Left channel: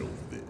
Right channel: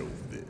over there.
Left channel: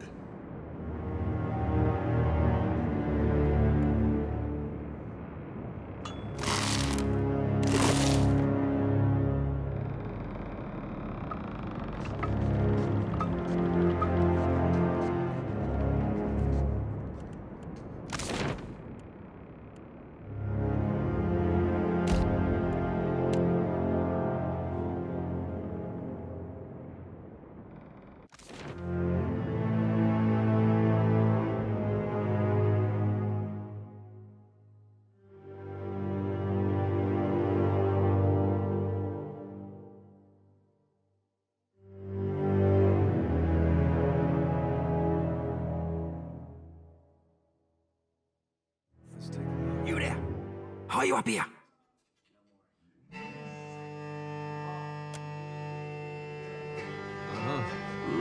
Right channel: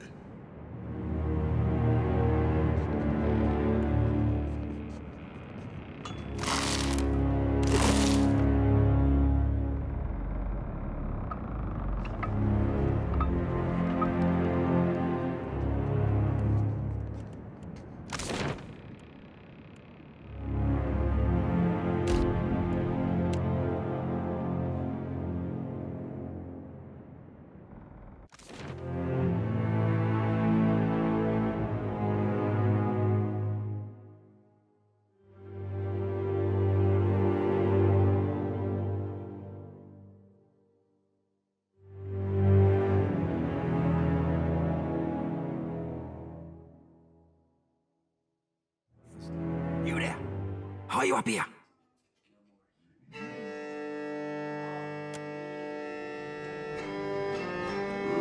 You there? Are you up here?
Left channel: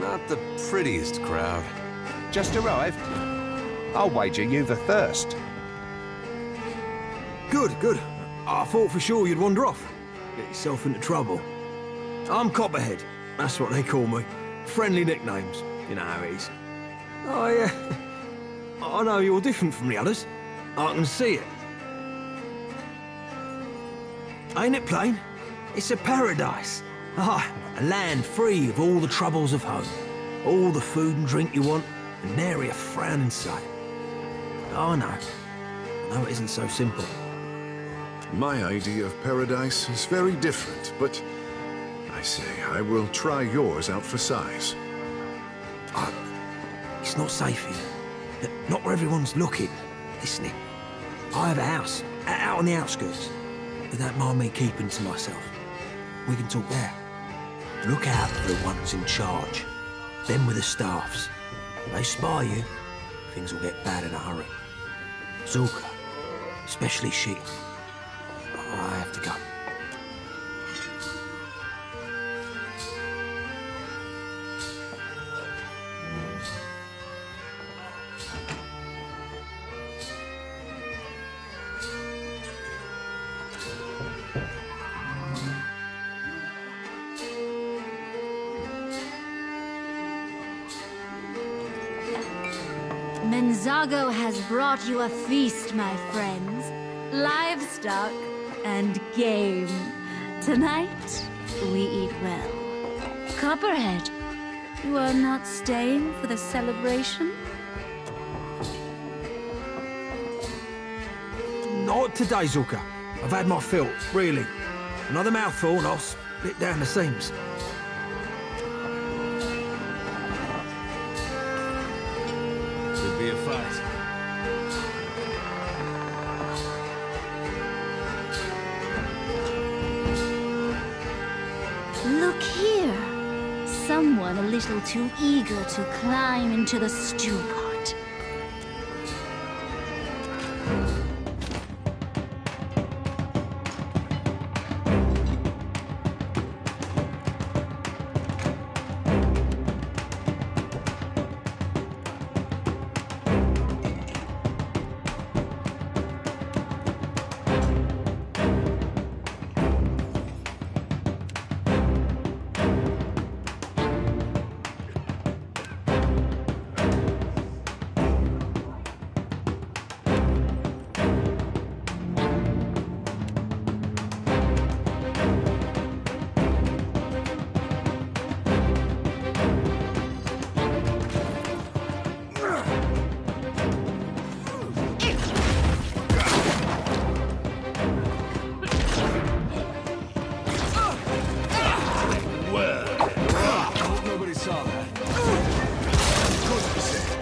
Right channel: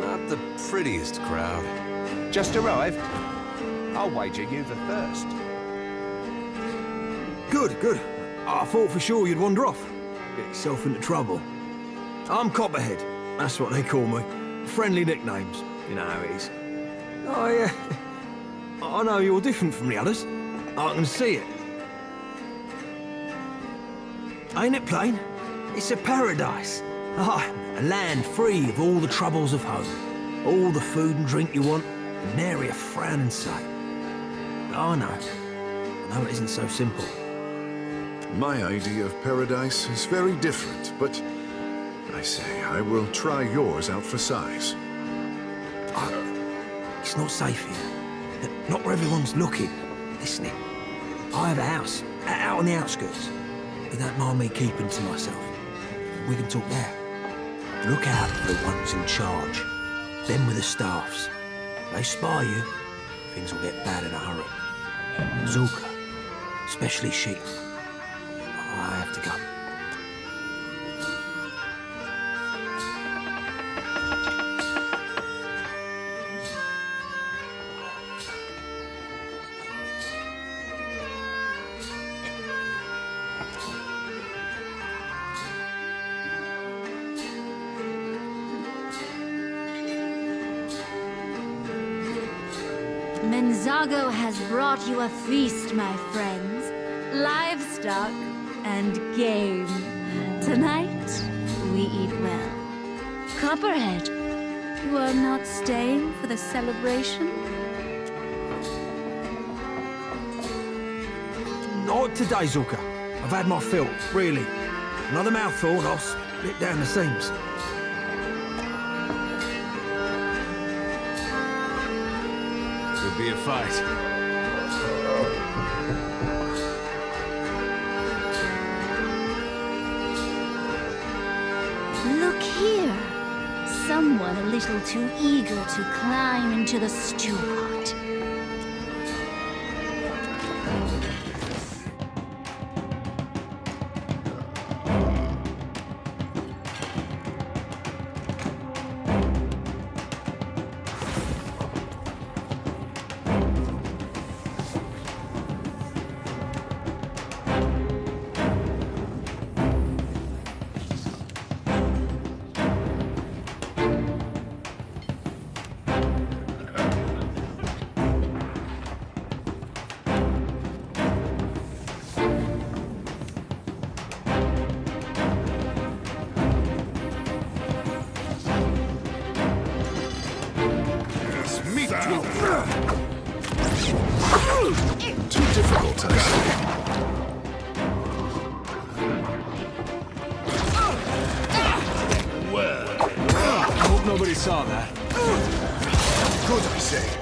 Not the prettiest crowd. Just arrived? I'll wager you've a thirst. Good, good. I thought for sure you'd wander off. Get yourself into trouble. I'm Copperhead. That's what they call me. Friendly nicknames. You know how it is. I know you're different from the others. I can see it. Ain't it plain? It's a paradise. Ah, a land free of all the troubles of home. All the food and drink you want, and nary a frown in sight. But I know it isn't so simple. My idea of paradise is very different, but I say I will try yours out for size. It's not safe here. Not where everyone's looking, listening. I have a house, out on the outskirts. They don't mind me keeping to myself. We can talk there. Look out for the ones in charge. Them with the staffs. They spy you, things will get bad in a hurry. Zulka, especially she. I have to go. Menzago has brought you a feast, my friends. Livestock and game. Tonight, we eat well. Copperhead, you are not staying for the celebration? Not today, Zulka. I've had my fill, really. Another mouthful and I'll split down the seams. Could be a fight. Look here. Someone a little too eager to climb into the stew pot. Nobody saw that. Good to say.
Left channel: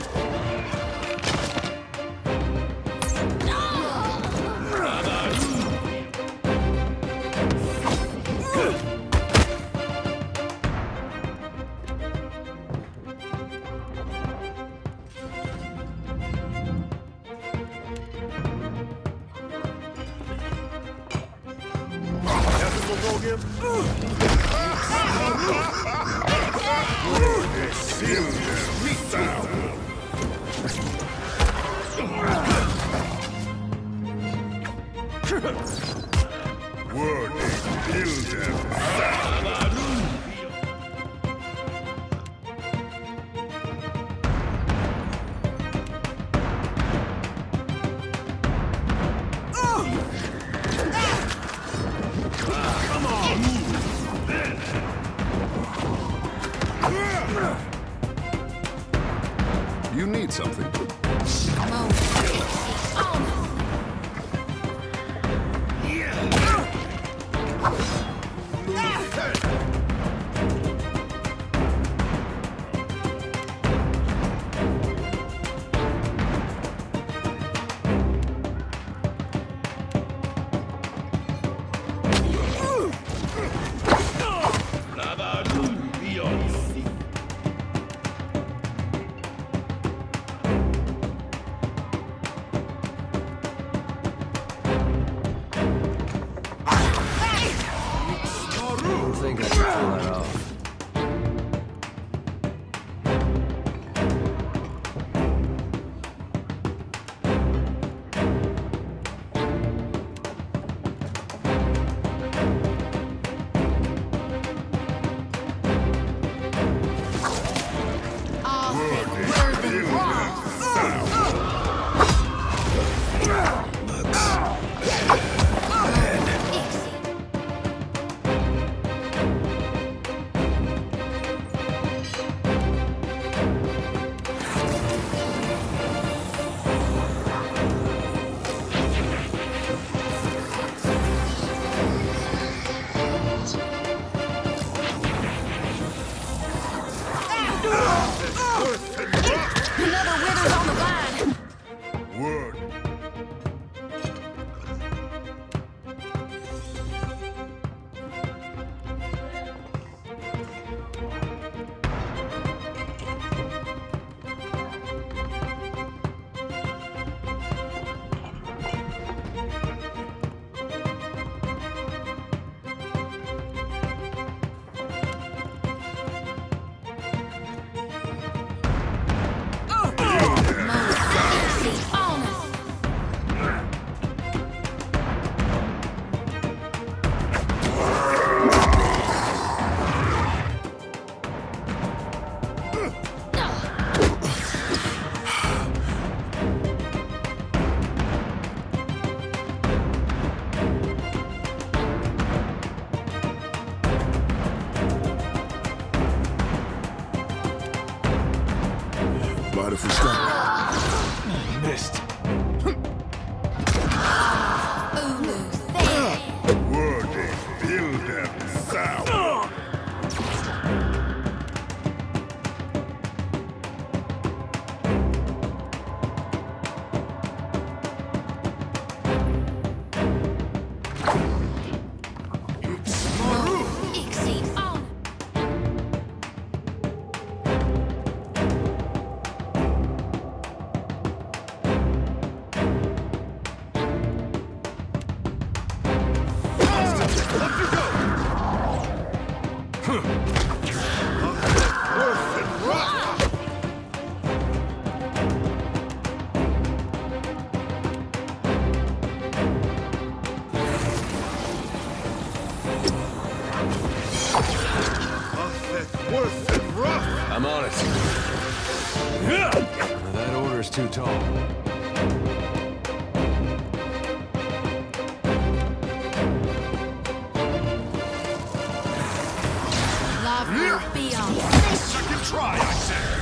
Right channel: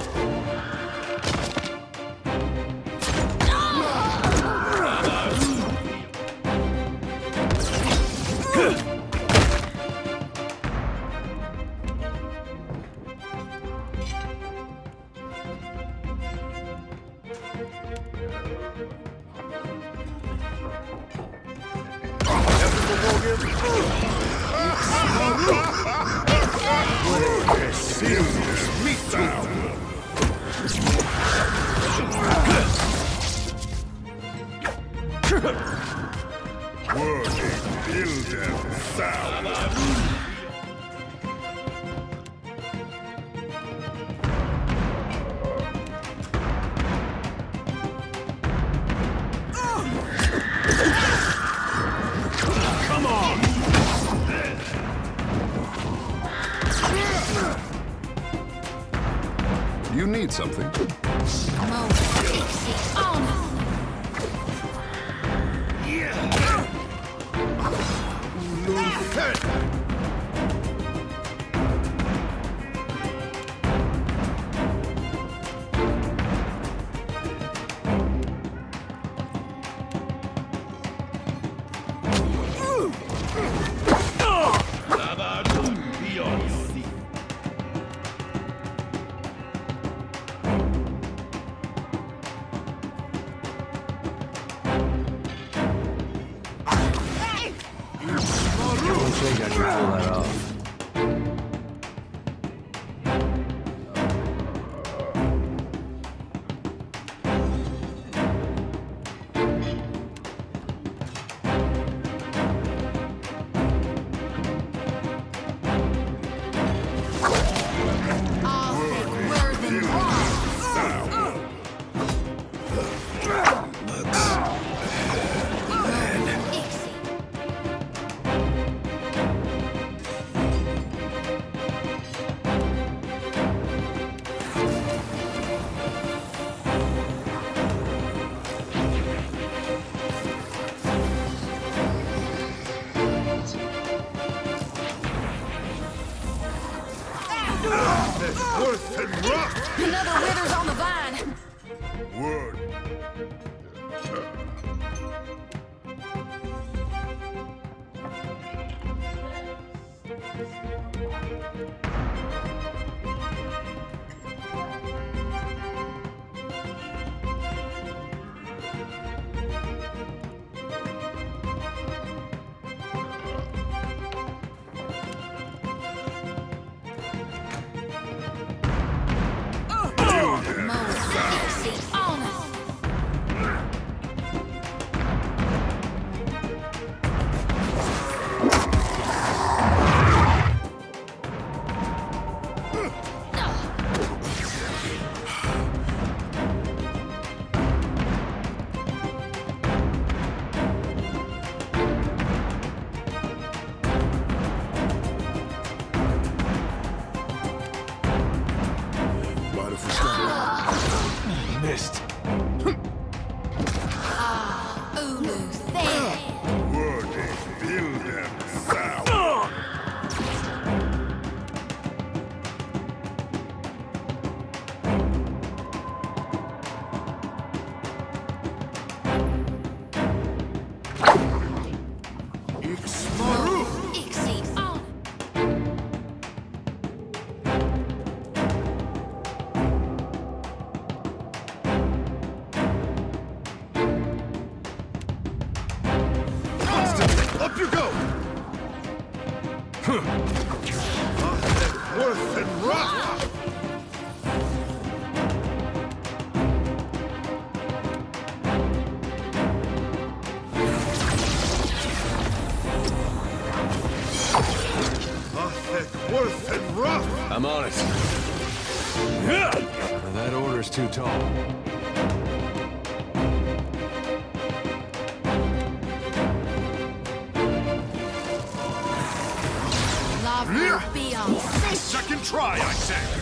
need something? I think I can pull that off. Another wither's on the vine. Word. Mind if we stop? Missed. Ulu's there. Wordy, build them sound. Exceed on. Up you go! Worth and rock! Worth and rock! I'm on it. That order's too tall. Love will be on. Second try, I said!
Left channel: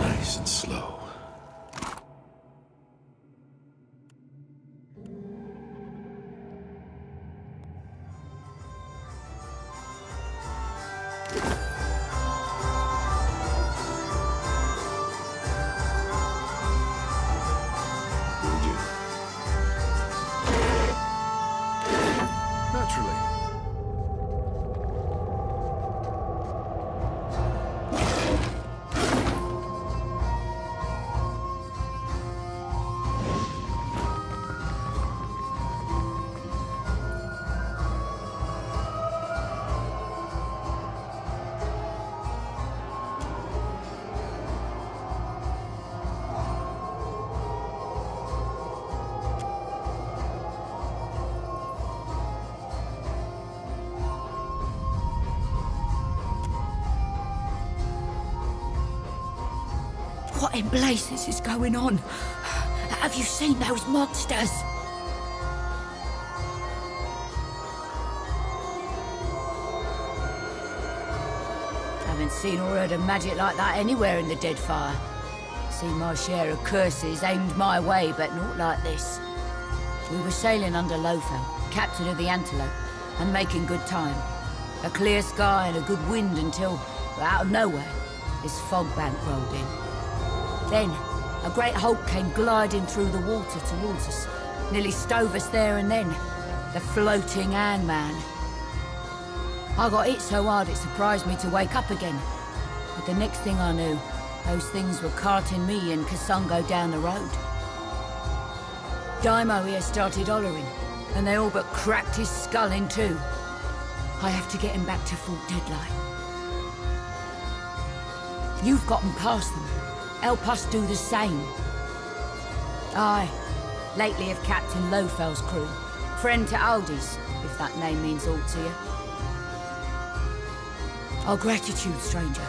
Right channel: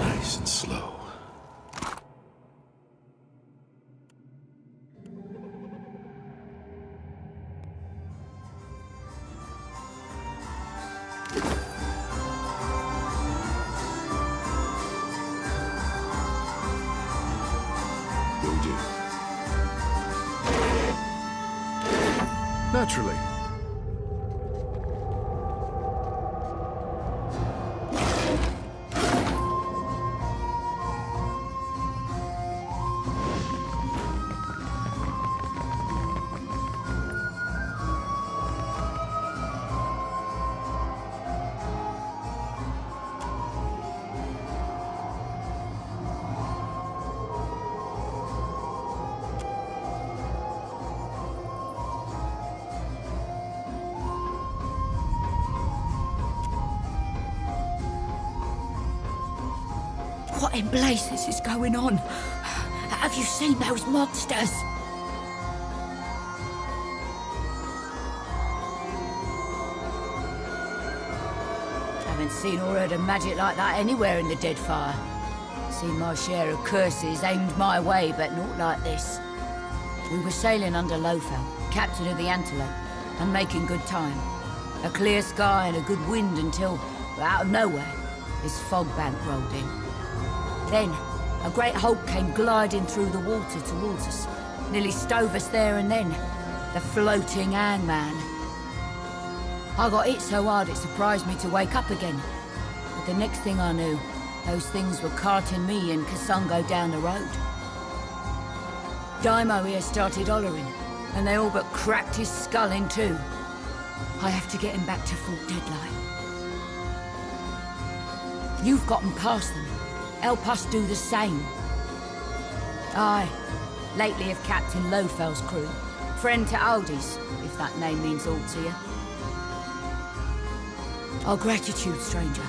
Nice and slow. Will do. Naturally. What in blazes is going on? Have you seen those monsters? Haven't seen or heard of magic like that anywhere in the Deadfire. Seen my share of curses aimed my way, but not like this. We were sailing under Lofel, captain of the Antelope, and making good time. A clear sky and a good wind until, out of nowhere, this fog bank rolled in. Then, a great hulk came gliding through the water towards us, nearly stove us there and then. The floating hangman. I got hit so hard it surprised me to wake up again. But the next thing I knew, those things were carting me and Kasungo down the road. Daimo here started hollering, and they all but cracked his skull in two. I have to get him back to Fort Deadlight. You've gotten past them. Help us do the same. Aye, lately of Captain Lofel's crew. Friend to Aldi's, if that name means aught to you. Our gratitude, stranger.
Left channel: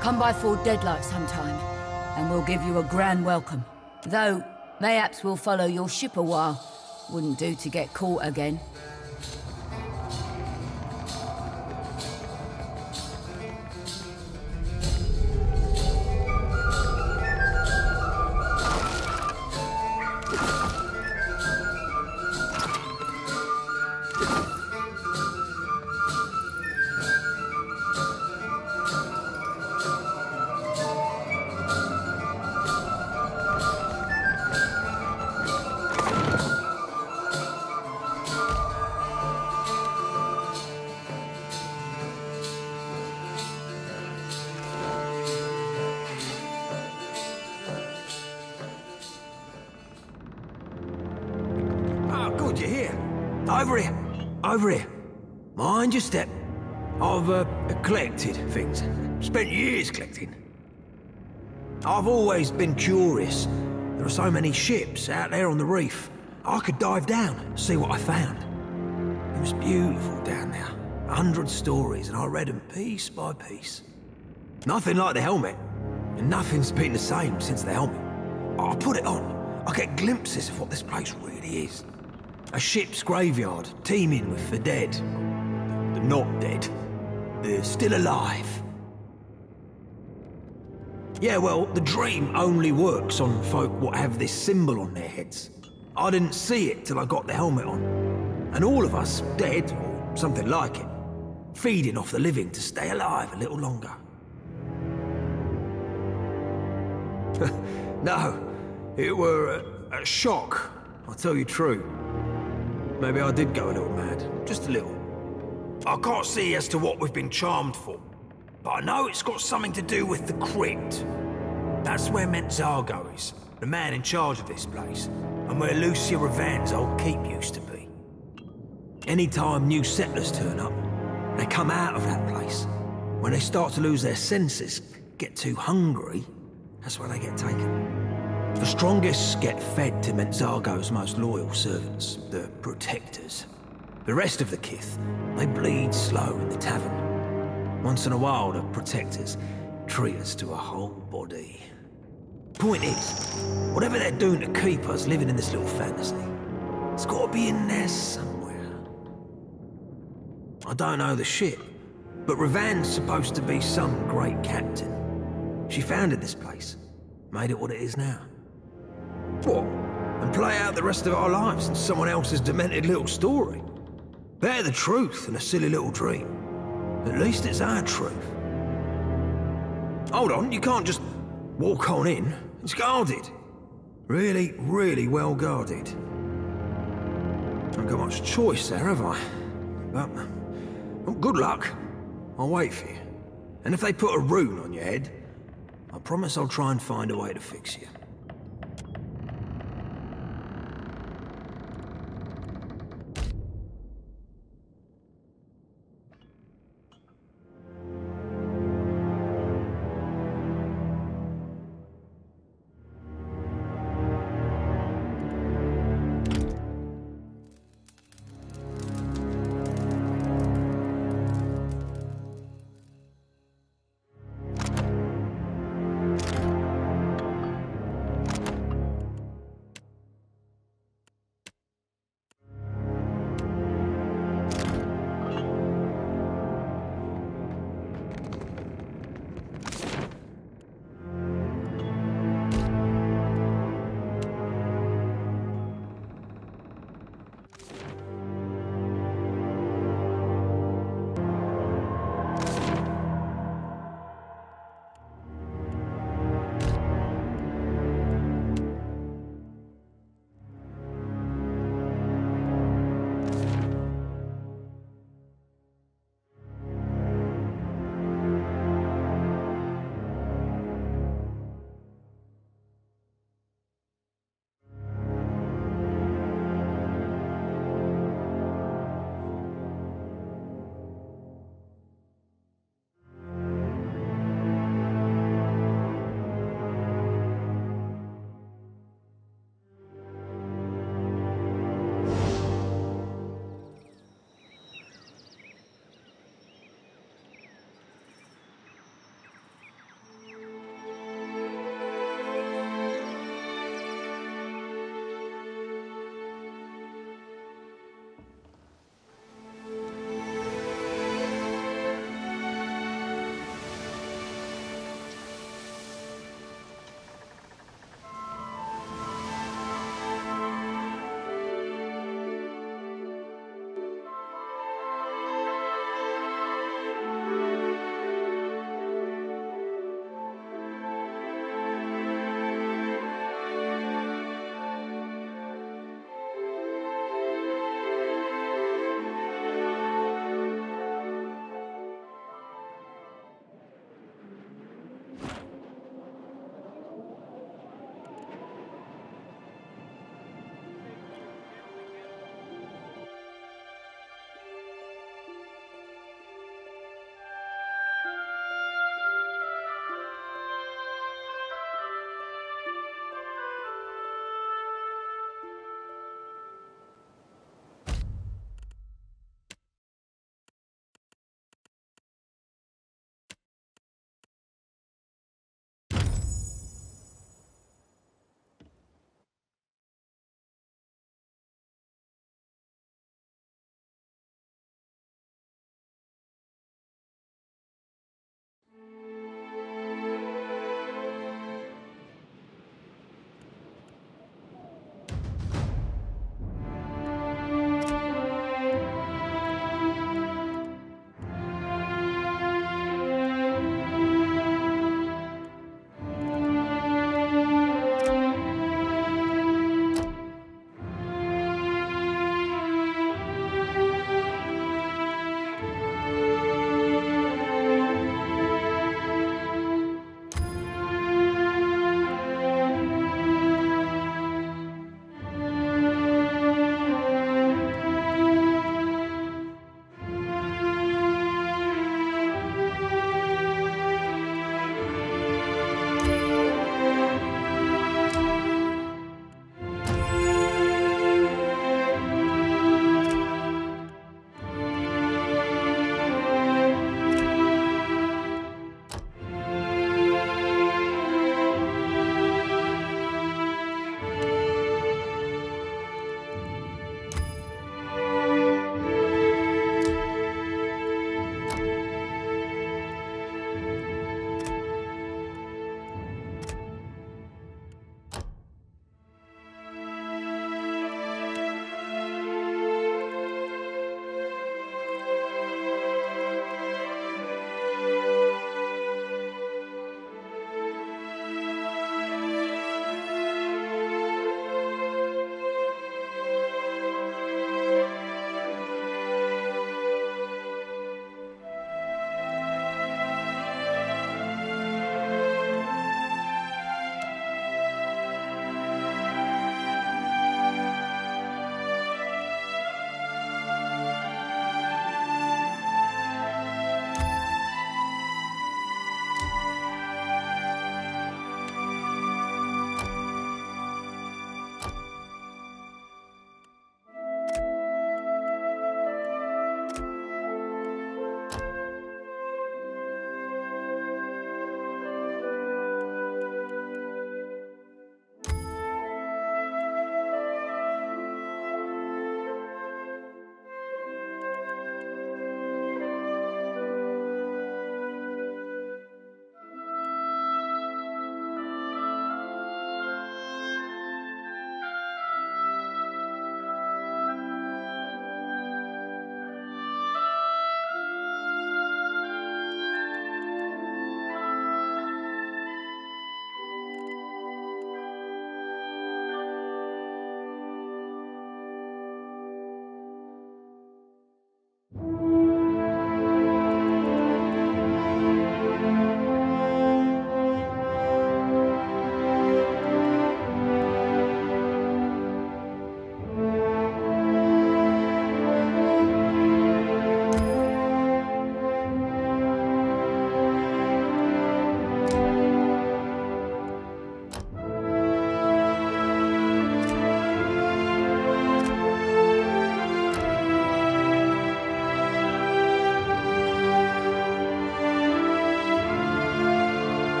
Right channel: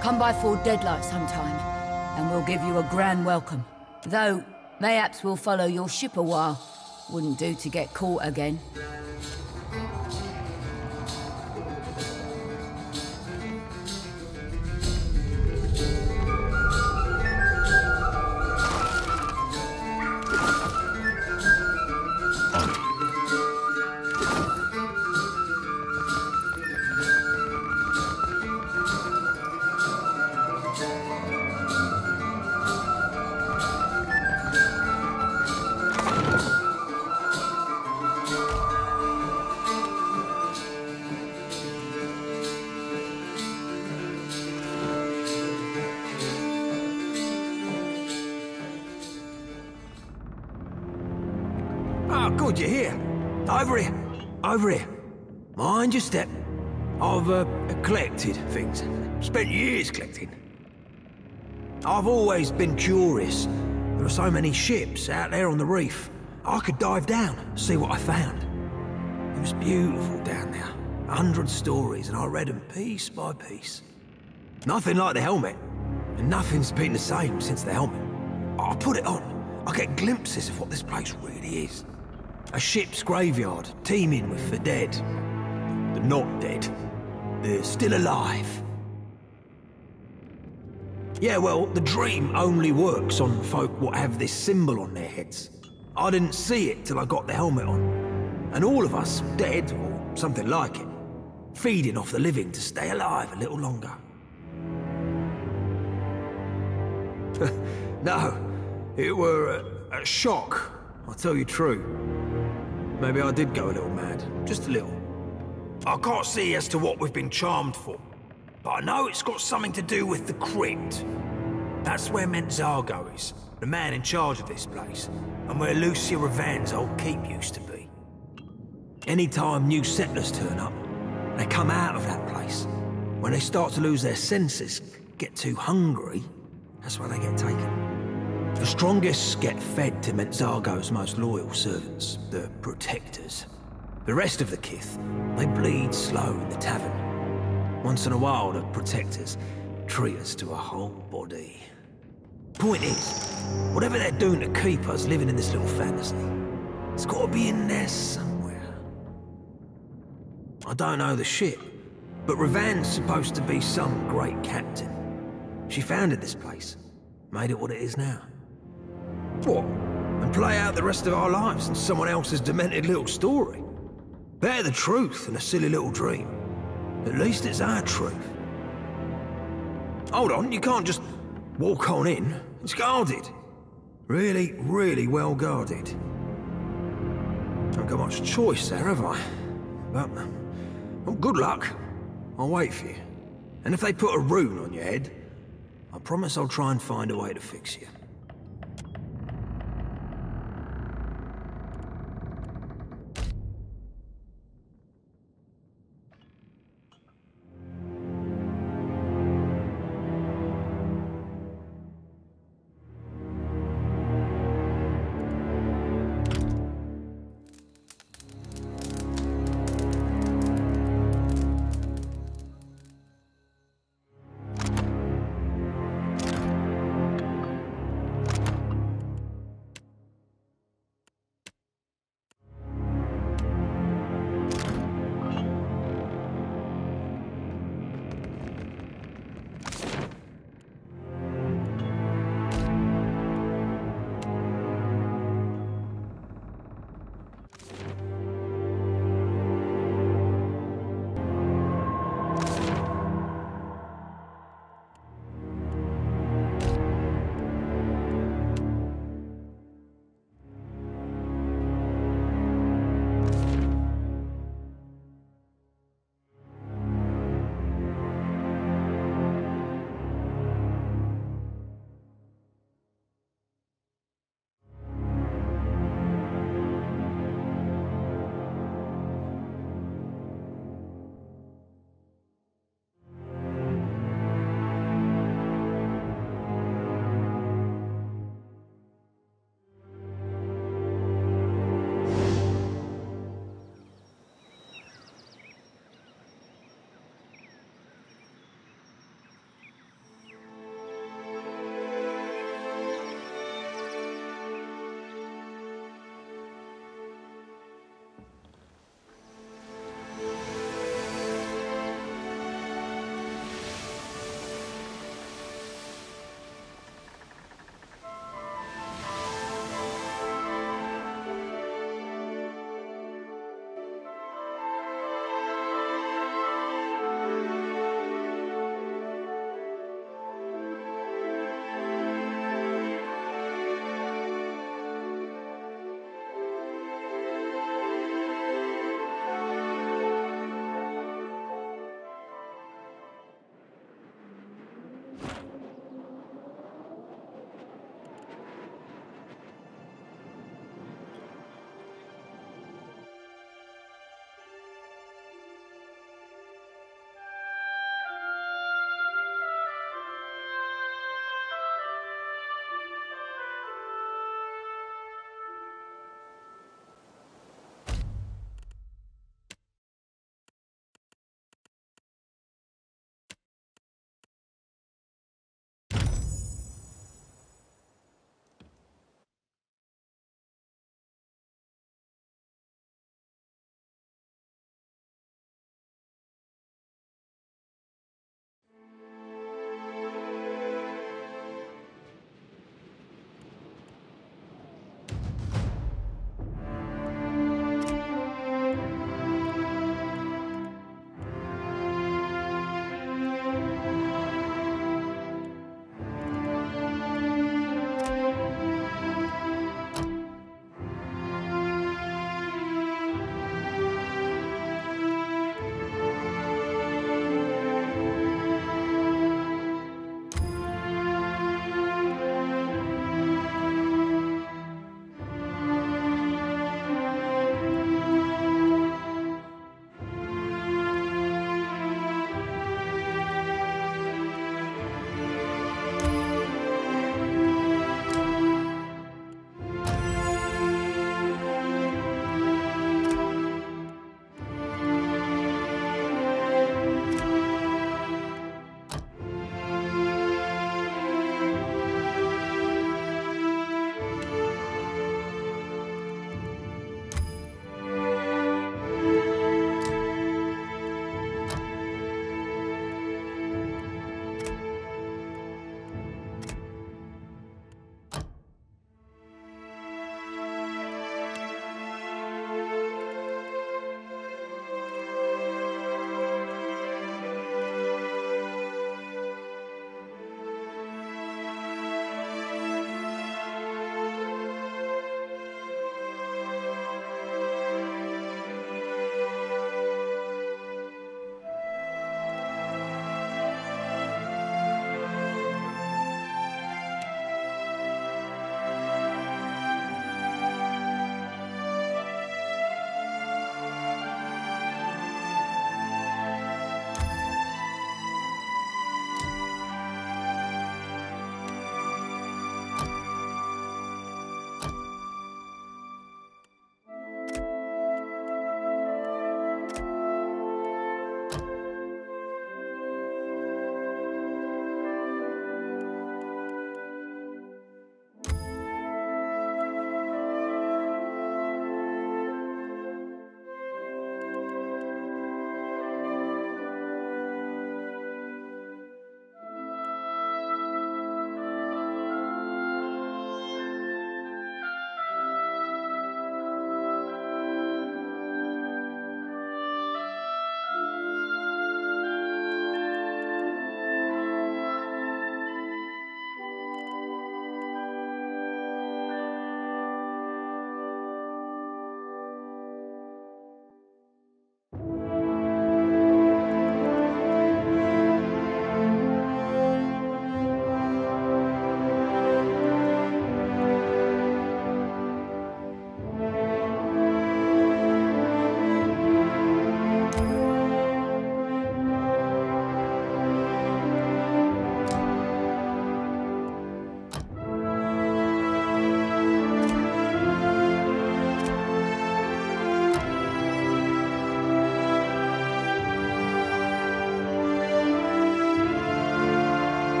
Come by Fort Deadlight sometime, and we'll give you a grand welcome. Though, mayhaps we'll follow your ship a while. Wouldn't do to get caught again. Oh, good, you're here. Over here. Over here. Mind your step. I've collected things. Spent years collecting. I've always been curious. There are so many ships out there on the reef. I could dive down, see what I found. It was beautiful down there. 100 stories, and I read them piece by piece. Nothing like the helmet. And nothing's been the same since the helmet. I put it on. I get glimpses of what this place really is. A ship's graveyard, teeming with the dead. The not dead. They're still alive. Yeah, well, the dream only works on folk what have this symbol on their heads. I didn't see it till I got the helmet on. And all of us, dead, or something like it, feeding off the living to stay alive a little longer. No, it were a shock, I'll tell you true. Maybe I did go a little mad, just a little. I can't see as to what we've been charmed for, but I know it's got something to do with the crypt. That's where Mentzago is, the man in charge of this place, and where Lucia Ravan's old keep used to be. Anytime new settlers turn up, they come out of that place. When they start to lose their senses, get too hungry, that's where they get taken. The strongest get fed to Mentzago's most loyal servants, the protectors. The rest of the kith, they bleed slow in the tavern. Once in a while, the protectors treat us to a whole body. Point is, whatever they're doing to keep us living in this little fantasy, it's got to be in there somewhere. I don't know the ship, but Ravan's supposed to be some great captain. She founded this place, made it what it is now. What? And play out the rest of our lives in someone else's demented little story? Better the truth than a silly little dream. At least it's our truth. Hold on, you can't just walk on in. It's guarded. Really, really well guarded. Haven't got much choice there, have I? But, well, good luck. I'll wait for you. And if they put a rune on your head, I promise I'll try and find a way to fix you.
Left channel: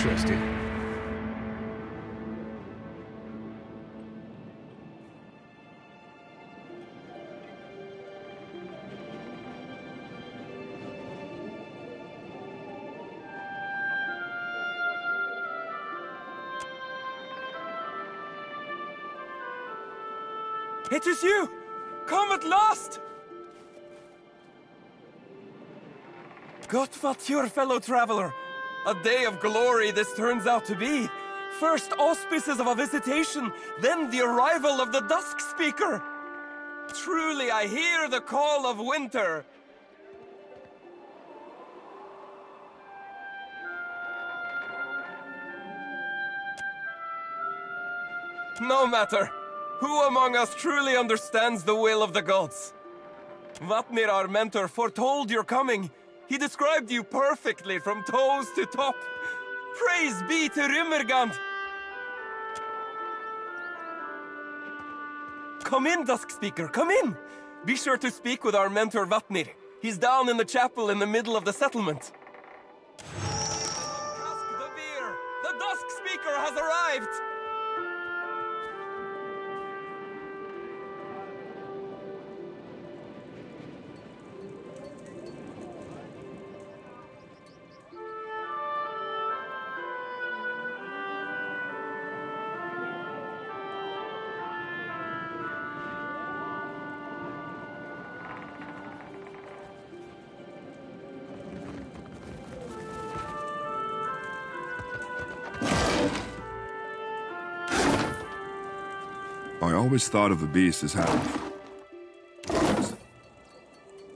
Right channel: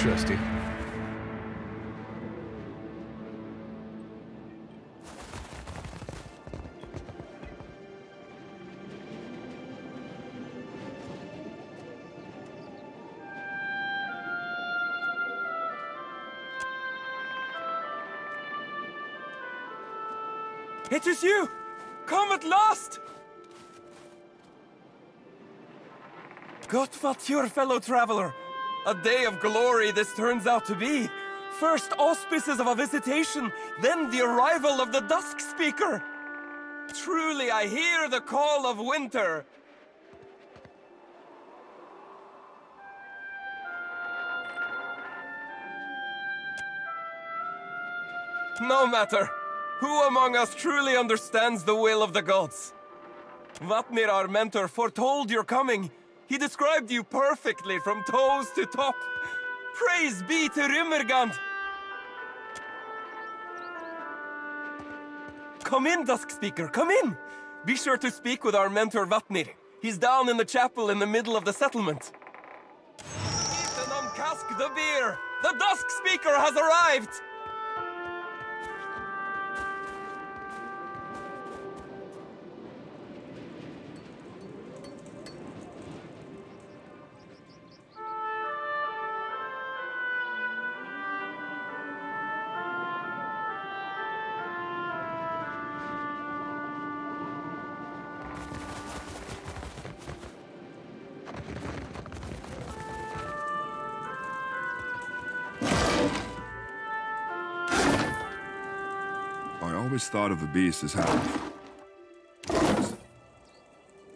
Interesting. It is you! Come at last! Gott, fellow traveler. A day of glory this turns out to be. First auspices of a visitation, then the arrival of the Dusk Speaker. Truly, I hear the call of winter. No matter. Who among us truly understands the will of the gods? Vatnir, our mentor, foretold your coming. He described you perfectly from toes to top. Praise be to Rimmergand! Come in, Dusk Speaker, come in! Be sure to speak with our mentor Vatnir. He's down in the chapel in the middle of the settlement. Cask the beer! The Dusk Speaker has arrived! I always thought of the beast as having...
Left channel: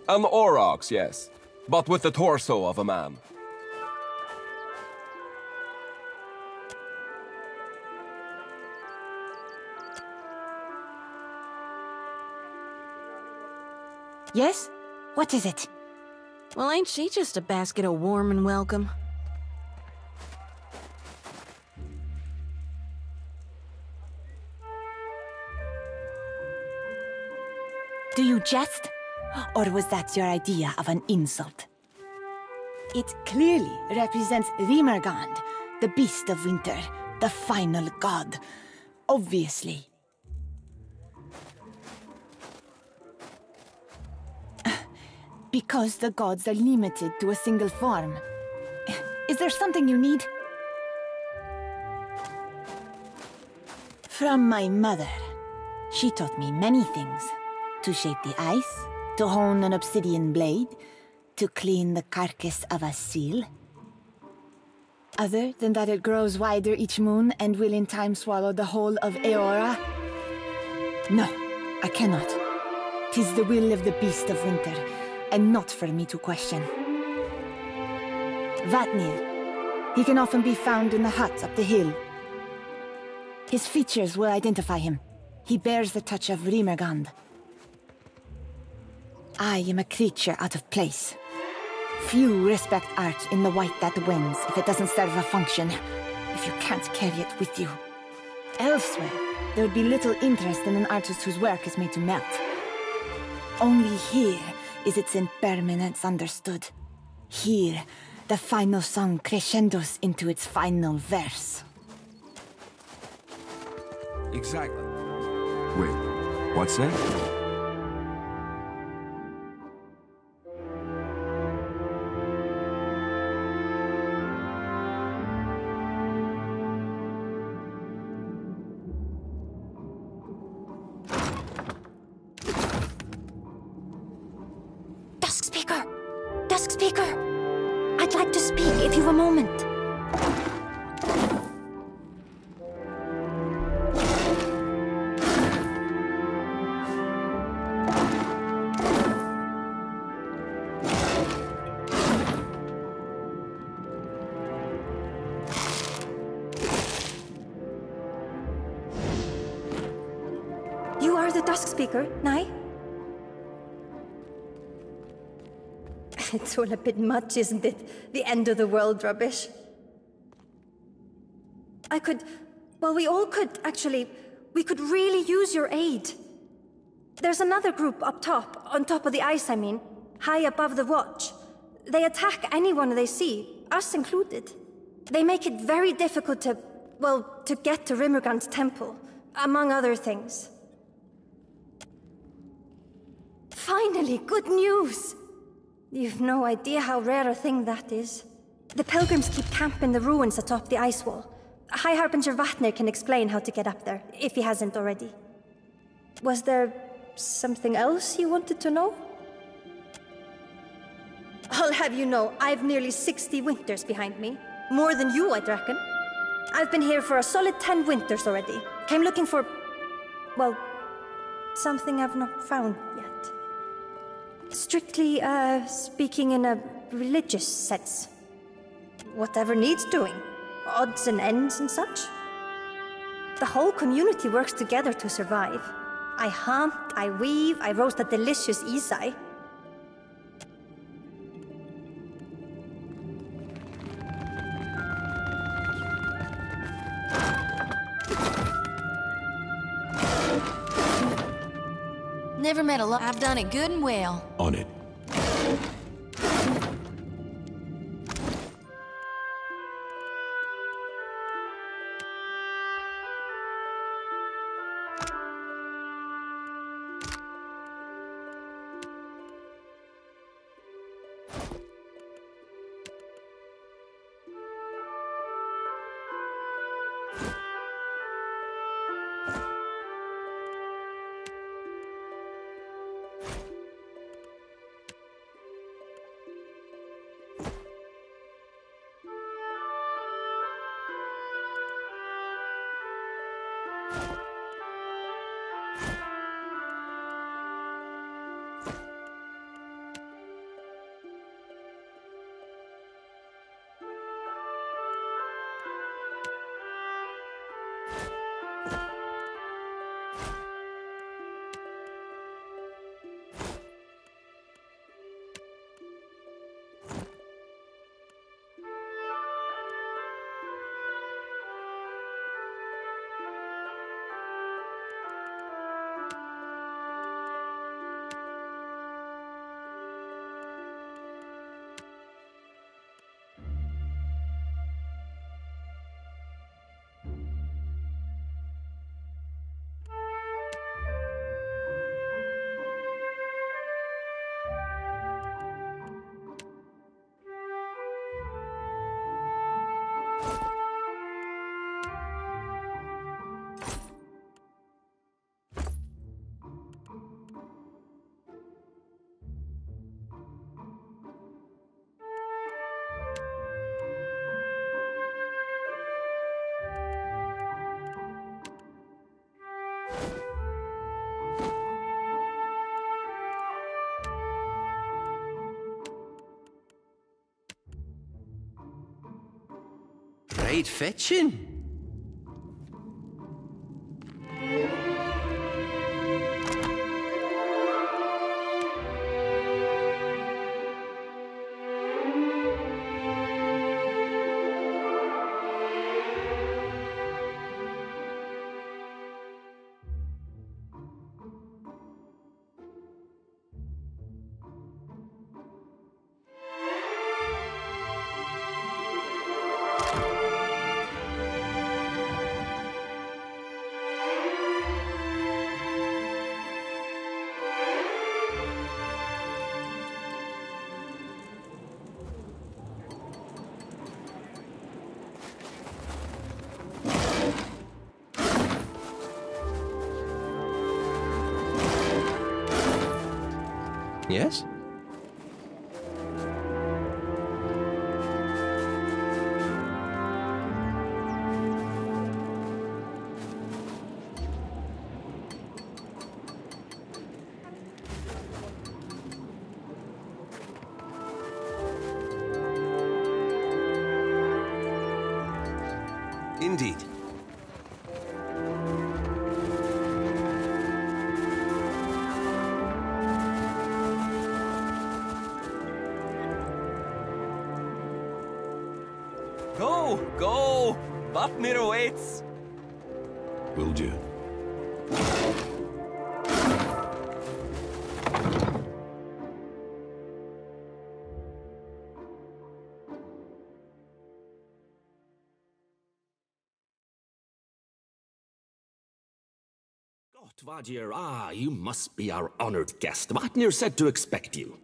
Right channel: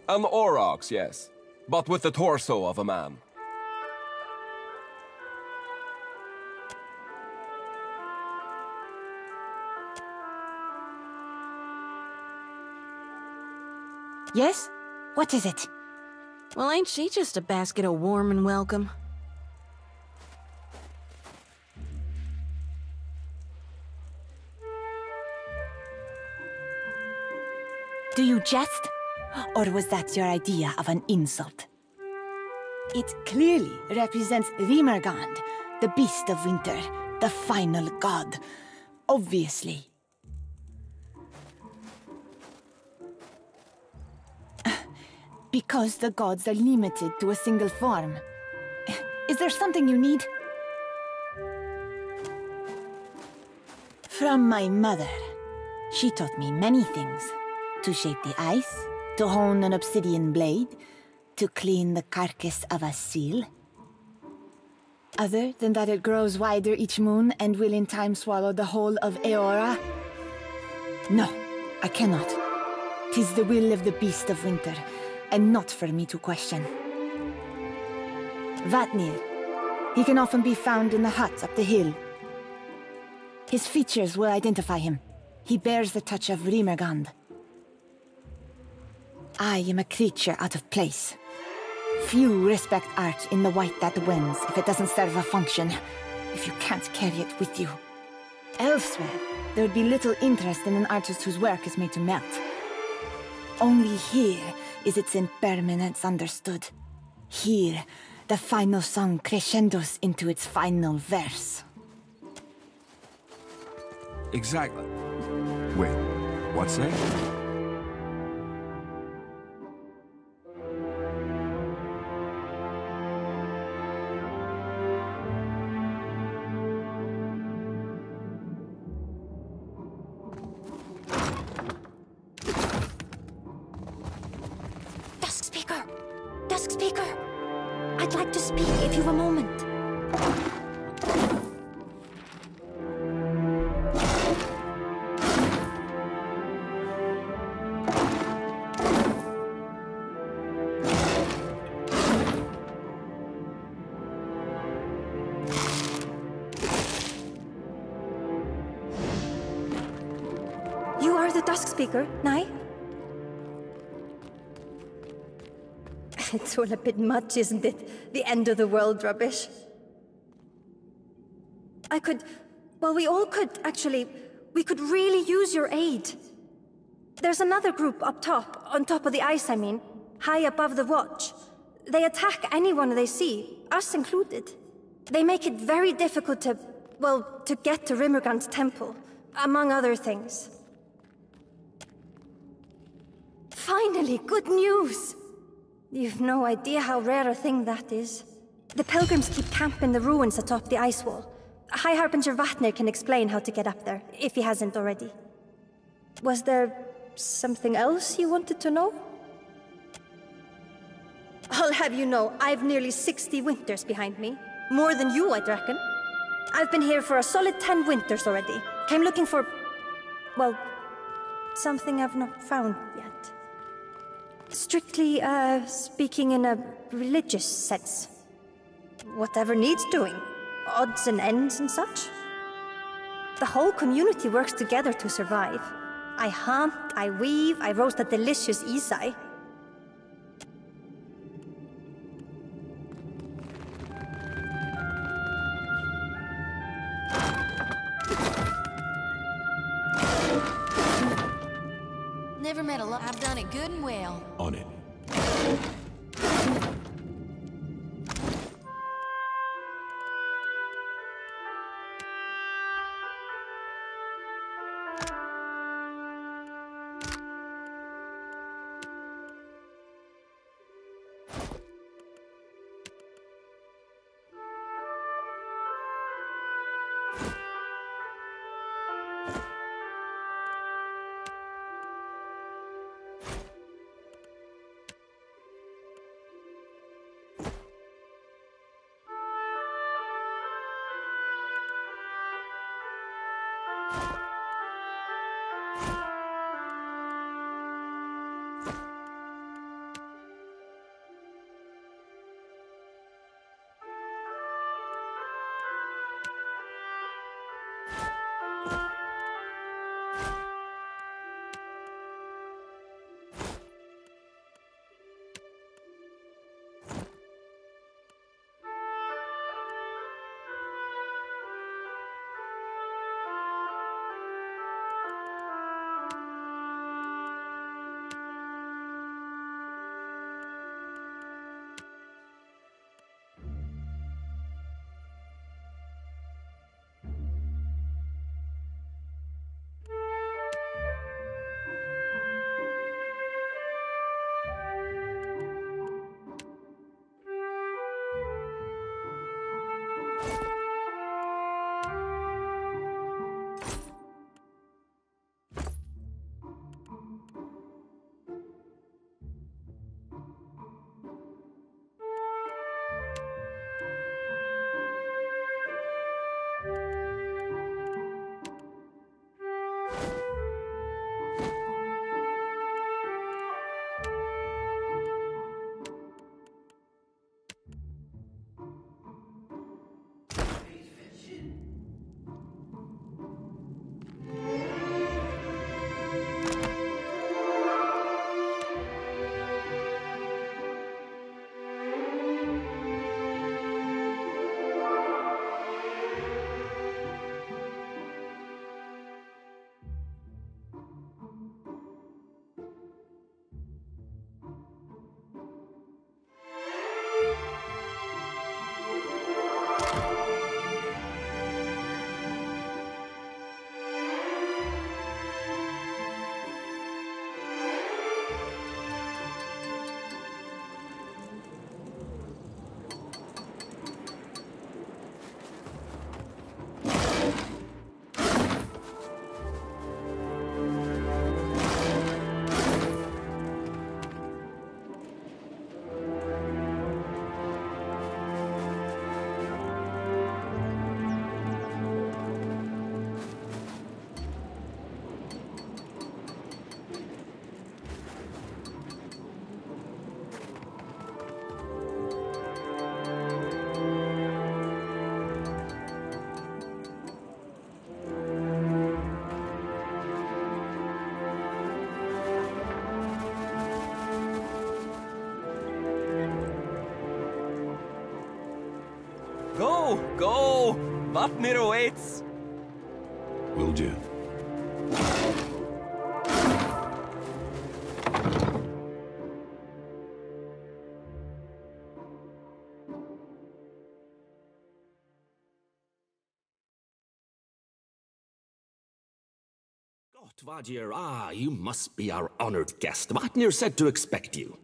An aurochs, yes. But with the torso of a man. Yes? What is it? Well, ain't she just a basket of warm and welcome? Do you jest? Or was that your idea of an insult? It clearly represents Rimergand, the beast of winter, the final god. Obviously. Because the gods are limited to a single form. Is there something you need? From my mother. She taught me many things. To shape the ice, to hone an obsidian blade, to clean the carcass of a seal. Other than that it grows wider each moon and will in time swallow the whole of Eora? No, I cannot. 'Tis the will of the beast of winter, and not for me to question. Vatnir. He can often be found in the hut up the hill. His features will identify him. He bears the touch of Rimergand. I am a creature out of place. Few respect art in the white that wins if it doesn't serve a function, if you can't carry it with you. Elsewhere, there would be little interest in an artist whose work is made to melt. Only here is its impermanence understood. Here, the final song crescendos into its final verse. Exactly. Wait, what's that? Dusk Speaker! I'd like to speak if you've a moment. You are the Dusk Speaker, Nai? It's all a bit much, isn't it? The end of the world rubbish. We all could, actually. We could really use your aid. There's another group up top, on top of the ice, I mean. High above the watch. They attack anyone they see, us included. They make it very difficult to, well, to get to Rimmergran's temple, among other things. Finally, good news! You've no idea how rare a thing that is. The pilgrims keep camp in the ruins atop the ice wall. High Harbinger Vatnir can explain how to get up there, if he hasn't already. Was there something else you wanted to know? I'll have you know, I've nearly 60 winters behind me. More than you, I'd reckon. I've been here for a solid 10 winters already. Came looking for... well, something I've not found yet. Strictly, speaking in a religious sense. Whatever needs doing. Odds and ends and such. The whole community works together to survive. I hunt, I weave, I roast a delicious isai. Never met a lot. I've done it good and well. On it. Great fetching. Yes? Indeed. Go! Go! Vatnir awaits! Will do. Tvadir, you must be our honored guest. Vatnir said to expect you.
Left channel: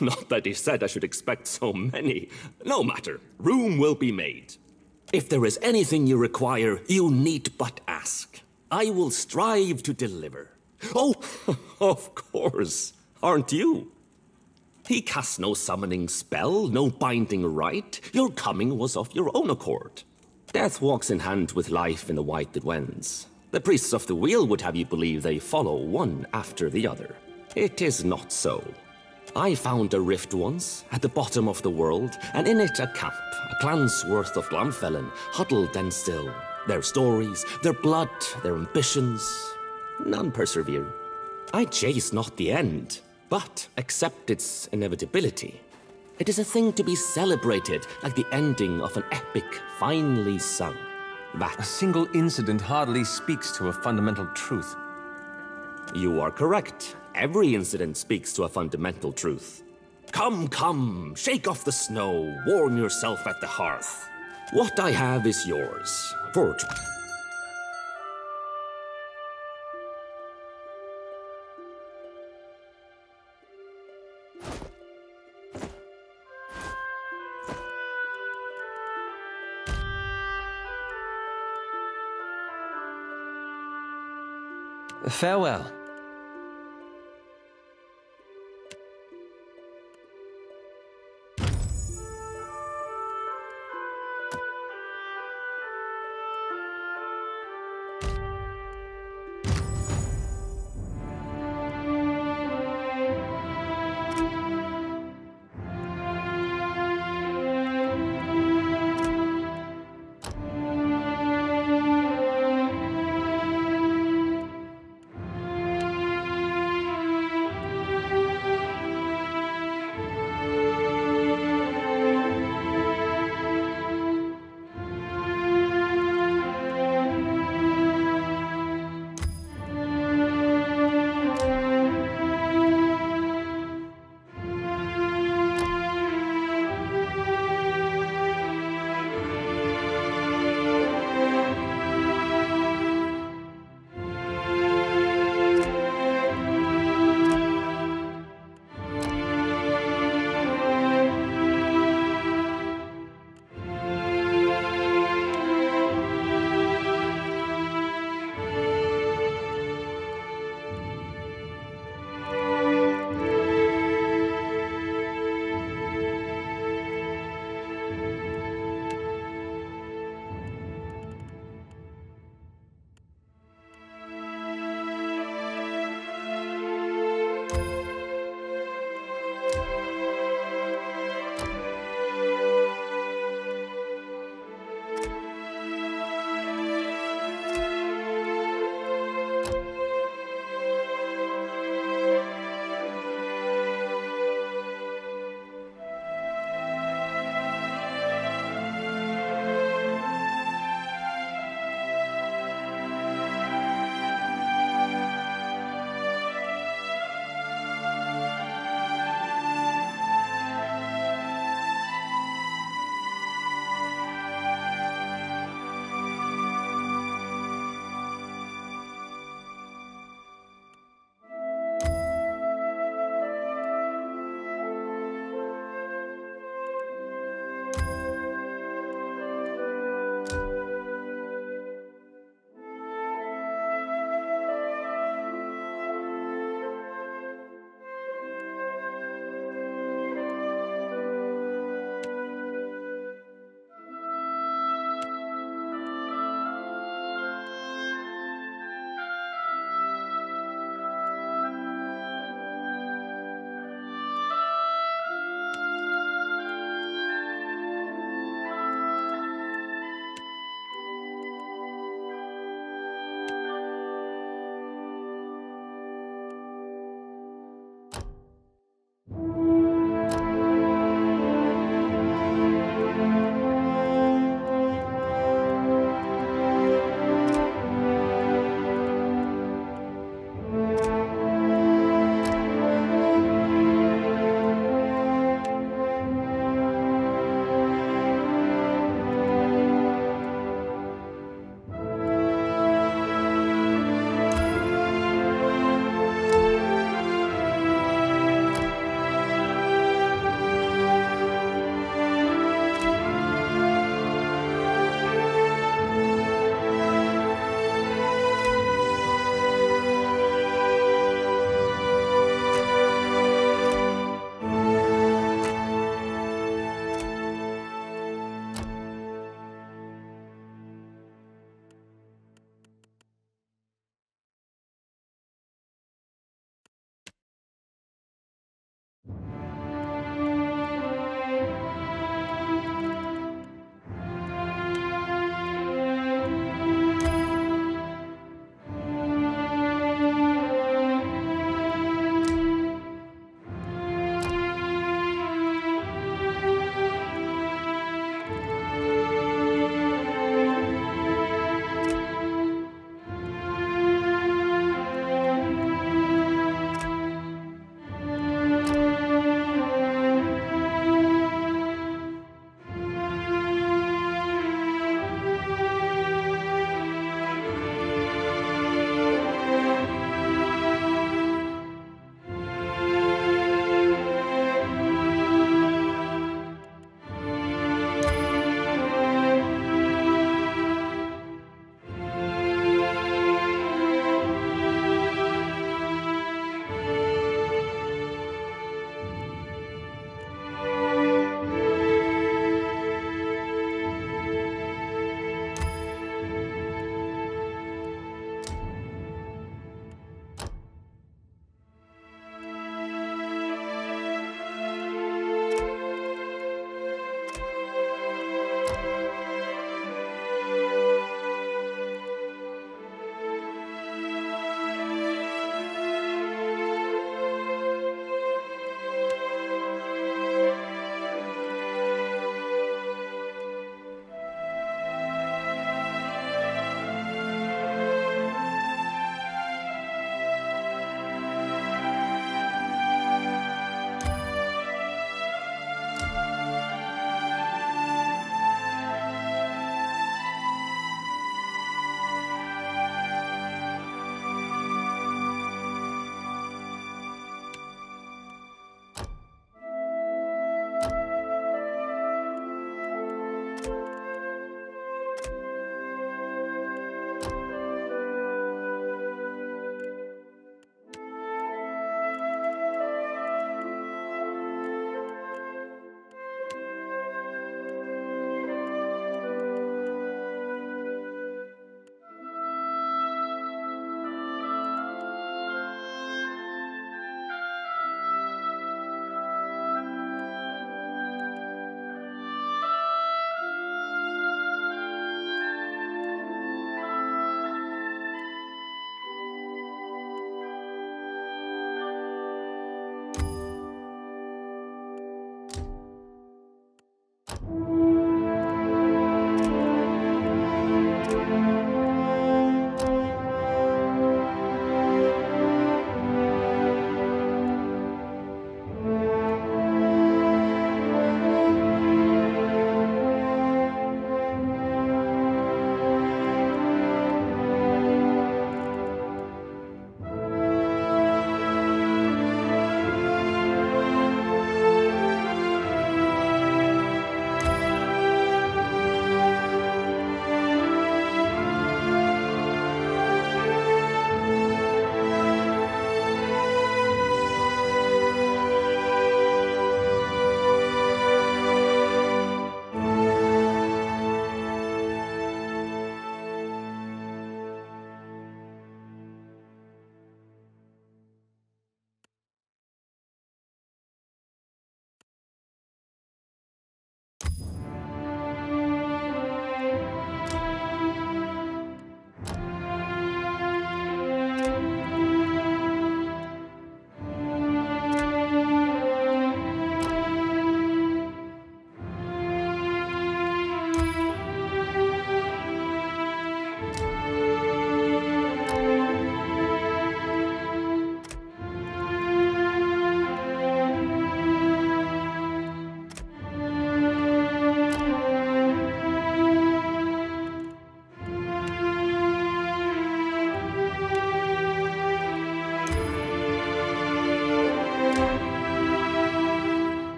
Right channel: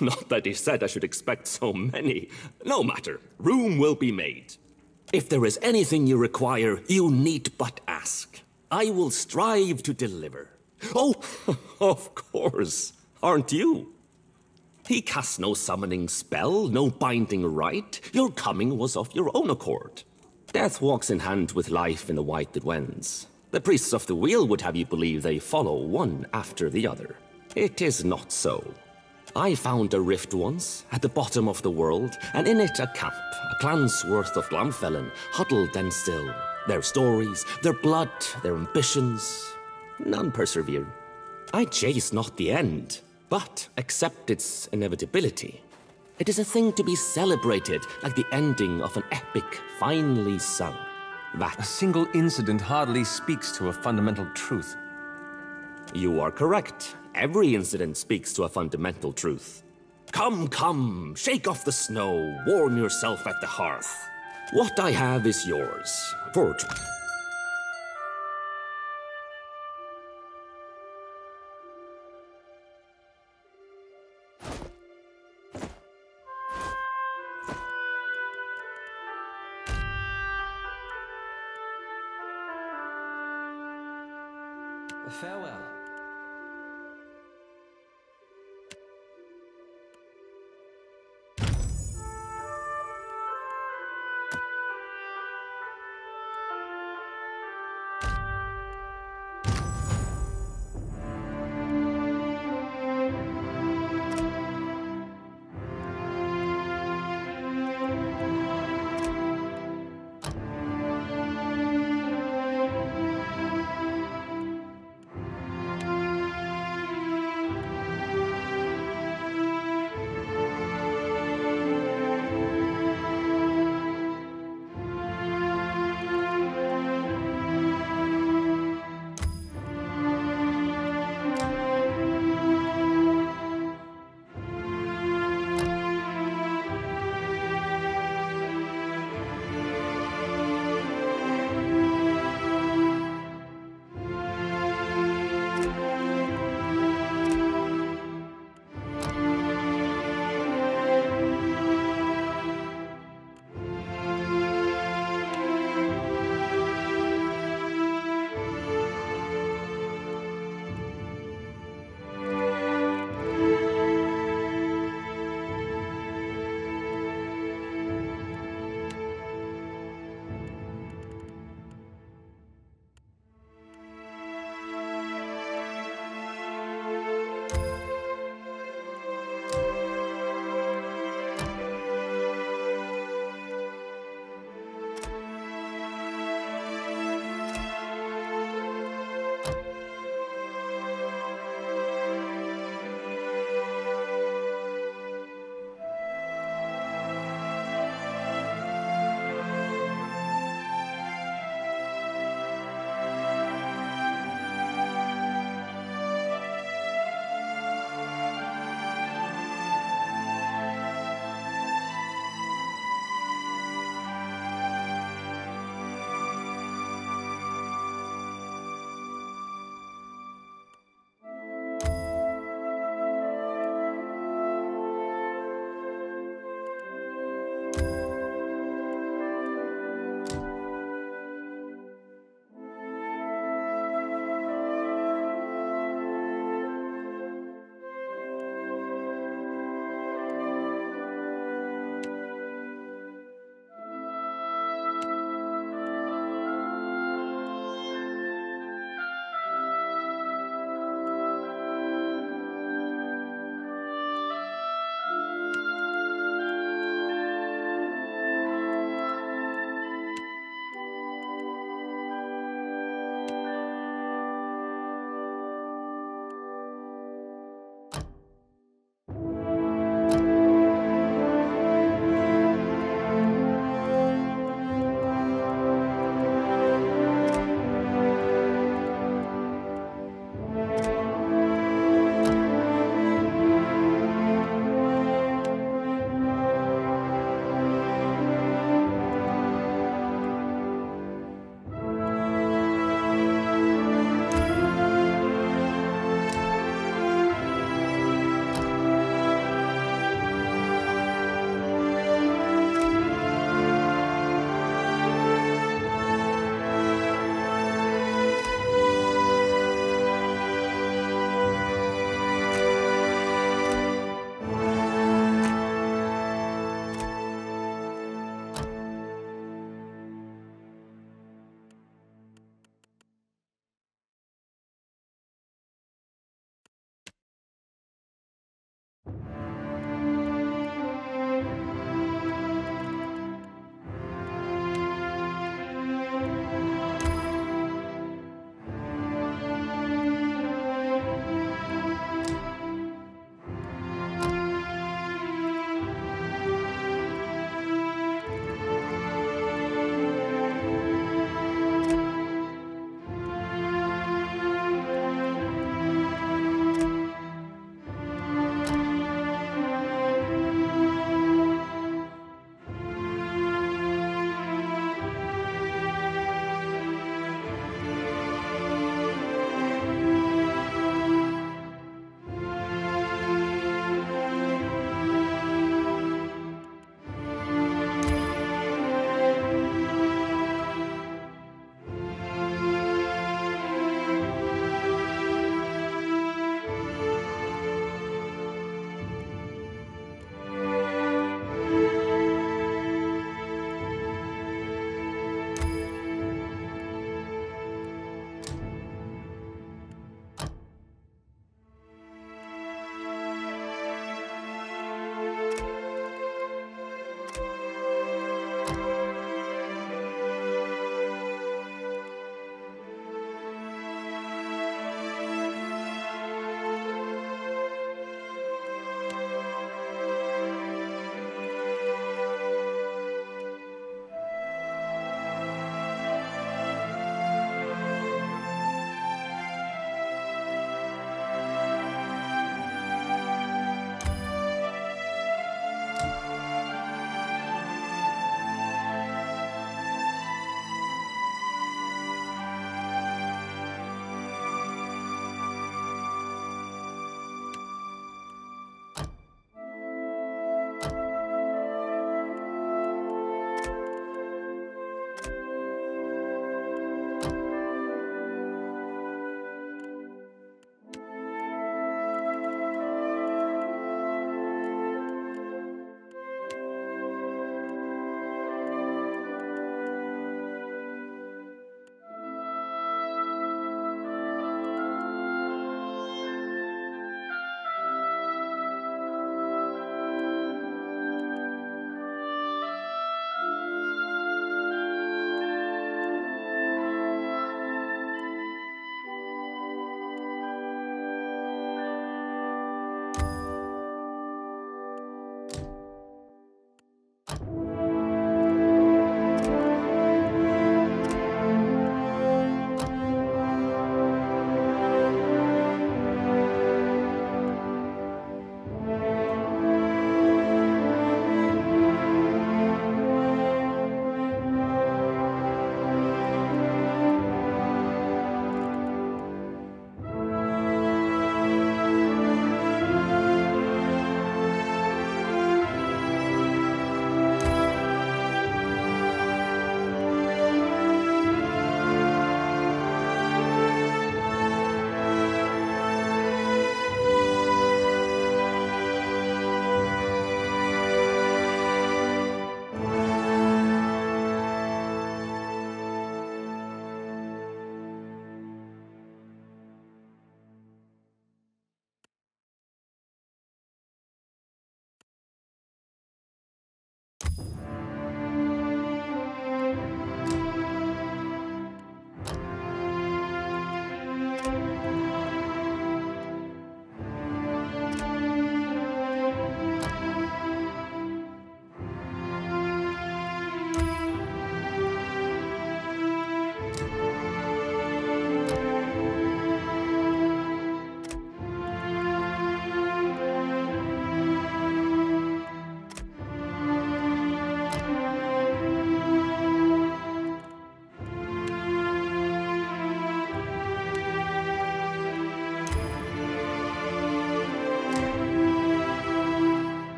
Not that he said I should expect so many. No matter, room will be made. If there is anything you require, you need but ask. I will strive to deliver. Oh, of course, aren't you? He cast no summoning spell, no binding rite. Your coming was of your own accord. Death walks in hand with life in the white that wends. The priests of the wheel would have you believe they follow one after the other. It is not so. I found a rift once, at the bottom of the world, and in it a camp, a clan's worth of Glamfellen, huddled and still. Their stories, their blood, their ambitions, none persevere. I chase not the end, but accept its inevitability. It is a thing to be celebrated, like the ending of an epic finely sung. A single incident hardly speaks to a fundamental truth. You are correct. Every incident speaks to a fundamental truth. Come, come, shake off the snow, warm yourself at the hearth. What I have is yours. For Farewell.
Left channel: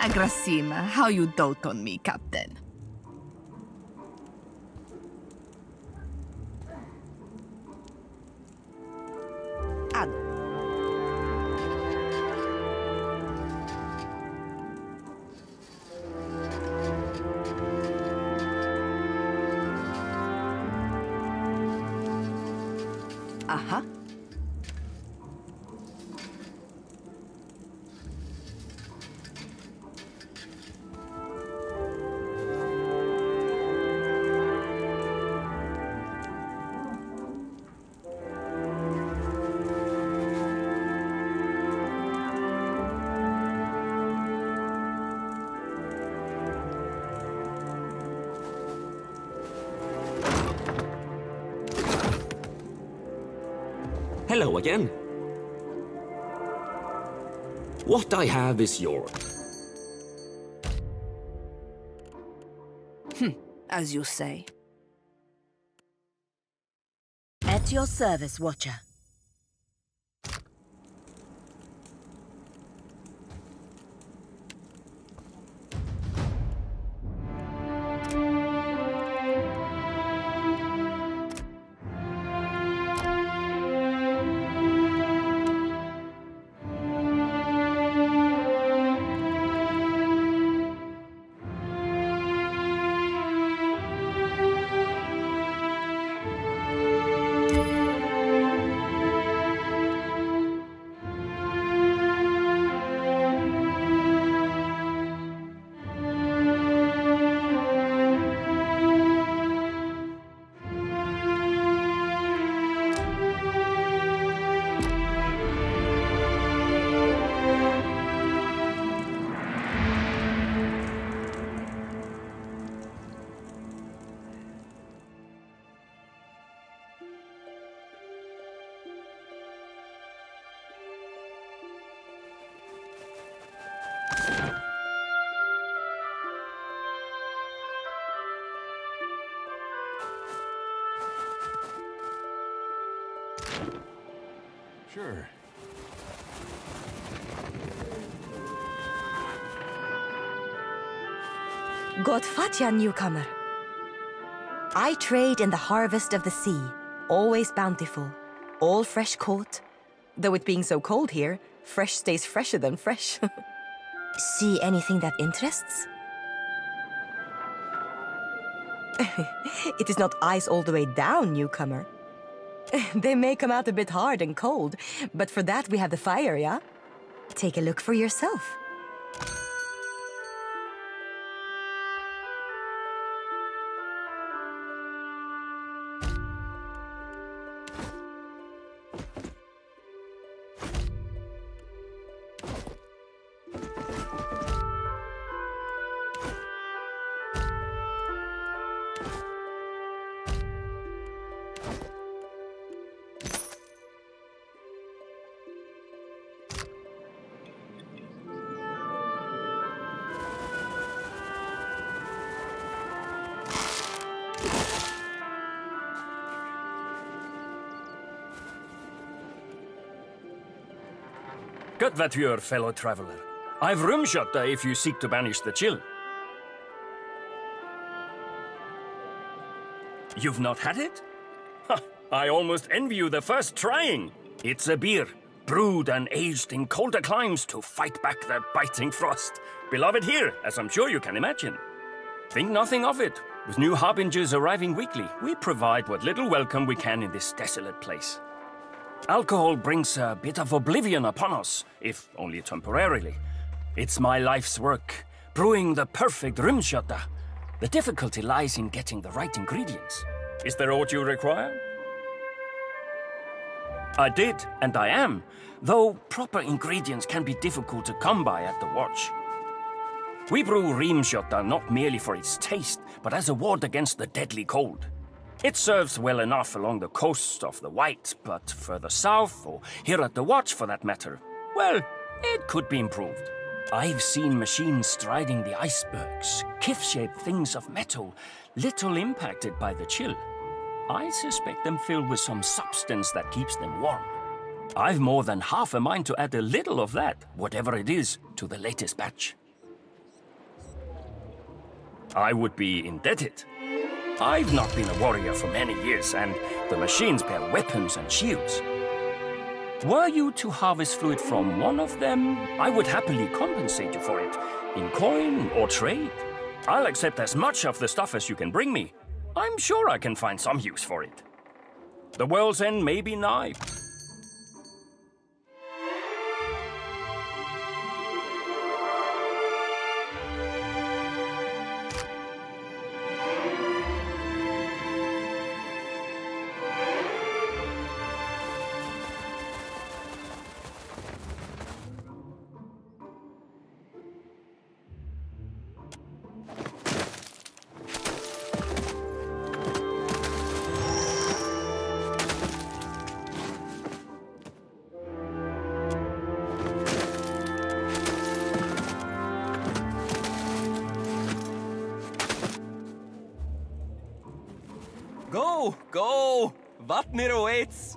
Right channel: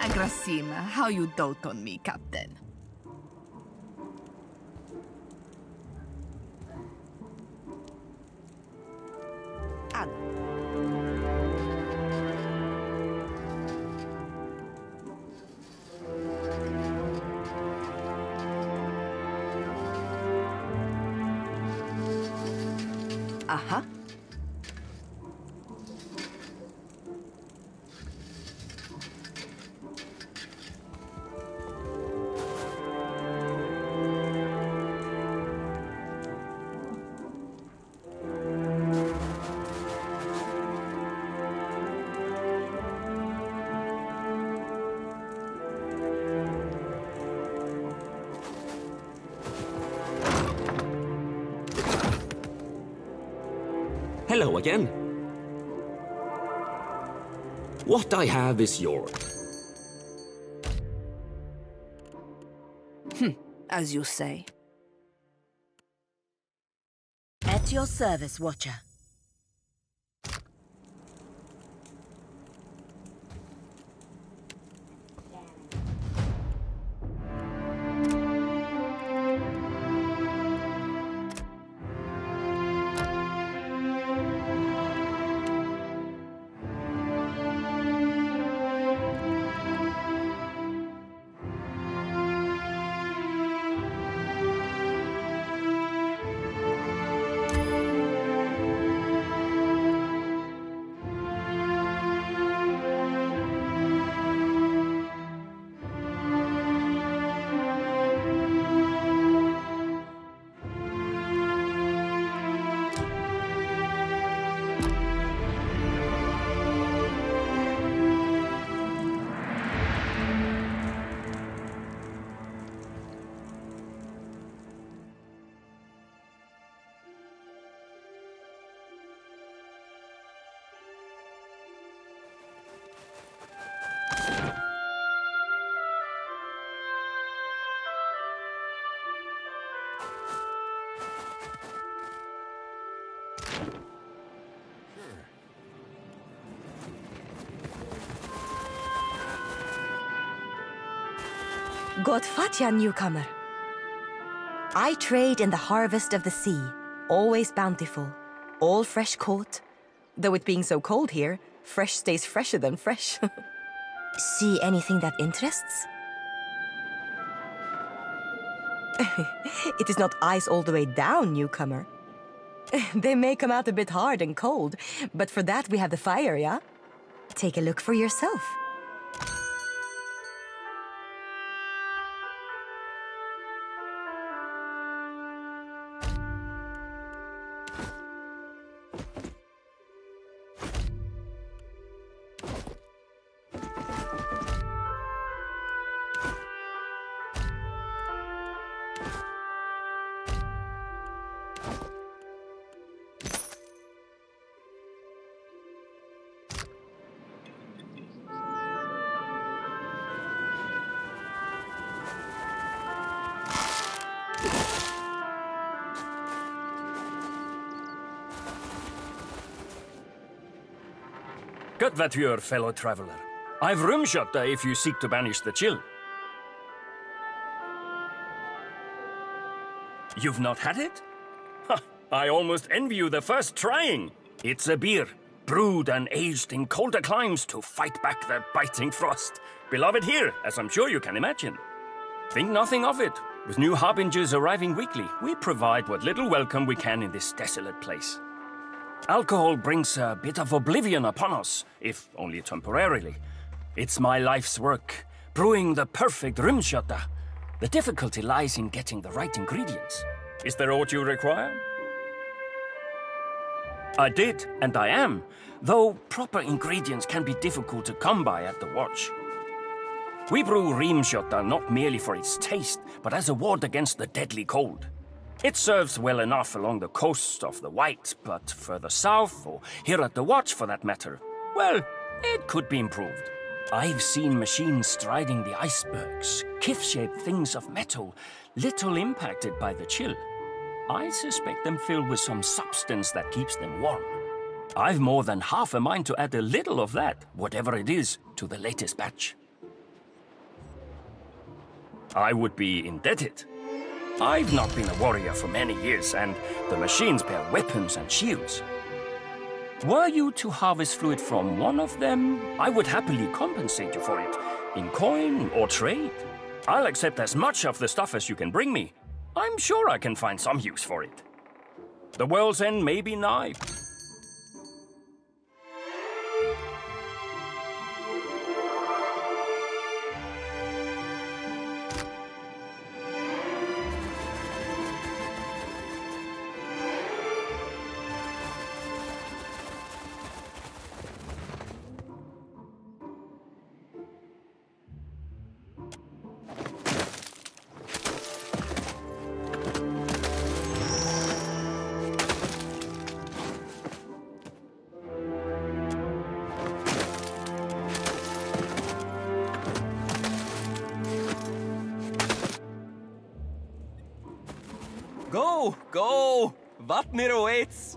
Agrasima, how you dote on me, Captain. Ad. Aha. Hello again. What I have is yours. As you say. At your service, Watcher. Sure. Godfatya, newcomer. I trade in the harvest of the sea, always bountiful, all fresh caught. Though it being so cold here, fresh stays fresher than fresh. See anything that interests? It is not ice all the way down, newcomer. They may come out a bit hard and cold, but for that we have the fire, yeah? Take a look for yourself. Good voiture, fellow traveler. I've room shot if you seek to banish the chill. You've not had it? Ha, I almost envy you the first trying. It's a beer, brewed and aged in colder climes to fight back the biting frost. Beloved here, as I'm sure you can imagine. Think nothing of it. With new harbingers arriving weekly, we provide what little welcome we can in this desolate place. Alcohol brings a bit of oblivion upon us, if only temporarily. It's my life's work, brewing the perfect rumshotta. The difficulty lies in getting the right ingredients. Is there aught you require? I did, and I am, though proper ingredients can be difficult to come by at the watch. We brew rumshotta not merely for its taste, but as a ward against the deadly cold. It serves well enough along the coast of the White, but further south, or here at the Watch for that matter, well, it could be improved. I've seen machines striding the icebergs, kith-shaped things of metal, little impacted by the chill. I suspect them filled with some substance that keeps them warm. I've more than half a mind to add a little of that, whatever it is, to the latest batch. I would be indebted. I've not been a warrior for many years, and the machines bear weapons and shields. Were you to harvest fluid from one of them, I would happily compensate you for it, in coin or trade. I'll accept as much of the stuff as you can bring me. I'm sure I can find some use for it. The world's end may be nigh. Go! Go! Vatnir awaits!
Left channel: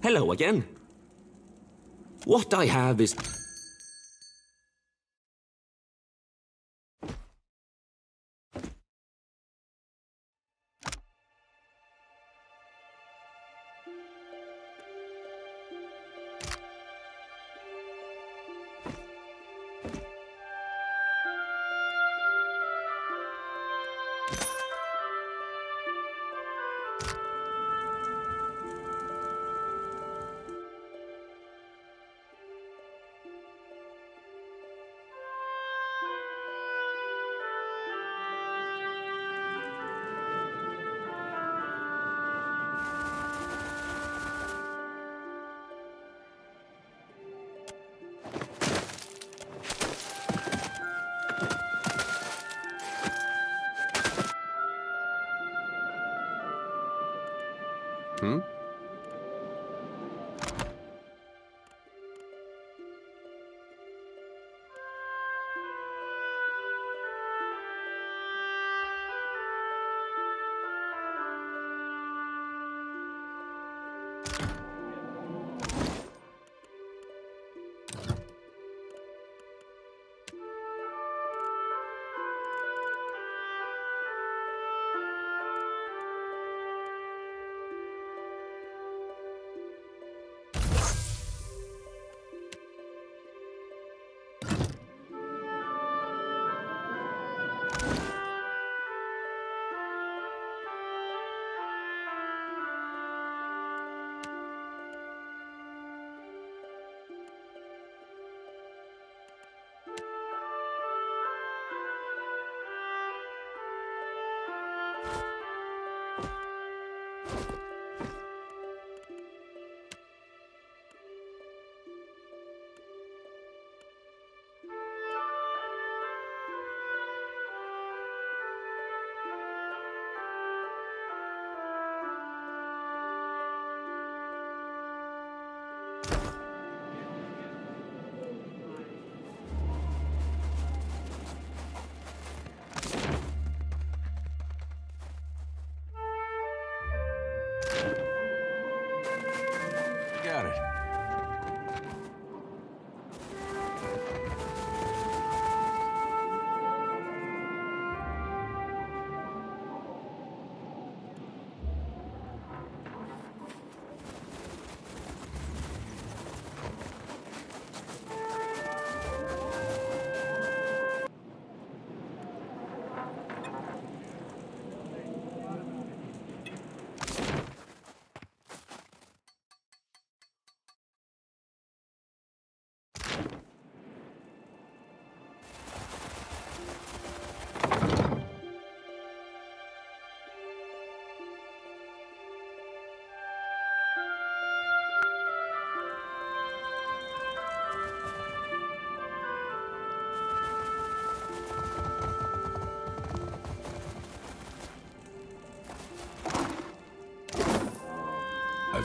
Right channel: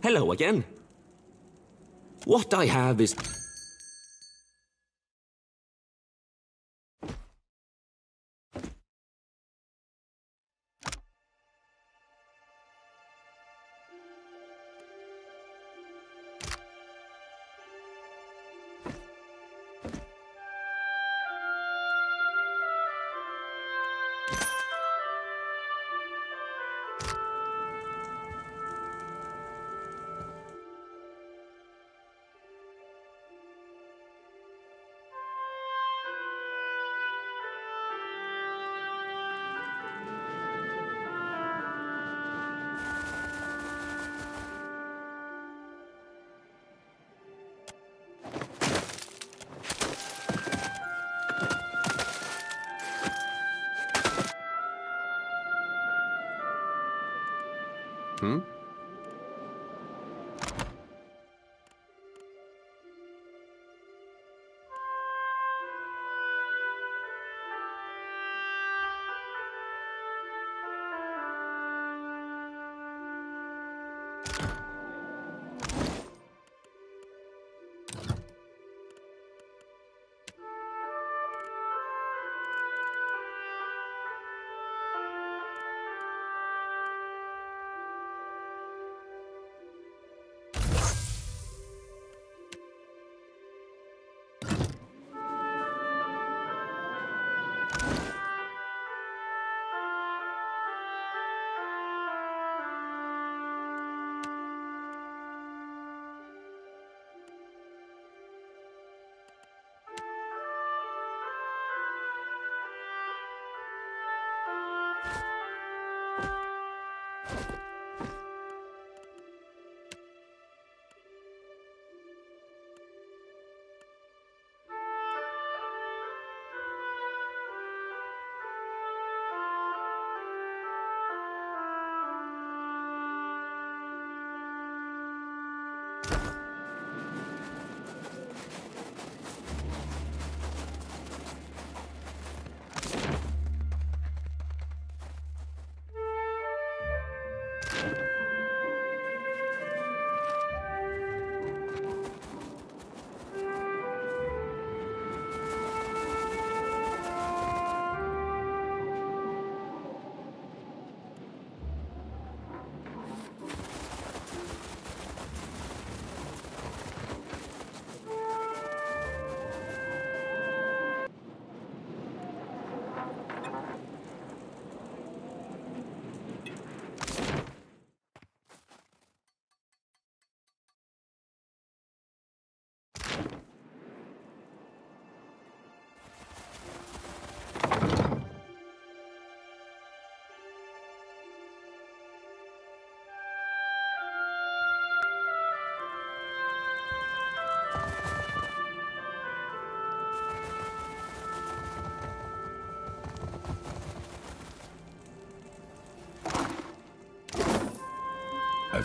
Hello again. What I have is... Hmm?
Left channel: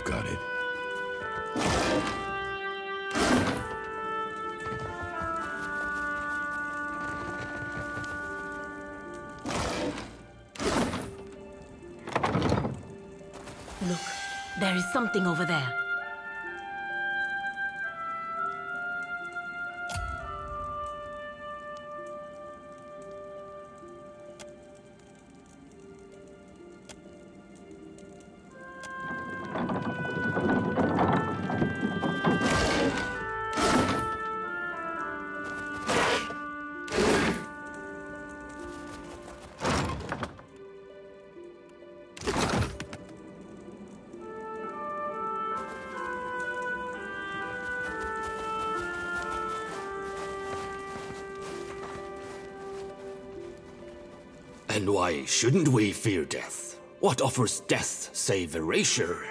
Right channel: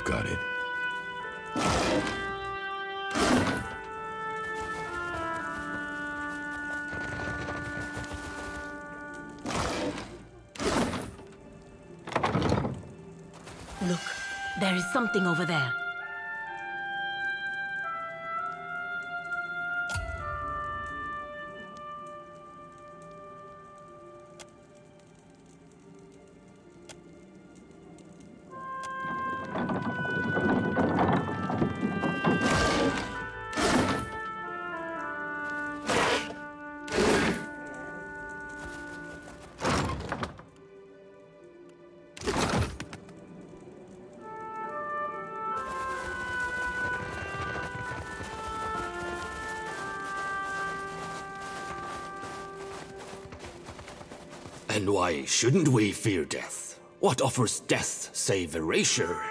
I've got it. Look, there is something over there. And why shouldn't we fear death? What offers death save erasure?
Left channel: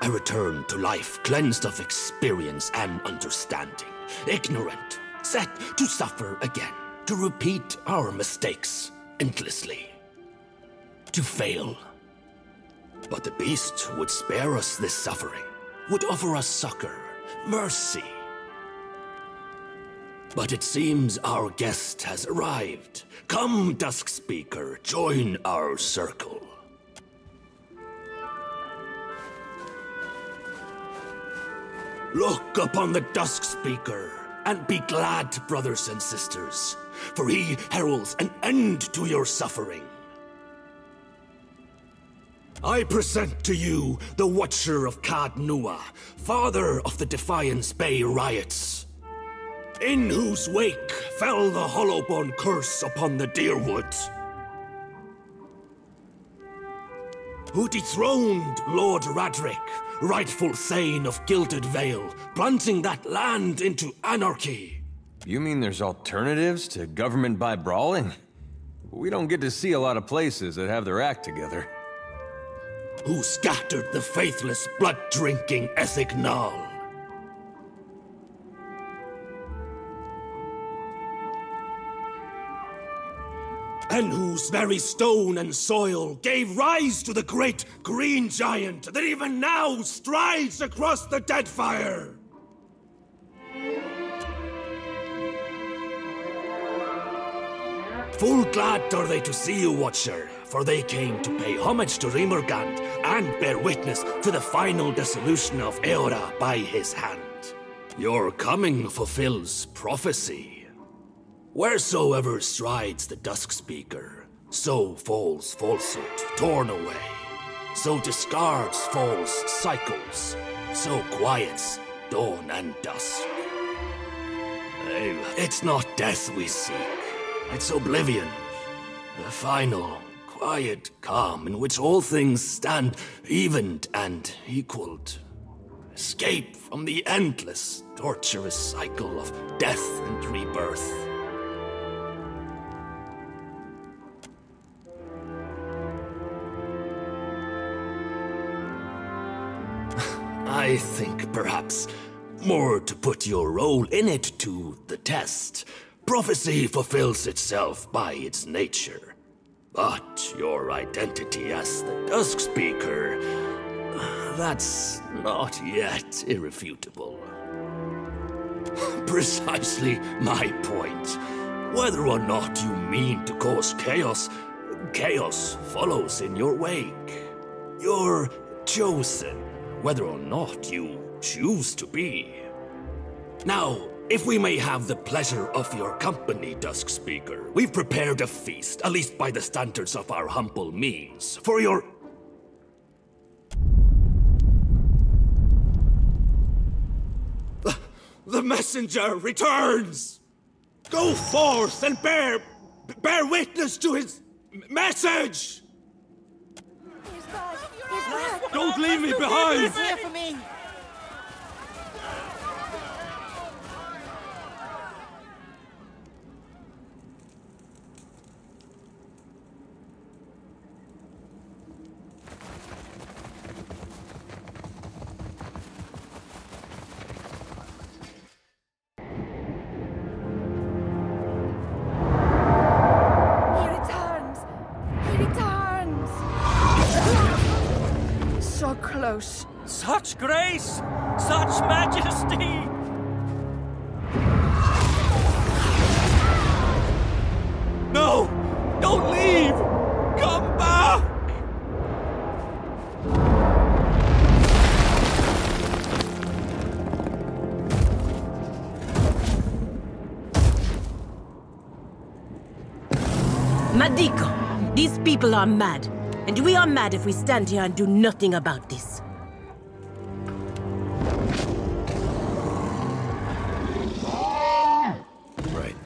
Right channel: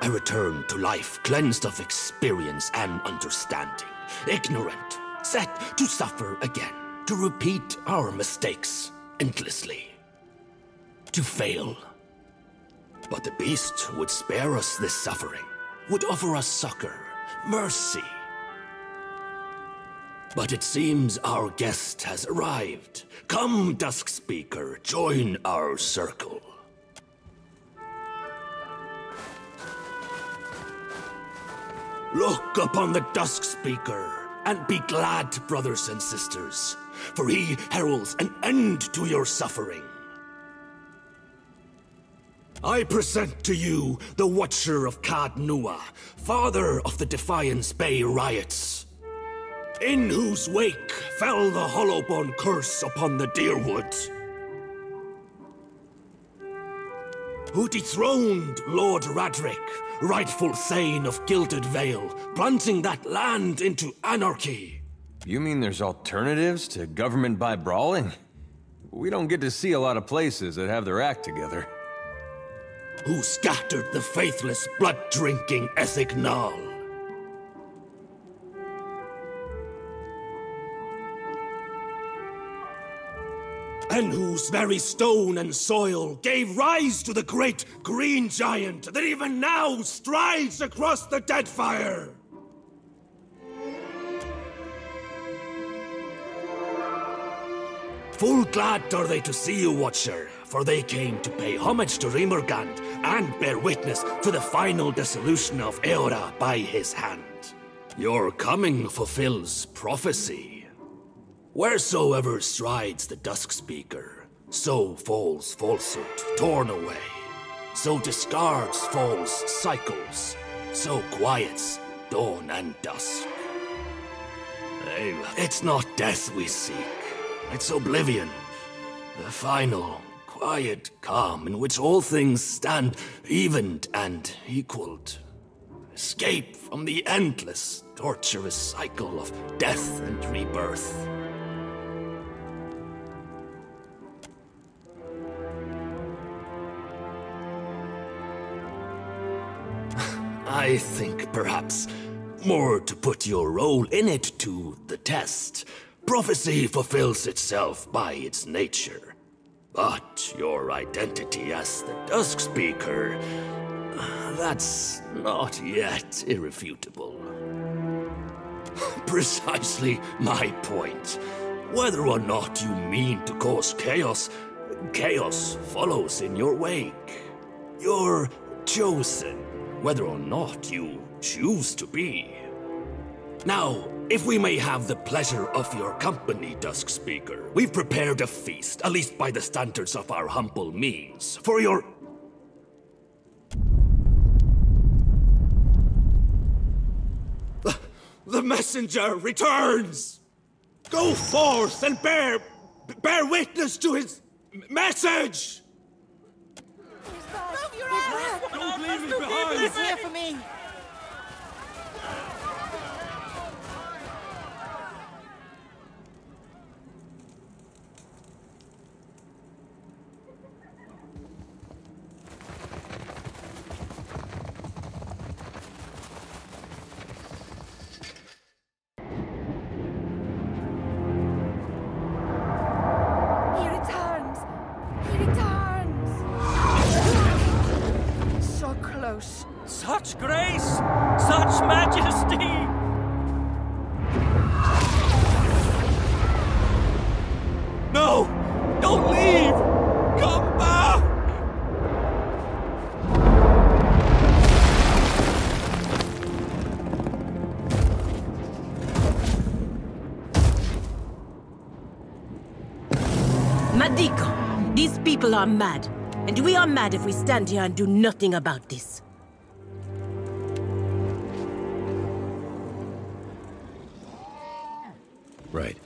A return to life cleansed of experience and understanding. Ignorant, set to suffer again. To repeat our mistakes endlessly. To fail. But the beast would spare us this suffering. Would offer us succor, mercy. But it seems our guest has arrived. Come, Dusk Speaker, join our circle. Look upon the Dusk Speaker, and be glad, brothers and sisters, for he heralds an end to your suffering. I present to you the Watcher of Cad Nua, father of the Defiance Bay riots, in whose wake fell the Hollowbone curse upon the Deerwood, who dethroned Lord Radric, rightful Thane of Gilded Vale, plunging that land into anarchy. You mean there's alternatives to government by brawling? We don't get to see a lot of places that have their act together. Who scattered the faithless, blood-drinking Ethignal. And whose very stone and soil gave rise to the great green giant that even now strides across the Deadfire. Full glad are they to see you, Watcher, for they came to pay homage to Rimurgand and bear witness to the final dissolution of Eora by his hand. Your coming fulfills prophecy. Wheresoever strides the Dusk Speaker, so falls falsehood torn away. So discards false cycles, so quiets dawn and dusk. It's not death we seek, it's oblivion. The final, quiet calm in which all things stand evened and equaled. Escape from the endless, torturous cycle of death and rebirth. I think perhaps more to put your role in it to the test. Prophecy fulfills itself by its nature. But your identity as the Dusk Speaker, that's not yet irrefutable. Precisely my point. Whether or not you mean to cause chaos, chaos follows in your wake. You're chosen. Whether or not you choose to be. Now, if we may have the pleasure of your company, Dusk Speaker, we've prepared a feast, at least by the standards of our humble means, for your... The messenger returns! Go forth and bear witness to his message! Don't leave me behind! He's here for me! He returns! He returns! Shock close. Such grace! Such majesty! No! Don't leave! Come back! Madiko, these people are mad. And we are mad if we stand here and do nothing about this. Right.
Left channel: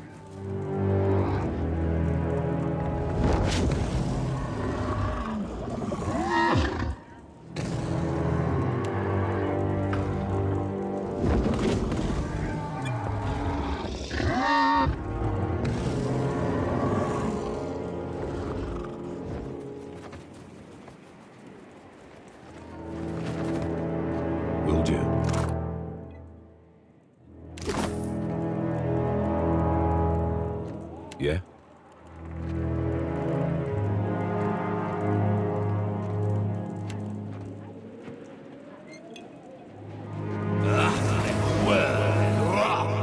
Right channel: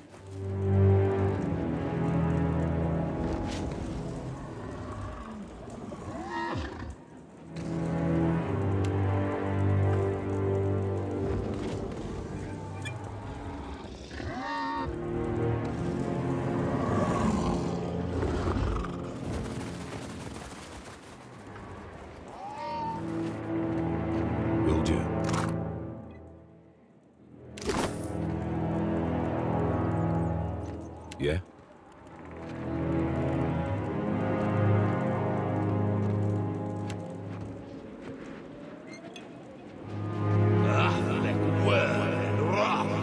Will do. Yeah?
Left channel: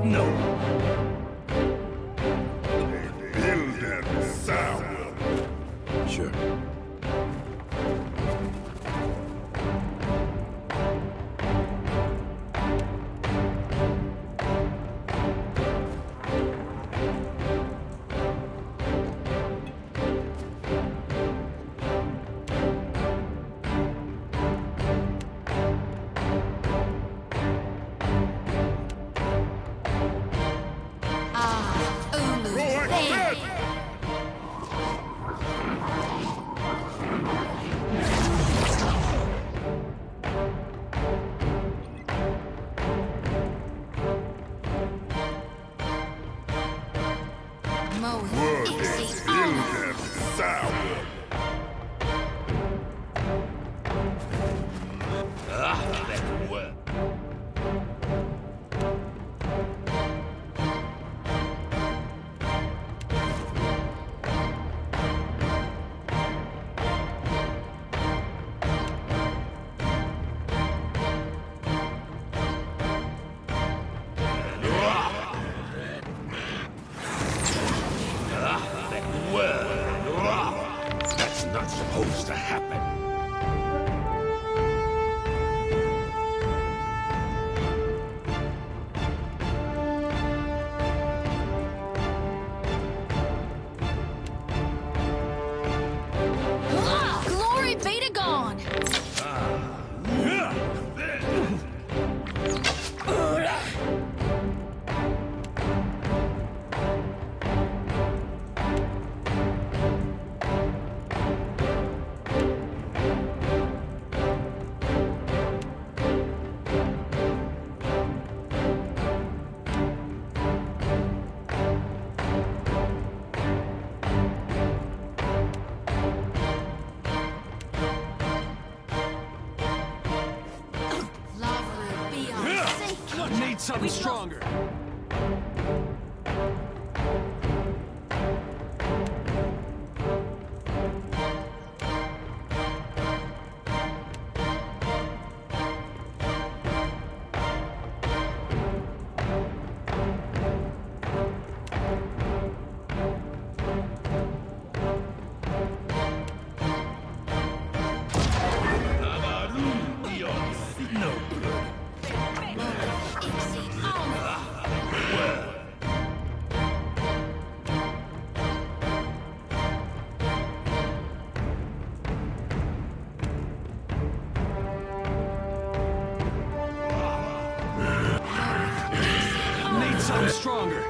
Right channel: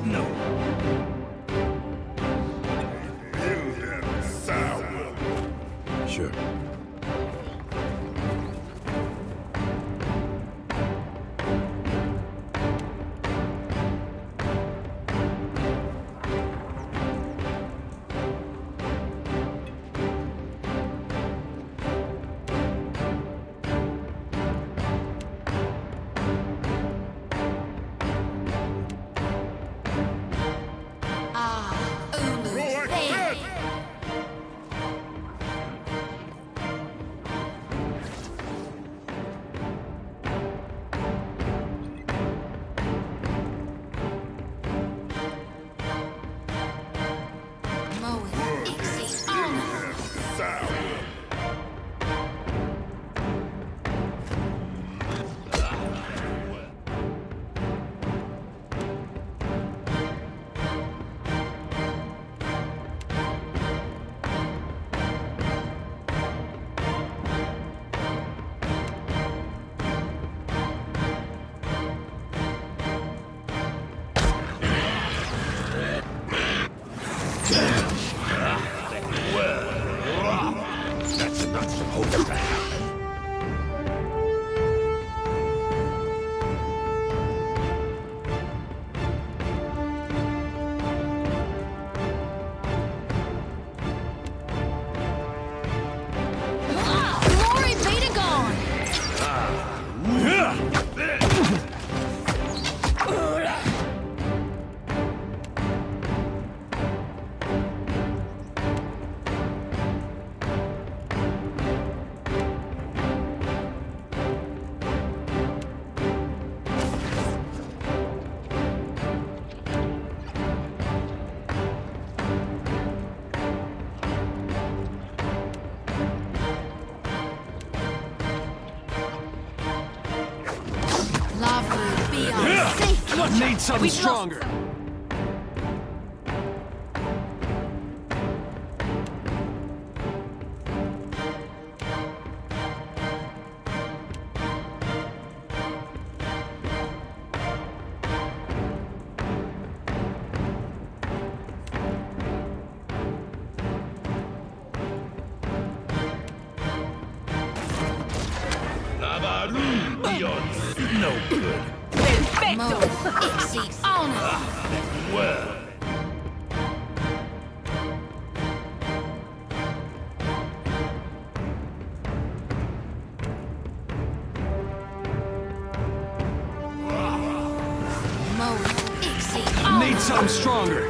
No. Sure. That's not supposed to happen. Glory be to God! Need something stronger. No good. Need something stronger.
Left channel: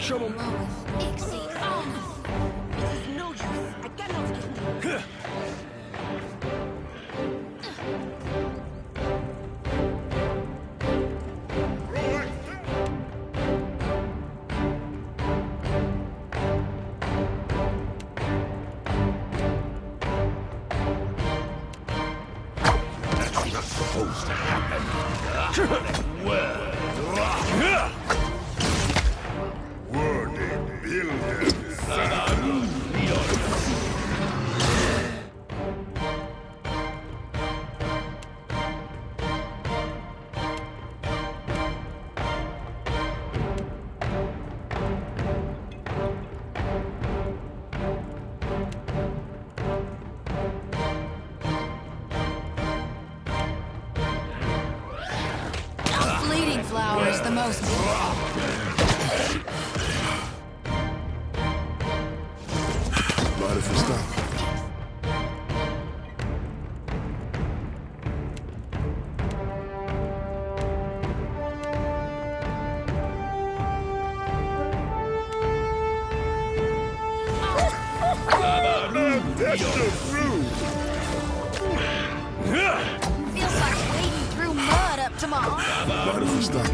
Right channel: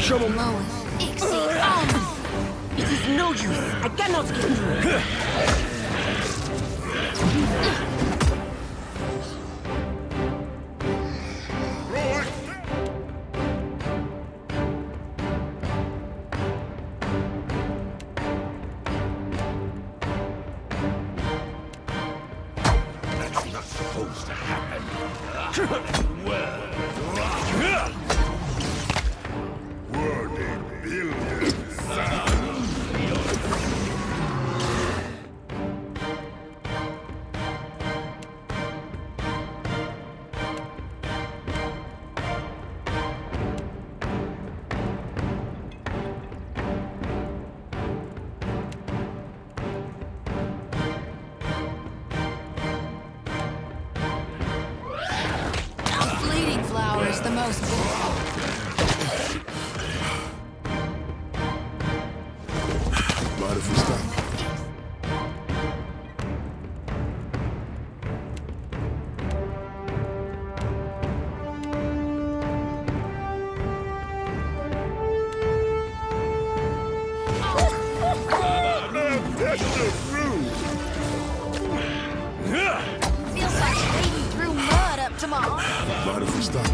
Trouble. It is no use. I cannot get through. Bleeding flower is the most beautiful. Mind if we stop? Feels like wading through mud up to my arms. Mind if we stop?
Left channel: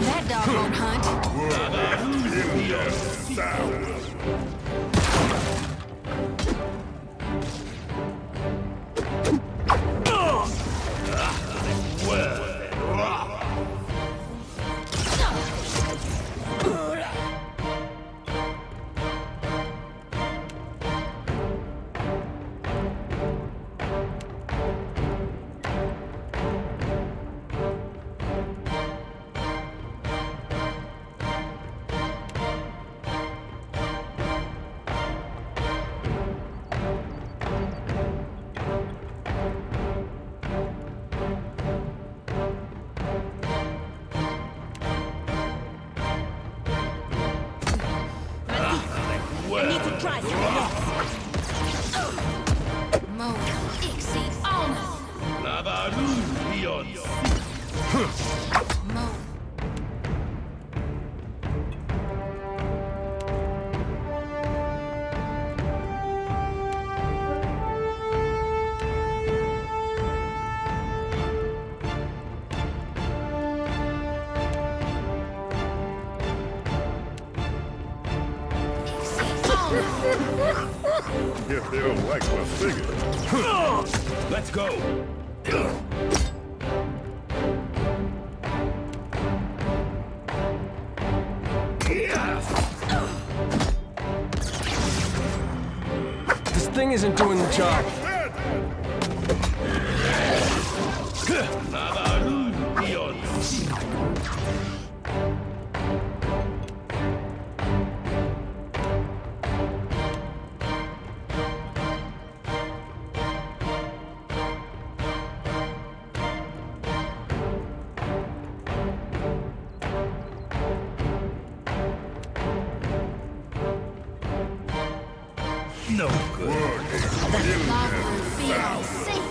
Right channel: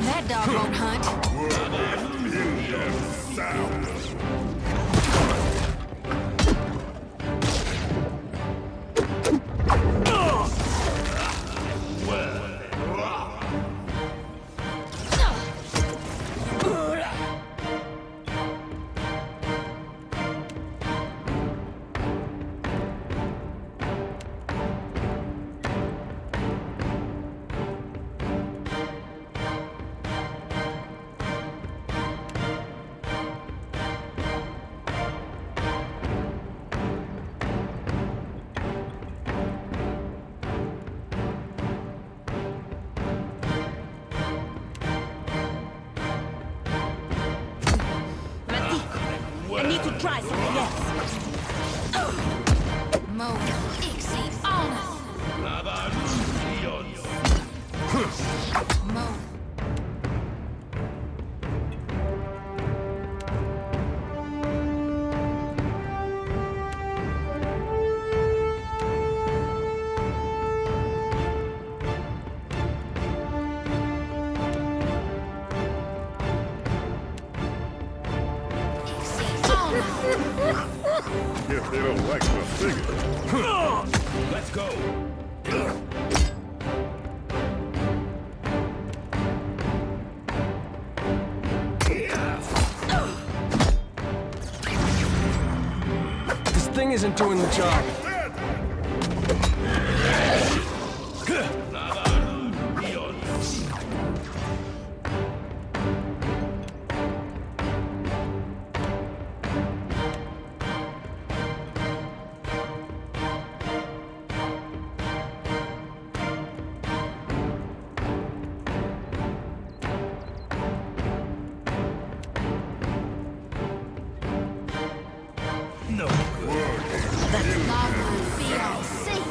That dog won't hunt. I need to try something else. Mo, Ixi, honor. Mo. If they don't like my figure. Let's go. This thing isn't doing the job. No good. That lava will be on sink.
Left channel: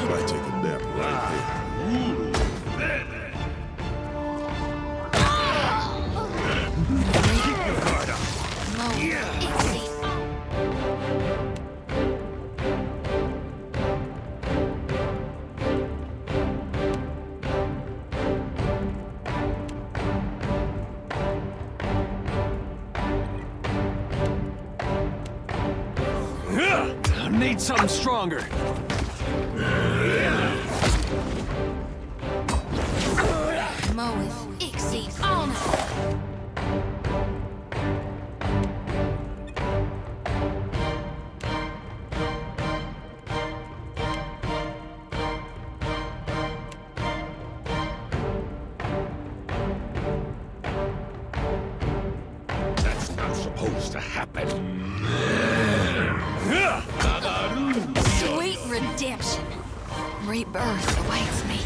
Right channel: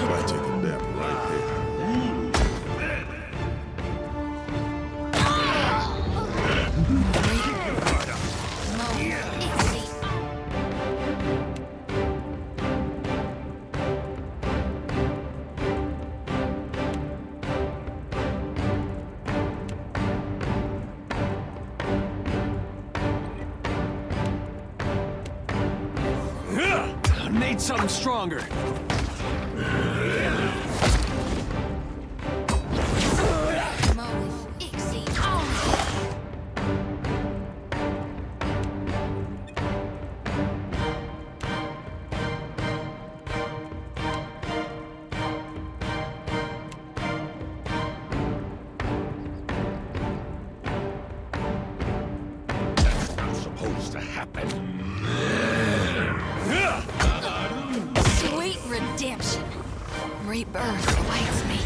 Might take a nap right here. I need something stronger. That's not supposed to happen. rebirth awaits me.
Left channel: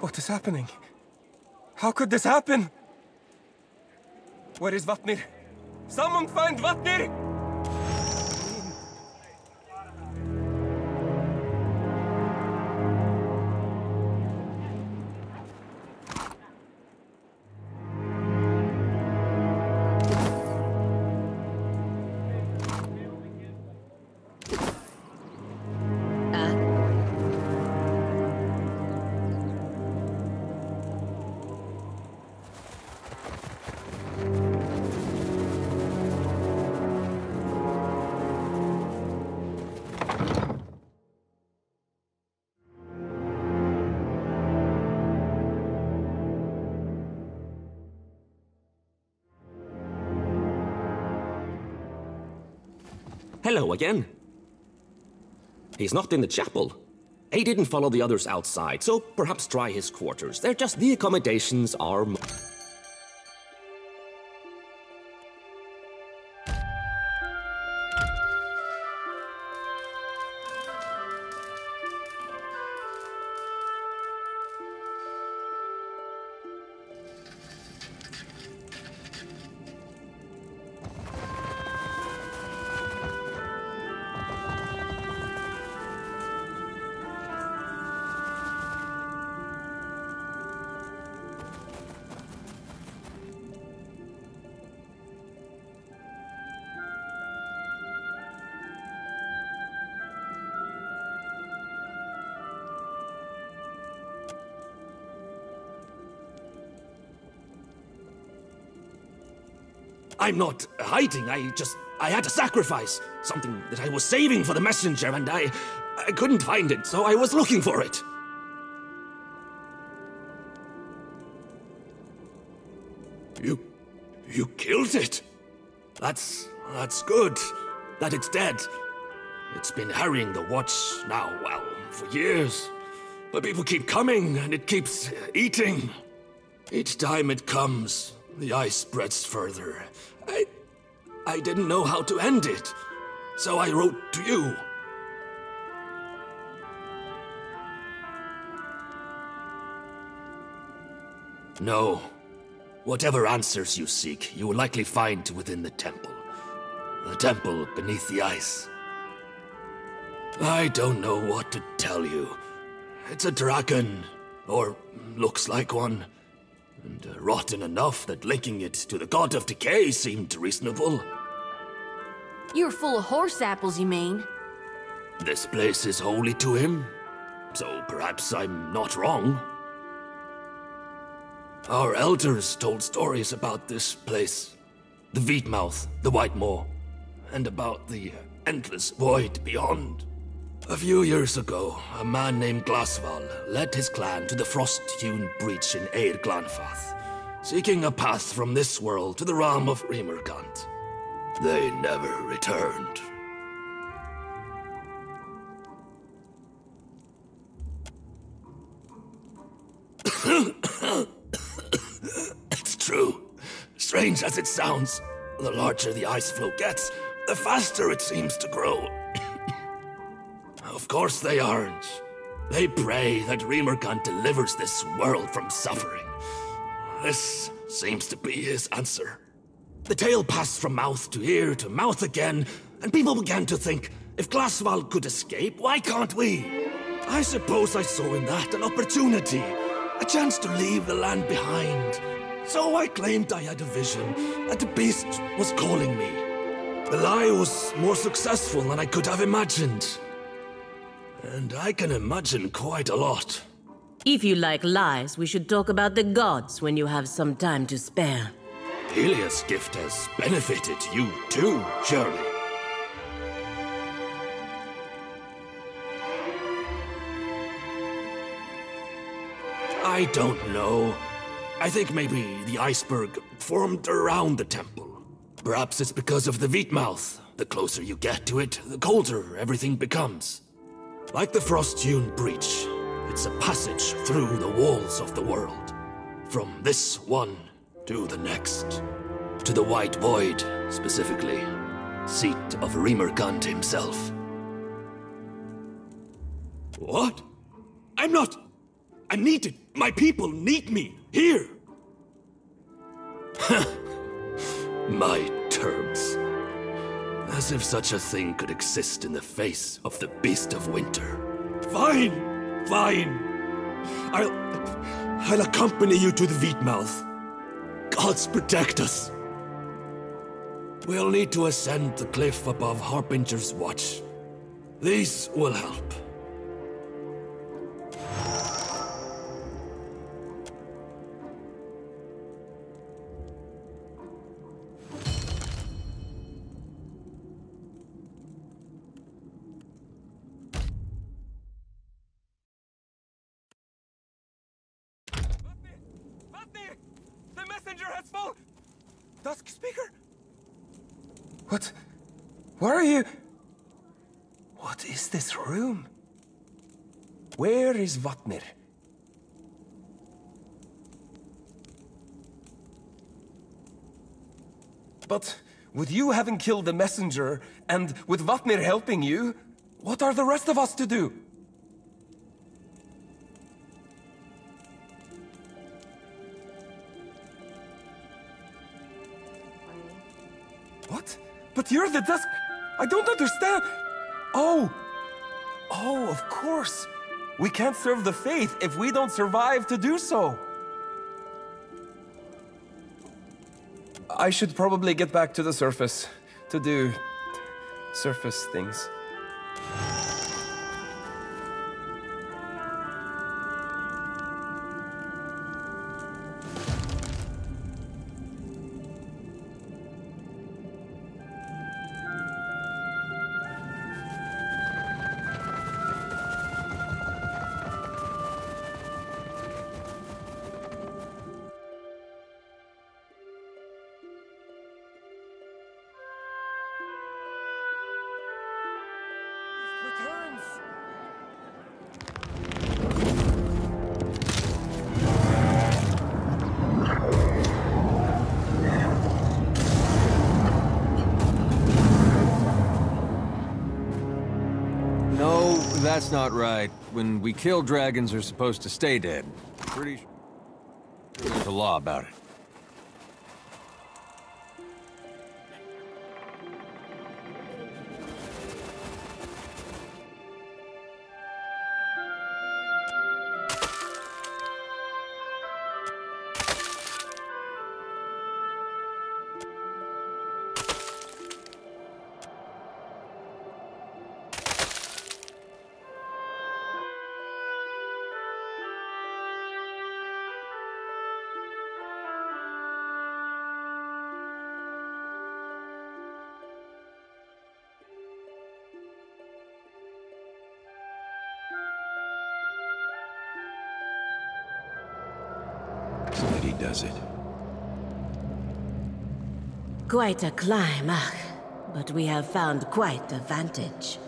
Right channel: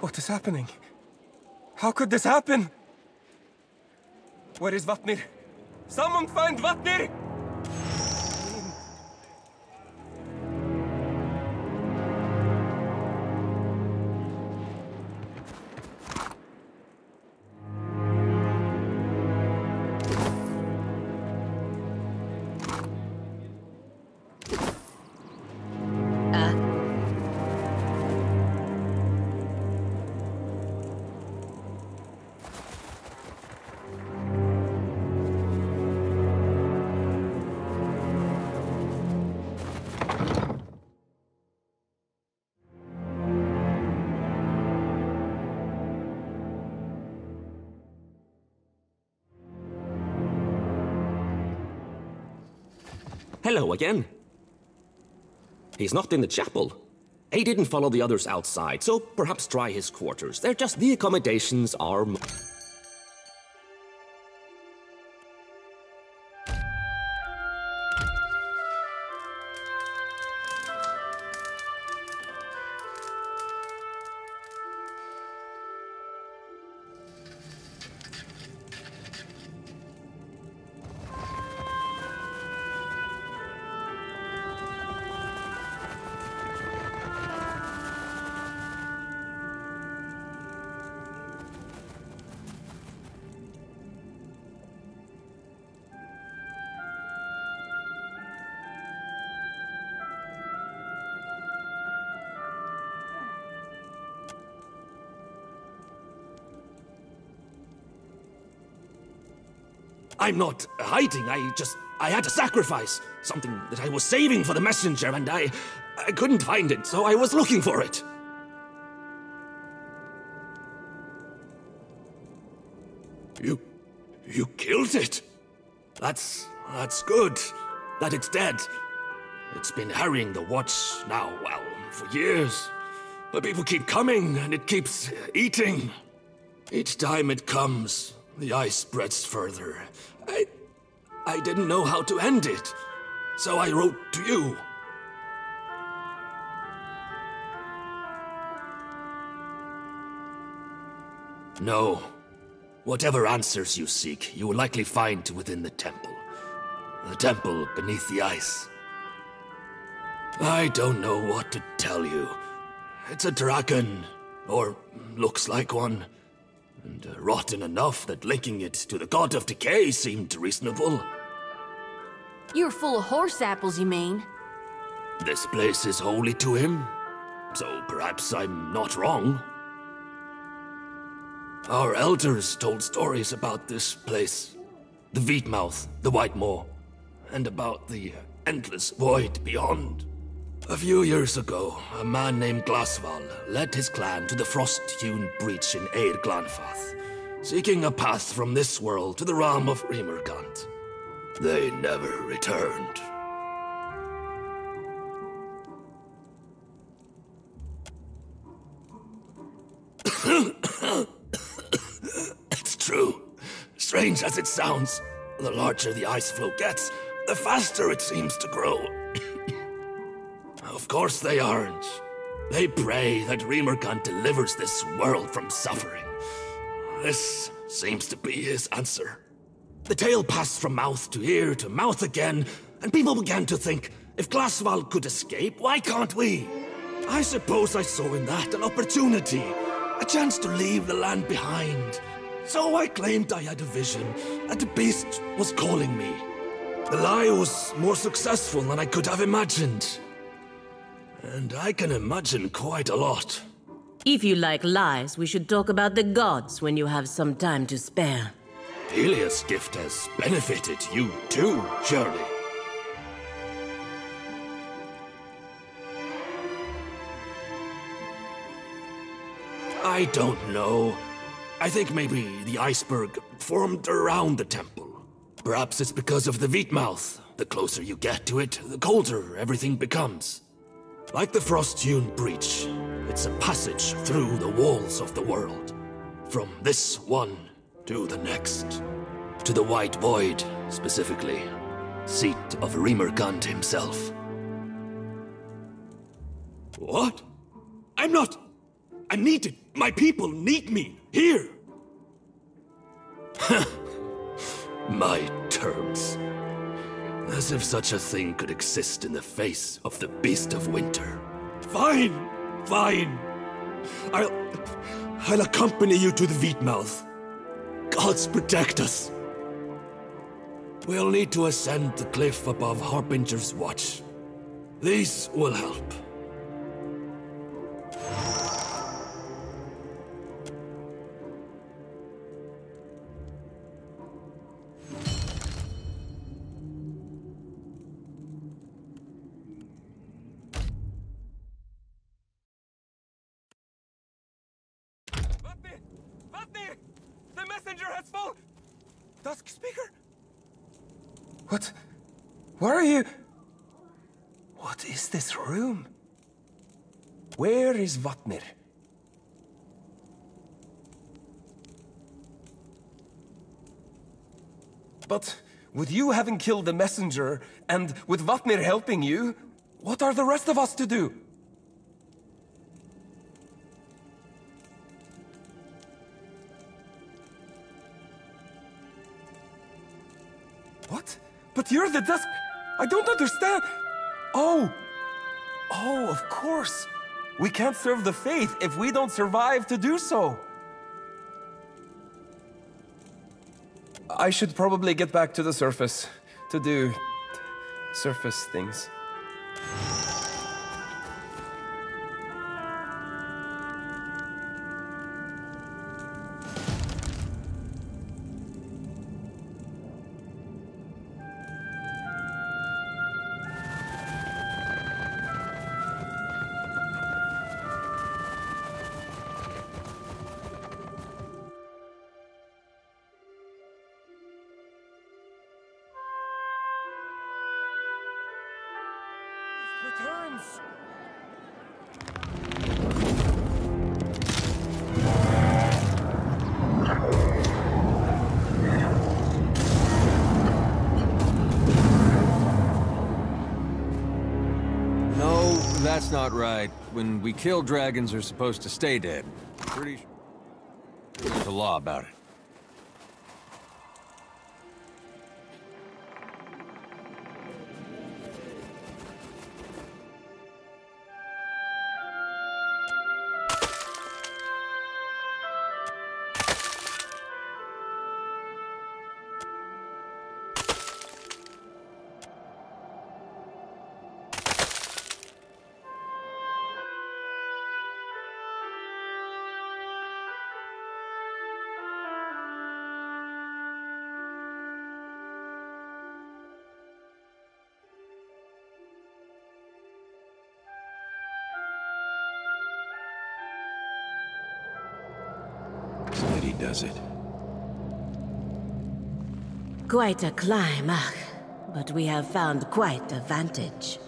What is happening? How could this happen? Where is Vatnir? Someone find Vatnir! Hello again. He's not in the chapel. He didn't follow the others outside, so perhaps try his quarters. They're just the accommodations are... I'm not hiding, I had to sacrifice something that I was saving for the messenger, and I couldn't find it, so I was looking for it. You killed it? That's good, that it's dead. It's been harrying the watch now, well, for years. But people keep coming, and it keeps eating. Each time it comes, the ice spreads further. I didn't know how to end it, so I wrote to you. No. Whatever answers you seek, you will likely find within the temple. The temple beneath the ice. I don't know what to tell you. It's a dragon, or looks like one. And rotten enough that linking it to the god of decay seemed reasonable. You're full of horse apples, you mean? This place is holy to him, so perhaps I'm not wrong. Our elders told stories about this place. The Veetmouth, the White Moor, and about the endless void beyond. A few years ago, a man named Glasval led his clan to the frost-hewn breach in Eir Glanfath, seeking a path from this world to the realm of Rímurgant. They never returned. It's true. Strange as it sounds, the larger the ice flow gets, the faster it seems to grow. Of course they aren't. They pray that Rímurgant delivers this world from suffering. This seems to be his answer. The tale passed from mouth to ear to mouth again, and people began to think, if Glasval could escape, why can't we? I suppose I saw in that an opportunity, a chance to leave the land behind. So I claimed I had a vision, and the beast was calling me. The lie was more successful than I could have imagined. And I can imagine quite a lot. If you like lies, we should talk about the gods when you have some time to spare. Pelias' gift has benefited you too, surely. I don't know. I think maybe the iceberg formed around the temple. Perhaps it's because of the Veetmouth, The closer you get to it, the colder everything becomes. Like the frost-hewn breach, it's a passage through the walls of the world. From this one to the next. To the White Void, specifically. Seat of Remergund himself. What? I'm needed. My people need me. Here. My terms. As if such a thing could exist in the face of the Beast of Winter. Fine. I'll accompany you to the Wheatmouth. Gods protect us. We'll need to ascend the cliff above Harbinger's Watch. These will help. The messenger has fallen! Dusk Speaker? What? Where are you? What is this room? Where is Vatnir? But with you having killed the messenger, and with Vatnir helping you, what are the rest of us to do? What? But you're the Dusk... I don't understand. Oh, of course. We can't serve the Faith if we don't survive to do so. I should probably get back to the surface to do surface things. Returns. No, that's not right. When we kill dragons, they're supposed to stay dead. Pretty sure there's a law about it. That he does it. Quite a climb, but we have found quite a vantage.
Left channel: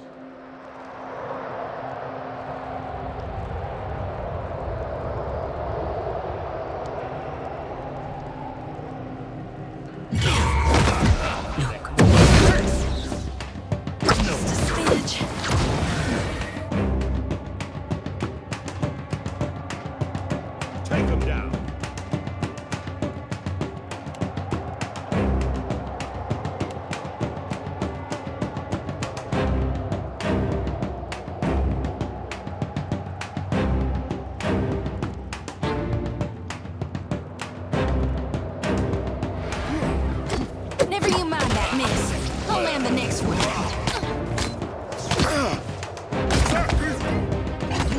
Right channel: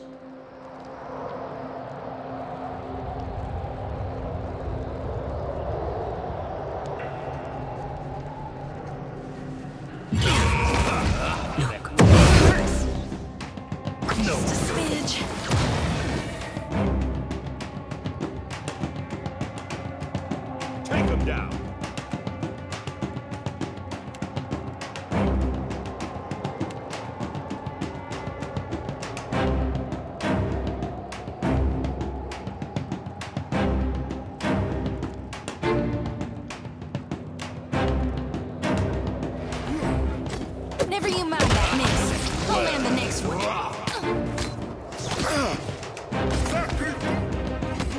Take him down. Never you mind that miss. I'll land the next one.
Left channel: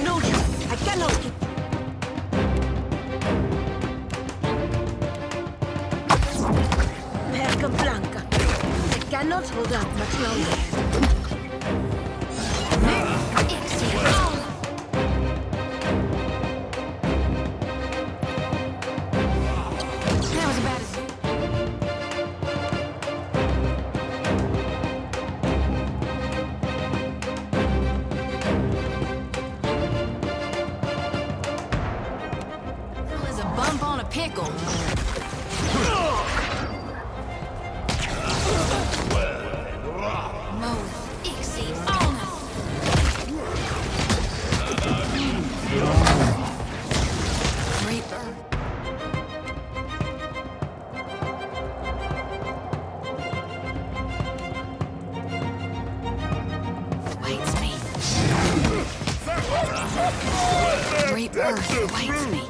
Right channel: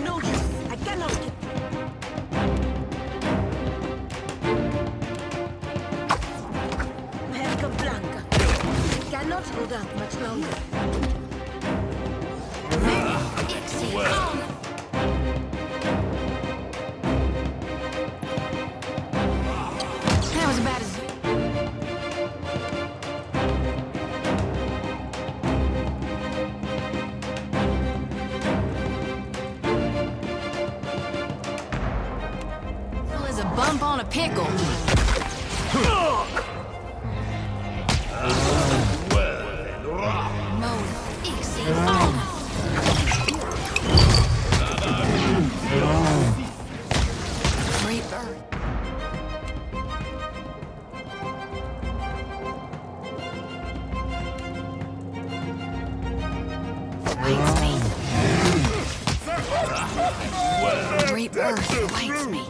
No, I cannot keep... Merca Blanca. I cannot hold out much longer. That was about as... pickle. Mode exceed honor. Great bird. Waits me. Great birth waits me.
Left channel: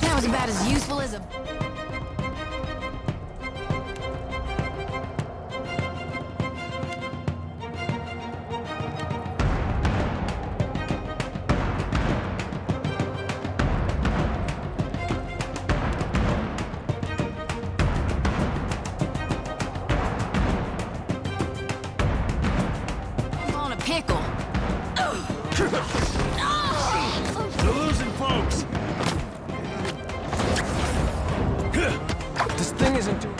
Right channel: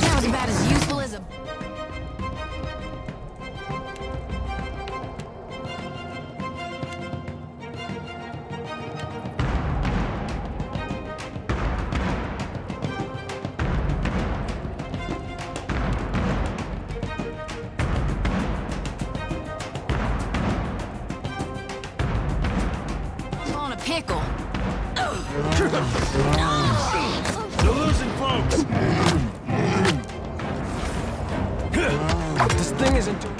That was about as useful as a... I'm on a pickle. You're losing, folks! This thing isn't doing...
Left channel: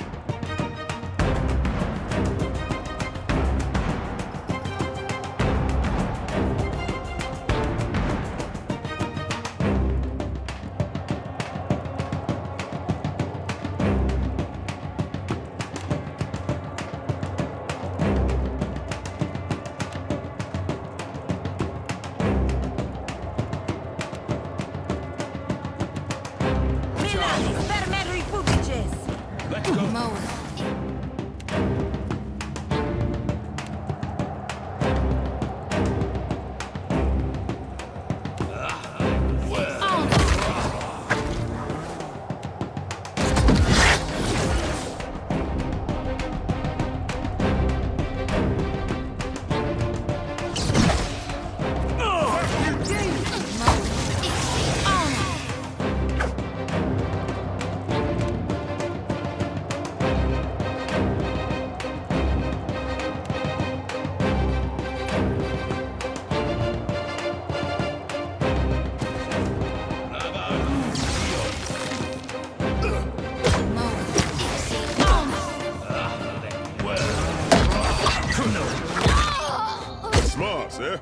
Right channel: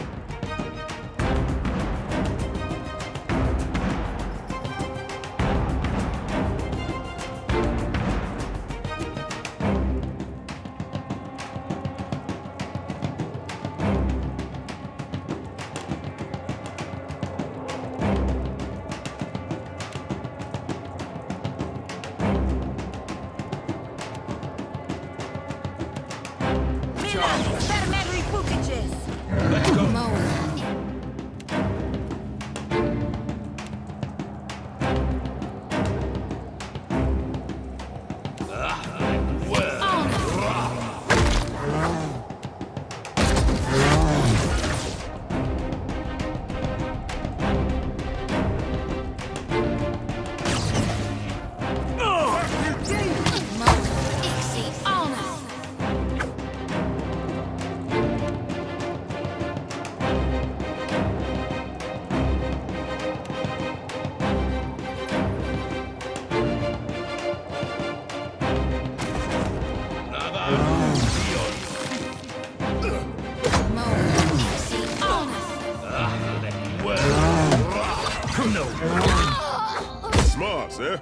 Let's go. Smart, sir.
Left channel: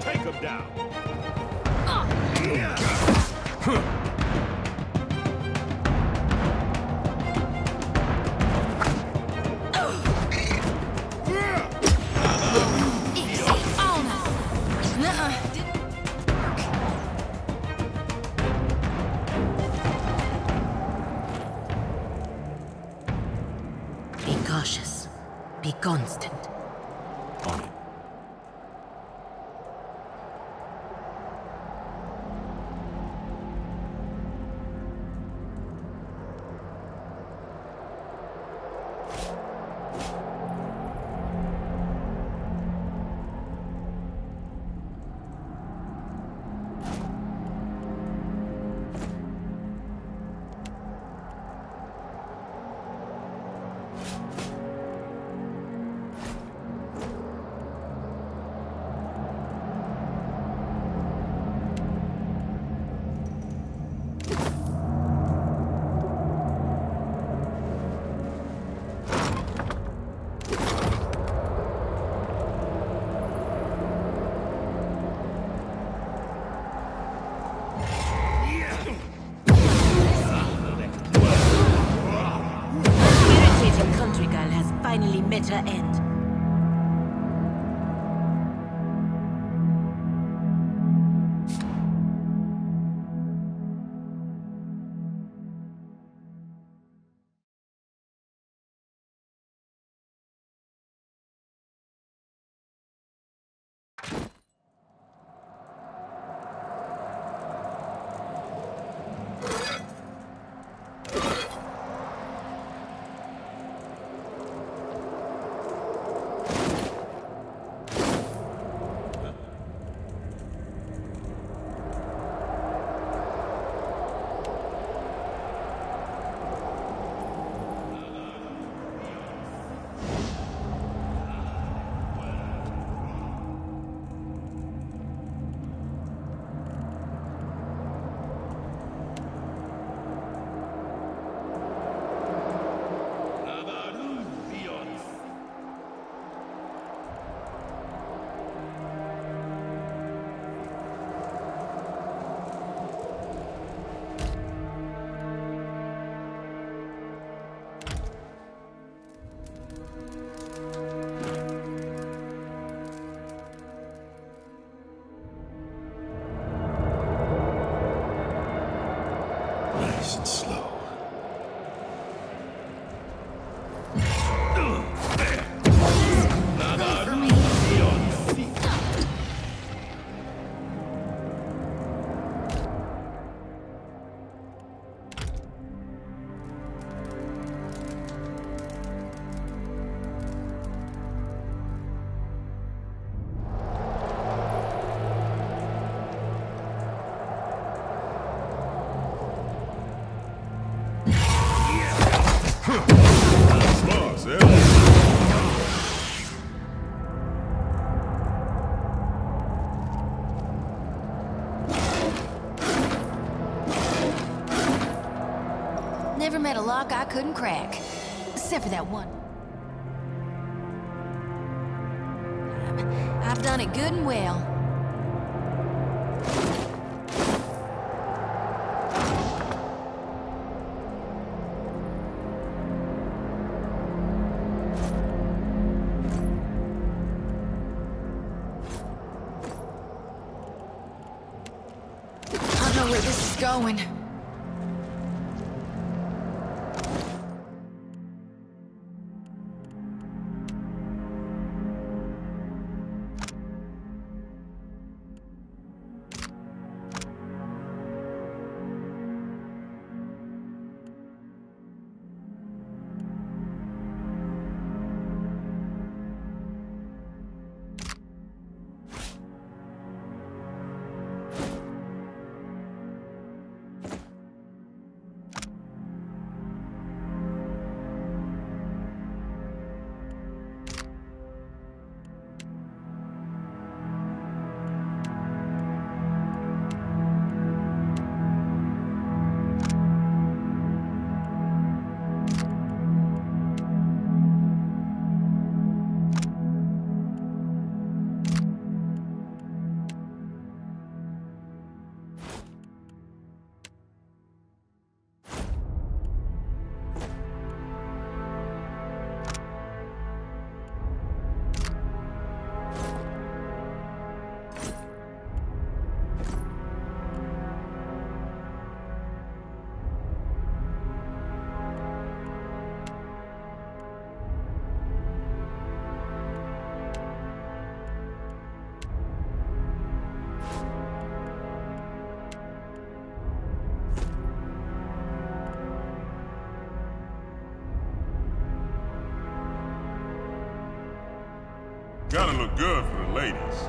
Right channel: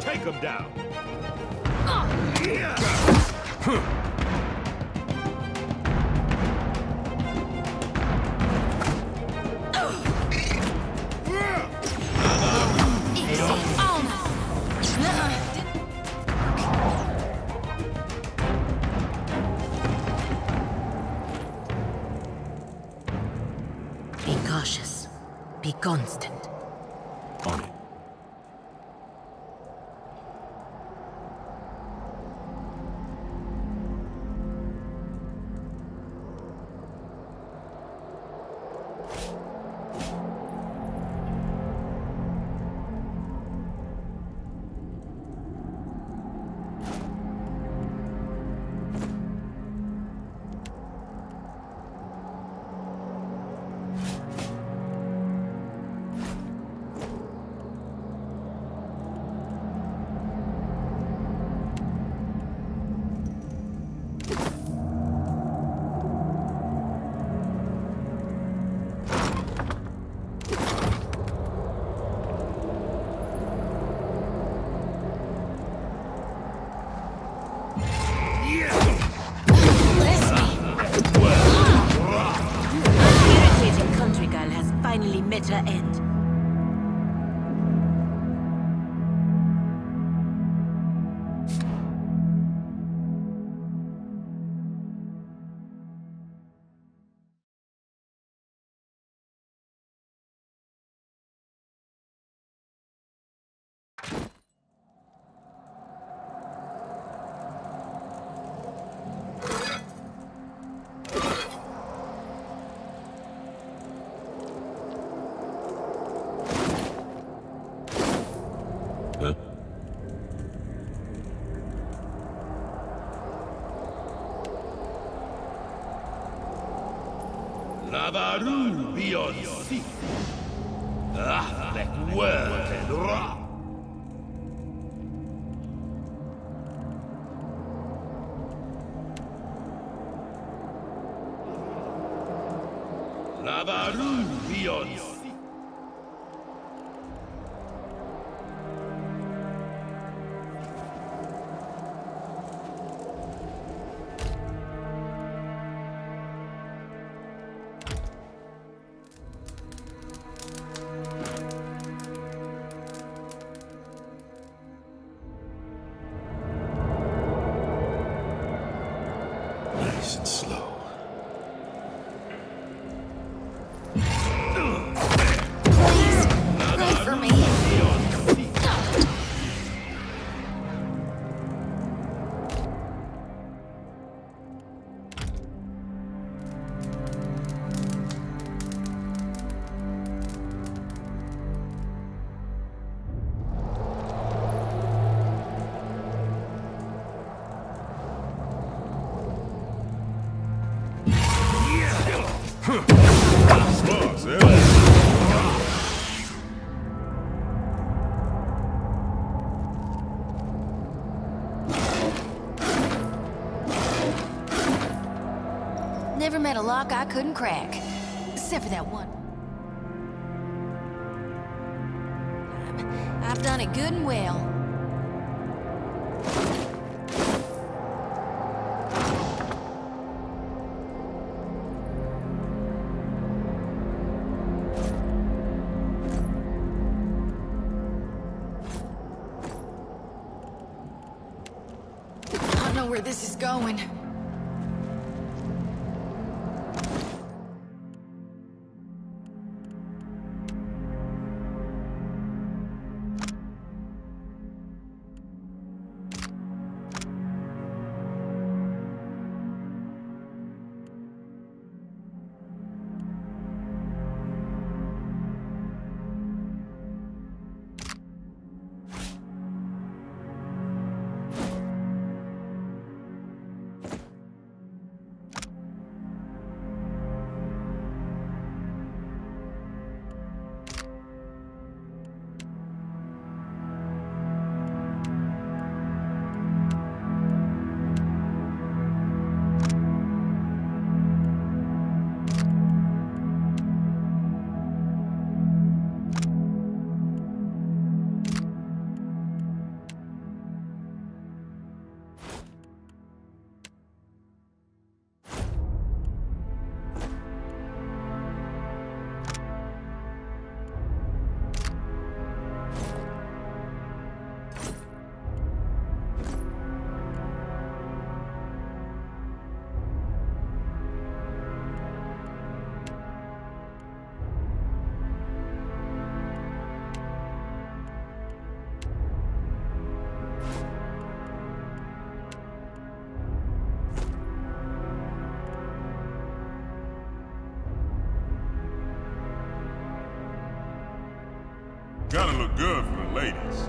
Take him down. Be cautious. Be constant. On it. Irritating country girl has finally met her end. Nice and slow. Pray for me. Never met a lock I couldn't crack. Except for that one. I've done it good and well. I don't know where this is going. Gotta look good for the ladies.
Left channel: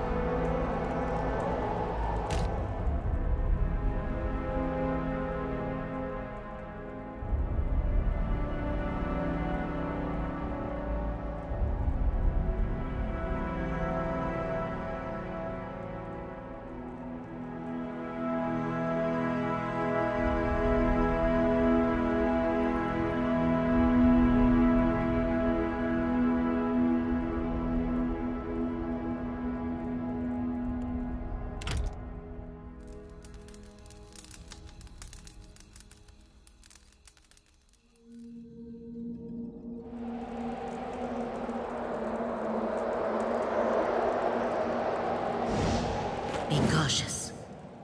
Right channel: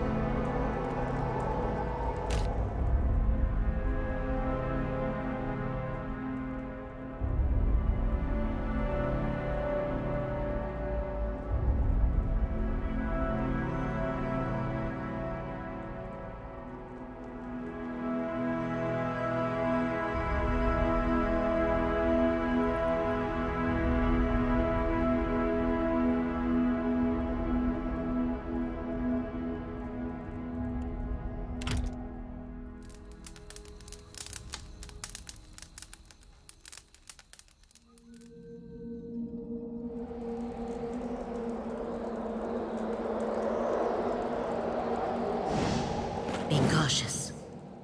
Be cautious.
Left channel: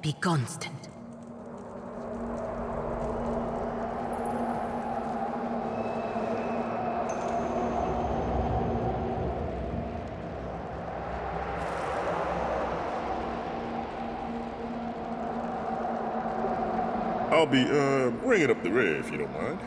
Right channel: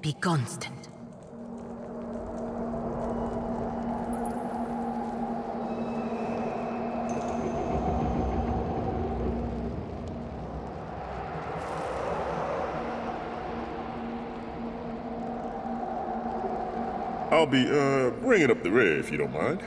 Be constant. I'll be, bringing up the rear if you don't mind.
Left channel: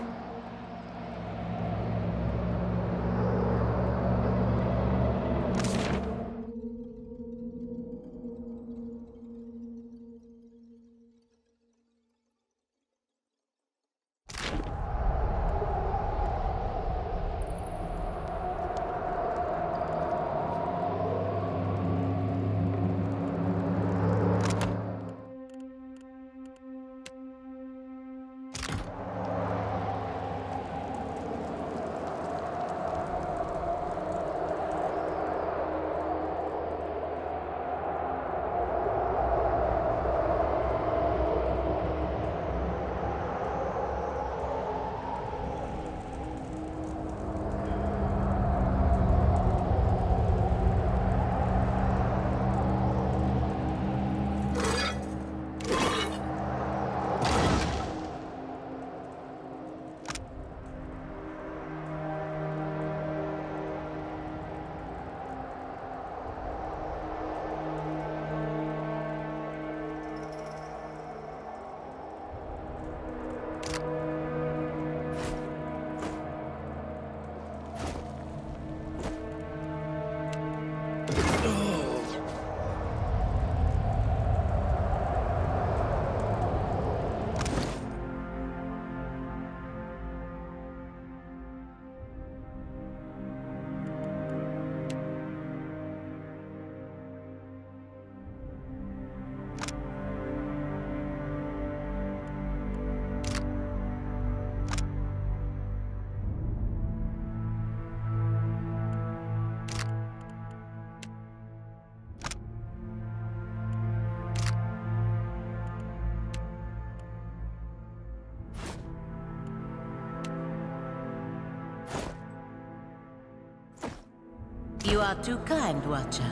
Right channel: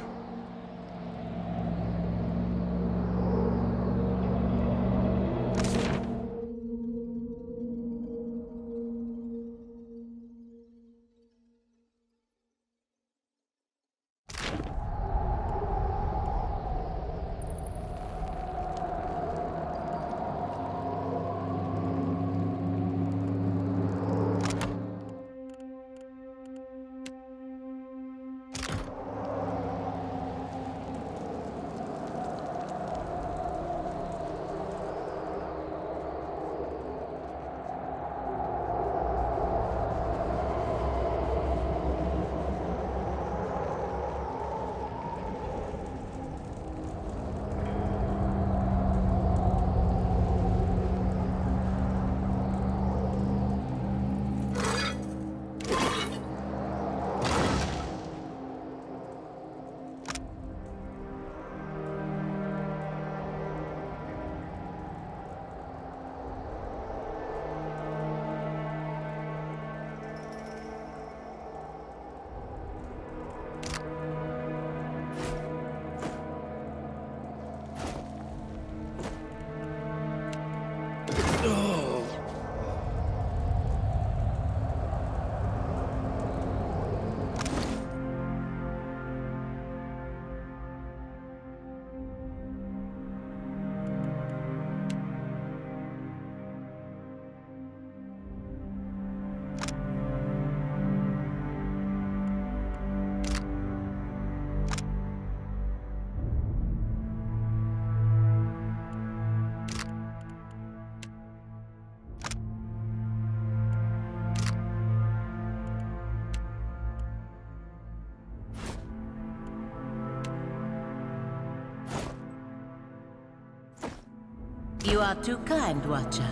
You are too kind, Watcher.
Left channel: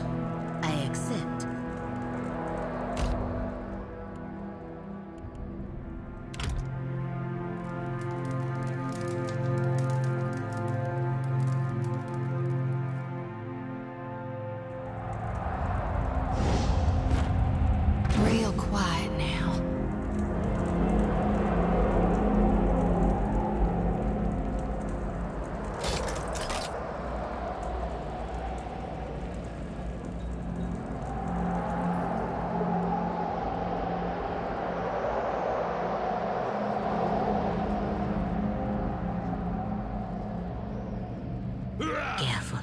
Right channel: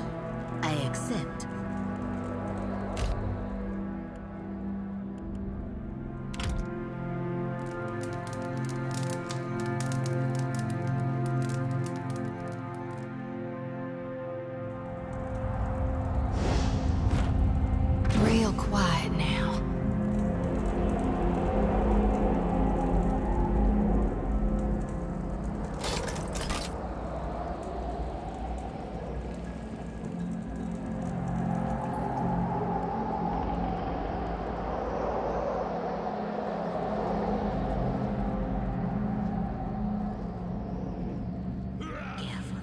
I accept. Real quiet now. Careful.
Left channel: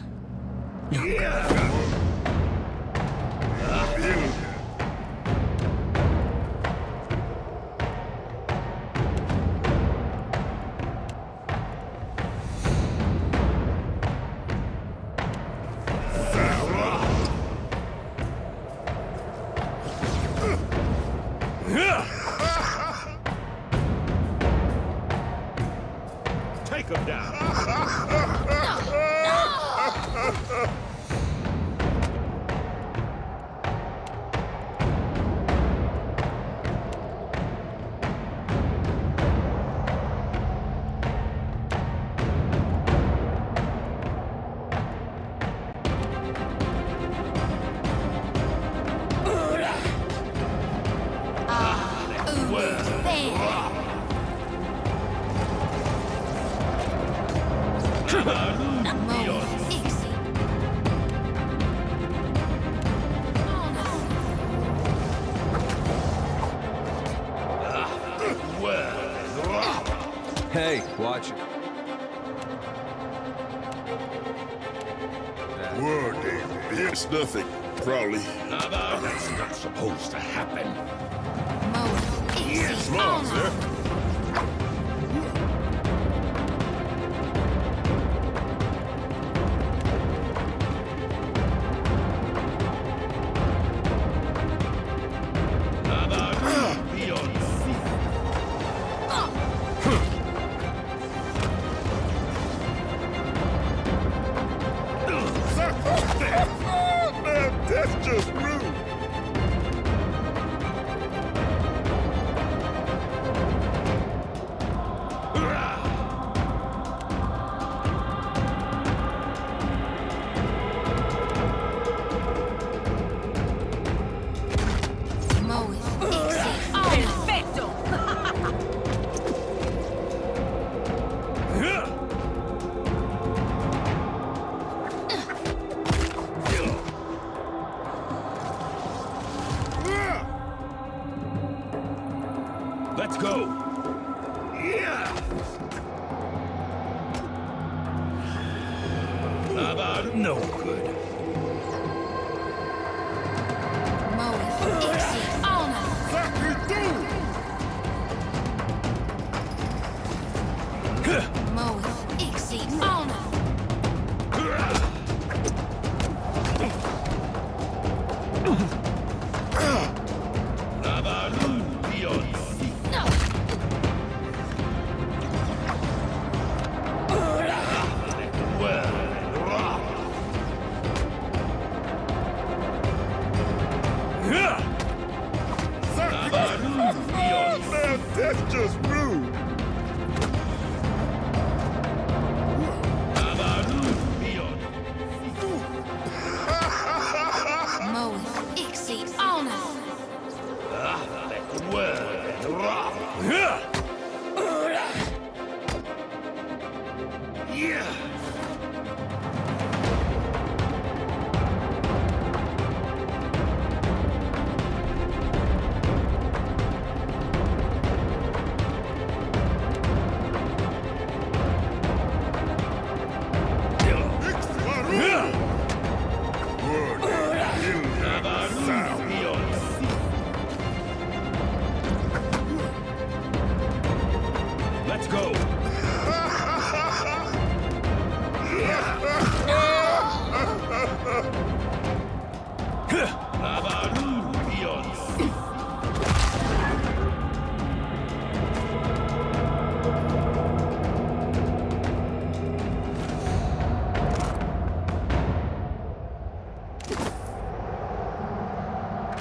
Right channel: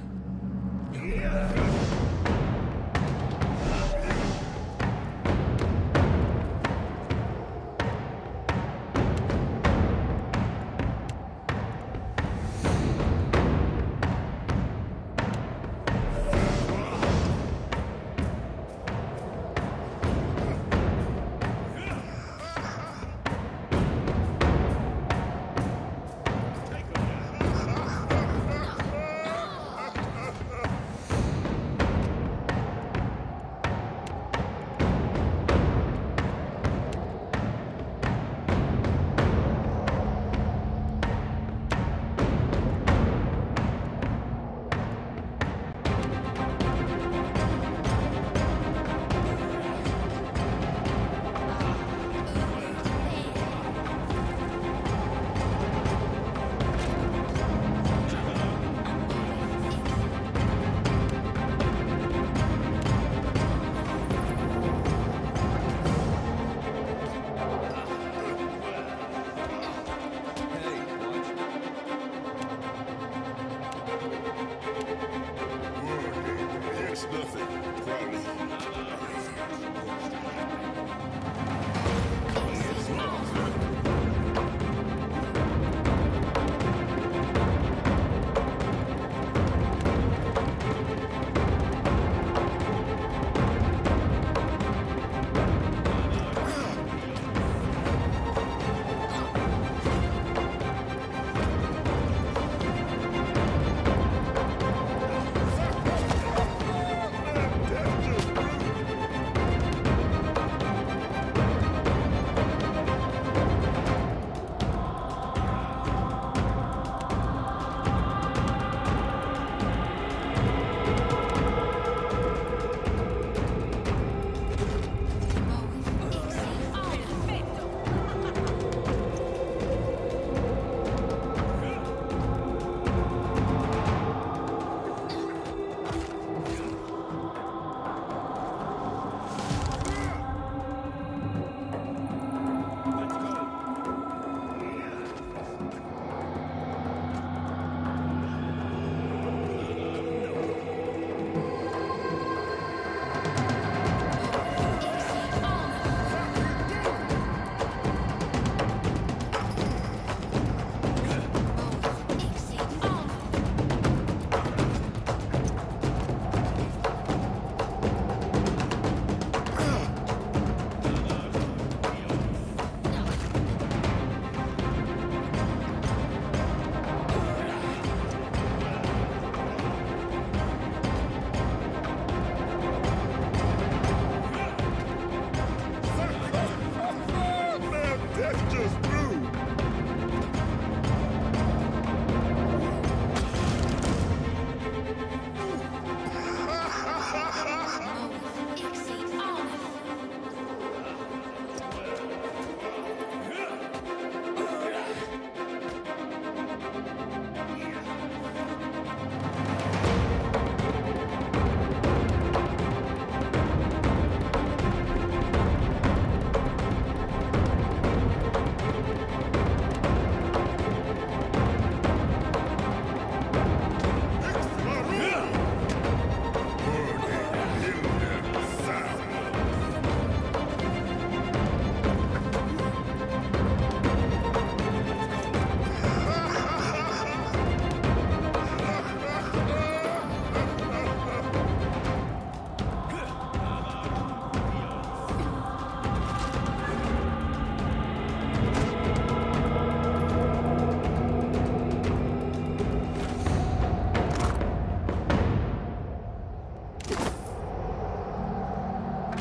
Take him down. It's nothing, probably. That's not supposed to happen. Yes, Lord, sir. That's just rude. Let's go. Yeah. No good. That's just rude.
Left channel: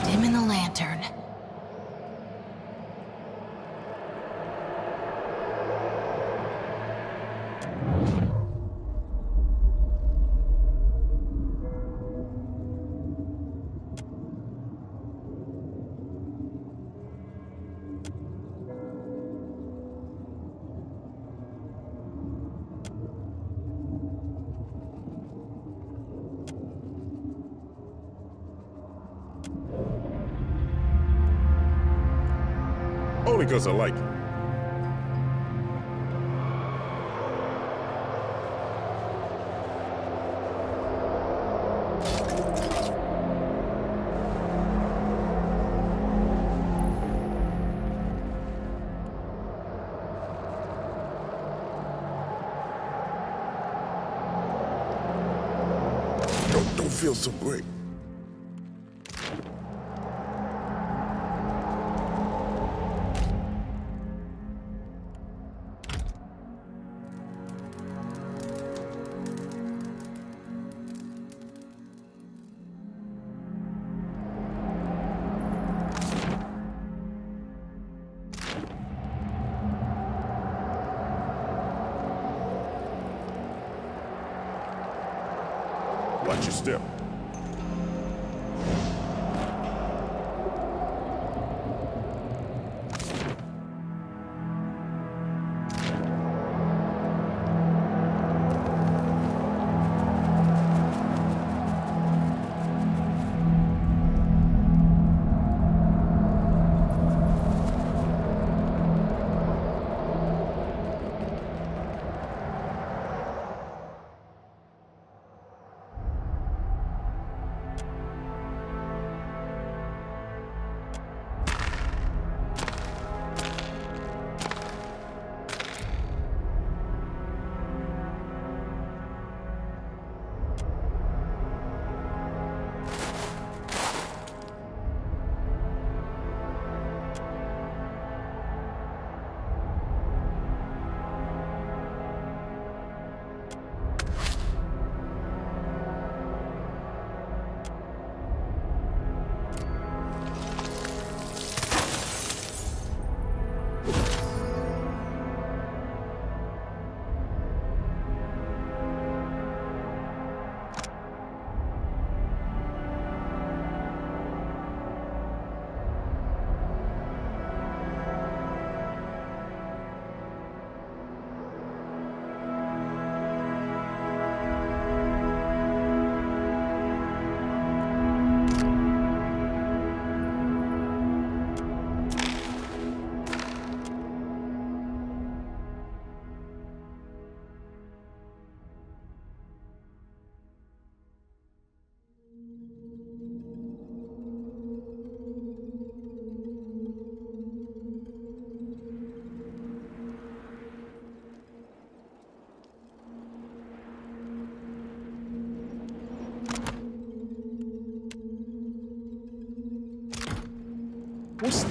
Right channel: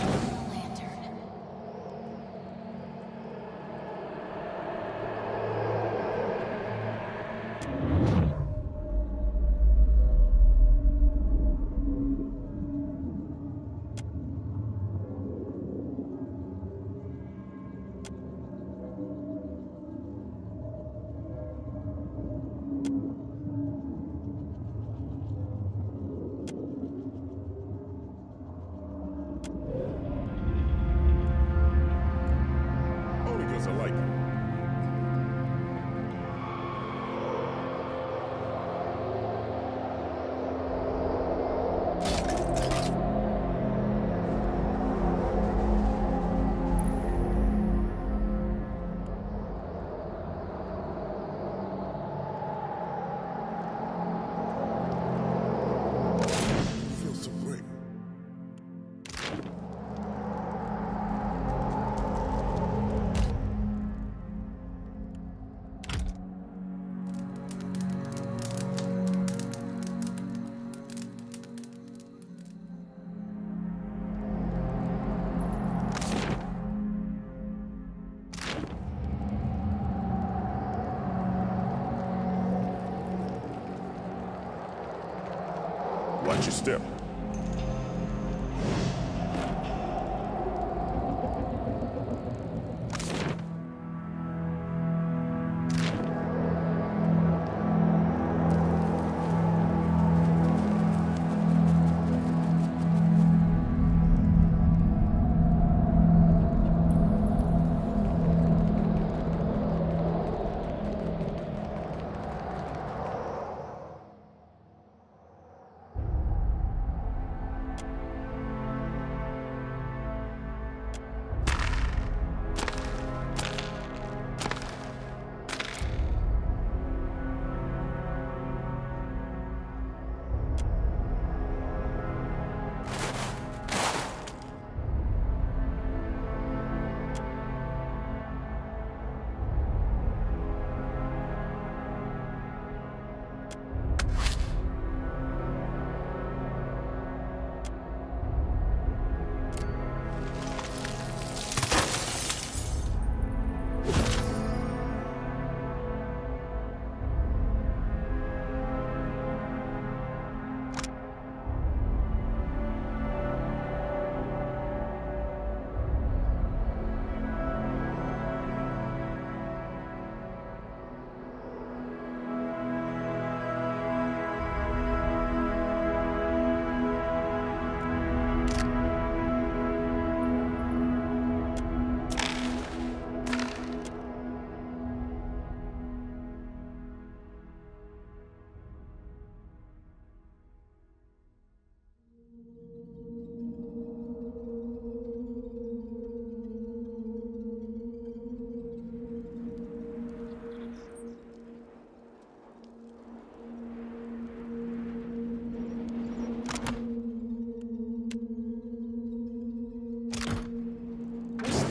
Dim in the lantern. Only because I like it. Don't feel so great. Watch your step.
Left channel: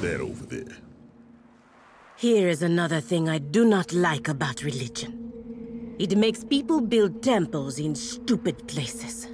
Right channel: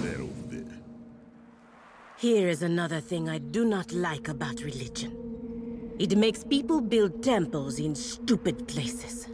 that over there. Here is another thing I do not like about religion. It makes people build temples in stupid places.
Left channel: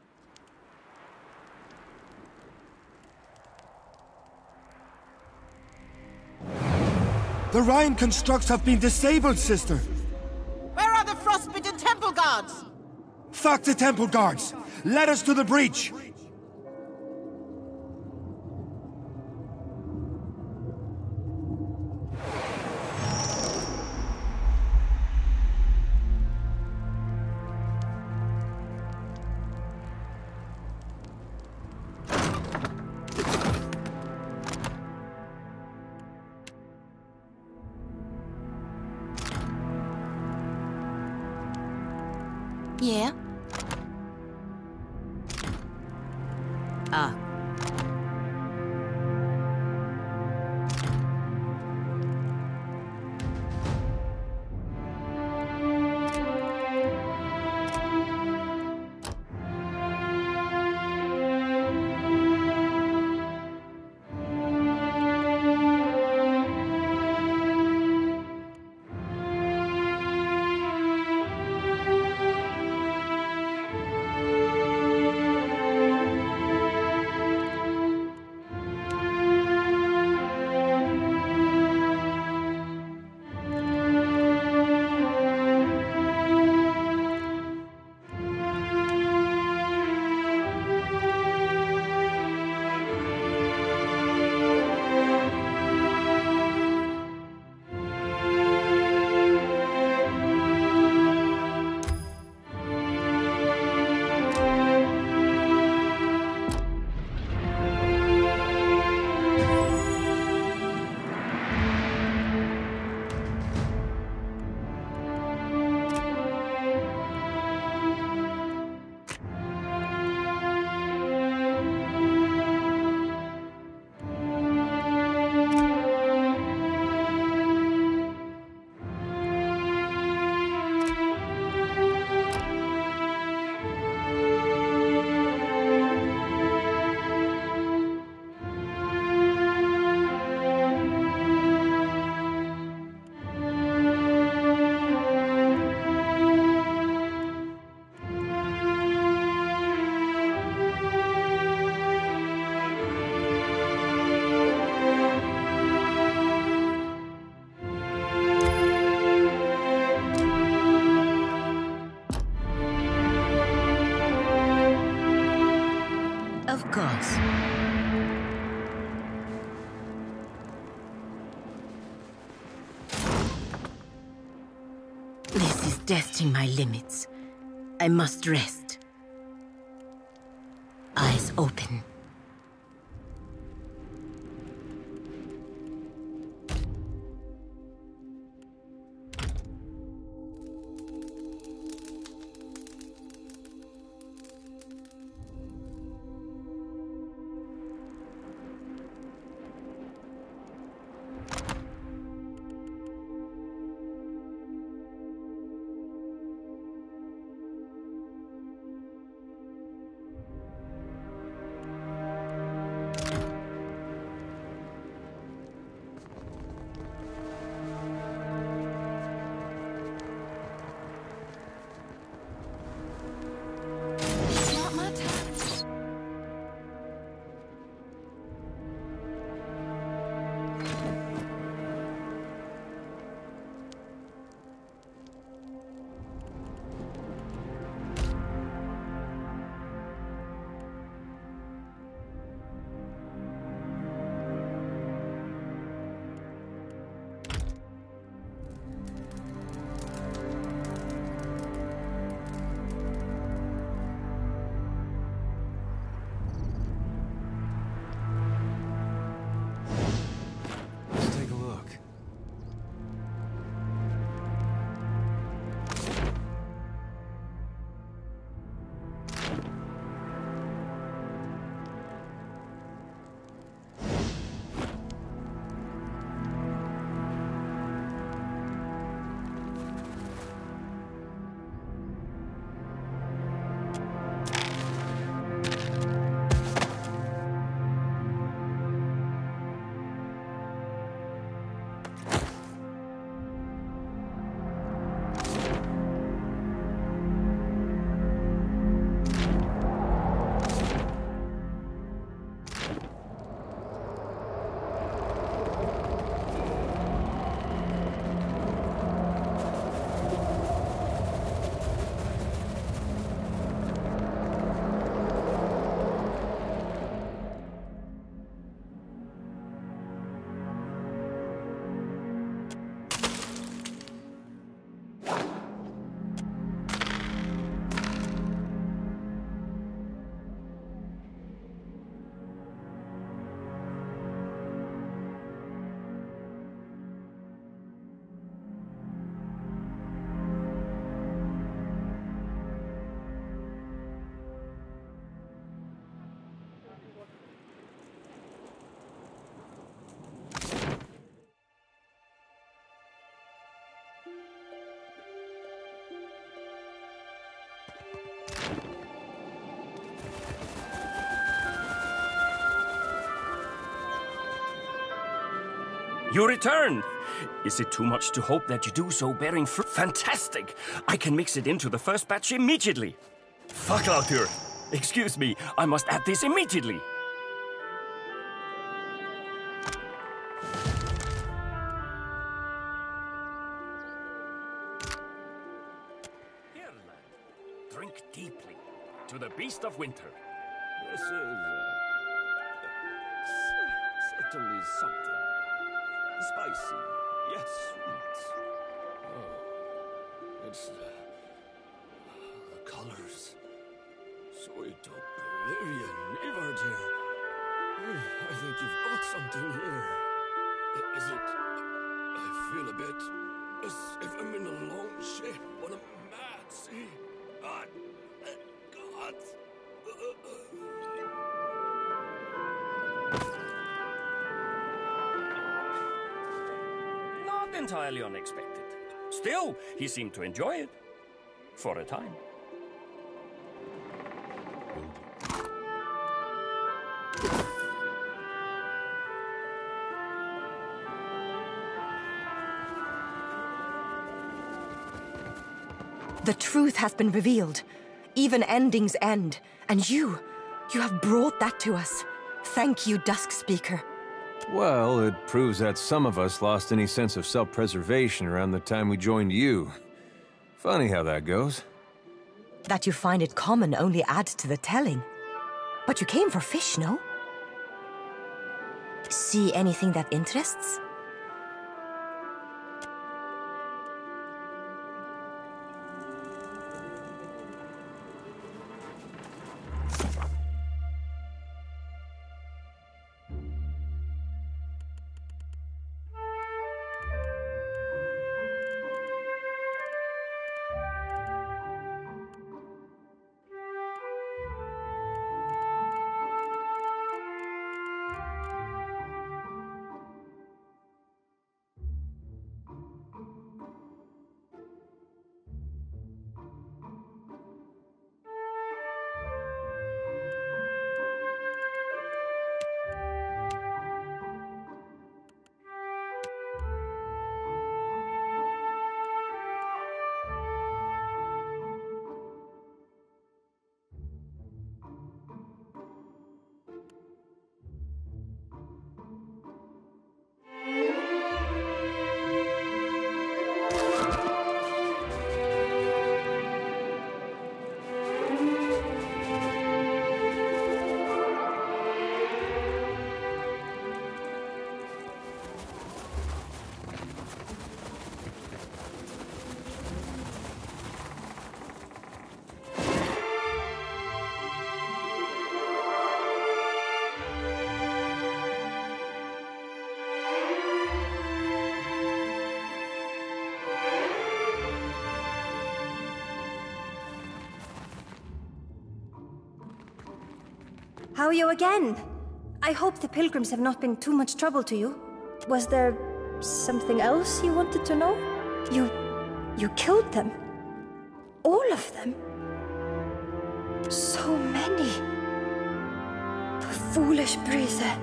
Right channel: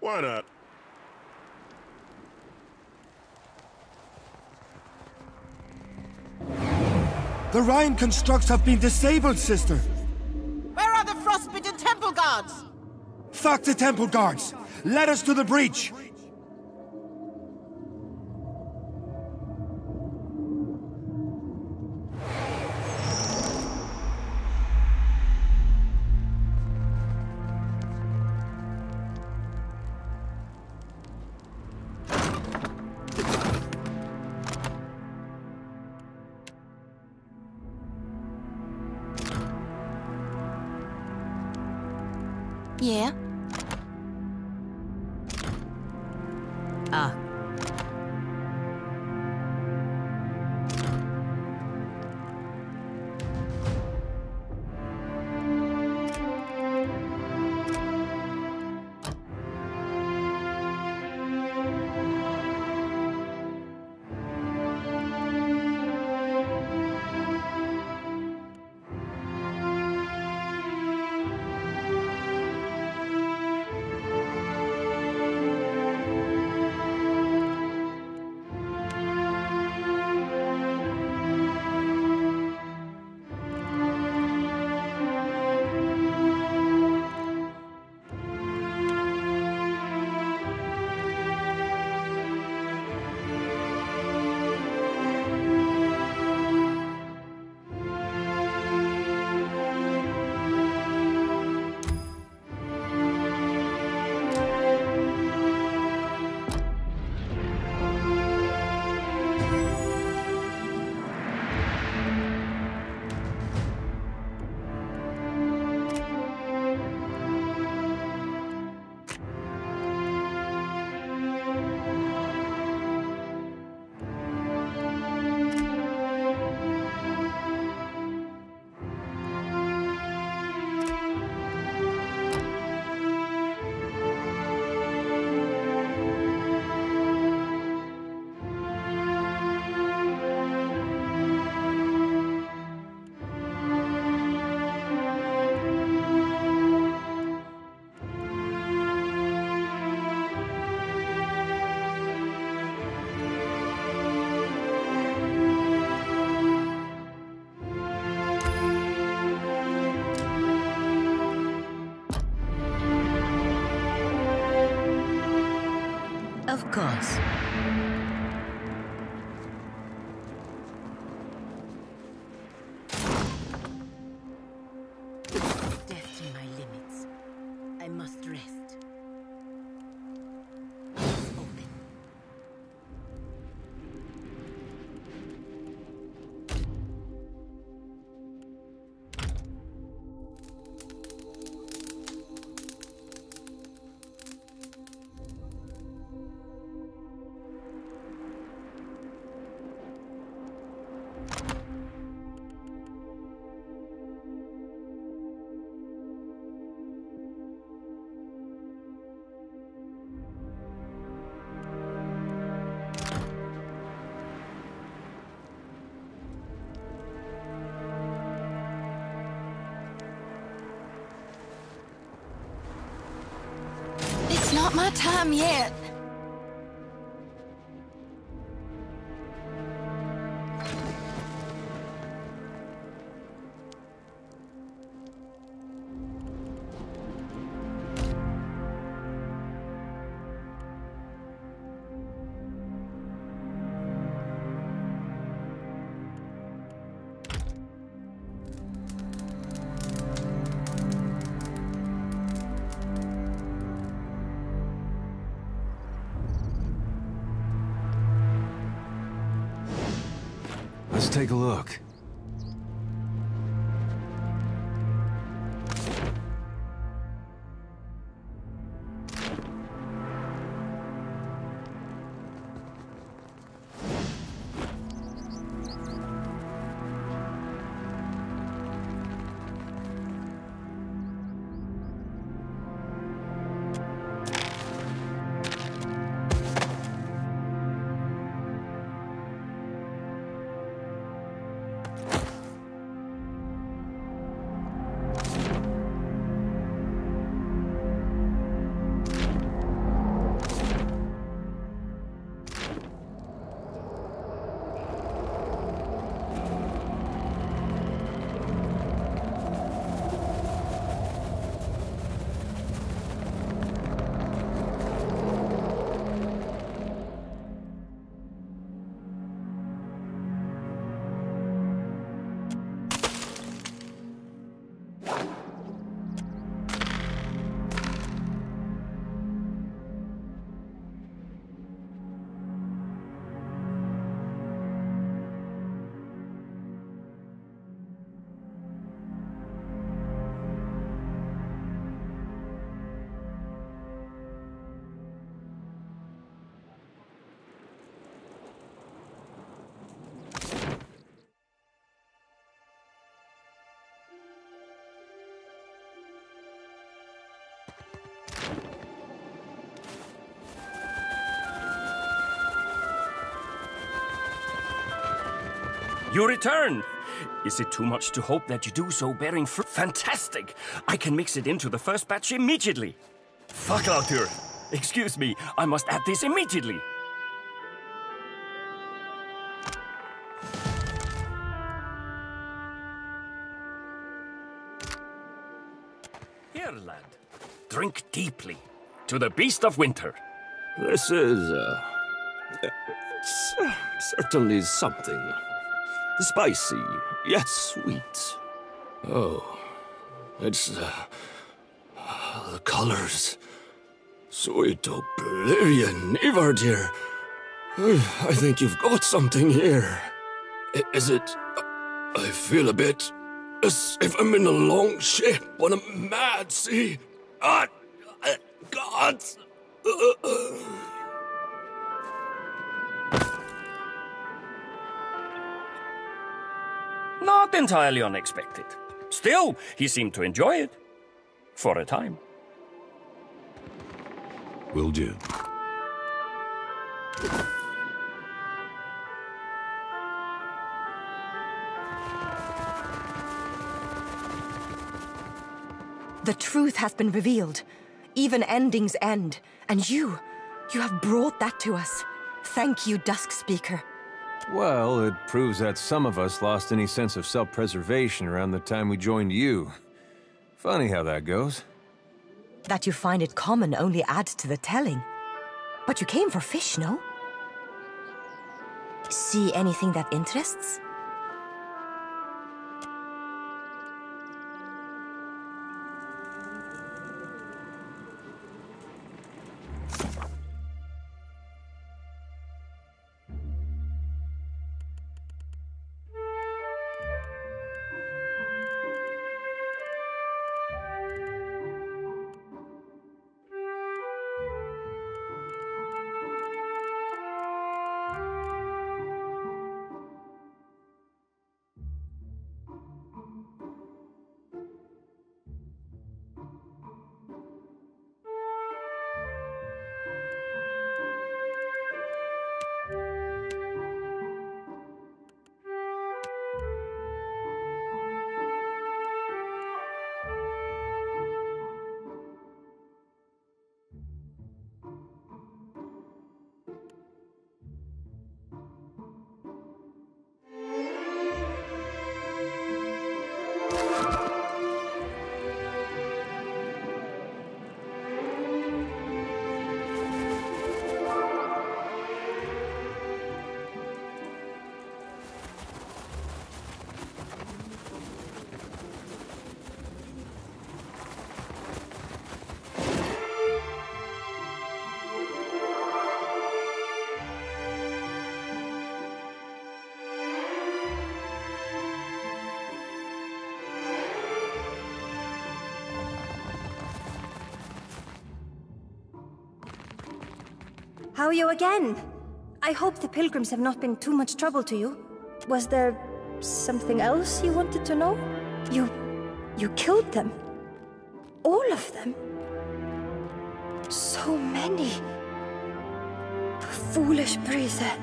Why not? The Rhine constructs have been disabled, sister. Where are the frostbitten temple guards? Fuck the temple guards! Let us to the breach! Yeah? Ah. Of course. This is testing my limits. I must rest. Eyes open. my time yet. Let's take a look. You return! Is it too much to hope that you do so bearing fruit? Fantastic! I can mix it into the first batch immediately. Fackelautur! Excuse me, I must add this immediately. Here, lad. Drink deeply. To the beast of winter. This is, it's certainly something. Spicy, yet sweet. Oh, it's, the colors. Sweet oblivion, Ivar dear. I think you've got something here. Is it... I feel a bit as if I'm in a long ship on a mad sea. God! Not entirely unexpected. Still, he seemed to enjoy it. For a time. Will do. The truth has been revealed. Even endings end. And you have brought that to us. Thank you, Dusk Speaker. Well, it proves that some of us lost any sense of self-preservation around the time we joined you. Funny how that goes. That you find it common only adds to the telling. But you came for fish, no? See anything that interests? How are you again? I hope the pilgrims have not been too much trouble to you. Was there something else you wanted to know? You killed them? All of them? So many. Foolish breather.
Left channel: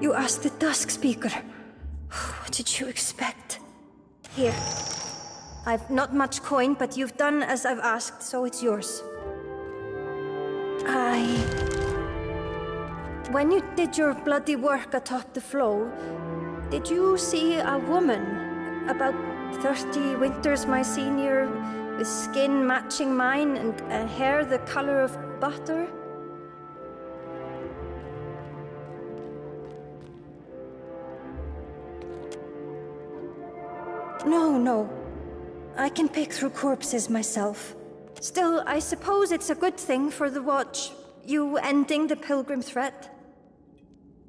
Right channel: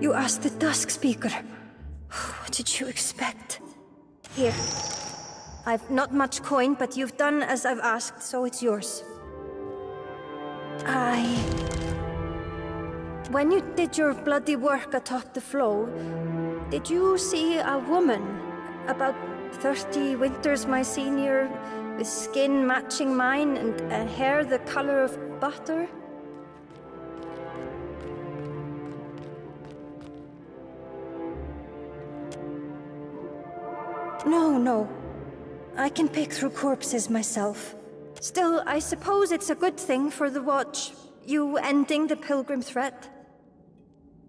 You asked the Dusk Speaker. What did you expect? Here. I've not much coin, but you've done as I've asked, so it's yours. When you did your bloody work atop the flow, did you see a woman, about 30 winters my senior, with skin matching mine and hair the color of butter? No. I can pick through corpses myself. Still, I suppose it's a good thing for the Watch, you ending the pilgrim threat.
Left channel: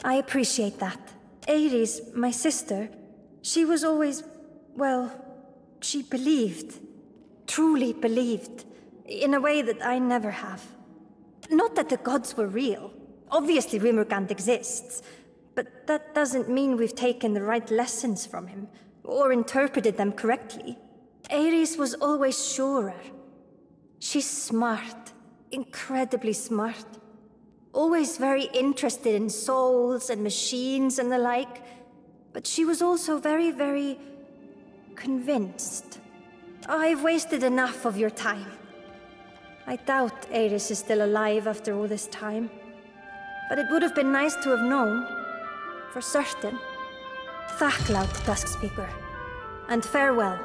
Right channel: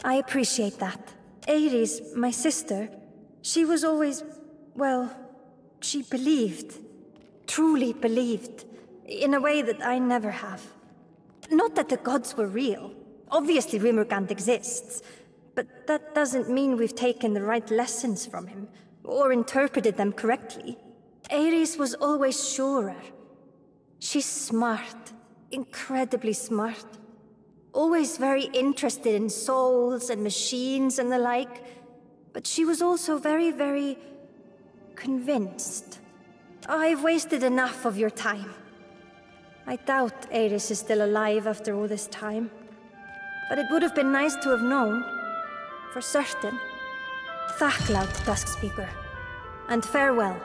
I appreciate that. Ares, my sister, she was always, well, she believed. Truly believed. In a way that I never have. Not that the gods were real. Obviously Rimmergant exists. But that doesn't mean we've taken the right lessons from him, or interpreted them correctly. Ares was always surer. She's smart. Incredibly smart. Always very interested in souls and machines and the like. But she was also very, very convinced. I've wasted enough of your time. I doubt Ares is still alive after all this time. But it would have been nice to have known. For certain. Thacklaut, Dusk Speaker. And farewell.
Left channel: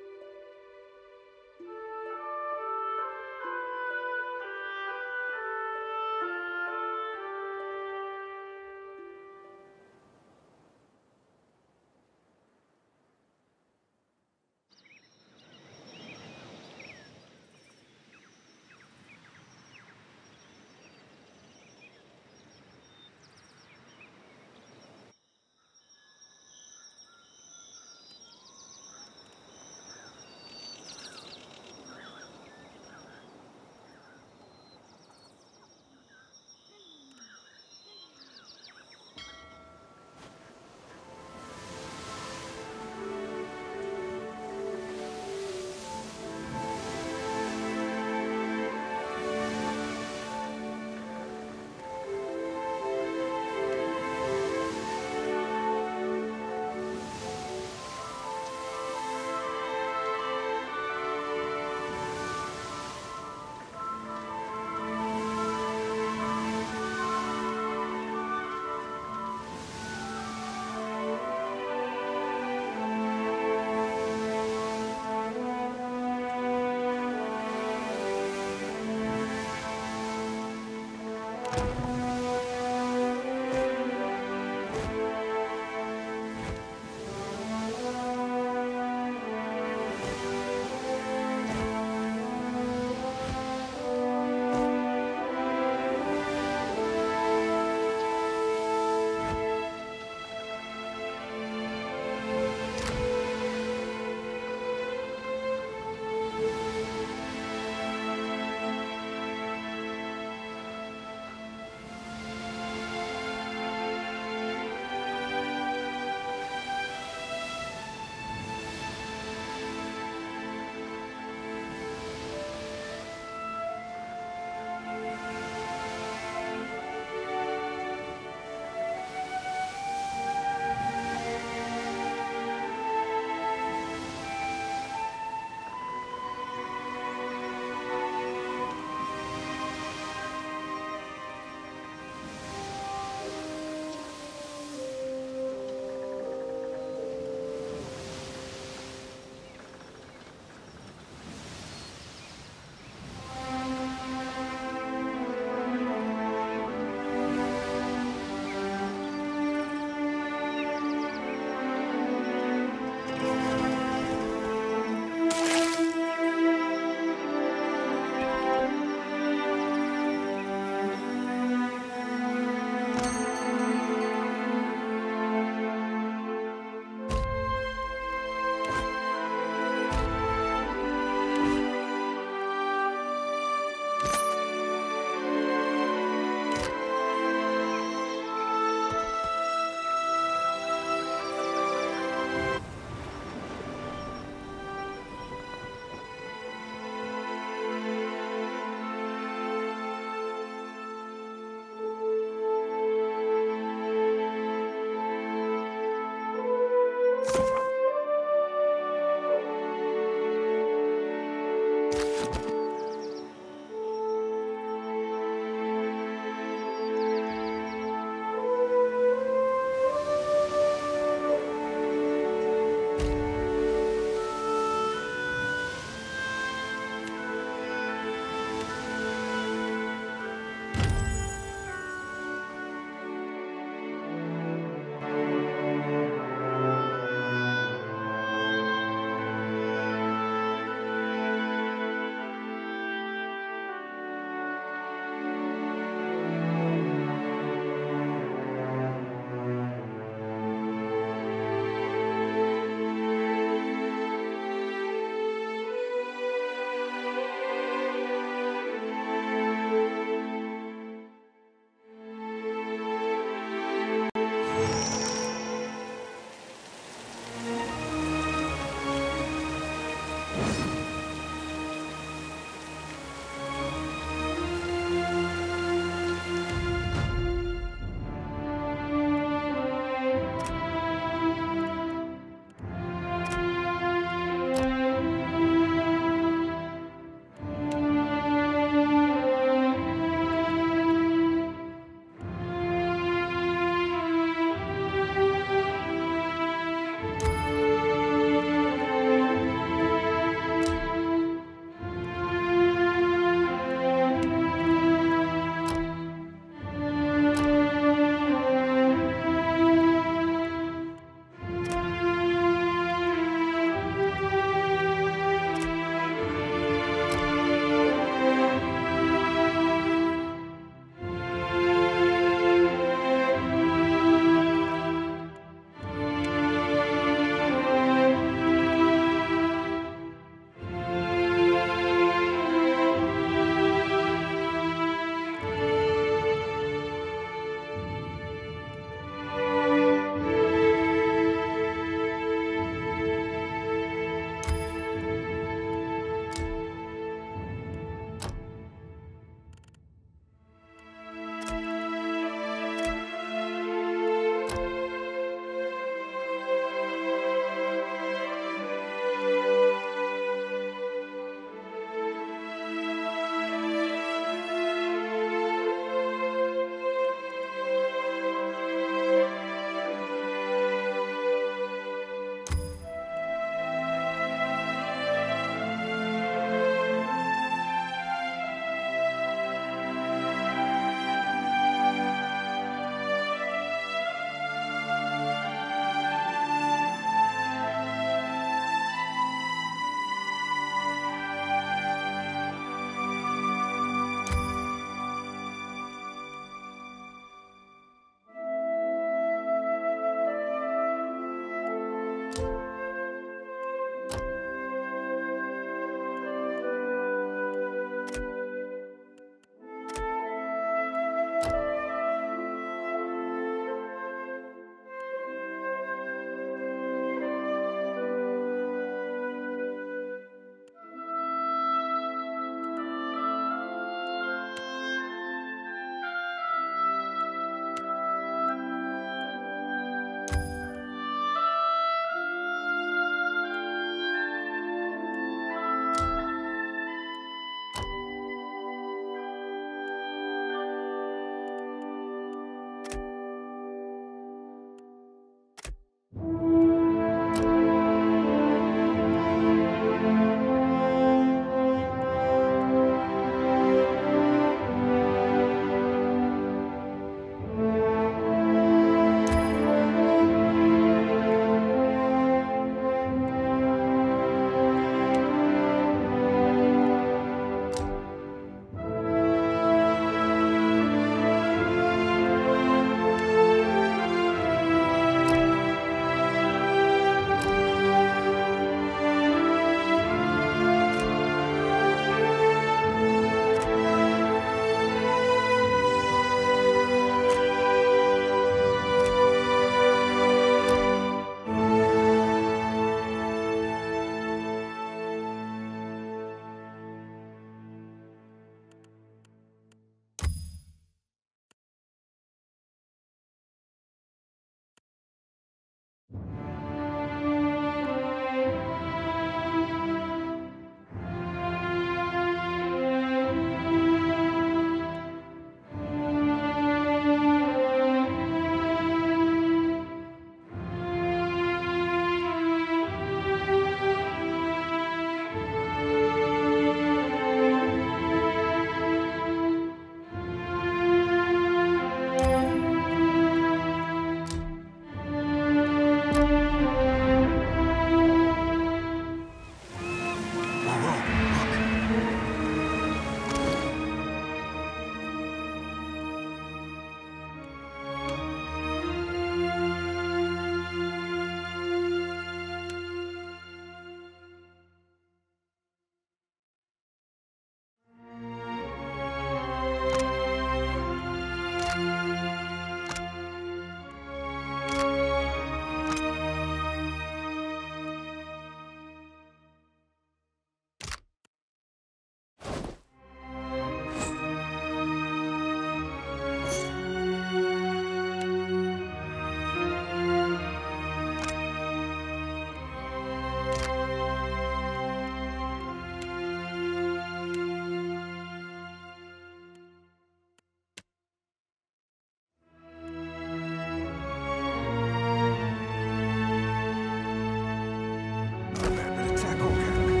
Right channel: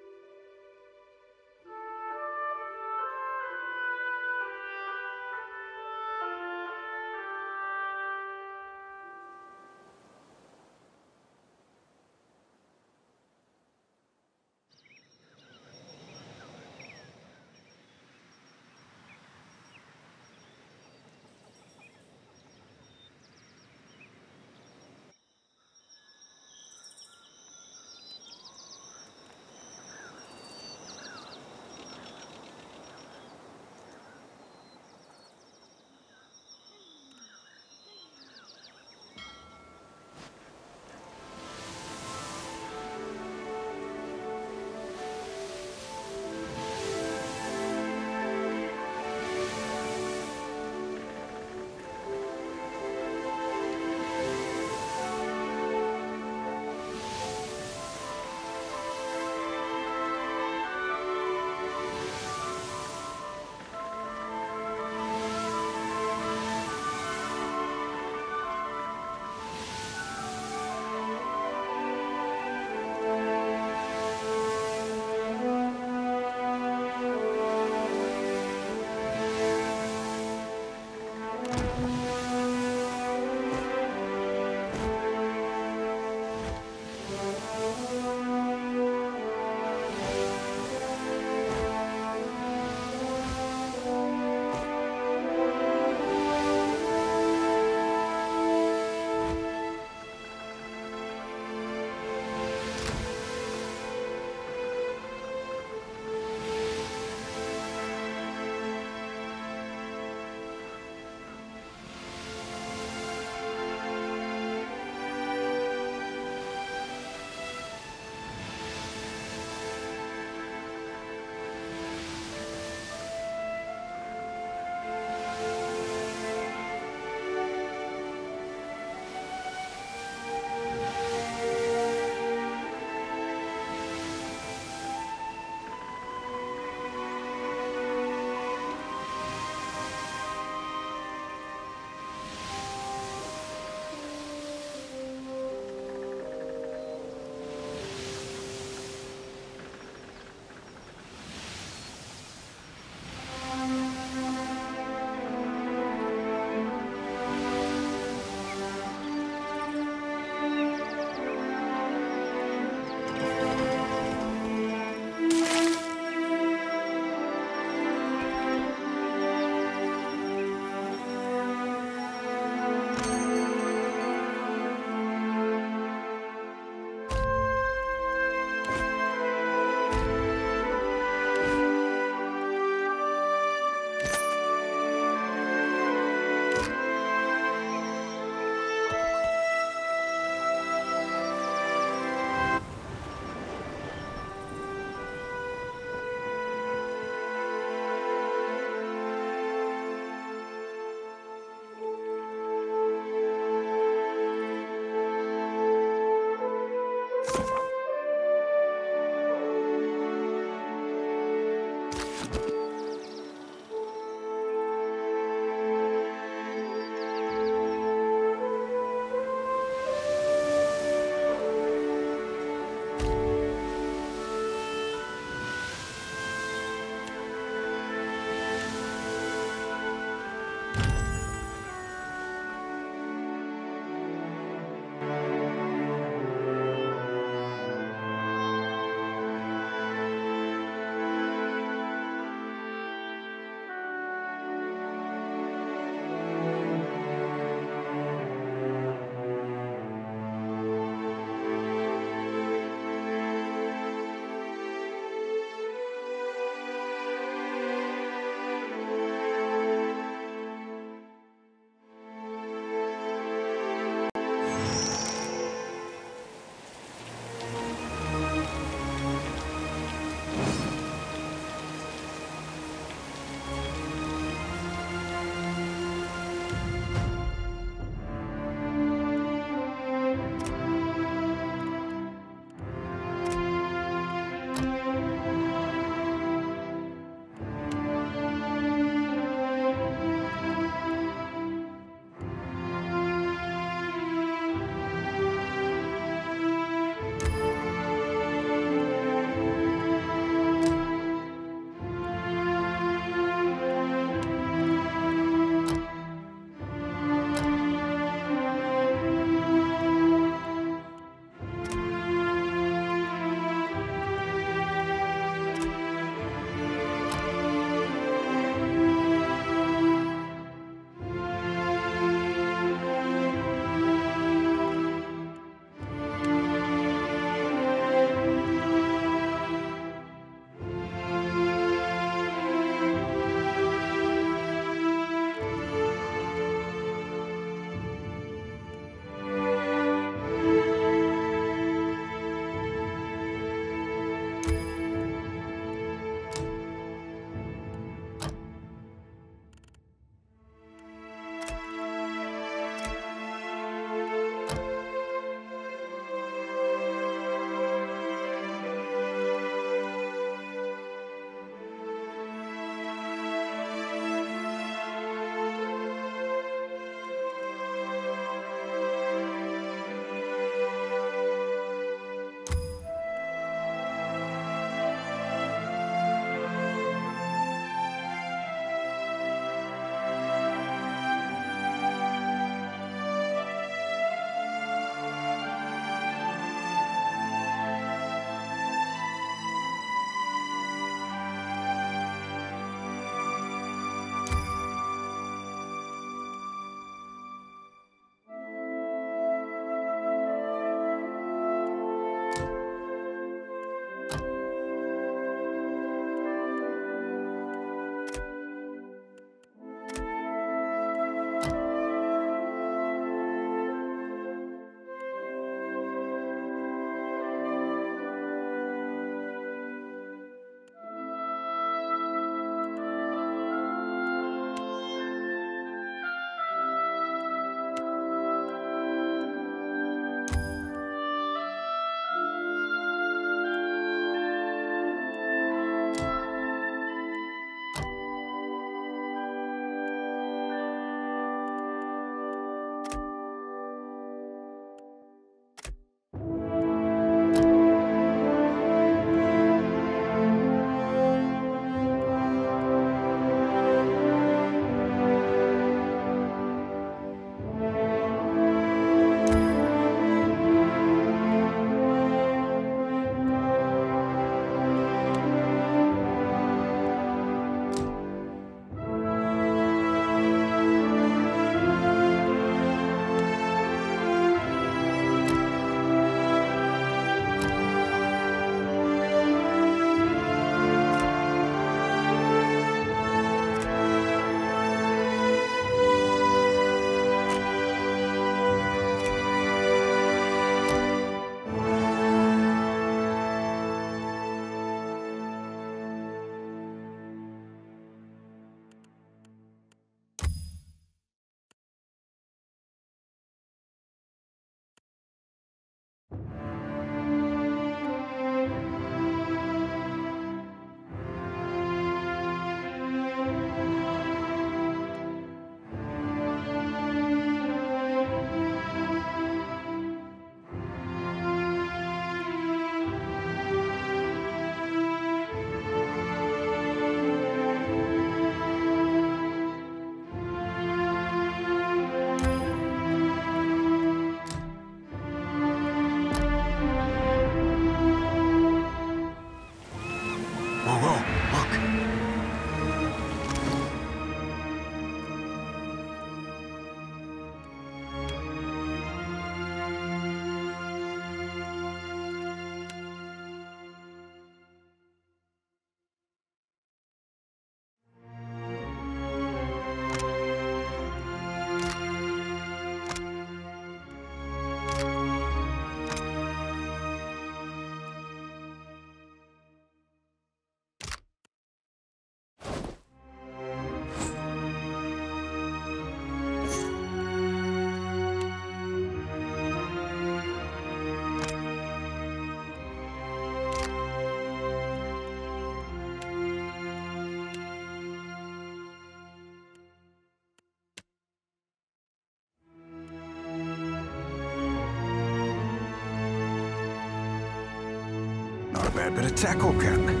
tad bit of tackle, Captain.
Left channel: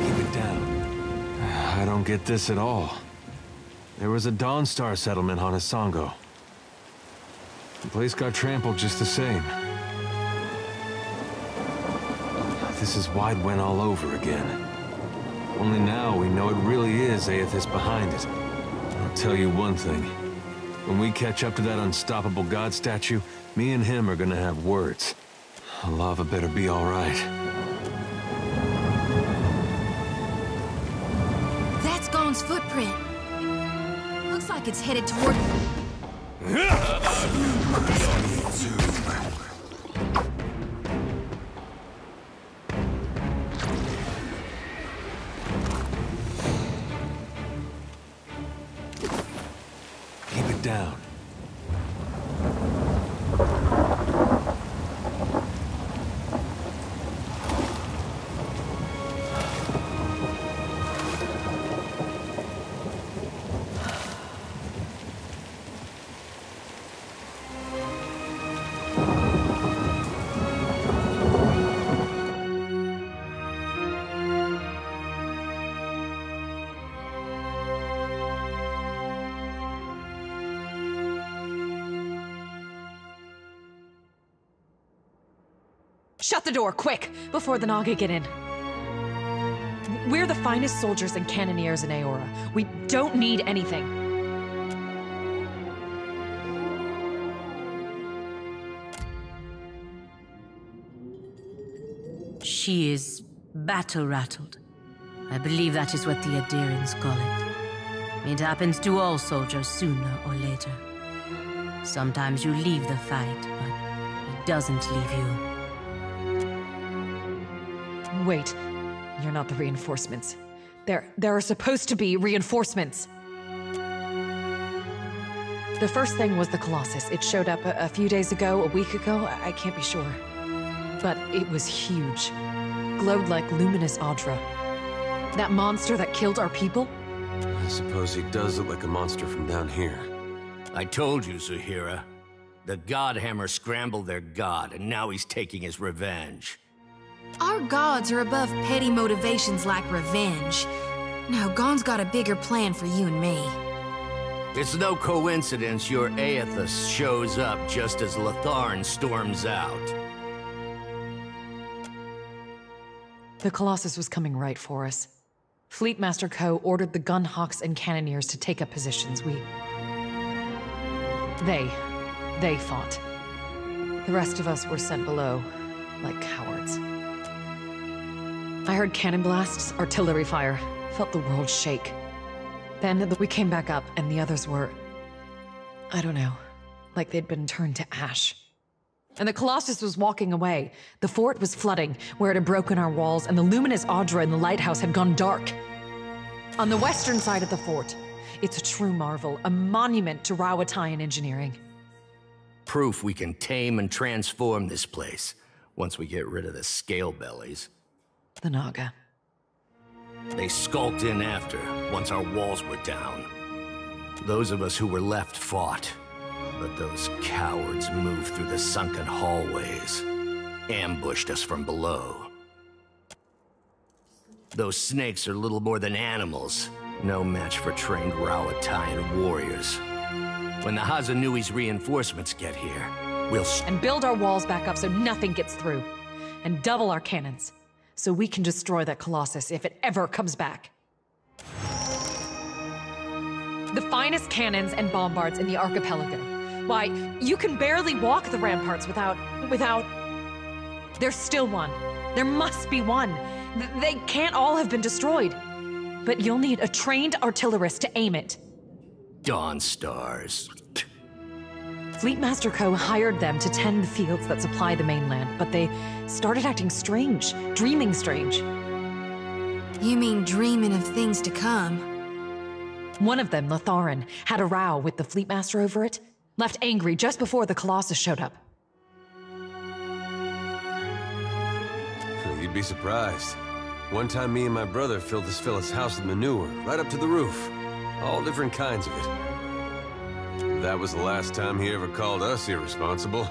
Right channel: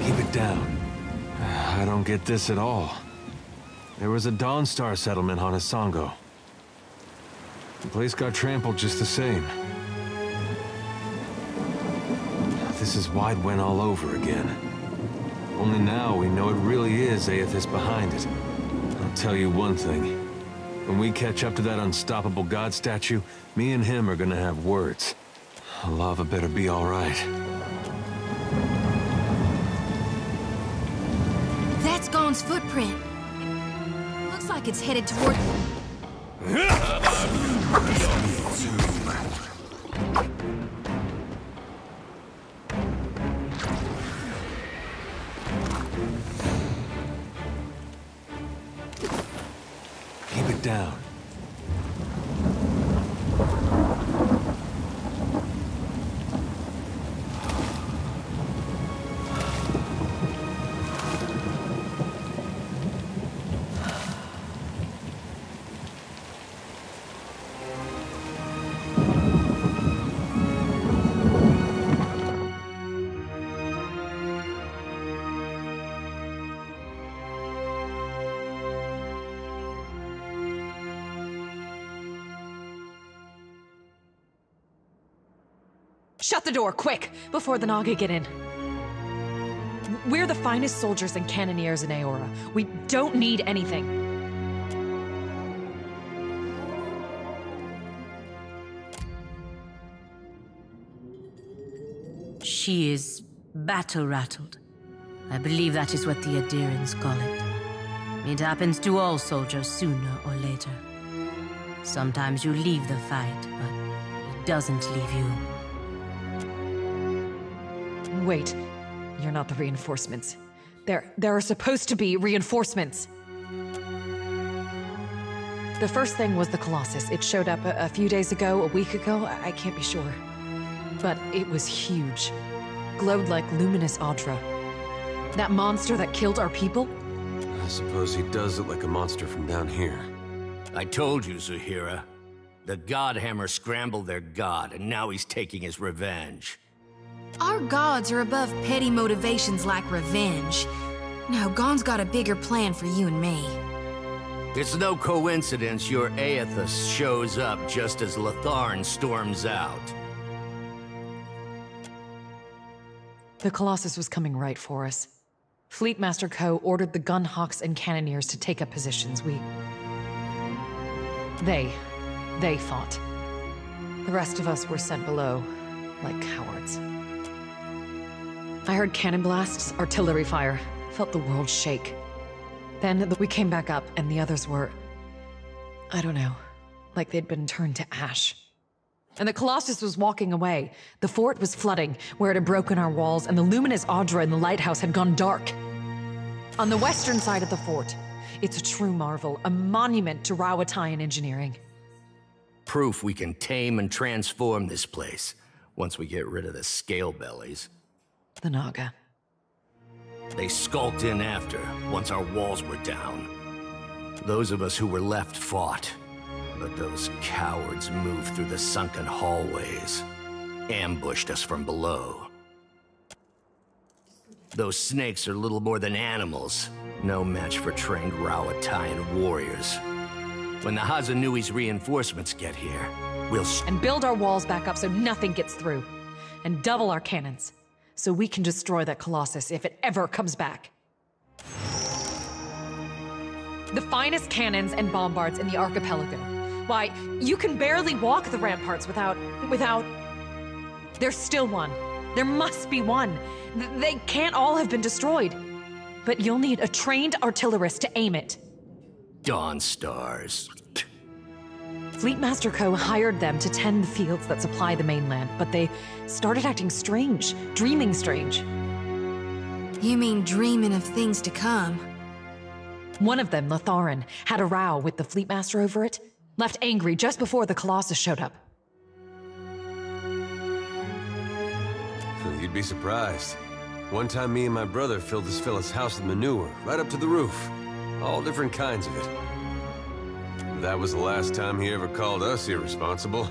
Keep it down. I don't get this at all. There was a Dawnstar settlement on Isongo. The place got trampled just the same. This is Wide Wen all over again. Only now we know it really is Aethys behind it. I'll tell you one thing. When we catch up to that unstoppable god statue, me and him are gonna have words. Lava better be all right. That's Gon's footprint. Looks like it's headed toward... Keep it down. Shut the door, quick, before the Naga get in. We're the finest soldiers and cannoneers in Aora. We don't need anything. She is battle-rattled. I believe that is what the Adirans call it. It happens to all soldiers sooner or later. Sometimes you leave the fight, but it doesn't leave you. Wait, you're not the reinforcements. There are supposed to be reinforcements. The first thing was the Colossus. It showed up a few days ago, a week ago, I can't be sure. But it was huge. Glowed like luminous Audra. That monster that killed our people? I suppose he does look like a monster from down here. I told you, Zuhira. The Godhammer scrambled their god, and now he's taking his revenge. Our gods are above petty motivations like revenge. No, Gon's got a bigger plan for you and me. It's no coincidence your Aethys shows up just as Latharn storms out. The Colossus was coming right for us. Fleetmaster Ko ordered the Gunhawks and Cannoneers to take up positions. They fought. The rest of us were sent below, like cowards. I heard cannon blasts, artillery fire, felt the world shake. Then we came back up, and the others were... I don't know, like they'd been turned to ash. And the Colossus was walking away. The fort was flooding, where it had broken our walls, and the luminous Audra in the lighthouse had gone dark. On the western side of the fort, it's a true marvel, a monument to Rauatayan engineering. Proof we can tame and transform this place, once we get rid of the scale bellies. The Naga. They skulked in after, once our walls were down. Those of us who were left fought, but those cowards moved through the sunken hallways, ambushed us from below. Those snakes are little more than animals, no match for trained Rauatayan warriors. When the Hazanui's reinforcements get here, we'll... And build our walls back up so nothing gets through. And double our cannons, so we can destroy that Colossus if it ever comes back. The finest cannons and bombards in the archipelago. Why, you can barely walk the ramparts without... There's still one. There must be one. They can't all have been destroyed. But you'll need a trained artillerist to aim it. Dawn Stars. Fleetmaster Ko hired them to tend the fields that supply the mainland, but they started acting strange, dreaming strange. You mean dreaming of things to come? One of them, Latharn, had a row with the Fleetmaster over it, left angry just before the Colossus showed up. You'd be surprised. One time me and my brother filled this fella's house with manure, right up to the roof. All different kinds of it. That was the last time he ever called us irresponsible.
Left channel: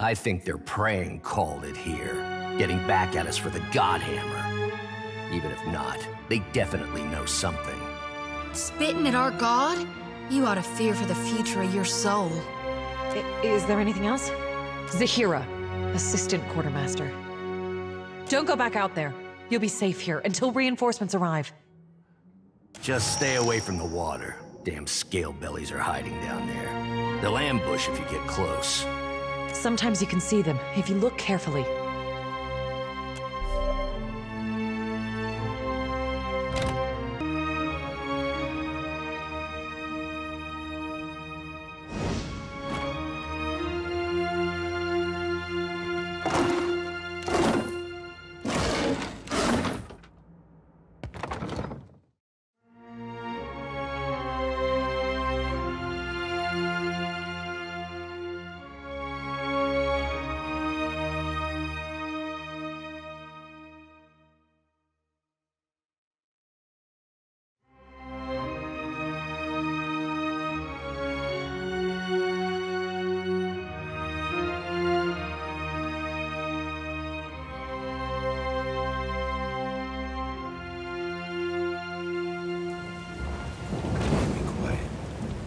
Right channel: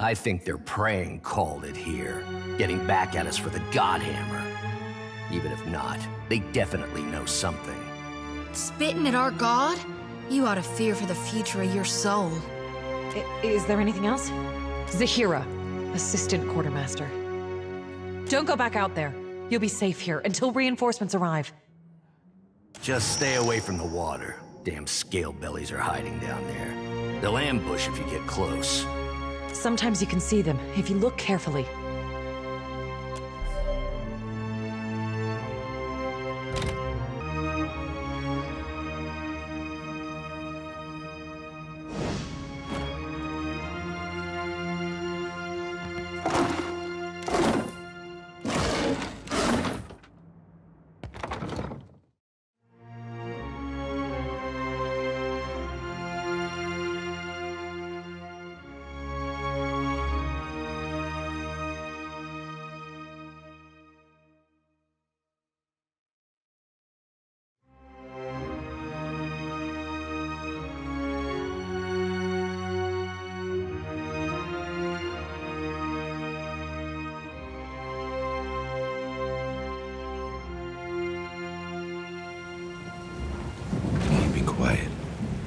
I think their praying called it here, getting back at us for the Godhammer. Even if not, they definitely know something. Spitting at our god? You ought to fear for the future of your soul. Is there anything else? Zahira, Assistant Quartermaster. Don't go back out there. You'll be safe here until reinforcements arrive. Just stay away from the water. Damn scale bellies are hiding down there. They'll ambush if you get close. Sometimes you can see them, if you look carefully.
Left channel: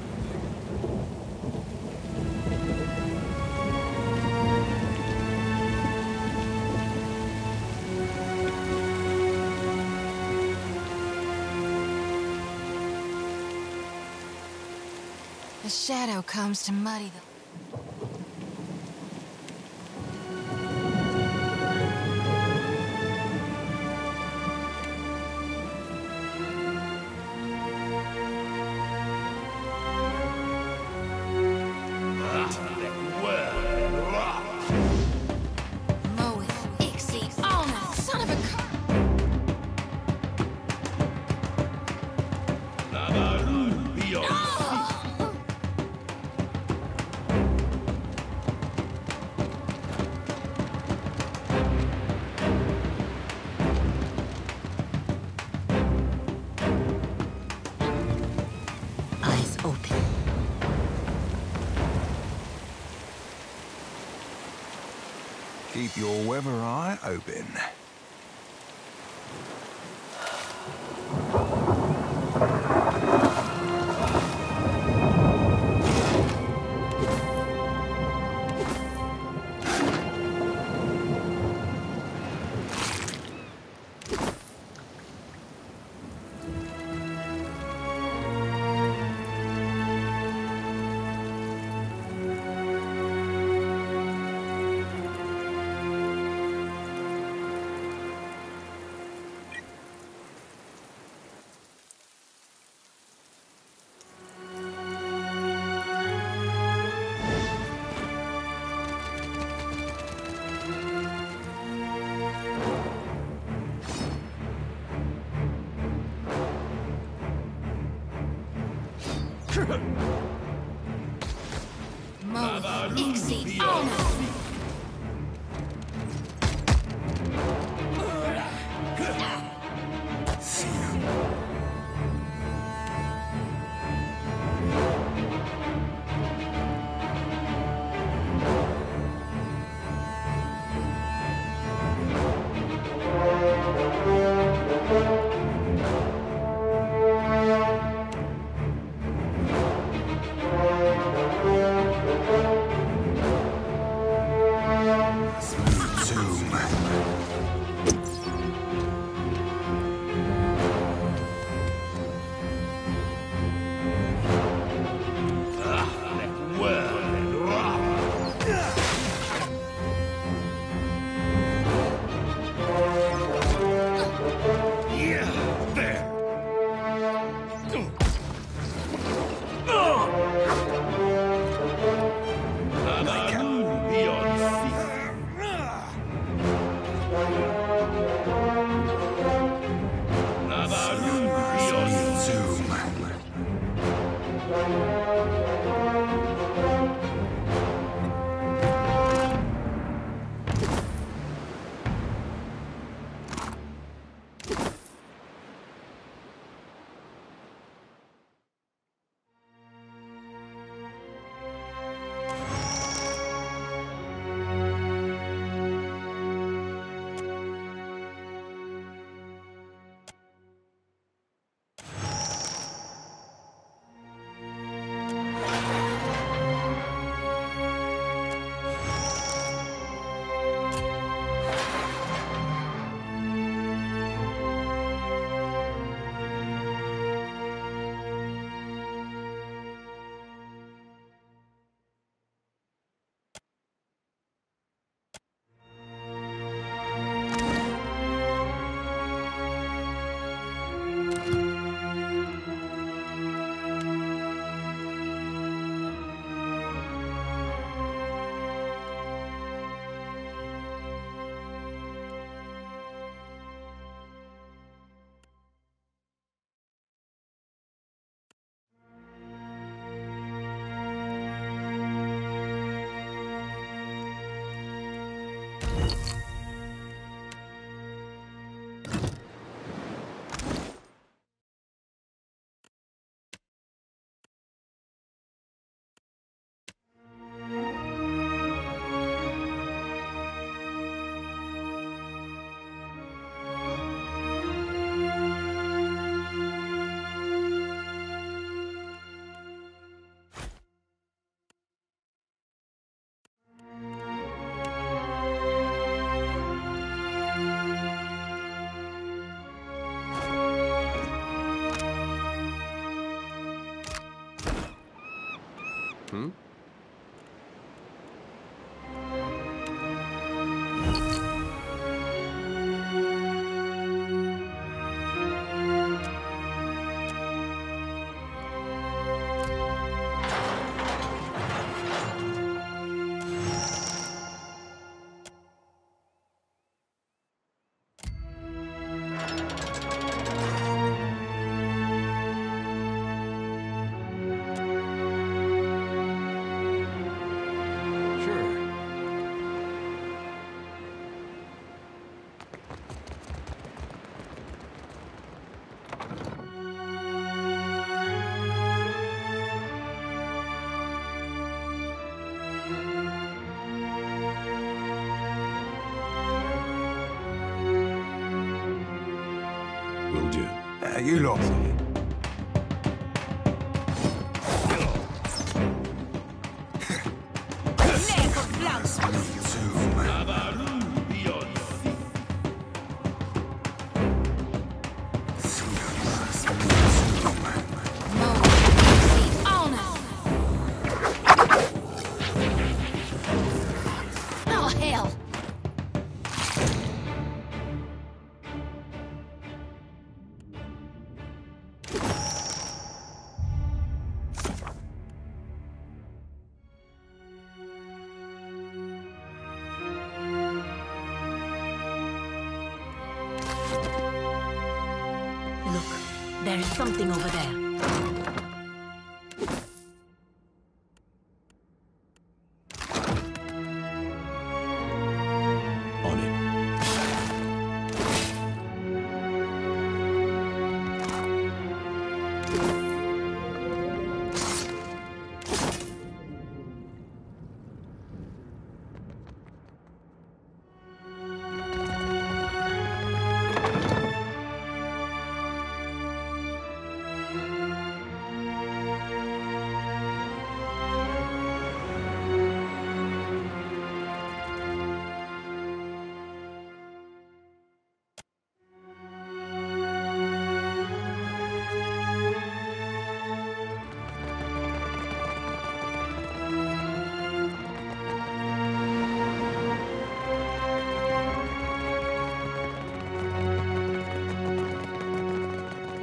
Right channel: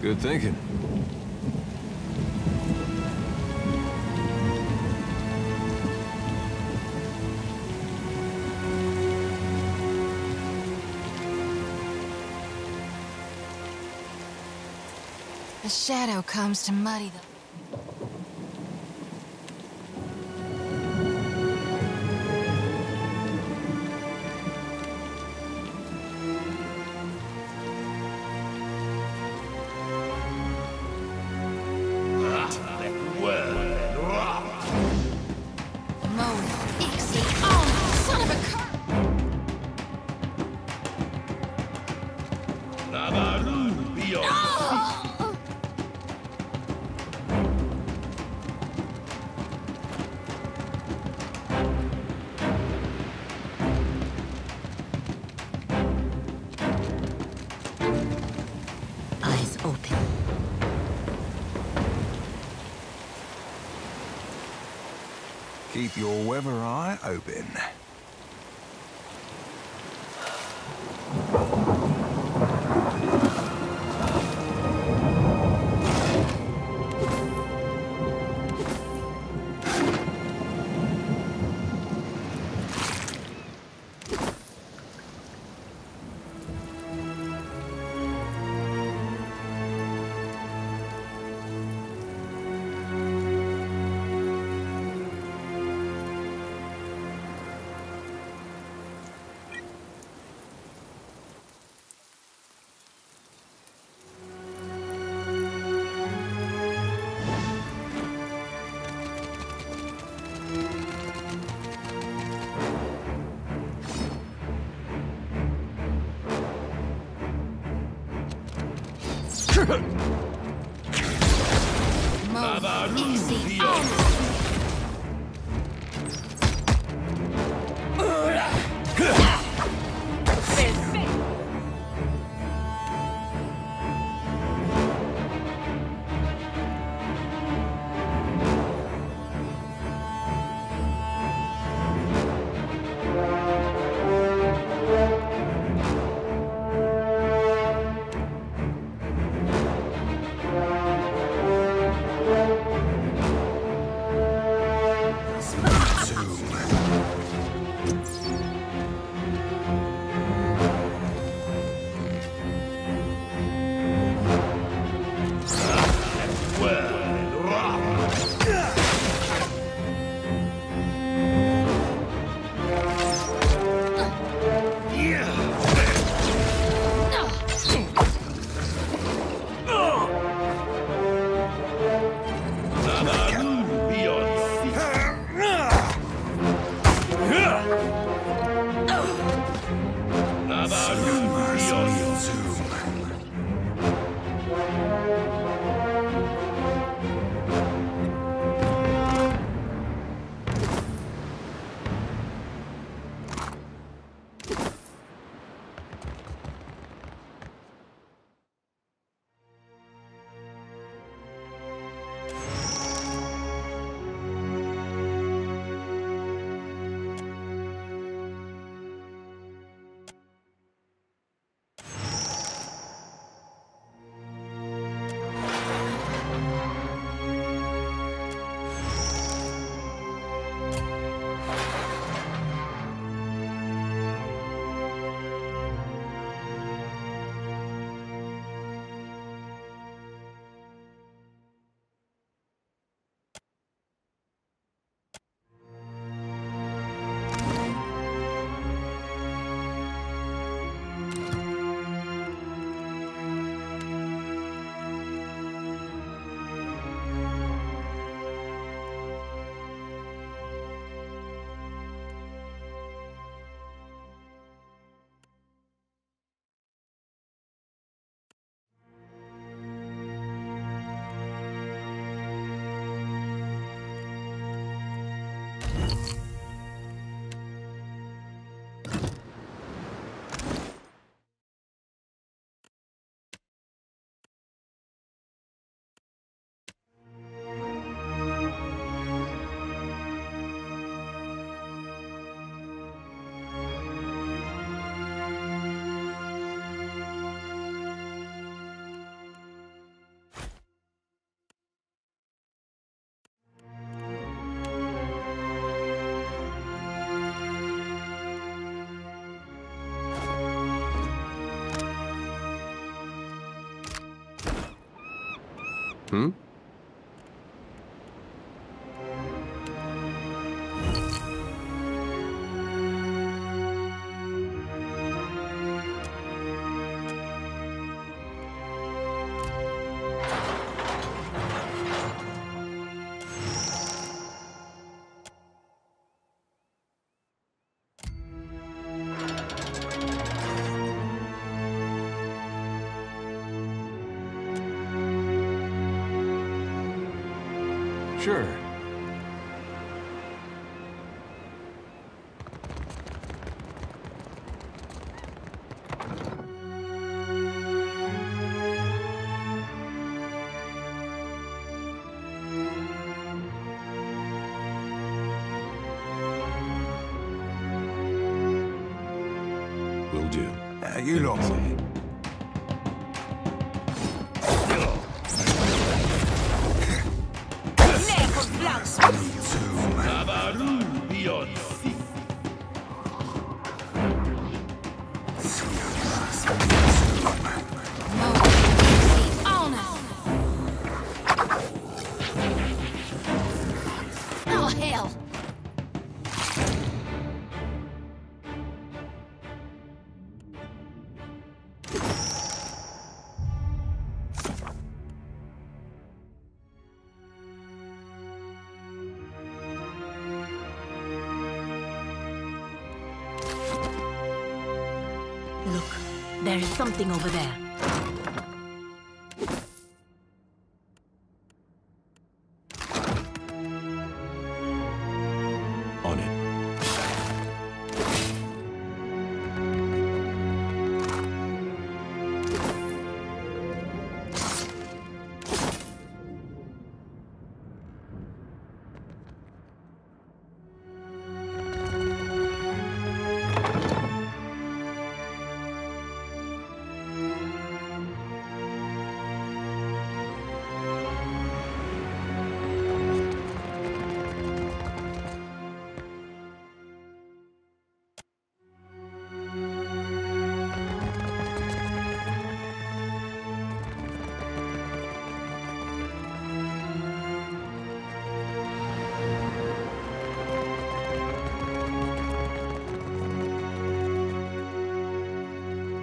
Good thinking. The shadow comes to muddy the... Eyes open. Keep your weather eye open. Hmm? Sure. Will do. You lot. Oh, hell! Look, there is something over there. On it.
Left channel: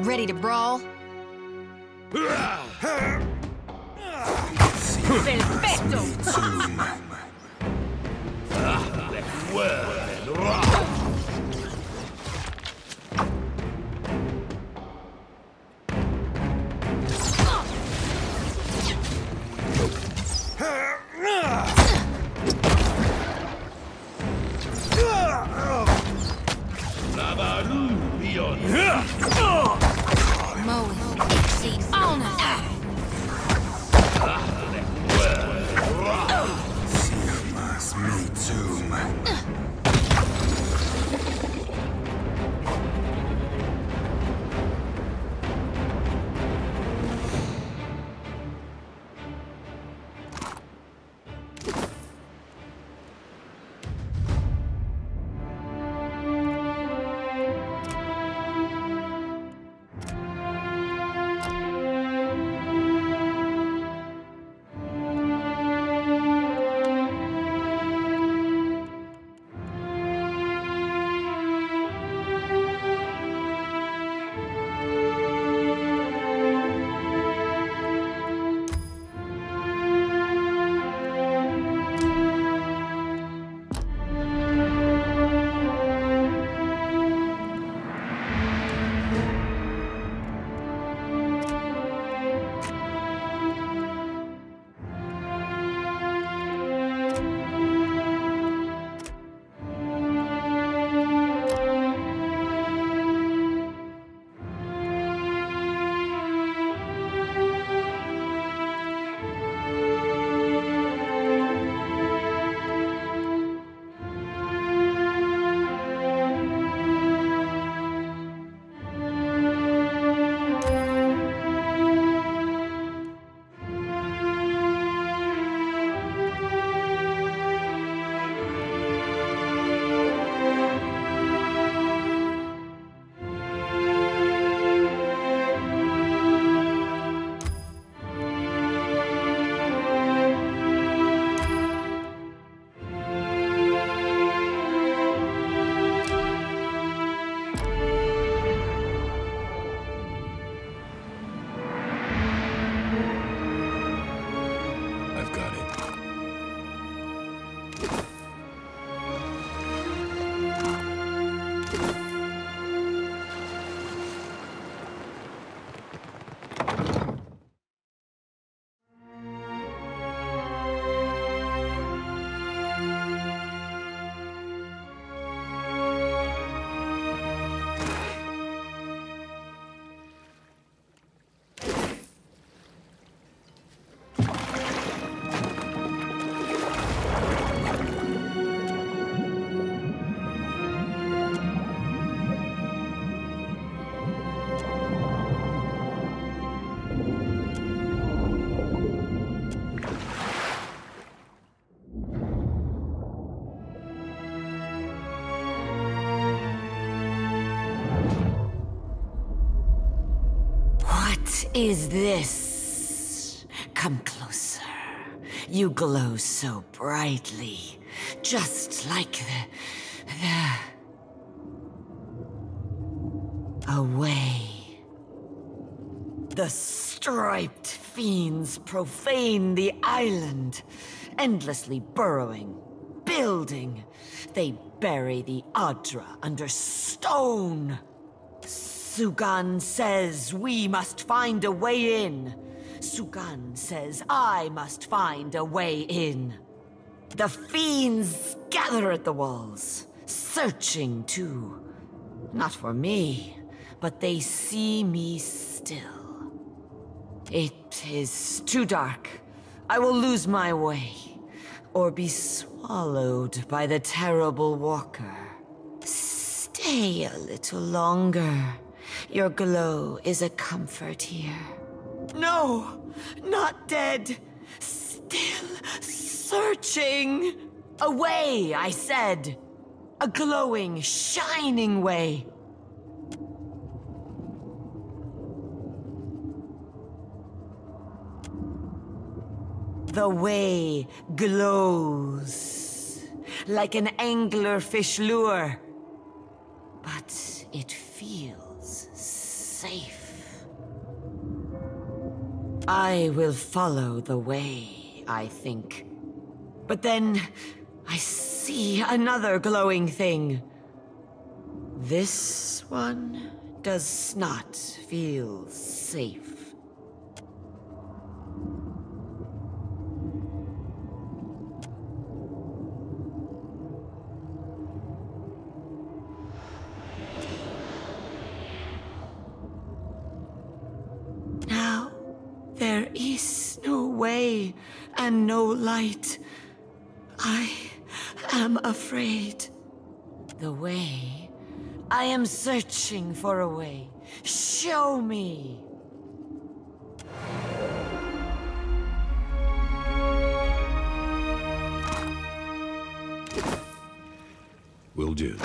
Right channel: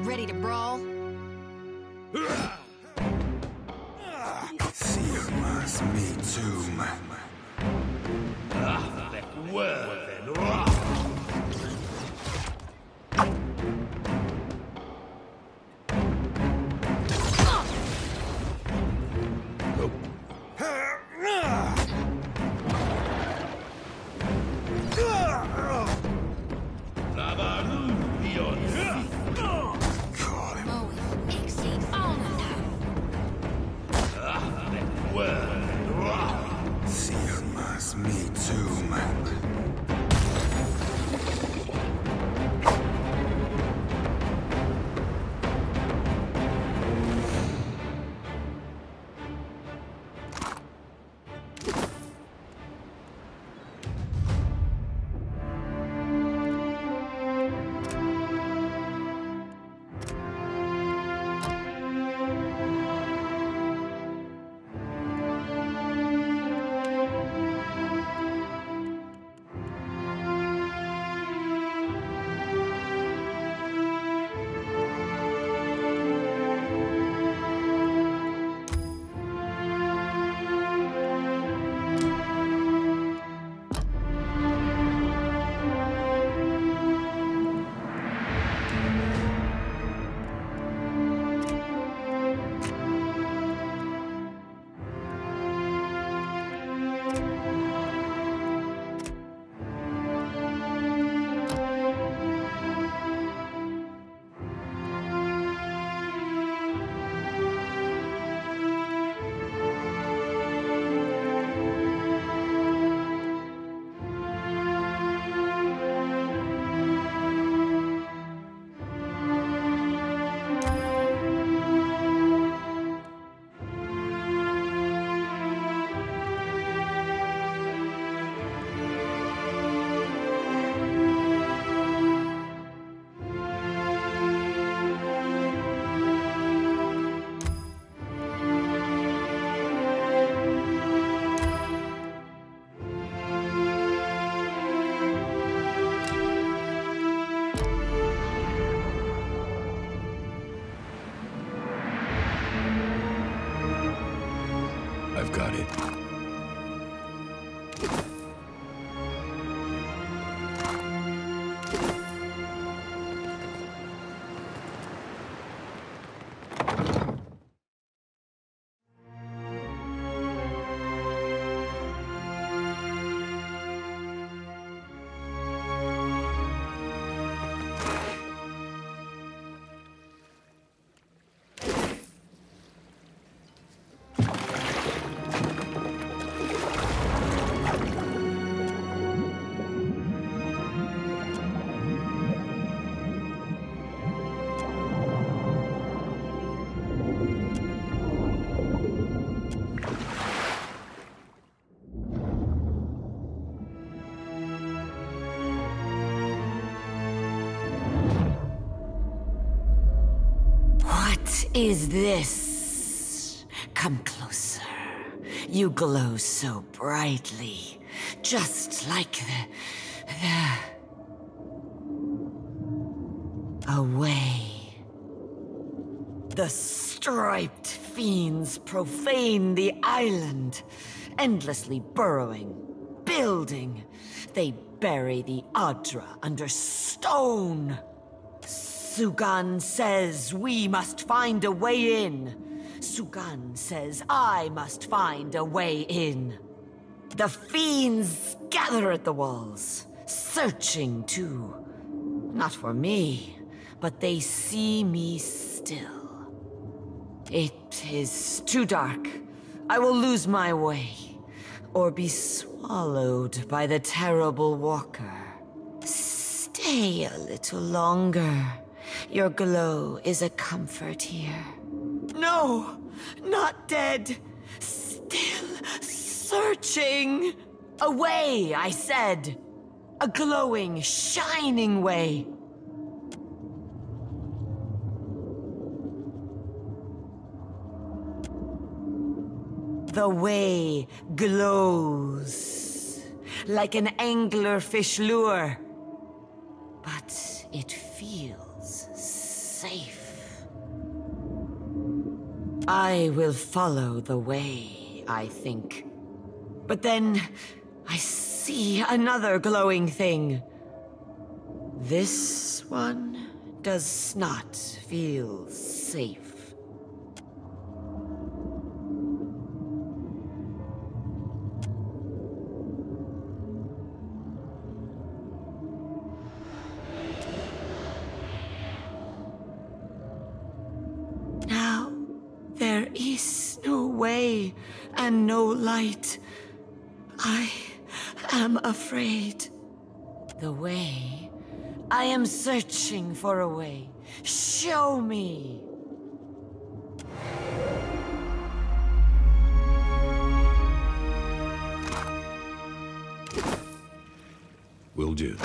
Ready to brawl? I've got it. What is this? Come closer. You glow so brightly, just like away. The striped fiends profane the island, endlessly burrowing, building. They bury the Adra under stone. Sugan says we must find a way in. Sugan says I must find a way in. The fiends gather at the walls, searching too. Not for me, but they see me still. It is too dark. I will lose my way, or be swallowed by the terrible walker. Stay a little longer. Your glow is a comfort here. No, not dead. Still searching. A way, I said. A glowing, shining way. The way glows like an anglerfish lure, but it feels safe. I will follow the way, I think. But then I see another glowing thing. This one does not feel safe. Now, there is no way and no light. I am afraid. The way? I am searching for a way. Show me! Will do.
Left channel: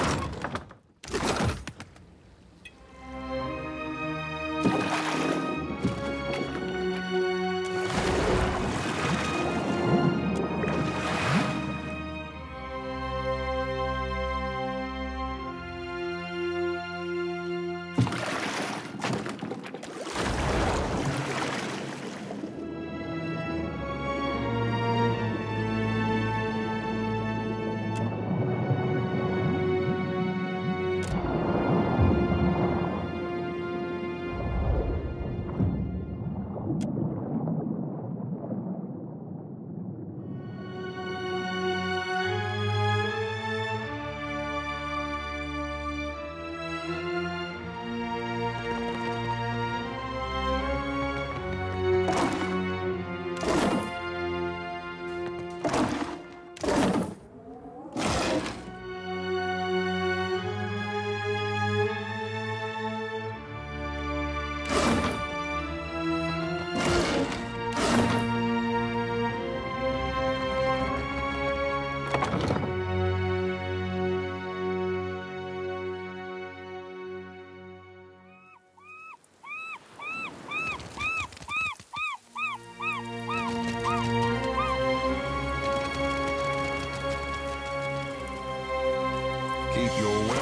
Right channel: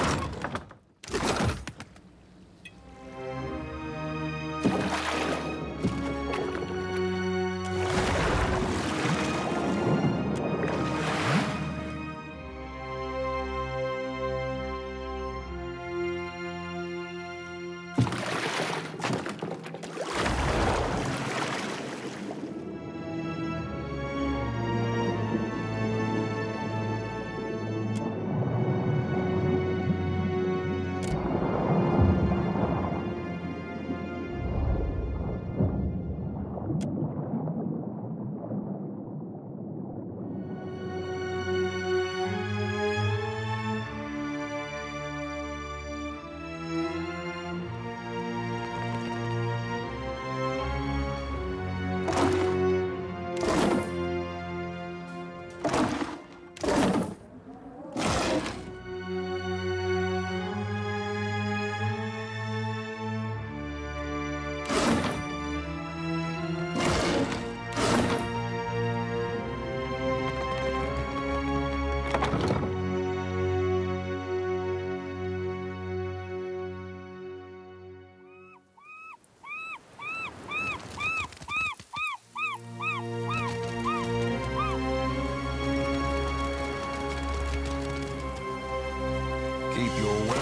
Keep your way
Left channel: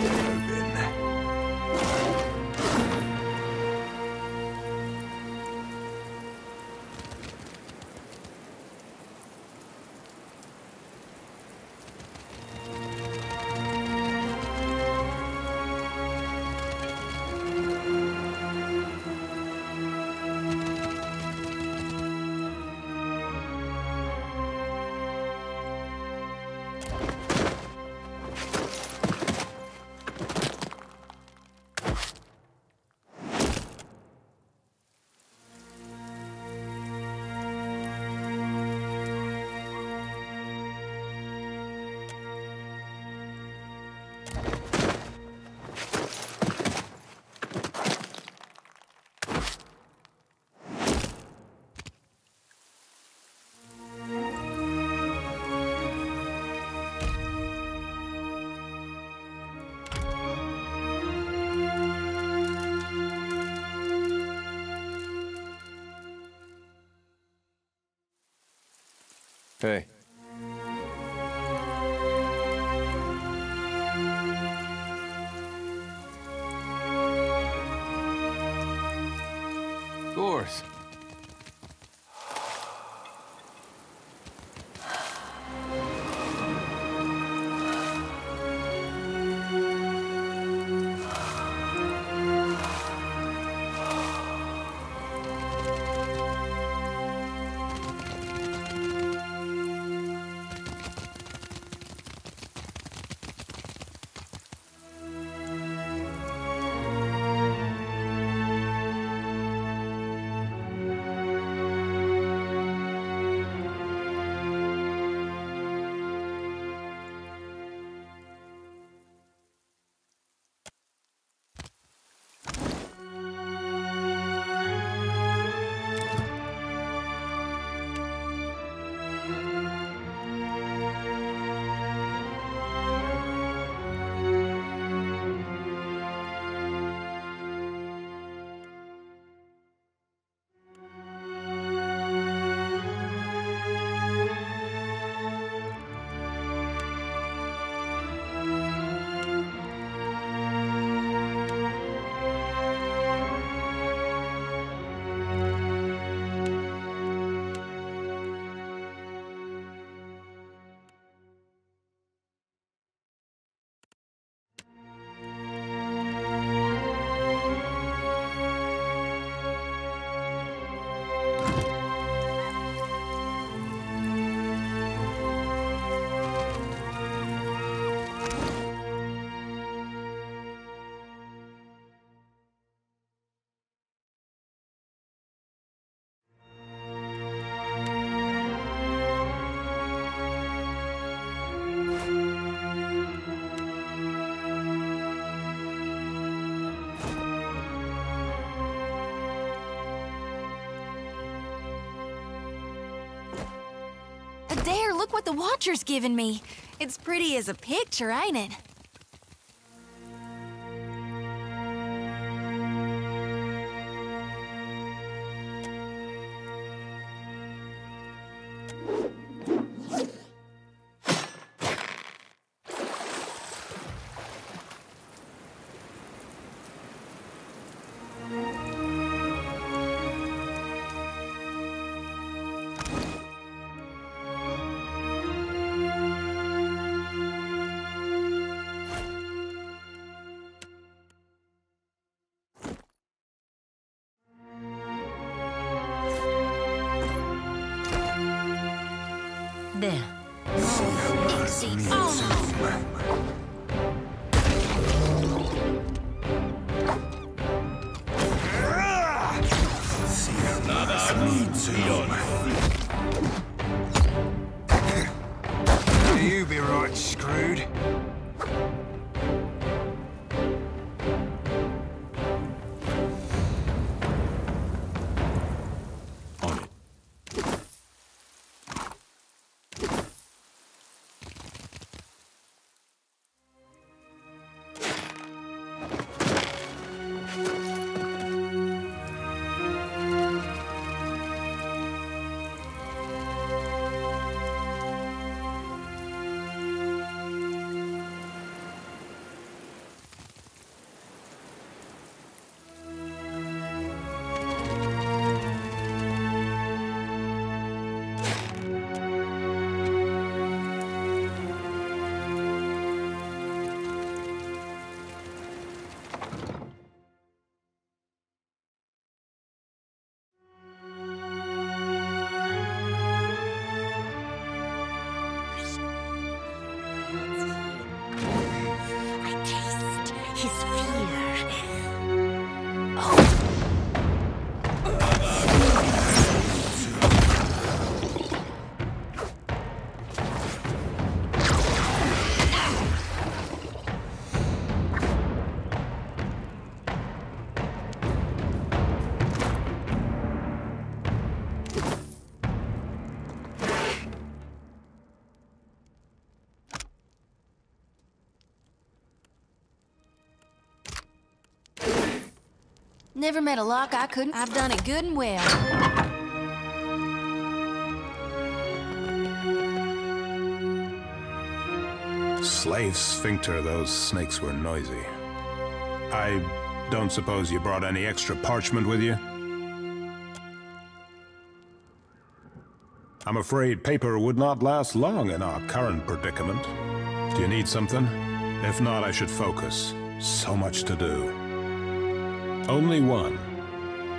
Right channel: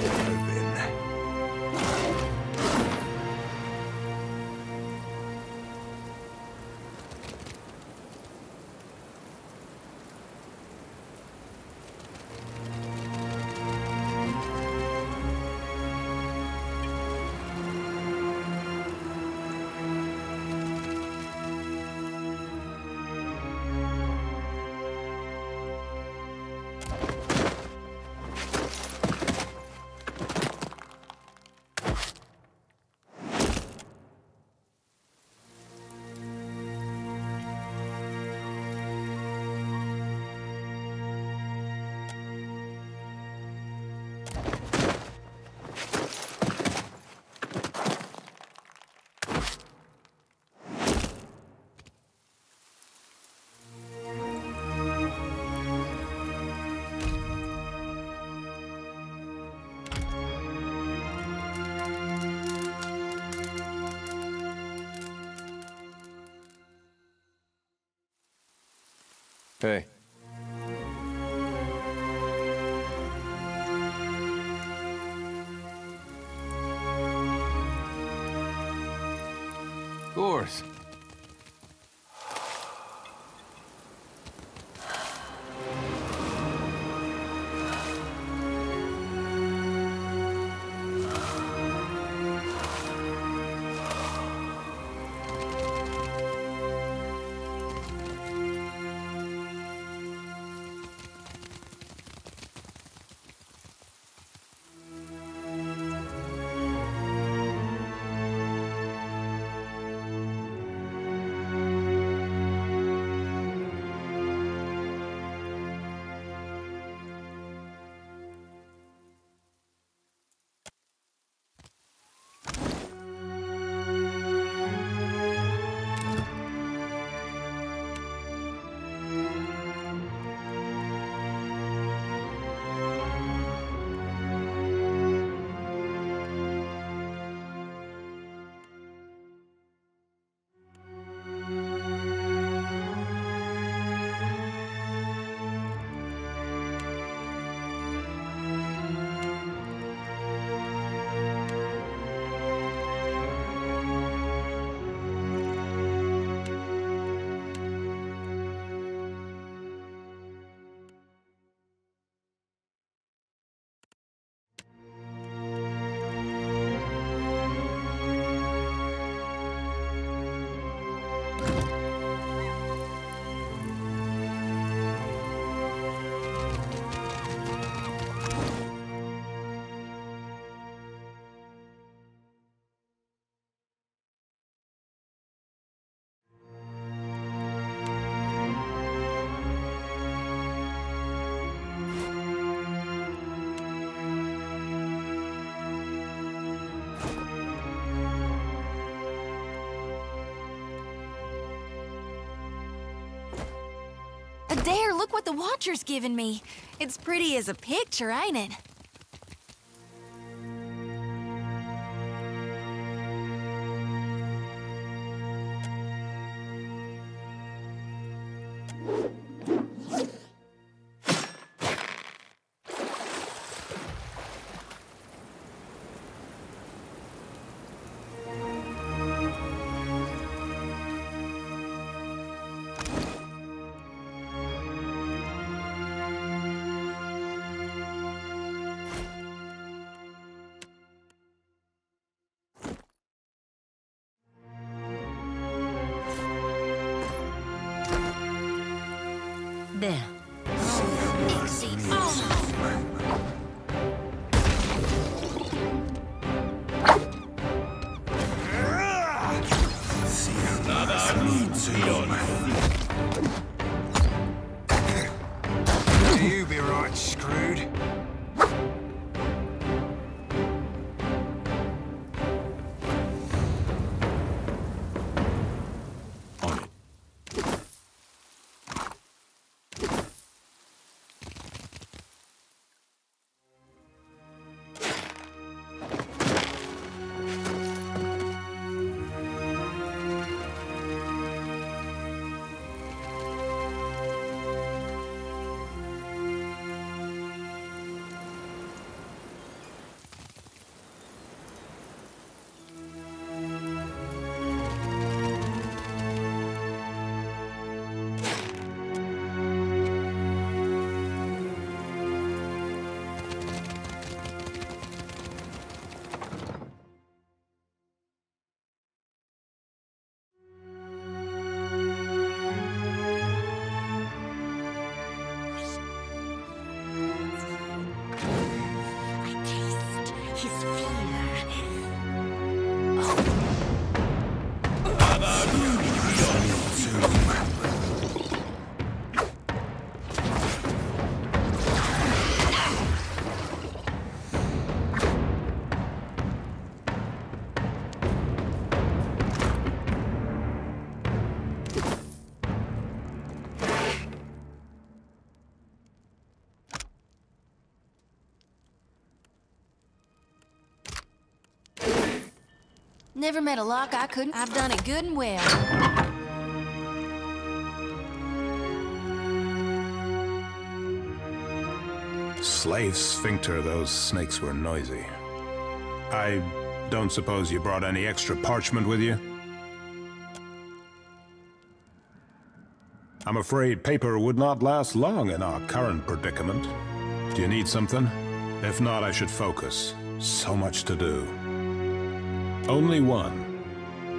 open. Hey. Of course. There, look what the Watcher's given me. It's pretty as a picture, ain't it? There. Easy. Oh. You be right screwed. His fear. Never met a lock I couldn't. I've done it good and well. Slave sphincter, those snakes were noisy. I don't suppose you brought any extra parchment with you? I'm afraid paper would not last long in our current predicament. Do you need something? If not, I should focus. So much to do. Only one.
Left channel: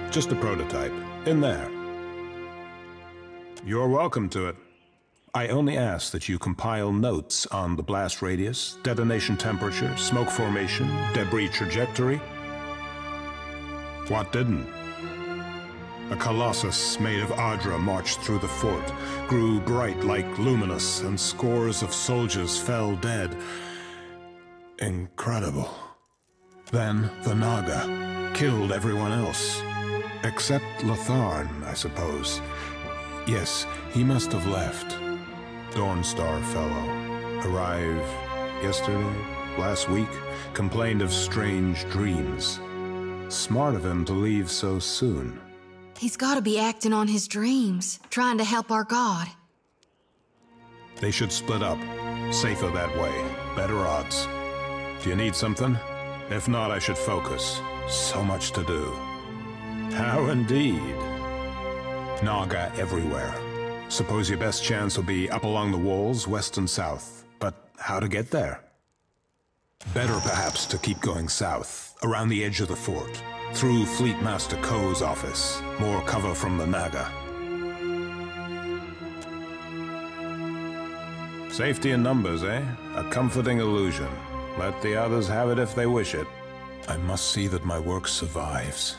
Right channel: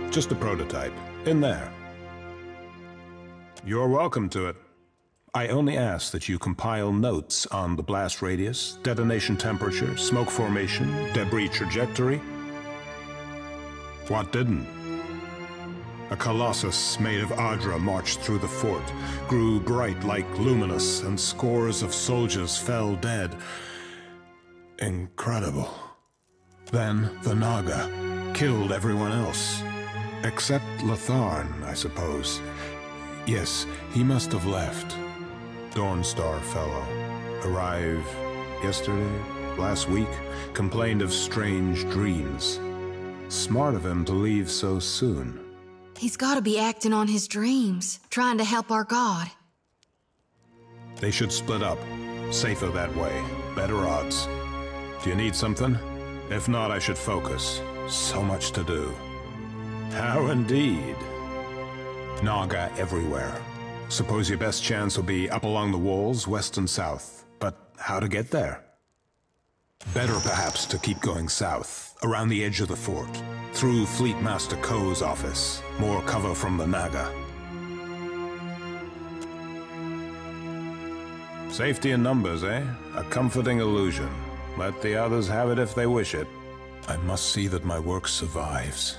Just a prototype. In there. You're welcome to it. I only ask that you compile notes on the blast radius, detonation temperature, smoke formation, debris trajectory. What didn't? A colossus made of Adra marched through the fort, grew bright like luminous, and scores of soldiers fell dead. Incredible. Then the Naga killed everyone else. Except Latharn, I suppose. Yes, he must have left. Dawnstar fellow. Arrived yesterday, last week, complained of strange dreams. Smart of him to leave so soon. He's gotta be acting on his dreams, trying to help our god. They should split up. Safer that way. Better odds. Do you need something? If not, I should focus. So much to do. How indeed. Naga everywhere. Suppose your best chance will be up along the walls, west and south. But how to get there? Better perhaps to keep going south, around the edge of the fort. Through Fleet Master Ko's office. More cover from the Naga. Safety in numbers, eh? A comforting illusion. Let the others have it if they wish it. I must see that my work survives.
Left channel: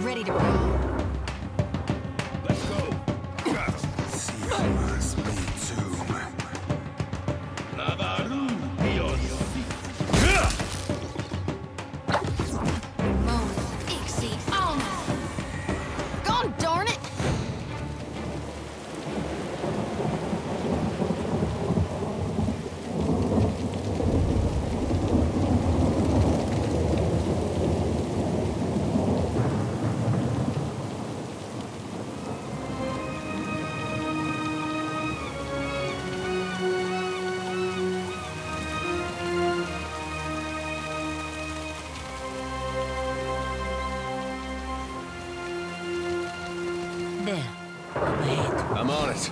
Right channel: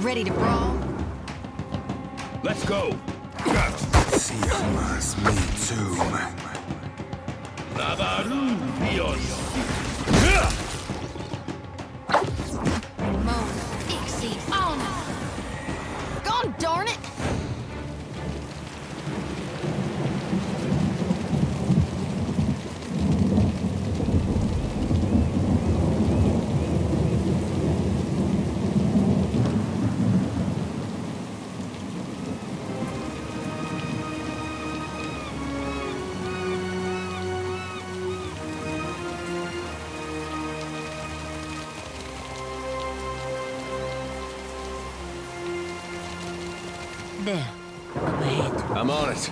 Ready to brawl? Let's go. Sí, más, me too. Navaru, Dios. Moan, Ixie, on. Gone, darn it! There, up ahead. I'm on it.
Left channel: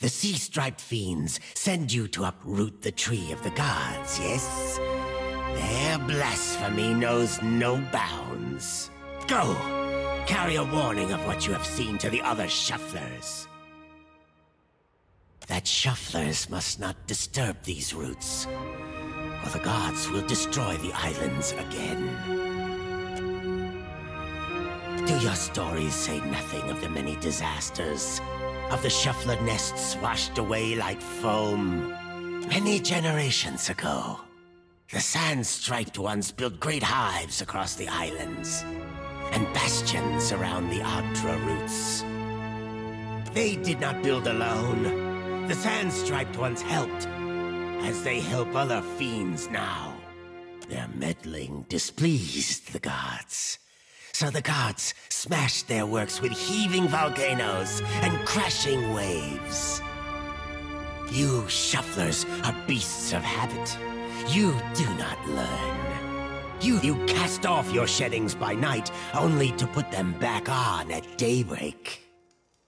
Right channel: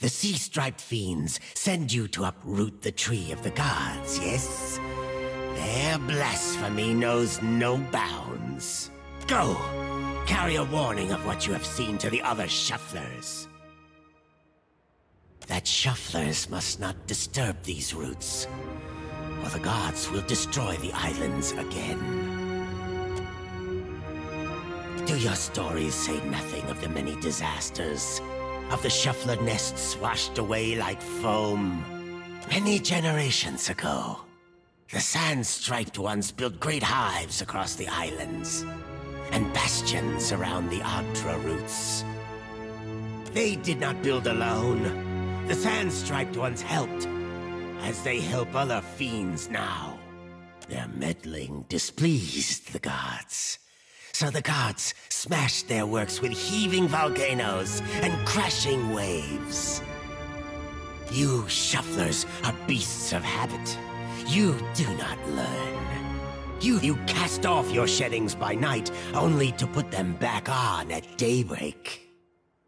The sea-striped fiends send you to uproot the tree of the gods, yes? Their blasphemy knows no bounds. Go! Carry a warning of what you have seen to the other shufflers. That shufflers must not disturb these roots, or the gods will destroy the islands again. Do your stories say nothing of the many disasters? Of the shuffler nests washed away like foam? Many generations ago, the sand-striped ones built great hives across the islands, and bastions around the Adra roots. They did not build alone. The sand-striped ones helped, as they help other fiends now. Their meddling displeased the gods. So the gods smashed their works with heaving volcanoes and crashing waves. You shufflers are beasts of habit. You do not learn. You cast off your sheddings by night, only to put them back on at daybreak.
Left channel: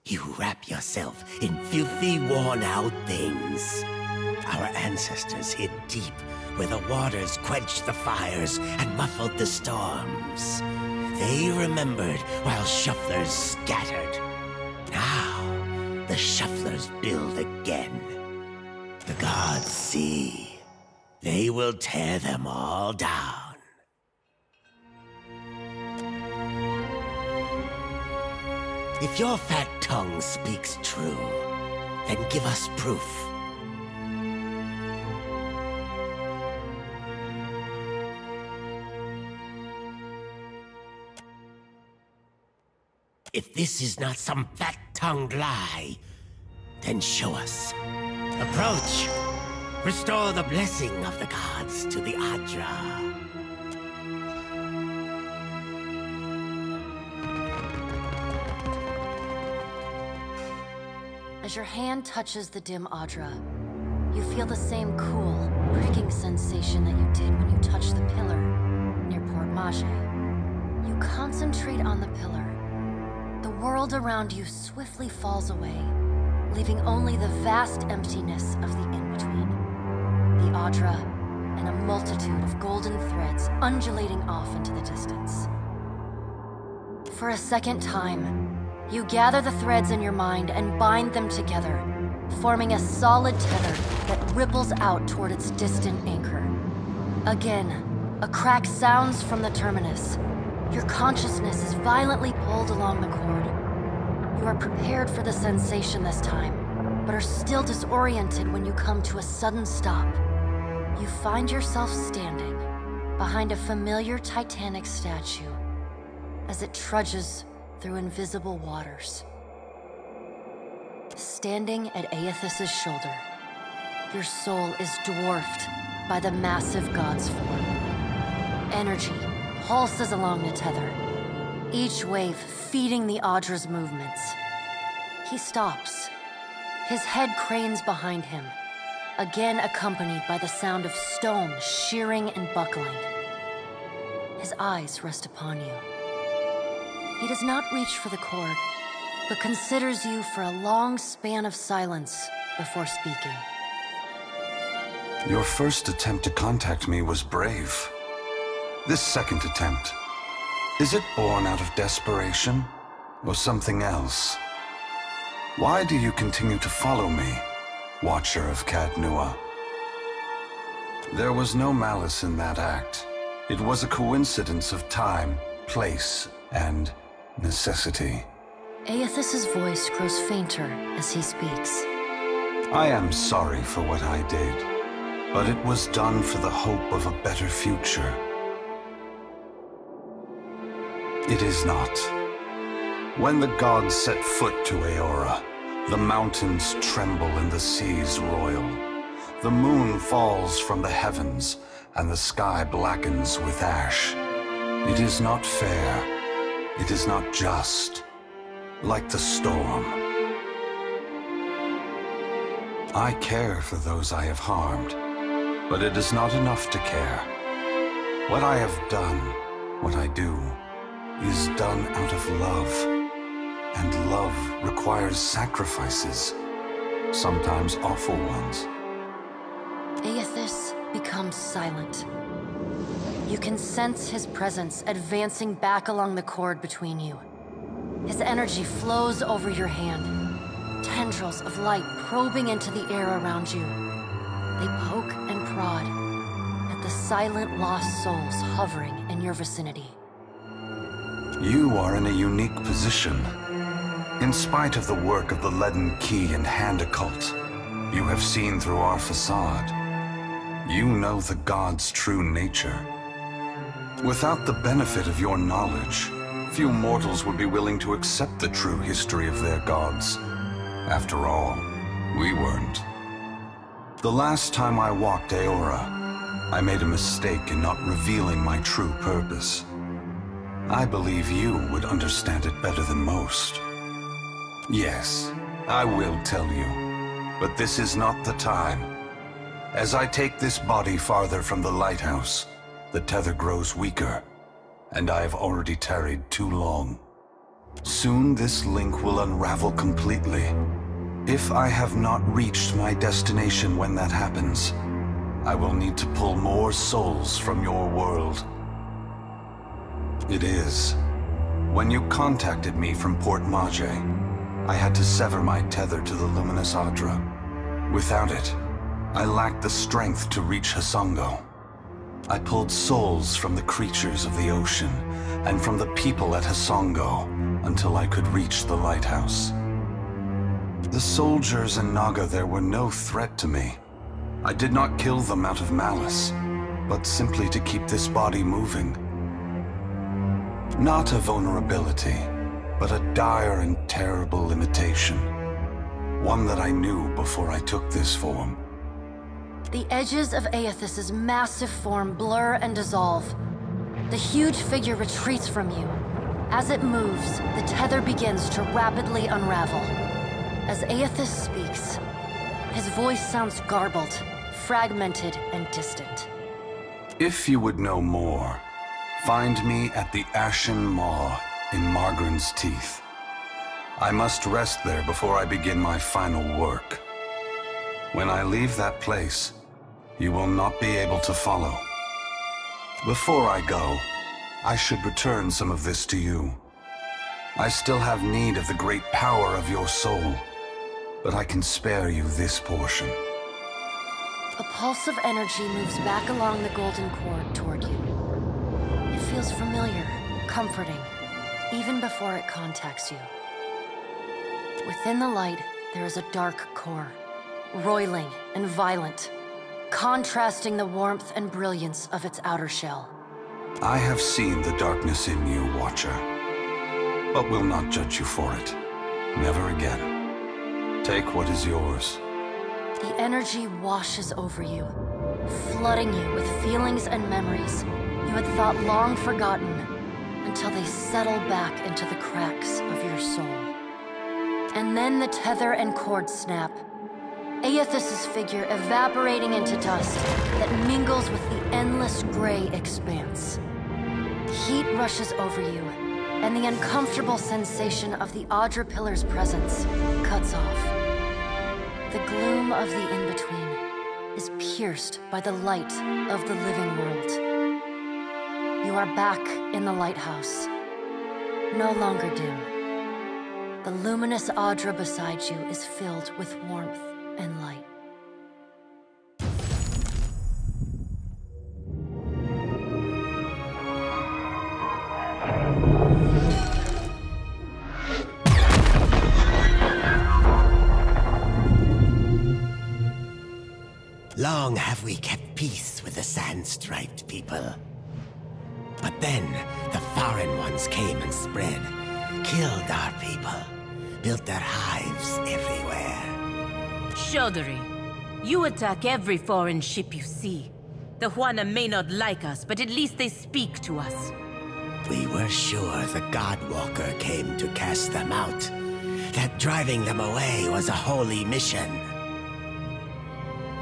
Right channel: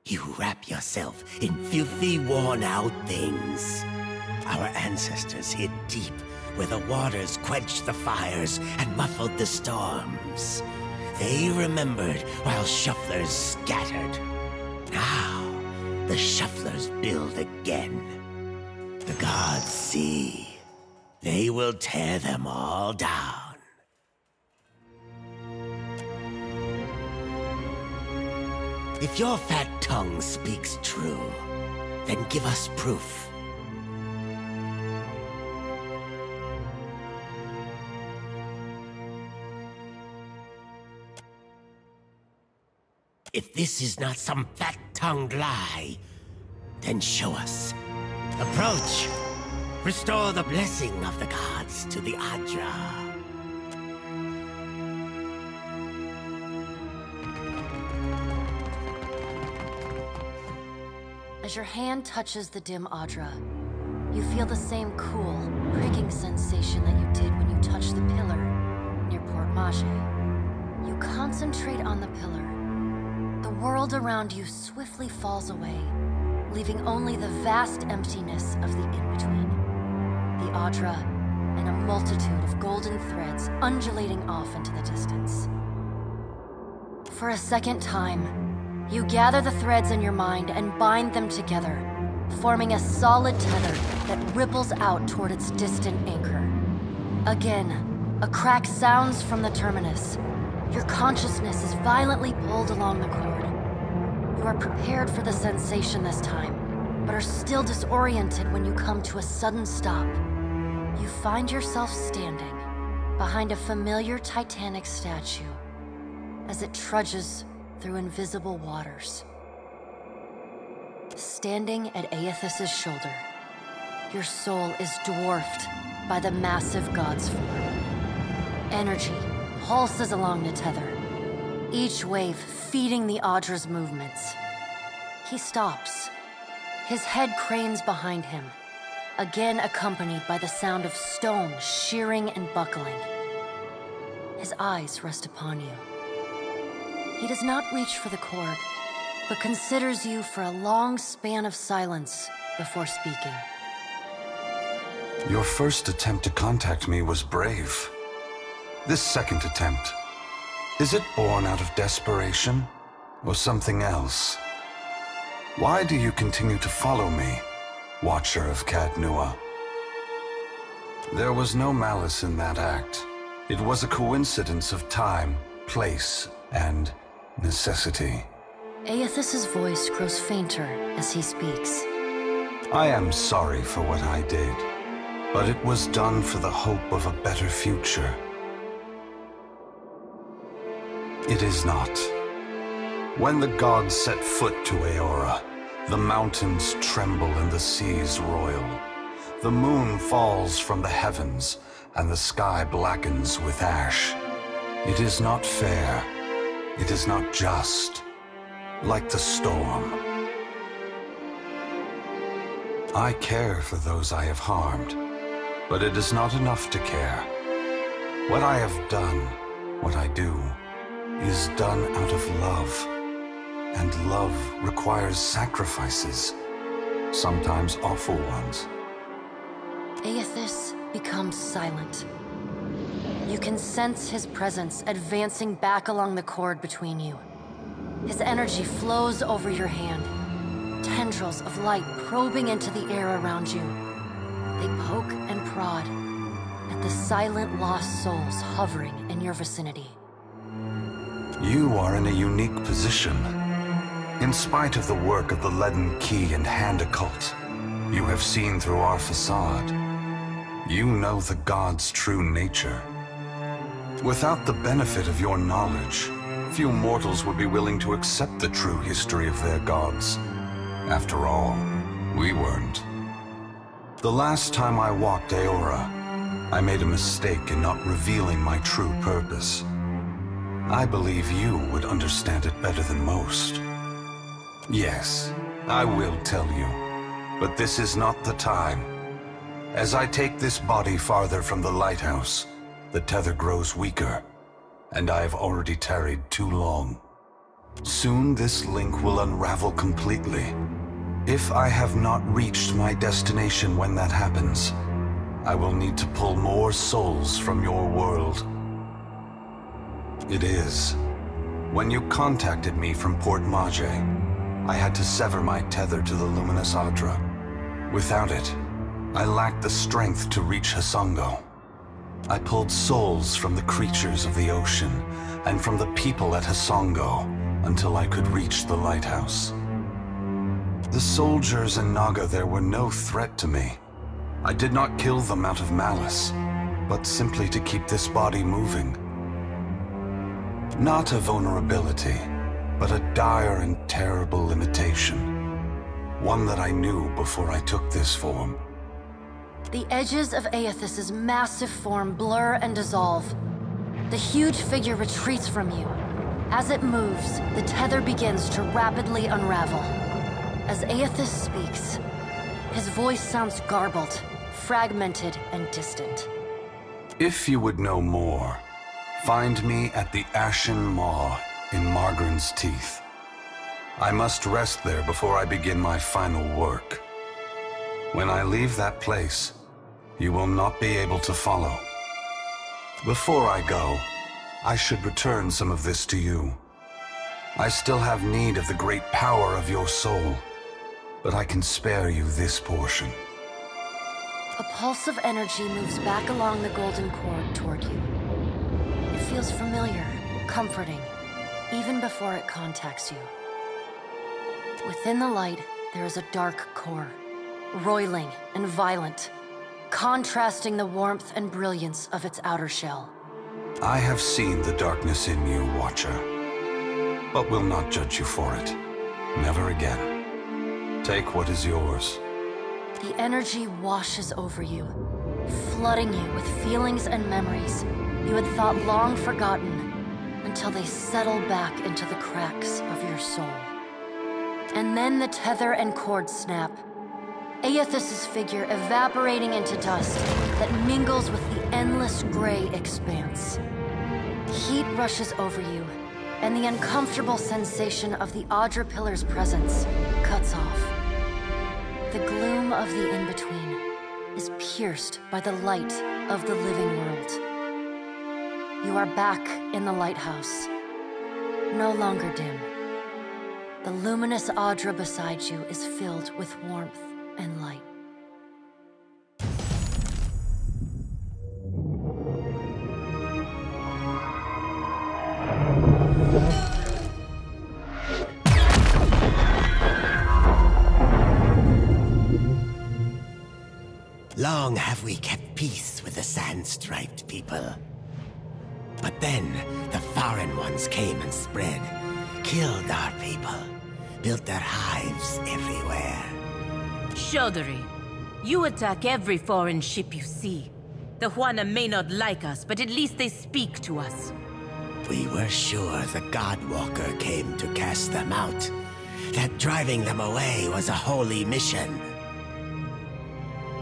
You wrap yourself in filthy, worn-out things. Our ancestors hid deep where the waters quenched the fires and muffled the storms. They remembered while shufflers scattered. Now, the shufflers build again. The gods see. They will tear them all down. If your fat tongue speaks true, then give us proof. If this is not some fat-tongued lie, then show us. Approach. Restore the blessing of the gods to the Adra. As your hand touches the dim Adra, you feel the same cool, pricking sensation that you did when you touched the pillar near Port Mage. You concentrate on the pillar. The world around you swiftly falls away, leaving only the vast emptiness of the in-between. The Adra, and a multitude of golden threads undulating off into the distance. For a second time, you gather the threads in your mind and bind them together, forming a solid tether that ripples out toward its distant anchor. Again, a crack sounds from the terminus. Your consciousness is violently pulled along the cord. You are prepared for the sensation this time, but are still disoriented when you come to a sudden stop. you find yourself standing behind a familiar Titanic statue as it trudges through invisible waters. Standing at Aethys' shoulder, your soul is dwarfed by the massive god's form. Energy pulses along the tether, each wave feeding the Audra's movements. He stops. His head cranes behind him, again accompanied by the sound of stone shearing and buckling. His eyes rest upon you. He does not reach for the cord, but considers you for a long span of silence before speaking. Your first attempt to contact me was brave. This second attempt, is it born out of desperation or something else? Why do you continue to follow me, Watcher of Cadnua? There was no malice in that act. It was a coincidence of time, place, and necessity. Aethys' voice grows fainter as he speaks. I am sorry for what I did, but it was done for the hope of a better future. It is not. When the gods set foot to Aora, the mountains tremble and the seas roil. The moon falls from the heavens, and the sky blackens with ash. It is not fair. It is not just. Like the storm. I care for those I have harmed, but it is not enough to care. What I have done, what I do, is done out of love. And love requires sacrifices, sometimes awful ones. Aethys becomes silent. You can sense his presence advancing back along the cord between you. His energy flows over your hand, tendrils of light probing into the air around you. They poke and prod at the silent lost souls hovering in your vicinity. You are in a unique position. In spite of the work of the Leaden Key and Hand Occult, you have seen through our facade. You know the gods' true nature. Without the benefit of your knowledge, few mortals would be willing to accept the true history of their gods. After all, we weren't. The last time I walked Aora, I made a mistake in not revealing my true purpose. I believe you would understand it better than most. Yes, I will tell you, but this is not the time. As I take this body farther from the lighthouse, the tether grows weaker, and I have already tarried too long. Soon this link will unravel completely. If I have not reached my destination when that happens, I will need to pull more souls from your world. It is. When you contacted me from Port Mage, I had to sever my tether to the luminous Audra. Without it, I lacked the strength to reach Hasongo. I pulled souls from the creatures of the ocean and from the people at Hasongo until I could reach the lighthouse. The soldiers and Naga there were no threat to me. I did not kill them out of malice, but simply to keep this body moving. Not a vulnerability, but a dire and terrible limitation. One that I knew before I took this form. The edges of Aethys' massive form blur and dissolve. The huge figure retreats from you. As it moves, the tether begins to rapidly unravel. As Aethys speaks, his voice sounds garbled, fragmented, and distant. If you would know more, find me at the Ashen Maw in Margren's Teeth. I must rest there before I begin my final work. When I leave that place, you will not be able to follow. Before I go, I should return some of this to you. I still have need of the great power of your soul, but I can spare you this portion. A pulse of energy moves back along the golden cord toward you. It feels familiar, comforting, even before it contacts you. Within the light, there is a dark core, roiling and violent, contrasting the warmth and brilliance of its outer shell. I have seen the darkness in you, Watcher, but will not judge you for it. Never again. Take what is yours. The energy washes over you, flooding you with feelings and memories you had thought long forgotten until they settle back into the cracks of your soul. And then the tether and cord snap, Aethys's figure evaporating into dust that mingles with the endless gray expanse. Heat rushes over you, and the uncomfortable sensation of the Audra Pillar's presence cuts off. The gloom of the in-between is pierced by the light of the living world. You are back in the lighthouse, no longer dim. The luminous Audra beside you is filled with warmth and light. Long have we kept peace with the sand-striped people. But then, the foreign ones came and spread, killed our people, built their hives everywhere. Chaudhary, you attack every foreign ship you see. The Juana may not like us, but at least they speak to us. We were sure the Godwalker came to cast them out, that driving them away was a holy mission.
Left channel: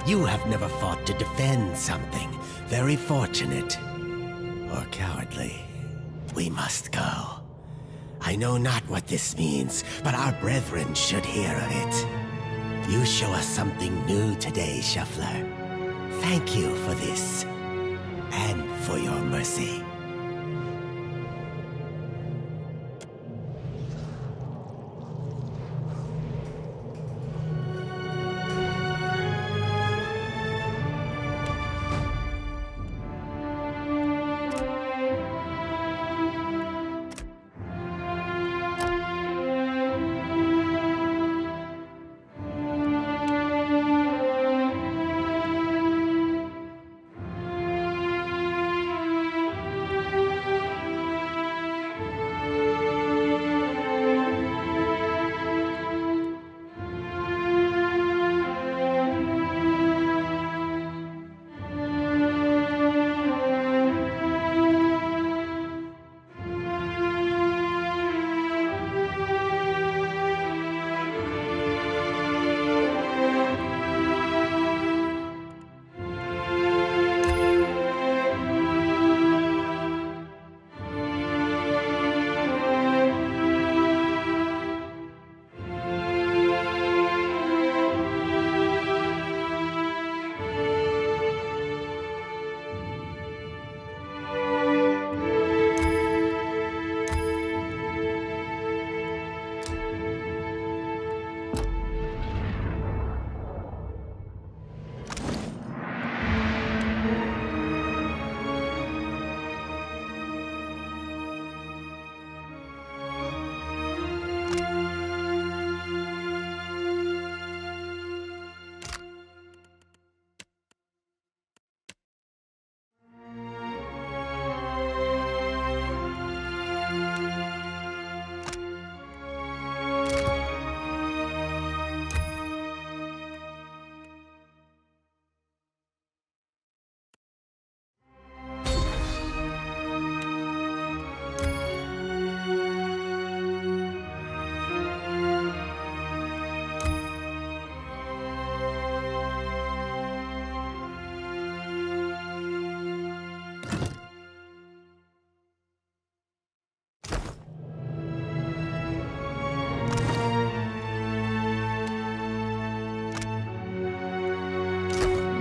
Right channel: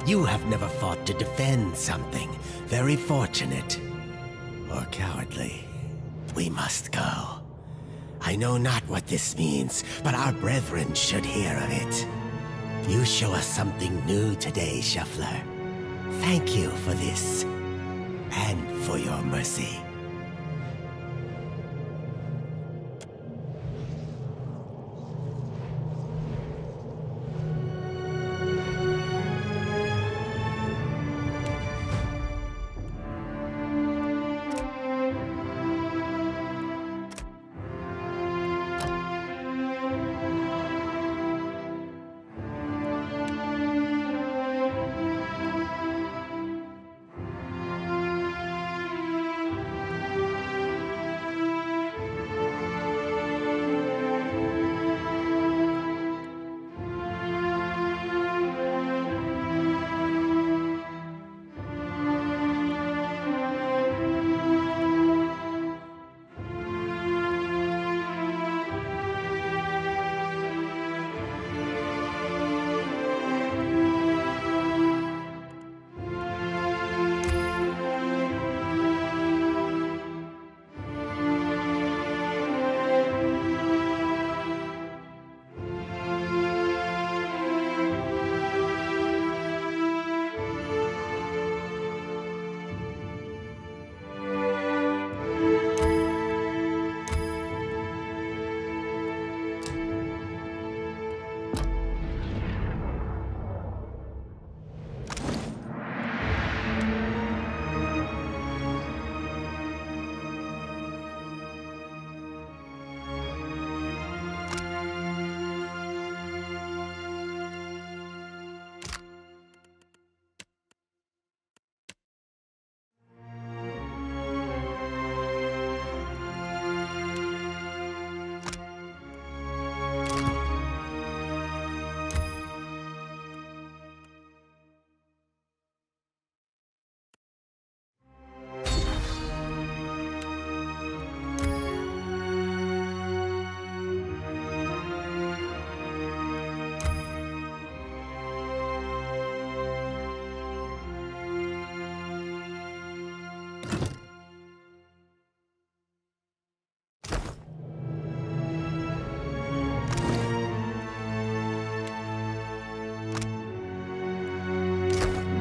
You have never fought to defend something. Very fortunate. Or cowardly. We must go. I know not what this means, but our brethren should hear of it. You show us something new today, Shuffler. Thank you for this. And for your mercy.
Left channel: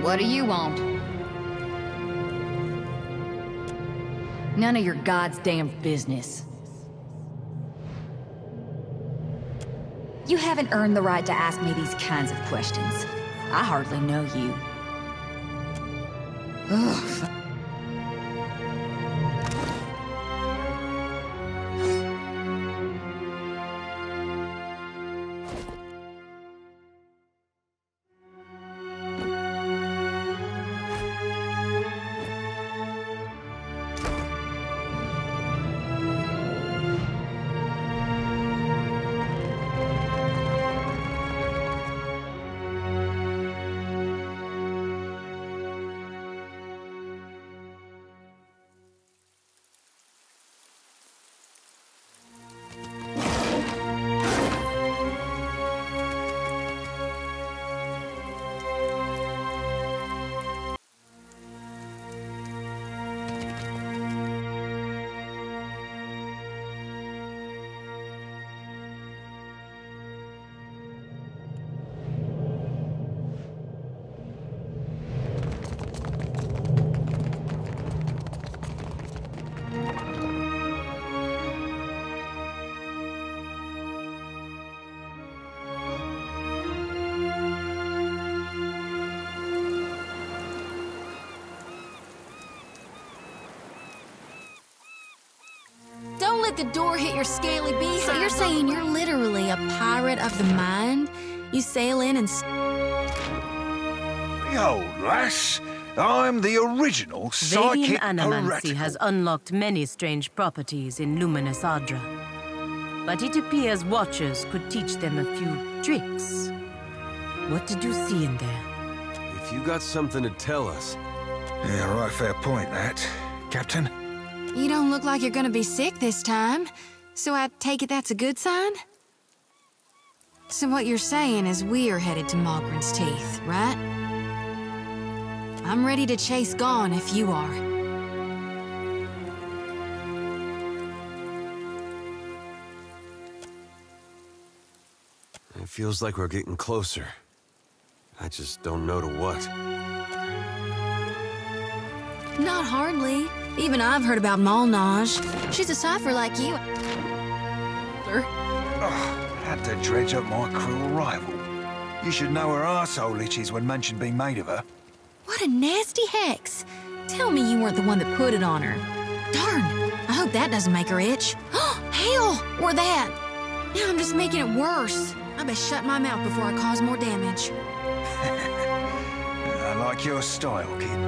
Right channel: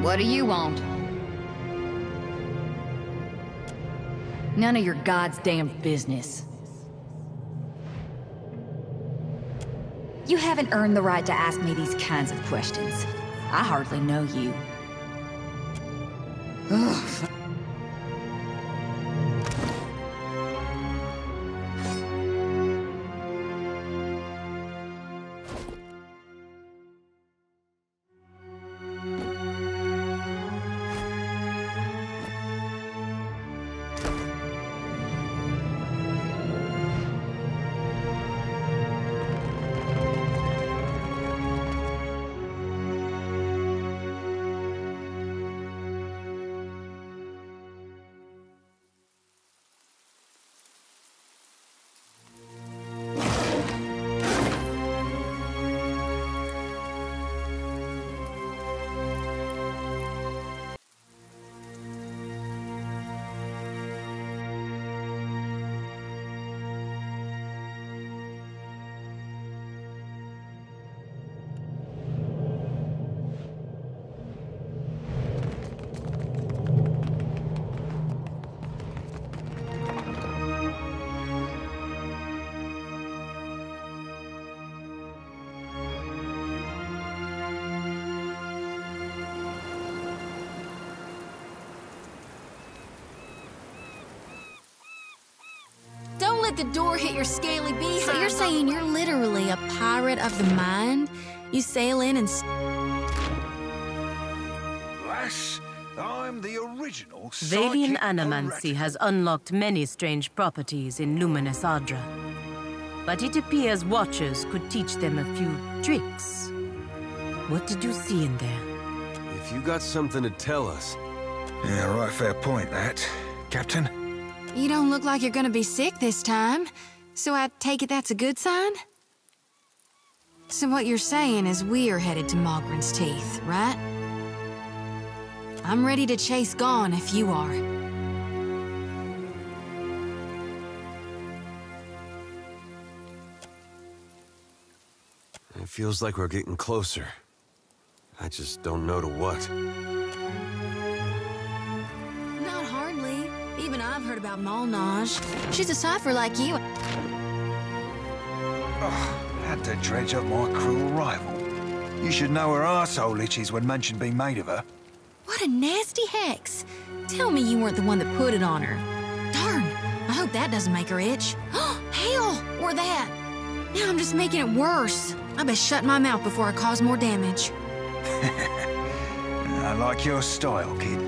What do you want? None of your God's damn business. You haven't earned the right to ask me these kinds of questions. I hardly know you. Ugh. let the door hit your scaly behind. So you're saying you're literally a pirate of the mind? You sail in and... Yo, lass. I'm the original psychic Vedian Animancy heretical. has unlocked many strange properties in Luminous Adra. But it appears Watchers could teach them a few tricks. What did you see in there? If you got something to tell us... Yeah, right, fair point, that. Captain? You don't look like you're gonna be sick this time. So I take it that's a good sign? So what you're saying is we're headed to Mogren's Teeth, right? I'm ready to chase Gone if you are. It feels like we're getting closer. I just don't know to what. Not hardly. Even I've heard about Molnage. She's a cipher like you. Had to dredge up my cruel rival. You should know her arsehole itches when mention being made of her. What a nasty hex. Tell me you weren't the one that put it on her. Darn, I hope that doesn't make her itch. Hell, or that. Now I'm just making it worse. I best shut my mouth before I cause more damage. I like your style, kid.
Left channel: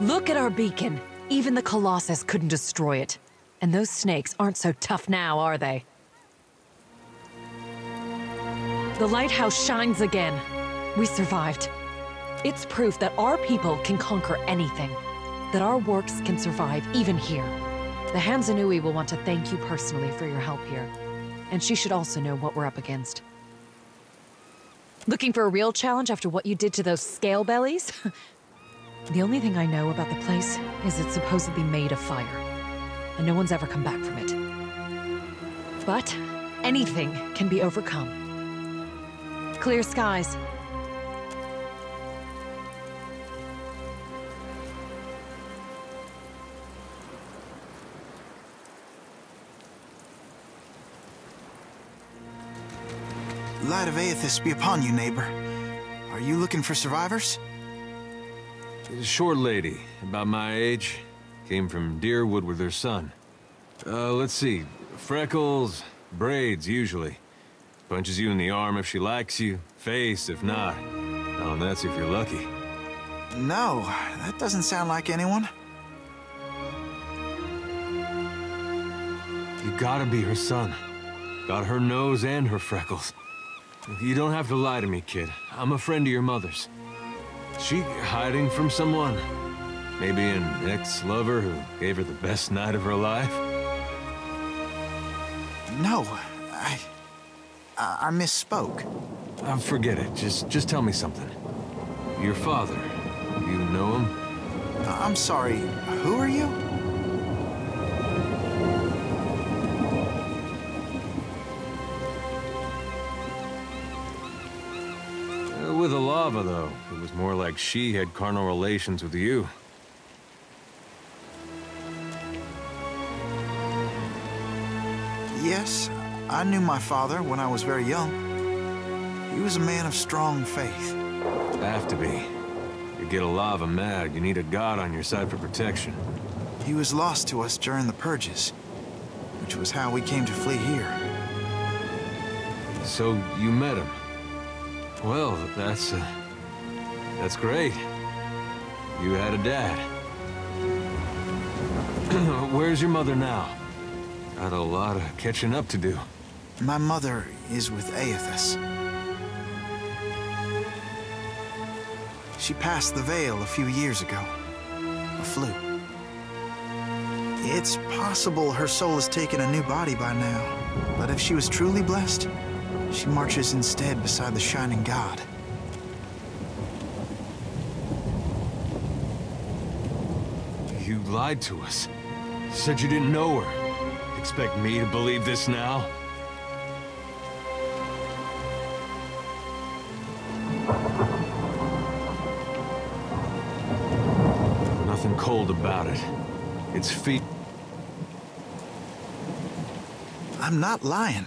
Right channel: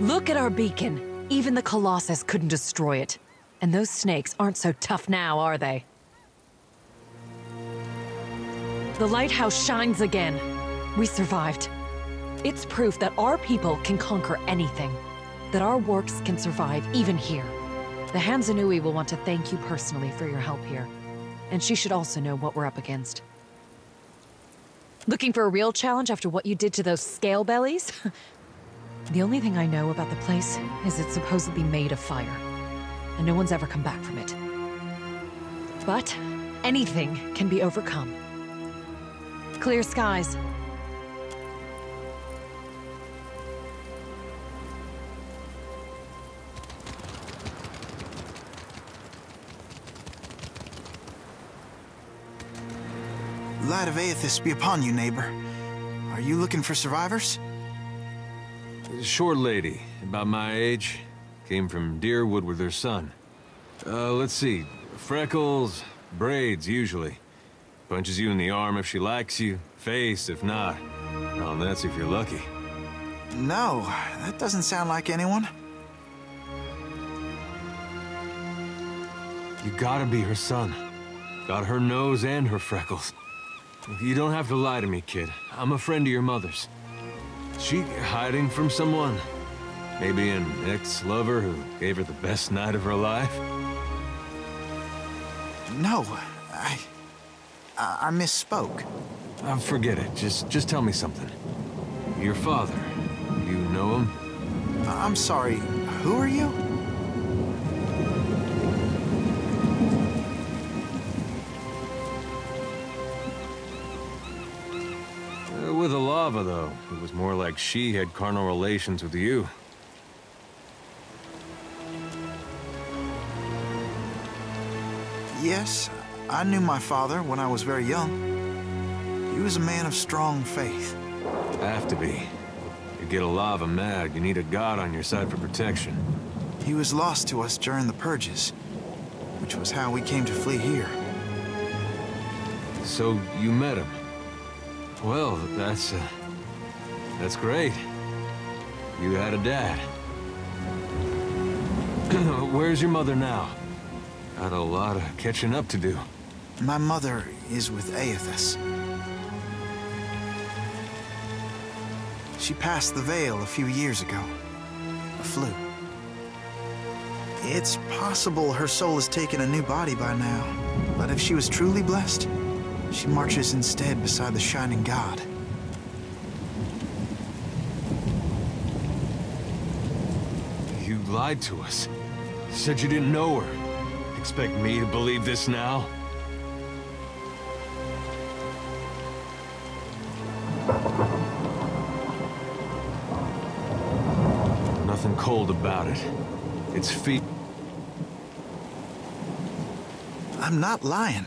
Look at our beacon. Even the Colossus couldn't destroy it. And those snakes aren't so tough now, are they? The lighthouse shines again. We survived. It's proof that our people can conquer anything. That our works can survive even here. The Hansanui will want to thank you personally for your help here. And she should also know what we're up against. Looking for a real challenge after what you did to those scale bellies? The only thing I know about the place is it's supposedly made of fire. And no one's ever come back from it. But anything can be overcome. Clear skies. Light of Aethys be upon you, neighbor. Are you looking for survivors? A short lady, about my age, came from Deerwood with her son. Let's see, freckles, braids usually. Punches you in the arm if she likes you, face if not. Oh, and that's if you're lucky. No, that doesn't sound like anyone. You gotta be her son. Got her nose and her freckles. You don't have to lie to me, kid. I'm a friend of your mother's. She hiding from someone? Maybe an ex-lover who gave her the best night of her life? No, I misspoke. Forget it. Just tell me something. Your father, you know him? I'm sorry, who are you? With Alava, though, it was more like she had carnal relations with you. Yes, I knew my father when I was very young. He was a man of strong faith. Have to be. You get Alava mad, you need a god on your side for protection. He was lost to us during the purges, which was how we came to flee here. So you met him? Well, that's great. You had a dad. Where's your mother now? Got a lot of catching up to do. My mother is with Aethys. She passed the Veil a few years ago. A flu. It's possible her soul has taken a new body by now, but if she was truly blessed, she marches instead beside the Shining God. You lied to us. Said you didn't know her. Expect me to believe this now? Nothing cold about it. It's feet. I'm not lying.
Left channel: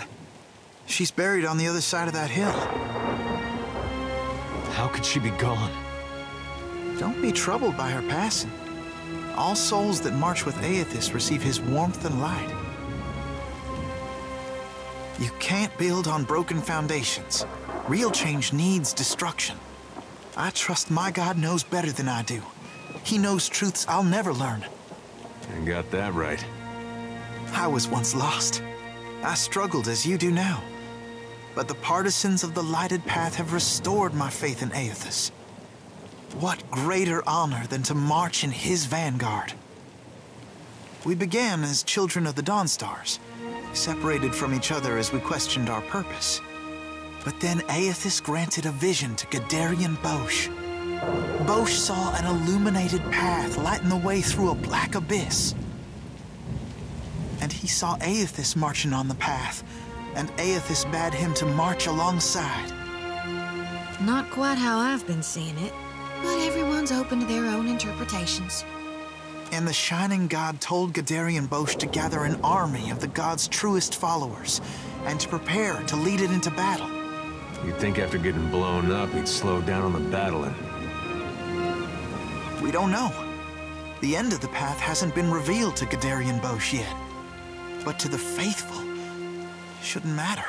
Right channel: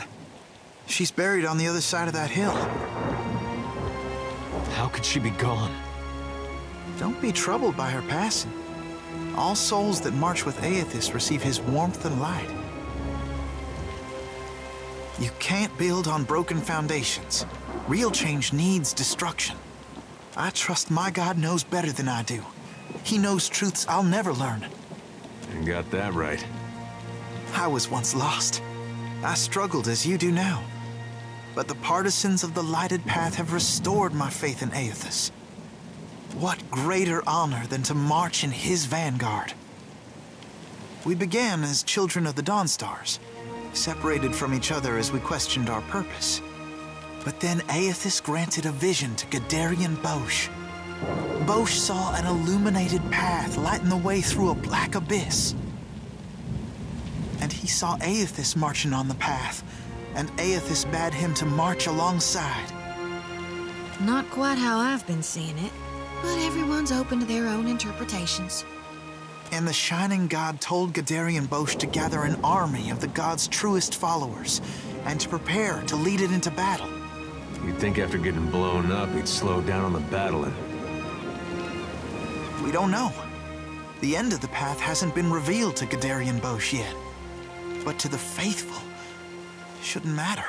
She's buried on the other side of that hill. How could she be gone? Don't be troubled by her passing. All souls that march with Aethys receive his warmth and light. You can't build on broken foundations. Real change needs destruction. I trust my God knows better than I do. He knows truths I'll never learn. You got that right. I was once lost. I struggled as you do now. But the partisans of the lighted path have restored my faith in Aethys. What greater honor than to march in his vanguard? We began as children of the Dawnstars, separated from each other as we questioned our purpose. But then Aethys granted a vision to Gadarian Bosch. Bosch saw an illuminated path lighten the way through a black abyss. And he saw Aethys marching on the path, and Aethys bade him to march alongside. Not quite how I've been seeing it, but everyone's open to their own interpretations. And the Shining God told Gadarian Bosch to gather an army of the God's truest followers, and to prepare to lead it into battle. You'd think after getting blown up, he'd slow down on the battling. We don't know. The end of the path hasn't been revealed to Gadarian Bosch yet. But to the faithful, it shouldn't matter.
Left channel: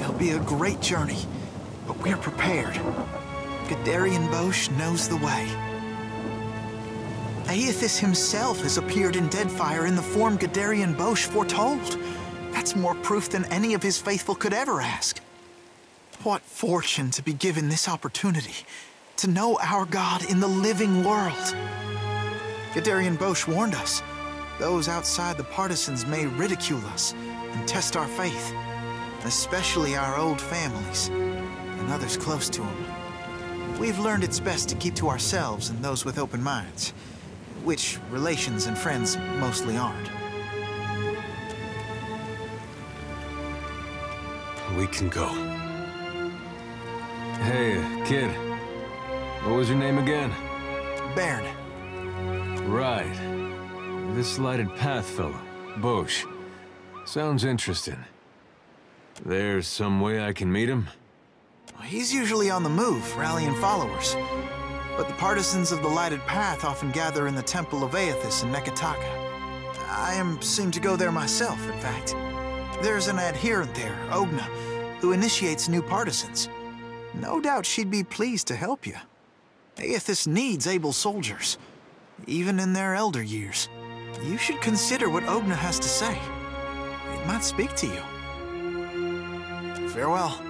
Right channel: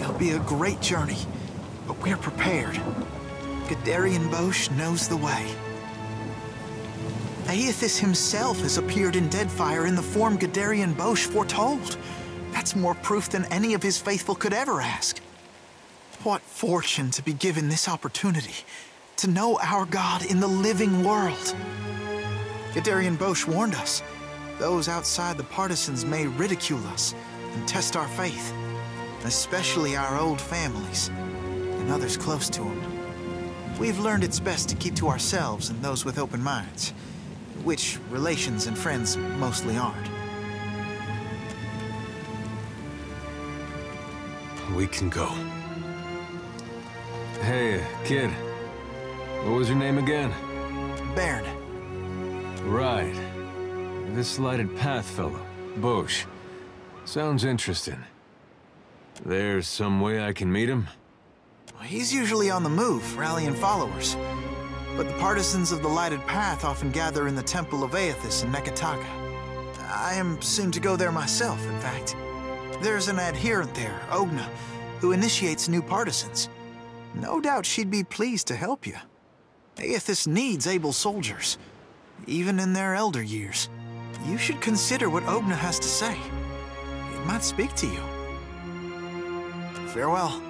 It'll be a great journey, but we're prepared. Gadarian Bosch knows the way. Aethys himself has appeared in Deadfire in the form Gadarian Bosch foretold. That's more proof than any of his faithful could ever ask. What fortune to be given this opportunity, to know our God in the living world. Gadarian Bosch warned us. Those outside the partisans may ridicule us and test our faith, especially our old families and others close to them. We've learned it's best to keep to ourselves and those with open minds, which relations and friends mostly aren't. We can go. Hey, kid. What was your name again? Bairn. Right. This lighted path fellow, Bosch. Sounds interesting. There's some way I can meet him? He's usually on the move, rallying followers. But the partisans of the lighted path often gather in the Temple of Aethys in Neketaka. I am soon to go there myself, in fact. There's an adherent there, Ogna, who initiates new partisans. No doubt she'd be pleased to help you. Aethys needs able soldiers, even in their elder years. You should consider what Ogna has to say. It might speak to you. Farewell.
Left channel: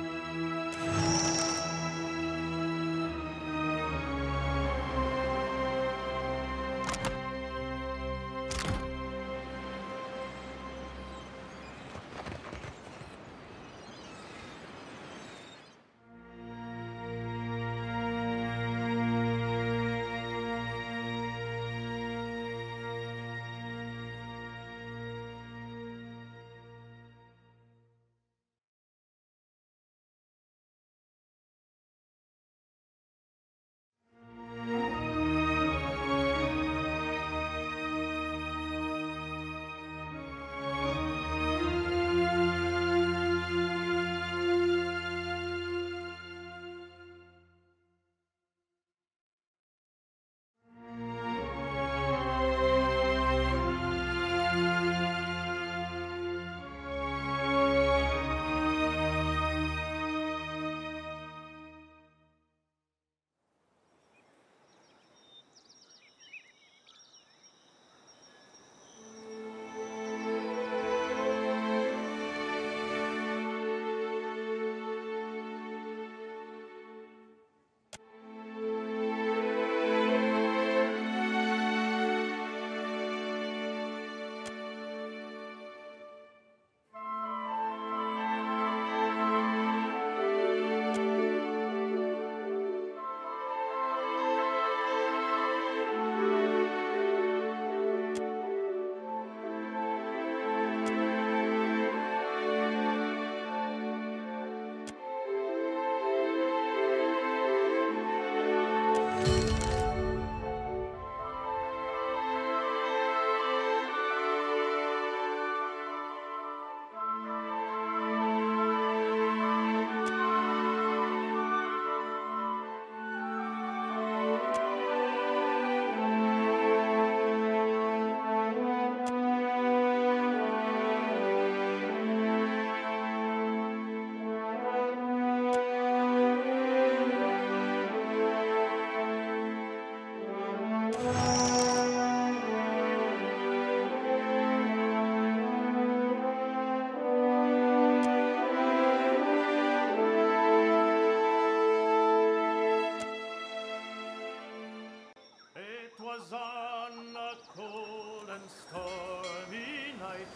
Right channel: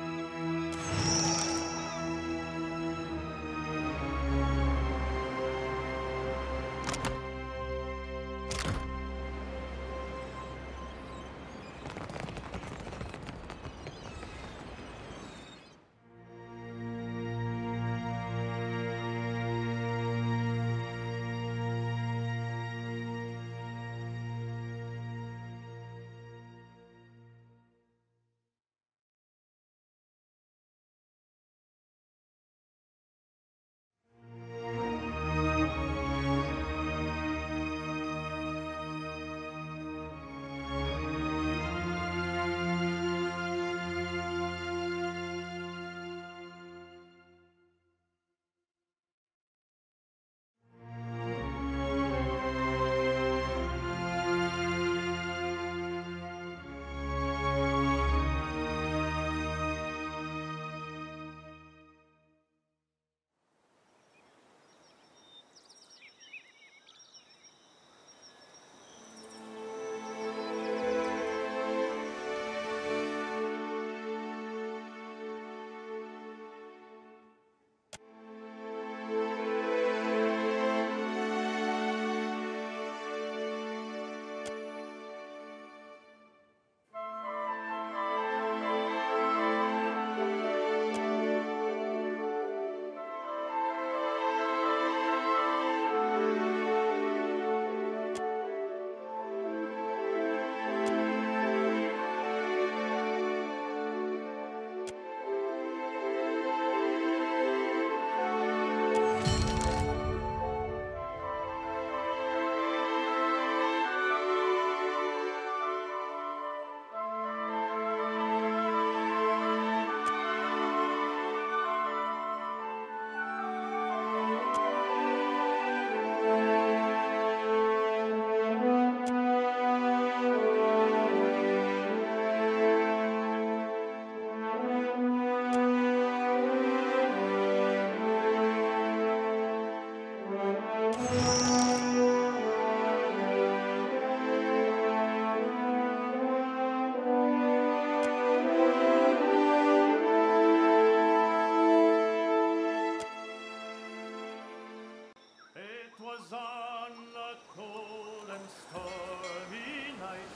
stormy night,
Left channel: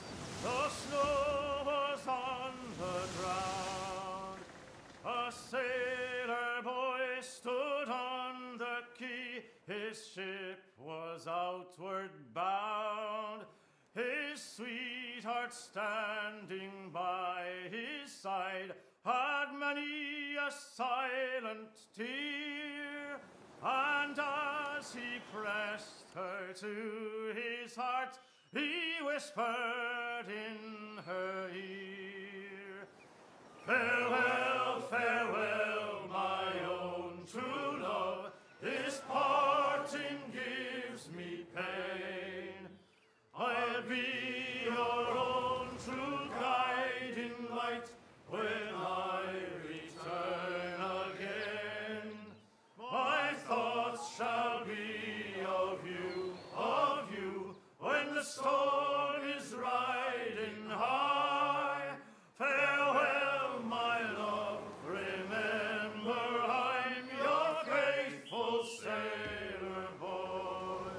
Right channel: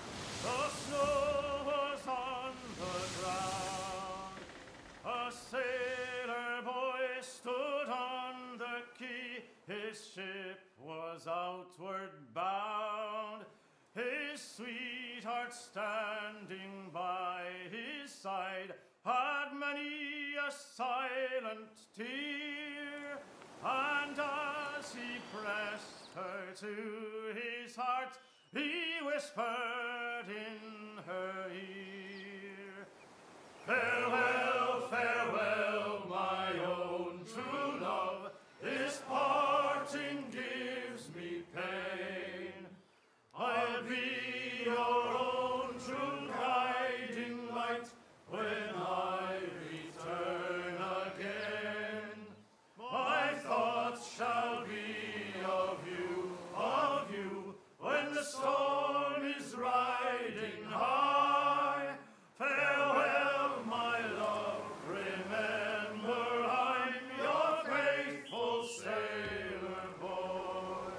the snow was on the ground. A sailor boy stood on the quay, his ship was outward bound. His sweetheart standing by his side had many a silent tear, and as he pressed her to his heart, he whispered in her ear, "Farewell, farewell, my own true love, this parting gives me pain. I'll be your own true guiding light when I return again. My thoughts shall be of you, when the storm is riding high. Farewell, my love, remember I'm your faithful sailor boy."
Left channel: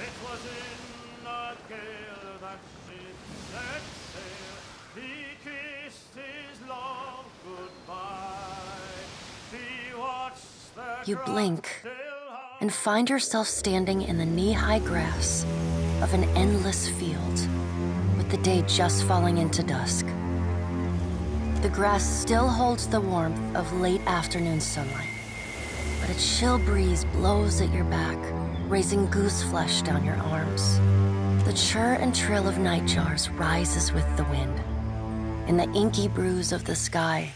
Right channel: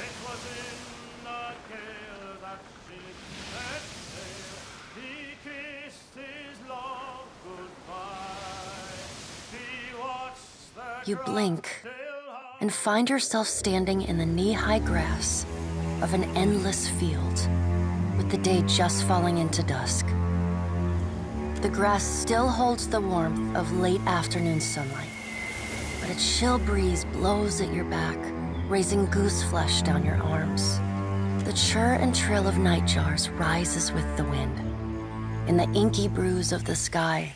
It was in a gale that ship set sail, he kissed his love goodbye. He watched the You blink and find yourself standing in the knee-high grass of an endless field, with the day just falling into dusk. The grass still holds the warmth of late afternoon sunlight, but a chill breeze blows at your back, raising goose flesh down your arms. The chirr and trill of nightjars rises with the wind. In the inky bruise of the sky,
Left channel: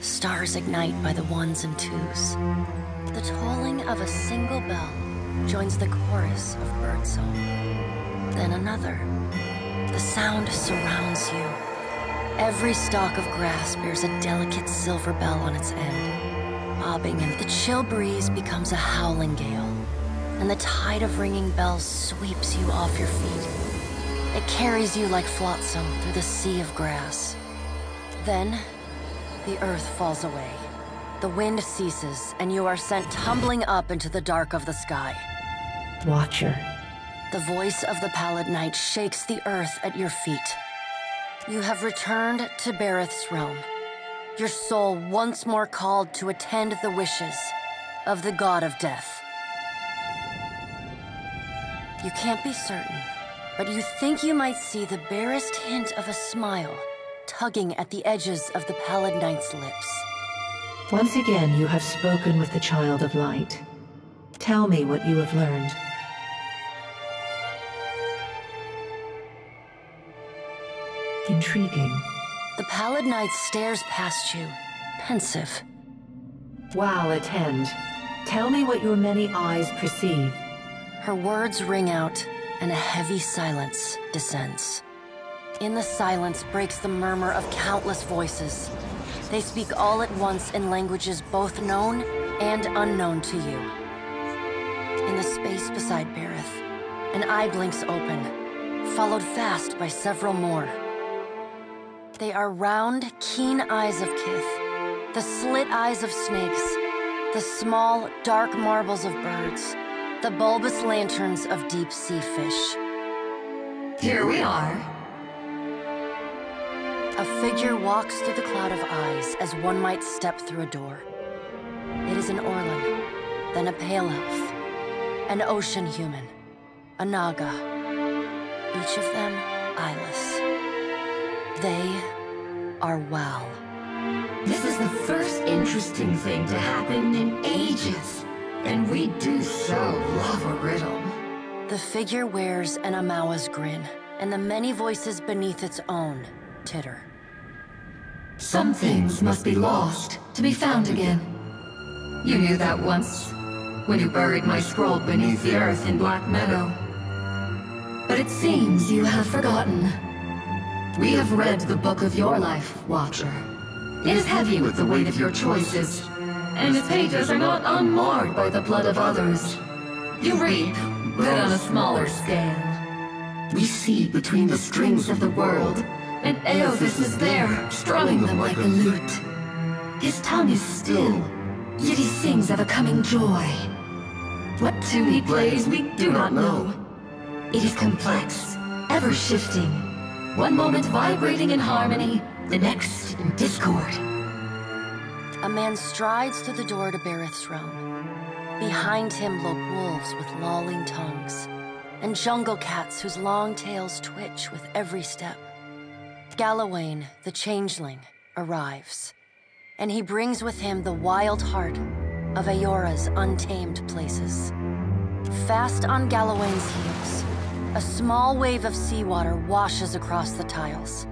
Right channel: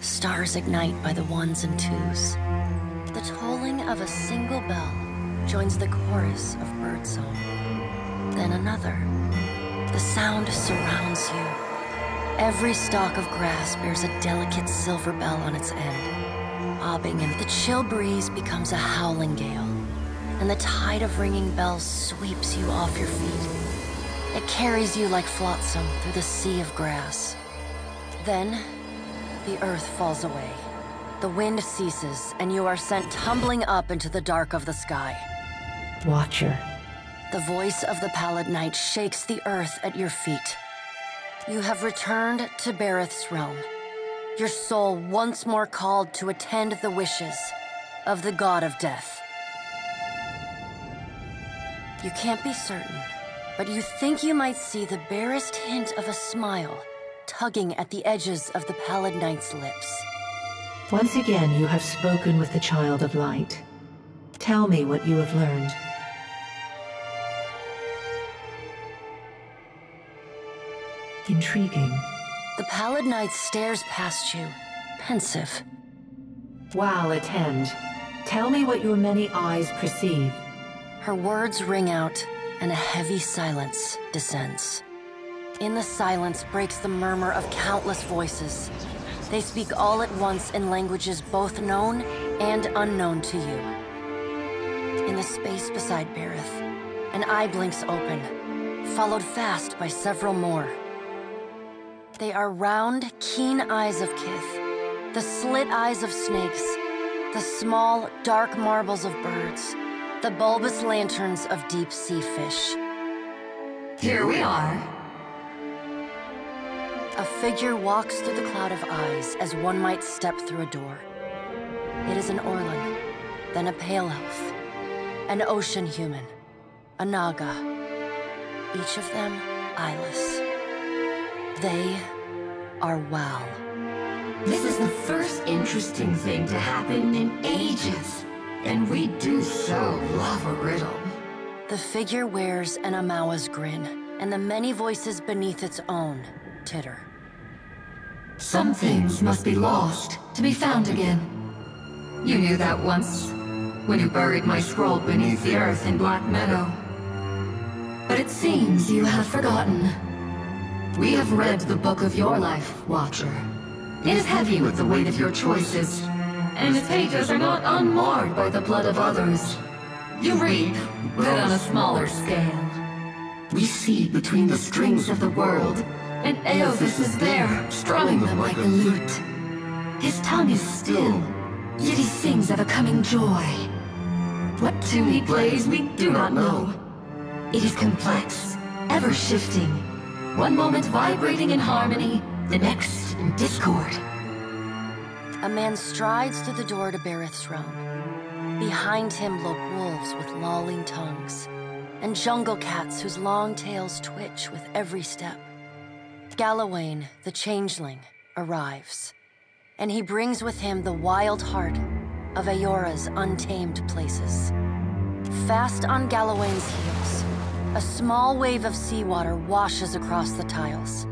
stars ignite by the ones and twos. The tolling of a single bell joins the chorus of birdsong. Then another. The sound surrounds you. Every stalk of grass bears a delicate silver bell on its end, bobbing, and the chill breeze becomes a howling gale, and the tide of ringing bells sweeps you off your feet. It carries you like flotsam through the sea of grass. Then, the earth falls away. The wind ceases, and you are sent tumbling up into the dark of the sky. Watcher. The voice of the pallid night shakes the earth at your feet. You have returned to Bereth's realm, your soul once more called to attend the wishes of the god of death. You can't be certain, but you think you might see the barest hint of a smile tugging at the edges of the pallid knight's lips. Once again, you have spoken with the Child of Light. Tell me what you have learned. Intriguing. The pallid knight stares past you, pensive. While attend, tell me what your many eyes perceive. Her words ring out, and a heavy silence descends. In the silence breaks the murmur of countless voices. They speak all at once in languages both known and unknown to you. In the space beside Bereth, an eye blinks open, followed fast by several more. They are round, keen eyes of Kith, the slit eyes of snakes, the small, dark marbles of birds, the bulbous lanterns of deep-sea fish. Here we are. A figure walks through the cloud of eyes as one might step through a door. It is an Orlan, then a pale elf, an ocean human, a Naga, each of them eyeless. They are Wal. This is the first interesting thing to happen in ages, and we do so love a riddle. The figure wears an Amawa's grin, and the many voices beneath its own titter. Some things must be lost to be found again. You knew that once, when you buried my scroll beneath the earth in Black Meadow. But it seems you have forgotten. We have read the book of your life, Watcher. It is heavy with the weight of your choices, and its pages are not unmarred by the blood of others. You read, but on a smaller scale. We see between the strings of the world, and Eothas is there, strumming them like a lute. His tongue is still, yet he sings of a coming joy. What tune he plays, we do not know. It is complex, ever shifting. One moment vibrating in harmony, the next in discord. A man strides through the door to Bareth's realm. Behind him lope wolves with lolling tongues, and jungle cats whose long tails twitch with every step. Galawain, the changeling, arrives, and he brings with him the wild heart of Eora's untamed places. Fast on Galawain's heels, a small wave of seawater washes across the tiles.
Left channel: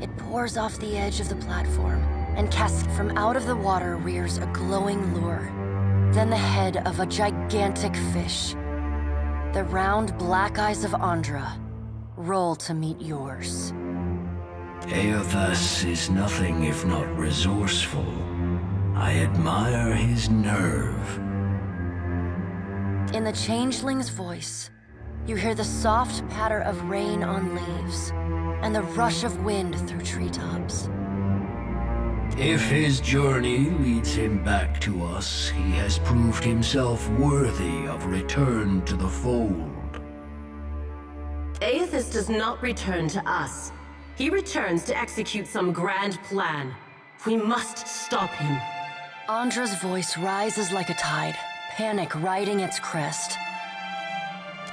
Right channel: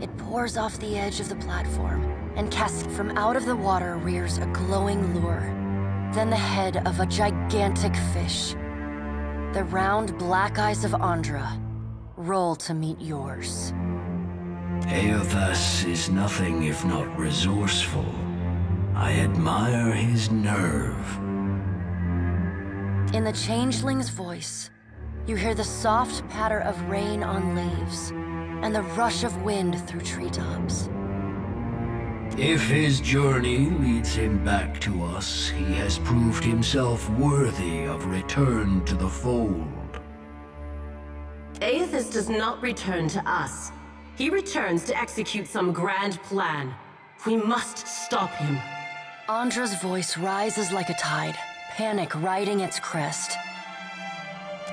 It pours off the edge of the platform, and casts from out of the water rears a glowing lure, then the head of a gigantic fish. The round black eyes of Andra roll to meet yours. Eothas is nothing if not resourceful. I admire his nerve. In the changeling's voice, you hear the soft patter of rain on leaves, and the rush of wind through treetops. If his journey leads him back to us, he has proved himself worthy of return to the fold. Eothas does not return to us. He returns to execute some grand plan. We must stop him. Andra's voice rises like a tide, panic riding its crest.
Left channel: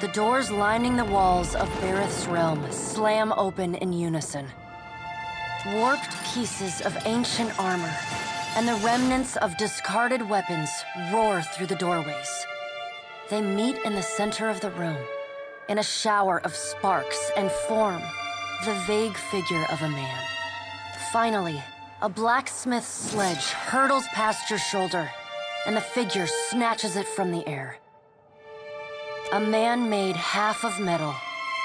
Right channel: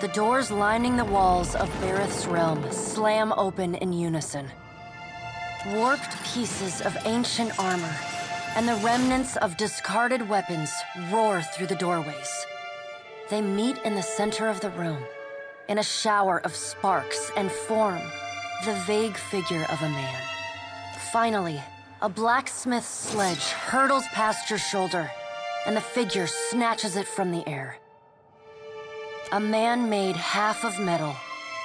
The doors lining the walls of Bareth's realm slam open in unison. Warped pieces of ancient armor and the remnants of discarded weapons roar through the doorways. They meet in the center of the room, in a shower of sparks, and form the vague figure of a man. Finally, a blacksmith's sledge hurtles past your shoulder, and the figure snatches it from the air. A man made half of metal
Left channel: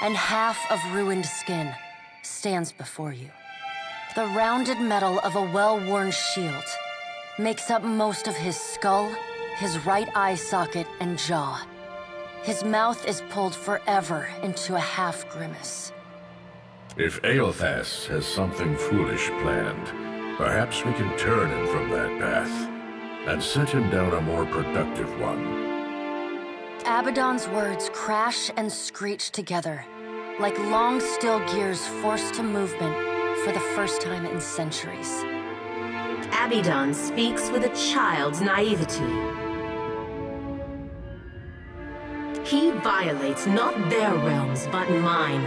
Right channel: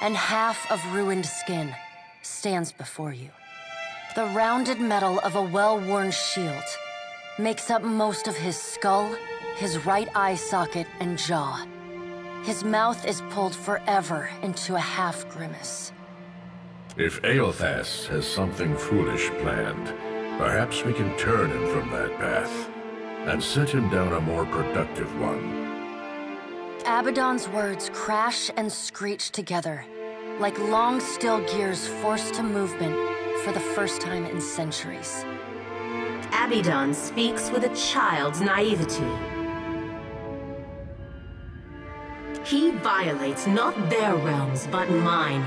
and half of ruined skin stands before you. The rounded metal of a well-worn shield makes up most of his skull, his right eye socket, and jaw. His mouth is pulled forever into a half-grimace. If Eothas has something foolish planned, perhaps we can turn him from that path and set him down a more productive one. Abaddon's words crash and screech together, like long steel gears forced to movement for the first time in centuries. Abaddon speaks with a child's naivety. He violates not their realms, but mine.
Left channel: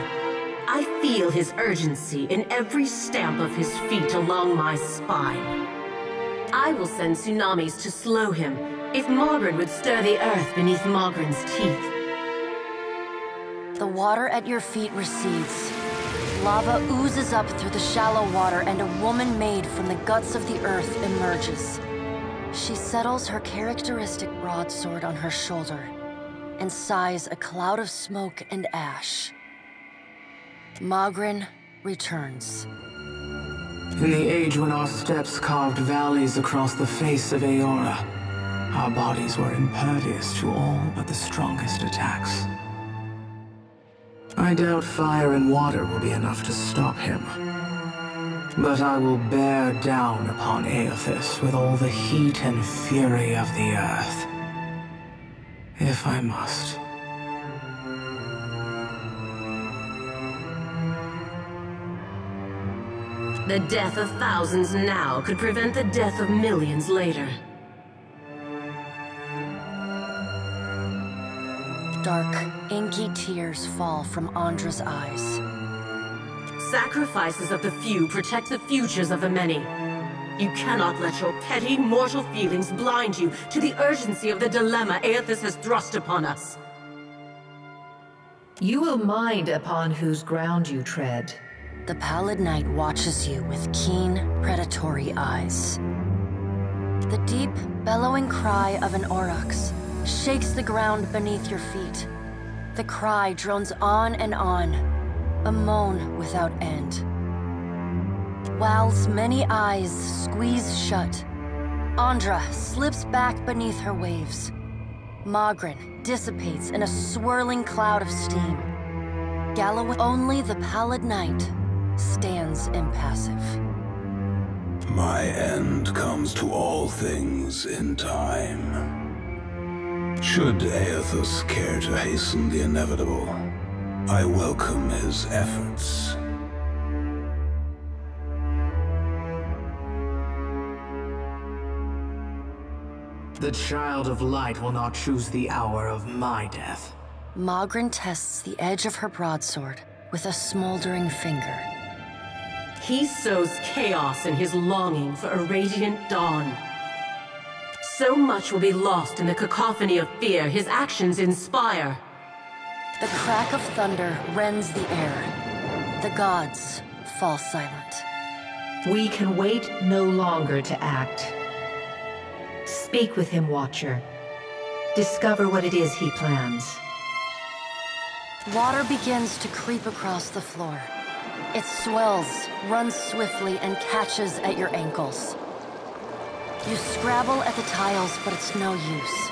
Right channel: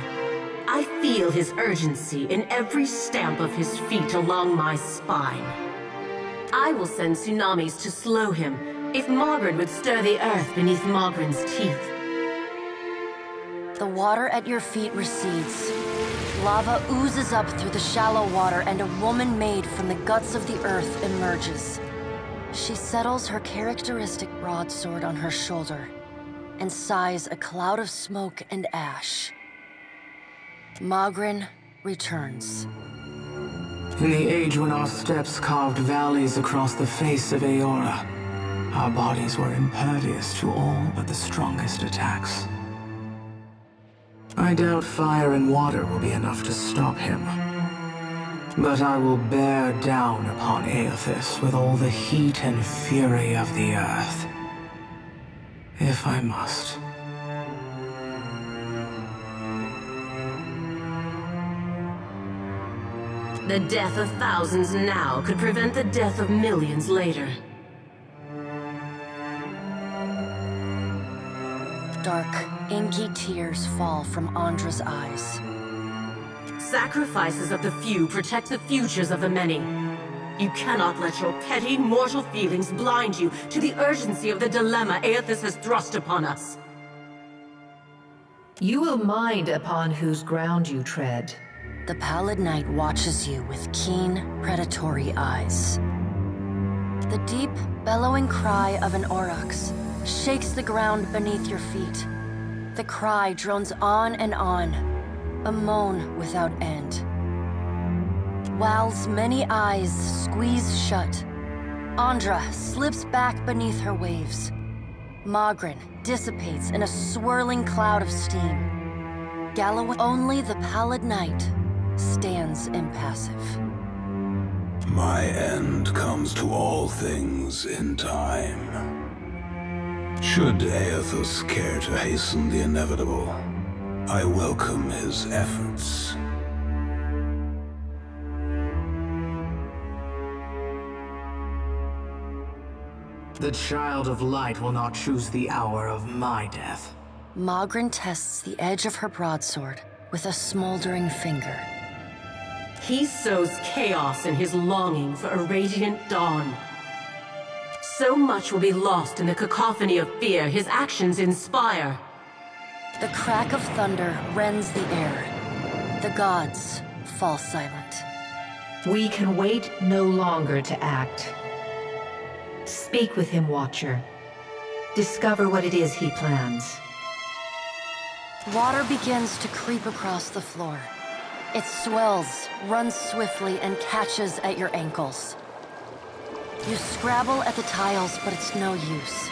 I feel his urgency in every stamp of his feet along my spine. I will send tsunamis to slow him if Mogren would stir the earth beneath Mogren's teeth. The water at your feet recedes. Lava oozes up through the shallow water, and a woman made from the guts of the earth emerges. She settles her characteristic broadsword on her shoulder and sighs a cloud of smoke and ash. Mogren returns. In the age when our steps carved valleys across the face of Eora, our bodies were impervious to all but the strongest attacks. I doubt fire and water will be enough to stop him. But I will bear down upon Eothas with all the heat and fury of the earth. If I must. The death of thousands now could prevent the death of millions later. Dark, inky tears fall from Andra's eyes. Sacrifices of the few protect the futures of the many. You cannot let your petty, mortal feelings blind you to the urgency of the dilemma Eothas has thrust upon us. You will mind upon whose ground you tread. The Pallid Knight watches you with keen, predatory eyes. The deep, bellowing cry of an aurochs shakes the ground beneath your feet. The cry drones on and on, a moan without end. Wal's many eyes squeeze shut. Andra slips back beneath her waves. Mogren dissipates in a swirling cloud of steam. Galloway, only the Pallid Knight stands impassive. My end comes to all things in time. Should Eothas care to hasten the inevitable, I welcome his efforts. The Child of Light will not choose the hour of my death. Magrin tests the edge of her broadsword with a smoldering finger. He sows chaos in his longing for a radiant dawn. So much will be lost in the cacophony of fear his actions inspire. The crack of thunder rends the air. The gods fall silent. We can wait no longer to act. Speak with him, Watcher. Discover what it is he plans. Water begins to creep across the floor. It swells, runs swiftly, and catches at your ankles. You scrabble at the tiles, but it's no use.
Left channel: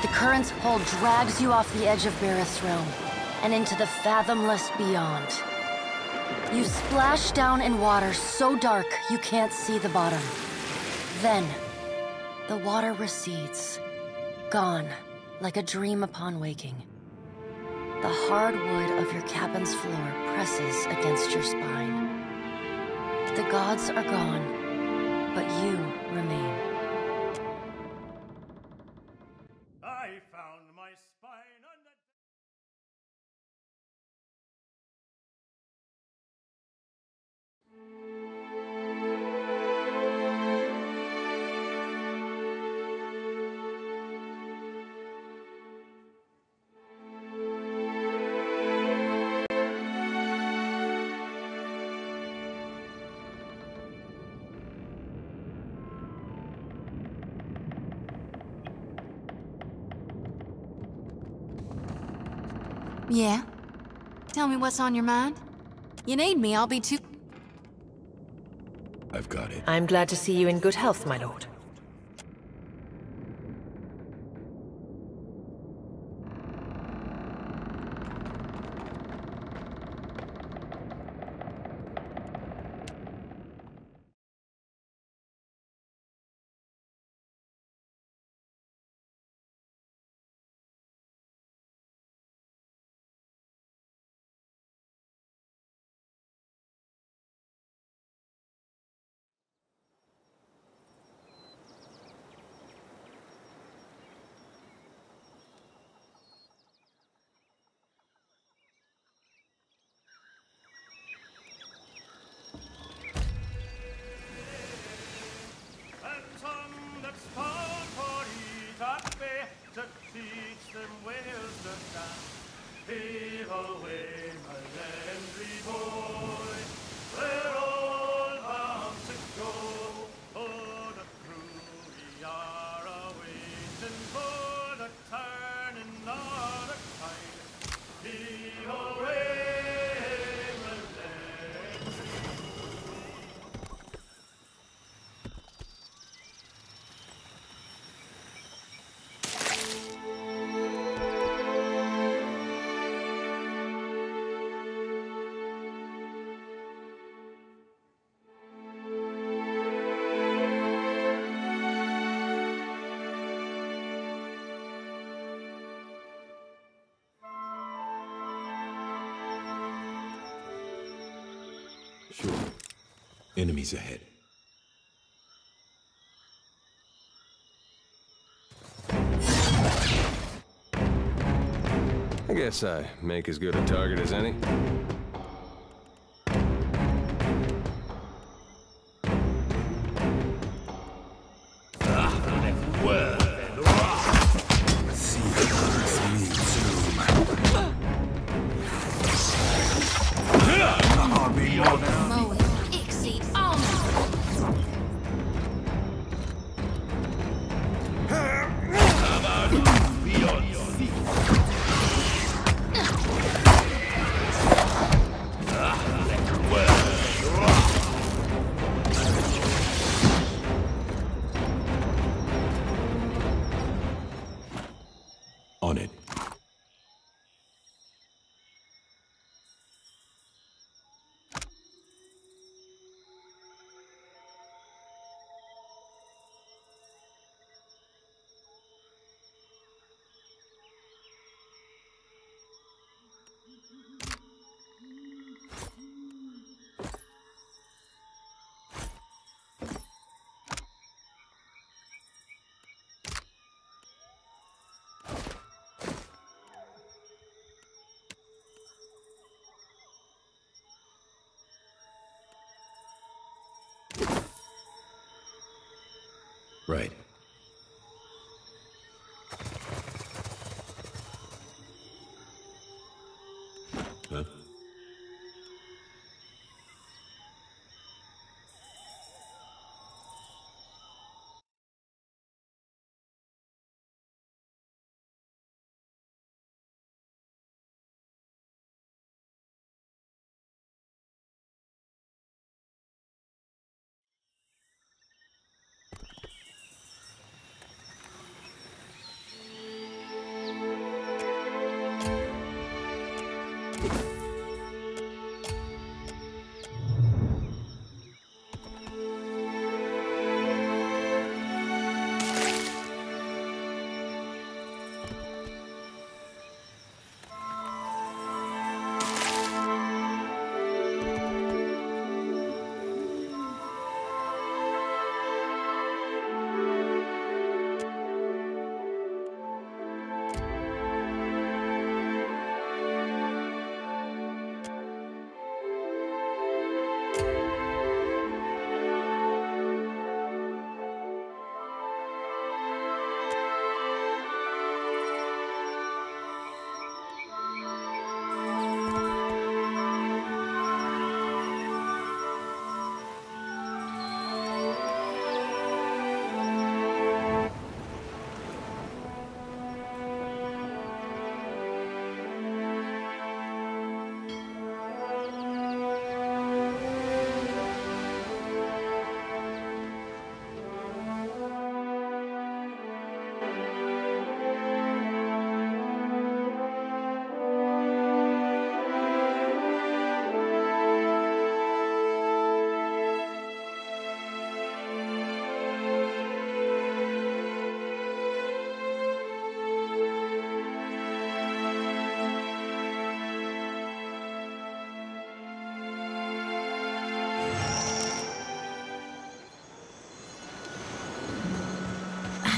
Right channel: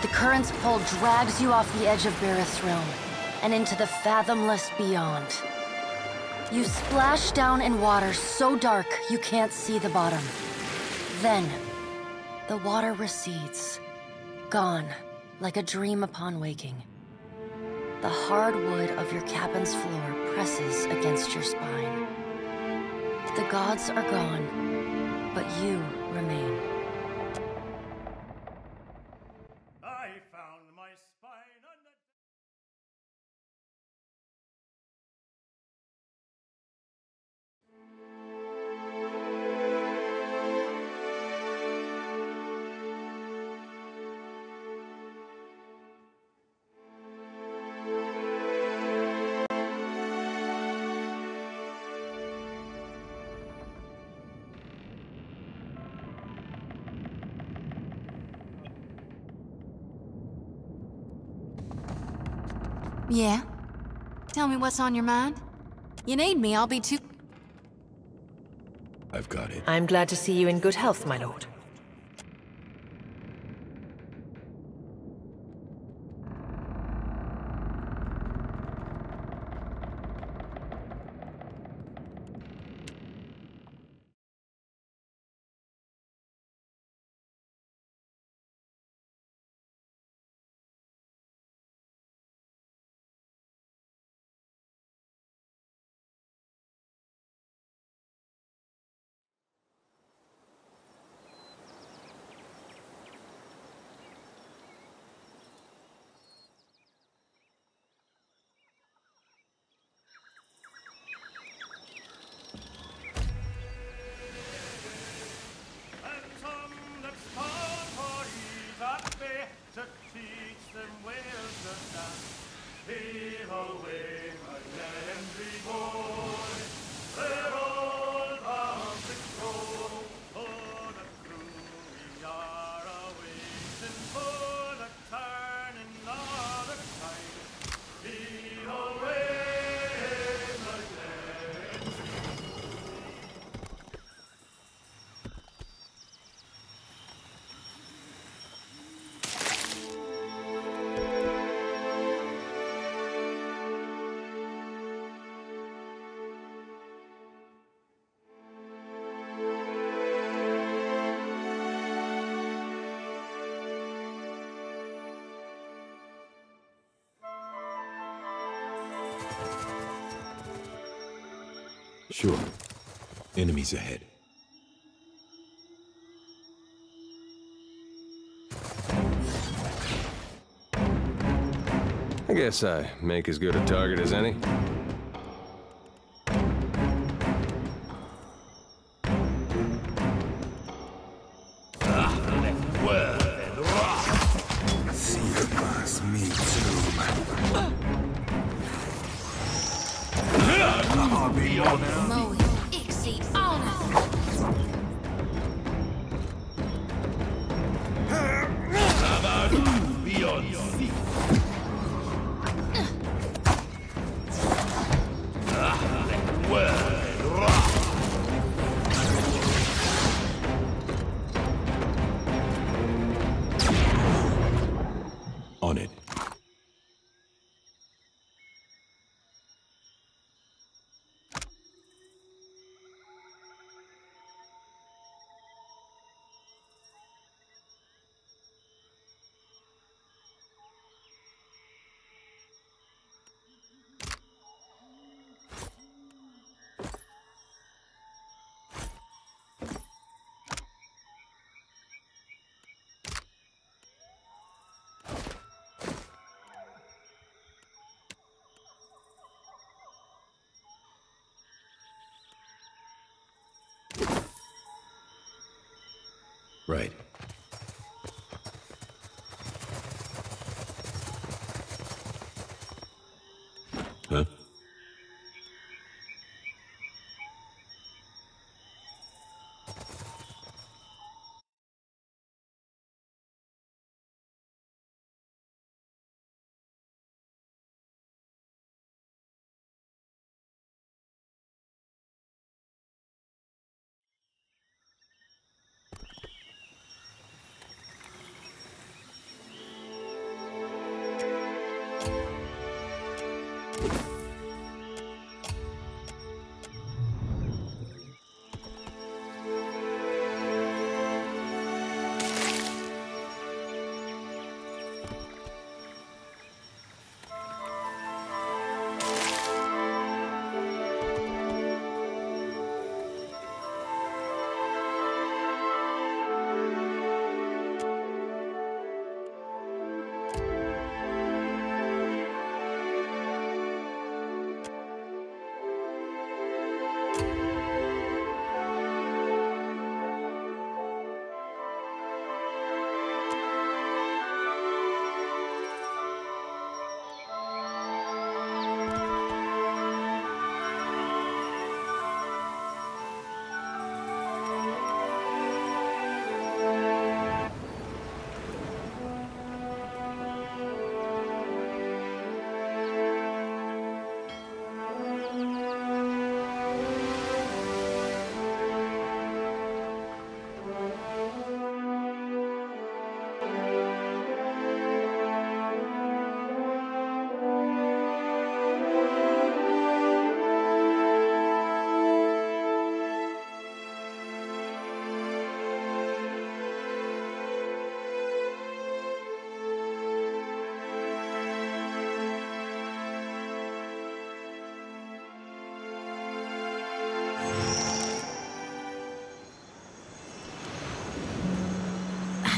The current's pull drags you off the edge of Bareth's realm, and into the fathomless beyond. You splash down in water so dark you can't see the bottom. Then, the water recedes, gone, like a dream upon waking. The hard wood of your cabin's floor presses against your spine. The gods are gone, but you remain. I found my spine on the... Yeah? Tell me what's on your mind. You need me, I'll be too... I've got it. I'm glad to see you in good health, my lord. To teach them well to dance. Heave away, my Landry boy. We're all bound to go. For the crew we are awaiting for the turning of the tide. Heave away, my Landry. Sure. Enemies ahead. I guess I make as good a target as any. On it. Right. Huh?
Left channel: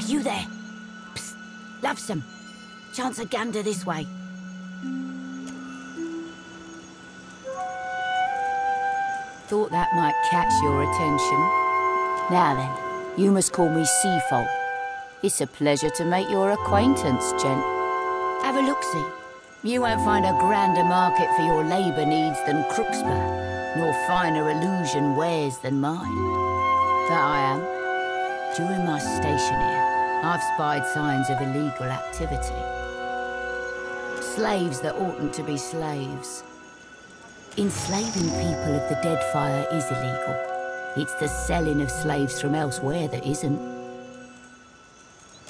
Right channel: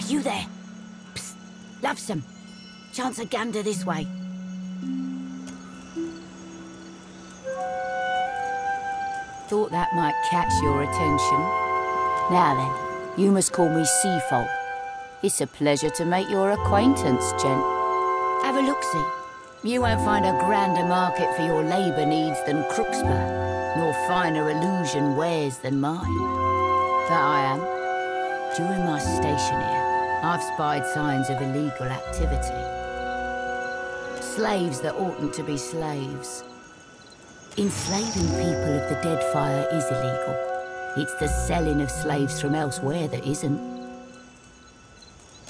You there? Psst, lovesome. Chance a gander this way. Thought that might catch your attention. Now then, you must call me Seafold. It's a pleasure to make your acquaintance, gent. Have a look-see. You won't find a grander market for your labour needs than Crooksburg, nor finer illusion wares than mine. That I am. During my station here, I've spied signs of illegal activity. Slaves that oughtn't to be slaves. Enslaving people of the Deadfire is illegal. It's the selling of slaves from elsewhere that isn't.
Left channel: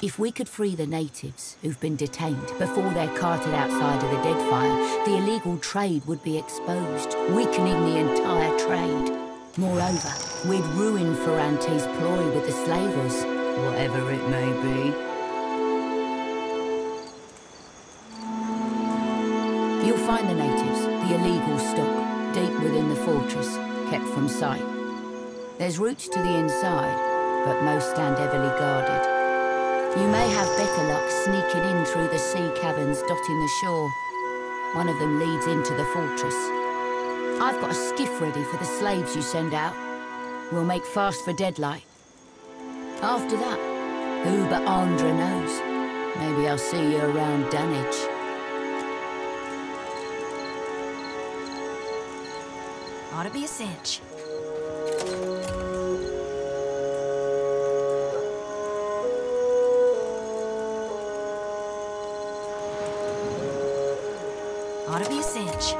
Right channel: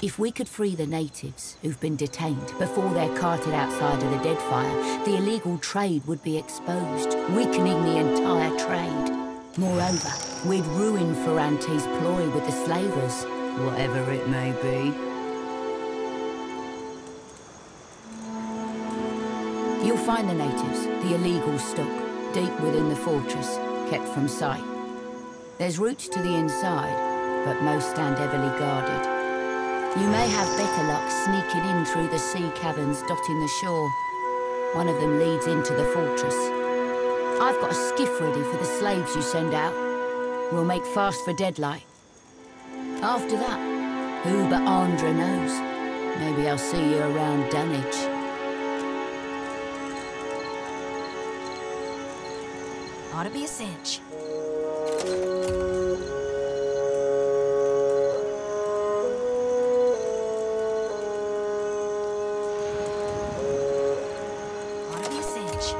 If we could free the natives who've been detained before they're carted outside of the Deadfire, the illegal trade would be exposed, weakening the entire trade. Moreover, we'd ruin Ferrante's ploy with the slavers, whatever it may be. You'll find the natives, the illegal stock, deep within the fortress, kept from sight. There's routes to the inside, but most stand heavily guarded. You may have better luck sneaking in through the sea caverns dotting the shore. One of them leads into the fortress. I've got a skiff ready for the slaves you send out. We'll make fast for Deadlight. After that, who but Andra knows? Maybe I'll see you around Dunwich. Ought to be a cinch. Ought to be a cinch.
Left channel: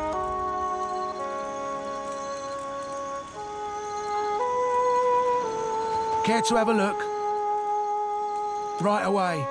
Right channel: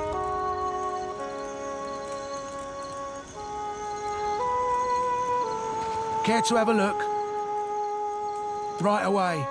Care to have a look? Right away.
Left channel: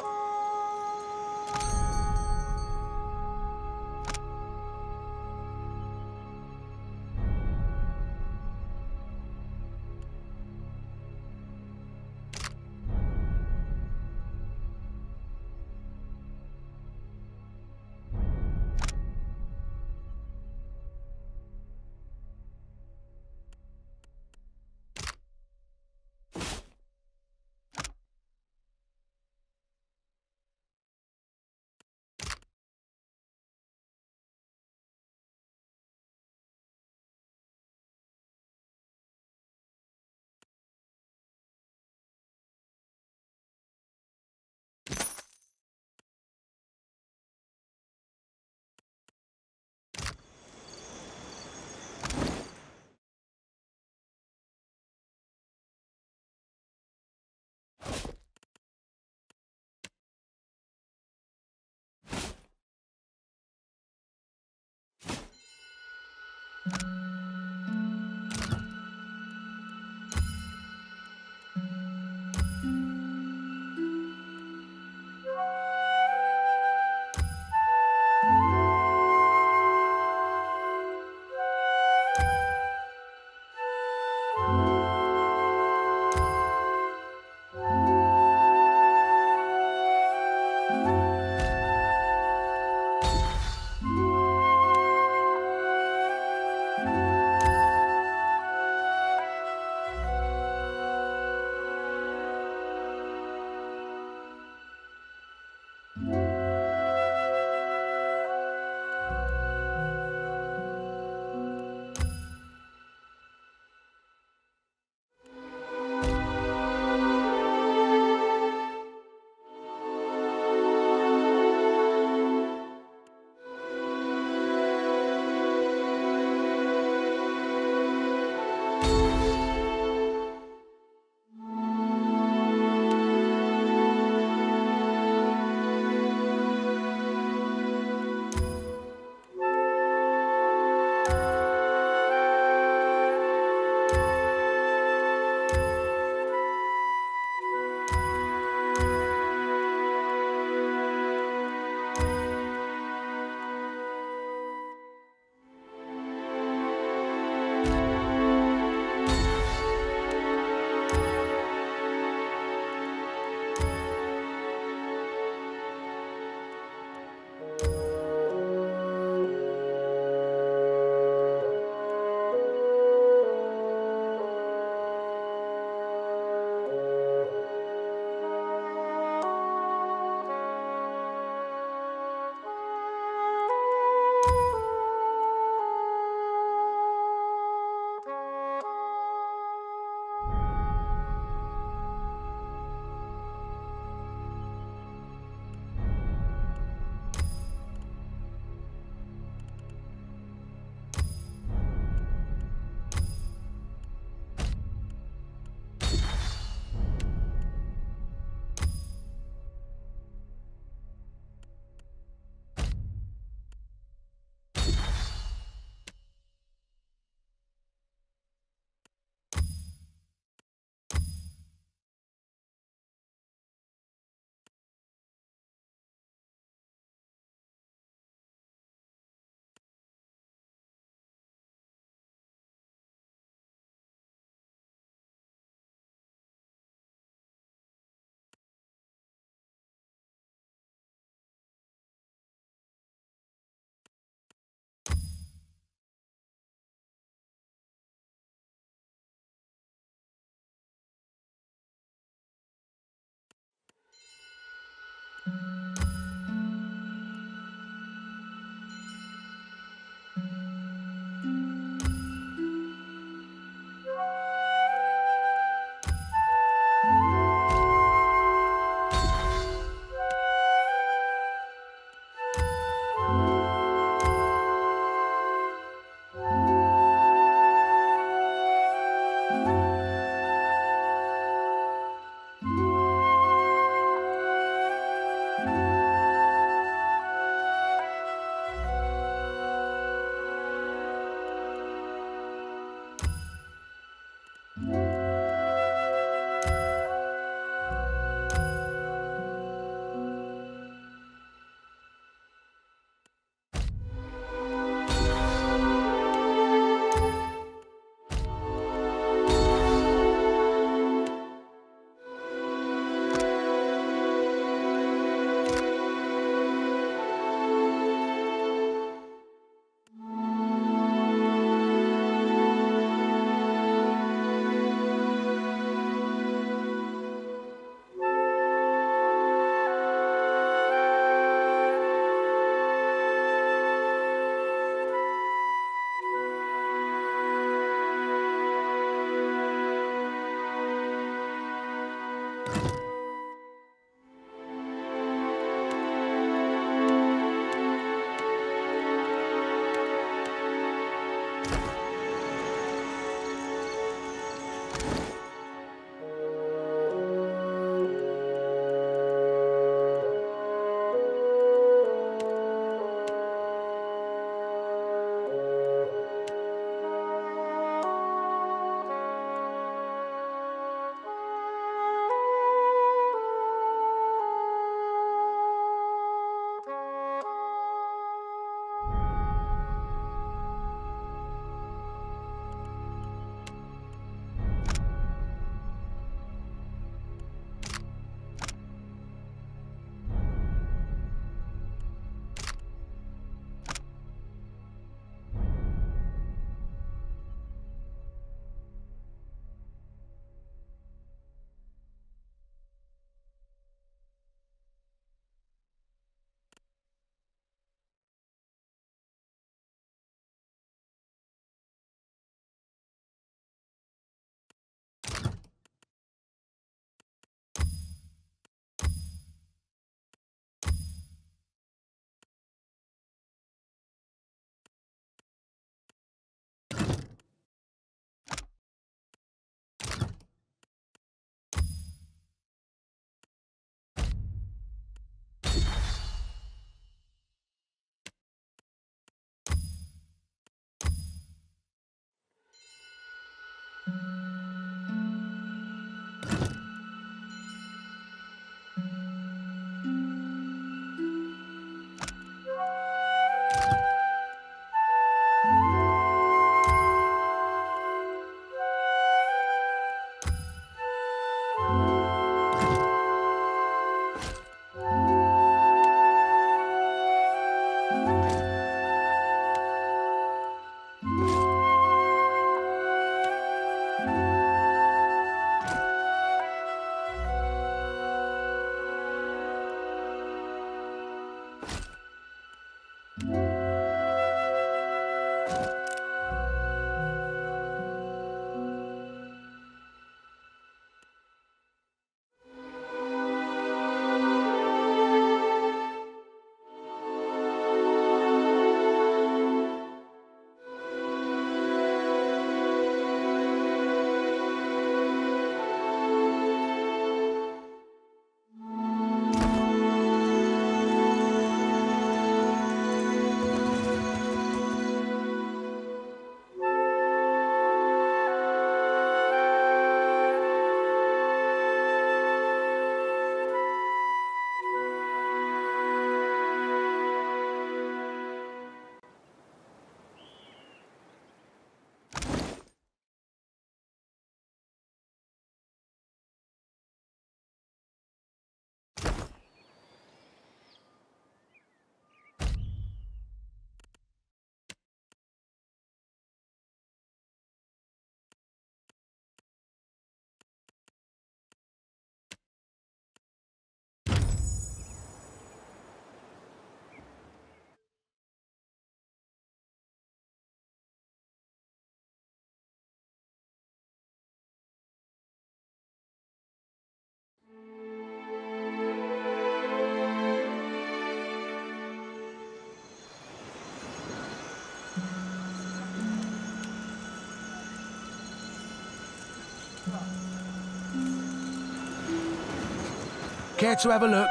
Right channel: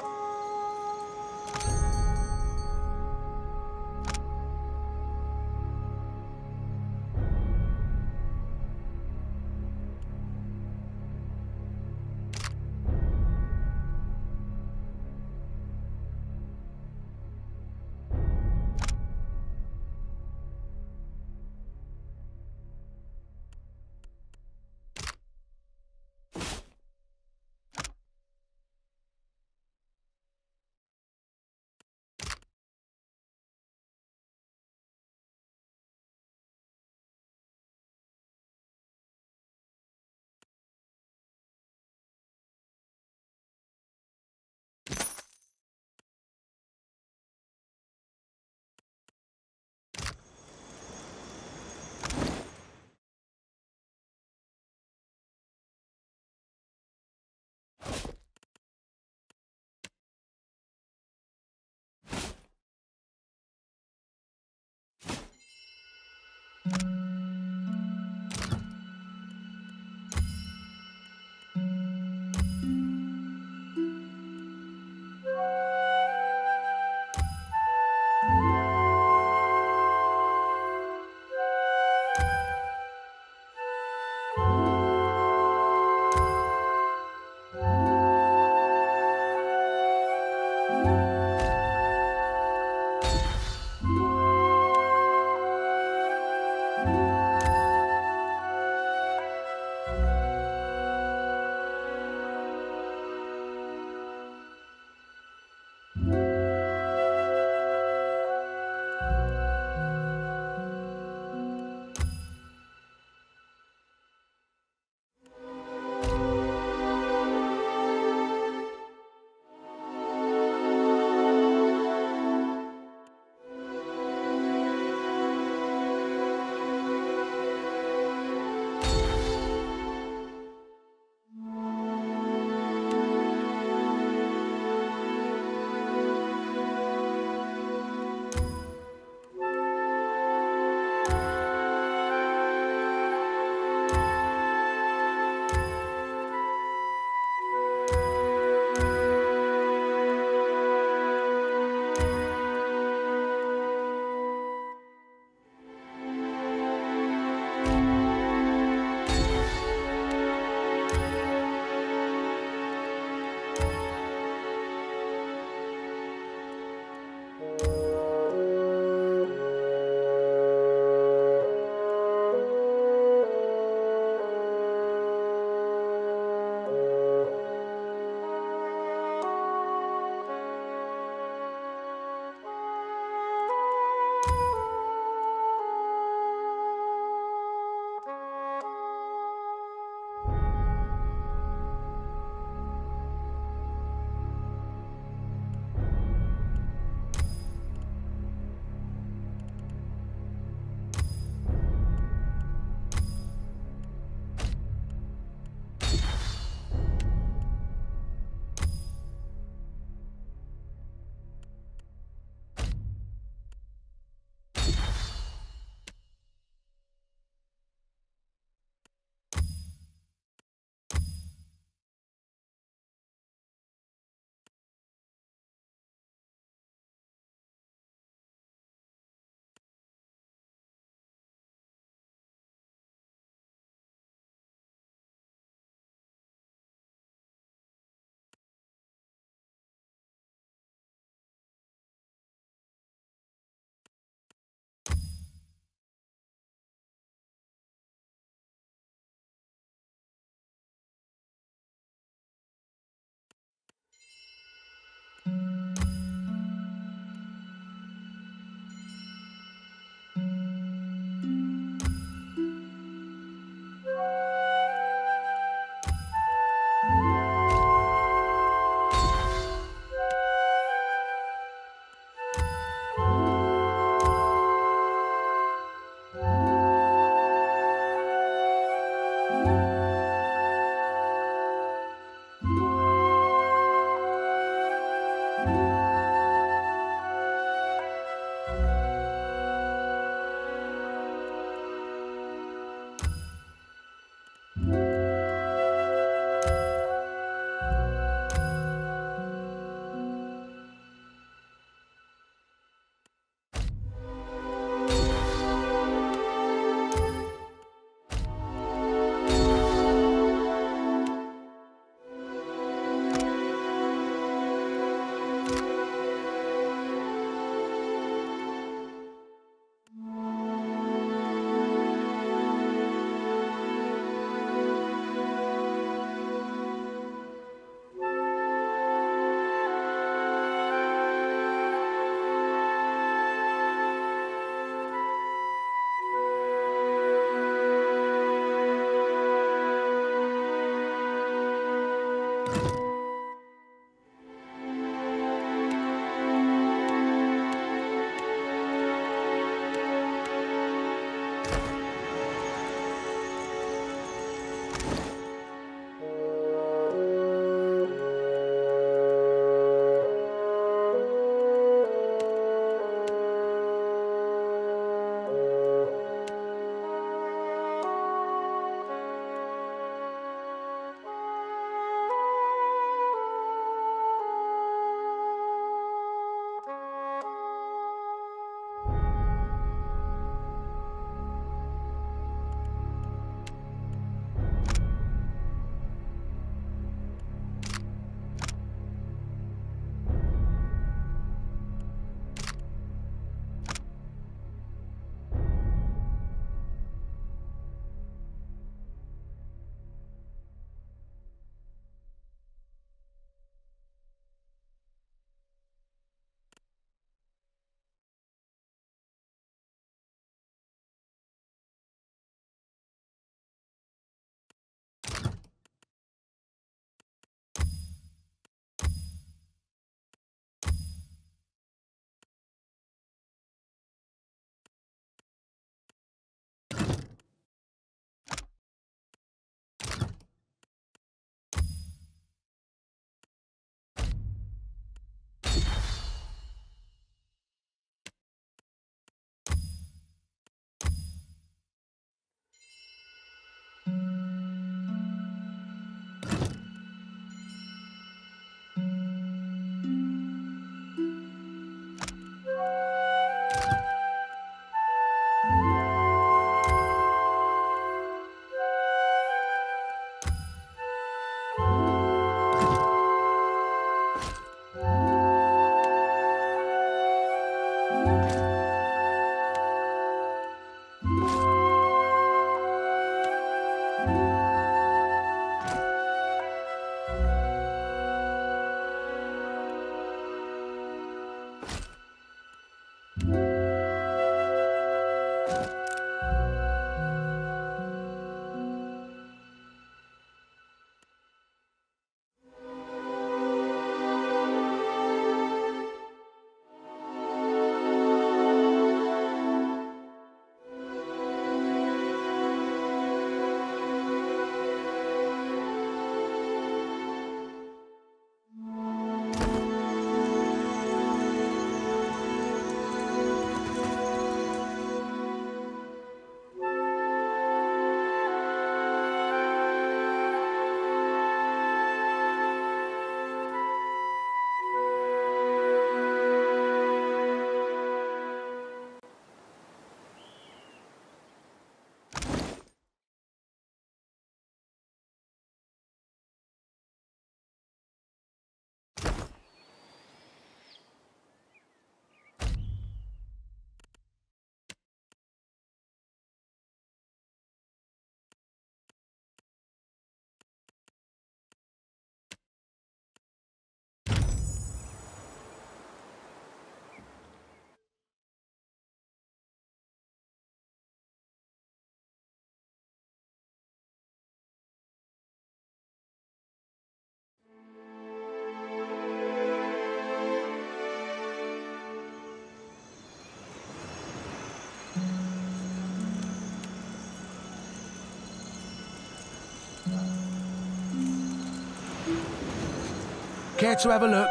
Care to have a look?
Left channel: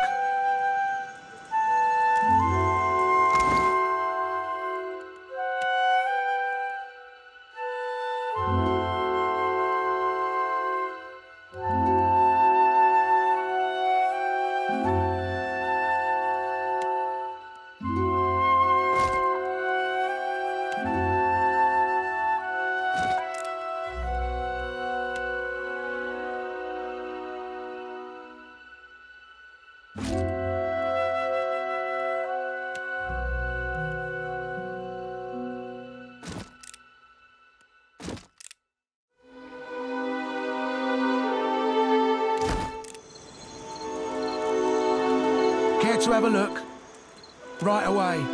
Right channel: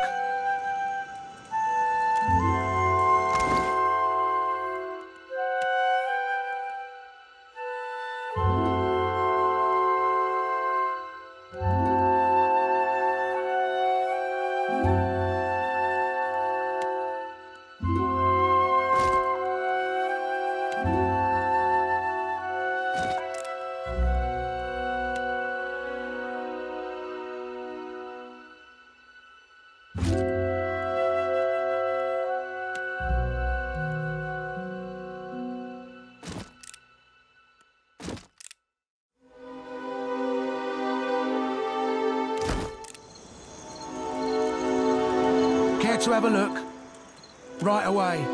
Care to have a look? Right away.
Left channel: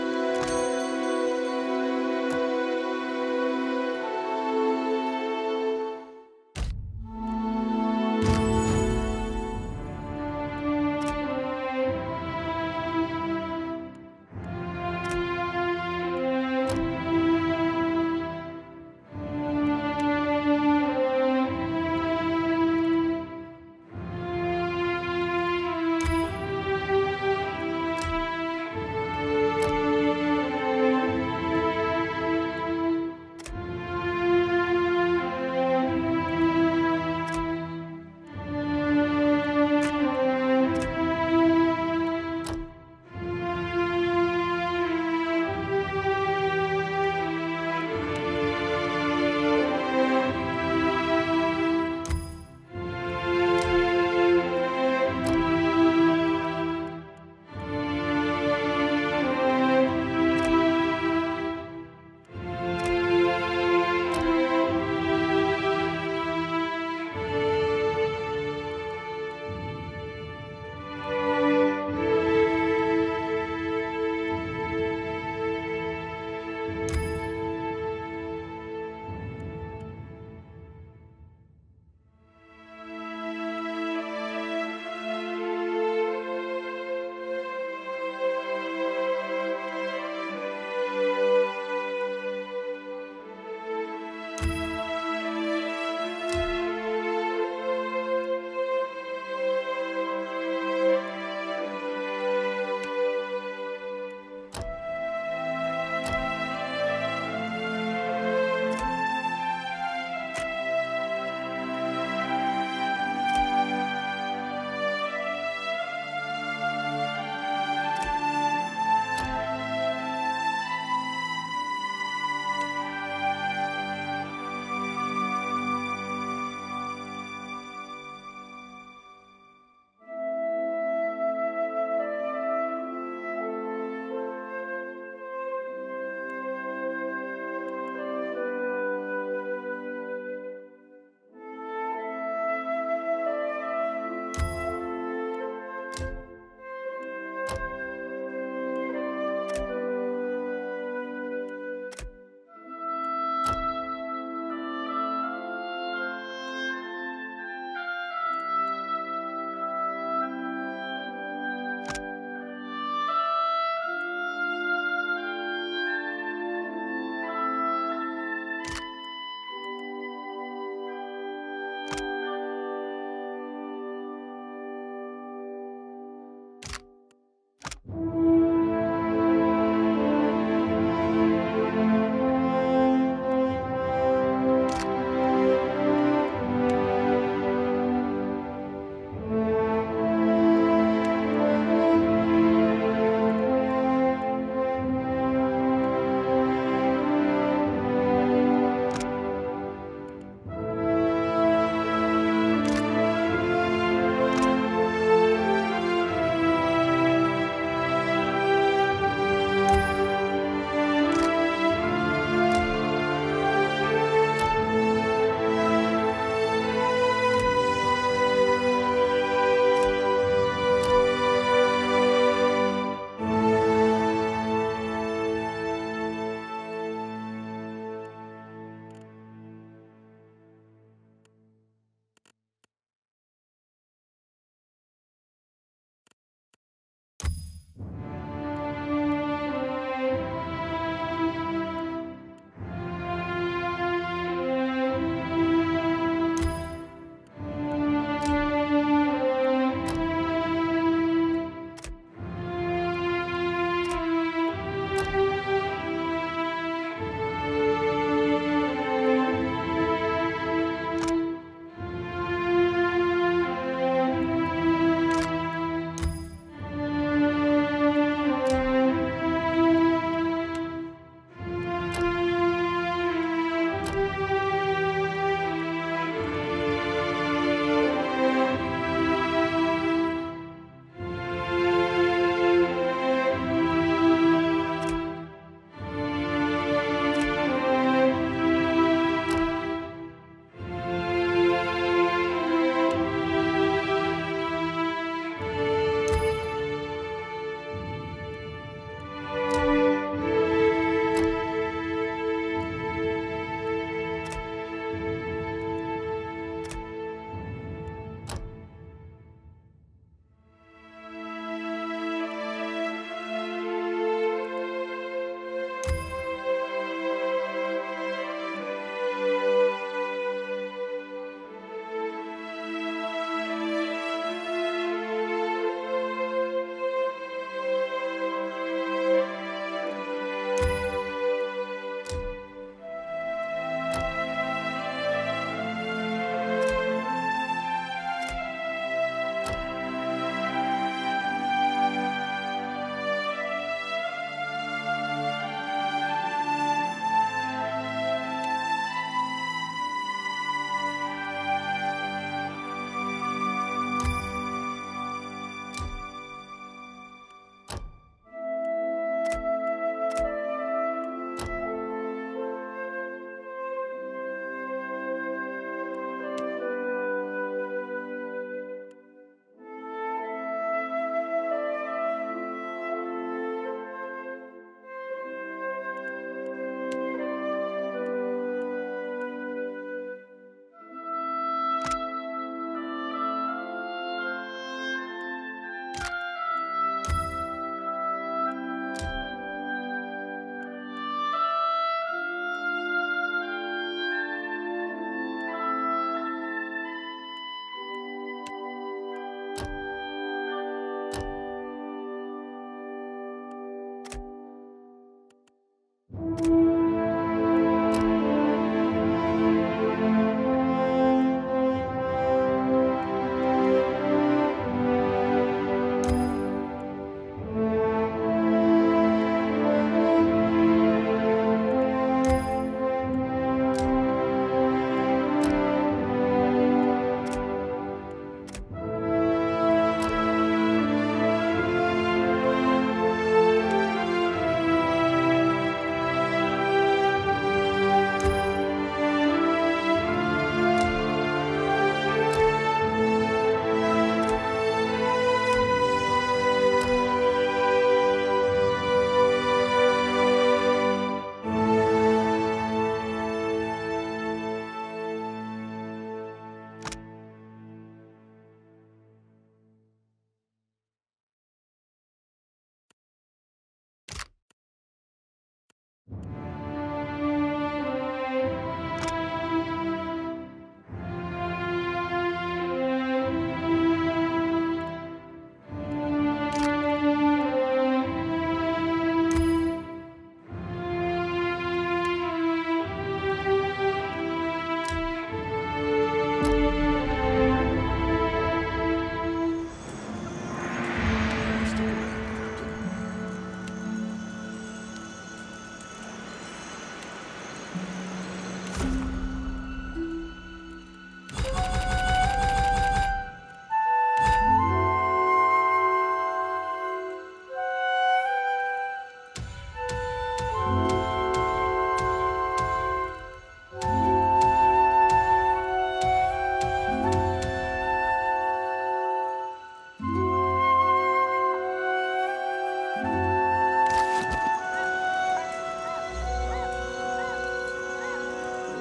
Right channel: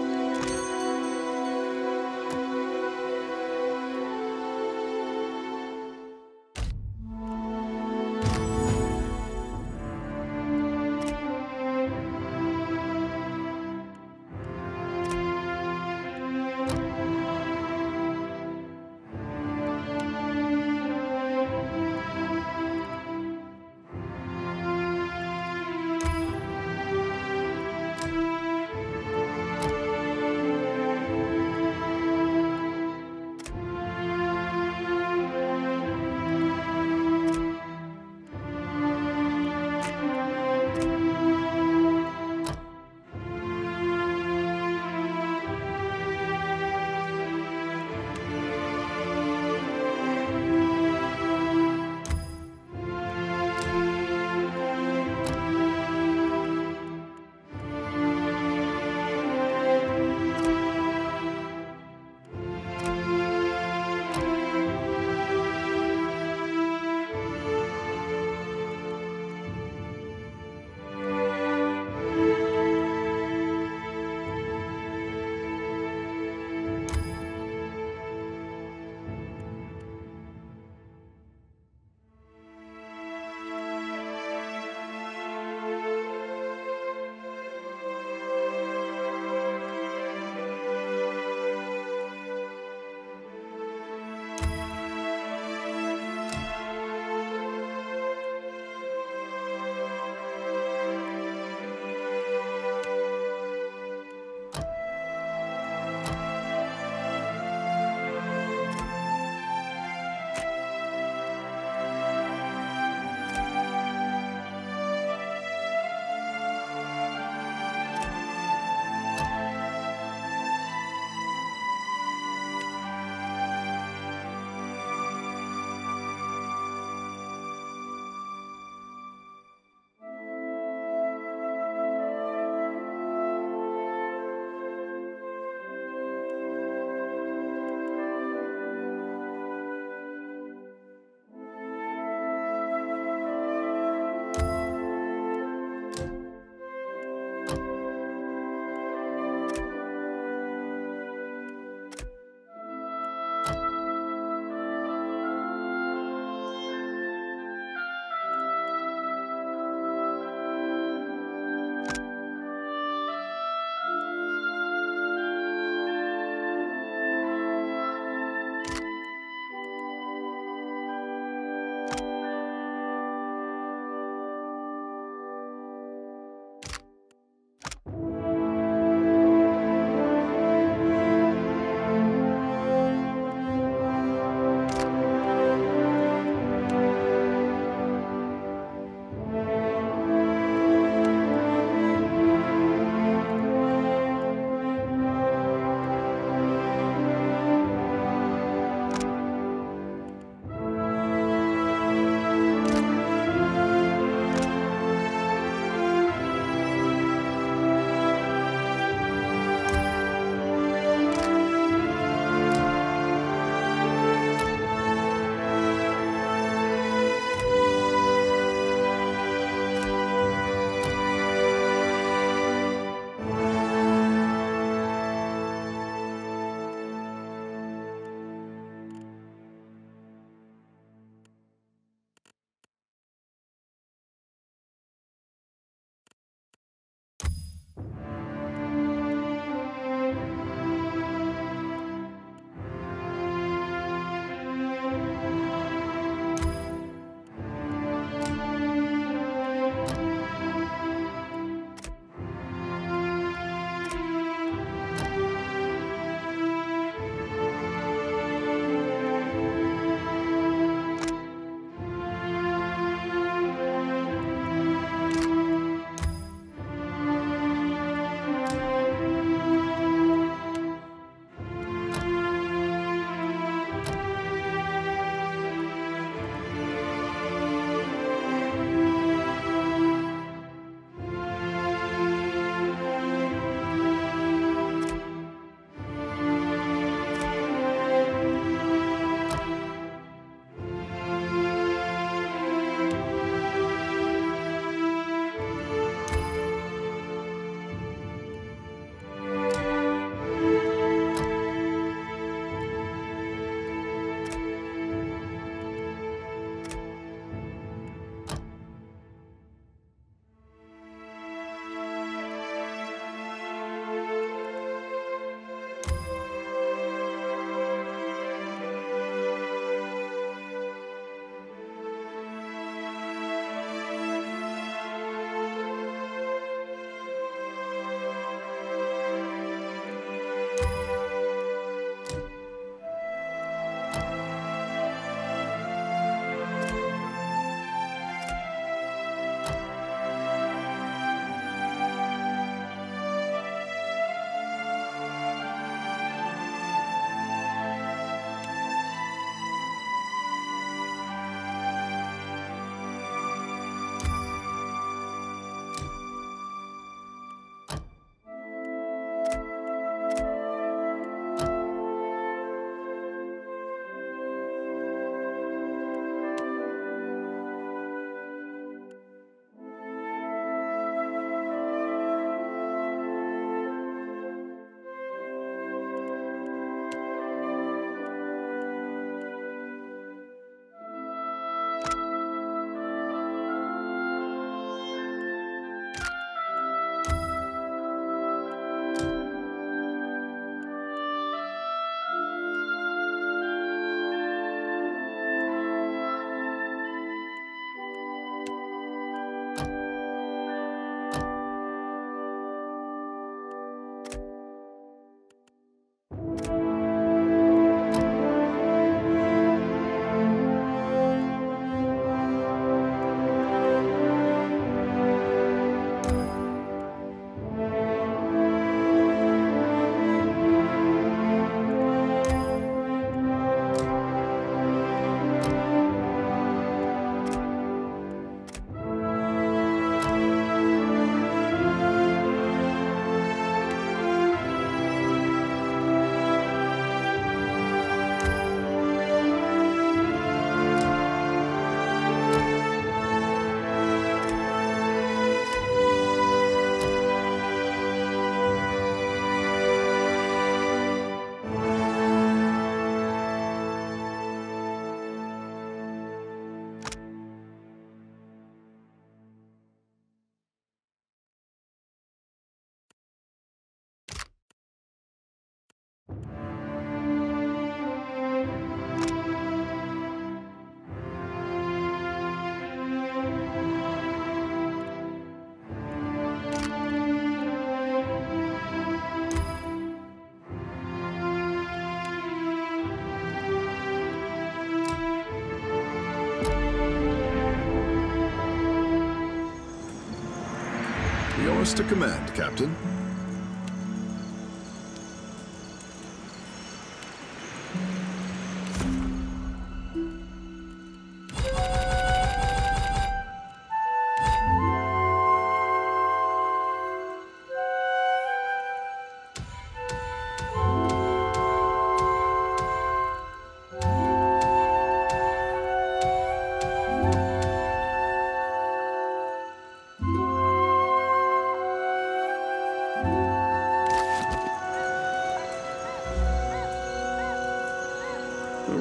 to command, Captain.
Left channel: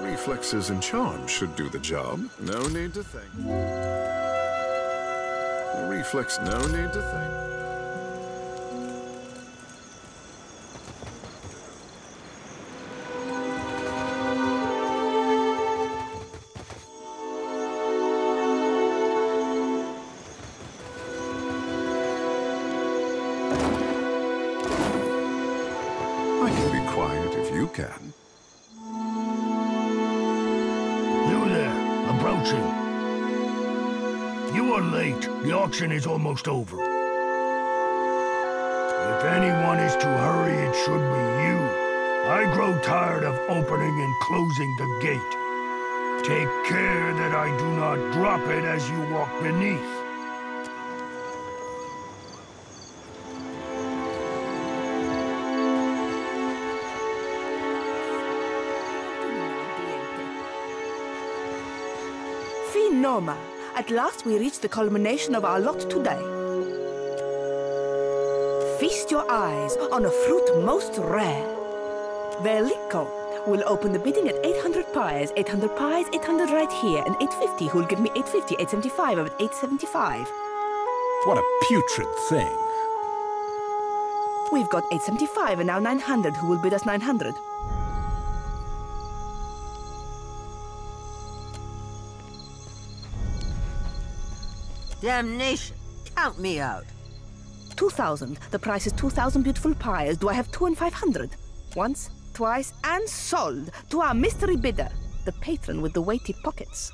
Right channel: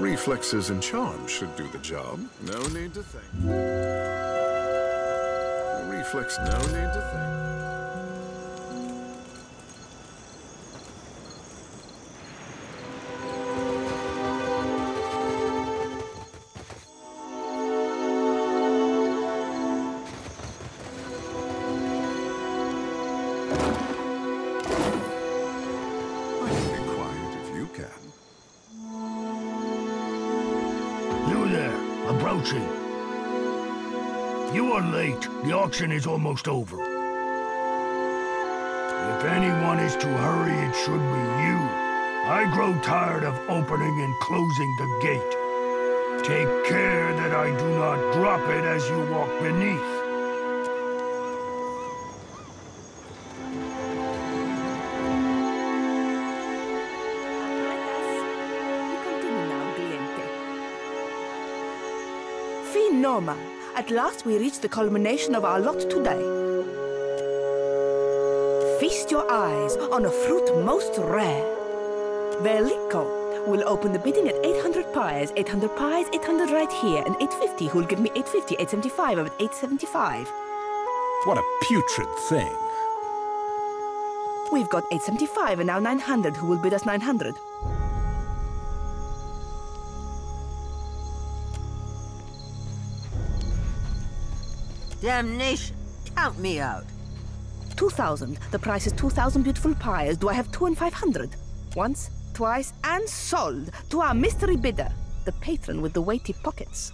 Reflexes and charms should do the job. No need to think. Reflex, no need to think. I can be quiet if you can. You there, approaching. You are late. The auction is almost over. If anyone is to hurry, it should be you. I grow tired of opening and closing the gate. Take care that I do not drop it as you walk beneath. Noma, at last we reach the culmination of our lot today. Feast your eyes on a fruit most rare. Veliko will open the bidding at 800 pies, 800 pies, 800 right here, and 850, who'll give me 850, 875, I'm at 875. What a putrid thing. We've got 875 and now 900, who will bid us 900? Damnation! Count me out. 2,000. The price is 2,000 beautiful pies. Do I have 2 and 500? Once, twice, and sold to our mystery bidder, the patron with the weighty pockets.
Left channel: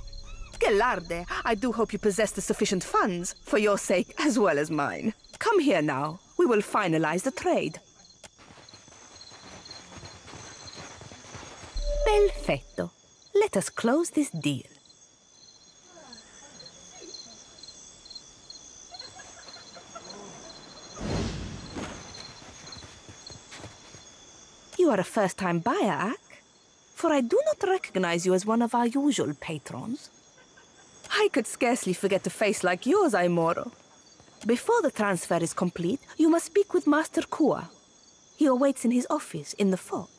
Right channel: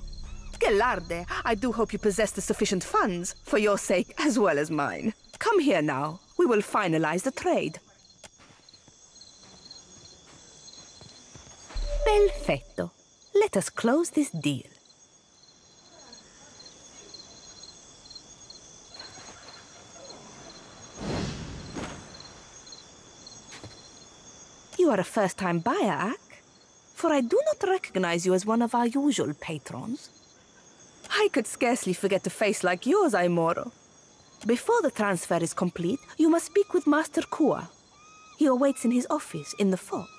Gelarde, I do hope you possess the sufficient funds, for your sake as well as mine. Come here now. We will finalize the trade. Perfetto. Let us close this deal. You are a first-time buyer, Ak? For I do not recognize you as one of our usual patrons. I could scarcely forget a face like yours, Aimoro. Before the transfer is complete, you must speak with Master Kua. He awaits in his office in the fort.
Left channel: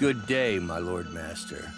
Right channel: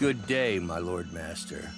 Good day, my Lord Master.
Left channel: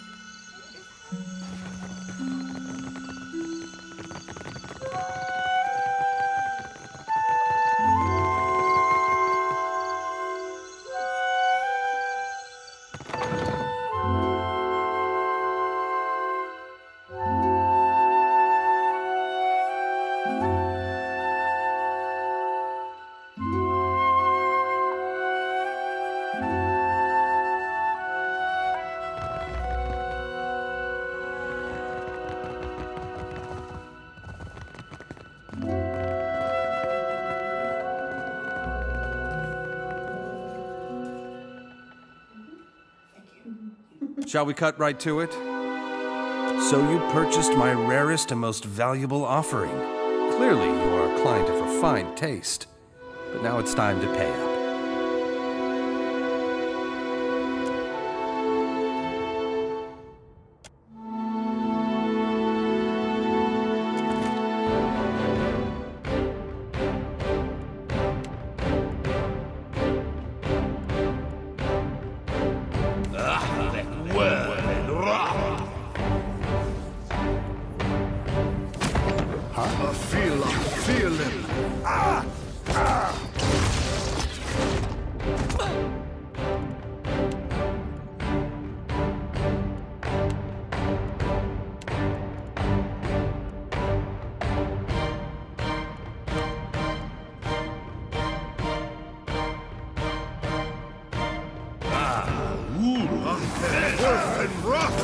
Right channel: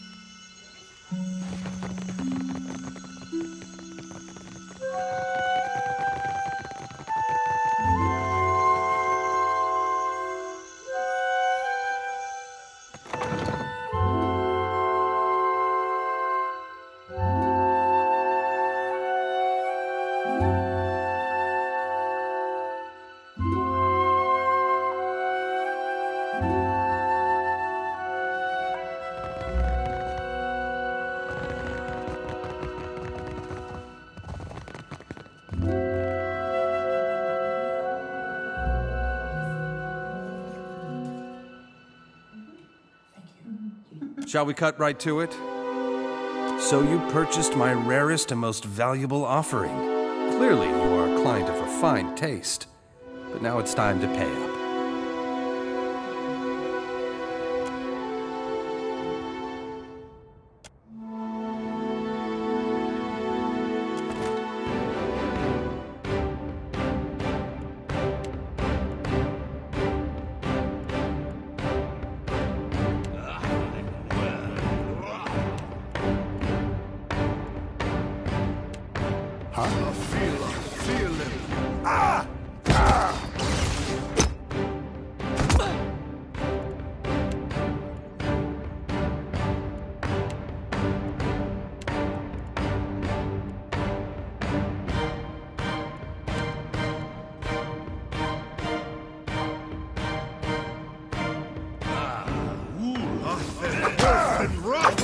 Shall we cut right to it? So you purchased my rarest and most valuable offering. Clearly you are a client of refined taste. But now it's time to pay up. I feel him. Ah! Ah! Rough and rough!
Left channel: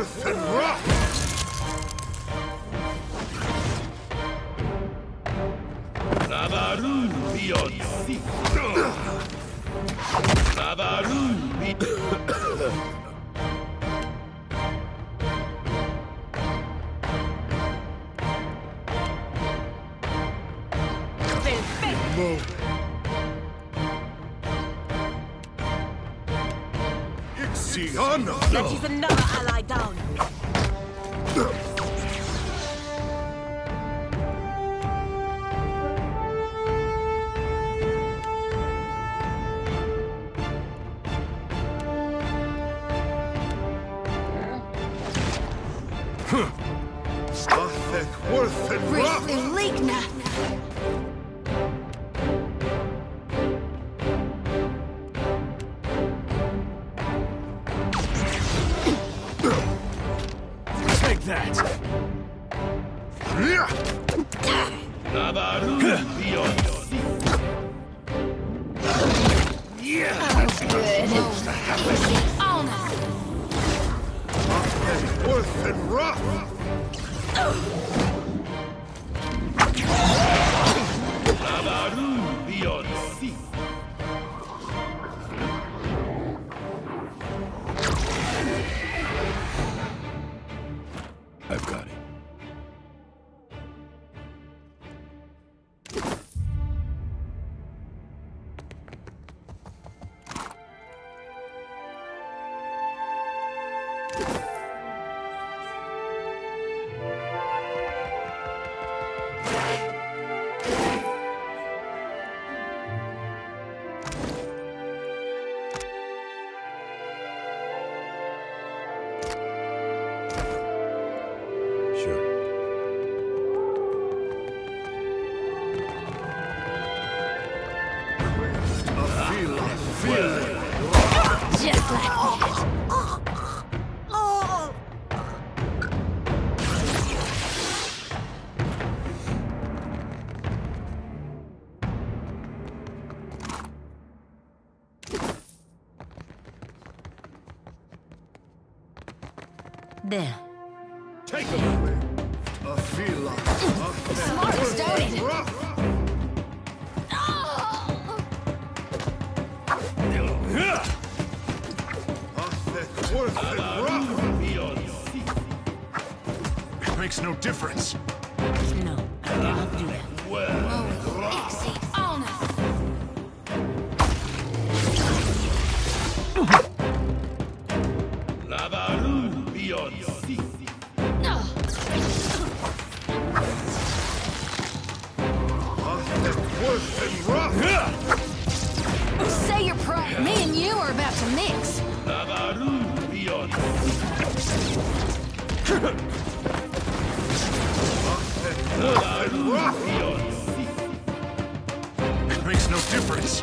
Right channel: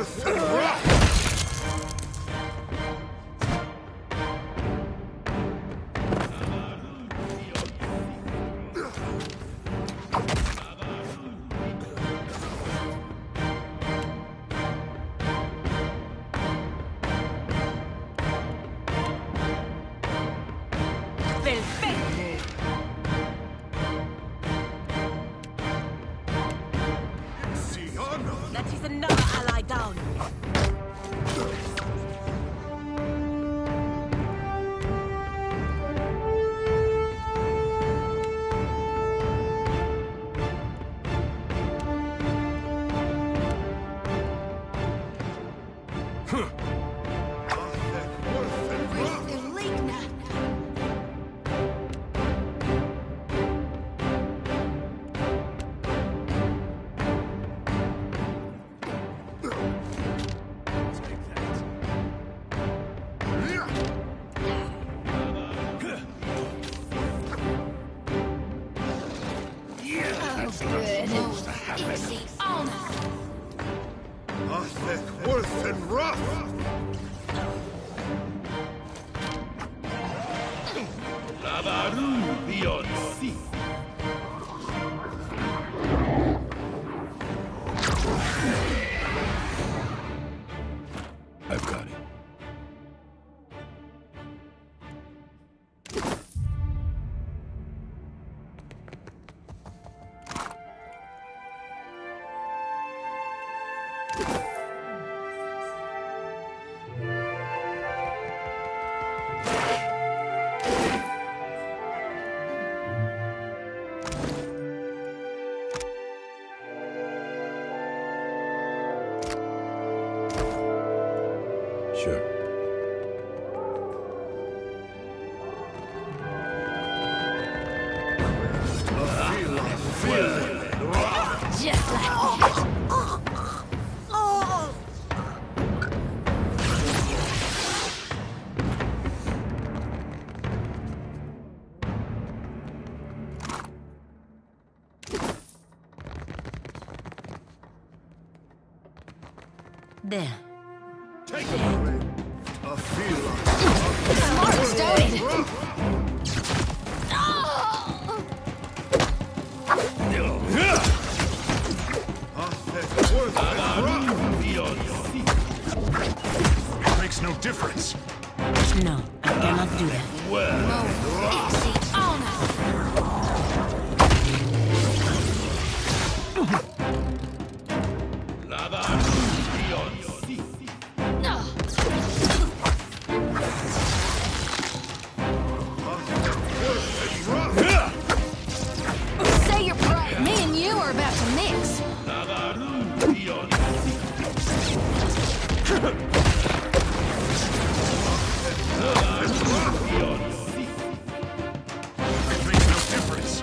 worth and rough! That is another ally down. I've got it. Sure. Just like that. There. Take it away. I feel like Smart started. Makes no difference. No, I cannot do that. Say your prayer. Me and you are about to mix. It makes no difference.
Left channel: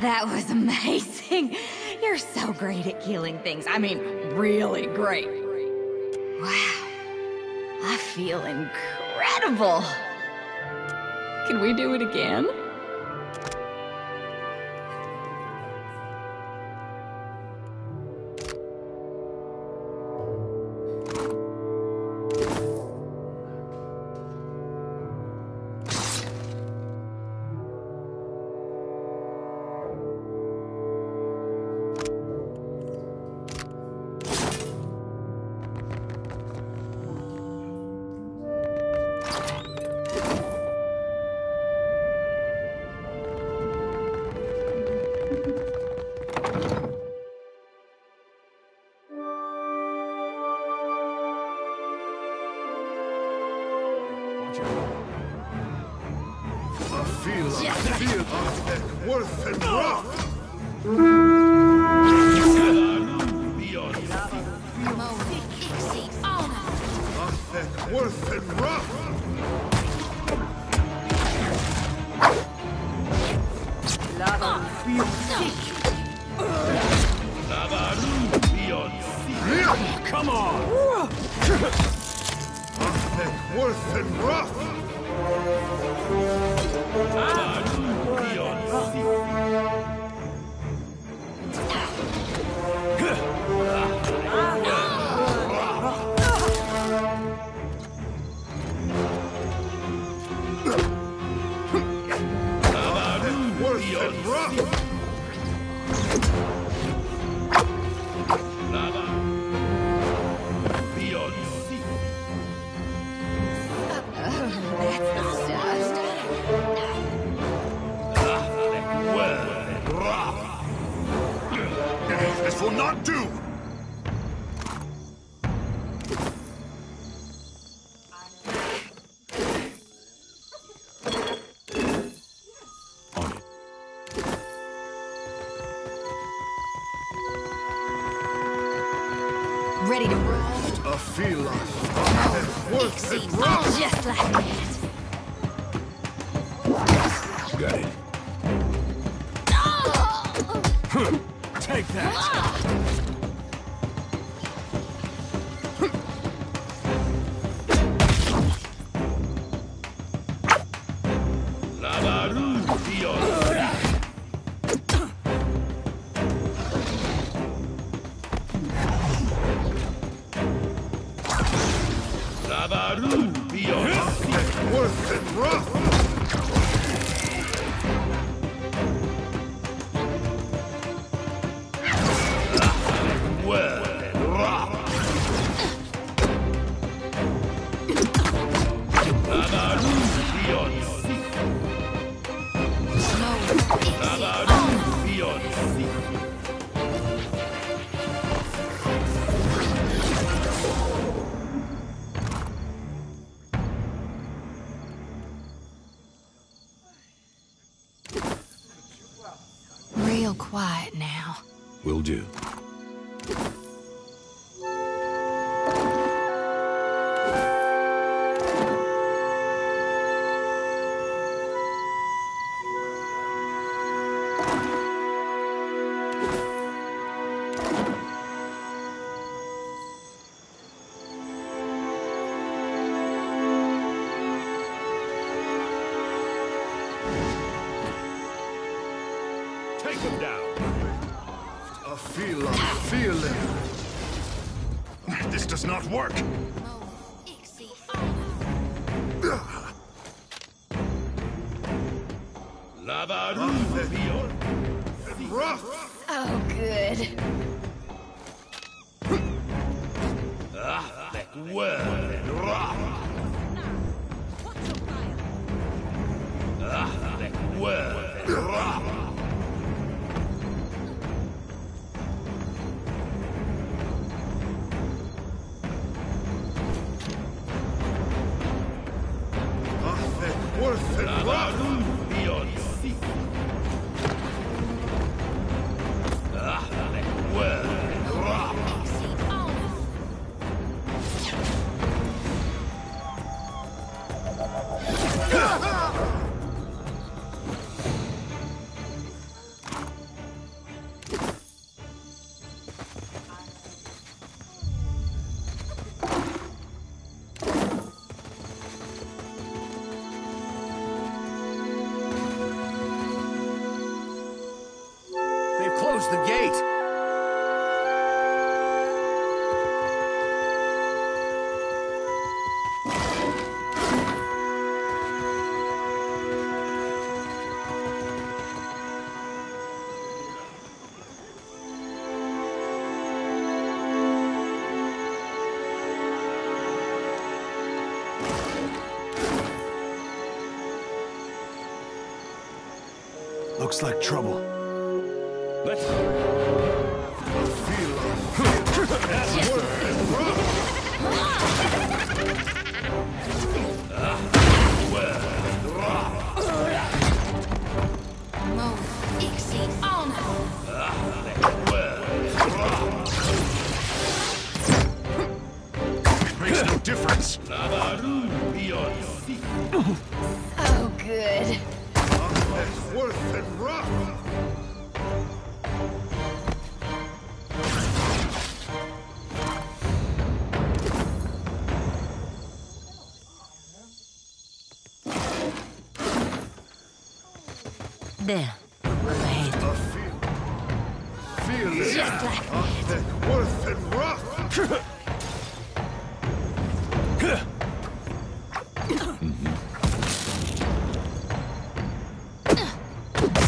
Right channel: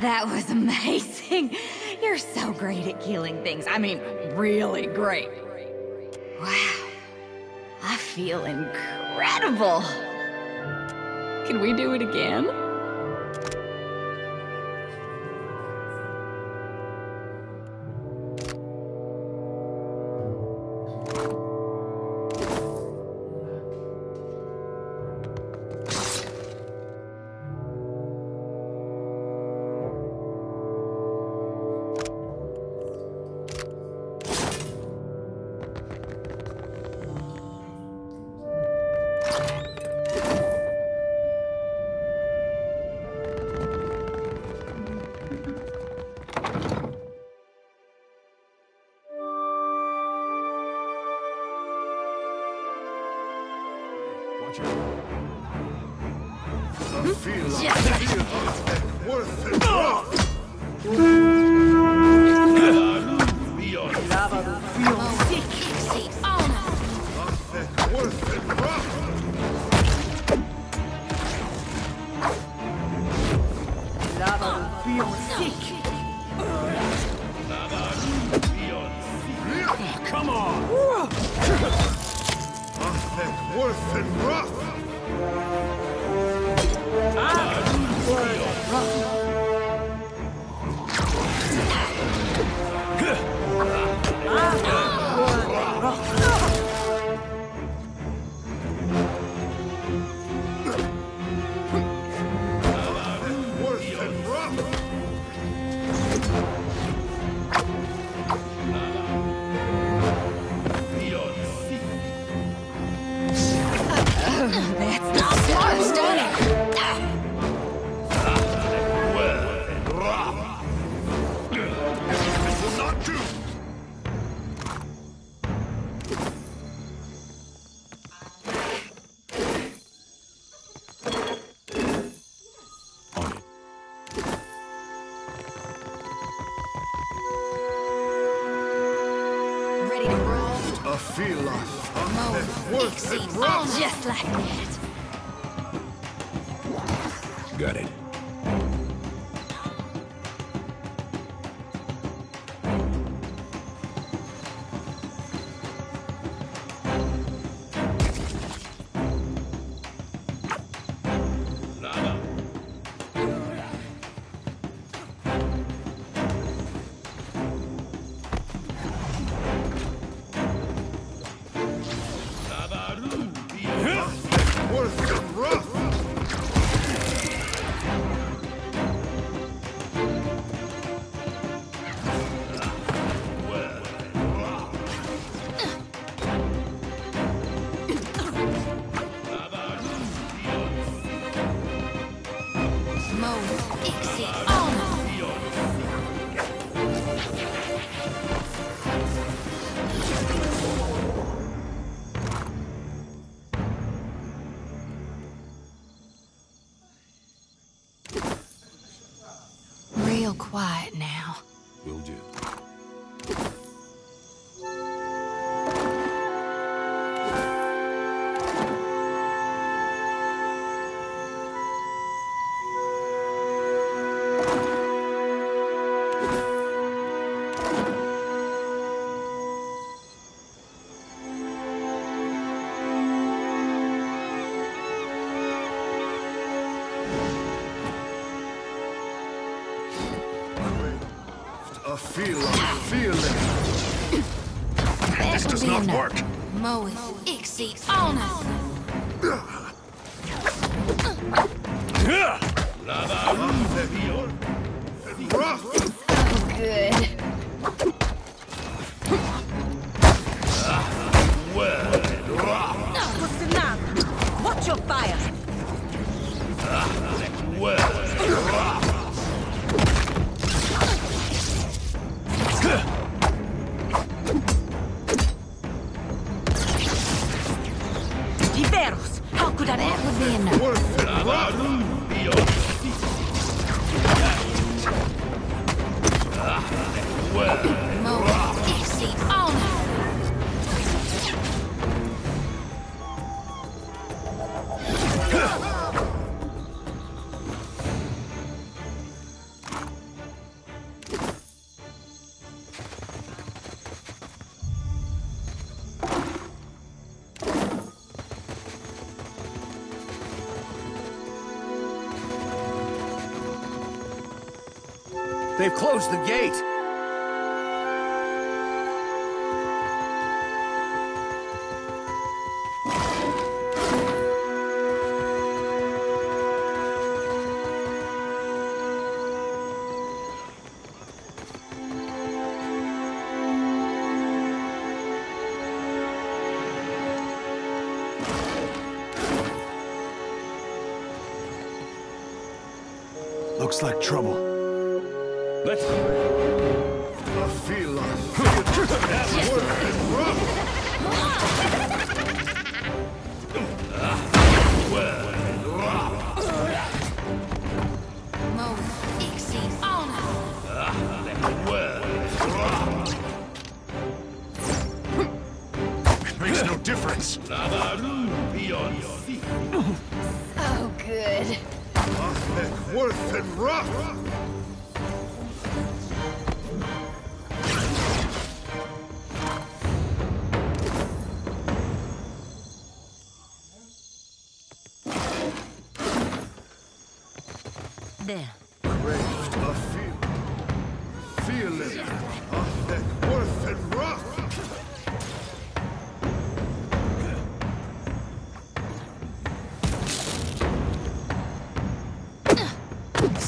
That was amazing. You're so great at killing things. I mean, really great. Wow. I feel incredible. Can we do it again? Worth and rough. Worth and rough. Come on! Worth and rough! This will not do! On it. Ready to roll? A feel worth and rough! Just like that. Got it. Take that! Worth and rough! Real quiet now. Will do. A feeling. This does not work. Moe, Ixie, honor. Rough. Oh, good. Watch your fire. Diveros. How could I ever Worth and rough. They've closed the gate. Looks like trouble. Let's go. A feel that's worth and Moe, Ixie, honor. It makes no difference. Oh, good. Worth and rough. There. Feel it. Just like Thick, worth and rough.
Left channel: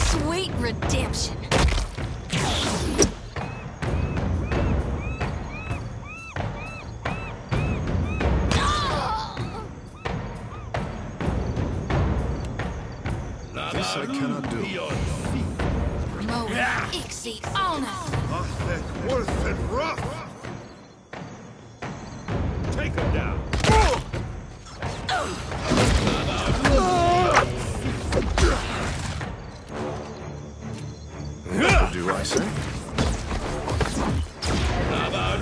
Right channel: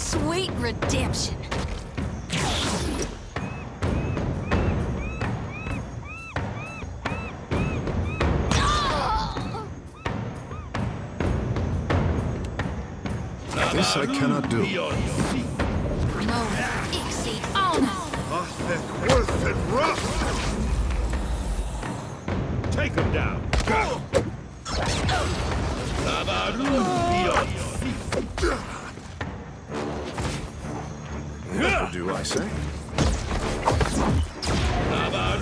Sweet redemption. This I cannot do. No, Ixie, honor. Thick, worth and rough. Take him down. What do I say?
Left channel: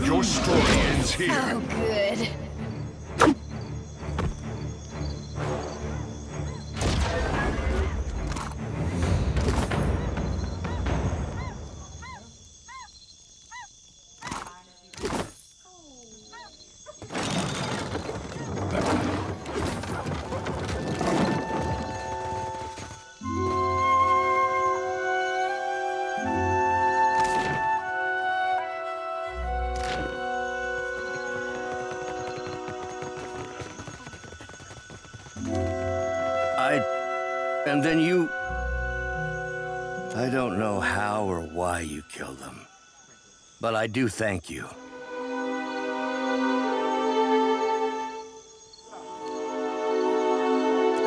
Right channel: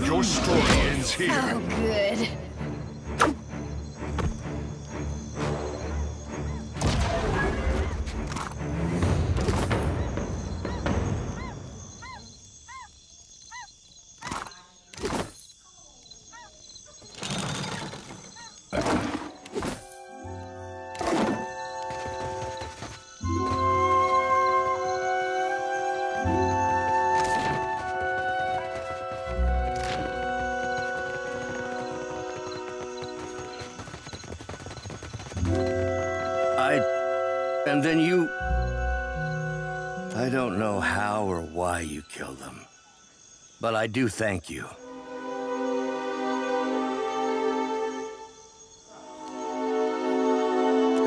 Your story ends here. Oh, good. And then you... I don't know how or why you killed them, but I do thank you.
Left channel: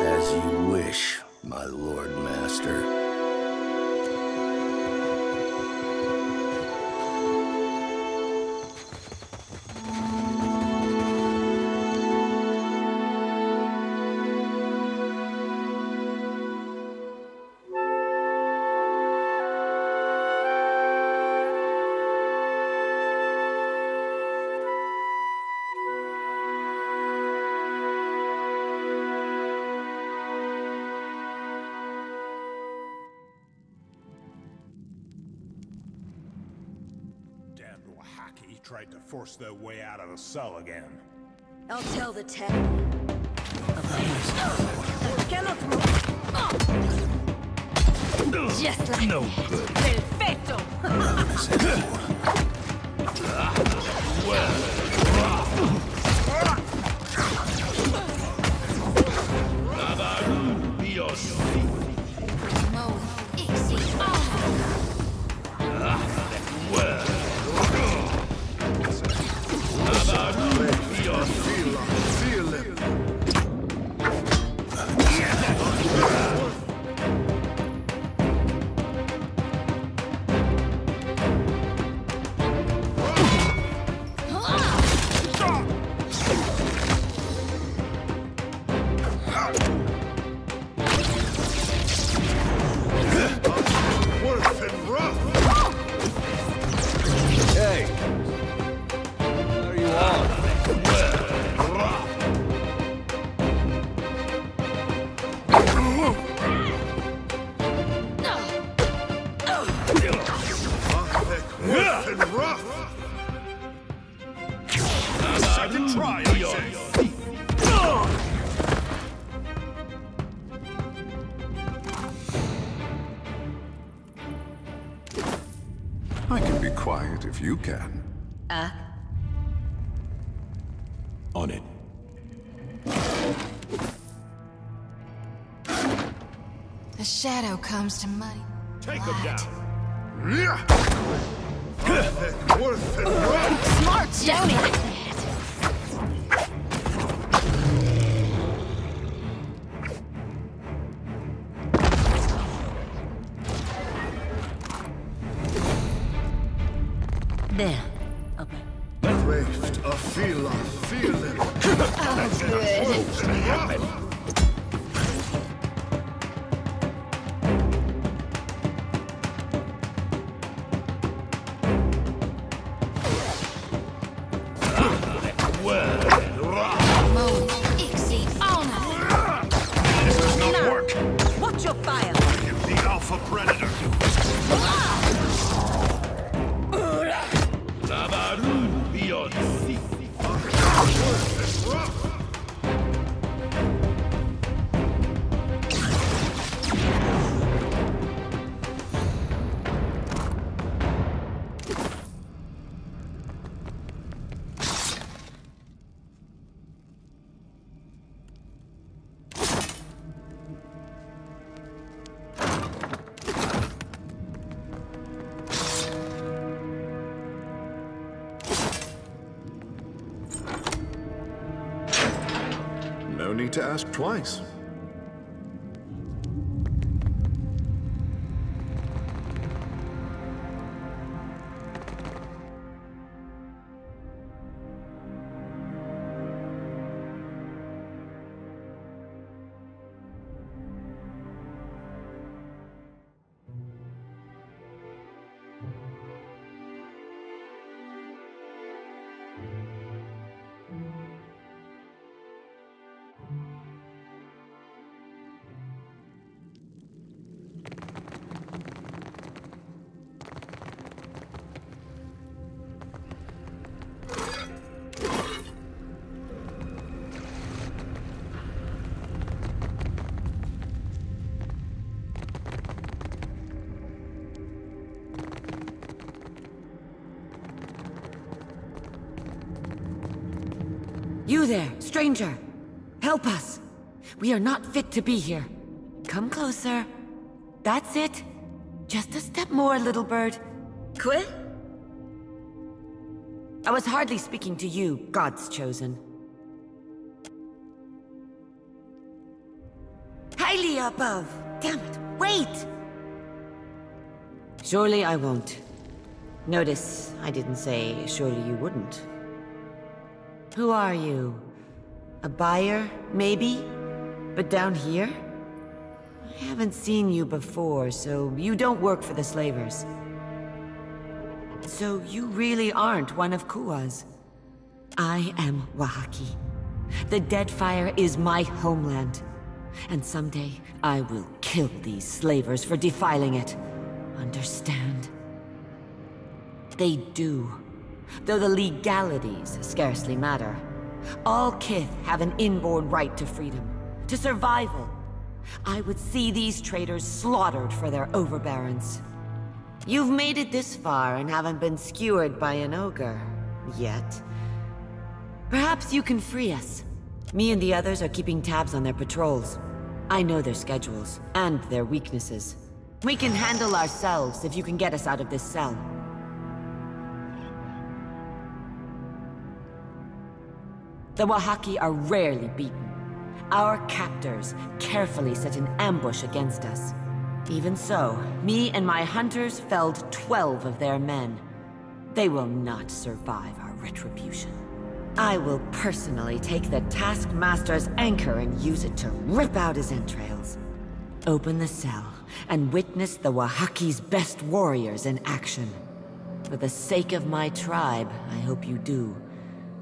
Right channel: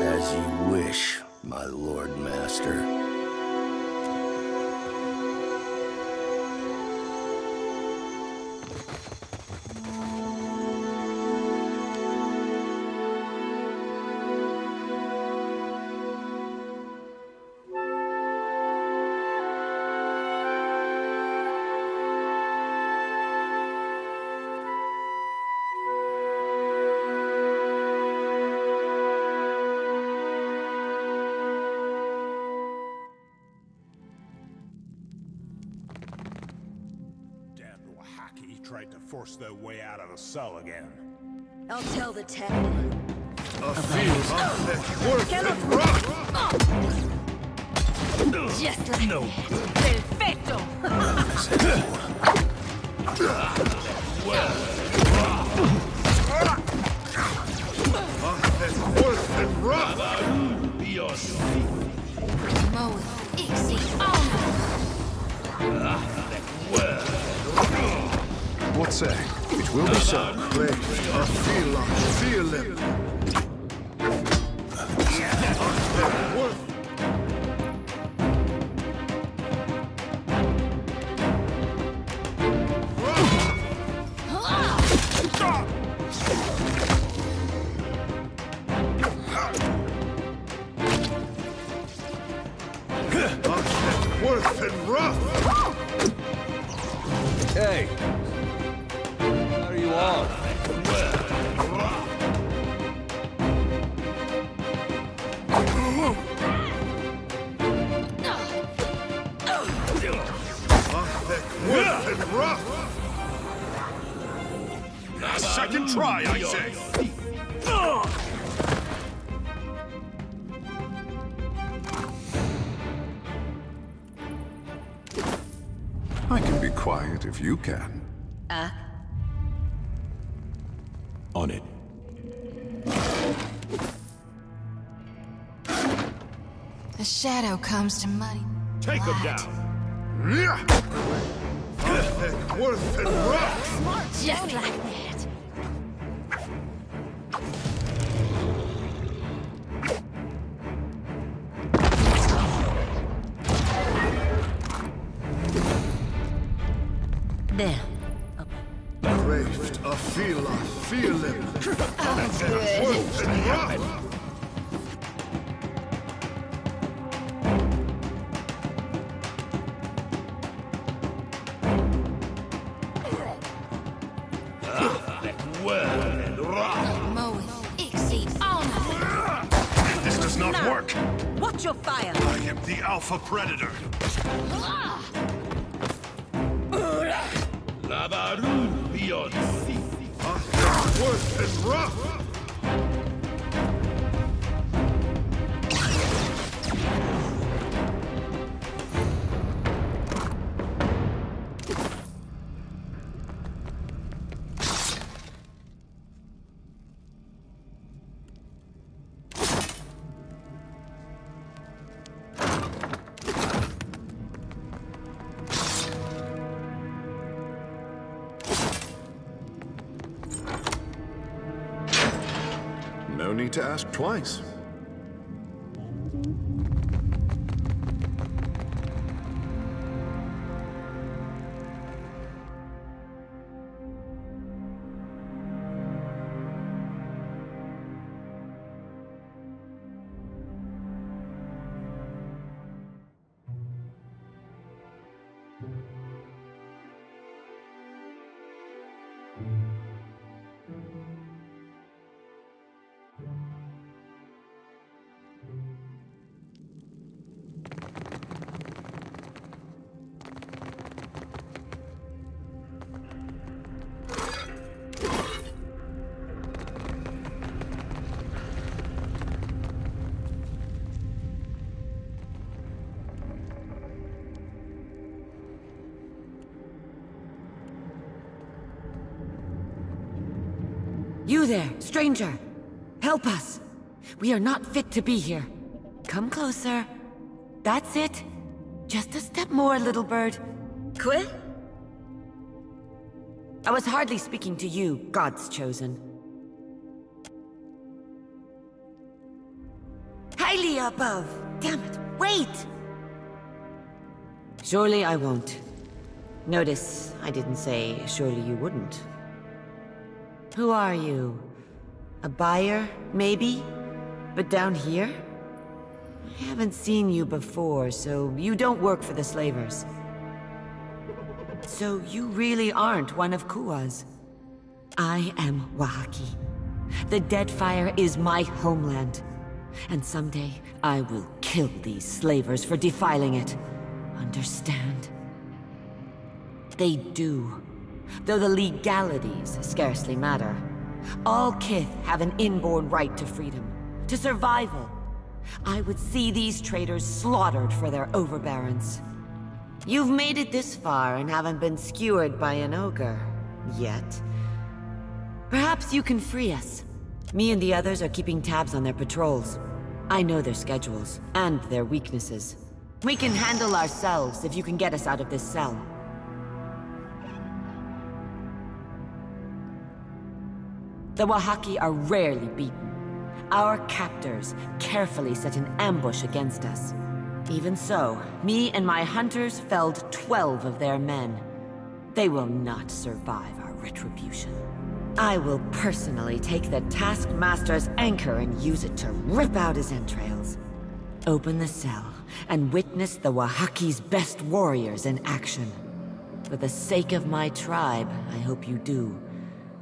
As you wish, my Lord Master. Tried to force their way out of the cell again. I'll tell the tech. Just like no good. Perfecto. Mo, Ixie, What's that? It will be so. Feel it. Worth and rough. Hey. What are you on? Worth and rough. Second try, I say. I can be quiet if you can. On it. The shadow comes to muddy. Take him down. Worth and rough. Smart, just like that. There. Craved a feeling. Oh, good. This does not work. Watch your fire. I am the alpha predator. Labaru beyond sea. Worth and rough. No need to ask twice. You there, stranger! Help us! We are not fit to be here. Come closer. That's it. Just a step more, little bird. Quit? I was hardly speaking to you, God's chosen. Highly above! Damn it, wait! Surely I won't. Notice, I didn't say surely you wouldn't. Who are you? A buyer, maybe? But down here? I haven't seen you before, so you don't work for the slavers. So you really aren't one of Kua's. I am Wahaki. The Deadfire is my homeland. And someday, I will kill these slavers for defiling it. Understand? They do. Though the legalities scarcely matter. All Kith have an inborn right to freedom, to survival. I would see these traitors slaughtered for their overbearance. You've made it this far and haven't been skewered by an ogre. Yet. Perhaps you can free us. Me and the others are keeping tabs on their patrols. I know their schedules, and their weaknesses. We can handle ourselves if you can get us out of this cell. The Wahaki are rarely beaten. Our captors carefully set an ambush against us. Even so, me and my hunters felled 12 of their men. They will not survive our retribution. I will personally take the Taskmaster's anchor and use it to rip out his entrails. Open the cell and witness the Wahaki's best warriors in action. For the sake of my tribe, I hope you do.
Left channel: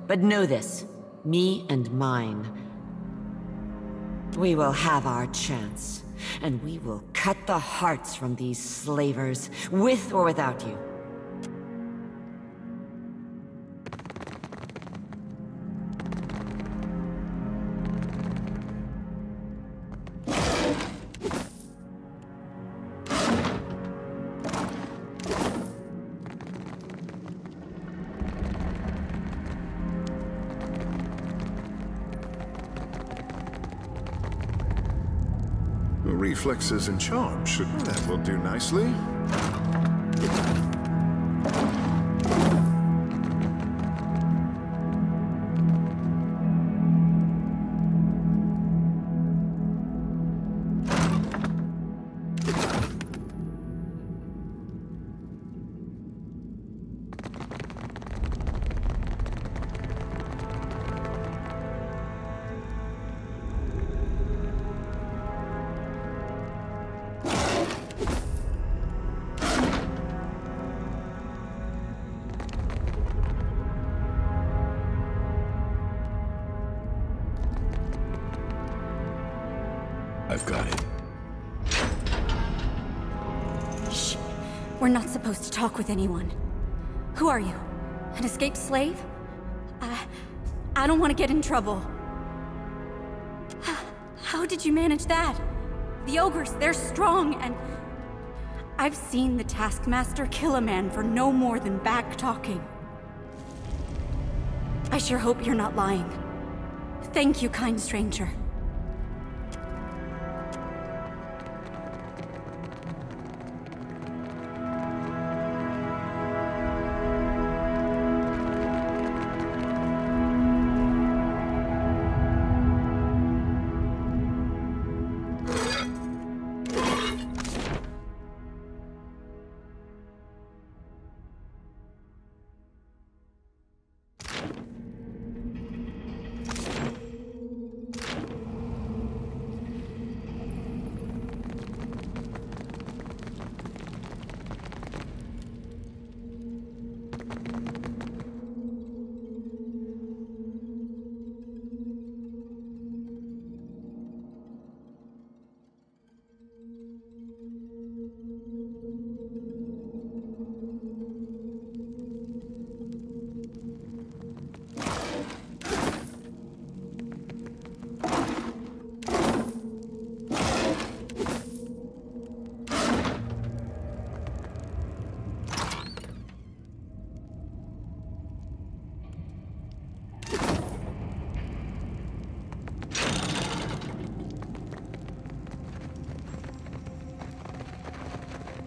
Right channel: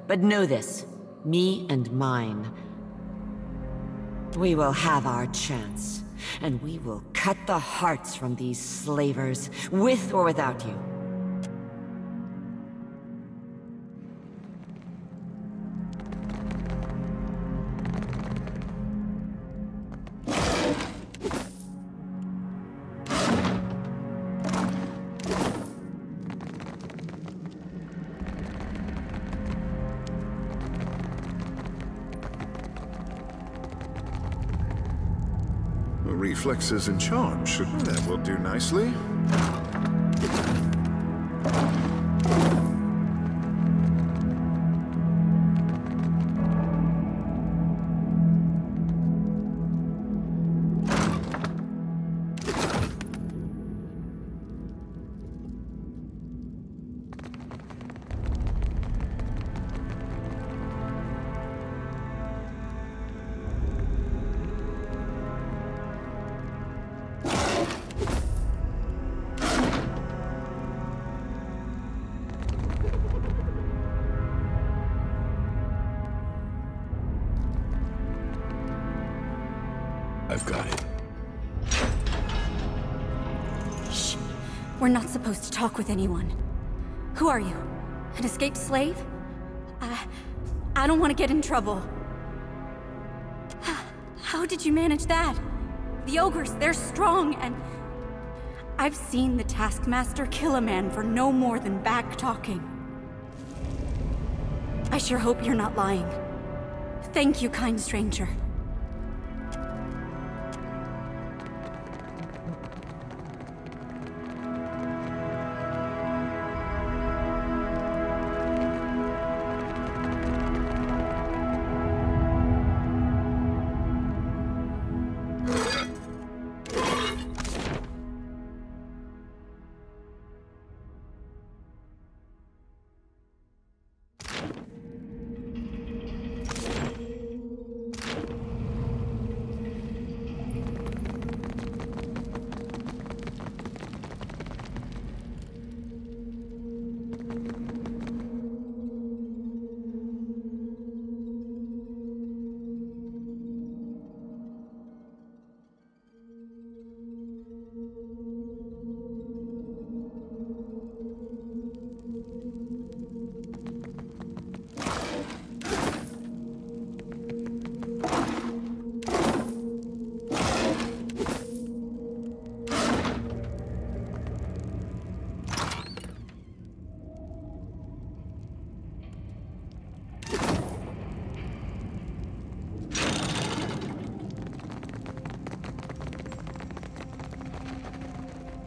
But know this. Me and mine. We will have our chance, and we will cut the hearts from these slavers, with or without you. Reflexes and charm that will do nicely. I've got it. Shh. We're not supposed to talk with anyone. Who are you? An escaped slave? I don't want to get in trouble. How did you manage that? The ogres, they're strong and... I've seen the Taskmaster kill a man for no more than back-talking. I sure hope you're not lying. Thank you, kind stranger.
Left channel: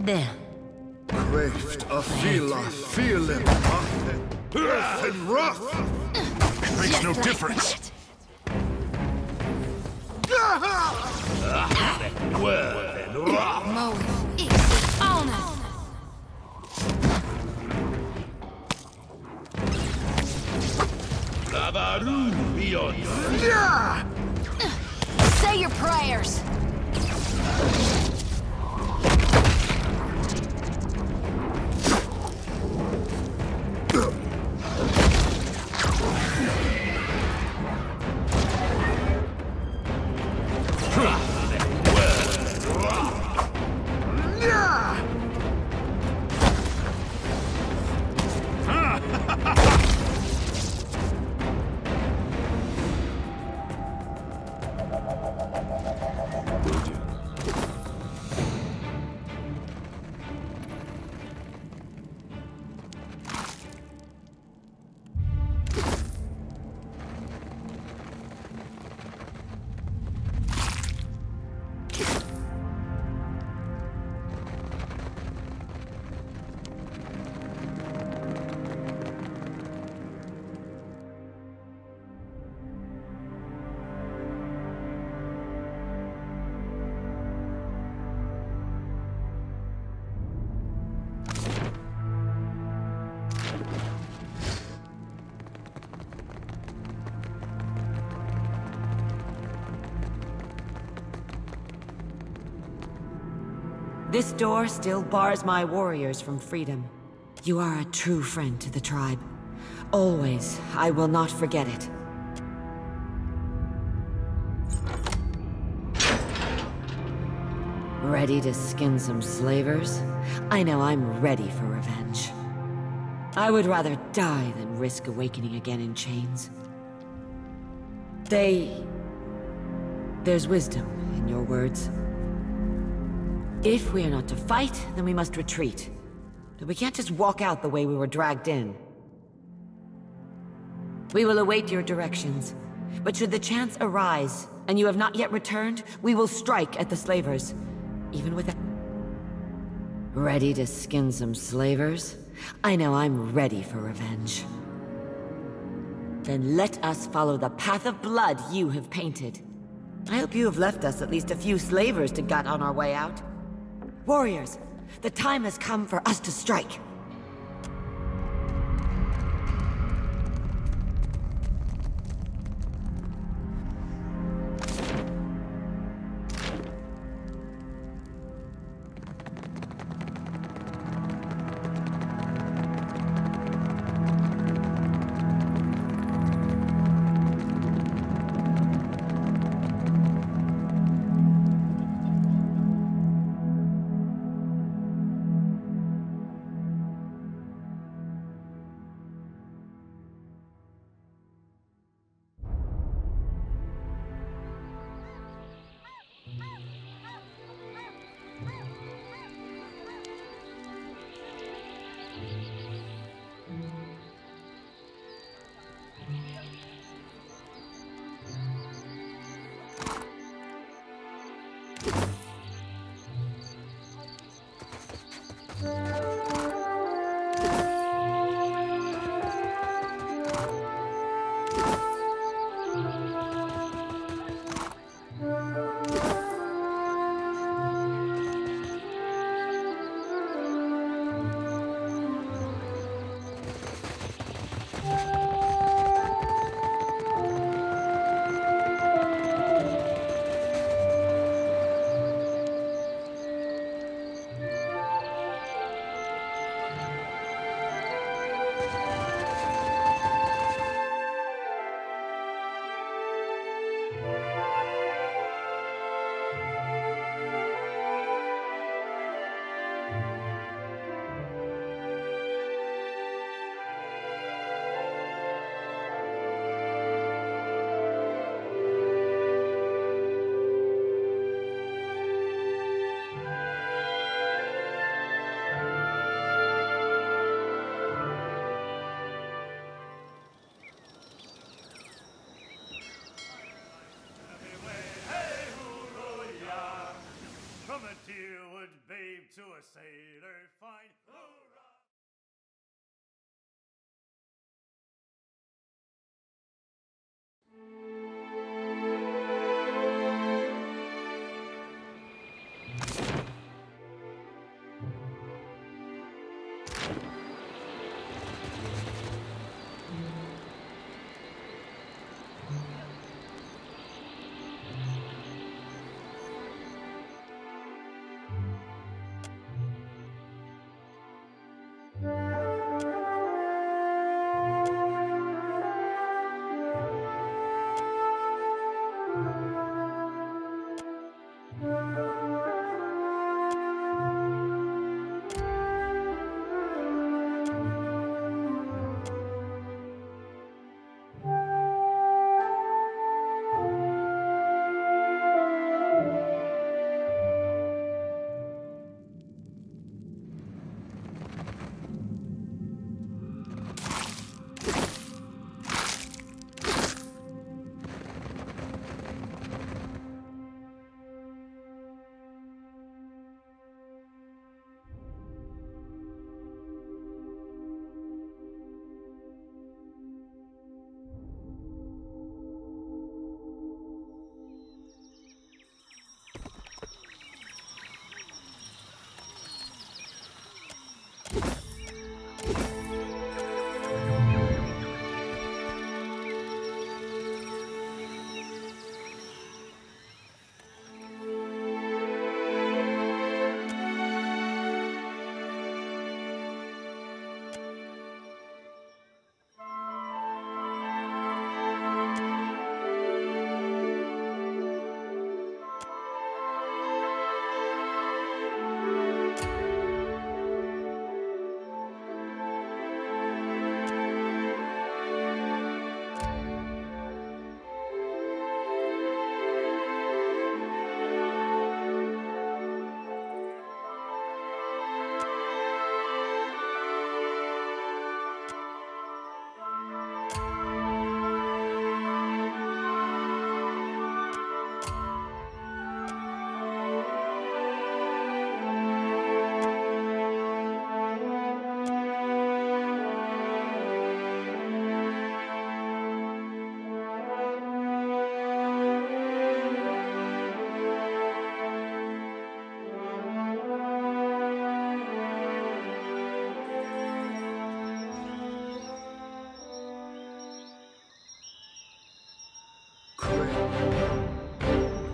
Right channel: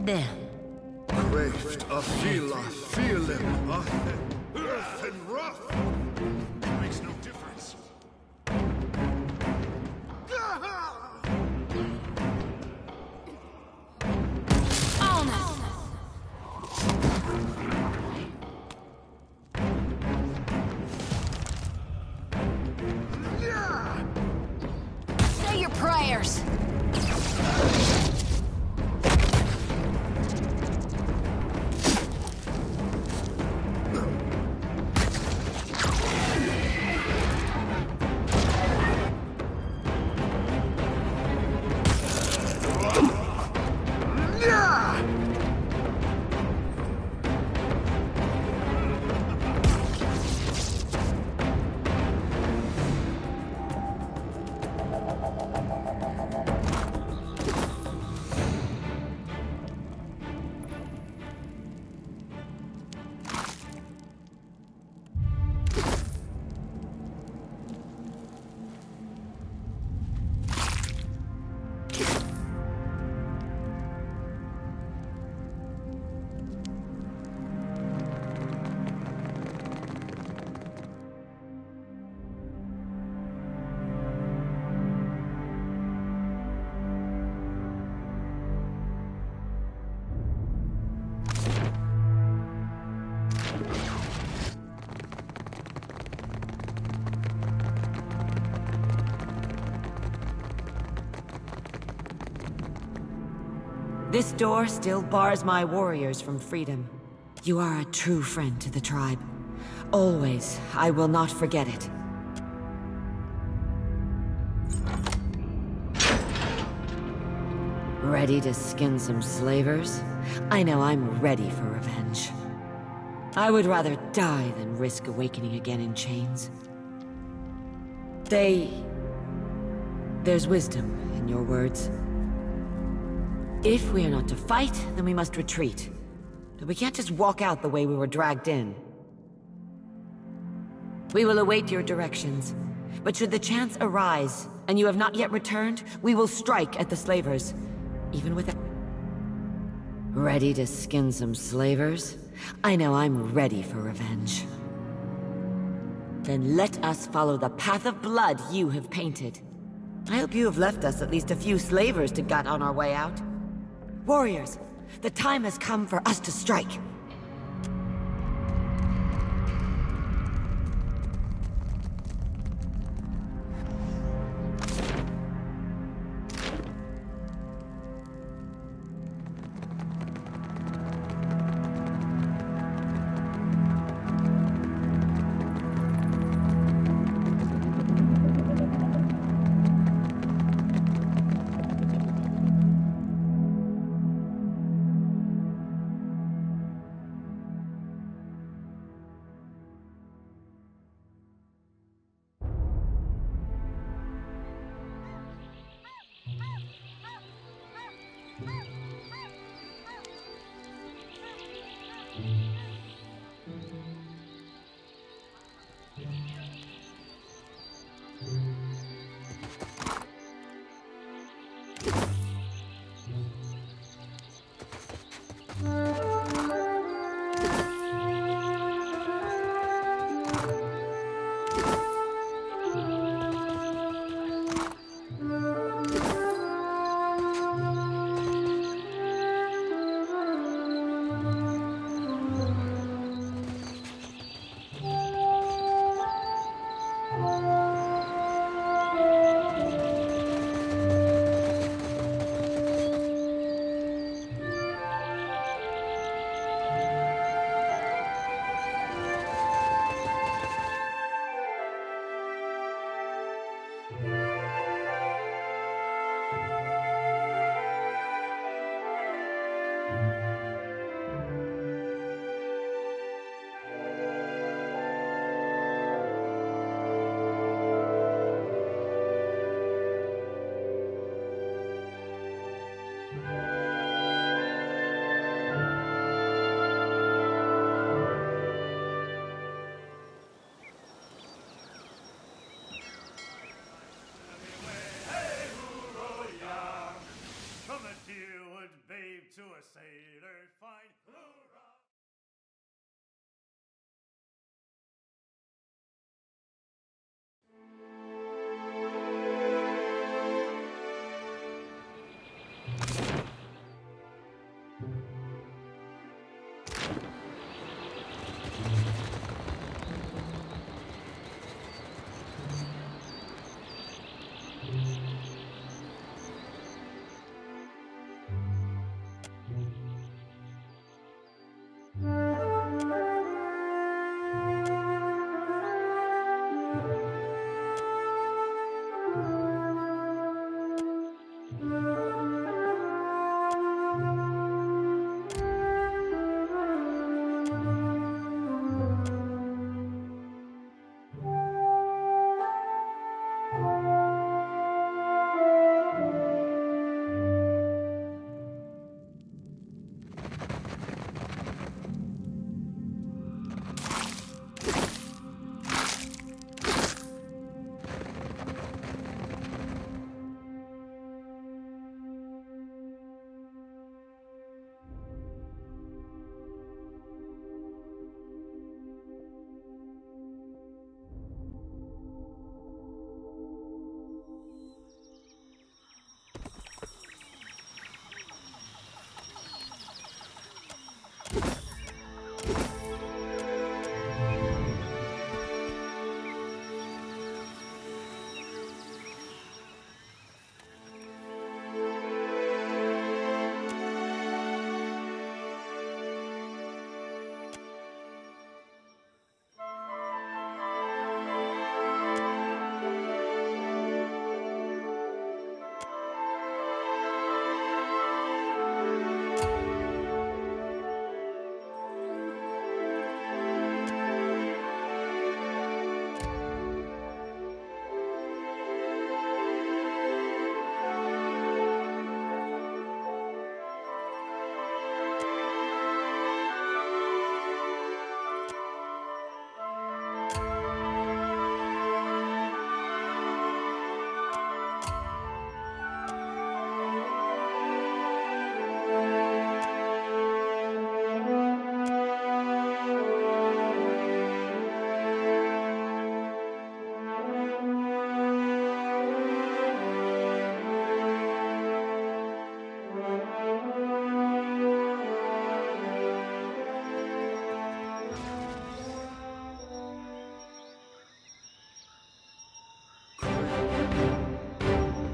There. Craved a fila, feeling, earth and rough. Makes no difference. Say your prayers. This door still bars my warriors from freedom. You are a true friend to the tribe. Always, I will not forget it. Ready to skin some slavers? I know I'm ready for revenge. I would rather die than risk awakening again in chains. There's wisdom in your words. If we are not to fight, then we must retreat. But we can't just walk out the way we were dragged in. We will await your directions. But should the chance arise, and you have not yet returned, we will strike at the slavers. Even without... Ready to skin some slavers? I know I'm ready for revenge. Then let us follow the path of blood you have painted. I hope you have left us at least a few slavers to gut on our way out. Warriors, the time has come for us to strike. to a sailor fine. Hoorah!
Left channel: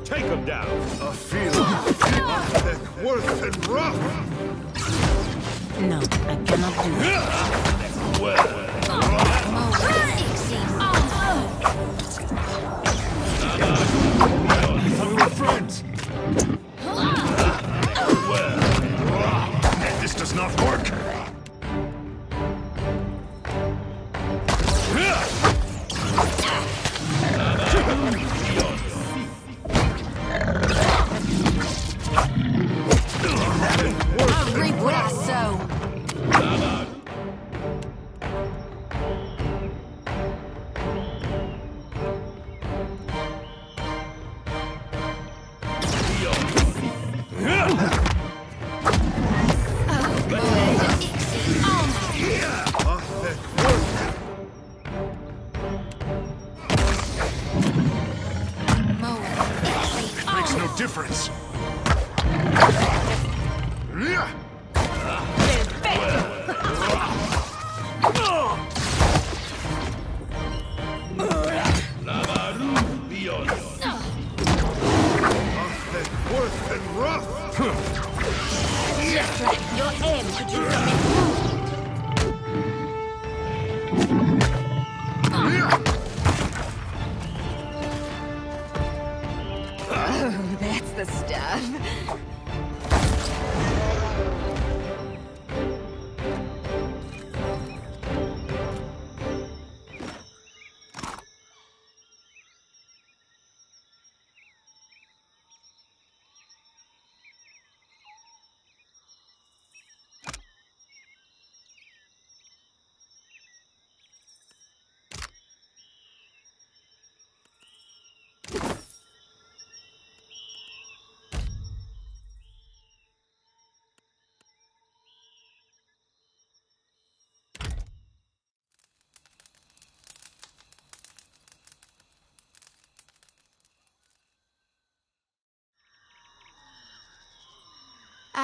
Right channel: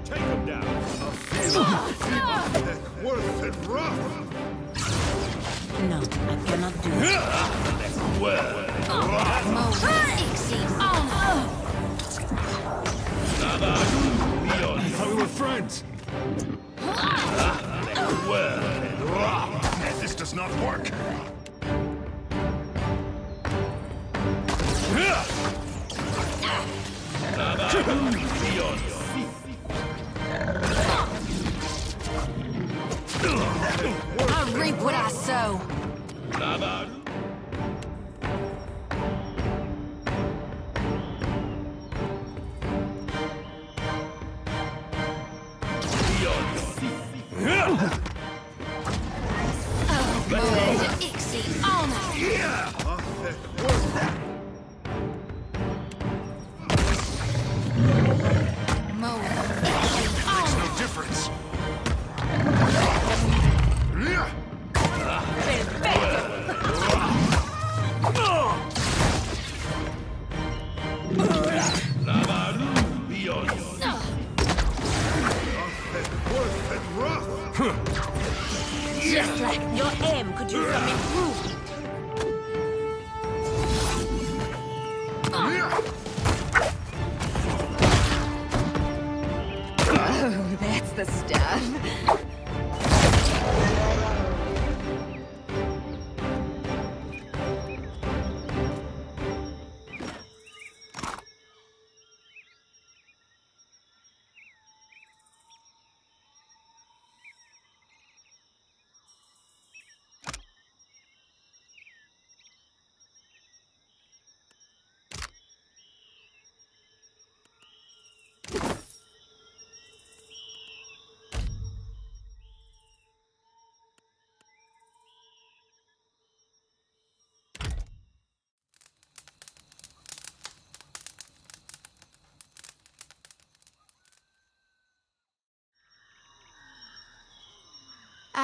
Take him down. A field thick, worth and rough. No, I cannot do it. Well, I thought we were friends. Well, this does not work. I reap what I sow. Makes no difference. Worth and rough. Just like your aim could use some improvement. Oh, that's the stuff.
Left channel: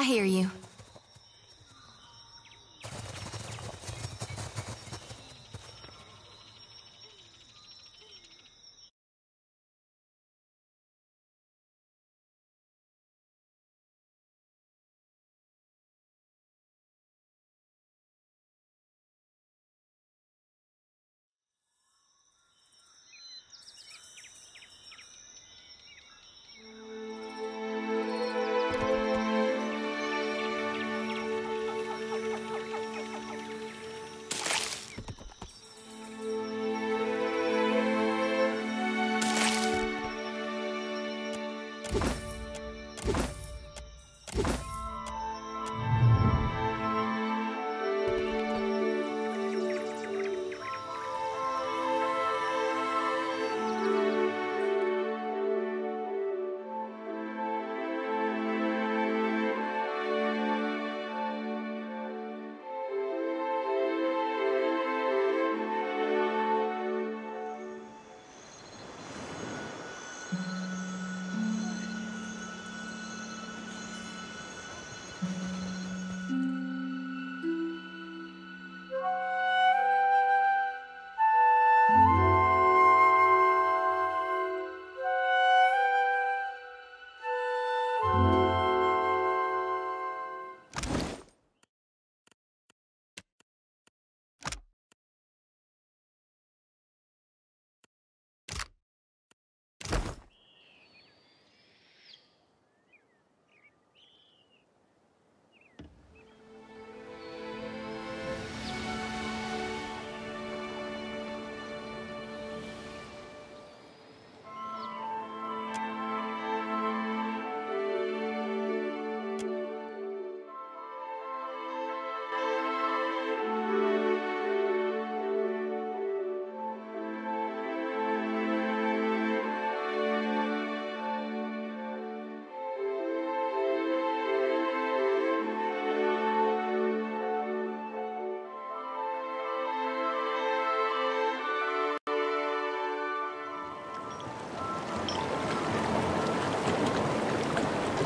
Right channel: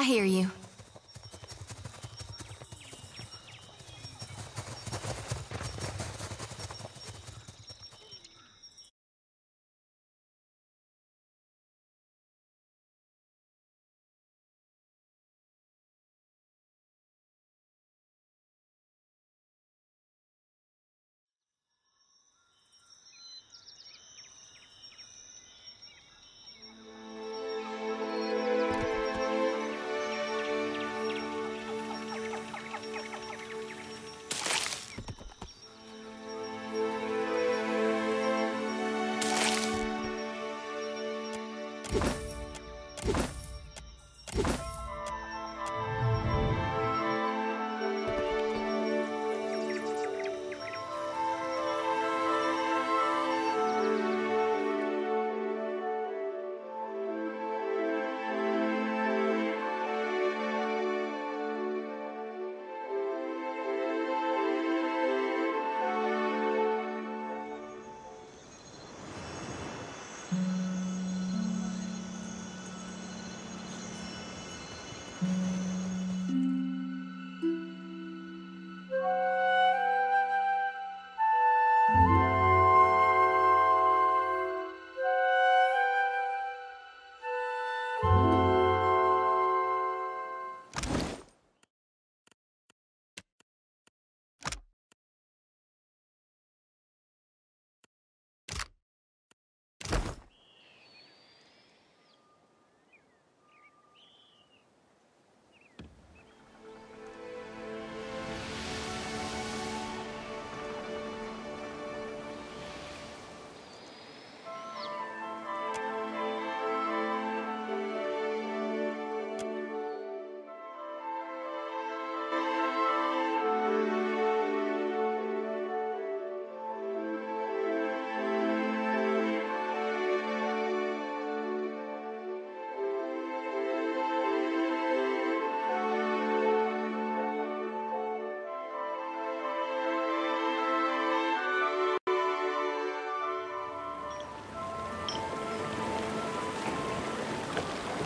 I hear you.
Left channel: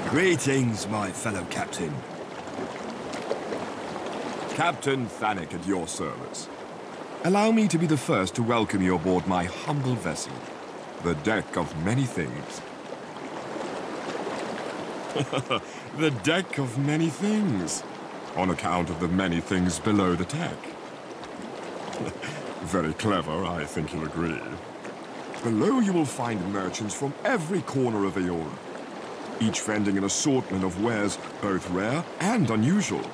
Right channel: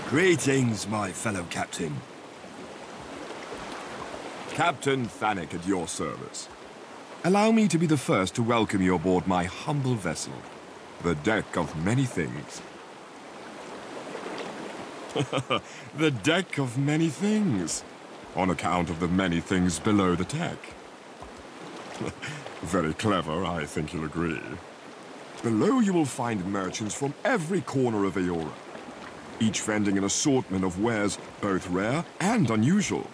Greetings, my fellow captain. Captain Thanik at your service. Allow me to be the first to welcome you aboard my humble vessel, the Deck of Many Things. The Deck of Many Things, on account of the many things below the deck. Very clever, I think you'll agree. Below you will find merchants from every corner of Aora, each vending an assortment of wares both rare and unusual.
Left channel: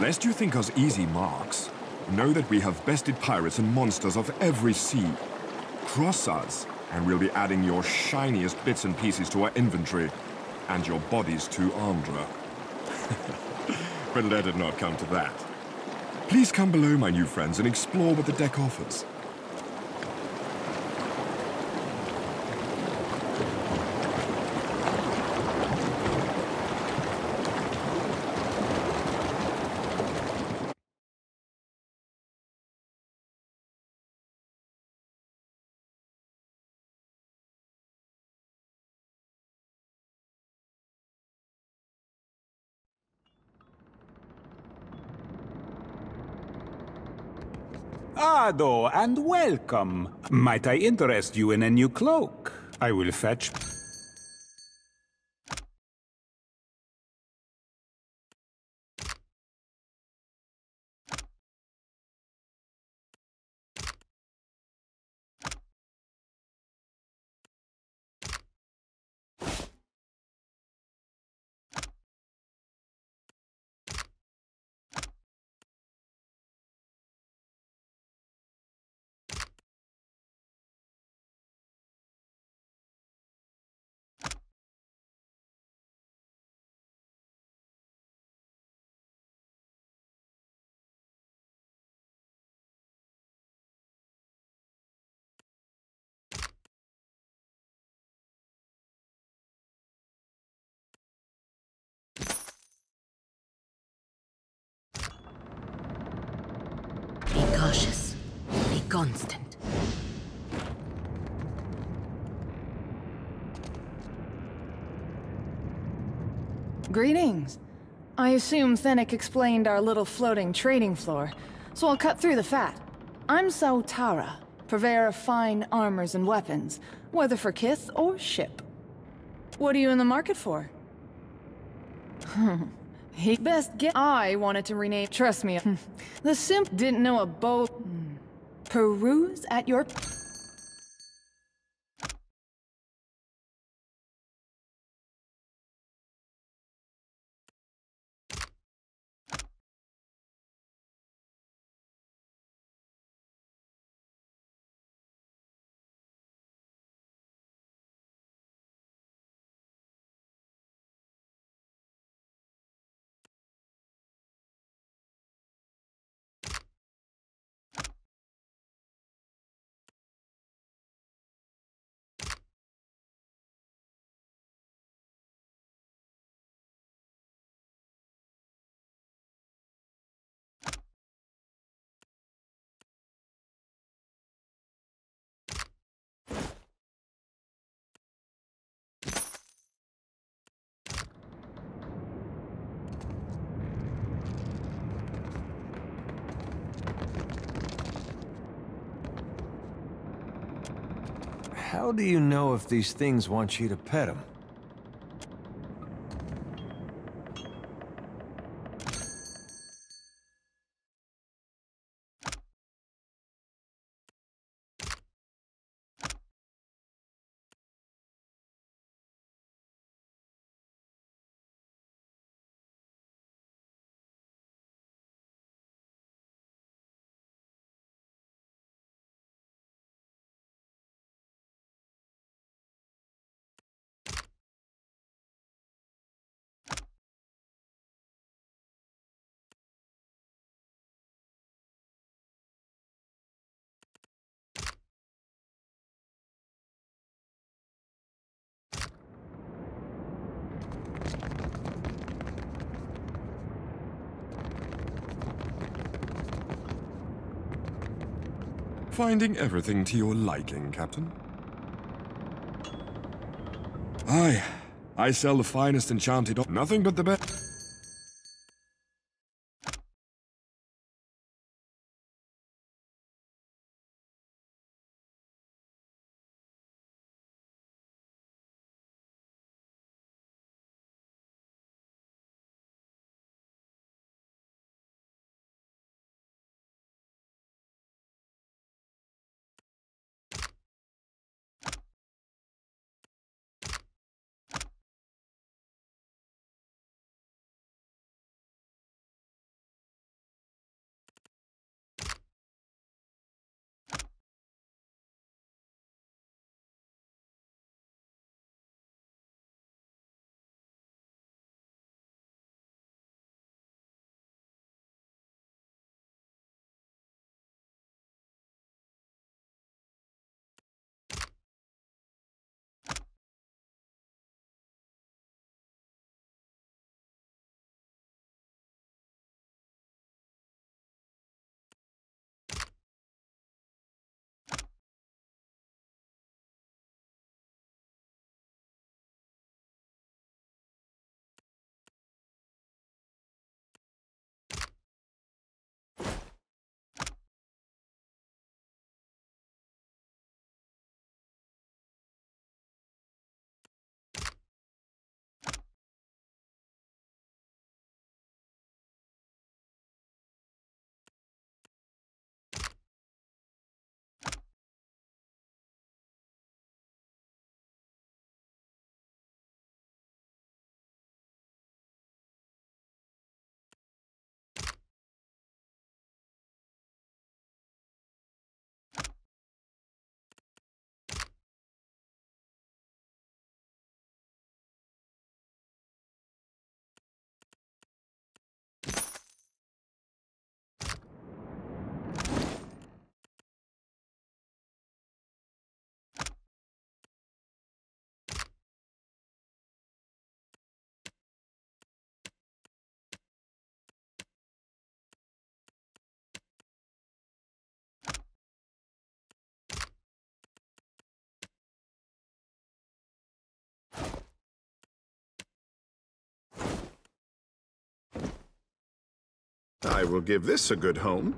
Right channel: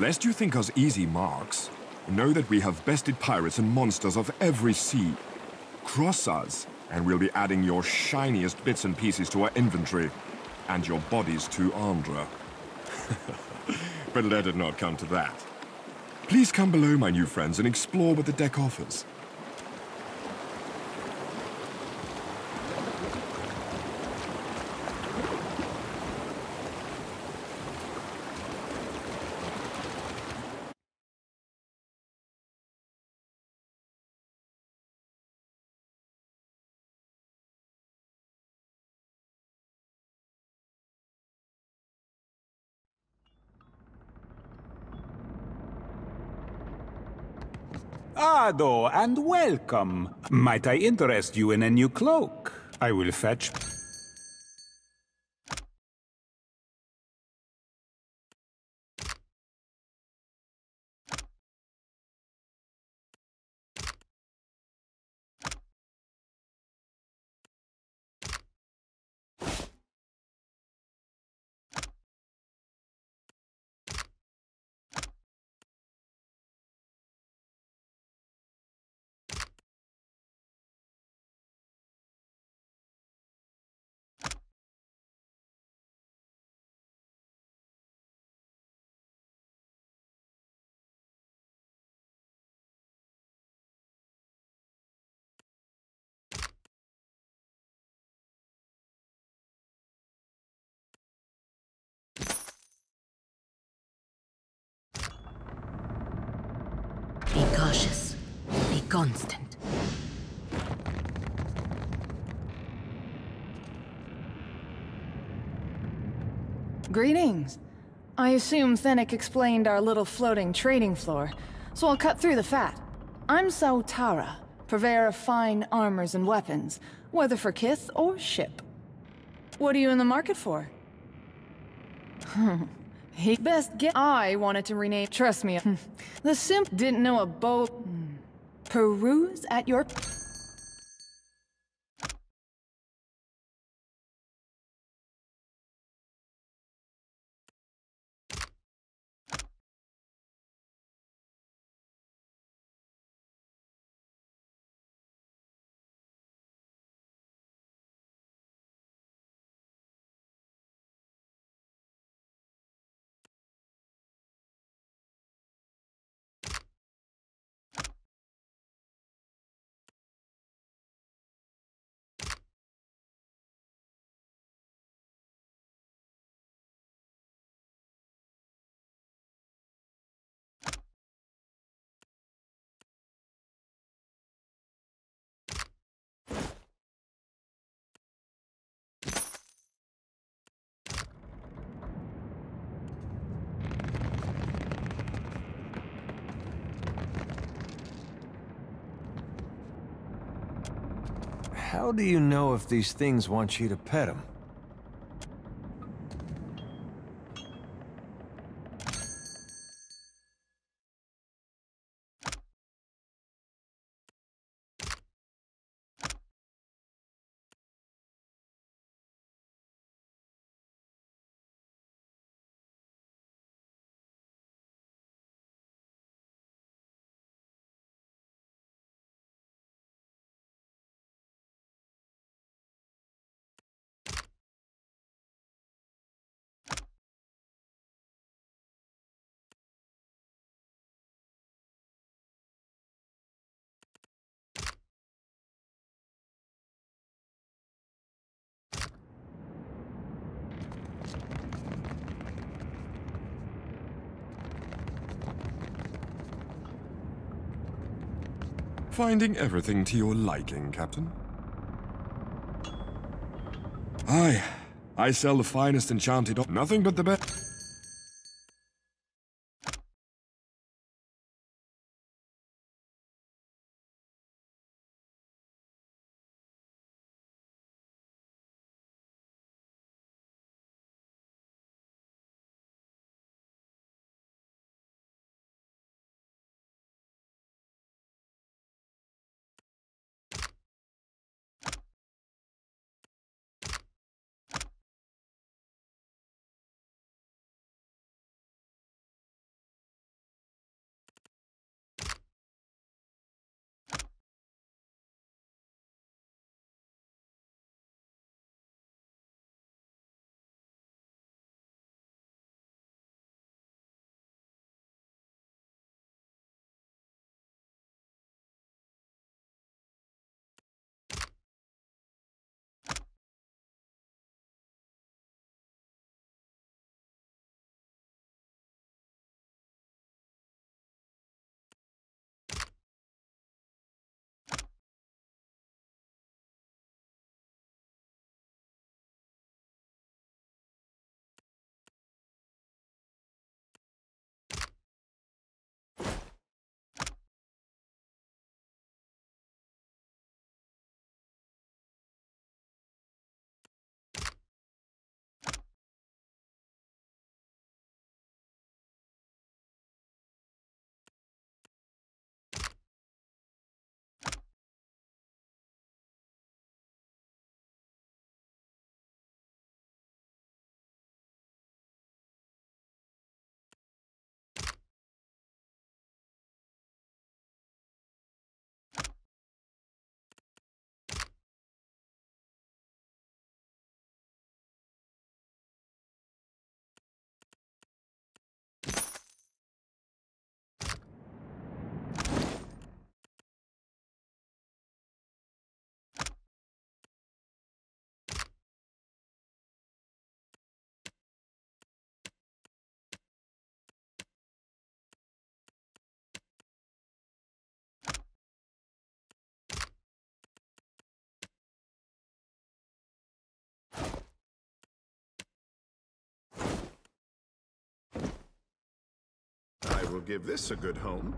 Lest you think us easy marks, know that we have bested pirates and monsters of every sea. Cross us, and we'll be adding your shiniest bits and pieces to our inventory, and your bodies to Andra. But let it not come to that. Please come below, my new friends, and explore what the deck offers. Ado, and welcome. Might I interest you in a new cloak? I will fetch... Be cautious. Be constant. Greetings. I assume Fennec explained our little floating trading floor, so I'll cut through the fat. I'm Sautara, purveyor of fine armors and weapons, whether for kith or ship. What are you in the market for? He best get. I wanted to rename. Trust me, the simp didn't know a boat. Peruse at your. How do you know if these things want you to pet them? Finding everything to your liking, Captain? Aye, I sell the finest enchanted... Nothing but the best... I will give this a good home.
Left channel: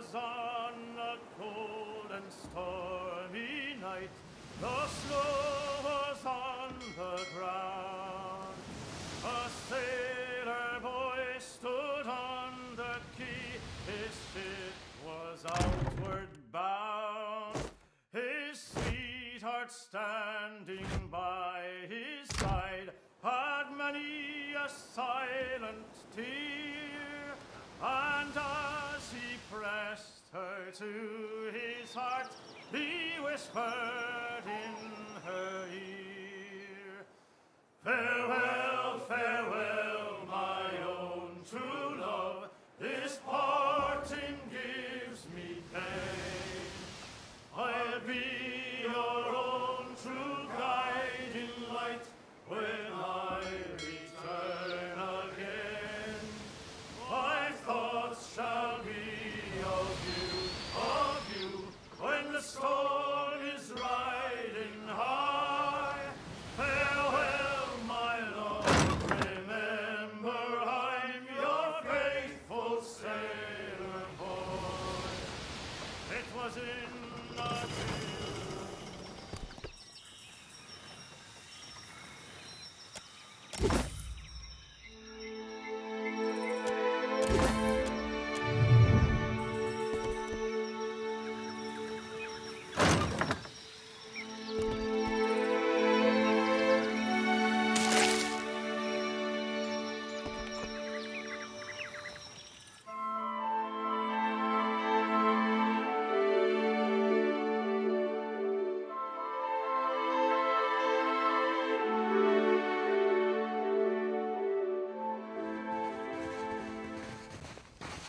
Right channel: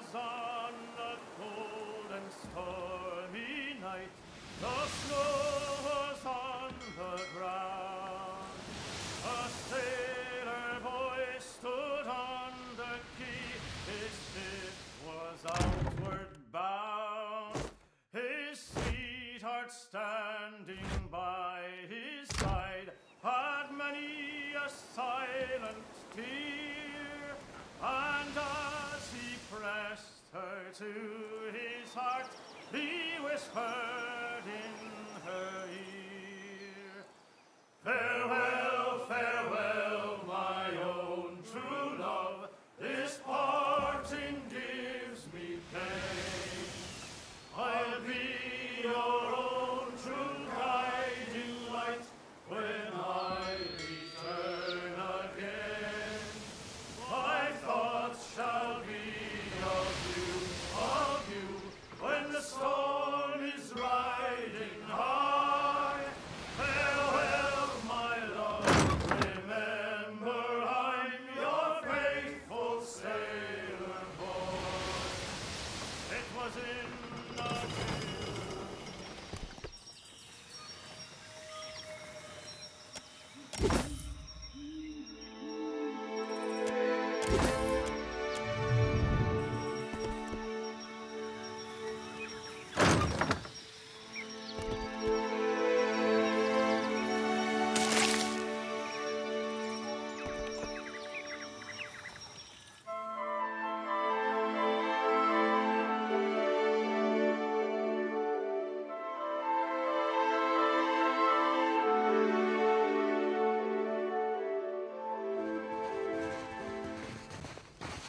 was on a cold and stormy night. The snow was on the ground. A sailor boy stood on the quay. His ship was outward bound. His sweetheart standing by his side had many a silent tear, and as he pressed her to his heart, he whispered in her ear, "Farewell, farewell, my own true love, this parting gives me pain. I'll be your own true guiding light when I return again. My thoughts shall be of you, when the storm is riding high. Farewell, my love, remember I'm your faithful sailor boy." It was in a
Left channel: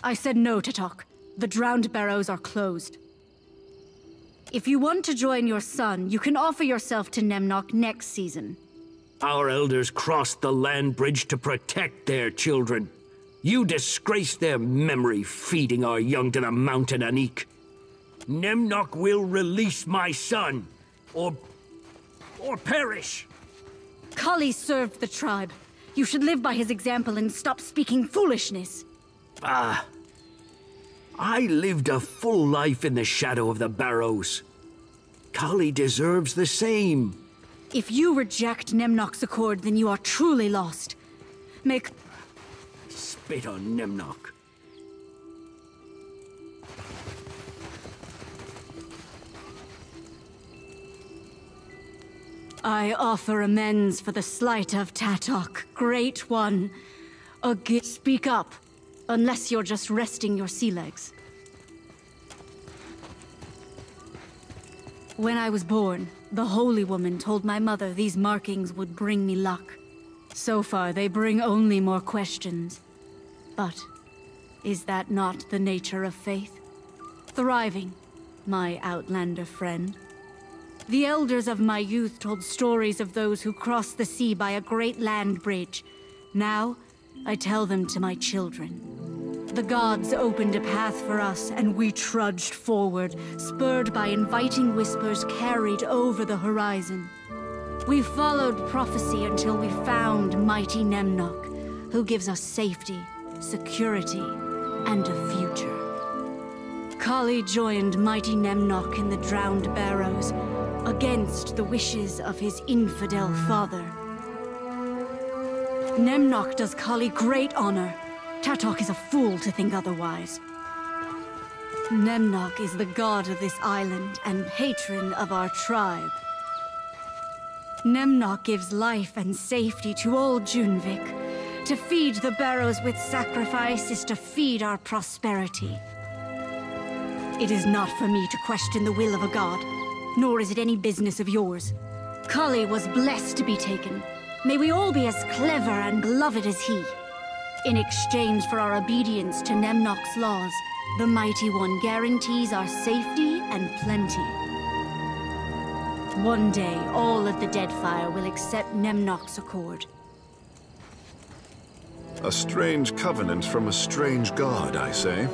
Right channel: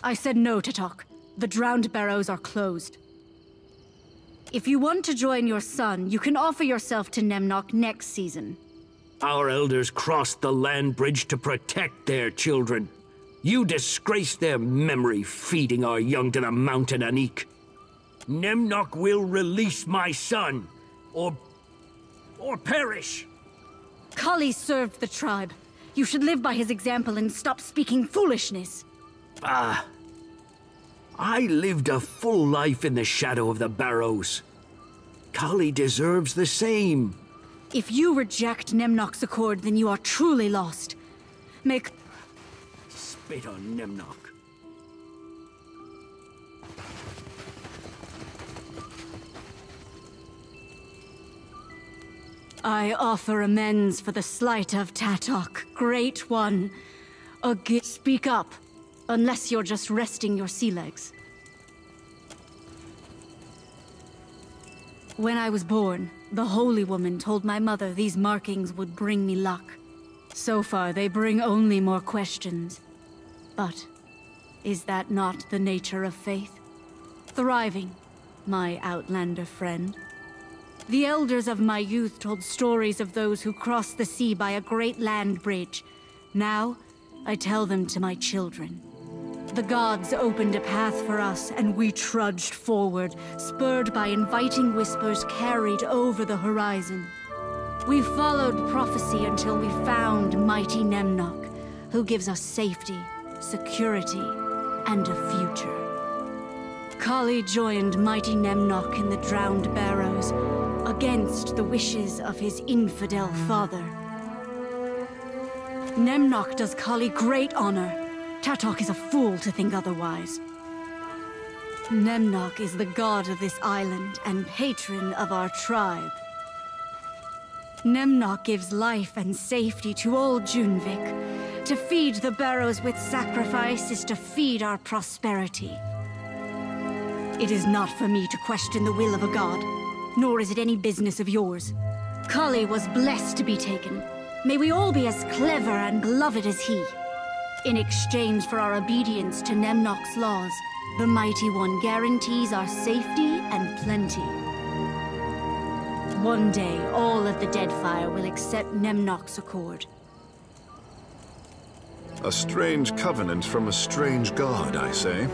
I said no to talk. The Drowned Barrows are closed. If you want to join your son, you can offer yourself to Nemnock next season. Our elders crossed the land bridge to protect their children. You disgrace their memory, feeding our young to the mountain Anik. Nemnock will release my son, or perish. Kali served the tribe. You should live by his example and stop speaking foolishness. I lived a full life in the shadow of the Barrows. Kali deserves the same. If you reject Nemnock's accord, then you are truly lost. Spit on Nemnock. I offer amends for the slight of Tatok, Great One. Speak up, unless you're just resting your sea legs. When I was born, the Holy Woman told my mother these markings would bring me luck. So far, they bring only more questions. But is that not the nature of faith? Thriving, my Outlander friend. The elders of my youth told stories of those who crossed the sea by a great land bridge. Now, I tell them to my children. The gods opened a path for us, and we trudged forward, spurred by inviting whispers carried over the horizon. We followed prophecy until we found mighty Nemnock, who gives us safety, security, and a future. Kali joined mighty Nemnock in the Drowned Barrows, against the wishes of his infidel father. Nemnock does Kali great honor. Tatok is a fool to think otherwise. Nemnock is the god of this island and patron of our tribe. Nemnock gives life and safety to all Junvik. To feed the Barrows with sacrifice is to feed our prosperity. It is not for me to question the will of a god, nor is it any business of yours. Kali was blessed to be taken. May we all be as clever and beloved as he. In exchange for our obedience to Nemnock's laws, the Mighty One guarantees our safety and plenty. One day, all of the Deadfire will accept Nemnock's accord. A strange covenant from a strange god, I say.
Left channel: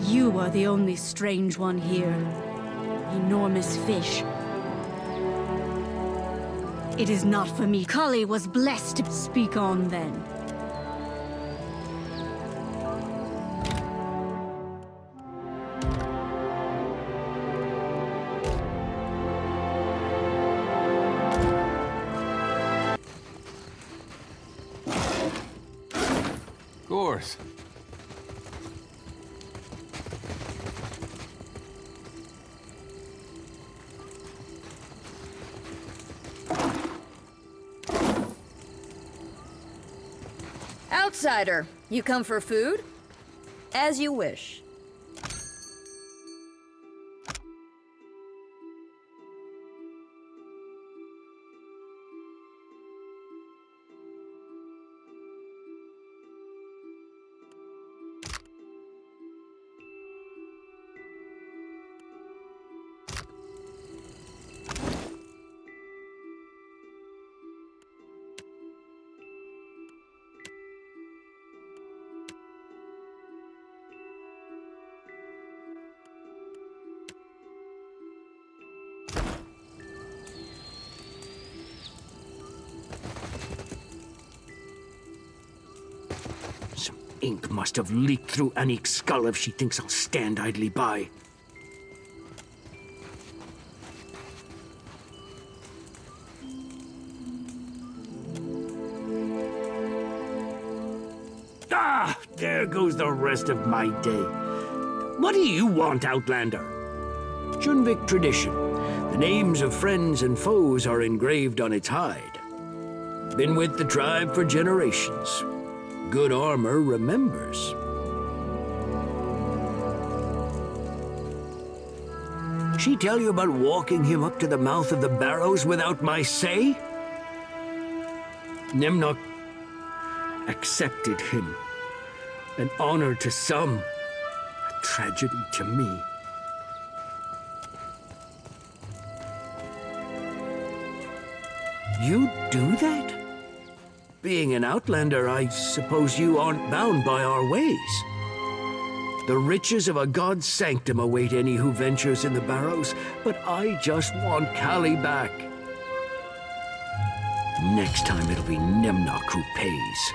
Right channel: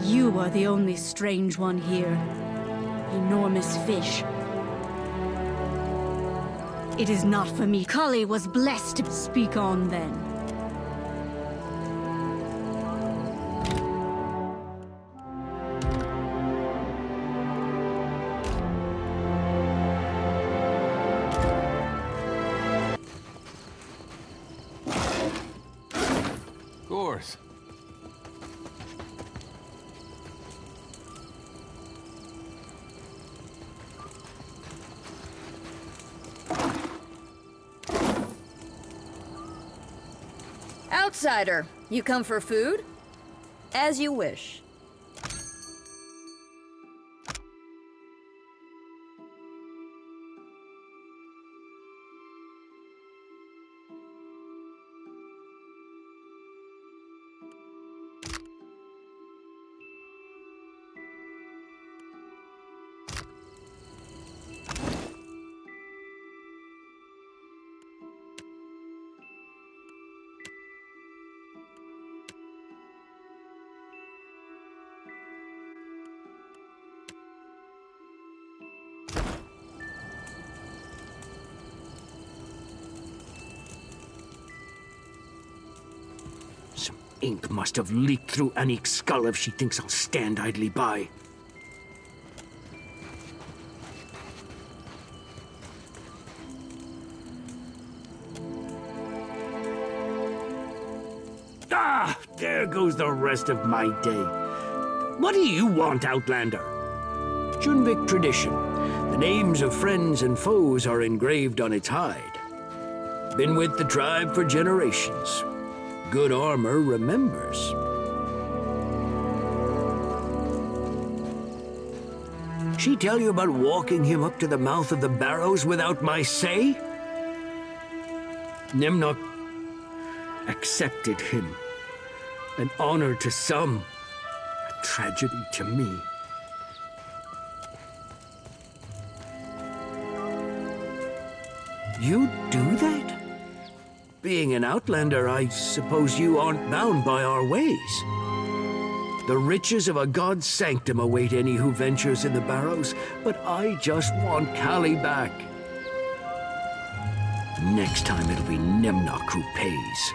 You are the only strange one here. Enormous fish. It is not for me. Kali was blessed to speak on then. Of course. Outsider, you come for food? As you wish. Ink must have leaked through Anik's skull if she thinks I'll stand idly by. Ah! There goes the rest of my day. What do you want, Outlander? Junvik tradition. The names of friends and foes are engraved on its hide. Been with the tribe for generations. Good armor remembers. She tell you about walking him up to the mouth of the Barrows without my say? Nemnock accepted him. An honor to some, tragedy to me. You do that? Being an outlander, I suppose you aren't bound by our ways. The riches of a god's sanctum await any who ventures in the Barrows, but I just want Callie back. Next time it'll be Nemnock who pays.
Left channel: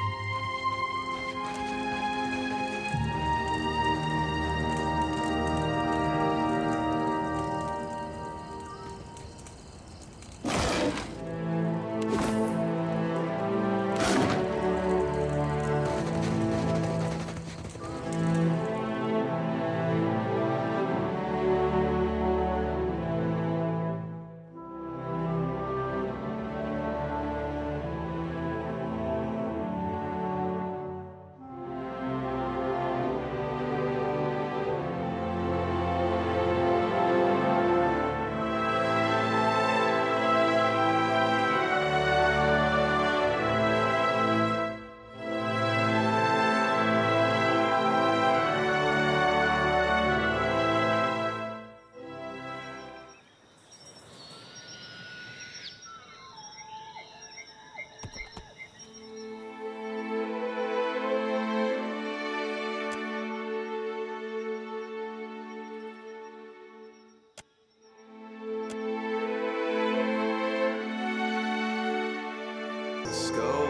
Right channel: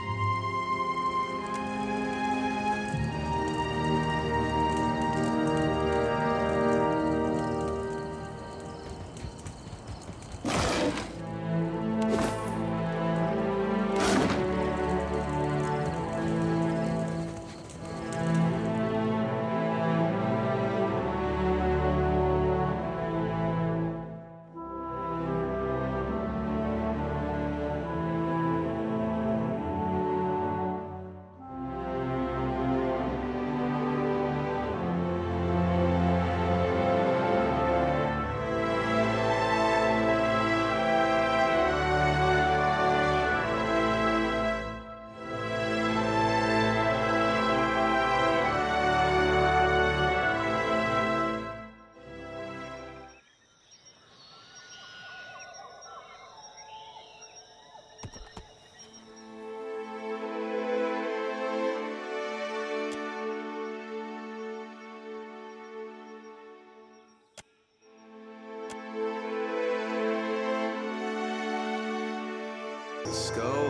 The skull,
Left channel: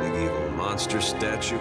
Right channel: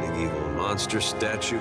big evil monster statue.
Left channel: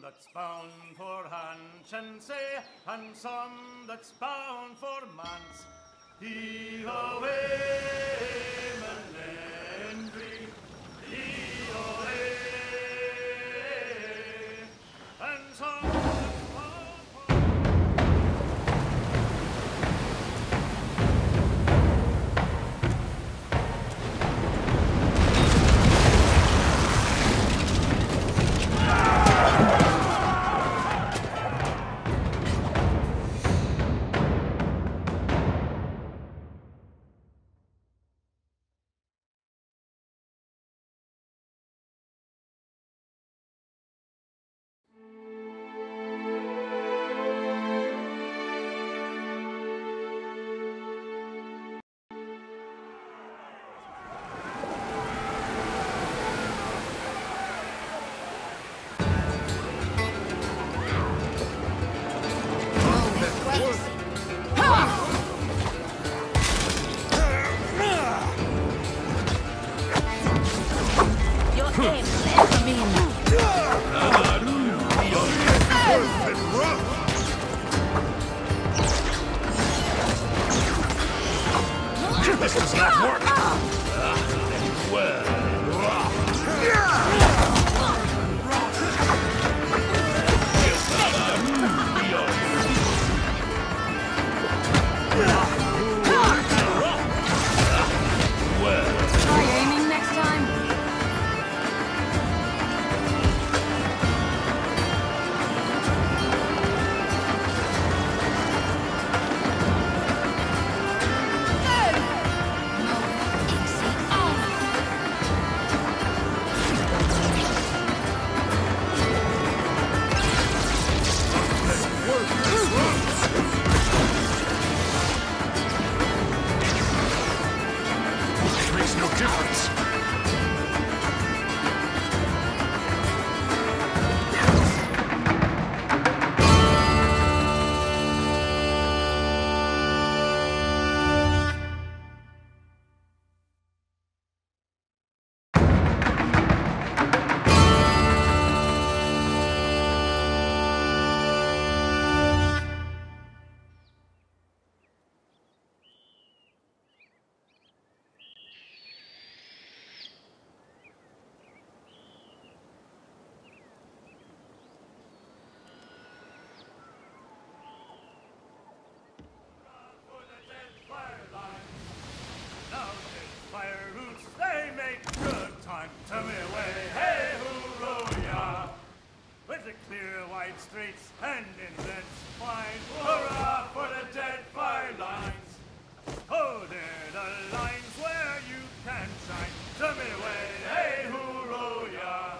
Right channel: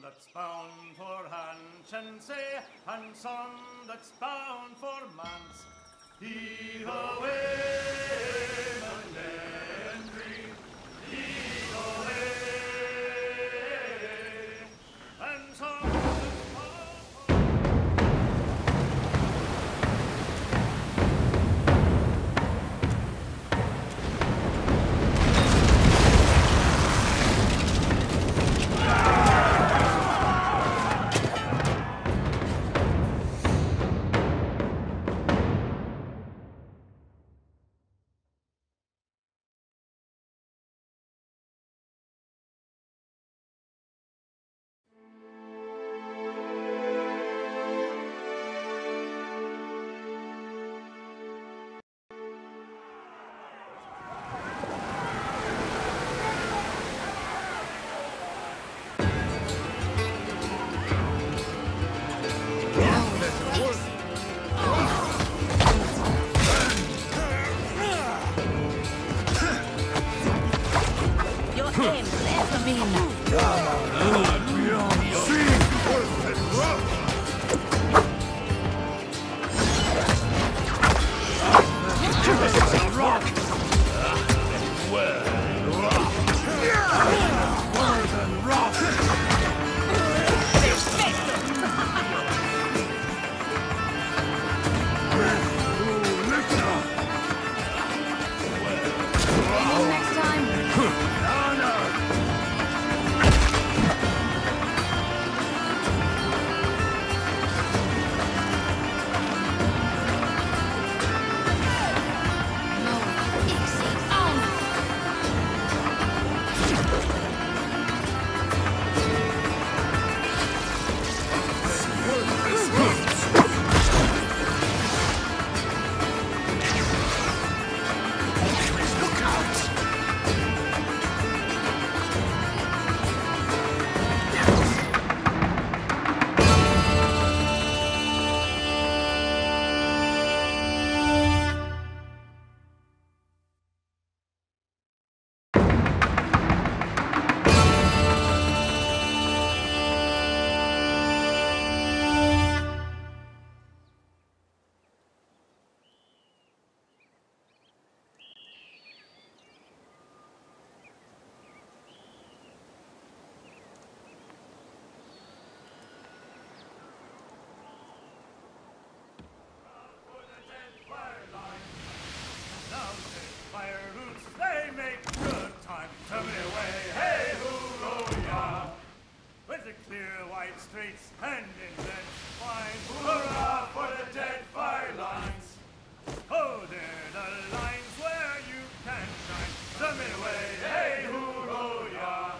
That's bound for Hanchanse, and some that's bound for Mance. He away, Melendry, he away, and some that's bound for... Aiming next time? Makes no difference. Now Deadfire roots, they make good time. Tell me away, hey hooroo ya! With the clear white streets and indents fine, hurrah for the Deadfire lines! Oh, they're the lines where you can shine. Tell me away, hey hooroo ya!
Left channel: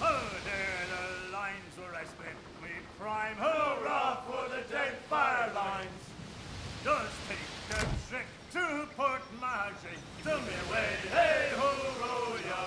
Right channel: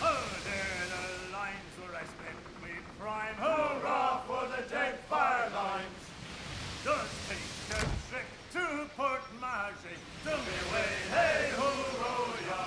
Oh, they're the lines where I spent me prime. Hurrah for the Deadfire lines! Just take a trick to Port Marche. Tell me away, hey hooroo ya!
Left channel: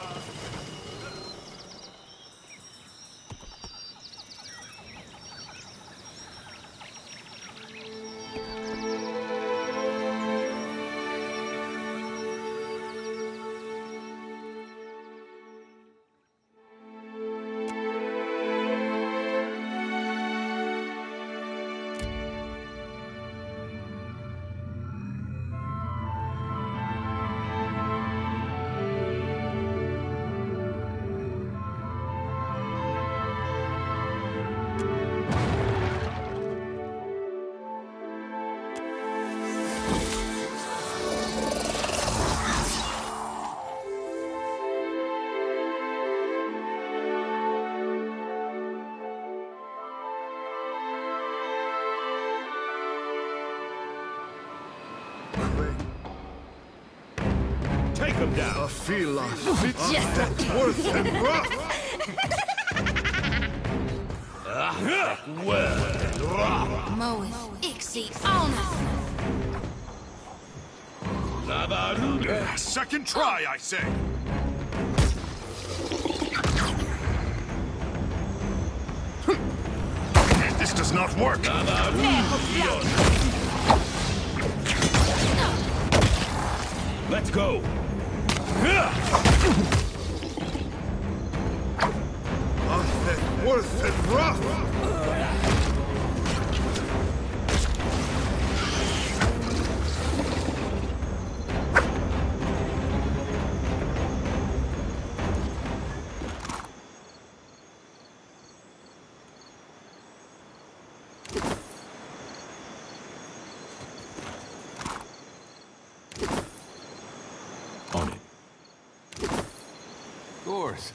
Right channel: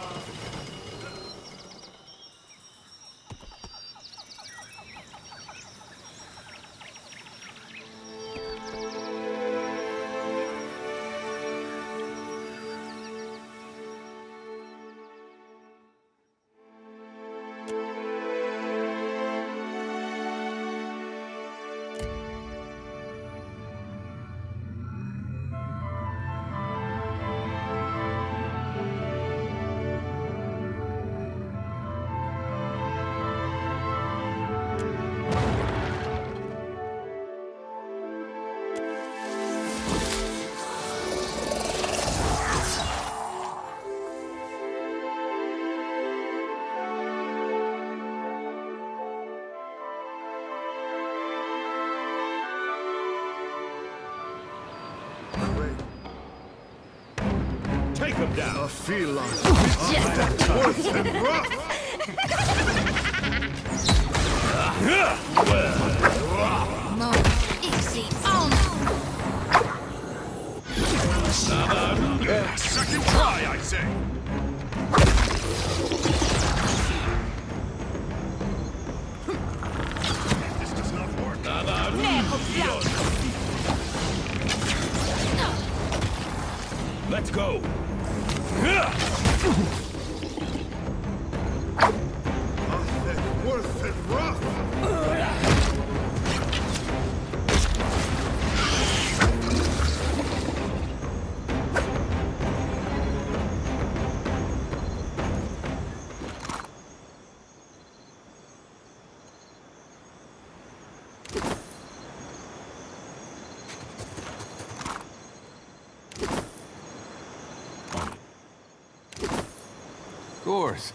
him down. A feline. Just Worth and rough. Mo, Ixie, on! Second try, I say. This does not work. Let's go. Worth and rough. Of course.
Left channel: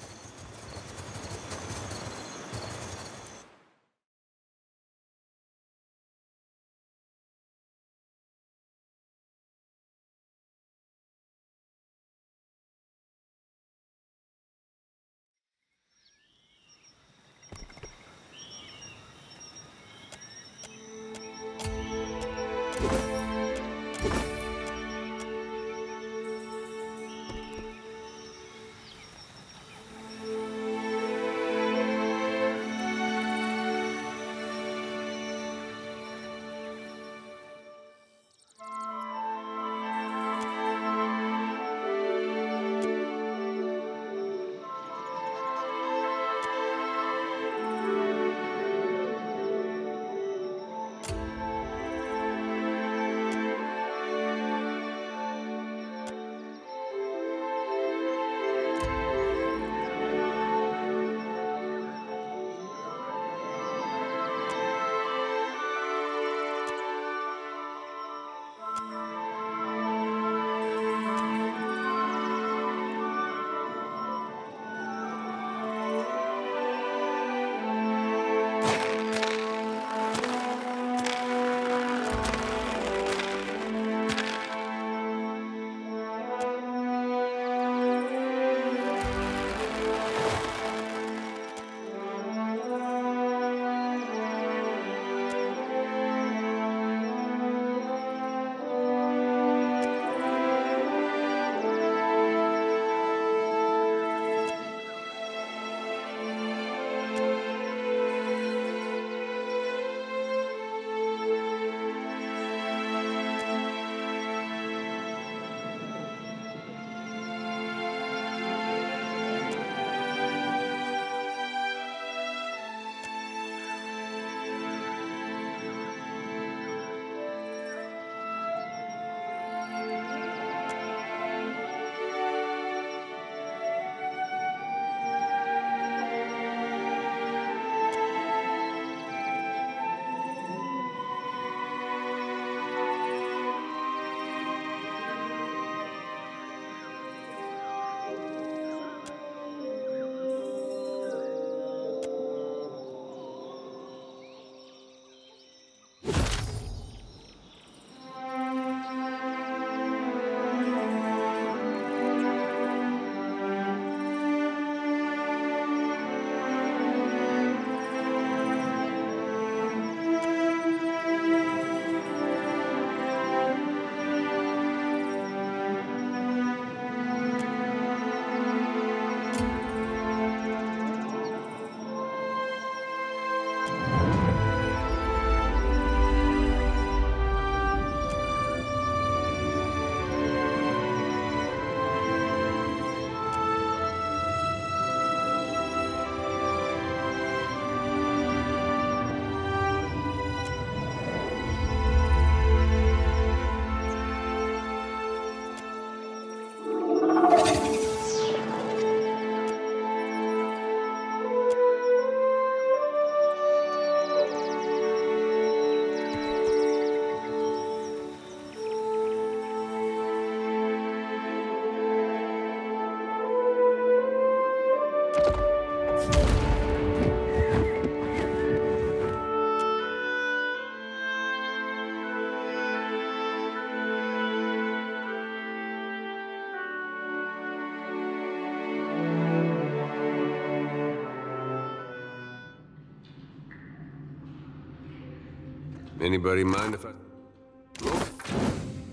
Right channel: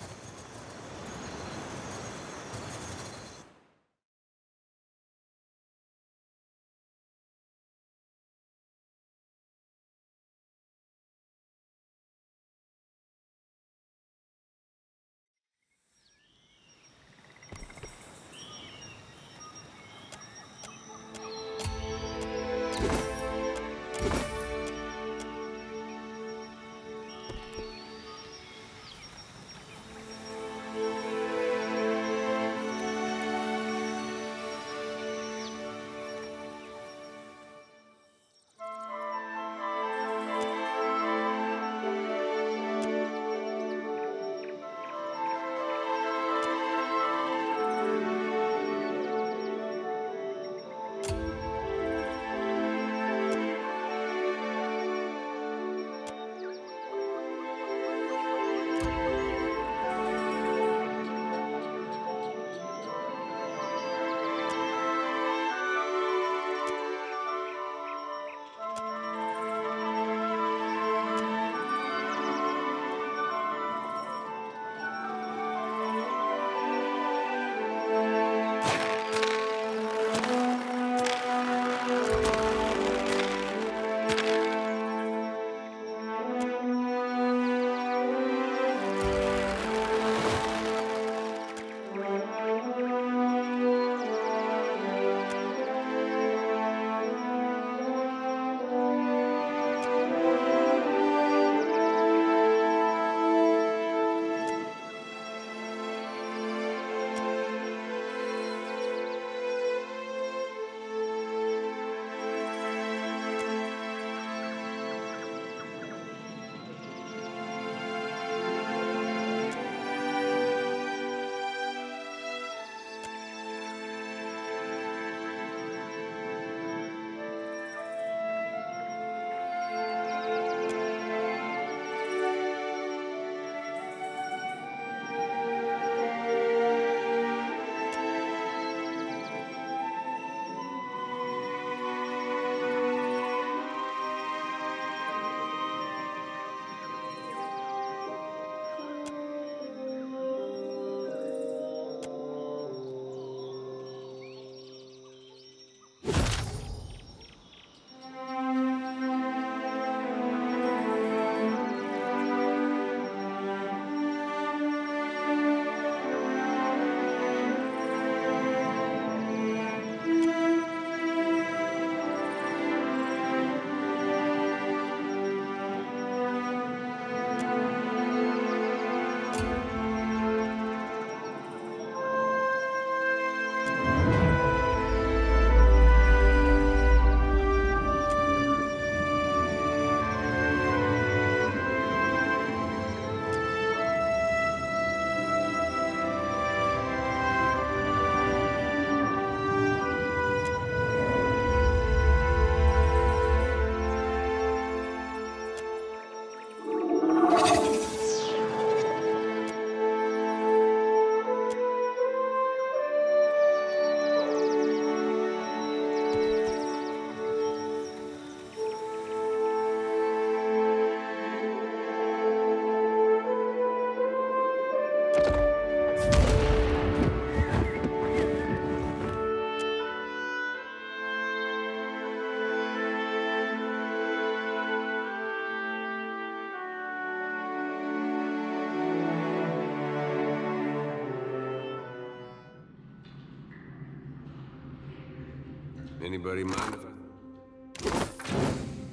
Anybody mind if I...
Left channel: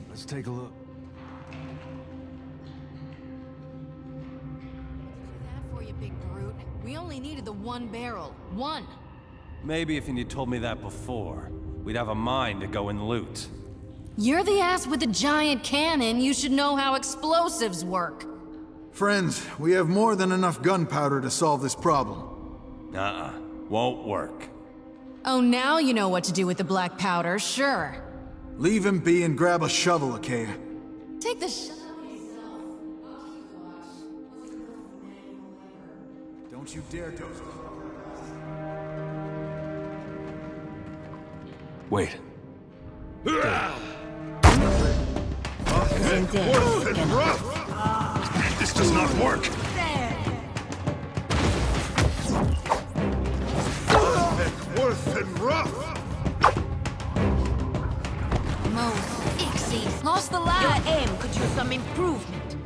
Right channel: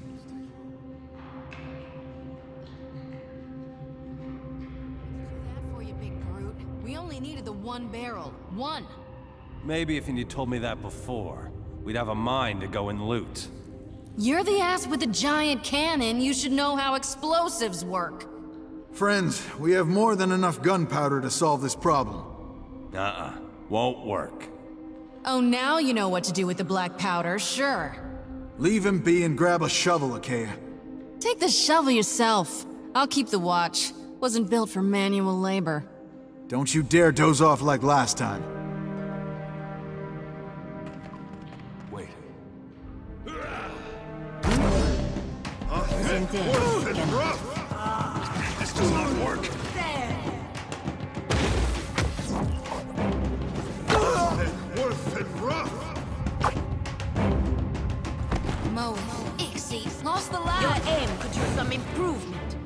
Let's take a look. That for you, big brute. We only needed the one barrel. One! Maybe if you'd told me that before, we'd have a mind to go and loot. You're the ass with the giant cannon. You should know how explosives work. Friends, we have more than enough gunpowder to solve this problem. Won't work. Oh, now you know what to do with the black powder, sure. Leave him be and grab a shovel, Achaia. Take the shovel yourself. I'll keep the watch. Wasn't built for manual labor. Don't you dare doze off like last time. Wait. This does not work. Worth and rough. Mo, Ixie, lost the light. Your aim could use some improvement.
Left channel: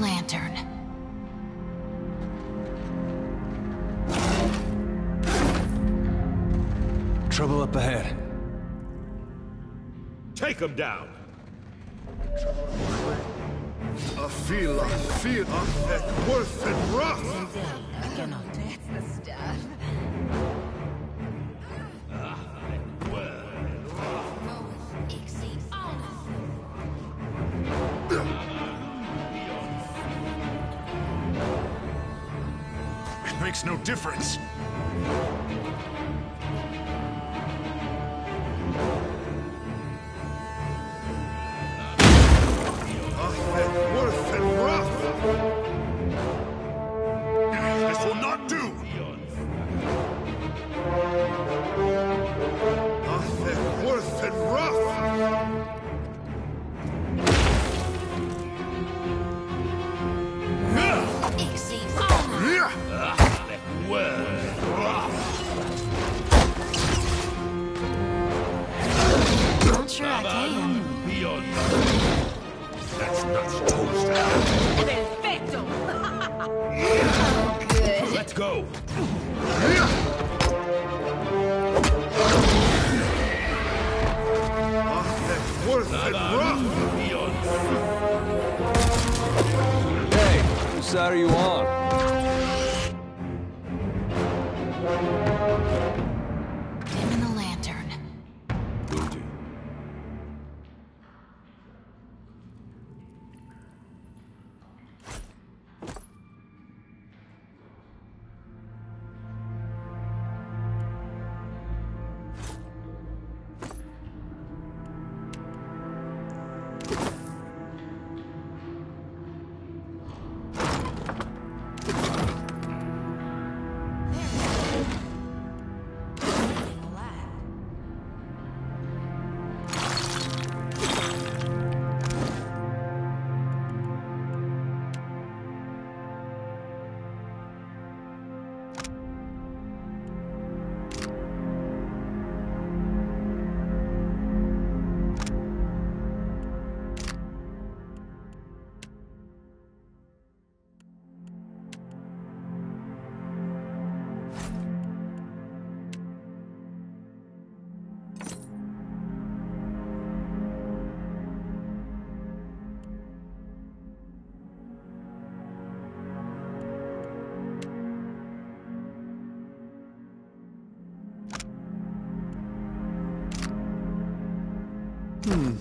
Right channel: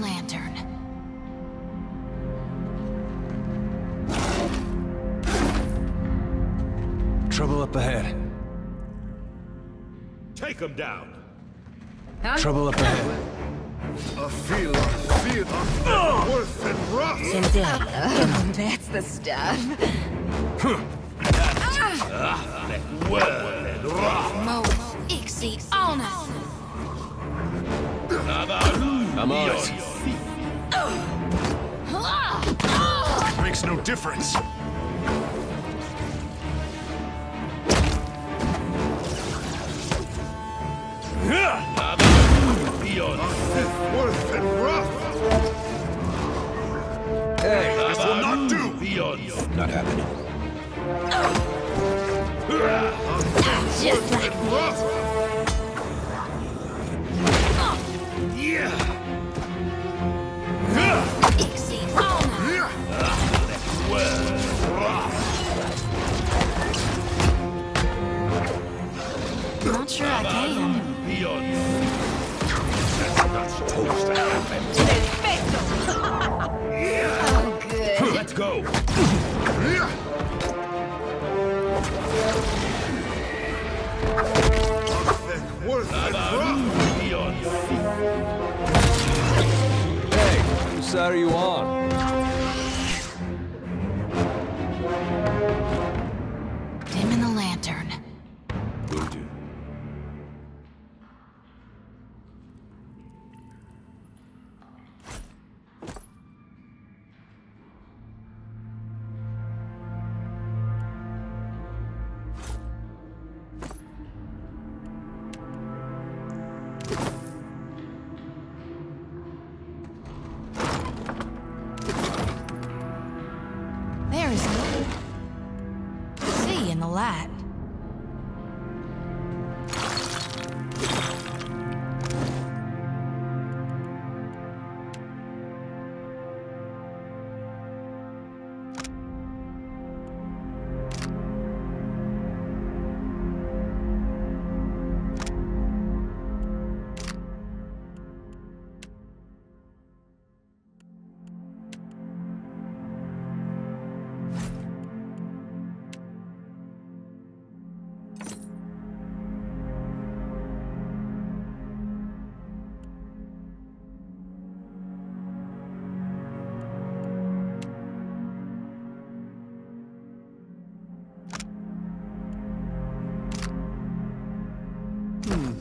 Lantern. Trouble up ahead. Take him down. Trouble up ahead. A feel worth and rough. That's the stuff. Mo, Ixie, on us. Come on. It makes no difference. Worth and rough. This will not do. Not happening. Worth and rough. Ixie, on us. Not sure I can. That's not supposed to happen. Perfecto. Oh, good. Let's go. Worth and rough. Hey, whose side are you on? Dim in the lantern. Will do.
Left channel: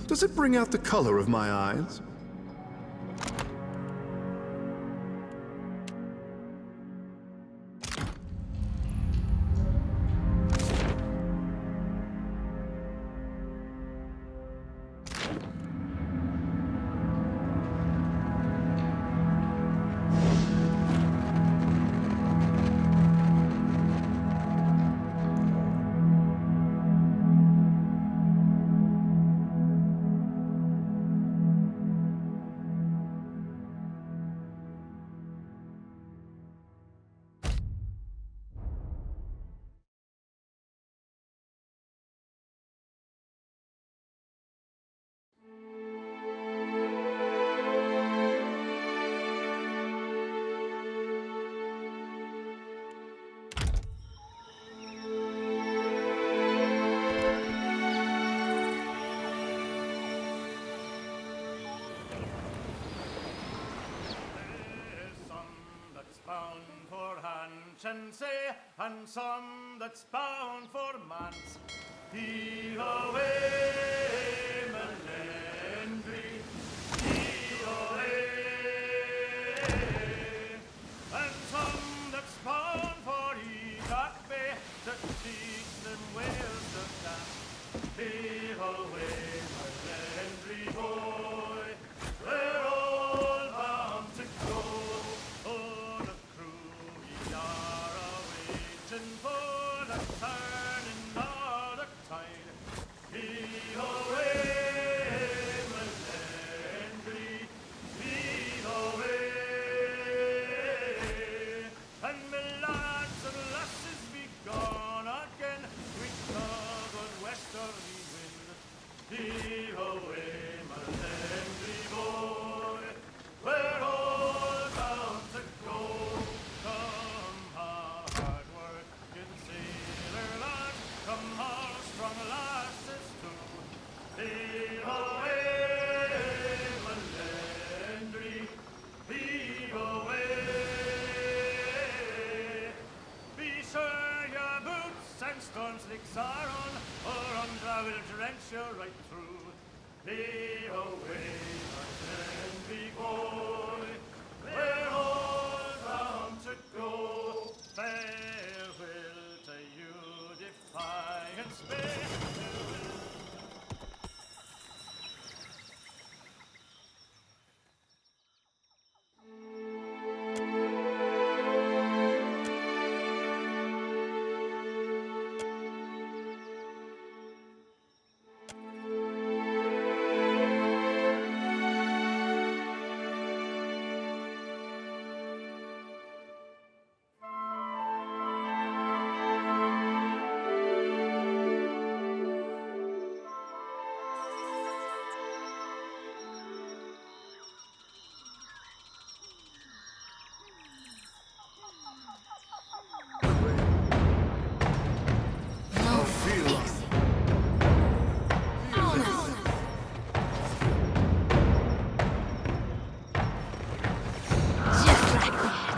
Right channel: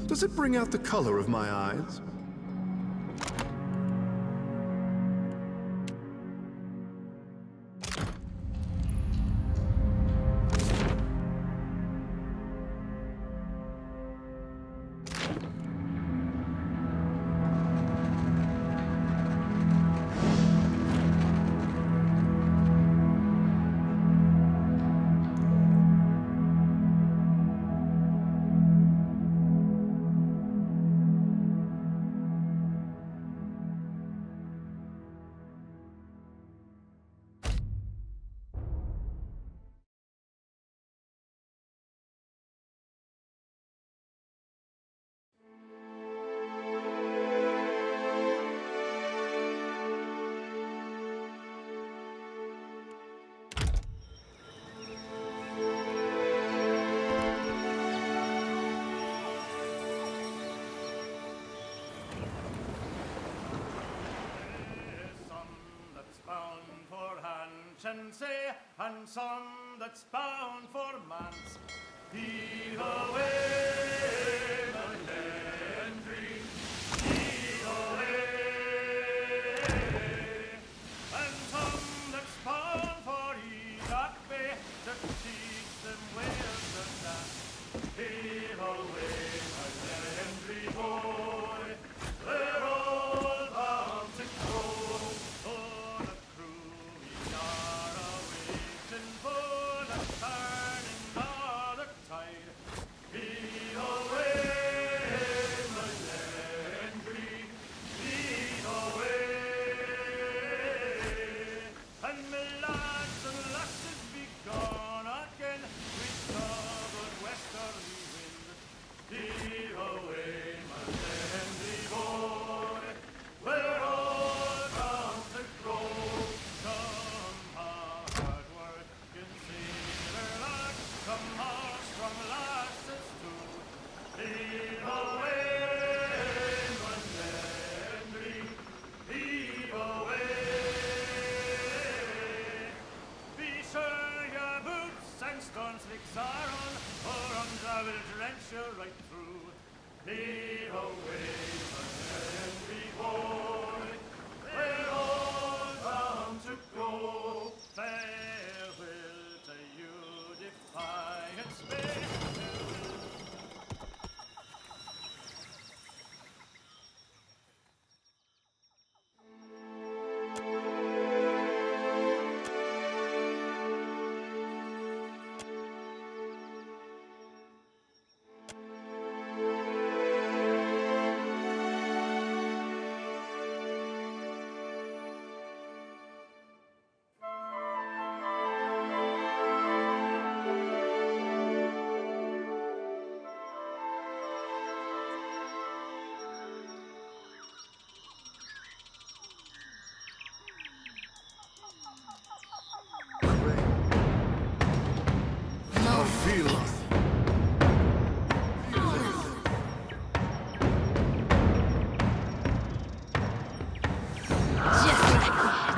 Does it bring out the color of my eyes? And say, and some that's bound for manse. Heave away, Melendry, heave away. And some that's bound for Edoch Bay, to teach them where to dance. Heave away, Melendry boy, we're all bound to go. Oh, the crew we are awaiting for the turning of the tide. Heave away, Melendry, heave away. And me lads and lasses be gone again with southern westerly wind. Heave away, Melendry boy, we're all bound to go. Come hard working sailor lad, come on strong lasses too. Heave away, Melendry, heave away. Be sure your boots and stone slicks are on, or I will drench you right through. Heave away, Melendry boy, we're all bound to go. Farewell to you, defiant space.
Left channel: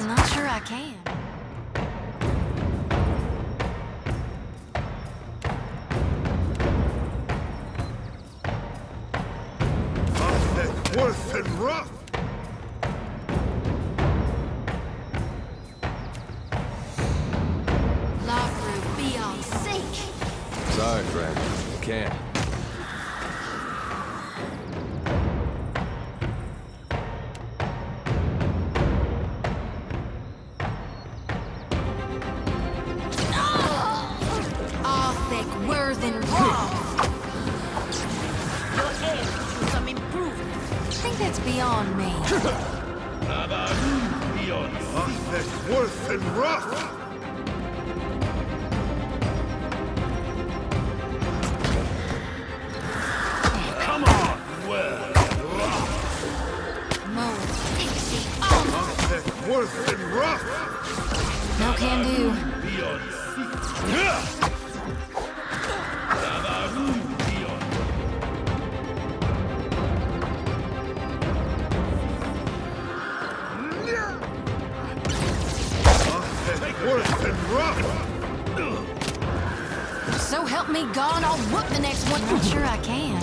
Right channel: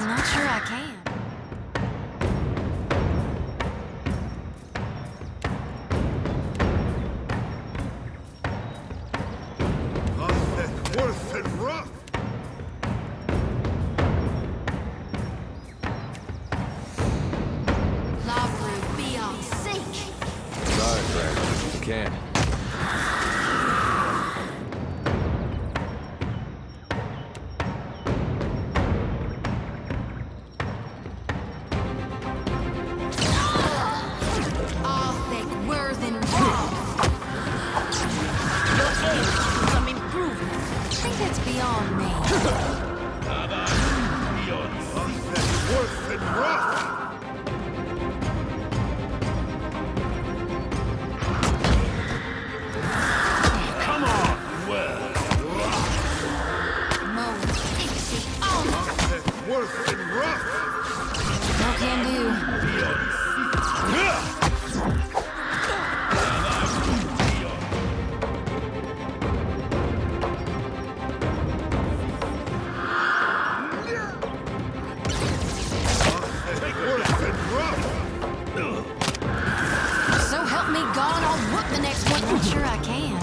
Not sure I can. Worth and rough! Lavru, be on sink! Sorry, friend. I can't. Beyond me. Worth and rough! Come on! Well, worth and rough! No can do. So help me God, I'll whoop the next one. Not sure I can.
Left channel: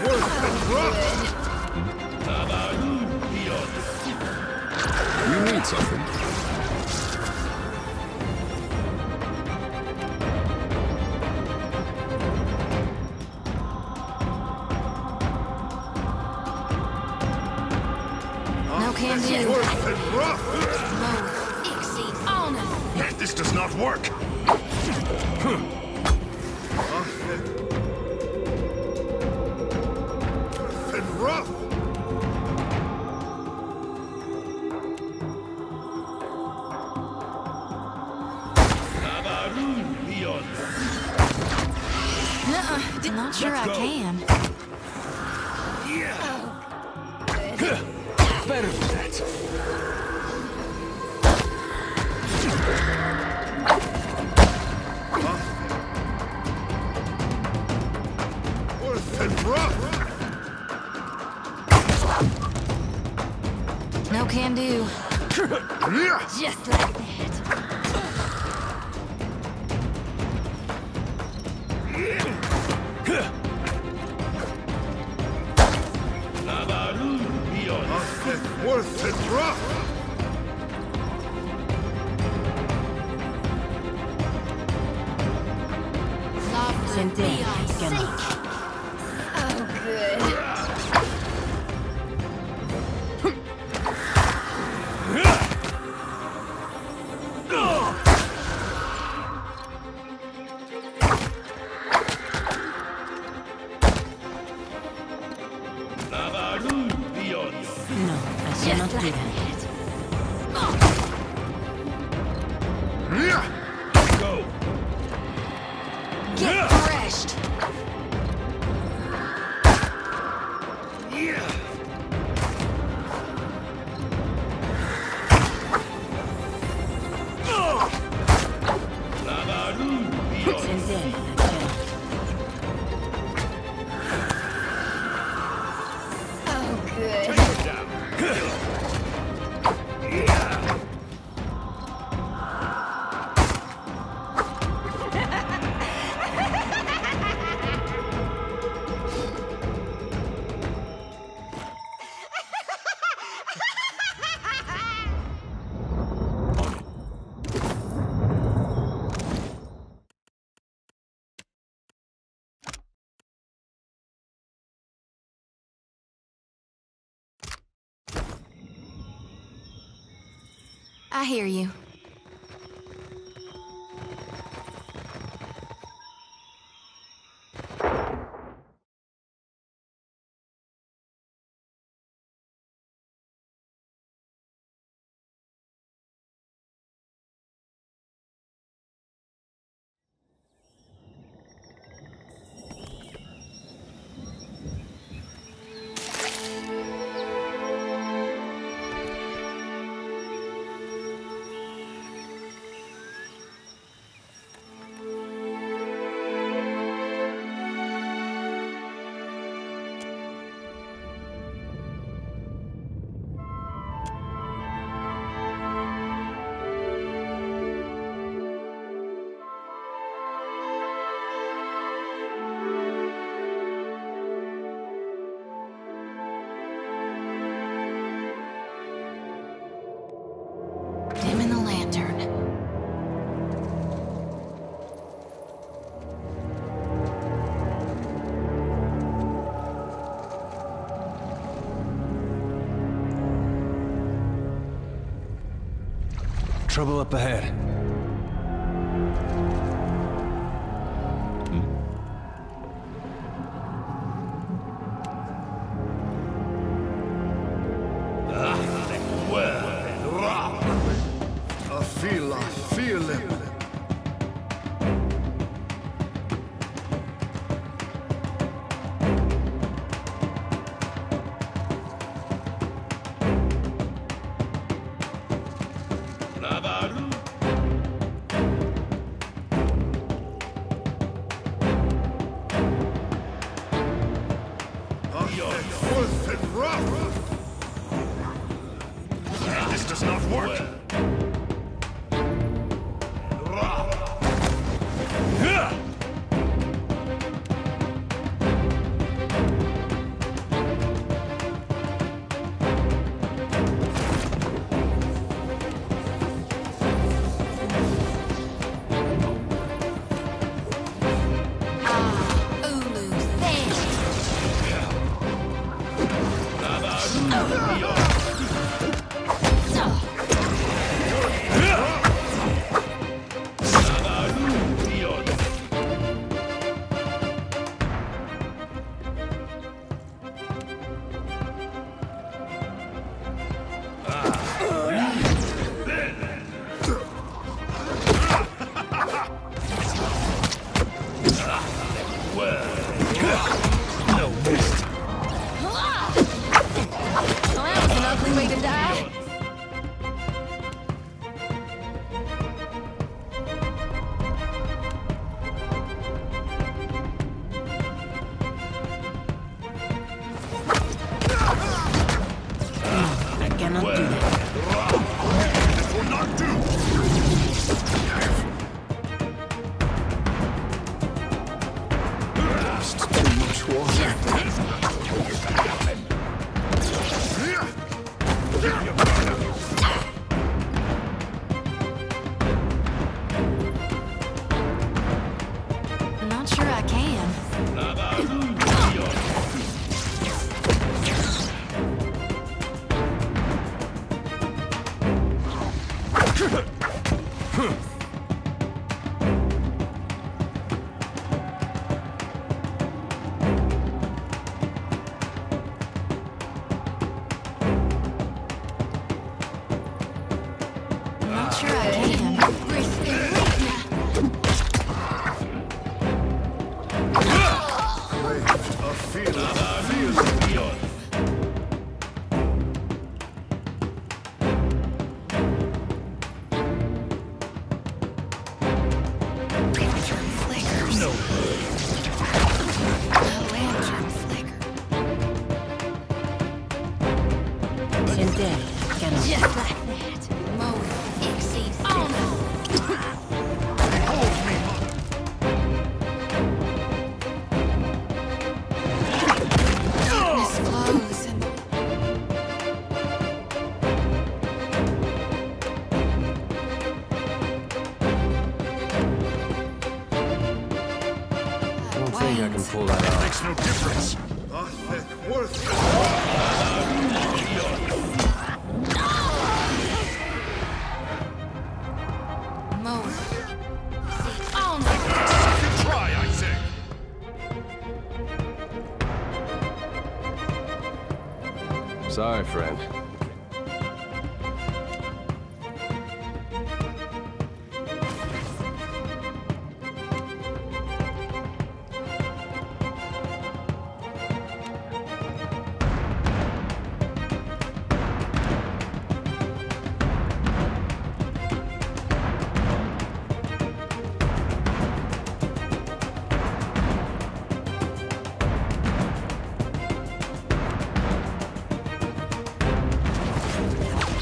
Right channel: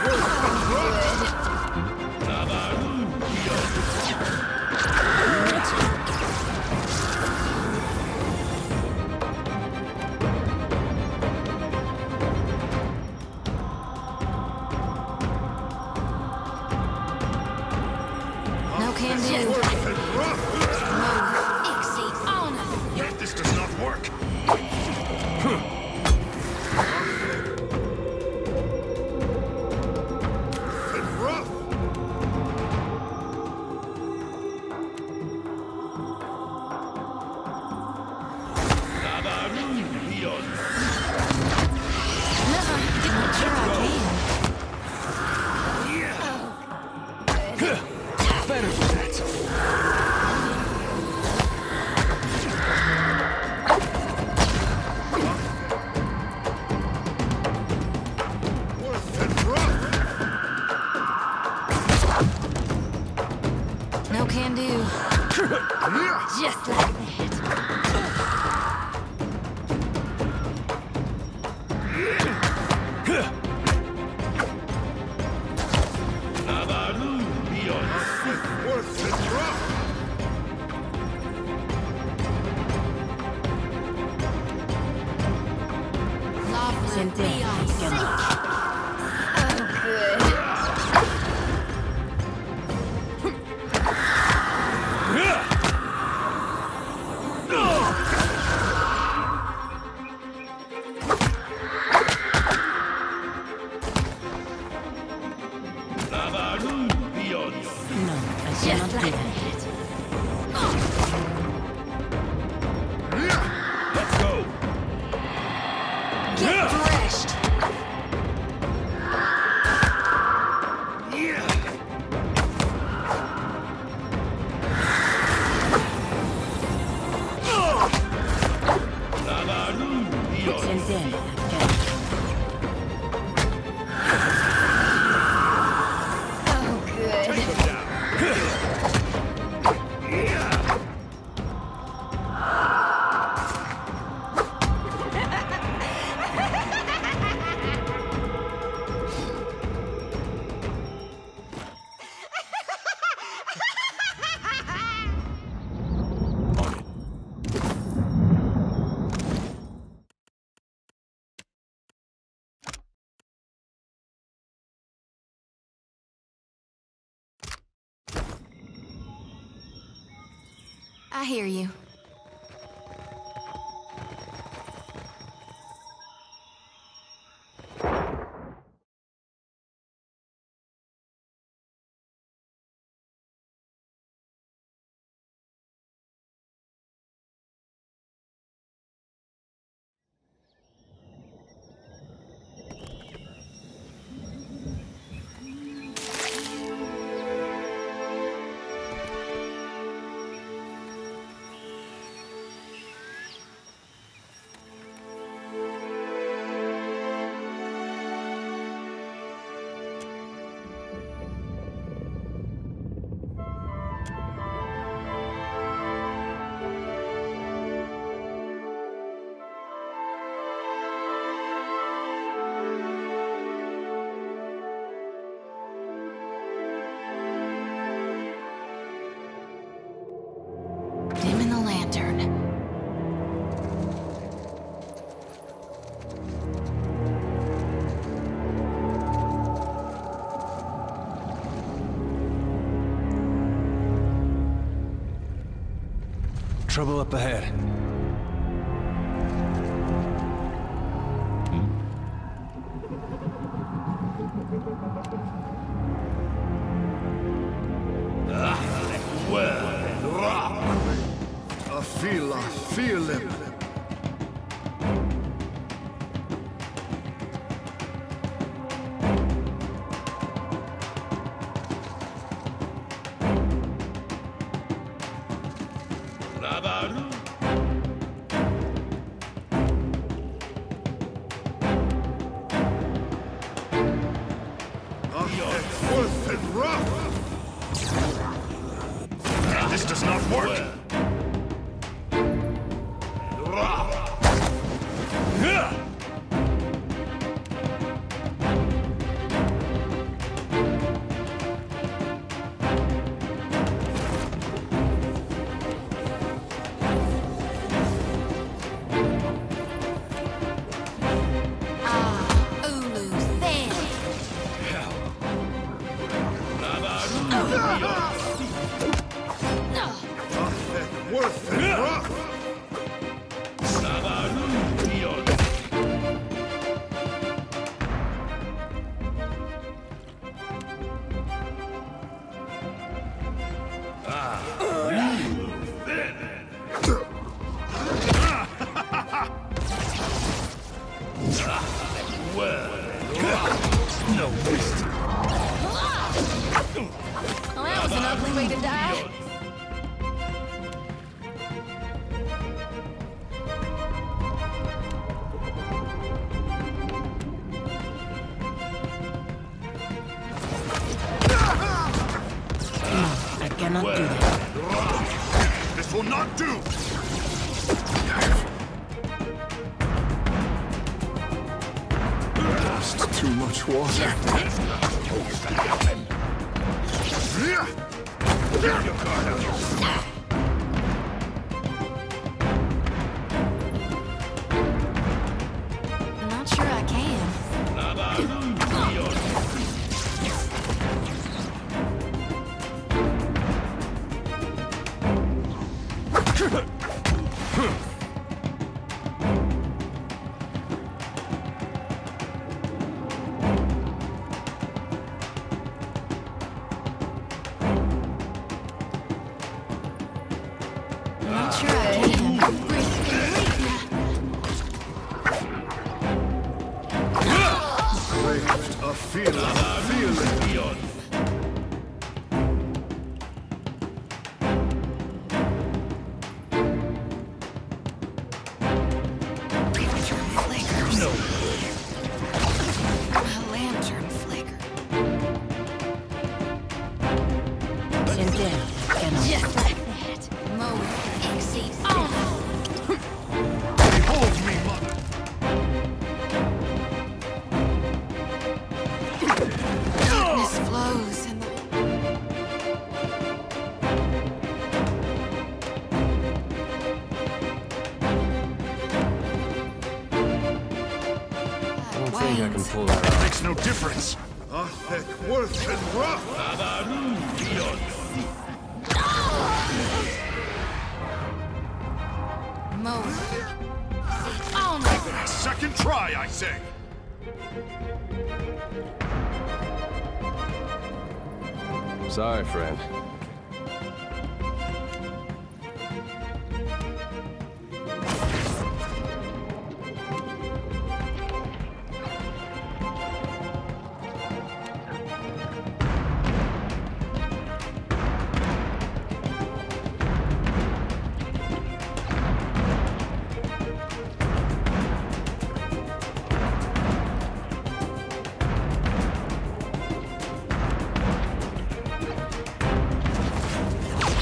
You need something. No can do. No, Ixie, honor. This does not work. And rough. Not sure I can. Better than that. Worth and rough. No can do. Just like that. Worth and rough. Lovely. Oh, good. No, I cannot do that. Go. Get crushed. And then I can. Oh, good. I hear you. Dimming the lantern. Trouble up ahead. I feel him. Worth and rough. This does not work. Not sure I can. Not sure I can. A feeling beyond. Lantern flickers. No. A lantern flicker. Just like that. Mode exceeds honor. Behold me, mother. Darkness flows in the... I don't think I can pull that off. Makes no difference. A thick, worthless Mode exceeds honor. second try, I say. Sorry, friend.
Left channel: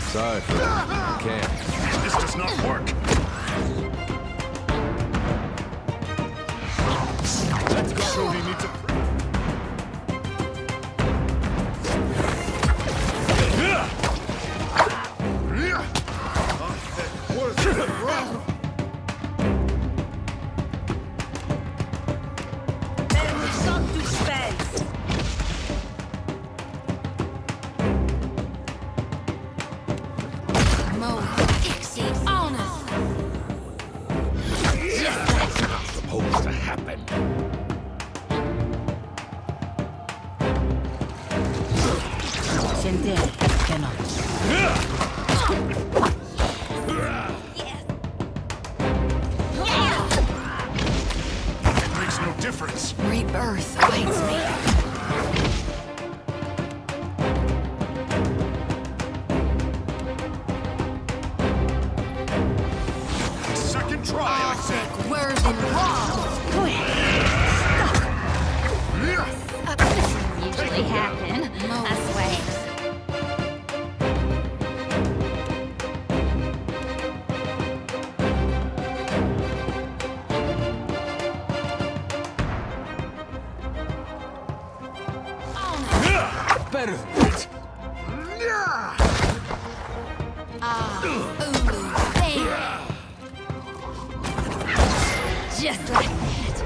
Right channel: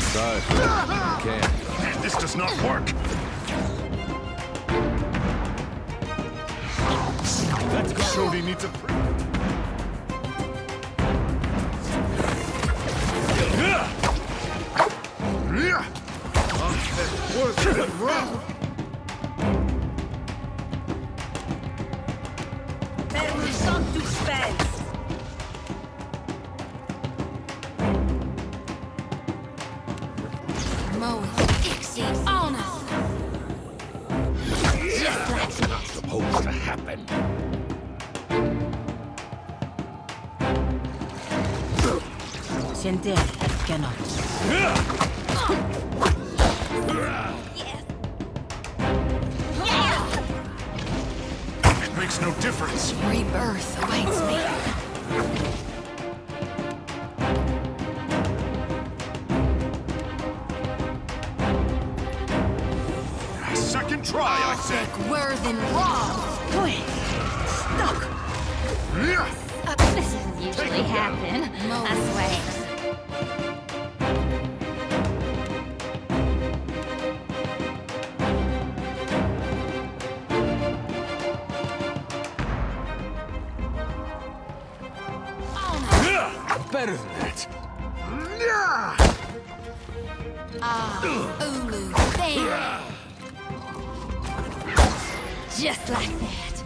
Sorry, friend. I can't. This does not work. Let's go. Shodi needs a There will not do spells. Mode exceeds honor. Just like that. supposed to happen. Sender cannot. It makes no difference. Rebirth awaits me. Second try, I say. Words and walls. This doesn't usually happen, I swear. Better than that. Ulu, there. Just like that.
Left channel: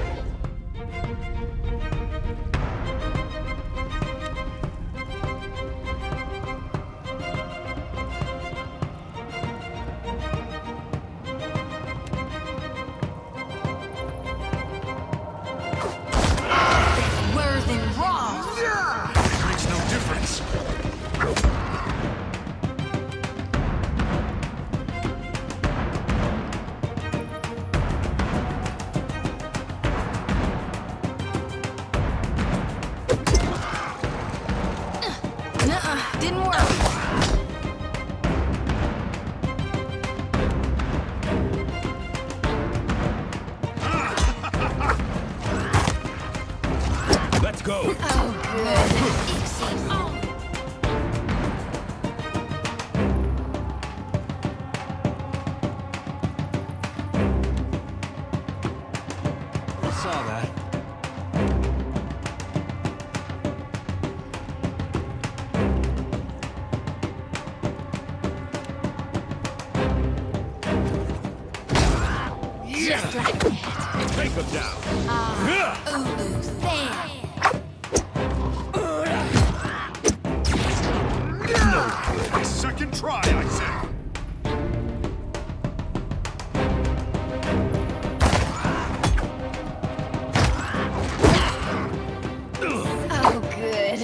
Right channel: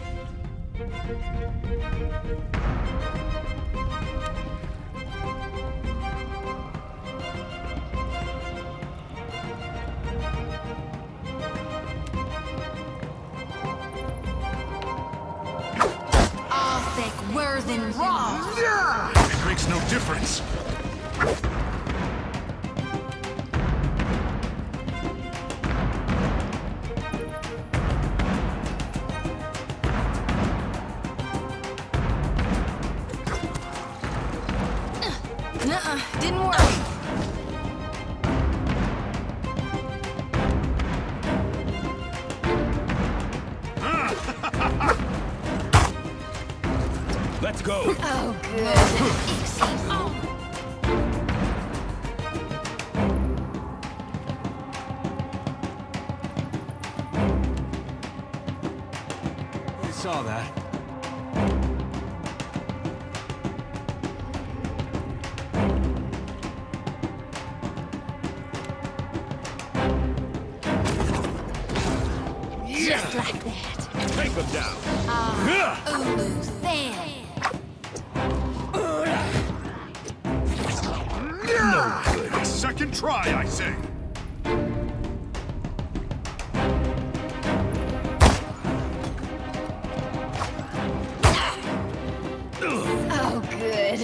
involved. It makes no difference. Nuh-uh, didn't work. Let's go. Oh, good. Easy. Oh. I saw that. Just like that. Take him down. Ulu's fan. No good. Second try, I say. Oh, good.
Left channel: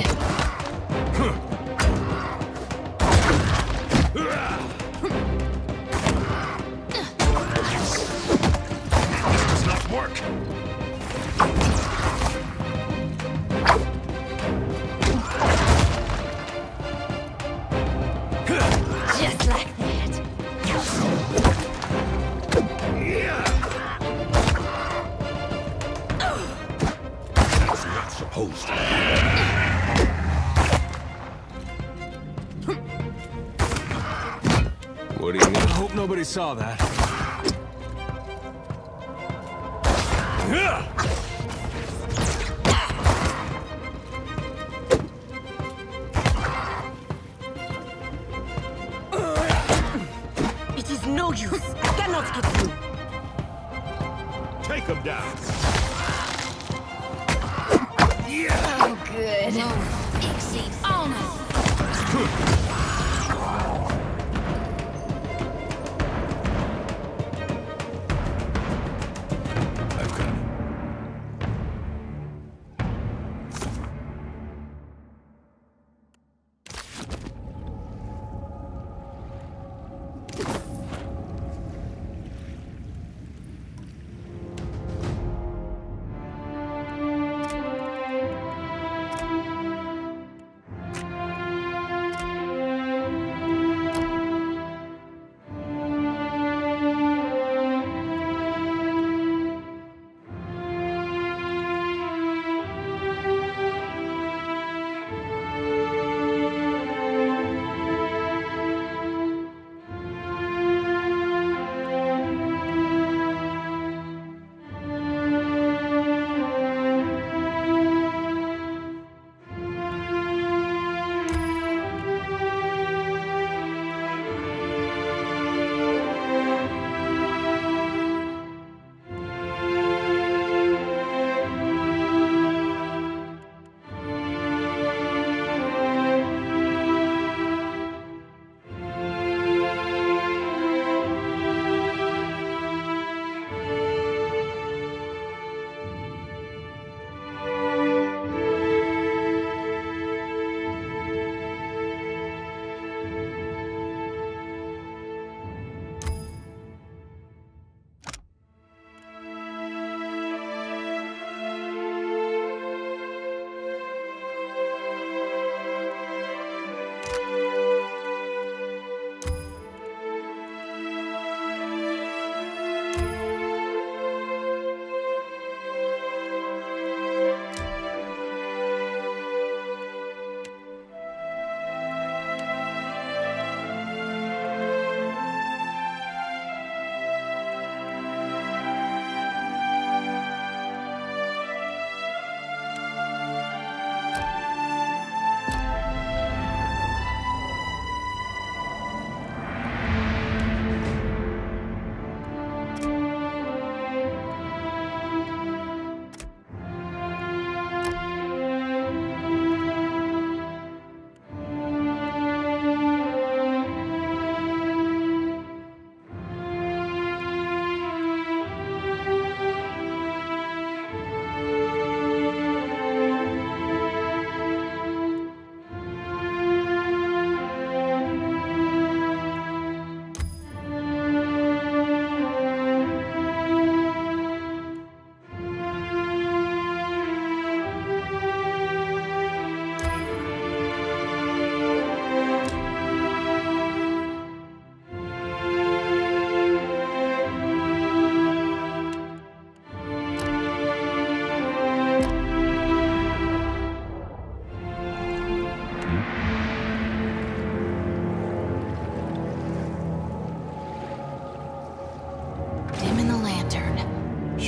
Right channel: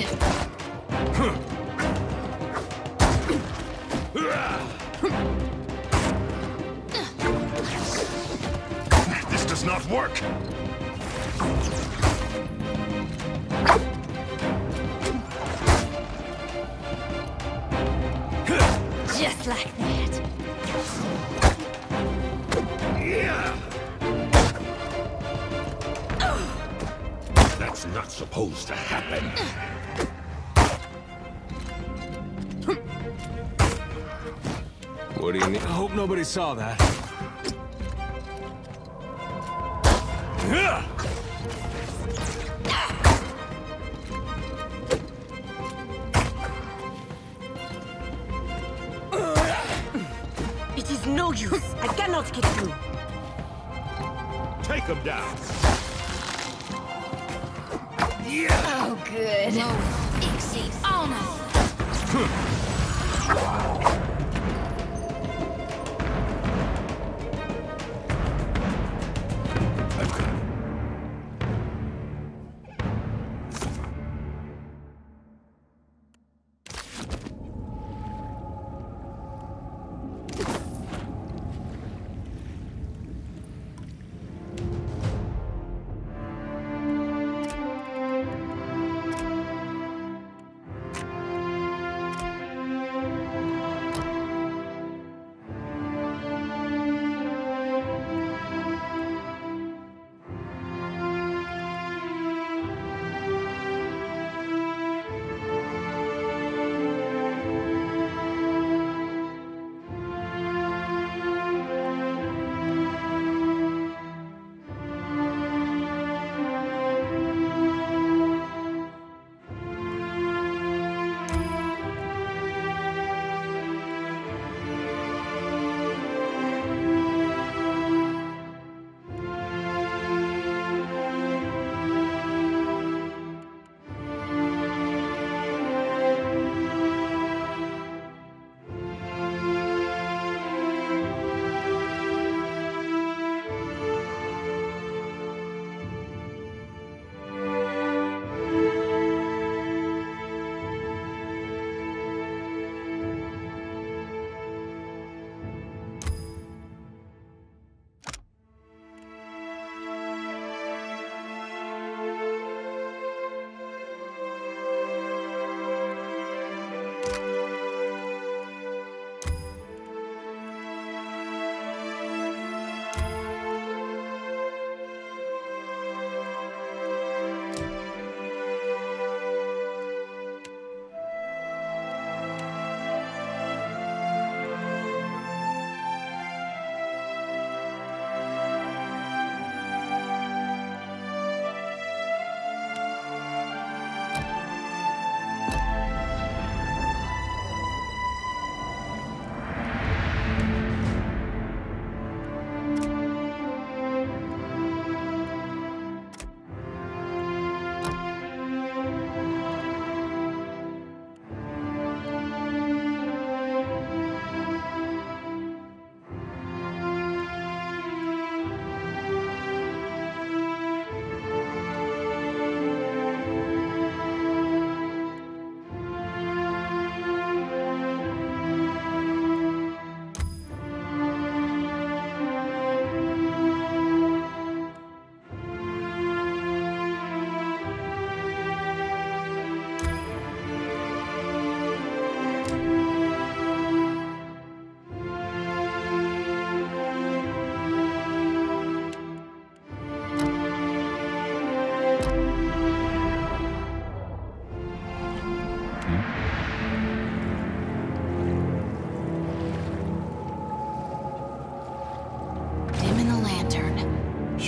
This does not work. Just like that. That's not supposed to happen. What do you mean? I hope nobody saw that. It is no use. I cannot get through. Take him down. Oh, good. Easy. Oh, no. I've got it.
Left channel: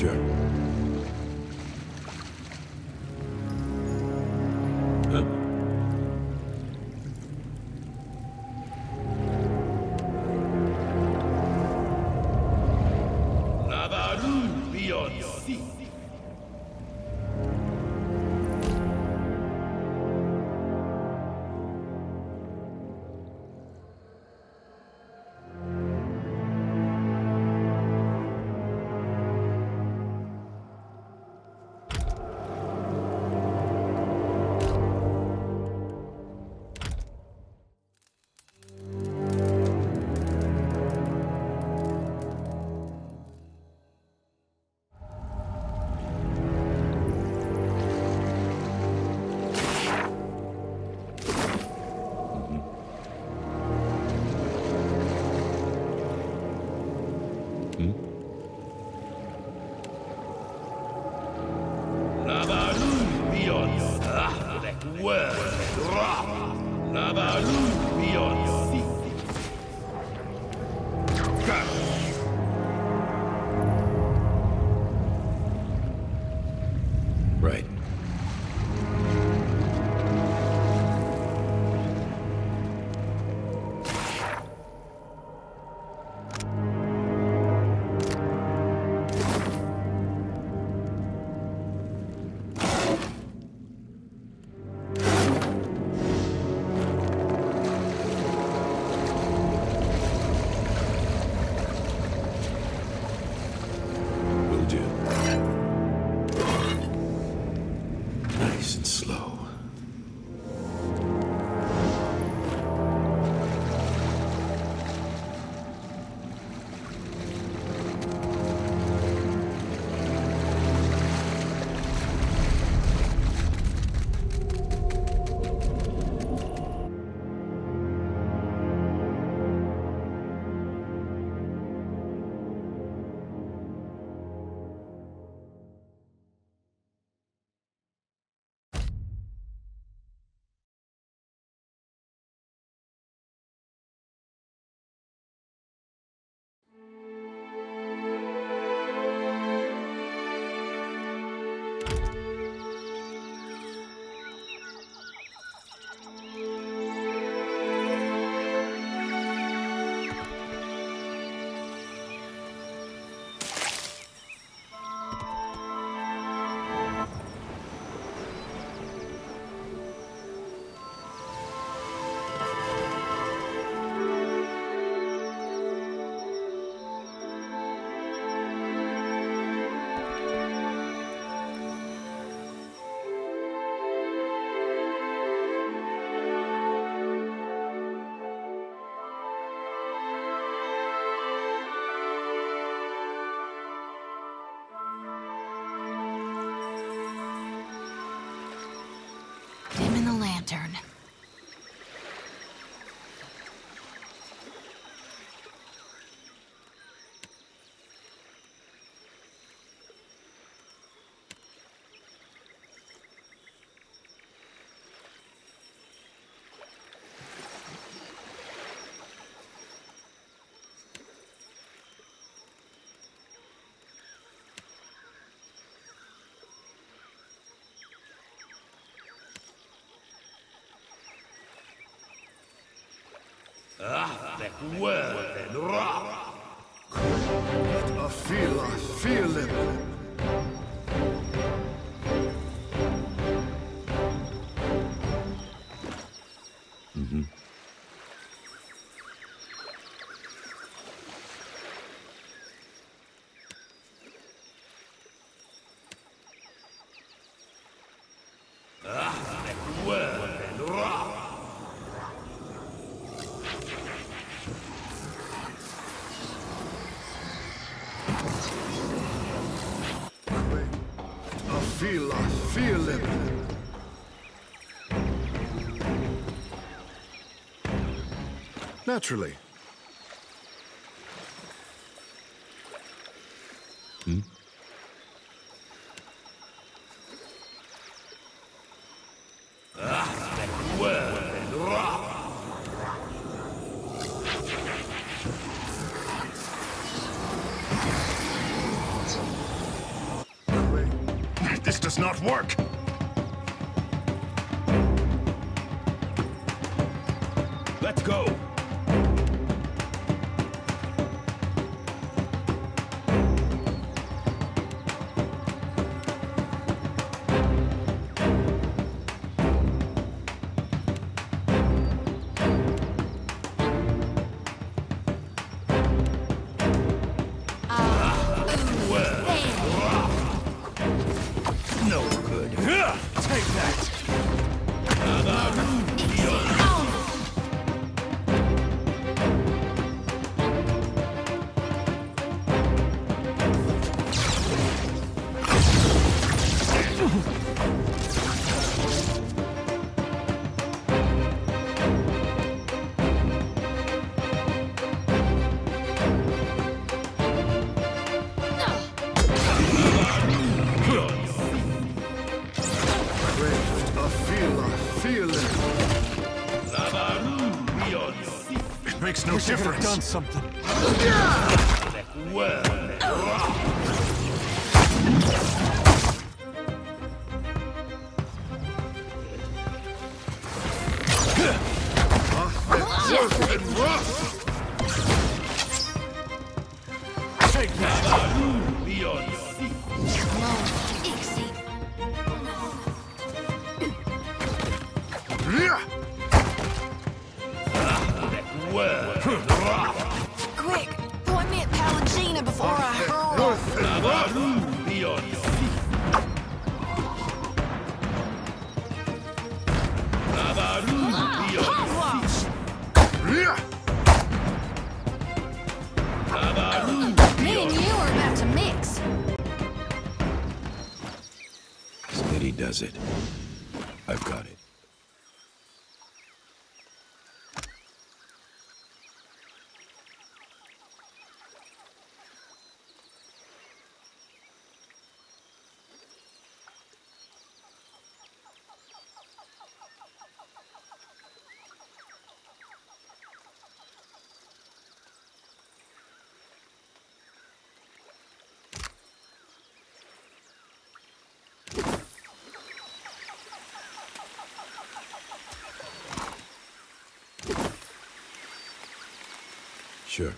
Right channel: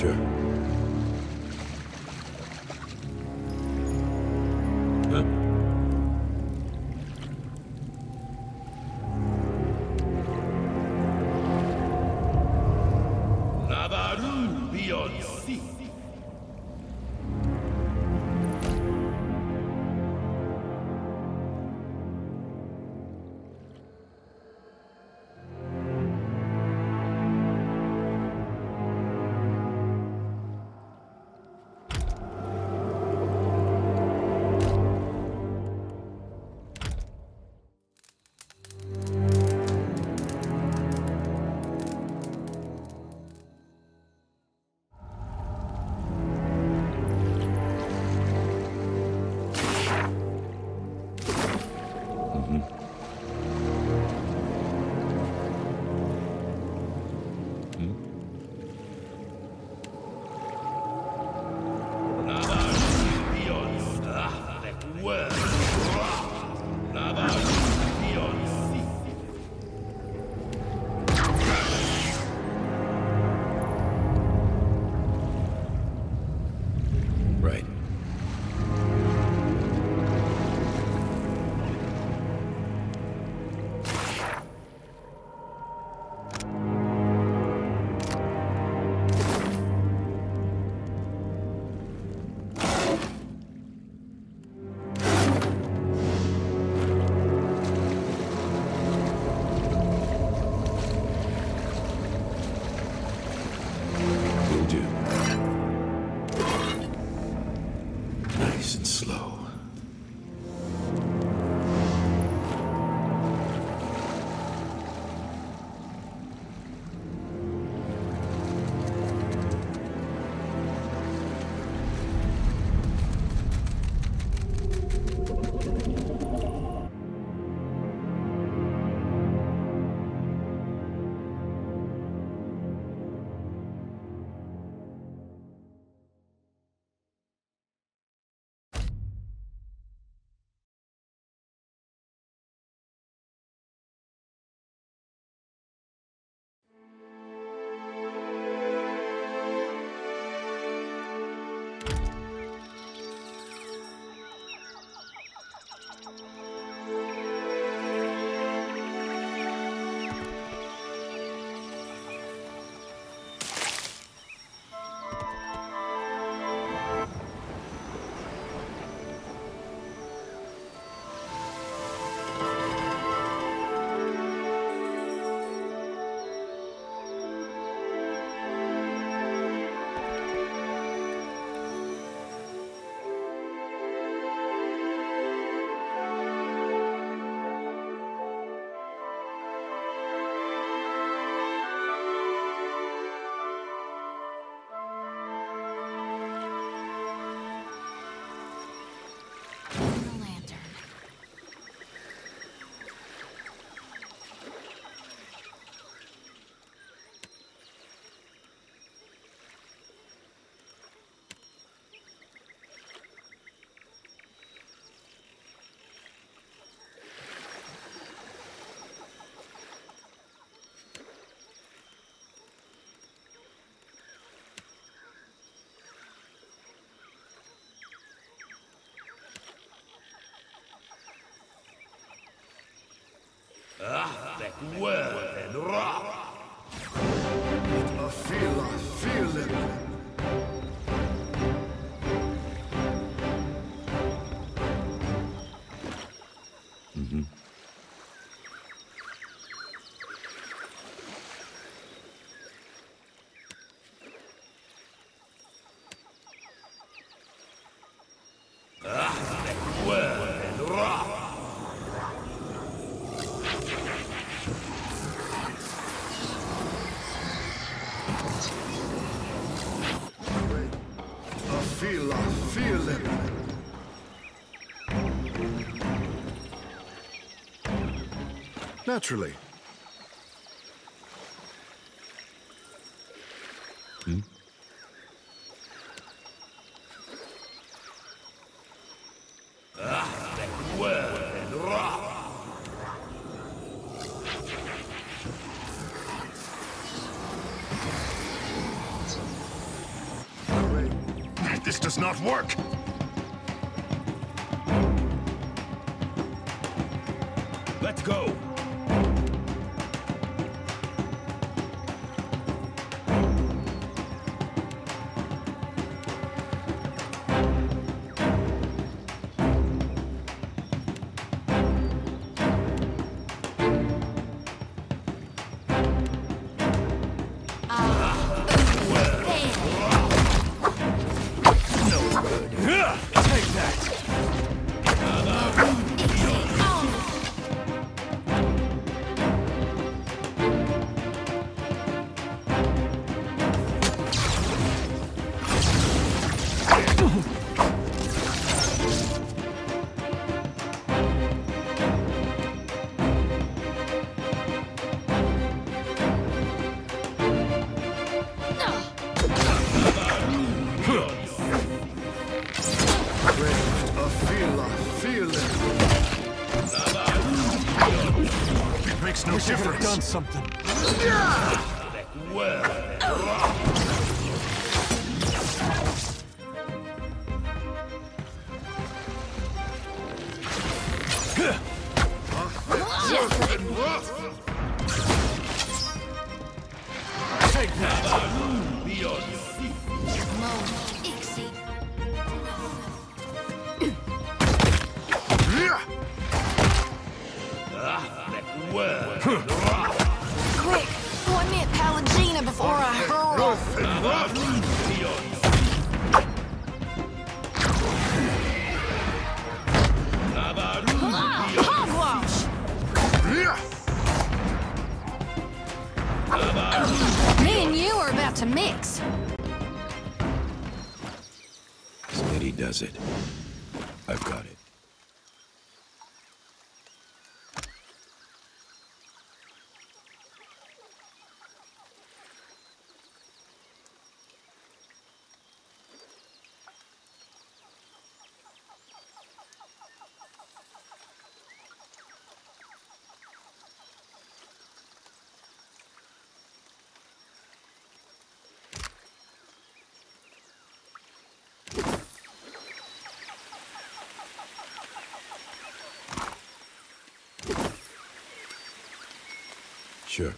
Sure. Huh? Nabaru beyond sea. Right. Will do. Nice and slow. Dim in the lantern. I feel it. Mm-hmm. I feel it. Naturally. Hmm? does not work! Let's go! It makes no difference. Done something. Take that. Quick! Oh, I meant Palangina before I hurl. Hogwash! Me and you are about to mix. Steady does it. I've got it. Sure.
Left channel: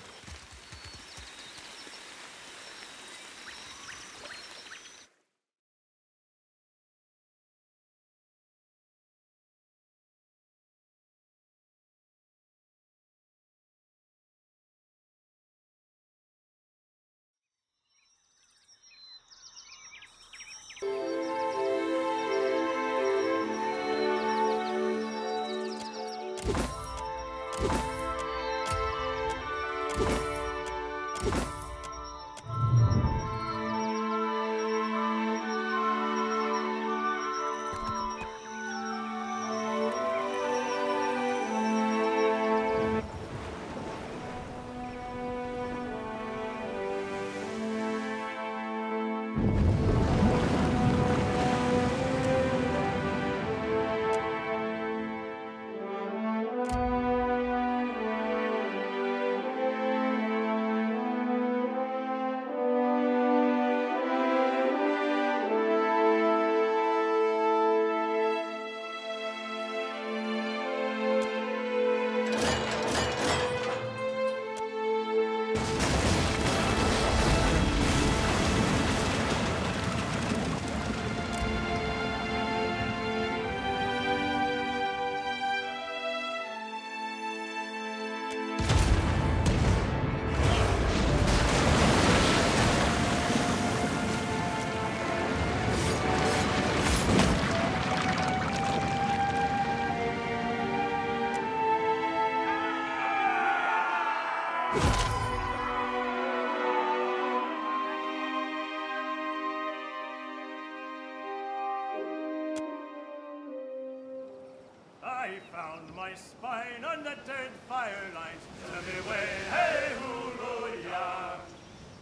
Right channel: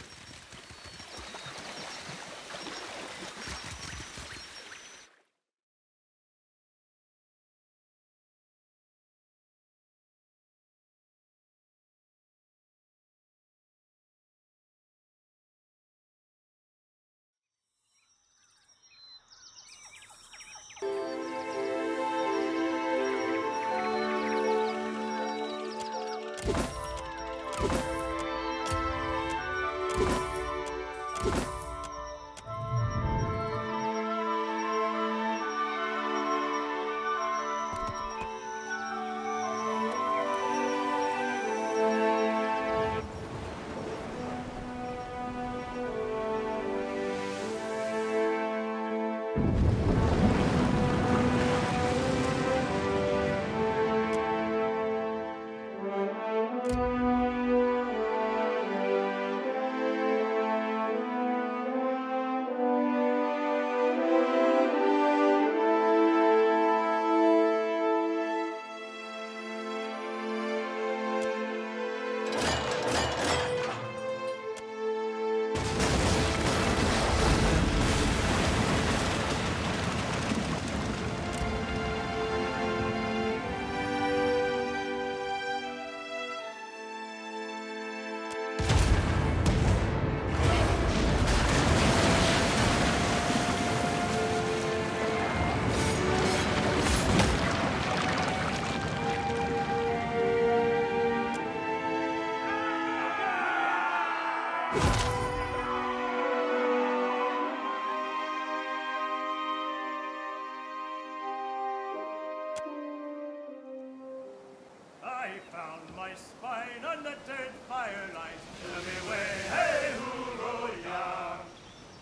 I found my spine on the Deadfire lines. Tell me where, hey, hoo-roh-yah.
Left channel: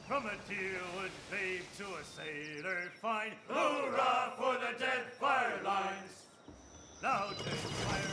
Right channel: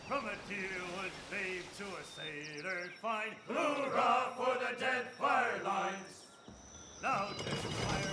From a deerwood babe to a sailor fine. Hoorah for the Deadfire lines. Now Deadfire.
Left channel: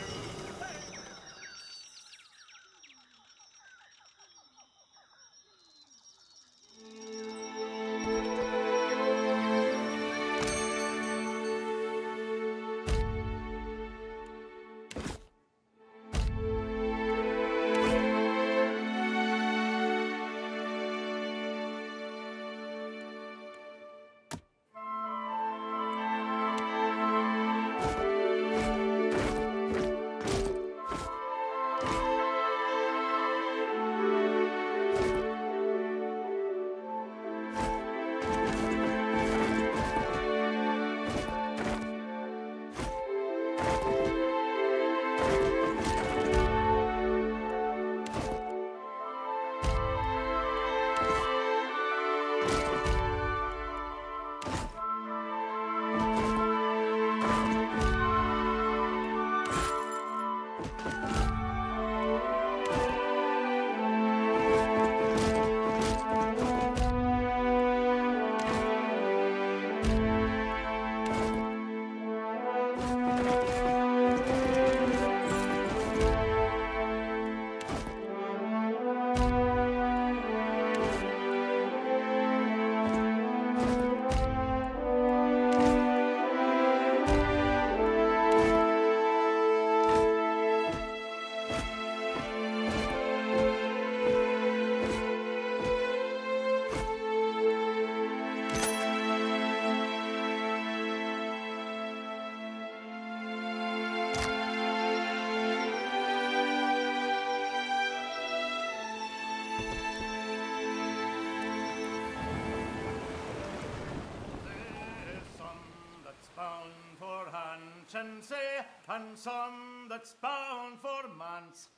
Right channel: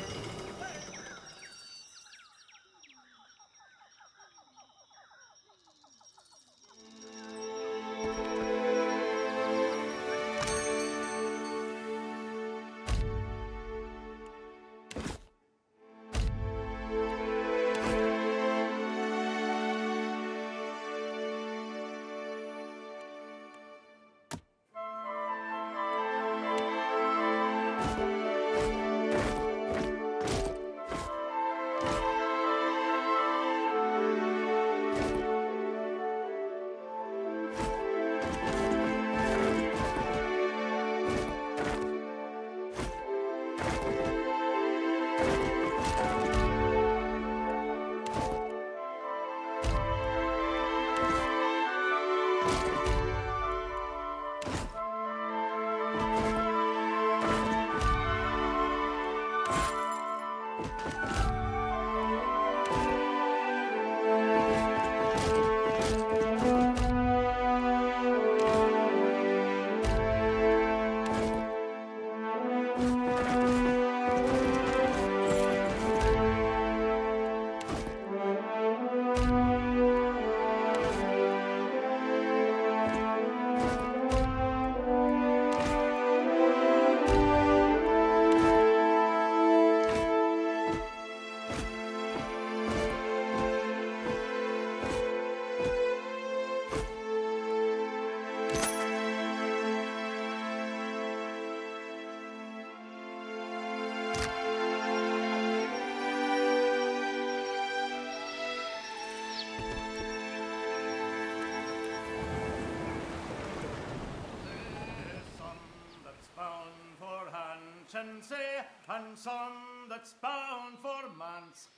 Say, and some that's bound for manse.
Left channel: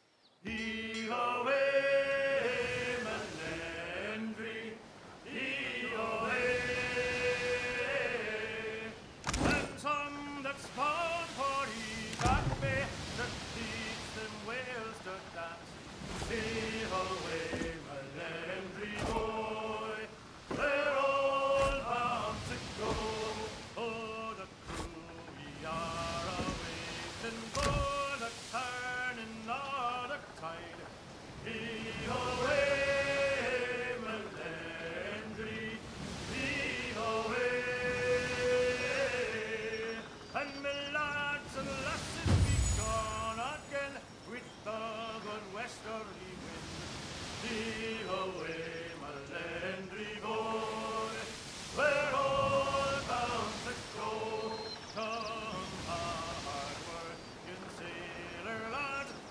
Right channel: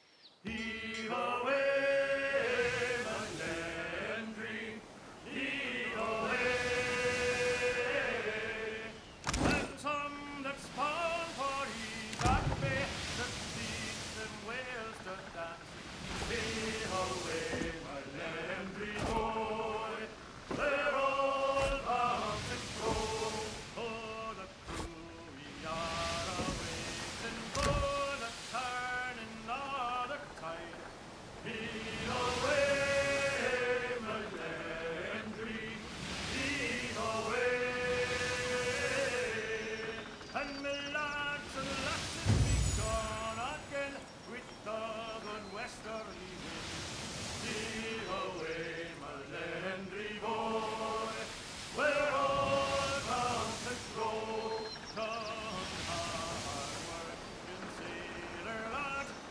Heave away, Melendry, heave away. And some that's bound for Evac Bay, that teach them Wales to dance. Heave away, Melendry boy, they're all bound to go. Oh, the crew we are. For the turning of the tide, heave away, Melendry, heave away. And me lads and lasses be gone again with the good westerly wind. Heave away, Melendry boy, we're all bound to go.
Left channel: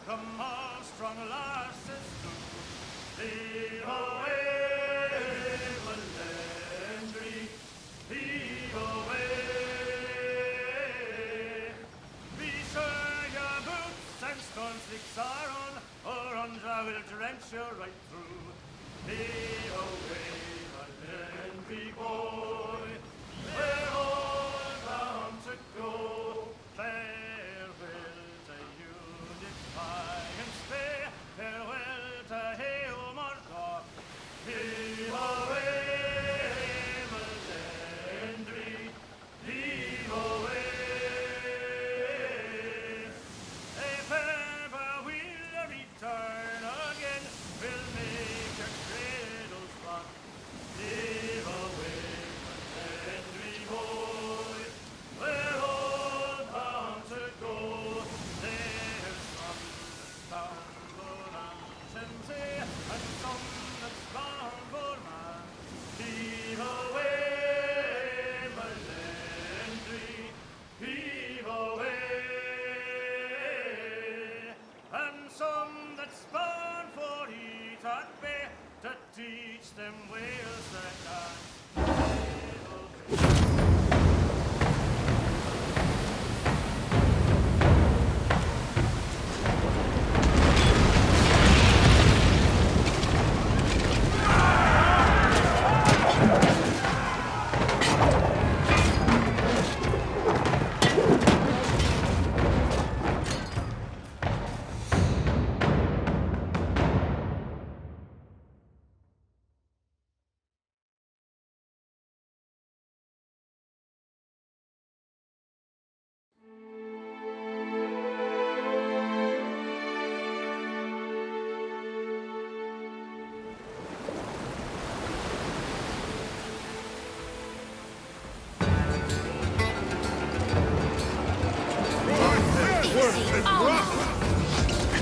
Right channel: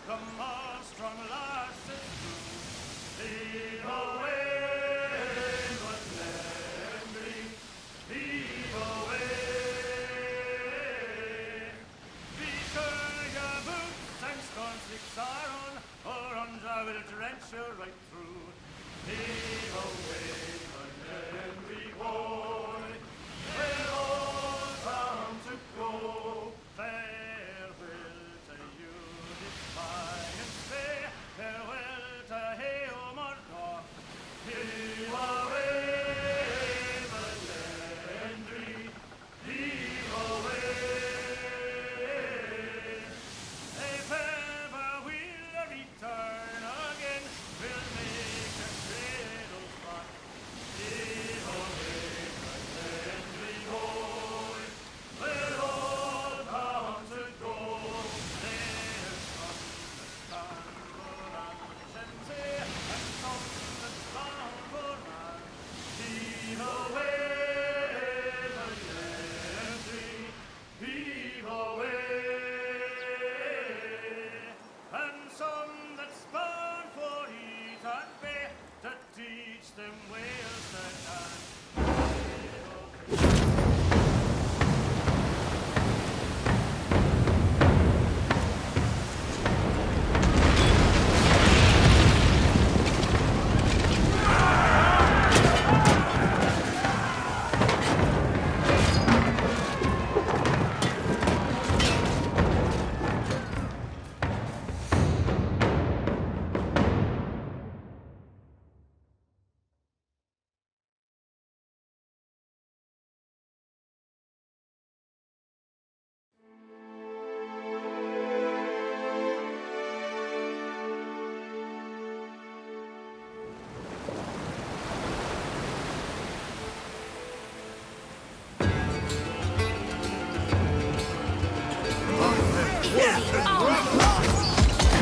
Come on, strong lasses, do heave away, Melendry, heave away. Be sure your boots and scornslicks are on, or Andra will drench you right through. Heave away, Melendry boy, we're all bound to go. Farewell to you, defiant stay, farewell to Hail Murdoch. Heave away, Melendry, heave away. If ever we'll return again, we'll make your cradles rock. Heave away, Melendry boy.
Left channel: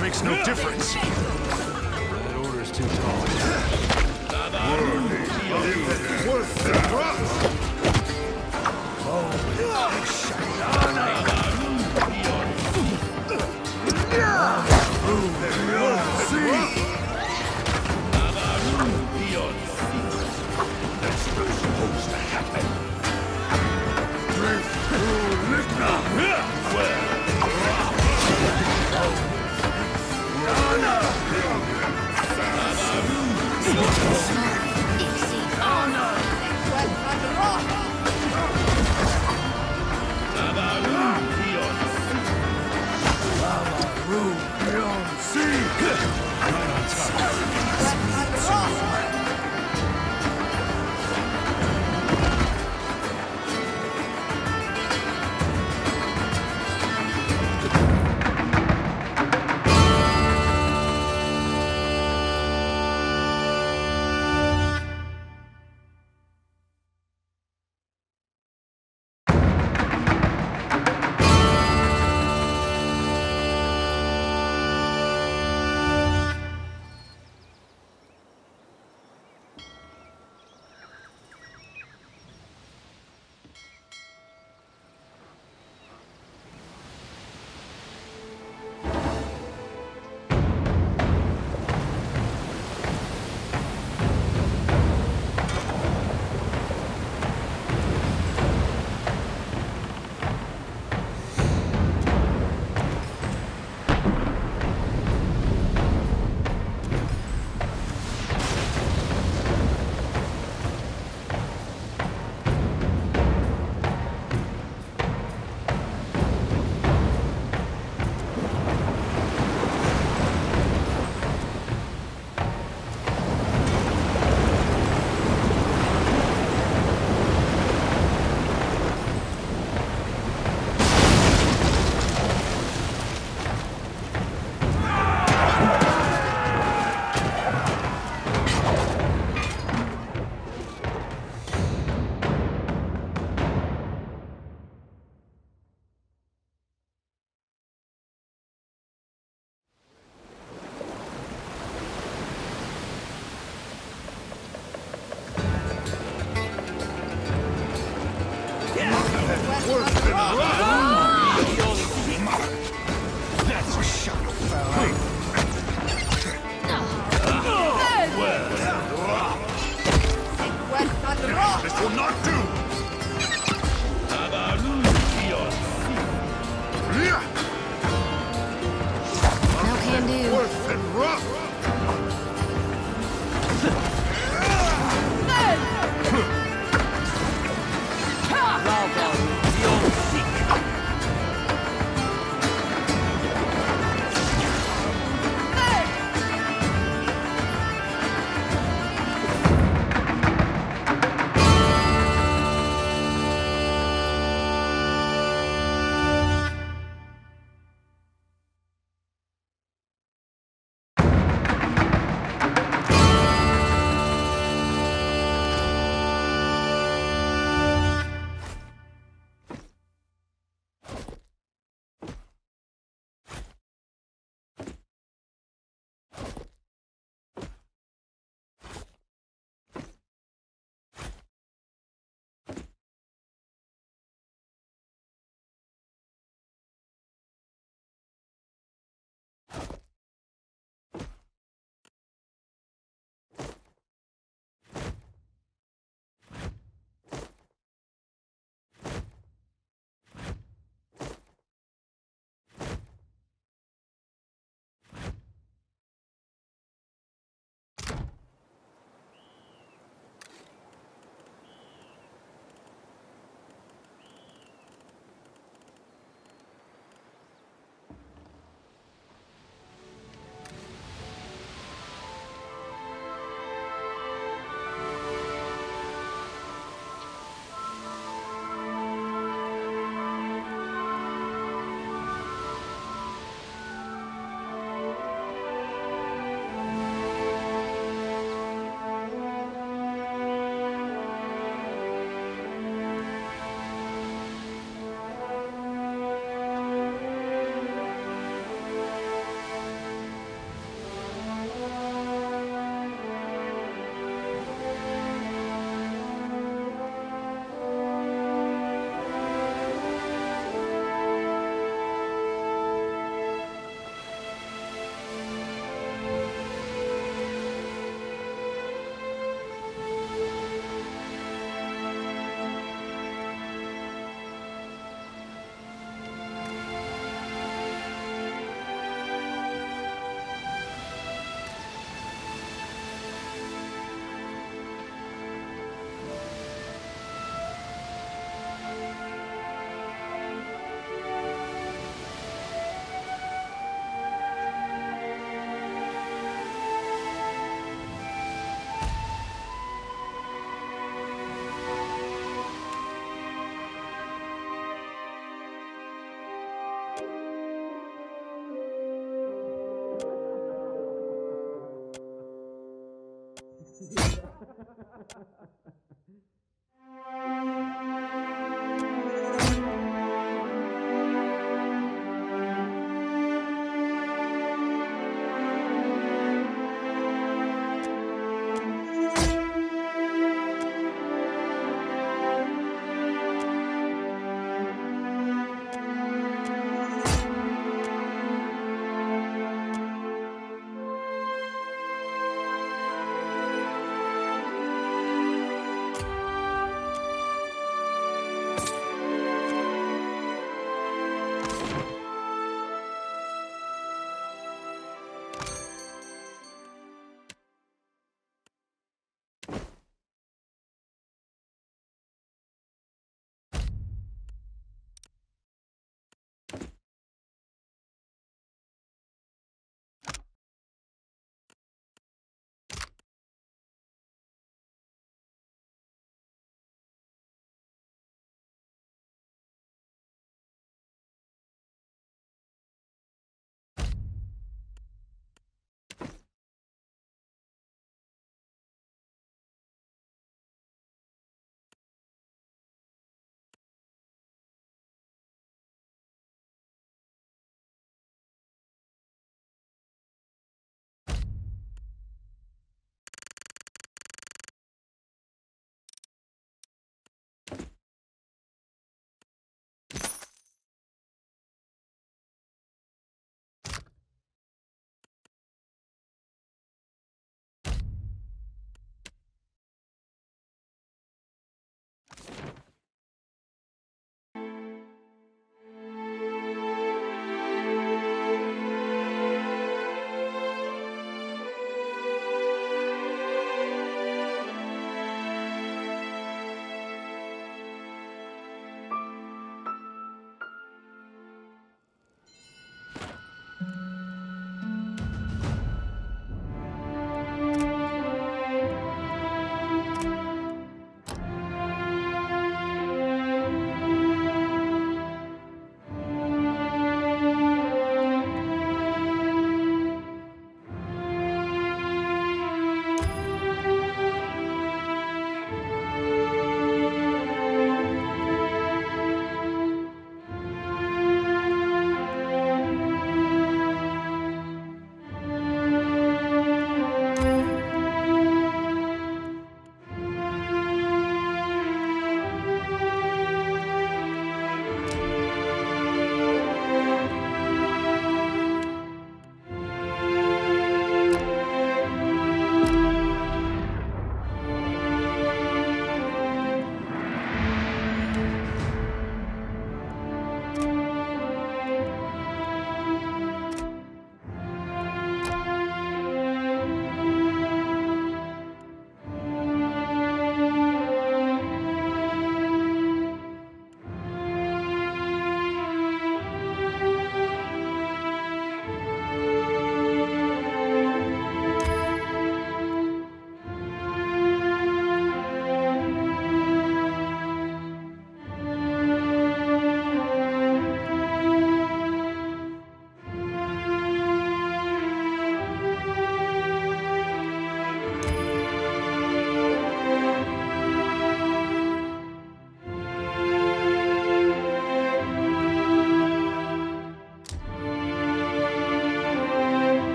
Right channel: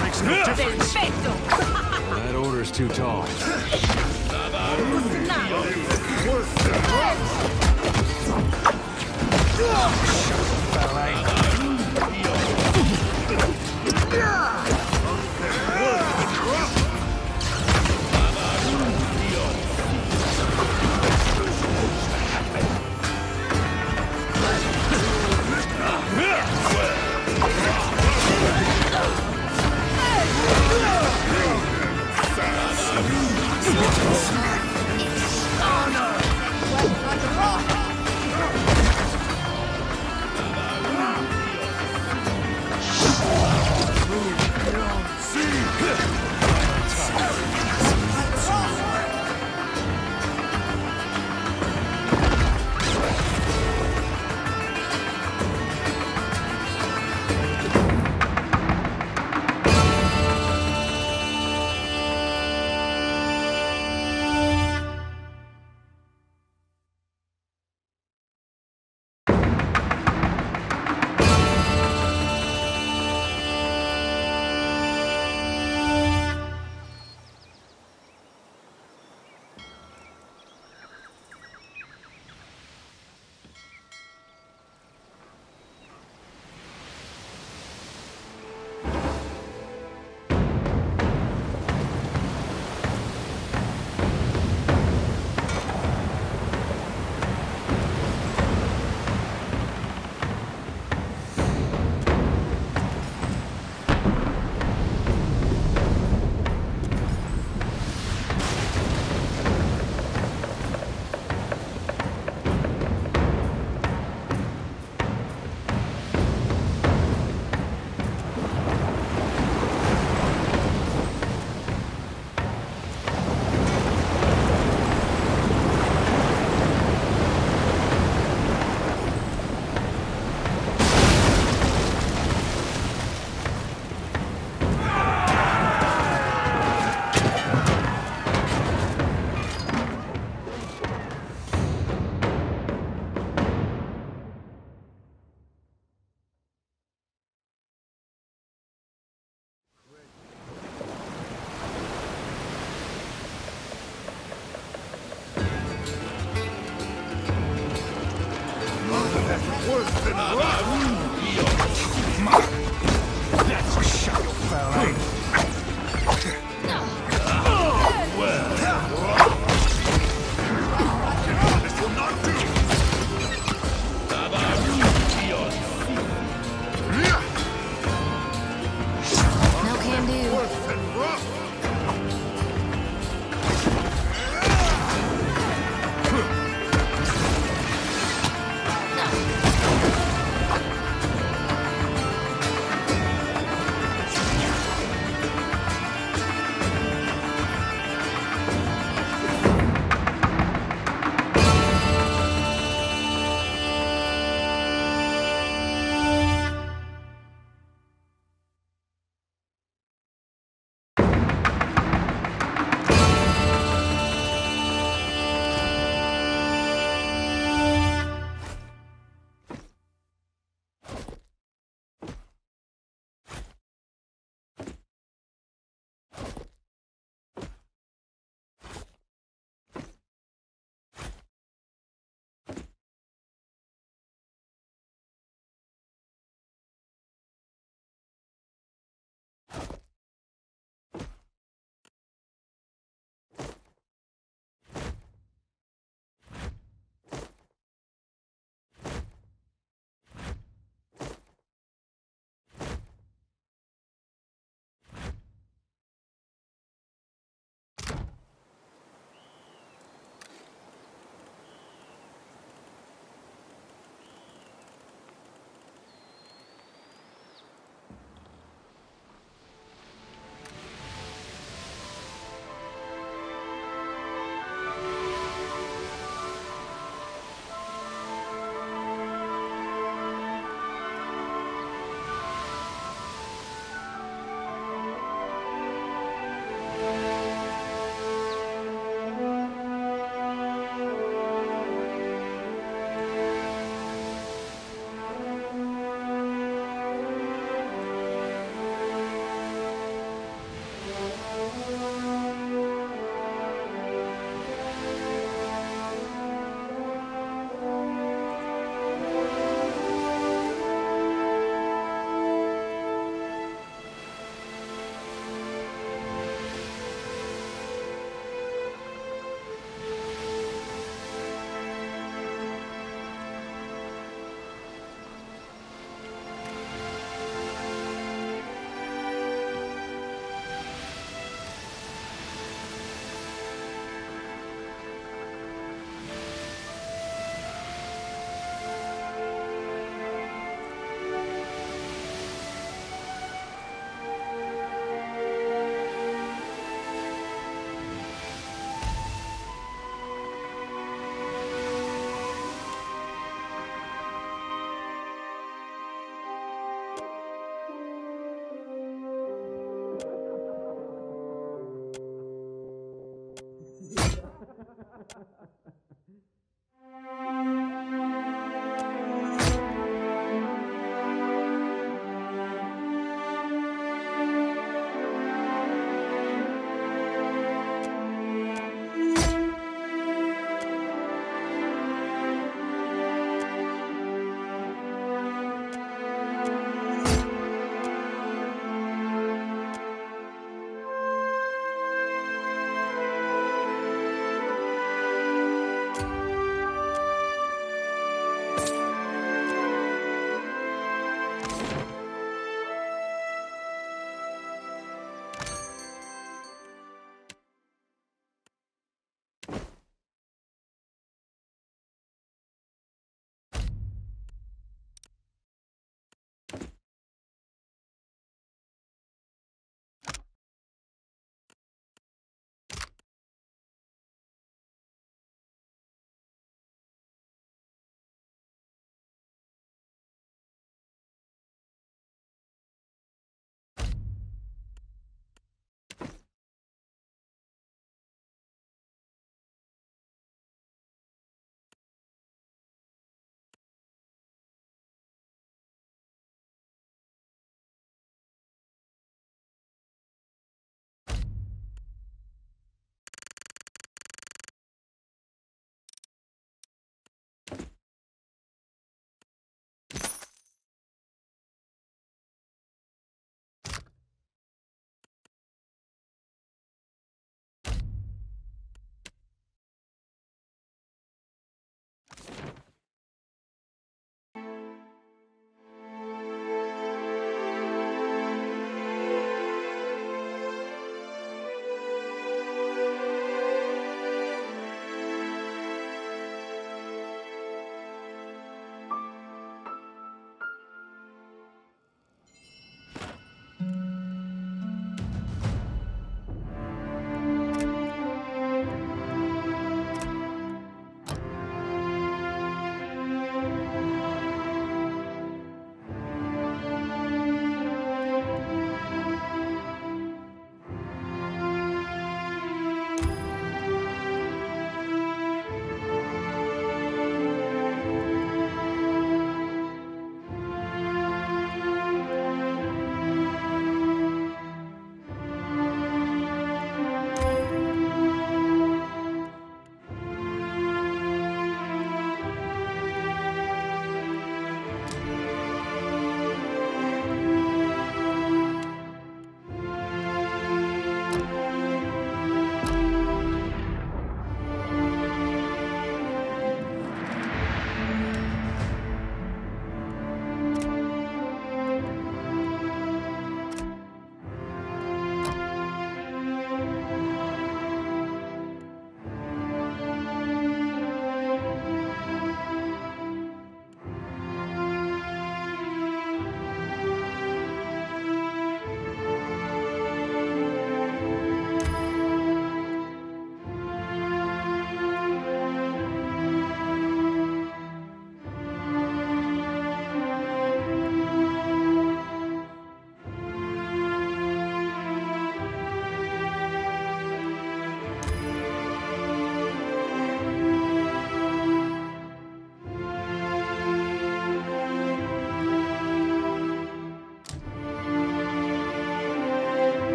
Makes no difference. That order's too tall. Worse than that's a shadow fell, eh? This will not do! No can do. Worse than rough!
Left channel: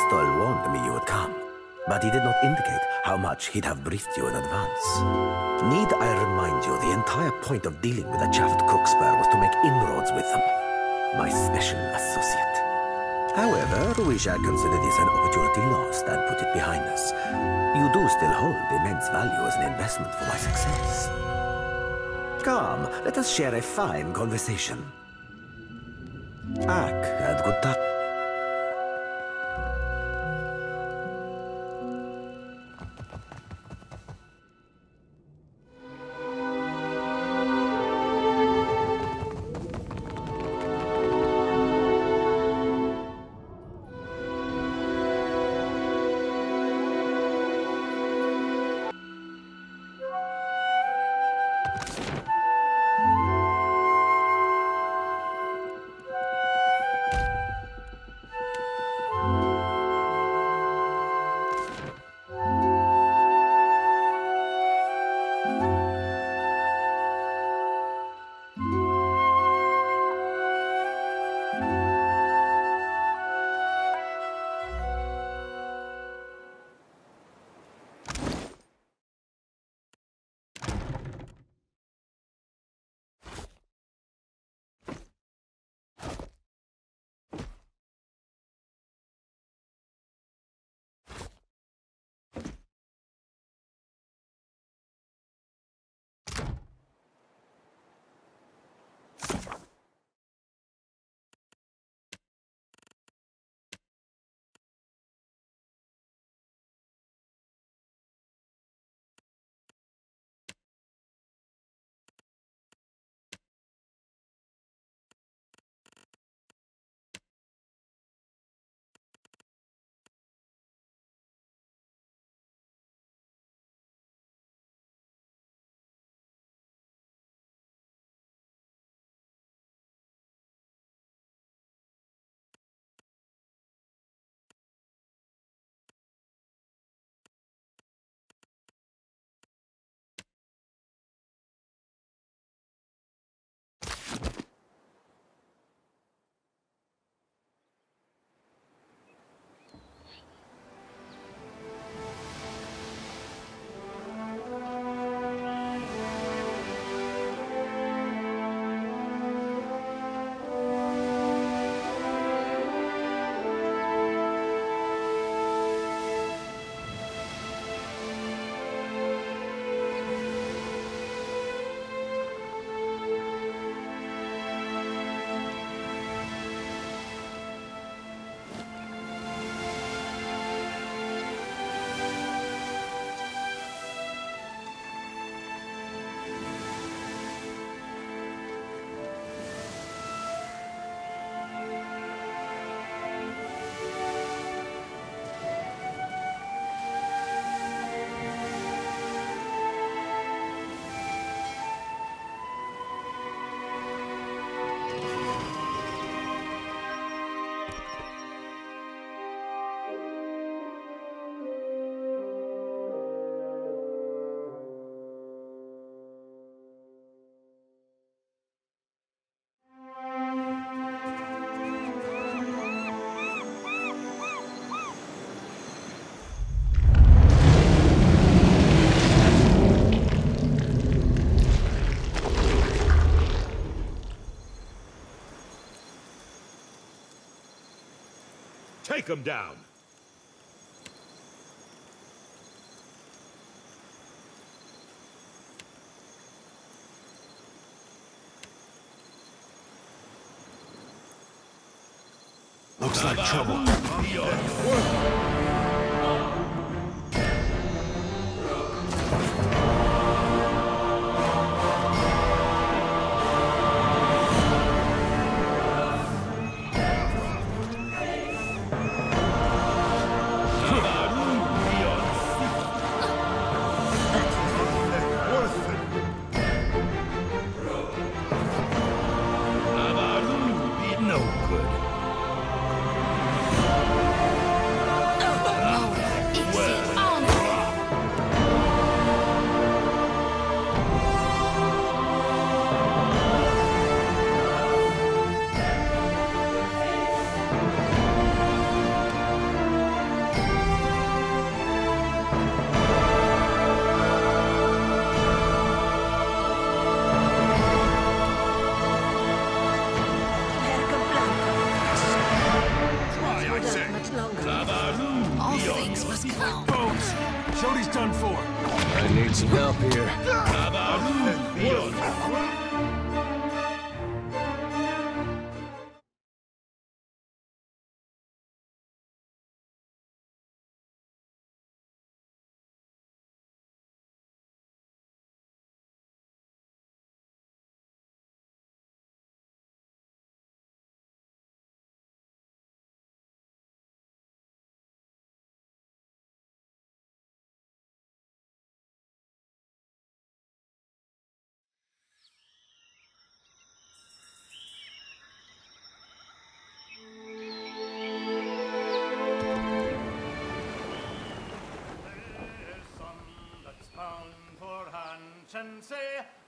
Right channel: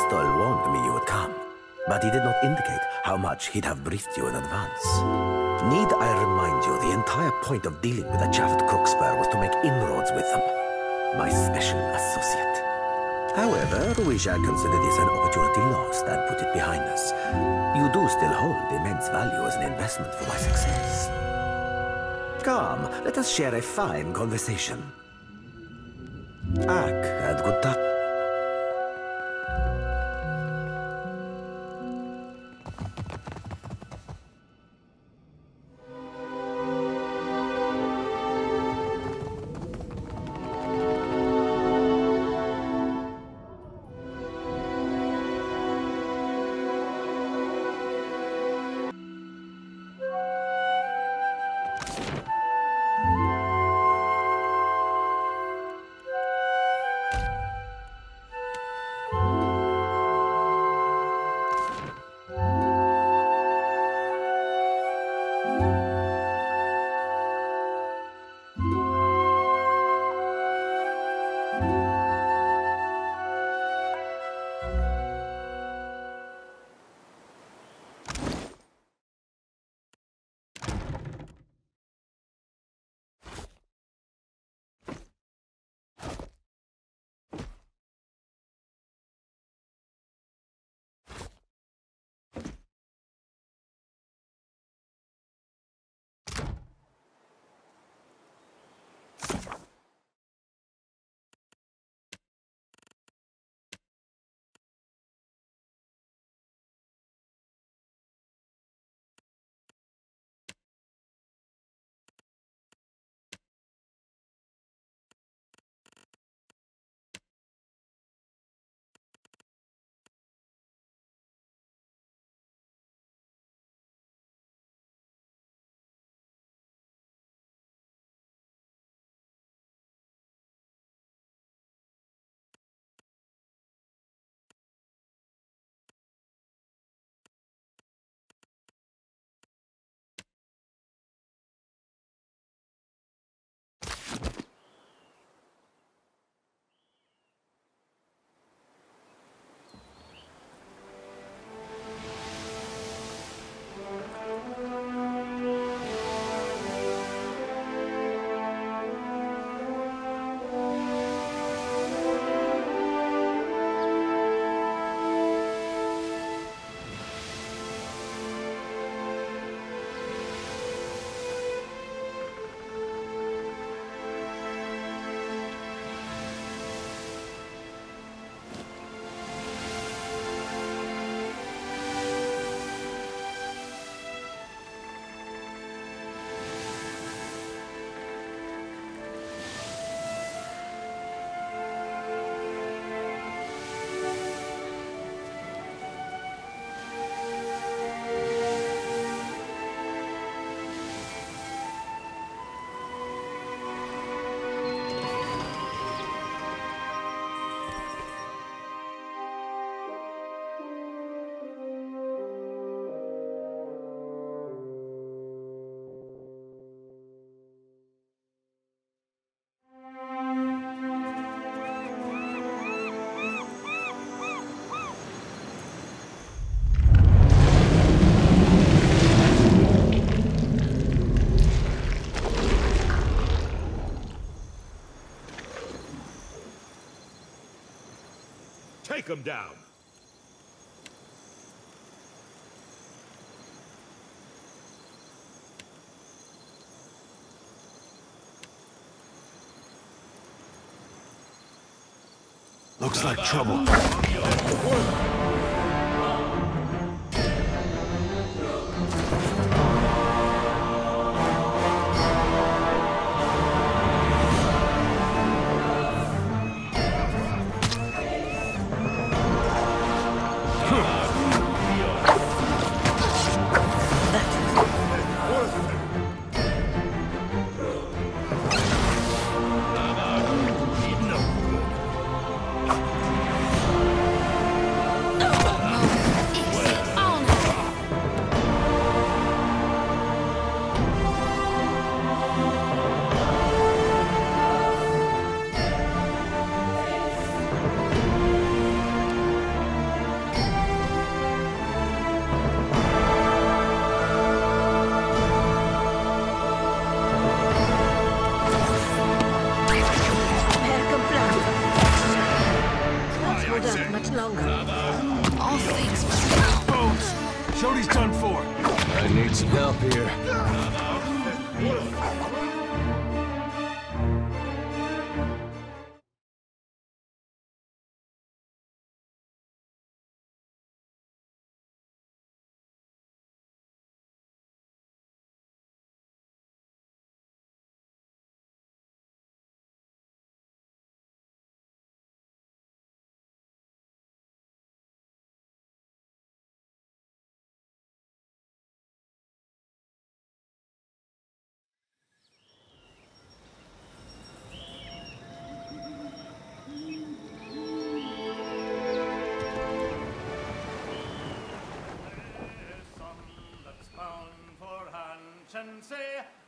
Astol warned me you would come, but he did not indicate how much he'd have briefed you in advance. Need I remind you, the entire point of dealing with the Chaffed Crookspur was to make inroads with them. My special associate. However, we shall consider this an opportunity lost and put it behind us. You do still hold immense value as an investment for my success. Come, let us share a fine conversation. Ak, and good time. Take him down! Looks like trouble. No good. things must come. Bones! Shodi's done for. I need some help here.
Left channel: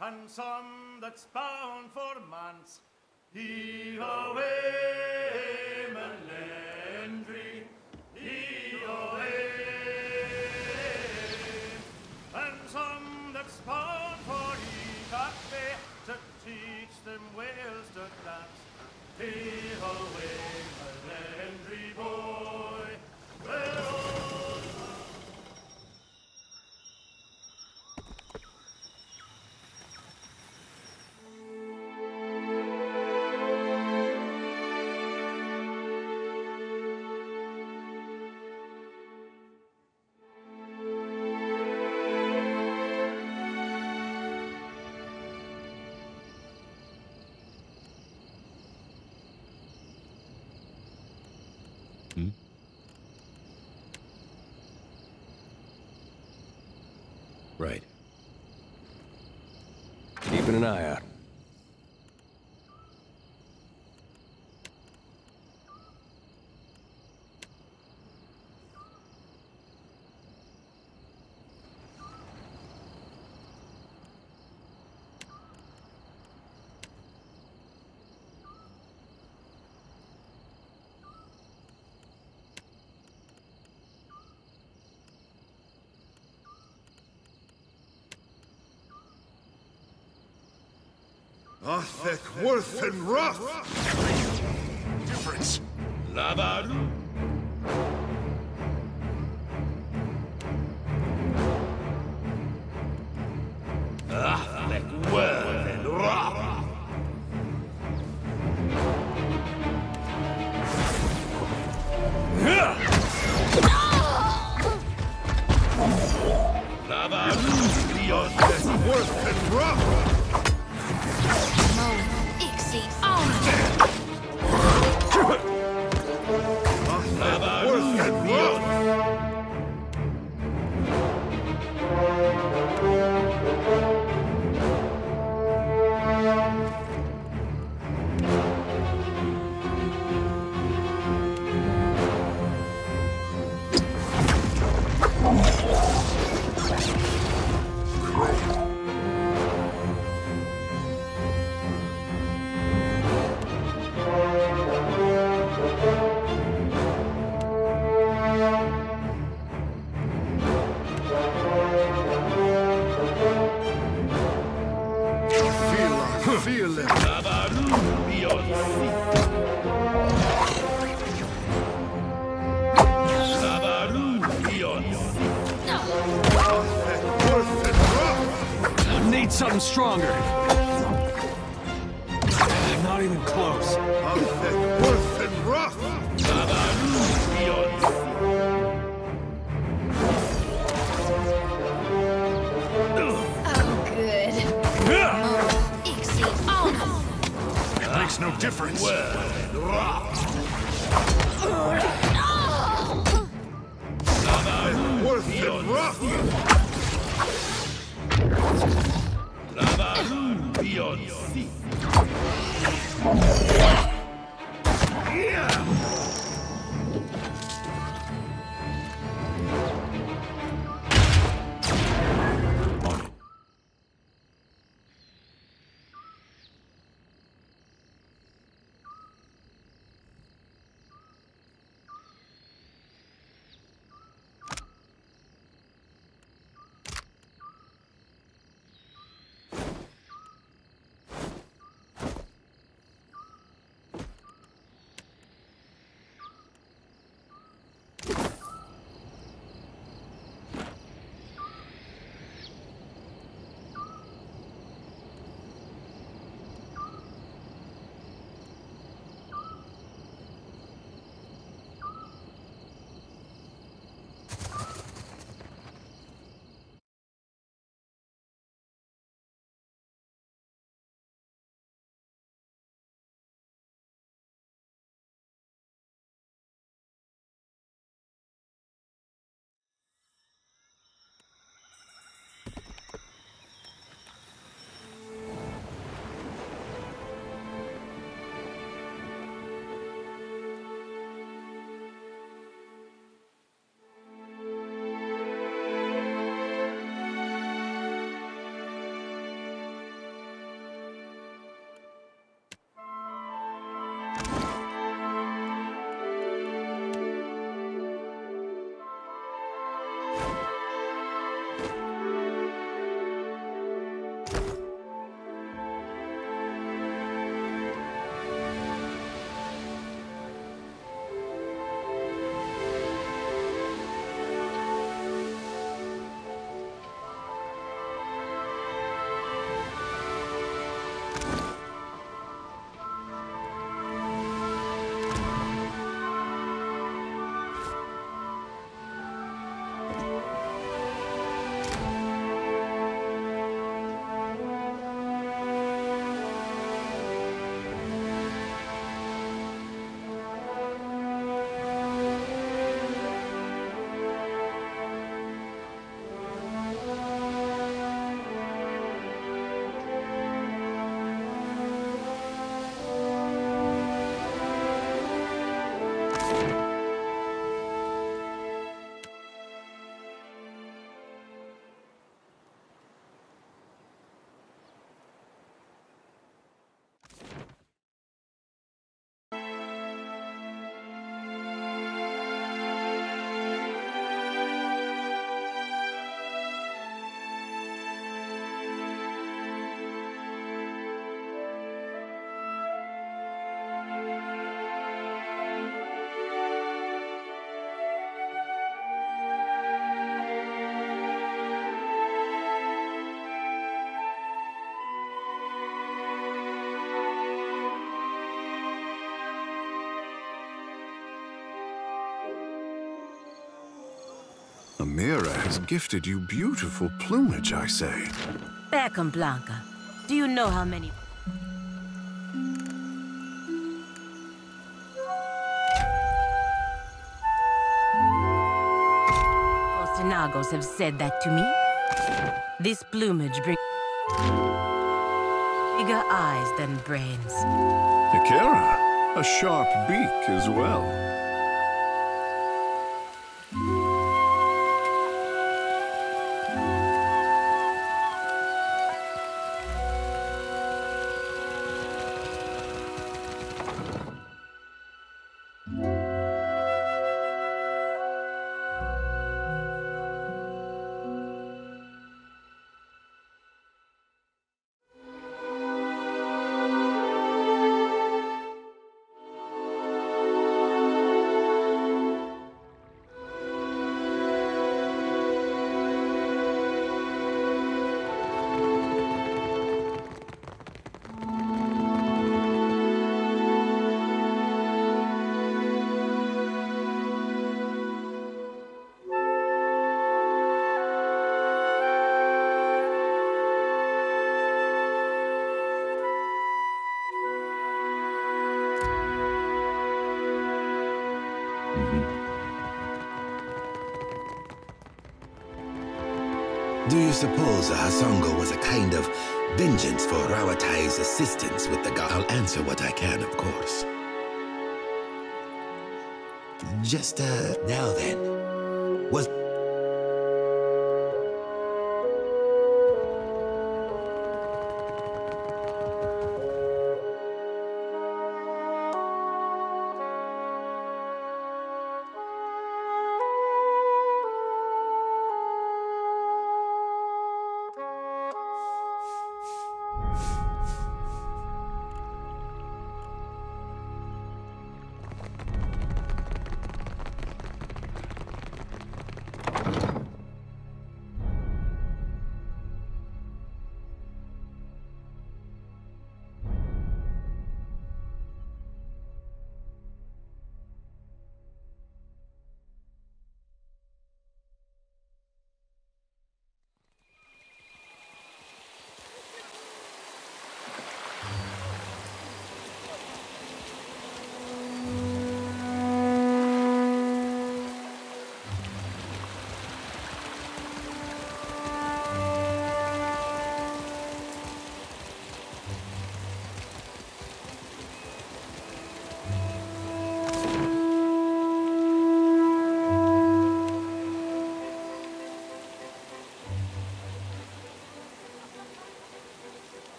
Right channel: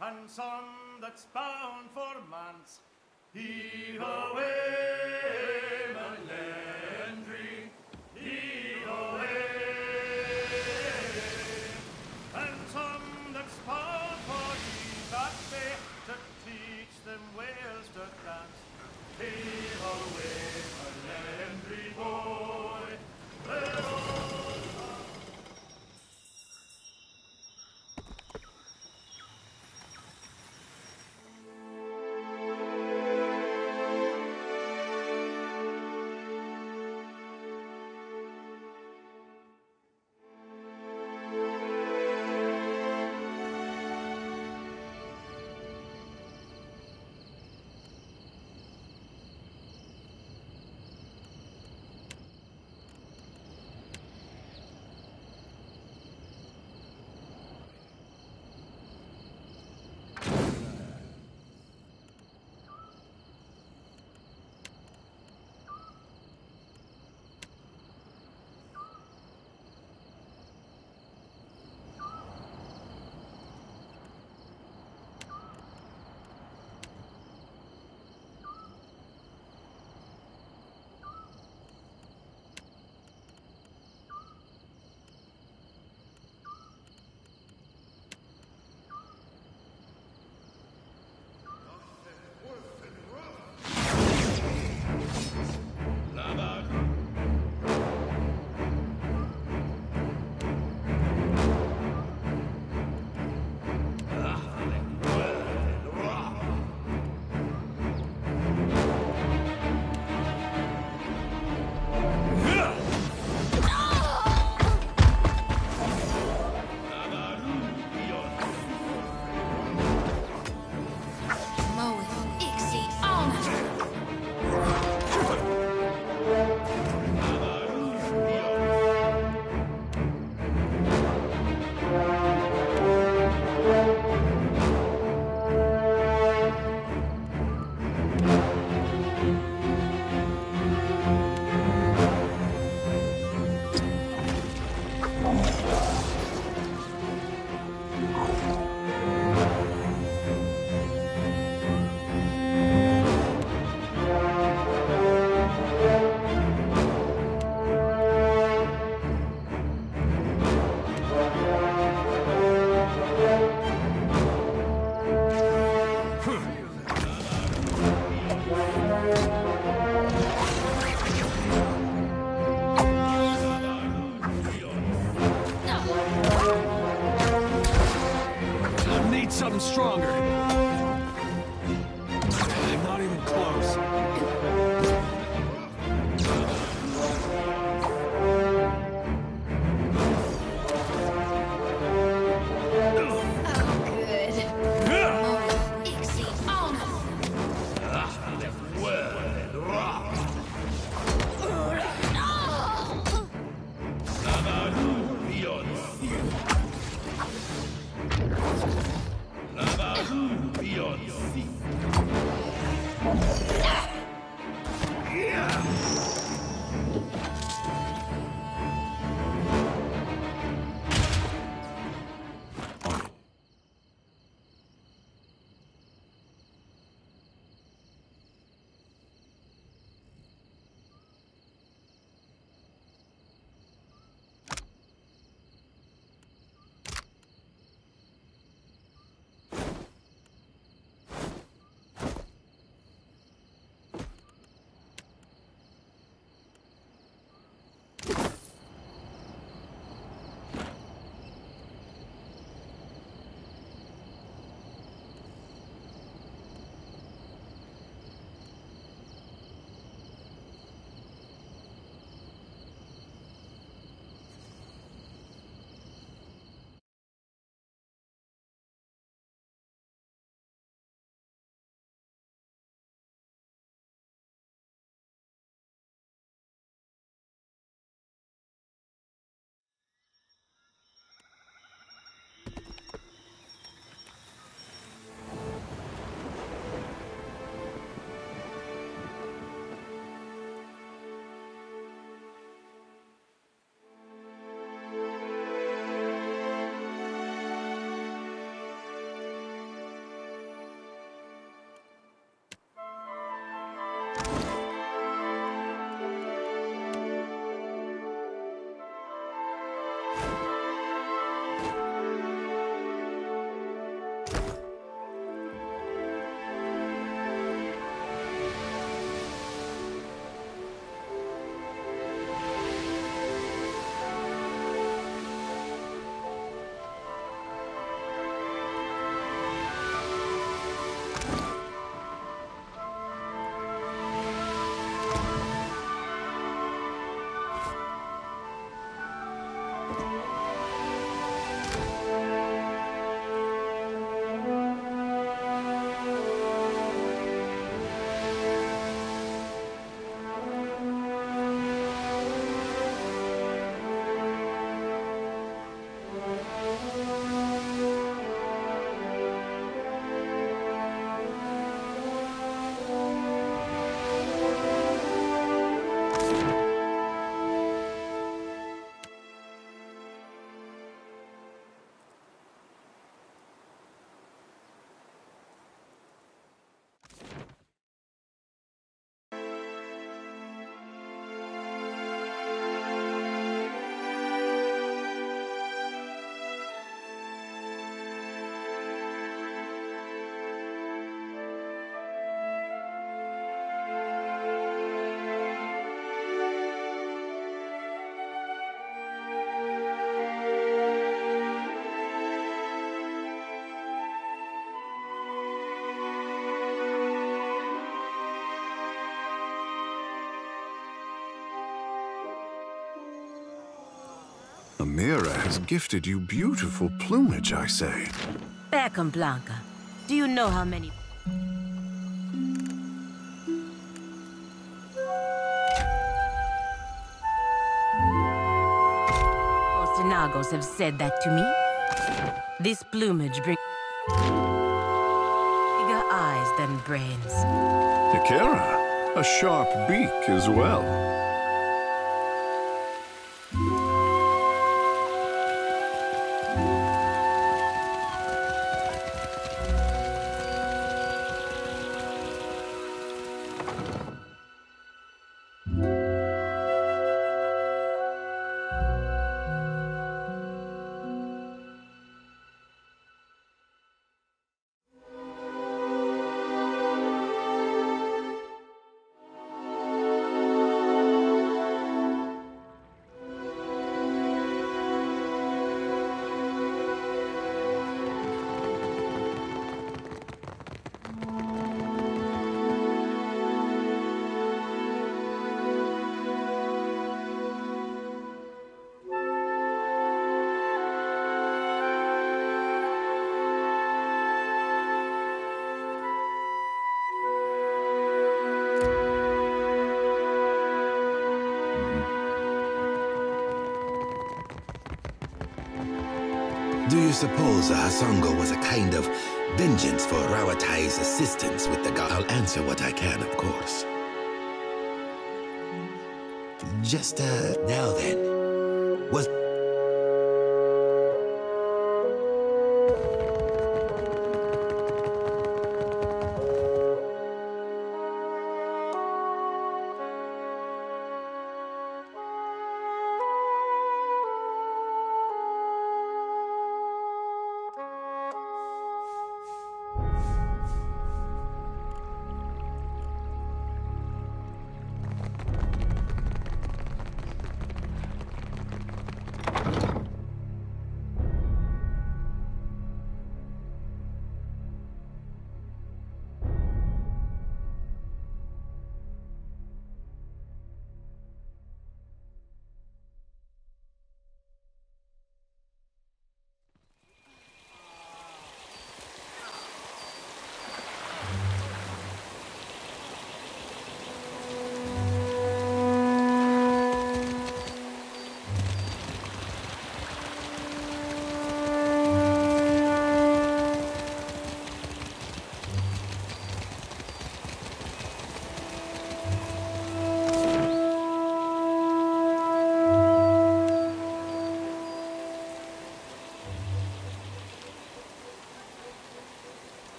And some that's bound for manse. Heave away, Melendry, heave away. And some that's bound for that bay to teach them whales to dance. Heave away, Melendry boy. Right. Keeping an eye out. Thick, worth, and rough! Difference. Lavaru! Thick, worth, and rough! Lavaru! Beyond thick, worth, and rough! Something stronger. Not even close. Makes no difference. Beyond sea. Amira has gifted you beautiful plumage, I say. Beckham Blanca, do you know how many... Ostinagos have said that to me? This plumage brings bigger eyes than brains. Ikera, a sharp beak as well. Do you suppose a Hasongo was a kind of vengeance for Rawatai's assistance with the god? I'll answer what I can, of course. Just, now then, was...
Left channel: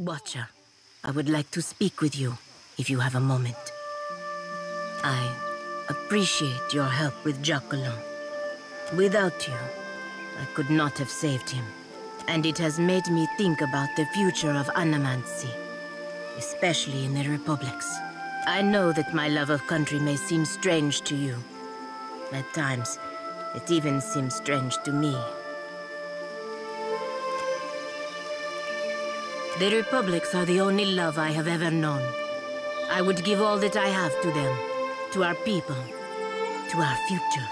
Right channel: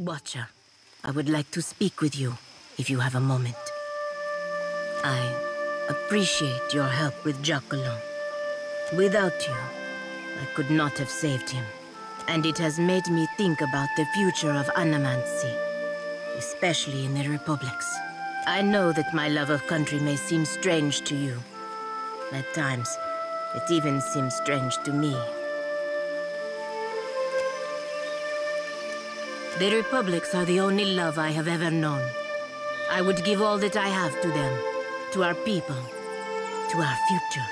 Watcher, I would like to speak with you, if you have a moment. I appreciate your help with Jacqueline. Without you, I could not have saved him. And it has made me think about the future of Anamancy, especially in the Republics. I know that my love of country may seem strange to you. At times, it even seems strange to me. The Republics are the only love I have ever known. I would give all that I have to them, to our people, to our future.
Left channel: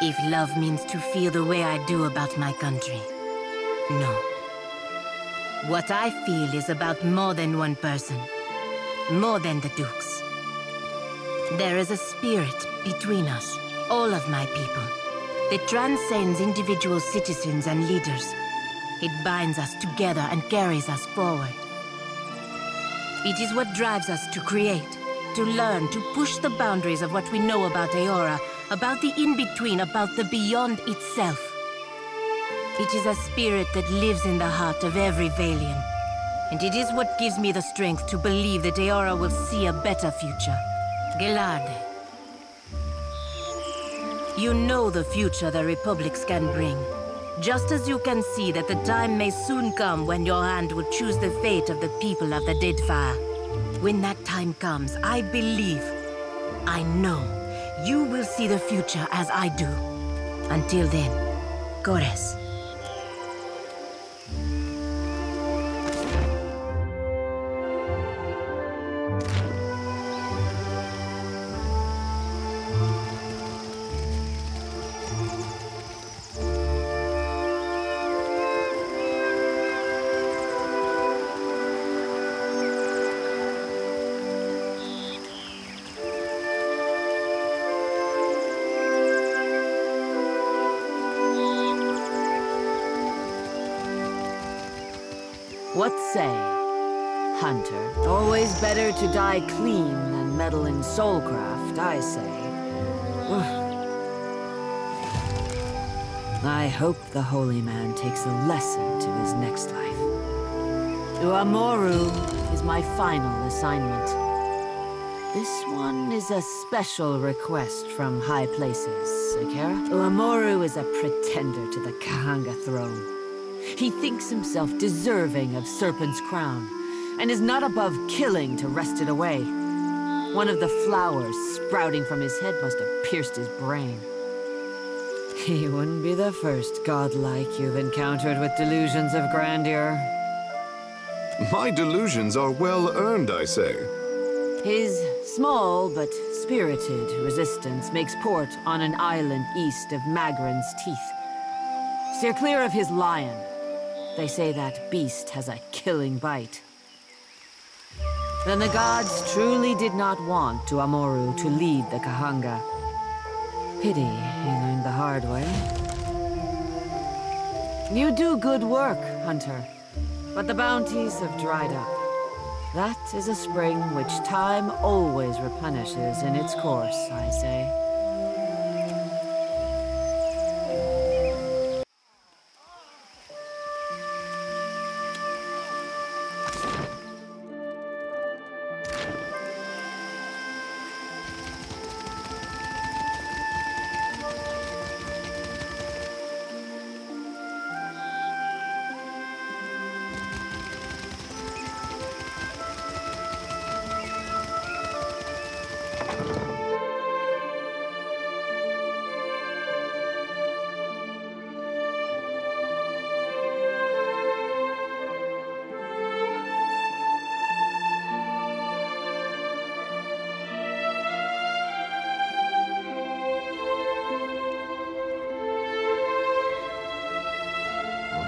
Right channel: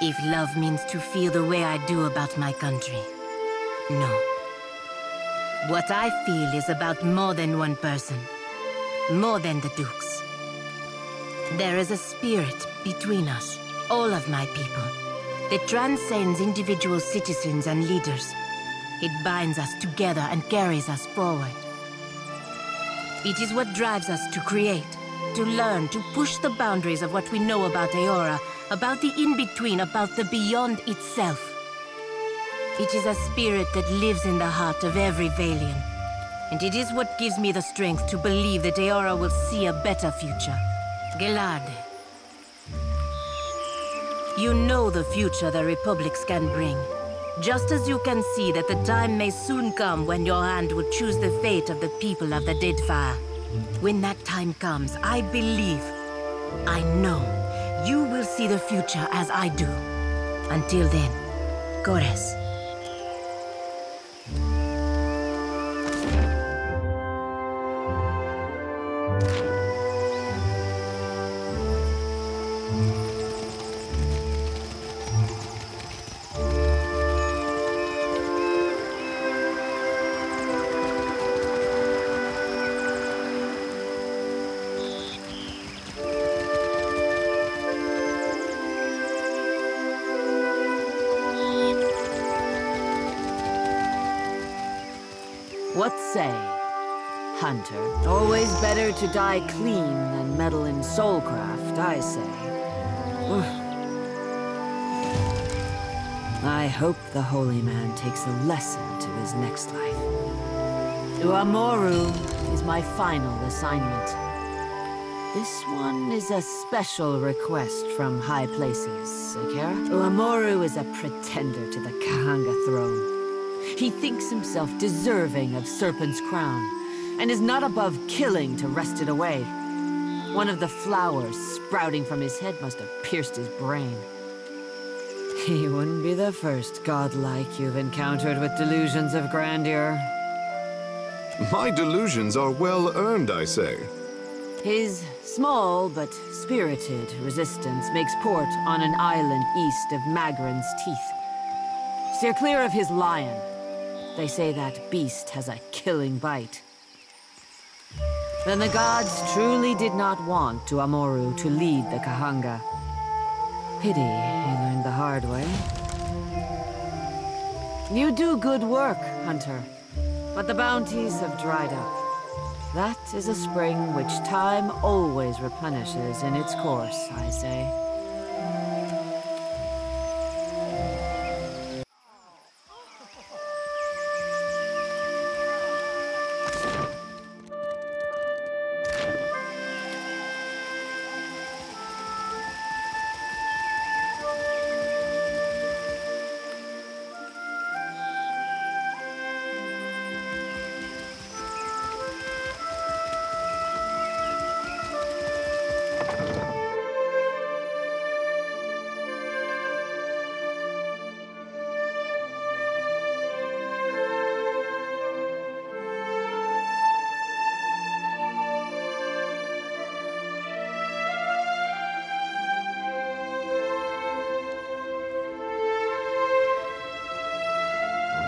If love means to feel the way I do about my country, no. What I feel is about more than one person, more than the Dukes. There is a spirit between us, all of my people, that transcends individual citizens and leaders. It binds us together and carries us forward. It is what drives us to create, to learn, to push the boundaries of what we know about Eora, about the in-between, about the beyond itself. It is a spirit that lives in the heart of every Valian. And it is what gives me the strength to believe that Eora will see a better future. Gelade. You know the future the Republics can bring. Just as you can see that the time may soon come when your hand will choose the fate of the people of the Deadfire. When that time comes, I believe, I know, you will see the future as I do. Until then, Gores. What say, Hunter? Always better to die clean than meddle in soulcraft, I say. I hope the holy man takes a lesson to his next life. Uamoru is my final assignment. This one is a special request from high places, Akira. Uamoru is a pretender to the Kahanga throne. He thinks himself deserving of Serpent's crown, and is not above killing to wrest it away. One of the flowers sprouting from his head must have pierced his brain. He wouldn't be the first godlike you've encountered with delusions of grandeur. My delusions are well earned, I say. His small but spirited resistance makes port on an island east of Magran's Teeth. Steer clear of his lion. They say that beast has a killing bite. Then the gods truly did not want Uamoru to lead the Kahanga. Pity he learned the hard way. You do good work, Hunter, but the bounties have dried up. That is a spring which time always replenishes in its course, I say.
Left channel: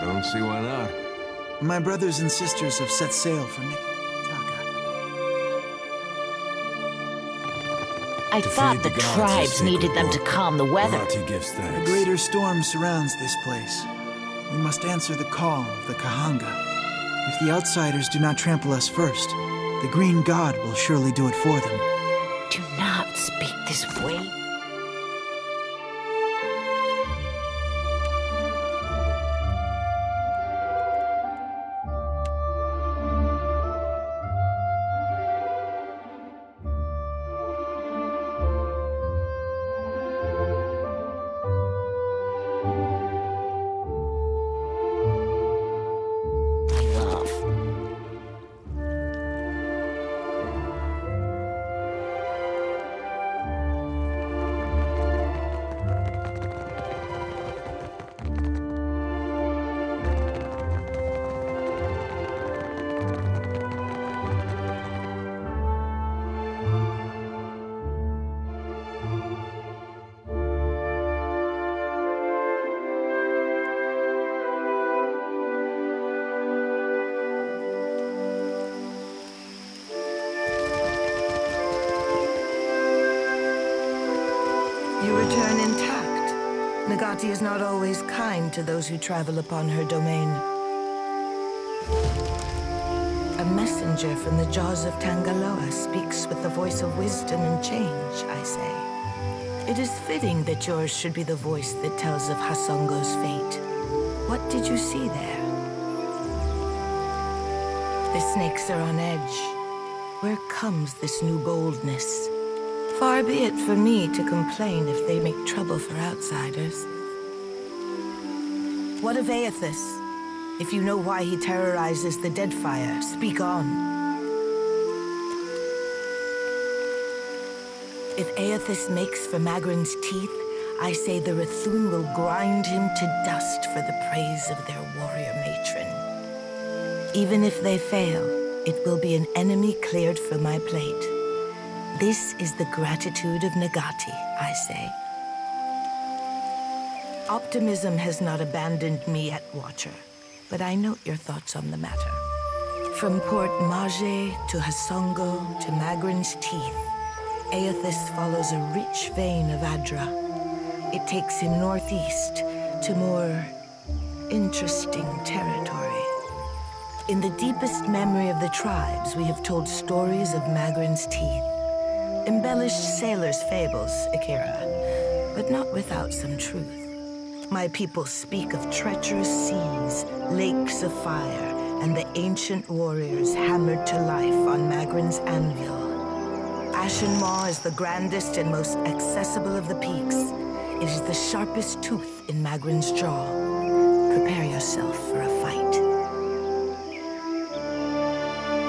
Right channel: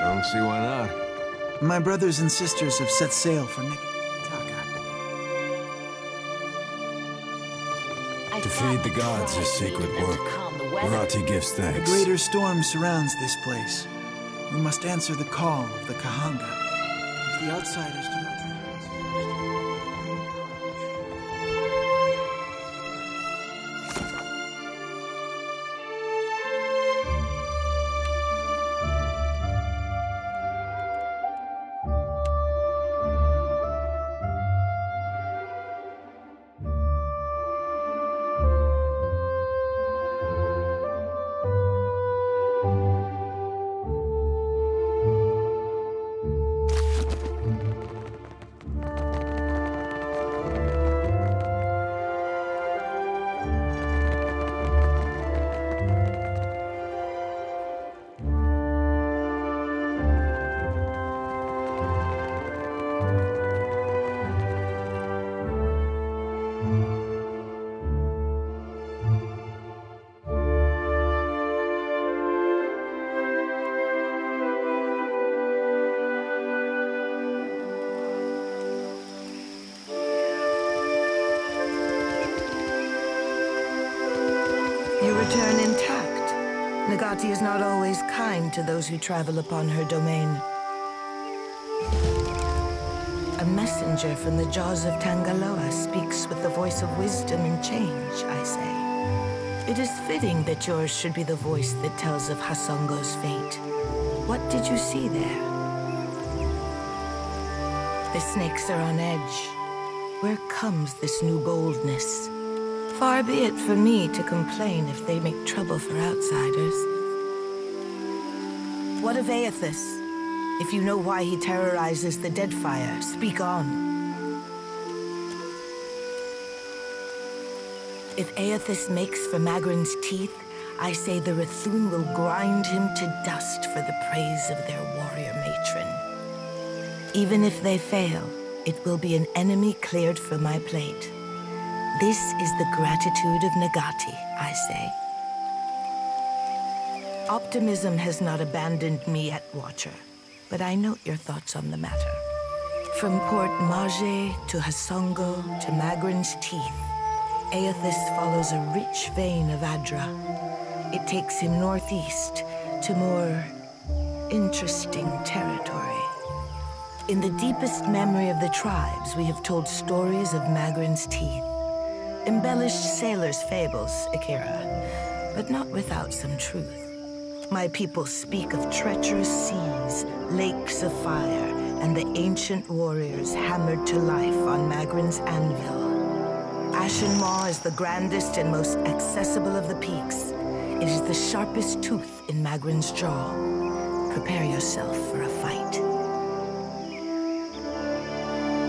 Don't see why not. My brothers and sisters have set sail for Nikitaka. I thought the tribes needed them to calm the weather. Arati gives thanks. A greater storm surrounds this place. We must answer the call of the Kahanga. If the outsiders do not trample us first, the Green God will surely do it for them. Do not speak this way. You return intact. Nagati is not always kind to those who travel upon her domain. A messenger from the jaws of Tangaloa speaks with the voice of wisdom and change, I say. It is fitting that yours should be the voice that tells of Hasongo's fate. What did you see there? The snakes are on edge. Where comes this new boldness? Far be it for me to complain if they make trouble for outsiders. What of Aethys? If you know why he terrorizes the Deadfire, speak on. If Aethys makes for Magrin's teeth, I say the Rathun will grind him to dust for the praise of their warrior matron. Even if they fail, it will be an enemy cleared from my plate. This is the gratitude of Nagati, I say. Optimism has not abandoned me yet, Watcher, but I note your thoughts on the matter. From Port Mage to Hasongo to Magrin's teeth, Aethys follows a rich vein of Adra. It takes him northeast to more interesting territory. In the deepest memory of the tribes, we have told stories of Magrin's teeth. Embellished sailors' fables, Akira, but not without some truth. My people speak of treacherous seas, lakes of fire, and the ancient warriors hammered to life on Magrin's anvil. Ashen Maw is the grandest and most accessible of the peaks. It is the sharpest tooth in Magrin's jaw. Prepare yourself for a fight.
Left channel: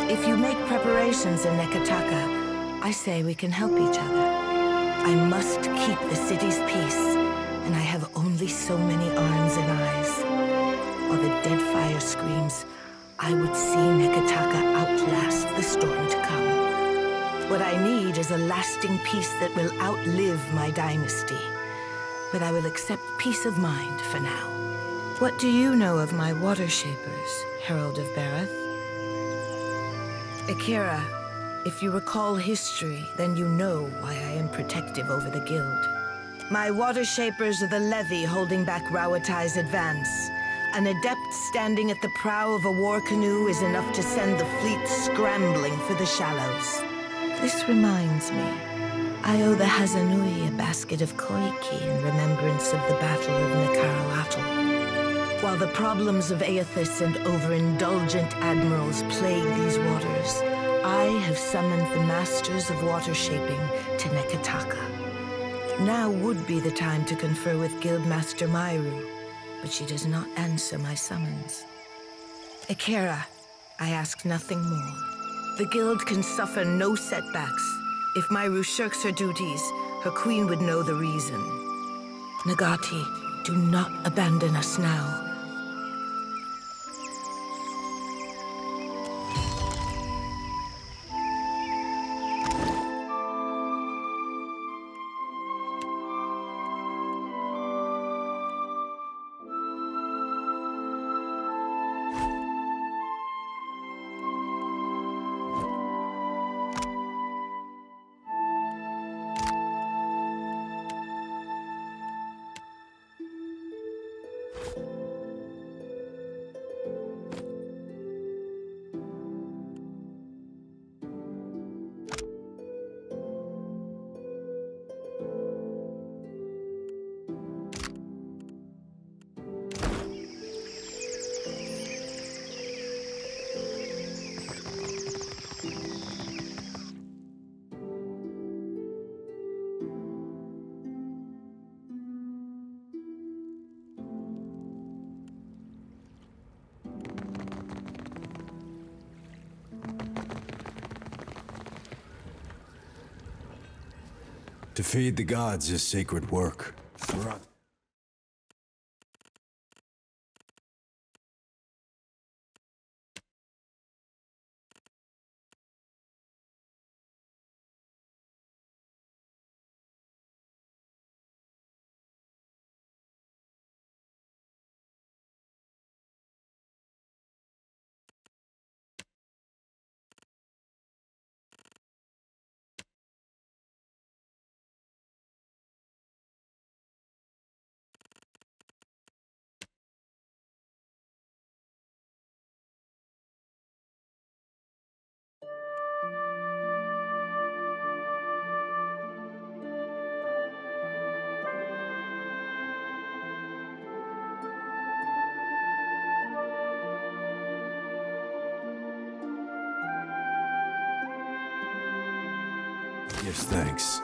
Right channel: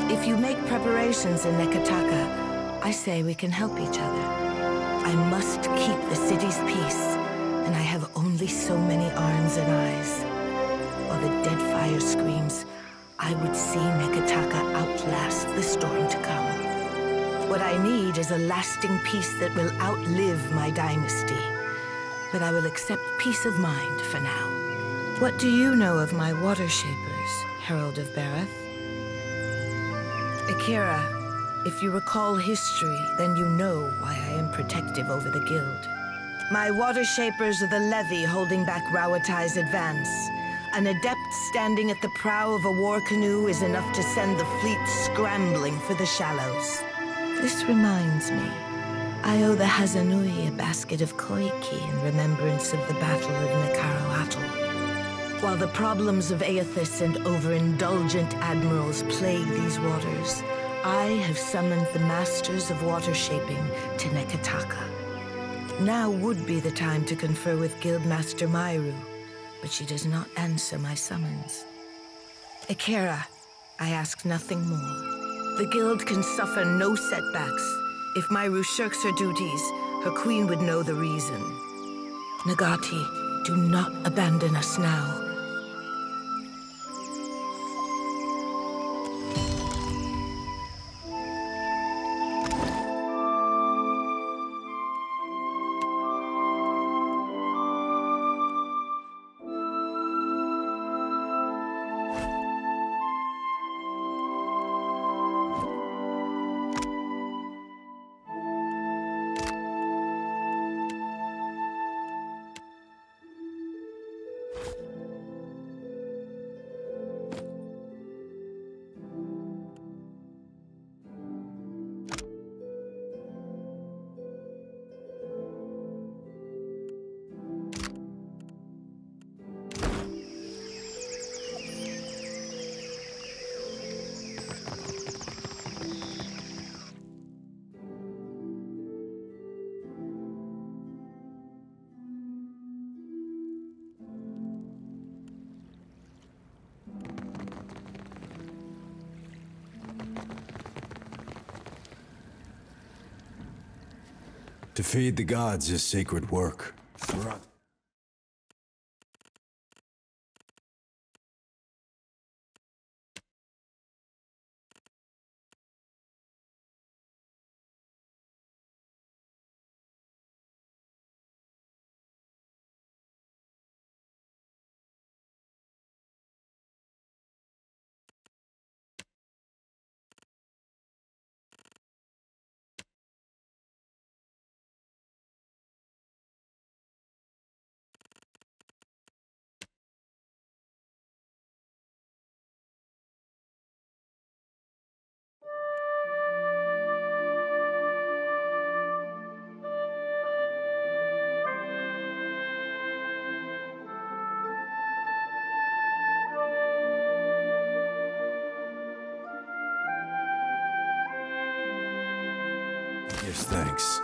If you make preparations in Nekataka, I say we can help each other. I must keep the city's peace, and I have only so many arms and eyes. While the Deadfire screams, I would see Nekataka outlast the storm to come. What I need is a lasting peace that will outlive my dynasty. But I will accept peace of mind for now. What do you know of my water shapers, Herald of Bareth? Akira, if you recall history, then you know why I am protective over the guild. My water shapers are the levy holding back Rauatai's advance. An adept standing at the prow of a war canoe is enough to send the fleet scrambling for the shallows. This reminds me, I owe the Hazanui a basket of koiki in remembrance of the Battle of Nakaroatl. While the problems of Aethys and overindulgent admirals plague these waters, I have summoned the masters of water shaping to Nekataka. Now would be the time to confer with Guildmaster Mairu, but she does not answer my summons. Akira, I ask nothing more. The guild can suffer no setbacks. If Mairu shirks her duties, her queen would know the reason. Nagati, do not abandon us now. To feed the gods is sacred work. Yes, thanks.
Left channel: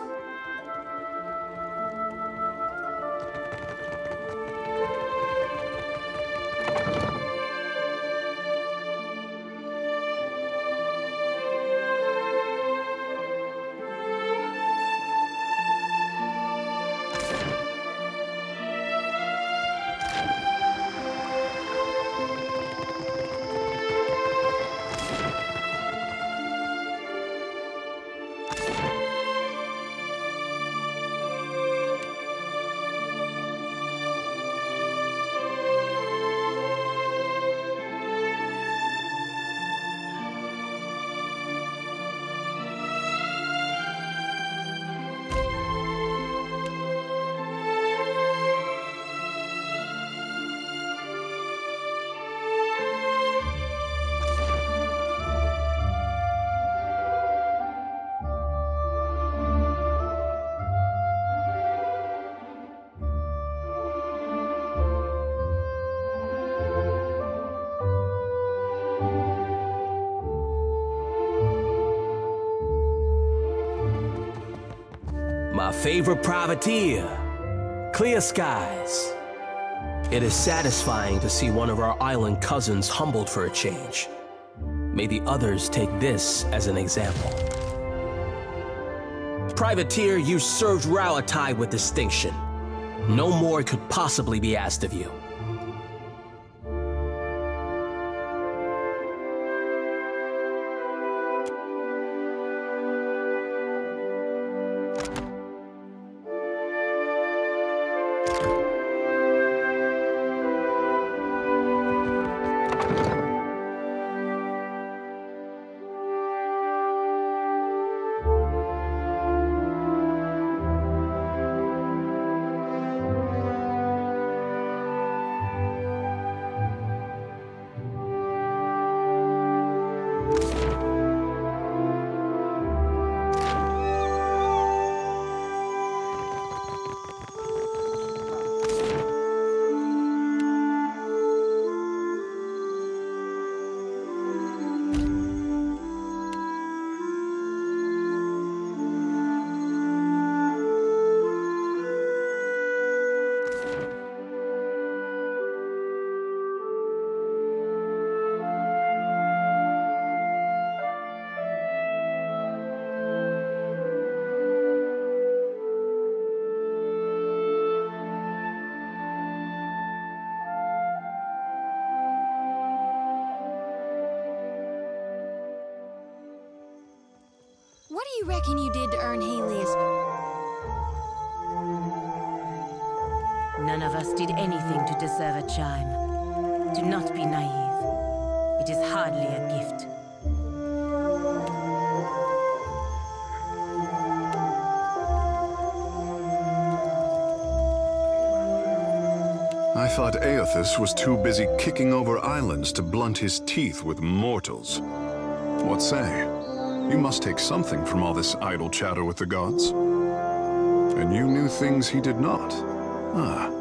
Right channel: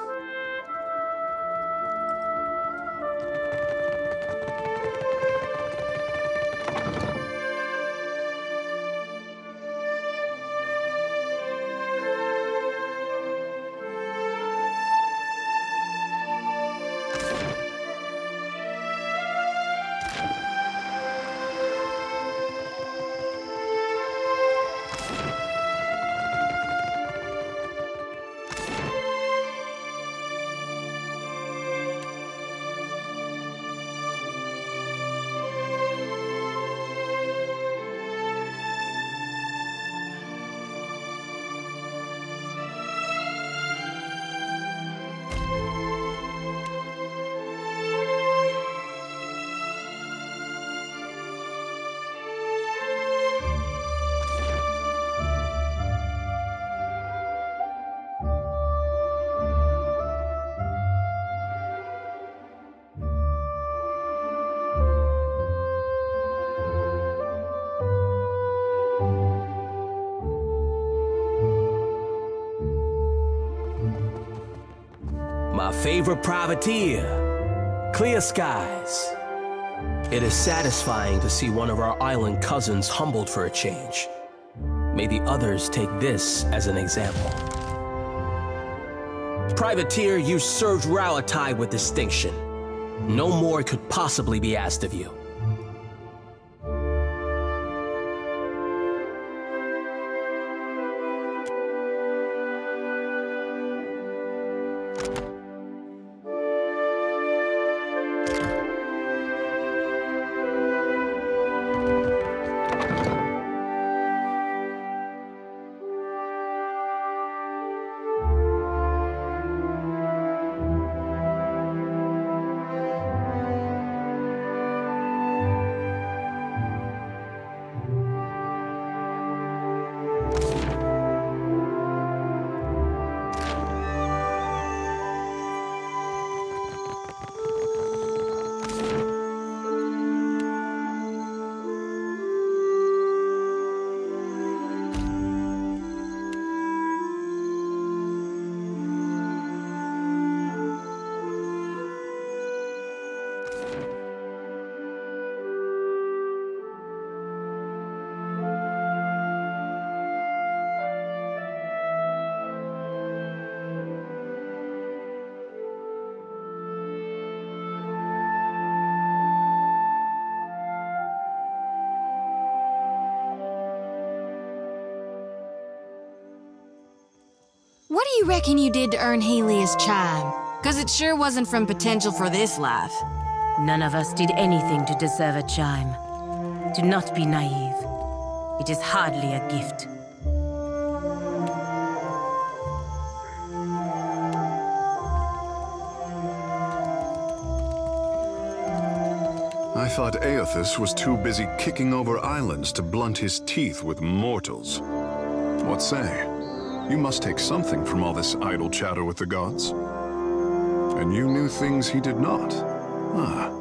My favorite privateer, clear skies. It is satisfying to see one of our island cousins humbled for a change. May the others take this as an example. Privateer, you served Rauatai with distinction. No more could possibly be asked of you. What do you reckon you did to earn Helia's chime? Because it sure wasn't from potential for this life. None of us did anything to deserve a chime. Do not be naive. It is hardly a gift. I thought Aethys was too busy kicking over islands to blunt his teeth with mortals. What say? You must take something from all this idle chatter with the gods. And you knew things he did not. Ah.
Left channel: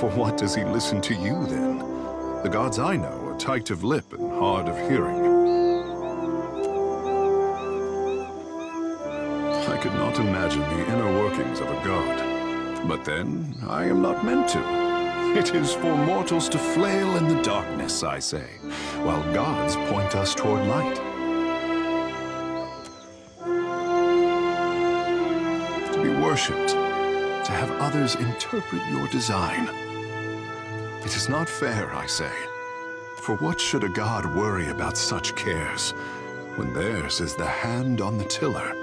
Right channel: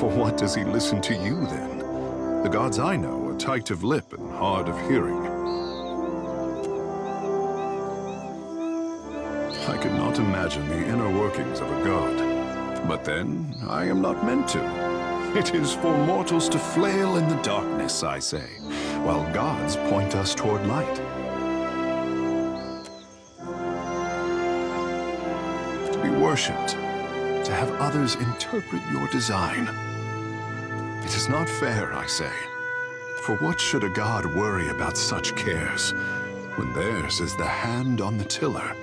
For what does he listen to you, then? The gods I know are tight of lip and hard of hearing. I could not imagine the inner workings of a god. But then, I am not meant to. It is for mortals to flail in the darkness, I say, while gods point us toward light. To be worshipped, to have others interpret your design. It is not fair, I say. For what should a god worry about such cares, when theirs is the hand on the tiller?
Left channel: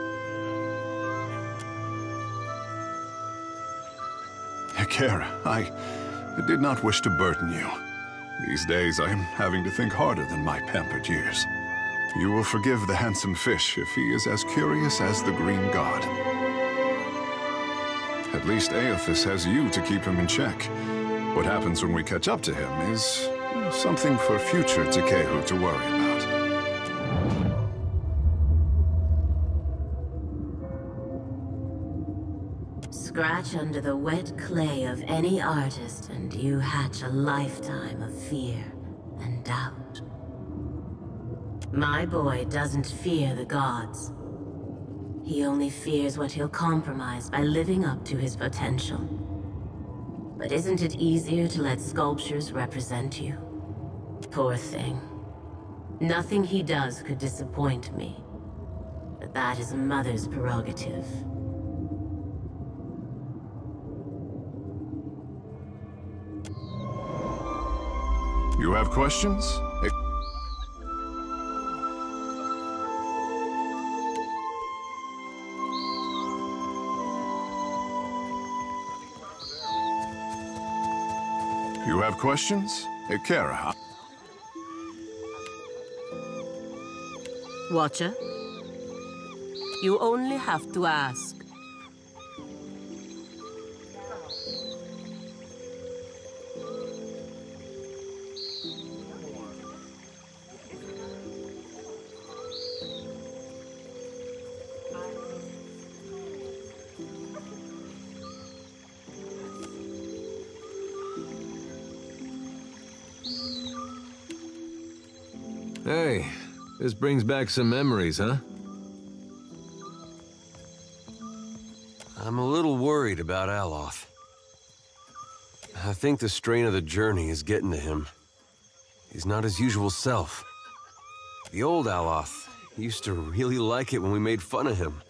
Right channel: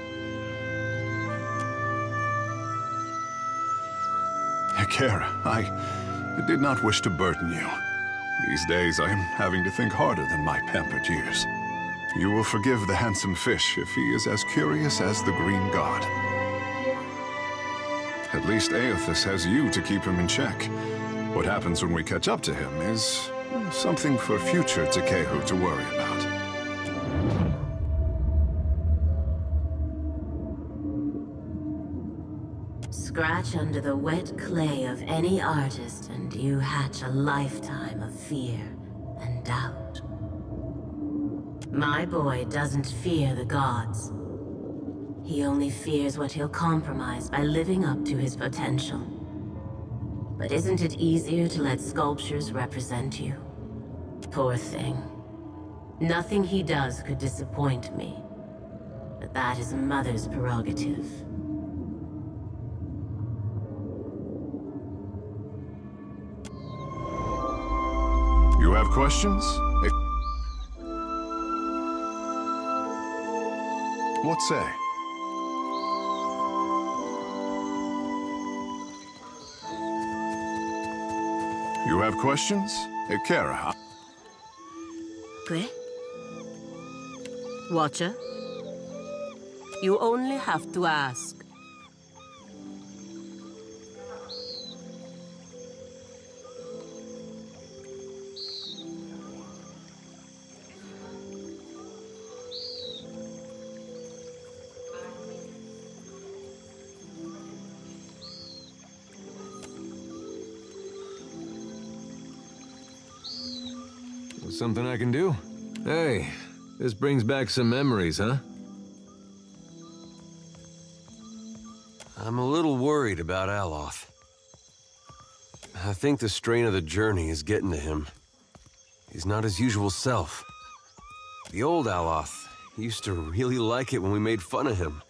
Kara, I did not wish to burden you. These days I am having to think harder than my pampered years. You will forgive the handsome fish if he is as curious as the green god. At least Aethys has you to keep him in check. What happens when we catch up to him is something for future Tekehu to worry about. Scratch under the wet clay of any artist and you hatch a lifetime of fear and doubt. My boy doesn't fear the gods. He only fears what he'll compromise by living up to his potential. But isn't it easier to let sculptures represent you? Poor thing. Nothing he does could disappoint me. But that is a mother's prerogative. You have questions? What say? You have questions? Ekara. Watcher? You only have to ask. Something I can do? Hey, this brings back some memories, huh? I'm a little worried about Aloth. I think the strain of the journey is getting to him. He's not his usual self. The old Aloth used to really like it when we made fun of him.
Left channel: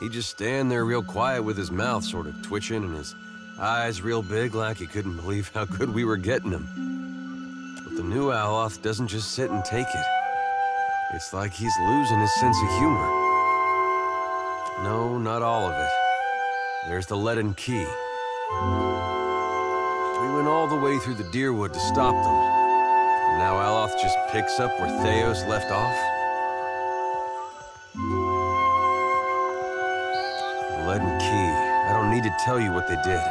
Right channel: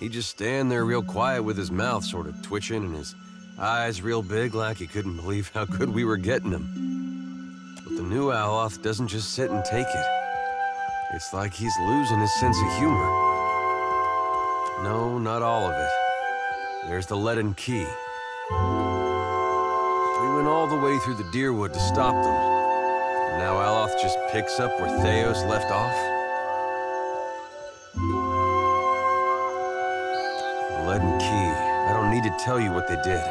He'd just stand there real quiet with his mouth sort of twitching and his eyes real big like he couldn't believe how good we were getting him. The new Aloth doesn't just sit and take it. It's like he's losing his sense of humor. No, not all of it. There's the leaden key. We went all the way through the Deerwood to stop them. And now Aloth just picks up where Theos left off? The leaden key. I don't need to tell you what they did.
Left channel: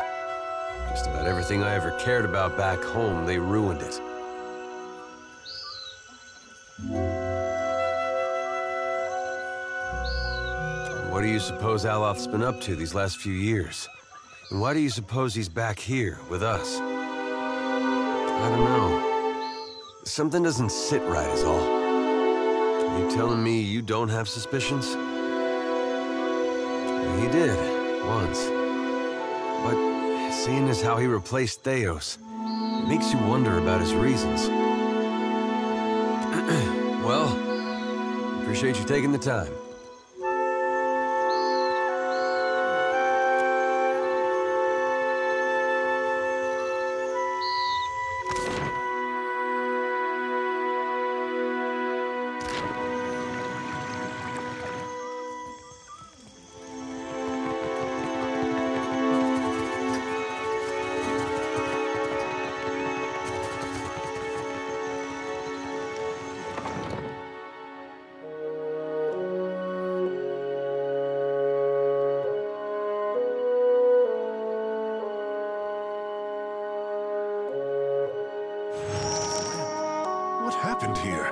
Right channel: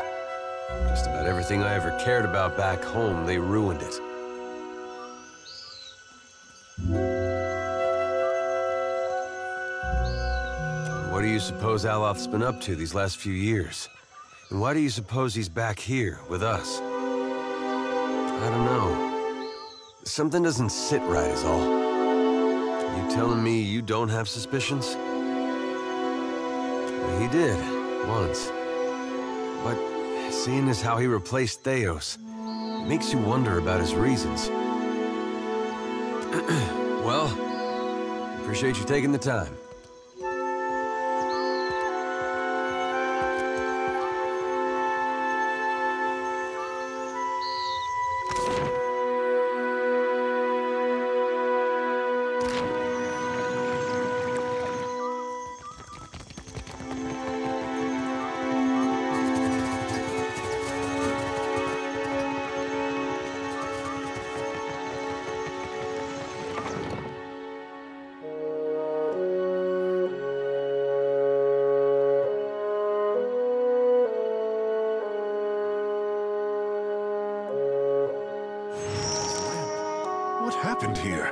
Just about everything I ever cared about back home, they ruined it. What do you suppose Aloth's been up to these last few years? And why do you suppose he's back here with us? I don't know. Something doesn't sit right is all. You telling me you don't have suspicions? Well, he did, once. But seeing as how he replaced Theos, it makes you wonder about his reasons. Well, appreciate you taking the time. What happened here?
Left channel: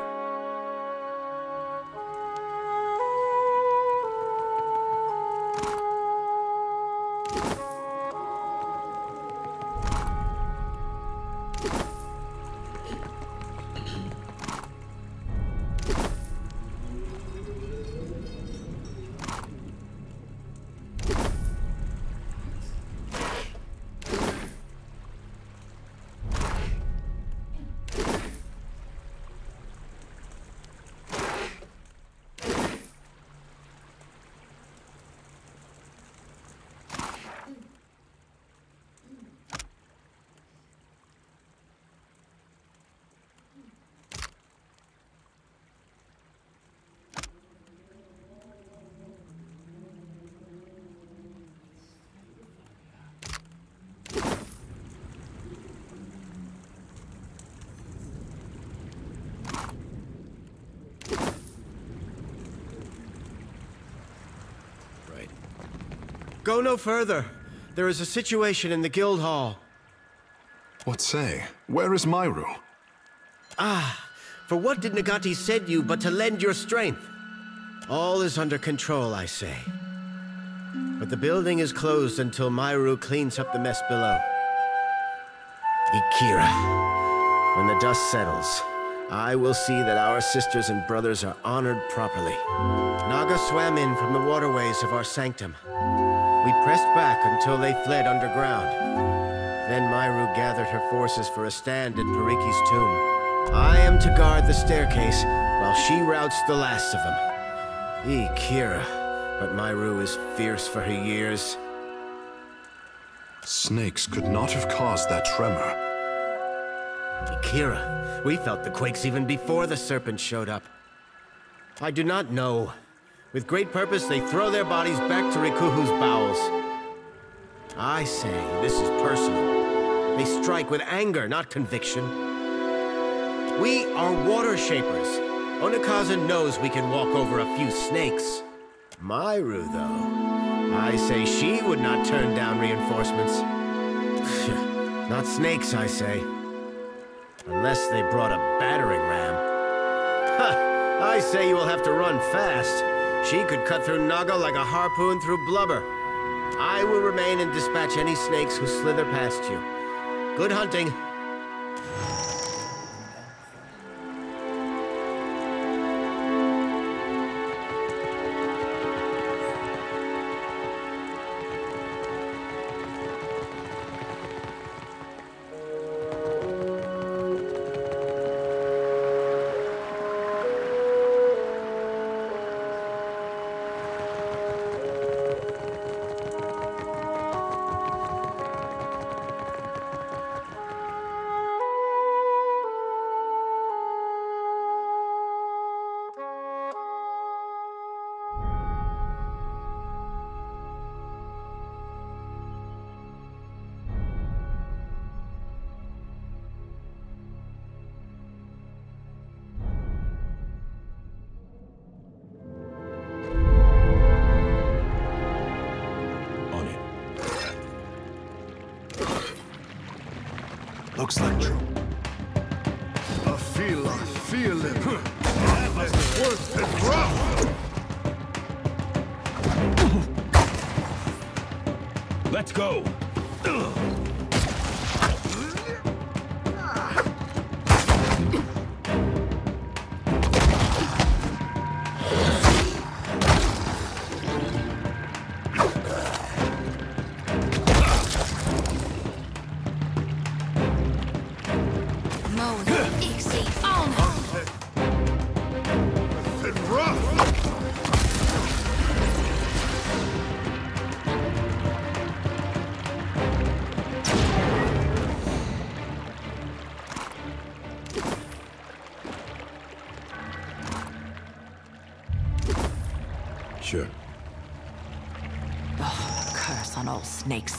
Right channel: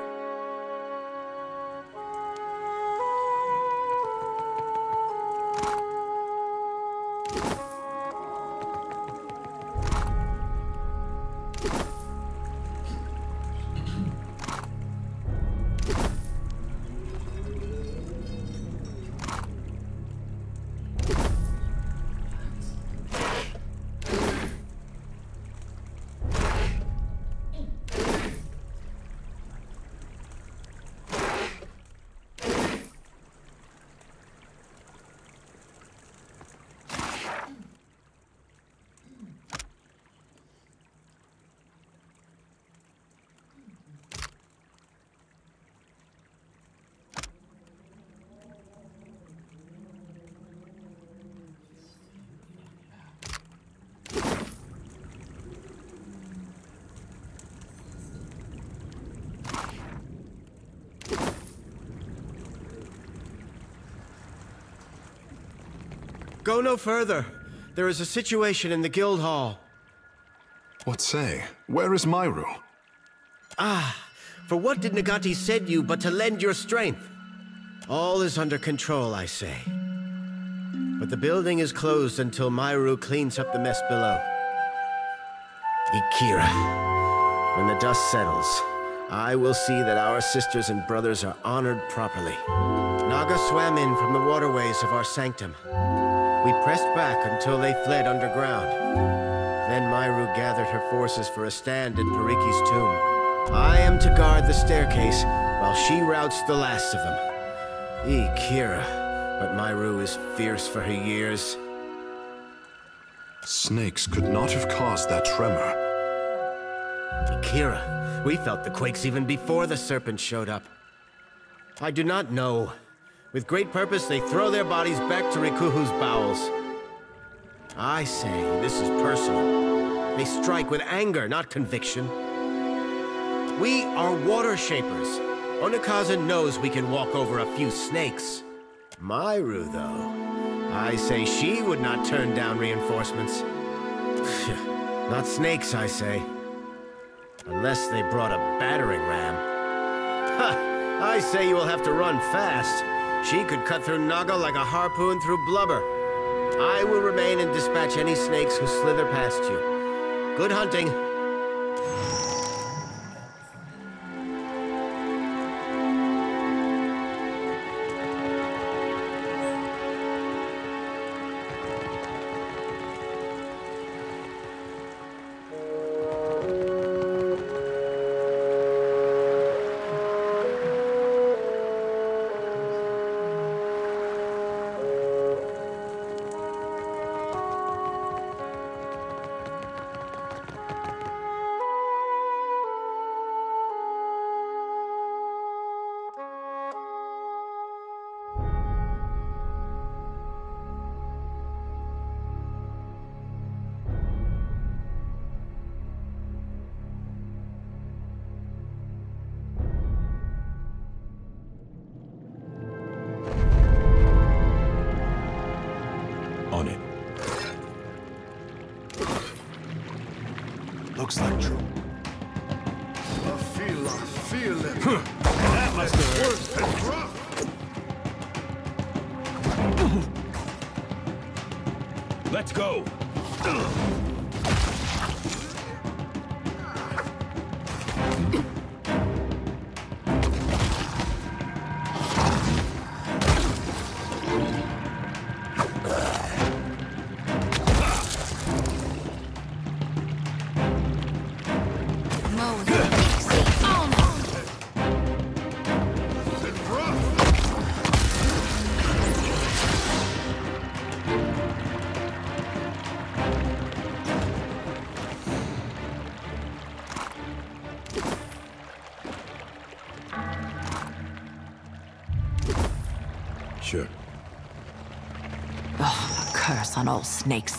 Go no further. There is a situation in the guild hall. What say? Where is Myru? For what did Nagati send you but to lend your strength? All is under control, I say. But the building is closed until Myru cleans up the mess below. Ikira, when the dust settles, I will see that our sisters and brothers are honored properly. Naga swam in from the waterways of our sanctum. We pressed back until they fled underground. Then Myru gathered her forces for a stand in Pariki's tomb. I am to guard the staircase while she routs the last of them. Kira, but Myru is fierce for her years. Snakes could not have caused that tremor. Kira, we felt the quakes even before the serpent showed up. I do not know. With great purpose, they throw their bodies back to Rikuhu's bowels. I say, this is personal. They strike with anger, not conviction. We are water shapers. Onikaza knows we can walk over a few snakes. Myru, though, I say she would not turn down reinforcements. Not snakes, I say. Unless they brought a battering ram. Ha! I say you will have to run fast. She could cut through Naga like a harpoon through blubber. I will remain and dispatch any snakes who slither past you. Good hunting. On it. Looks like trouble. I feel it. That must have worked and rough. Let's go. Sure. Oh, a curse on all snakes.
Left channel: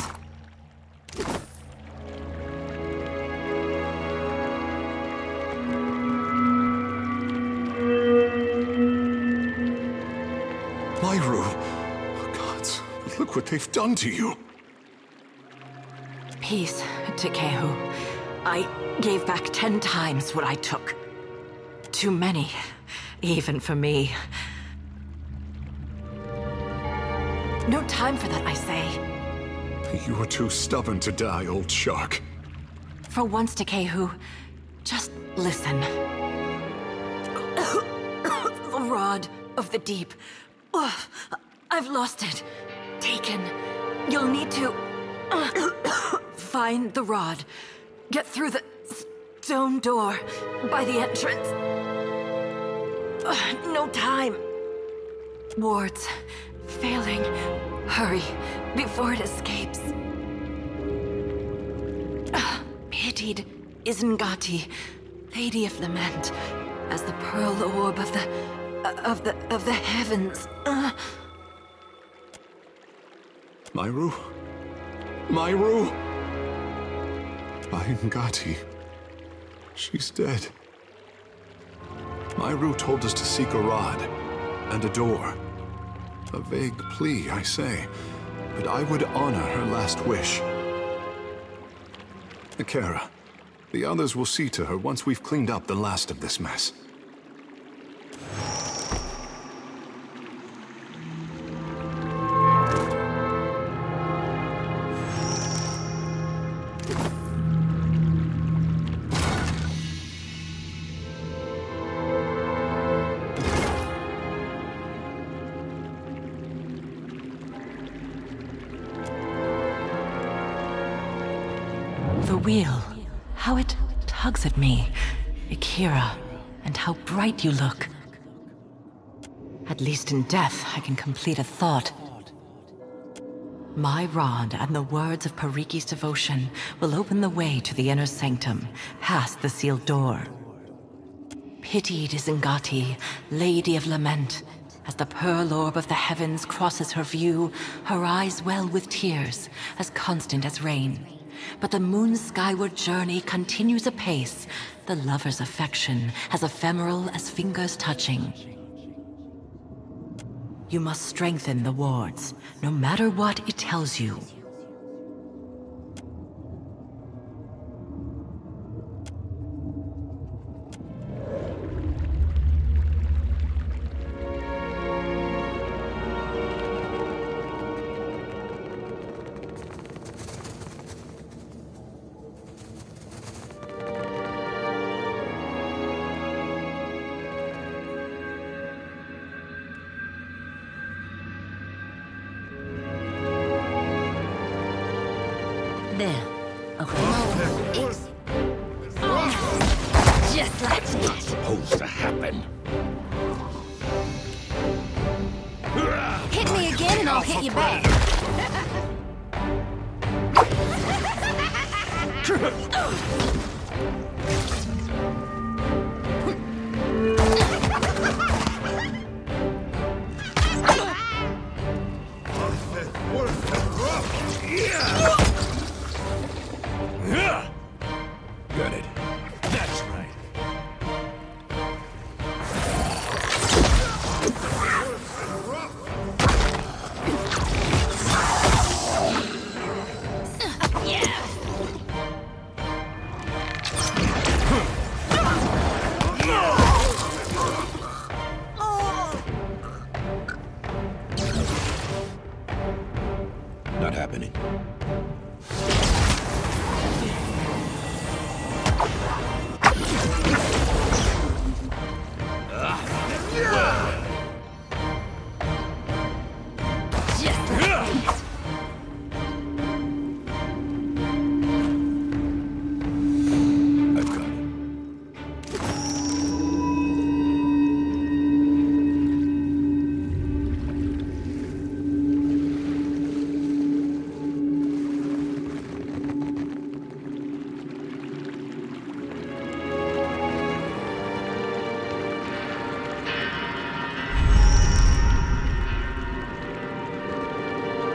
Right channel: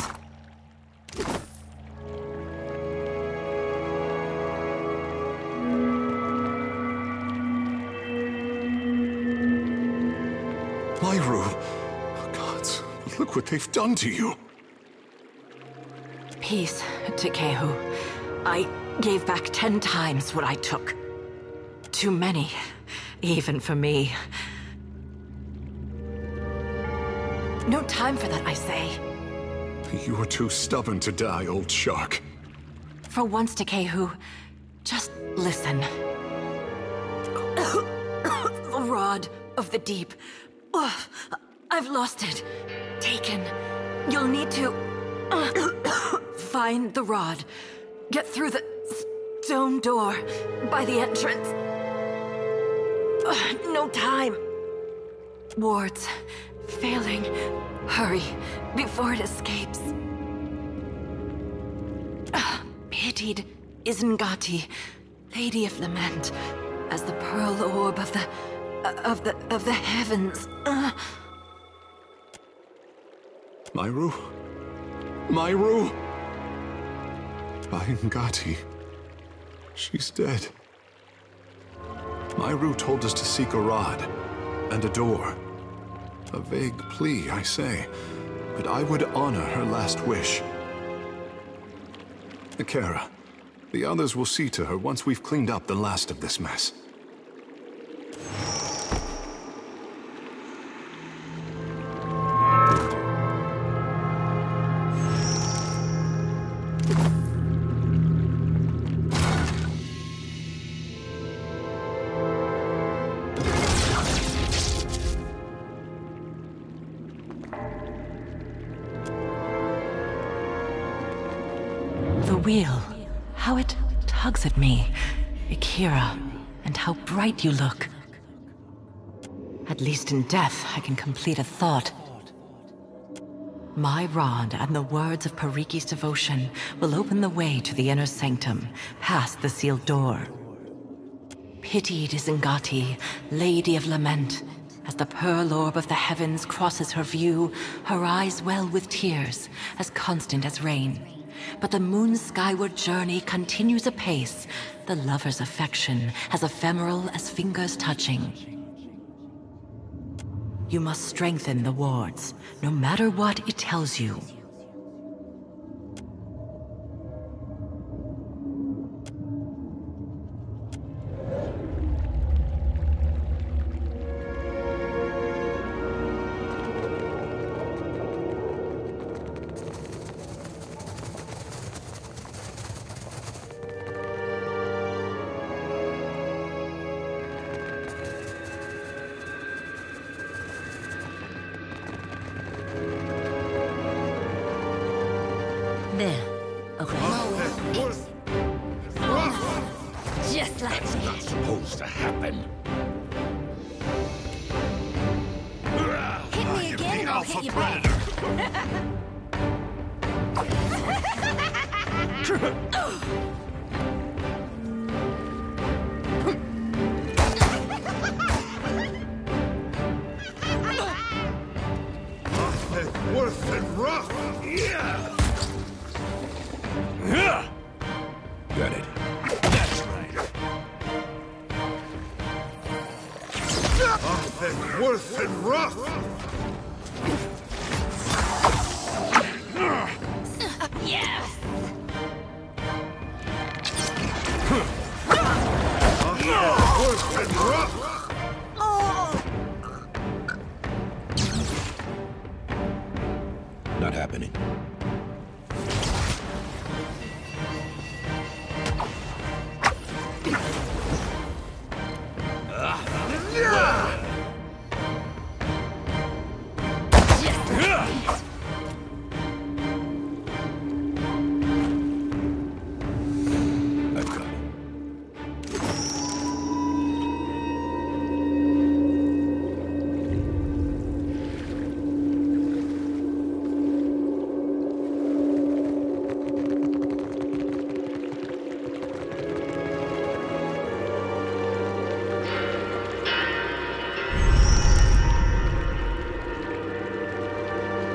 Myru! Gods, look what they've done to you! Peace to Kehu. I gave back 10 times what I took. Too many, even for me. No time for that, I say. You were too stubborn to die, old shark. For once, Takehu, just listen. The rod of the deep. Oh, I've lost it. Taken. You'll need to find the rod. Get through the stone door by the entrance. No time. Wards. Failing. Hurry, before it escapes. Pitied Isengati, Lady of Lament, as the pearl orb of the heavens. Myru? Myru? Isengati. She's dead. Myru told us to seek a rod and a door. A vague plea, I say, but I would honor her last wish. Akira, the others will see to her once we've cleaned up the last of this mess. The wheel. How it tugs at me. Akira, and how bright you look. At least in death, I can complete a thought. My rod and the words of Pariki's devotion will open the way to the inner sanctum, past the sealed door. Pitied is Ngati, Lady of Lament. As the pearl orb of the heavens crosses her view, her eyes well with tears, as constant as rain. But the moon's skyward journey continues apace, the lover's affection as ephemeral as fingers touching. You must strengthen the wards, no matter what it tells you. There. Okay. Just like that. Not supposed to happen. Hit me again and I'll hit you back. Worth and rough. Yeah. Got it. That's right. Worth and rough. Yeah. Worth and rough. Not happening.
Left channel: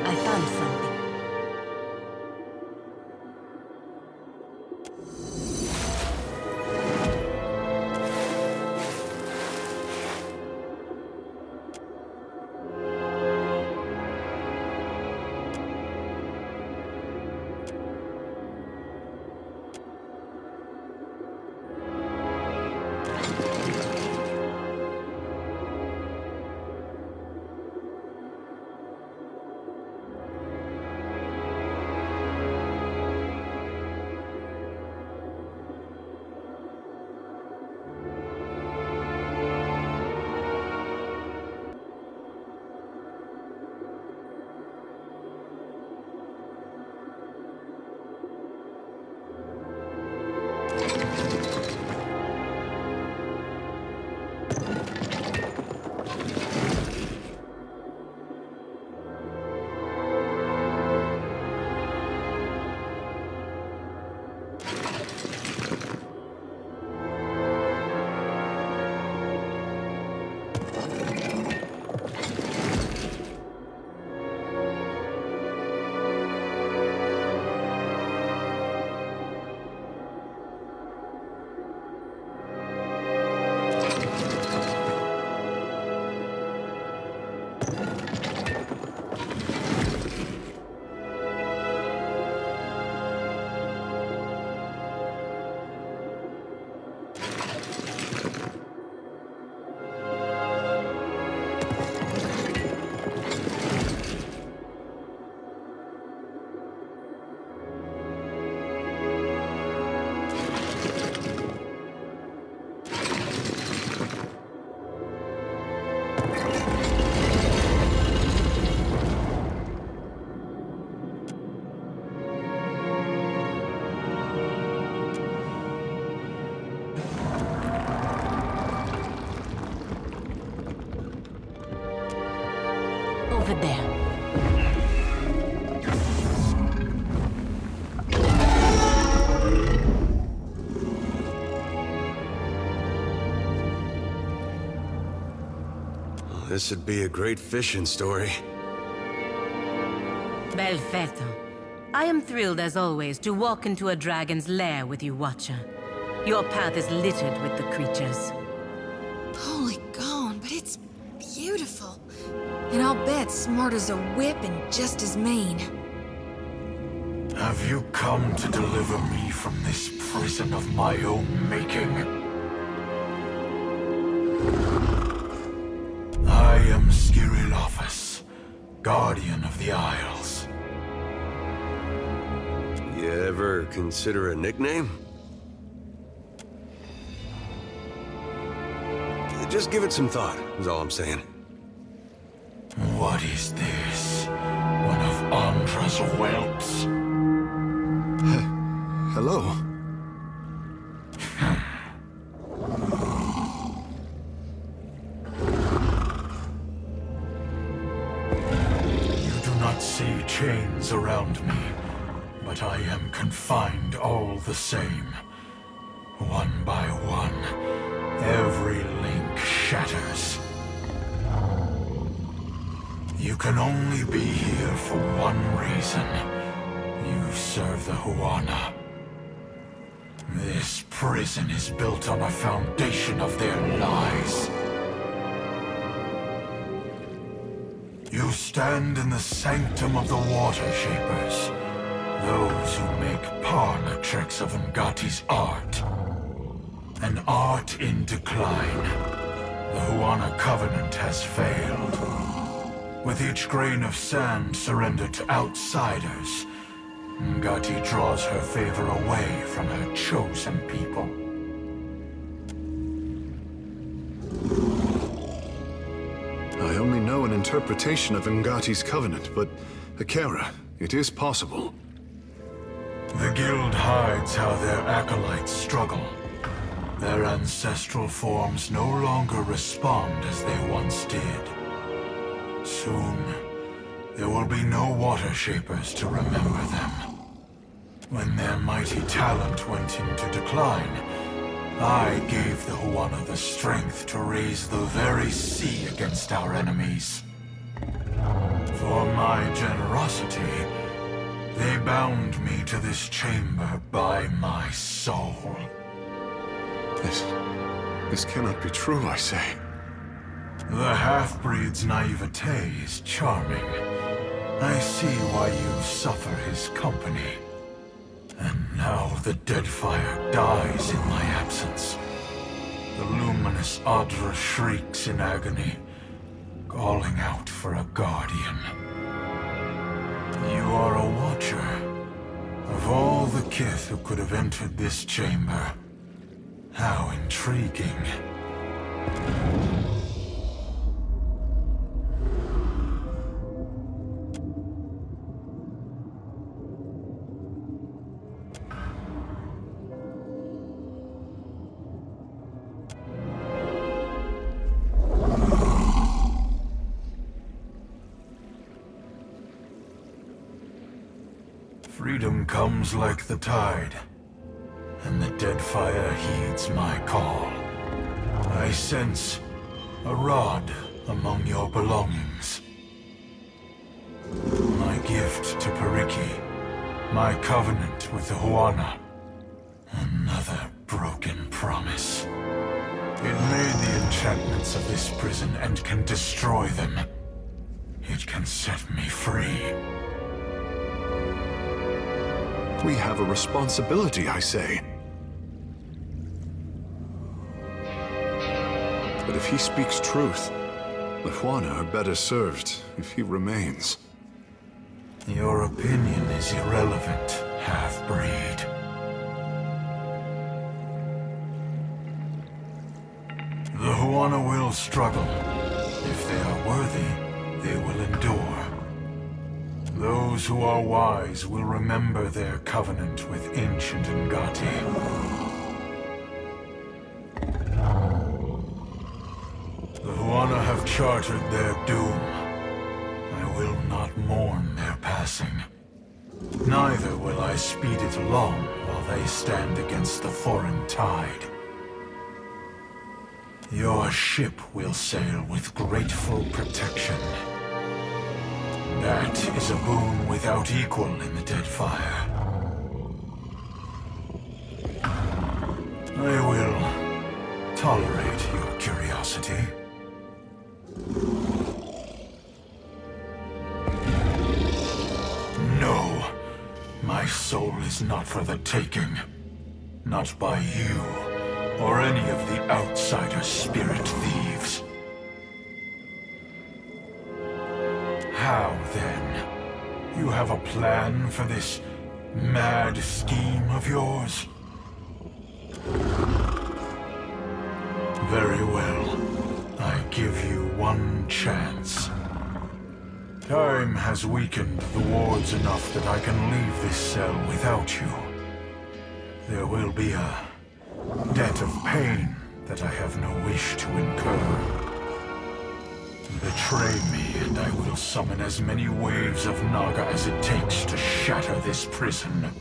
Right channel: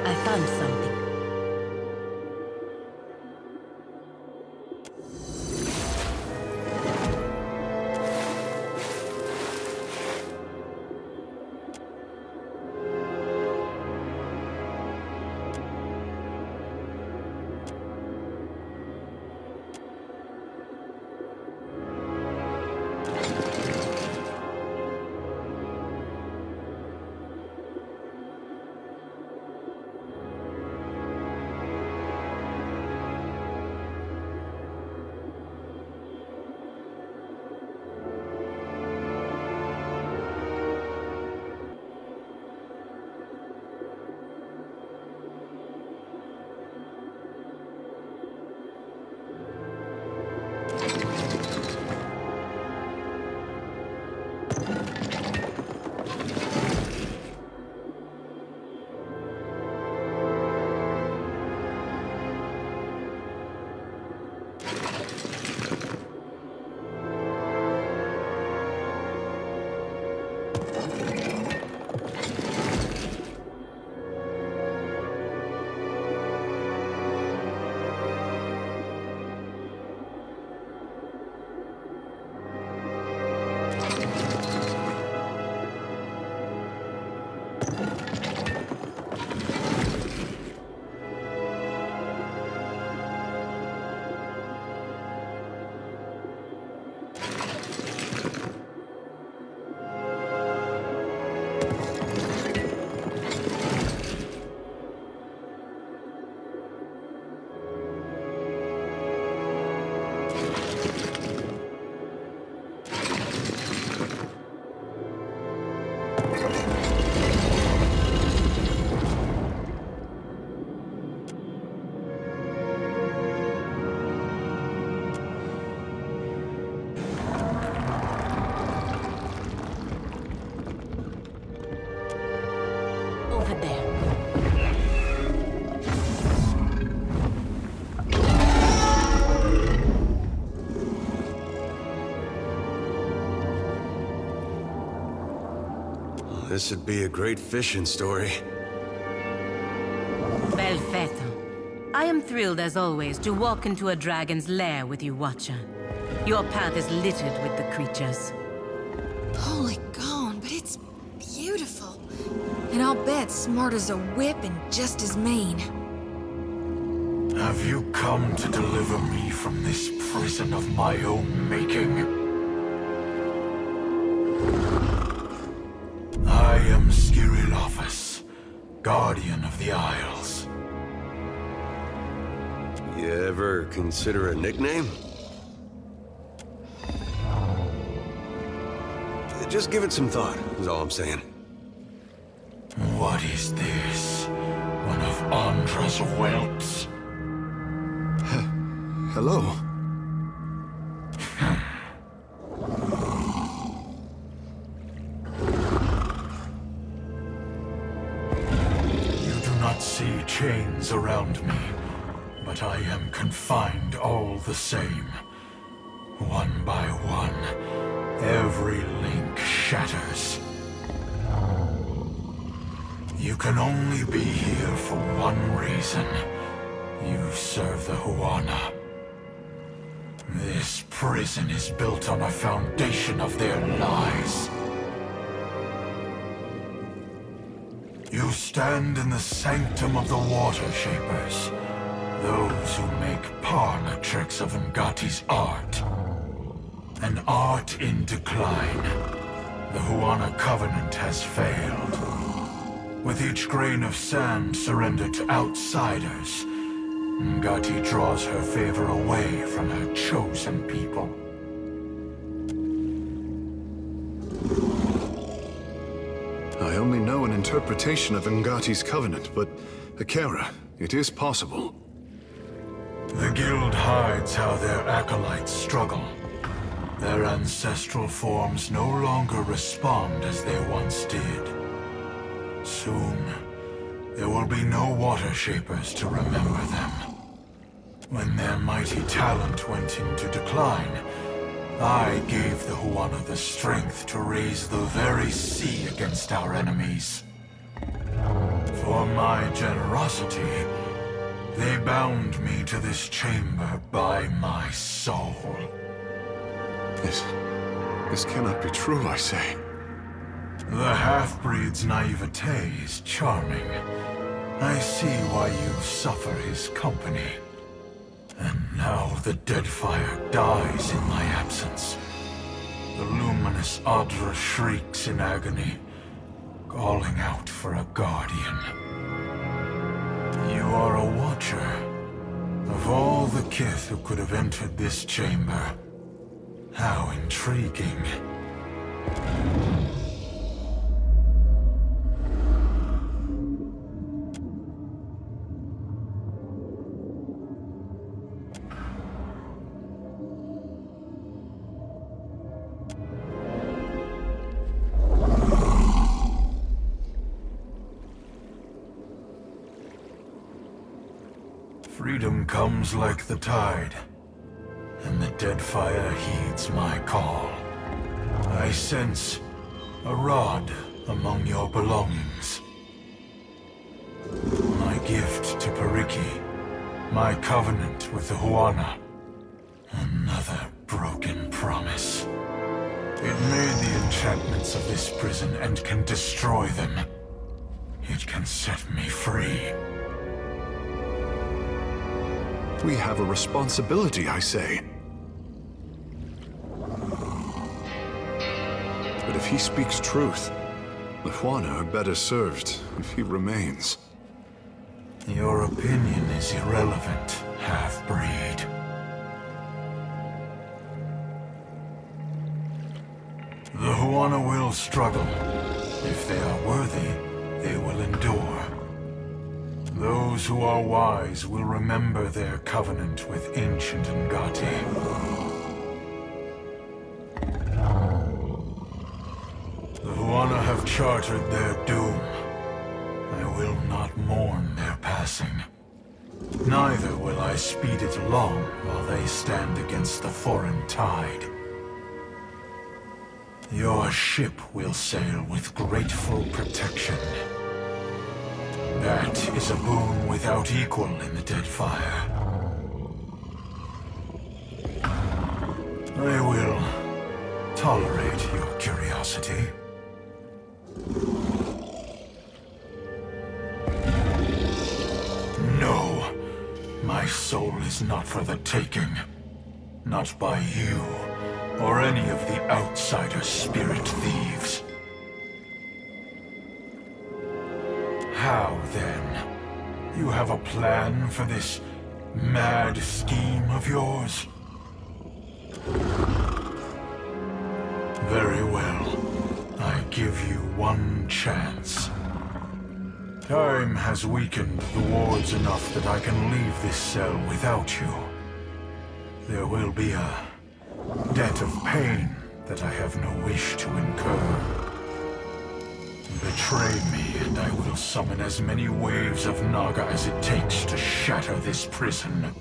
I found something. over there. This would be a great fishing story. Perfetto. I am thrilled as always to walk into a dragon's lair with you, Watcher. Your path is littered with the creatures. Holy gone, but it's beautiful. And I'll bet smart as a whip and just as mean. Have you come to deliver me from this prison of my own making? I am Skirilophus, Guardian of the Isles. You ever consider a nickname? Just give it some thought, is all I'm saying. What is this? One of Andra's whelps? Hello. You do not see chains around me, but I am confined all the same. One by one, every link shatters. You can only be here for one reason. You serve the Huana. This prison is built on a foundation of their lies. You stand in the sanctum of the Water Shapers, those who make parlor tricks of Ngati's art. An art in decline. The Huana Covenant has failed. With each grain of sand surrendered to outsiders, Ngati draws her favor away from her chosen people. I only know an interpretation of Ngati's covenant, but Akera, it is possible. The guild hides how their acolytes struggle. Their ancestral forms no longer respond as they once did. Soon, there will be no Water Shapers to remember them. When their mighty talent went into decline, I gave the Huana the strength to raise the very sea against our enemies. For my generosity, they bound me to this chamber by my soul. This cannot be true, I say. The half-breed's naivete is charming. I see why you suffer his company. And now the Deadfire dies in my absence. The luminous Adra shrieks in agony, calling out for a guardian. You are a watcher. Of all the kith who could have entered this chamber, how intriguing. Freedom comes like the tide, and the Deadfire heeds my call. I sense a rod among your belongings. My gift to Periki, my covenant with the Huana. Another broken promise. It made the enchantments of this prison and can destroy them. It can set me free. We have a responsibility, I say. But if he speaks truth, the Huana are better served if he remains. Your opinion is irrelevant, half-breed. The Huana will struggle. If they are worthy, they will endure. Those who are wise will remember their covenant with ancient Ngati. The Huana have chartered their doom. I will not mourn their passing. Neither will I speed it along while they stand against the foreign tide. Your ship will sail with grateful protection. That is a boon without equal in the Deadfire. I will tolerate your curiosity. No, my soul is not for the taking. Not by you, or any of the outsider spirit thieves. How, then? You have a plan for this mad scheme of yours? Very well. I give you one chance. Time has weakened the wards enough that I can leave this cell without you. There will be a debt of pain that I have no wish to incur. Betray me, and I will summon as many waves of Naga as it takes to shatter this prison.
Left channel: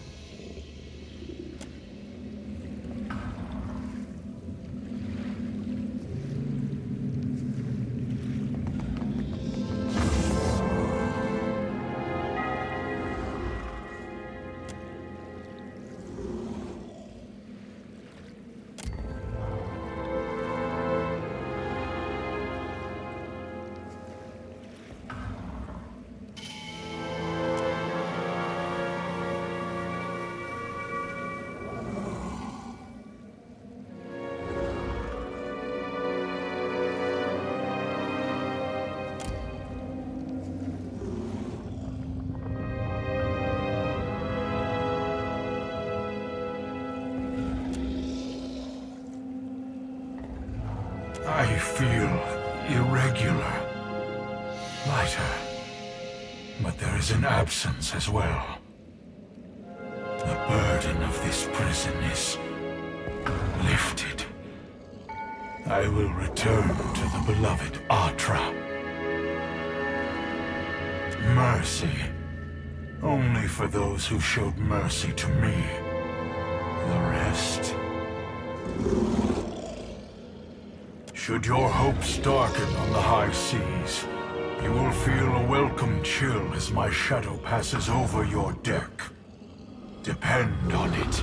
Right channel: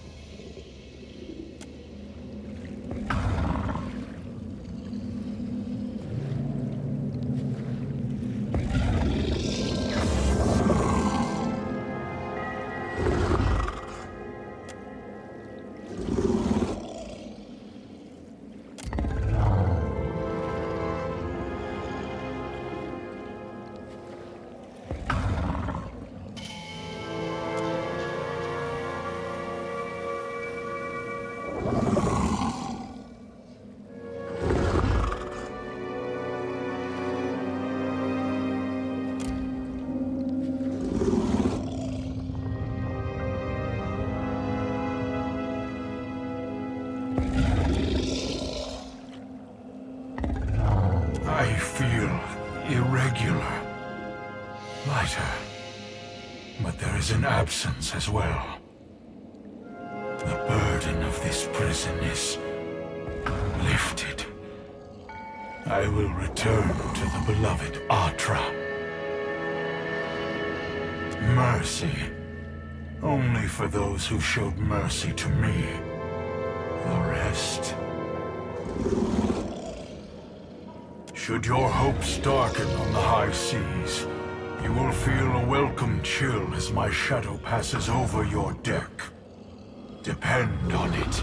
I feel irregular, lighter, but there is an absence as well. The burden of this prison is lifted. I will return to the beloved Atra. Mercy, only for those who showed mercy to me. The rest... Should your hopes darken on the high seas, you will feel a welcome chill as my shadow passes over your deck. Depend on it.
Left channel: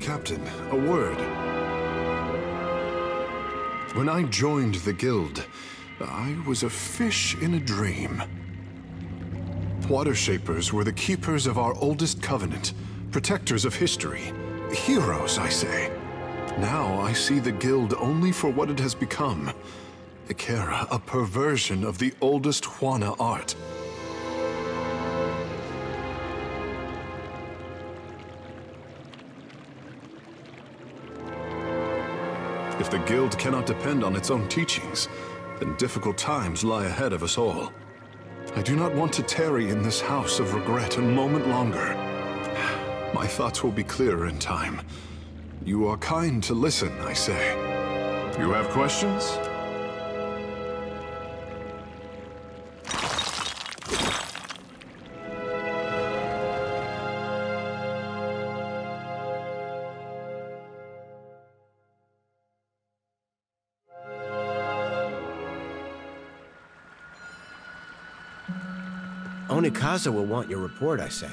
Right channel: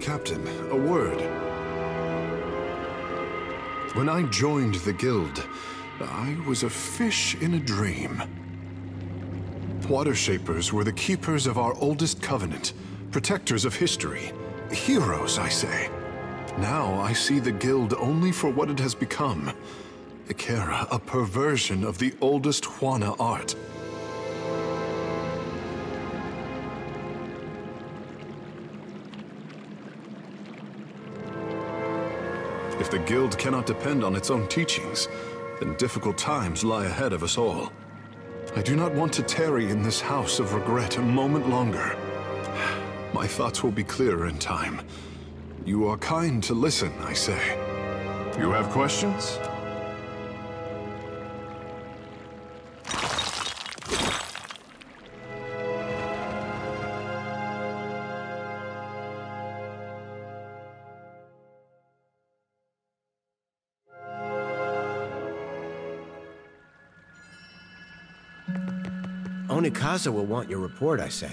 Captain, a word. When I joined the guild, I was a fish in a dream. Water Shapers were the keepers of our oldest covenant, protectors of history, heroes, I say. Now I see the guild only for what it has become. Ikera, a perversion of the oldest Juana art. If the guild cannot depend on its own teachings, then difficult times lie ahead of us all. I do not want to tarry in this house of regret a moment longer. My thoughts will be clearer in time. You are kind to listen, I say. You have questions? Onikaza will want your report, I say.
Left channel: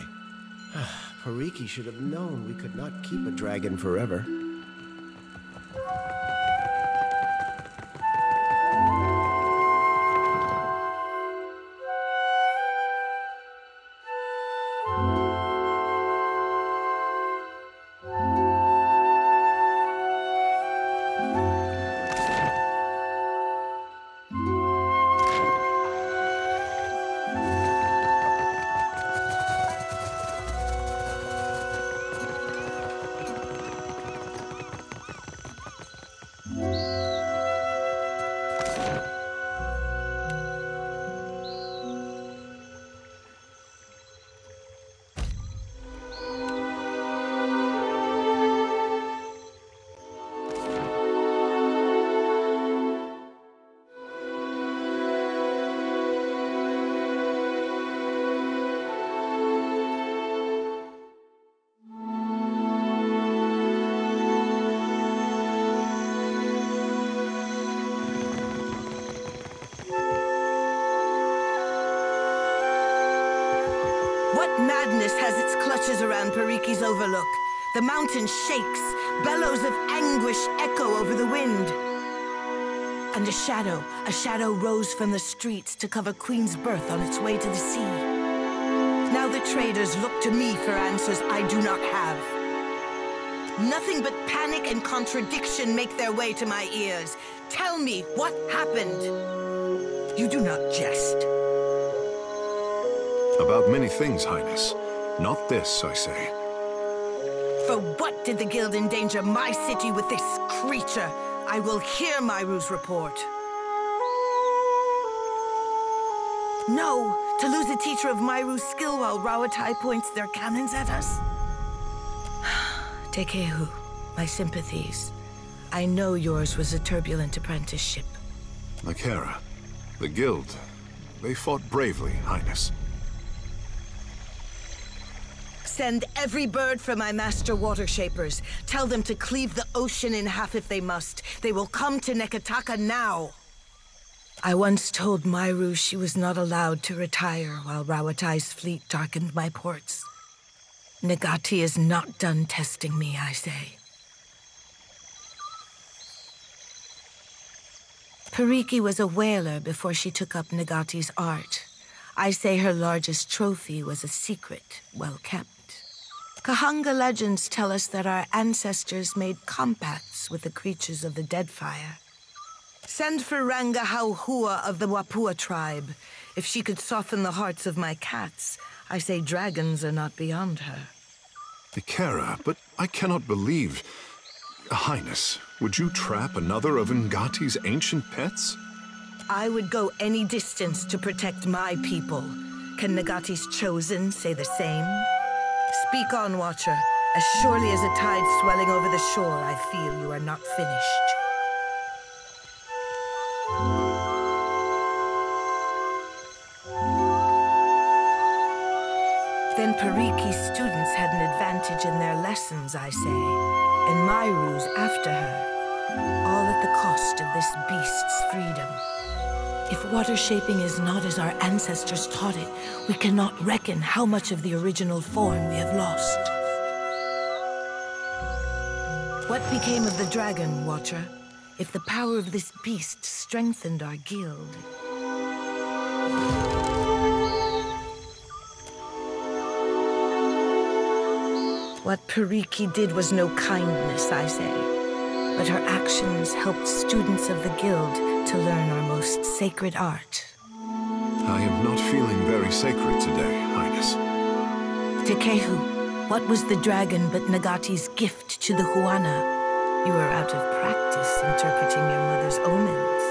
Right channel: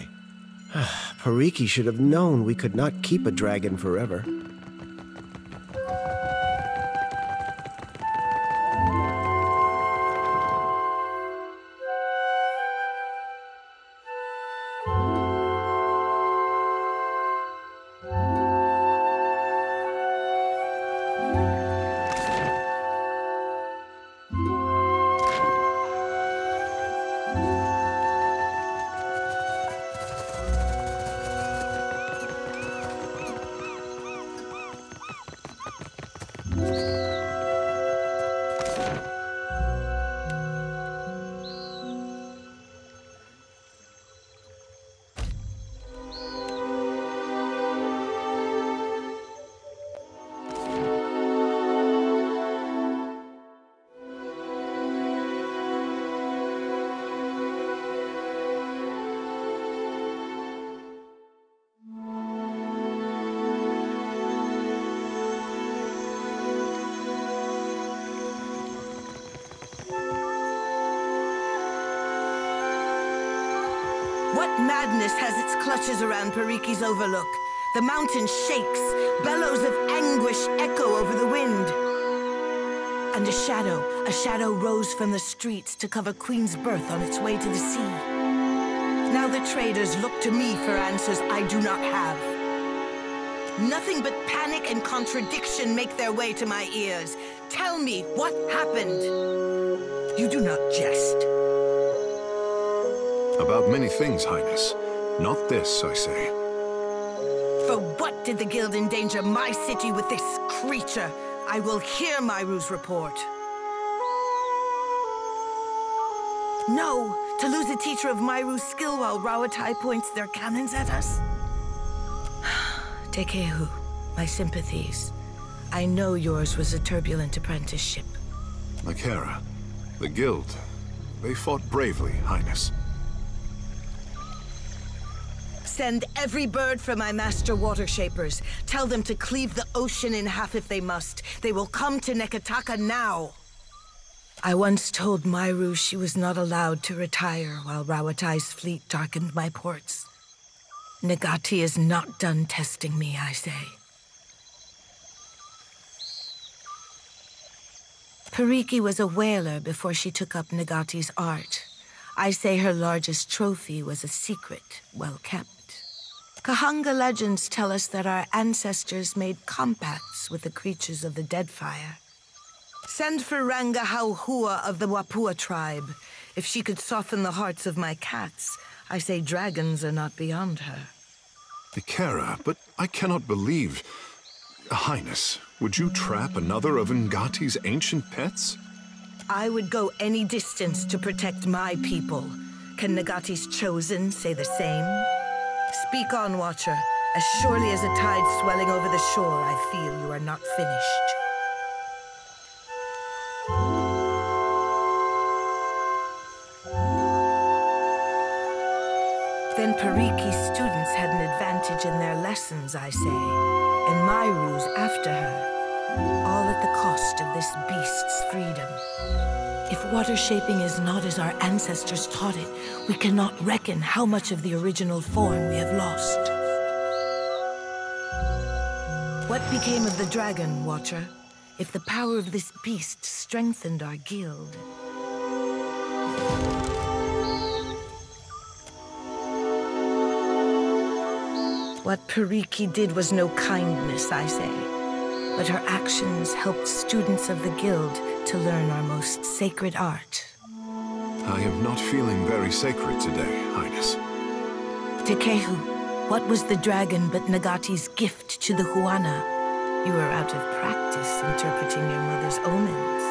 Pariki should have known we could not keep a dragon forever. What madness has its clutches around Pariki's overlook? The mountain shakes, bellows of anguish echo over the wind. And a shadow rose from the streets to cover Queen's Birth on its way to the sea. Now the traders look to me for answers I do not have. Nothing but panic and contradiction make their way to my ears. Tell me what happened. You do not jest. About many things, Highness. Not this, I say. For what did the Guild endanger my city with this creature? I will hear Myru's report. No, to lose a teacher of Myru's skill while Rawatai points their cannons at us? Tekehu, my sympathies. I know yours was a turbulent apprenticeship. Nakara, the Guild, they fought bravely, Highness. Send every bird from my master water shapers. Tell them to cleave the ocean in half if they must. They will come to Neketaka now. I once told Myru she was not allowed to retire while Rawatai's fleet darkened my ports. Nagati is not done testing me, I say. Pariki was a whaler before she took up Nagati's art. I say her largest trophy was a secret, well kept. Kahanga legends tell us that our ancestors made compacts with the creatures of the Deadfire. Send for Ranga Hauhua of the Wapua tribe. If she could soften the hearts of my cats, I say dragons are not beyond her. Ikera, but I cannot believe... Highness, would you trap another of Ngati's ancient pets? I would go any distance to protect my people. Can Nagati's chosen say the same? Speak on, Watcher. As surely as a tide swelling over the shore, I feel you are not finished. Then Pariki's students had an advantage in their lessons, I say, and Myru's after her, all at the cost of this beast's freedom. If water shaping is not as our ancestors taught it, we cannot reckon how much of the original form we have lost. What became of the dragon, Watcher? If the power of this beast strengthened our guild... What Pariki did was no kindness, I say. But her actions helped students of the guild to learn our most sacred art. I am not feeling very sacred today, Highness. Tekehu, what was the dragon but Nagati's gift to the Huana? You are out of practice interpreting your mother's omens.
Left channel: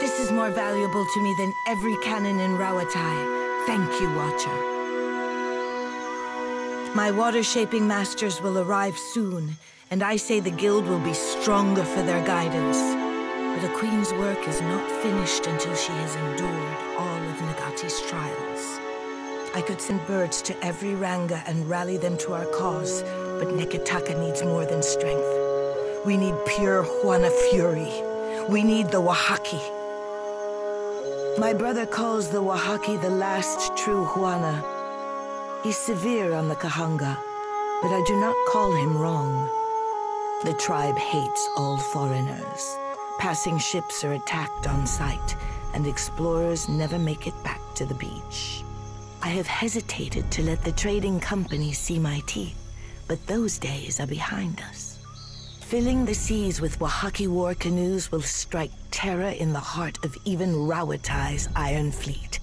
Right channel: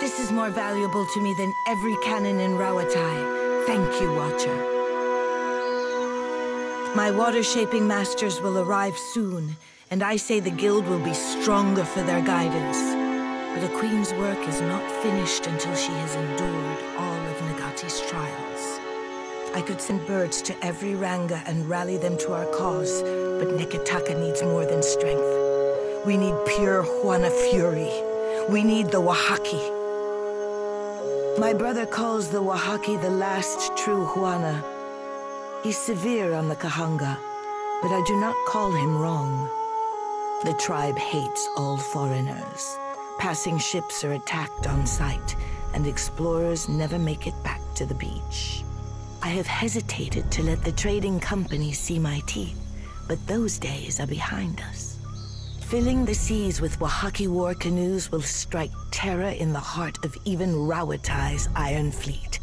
This is more valuable to me than every cannon in Rawatai. Thank you, Watcher. My water-shaping masters will arrive soon, and I say the guild will be stronger for their guidance. But a queen's work is not finished until she has endured all of Nagati's trials. I could send birds to every Ranga and rally them to our cause, but Neketaka needs more than strength. We need pure Huana fury. We need the Wahaki. My brother calls the Oaxaca the last true Juana. He's severe on the Kahanga, but I do not call him wrong. The tribe hates all foreigners. Passing ships are attacked on sight, and explorers never make it back to the beach. I have hesitated to let the trading companies see my teeth, but those days are behind us. Filling the seas with Oaxaca war canoes will strike terror in the heart of even Rauatai's iron fleet.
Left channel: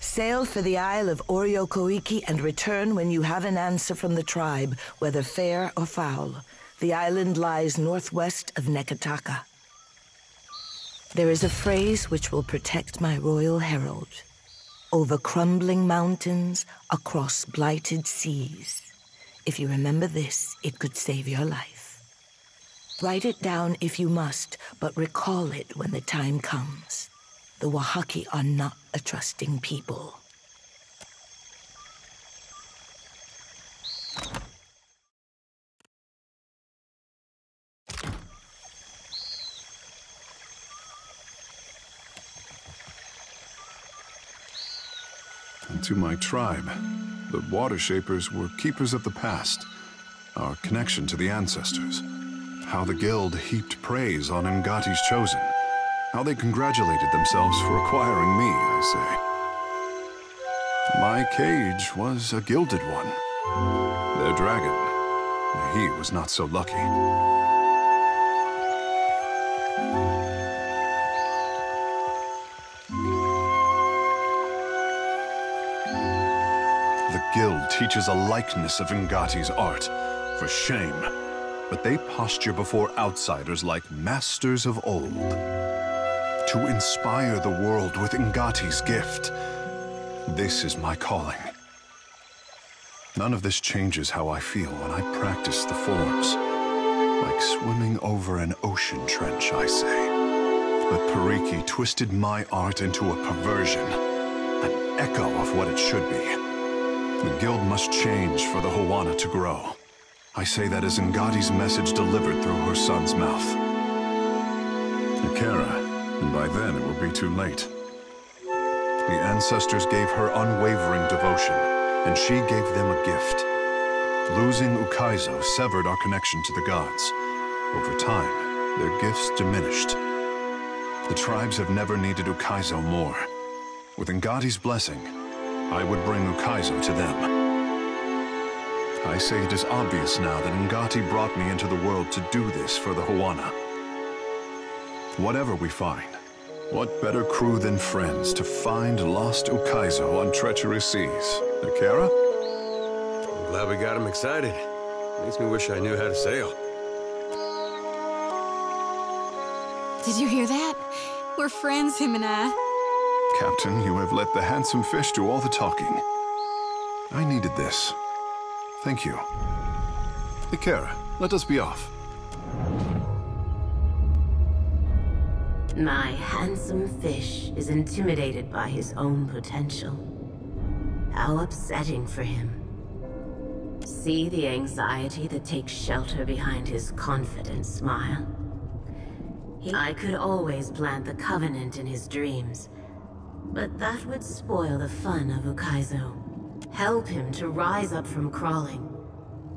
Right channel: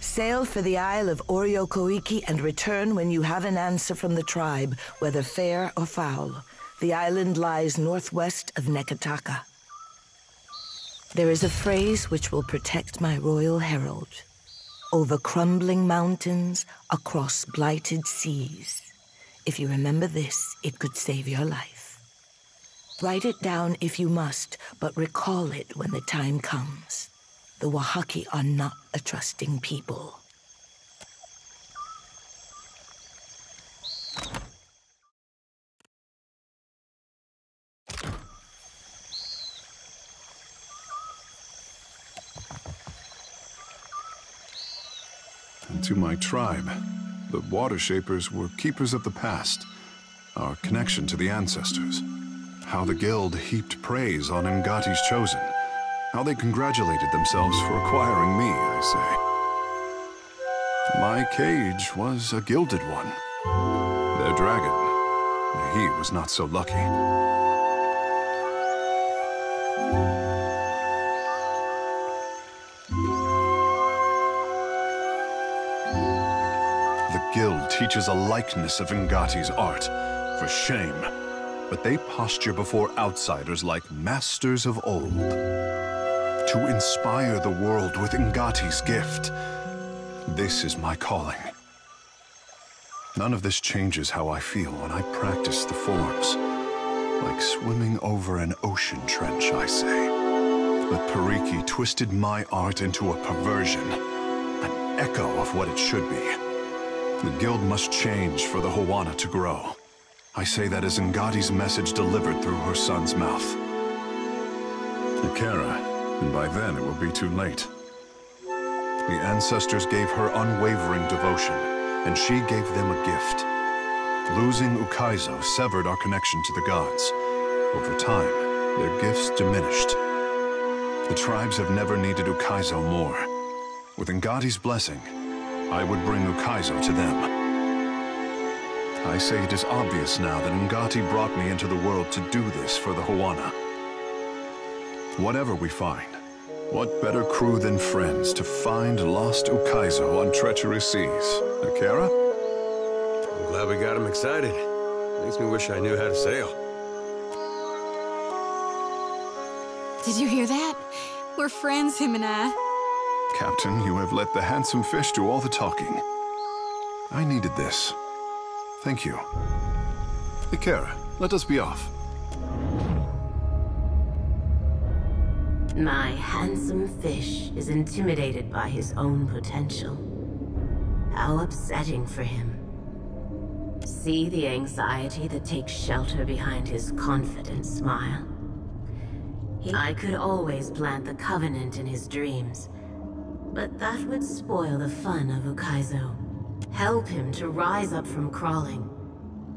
Sail for the Isle of Oriokoiki and return when you have an answer from the tribe, whether fair or foul. The island lies northwest of Nekataka. There is a phrase which will protect my royal herald. Over crumbling mountains, across blighted seas. If you remember this, it could save your life. Write it down if you must, but recall it when the time comes. The Oaxaca are not a trusting people. And to my tribe, the Water Shapers were keepers of the past, our connection to the ancestors. How the Guild heaped praise on Ngati's chosen. How they congratulated themselves for acquiring me, I say. My cage was a gilded one. Their dragon, he was not so lucky. The Guild teaches a likeness of Ngati's art, for shame. But they posture before outsiders like masters of old. To inspire the world with Ngati's gift. This is my calling. None of this changes how I feel when I practice the forms. Like swimming over an ocean trench, I say. But Pariki twisted my art into a perversion. An echo of what it should be. The Guild must change for the Juana to grow. I say that as Ngati's message delivered through her son's mouth. Ikera, and by then it will be too late. The ancestors gave her unwavering devotion, and she gave them a gift. Losing Ukaizo severed our connection to the gods. Over time, their gifts diminished. The tribes have never needed Ukaizo more. With Ngati's blessing, I would bring Ukaizo to them. I say it is obvious now that Ngati brought me into the world to do this for the Juana. Whatever we find, what better crew than friends to find lost Ukaizo on treacherous seas? Ikera? I'm glad we got him excited. Makes me wish I knew how to sail. Did you hear that? We're friends, him and I. Captain, you have let the handsome fish do all the talking. I needed this. Thank you. Ikera, let us be off. My handsome fish is intimidated by his own potential. How upsetting for him. See the anxiety that takes shelter behind his confident smile. I could always plant the Covenant in his dreams, but that would spoil the fun of Ukaizo. Help him to rise up from crawling.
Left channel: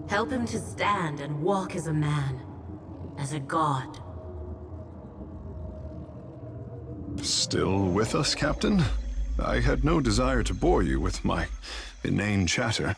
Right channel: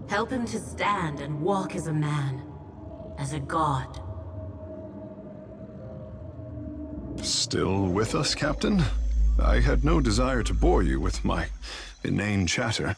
Help him to stand and walk as a man, as a god. Still with us, Captain? I had no desire to bore you with my inane chatter.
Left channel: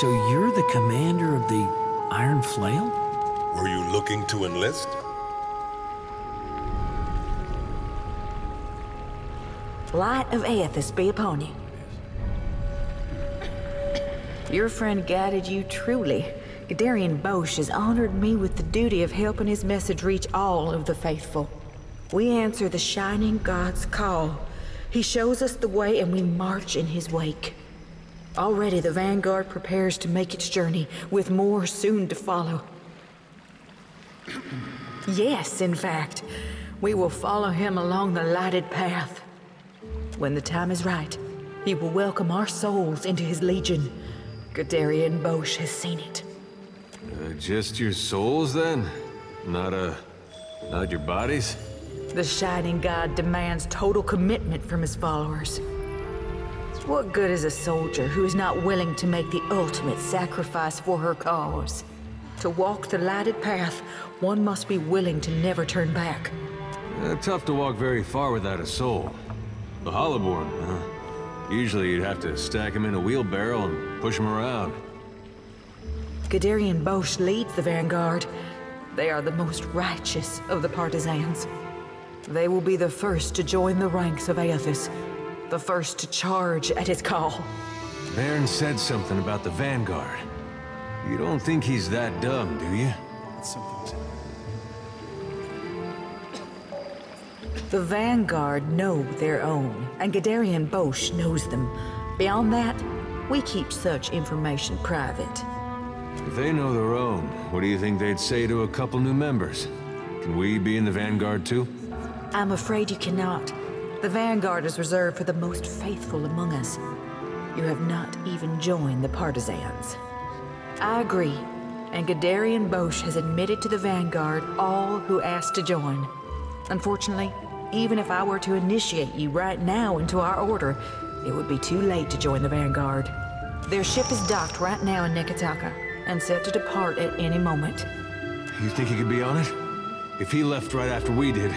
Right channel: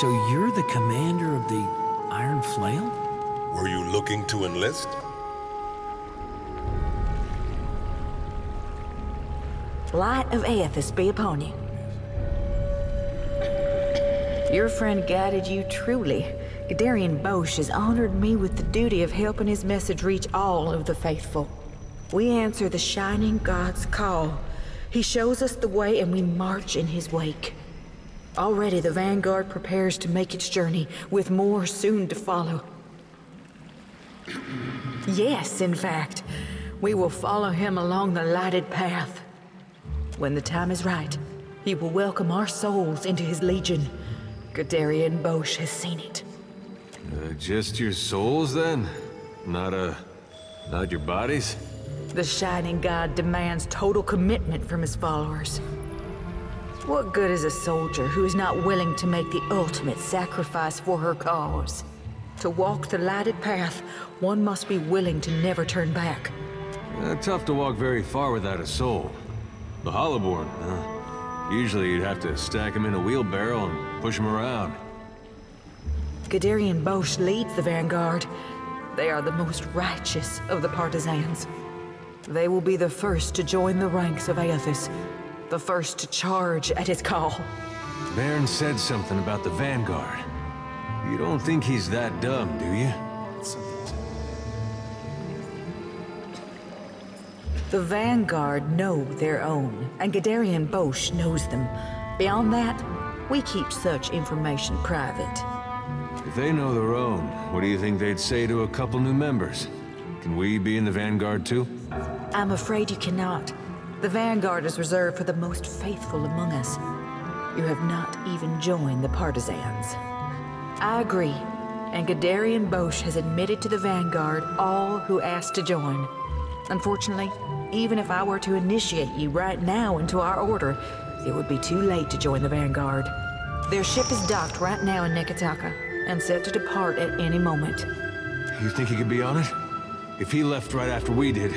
So you're the commander of the Iron Flail? Were you looking to enlist? Light of Aethys be upon you. Your friend guided you truly. Gadarian Bosch has honored me with the duty of helping his message reach all of the faithful. We answer the Shining God's call. He shows us the way and we march in his wake. Already the Vanguard prepares to make its journey, with more soon to follow. Yes, in fact, we will follow him along the lighted path. When the time is right, he will welcome our souls into his legion. Gadarian Bosch has seen it. Just your souls, then? Not your bodies? The Shining God demands total commitment from his followers. What good is a soldier who is not willing to make the ultimate sacrifice for her cause? To walk the lighted path, one must be willing to never turn back. Tough to walk very far without a soul. The Hollowborn, huh? Usually you'd have to stack them in a wheelbarrow and push them around. Gadarian Bosch leads the Vanguard. They are the most righteous of the partisans. They will be the first to join the ranks of Aethys, the first to charge at his call. Baron said something about the Vanguard. You don't think he's that dumb, do you? The Vanguard know their own, and Gadarian Bosch knows them. Beyond that, we keep such information private. If they know their own, what do you think they'd say to a couple new members? Can we be in the Vanguard too? I'm afraid you cannot. The Vanguard is reserved for the most faithful among us. You have not even joined the partisans. I agree, and Gadarian Bosch has admitted to the Vanguard all who asked to join. Unfortunately, even if I were to initiate you right now into our order, it would be too late to join the Vanguard. Their ship is docked right now in Neketaka, and set to depart at any moment. You think he could be on it? If he left right after we did,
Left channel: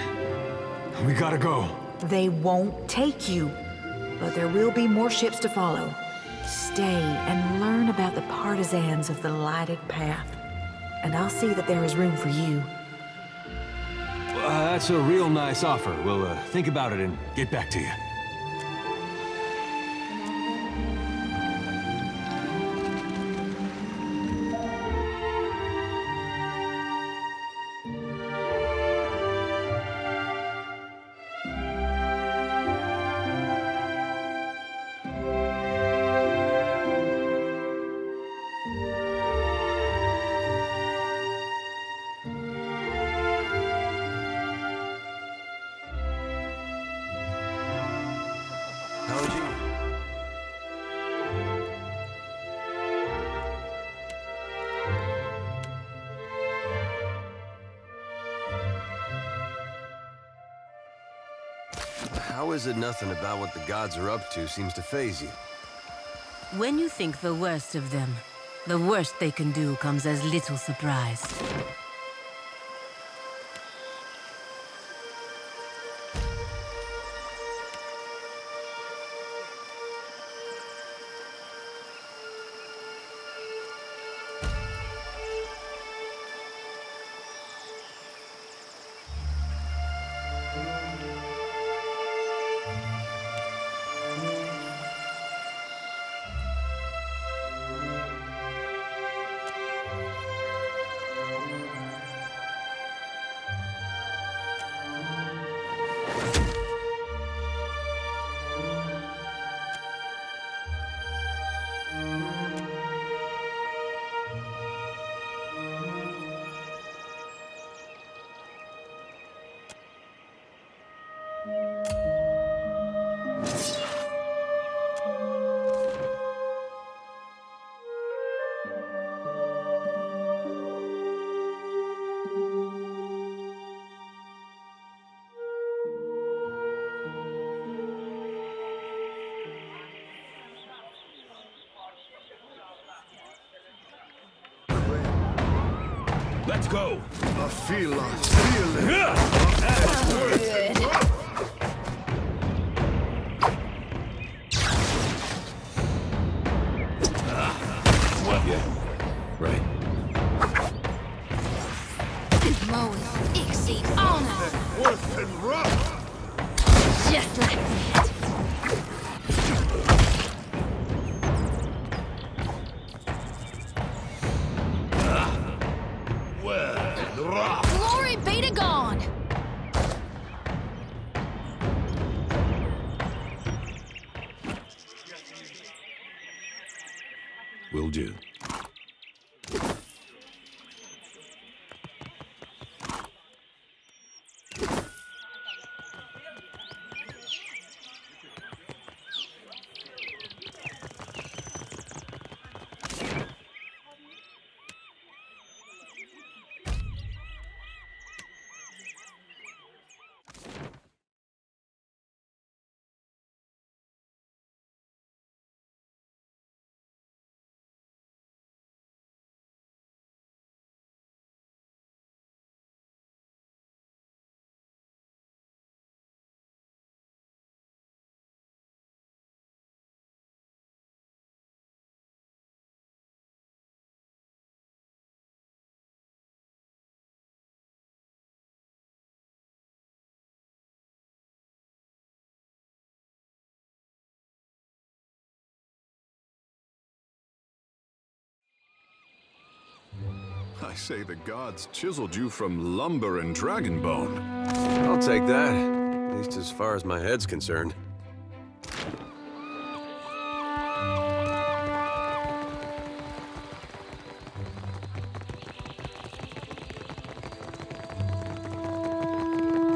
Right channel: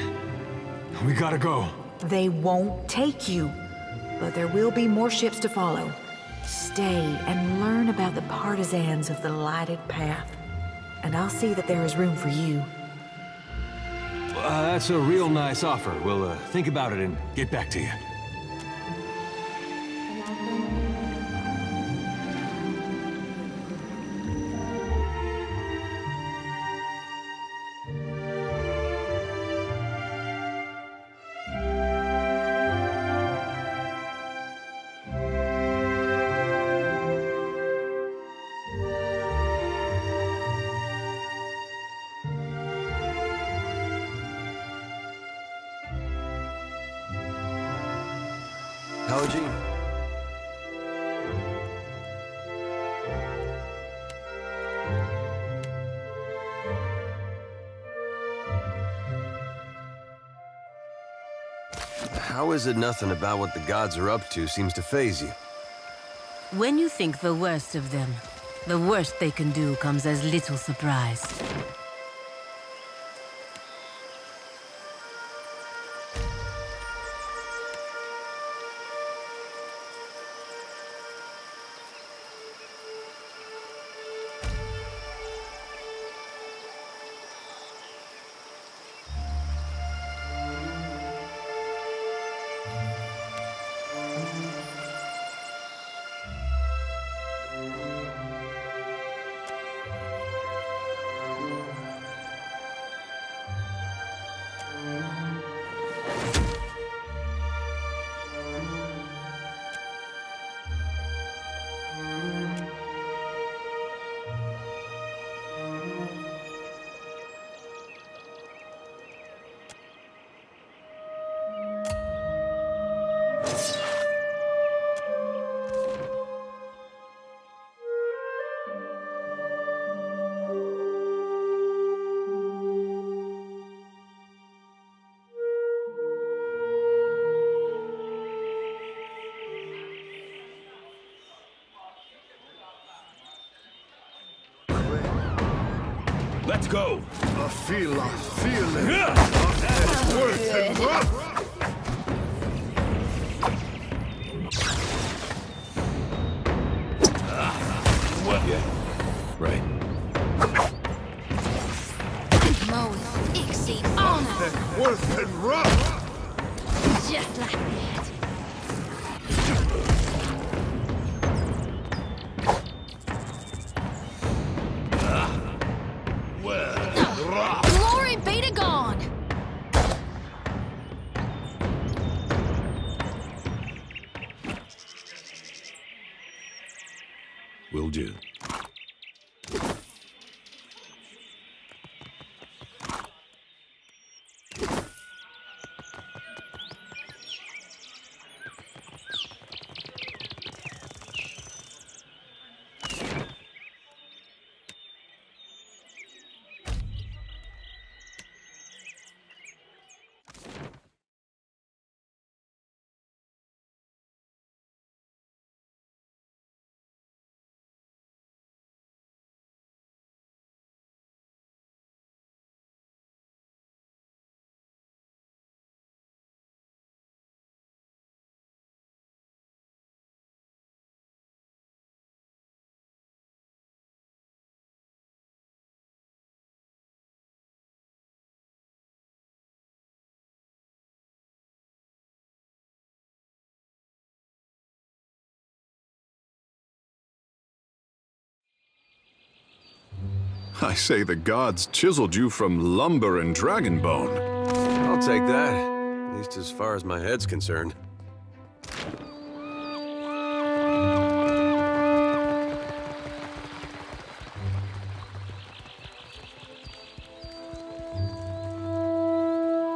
we gotta go. They won't take you, but there will be more ships to follow. Stay and learn about the partisans of the lighted path, and I'll see that there is room for you. That's a real nice offer. We'll think about it and get back to you. Paladin. How is it nothing about what the gods are up to seems to faze you? When you think the worst of them, the worst they can do comes as little surprise. Let's go! A feeling of worth. Well Glory be to God! Will do. I say the gods chiseled you from lumber and dragon bone. I'll take that, at least as far as my head's concerned.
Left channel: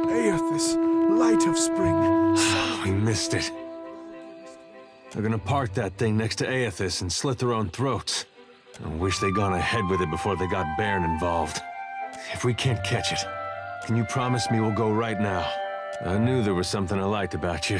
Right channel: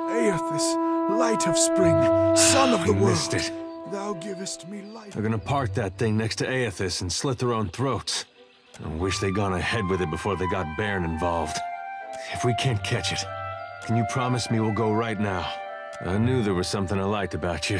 Aethys, light of spring, son of the We world. missed it. Thou givest me light. They're gonna park that thing next to Aethys and slit their own throats. I wish they'd gone ahead with it before they got Bairn involved. If we can't catch it, can you promise me we'll go right now? I knew there was something I liked about you.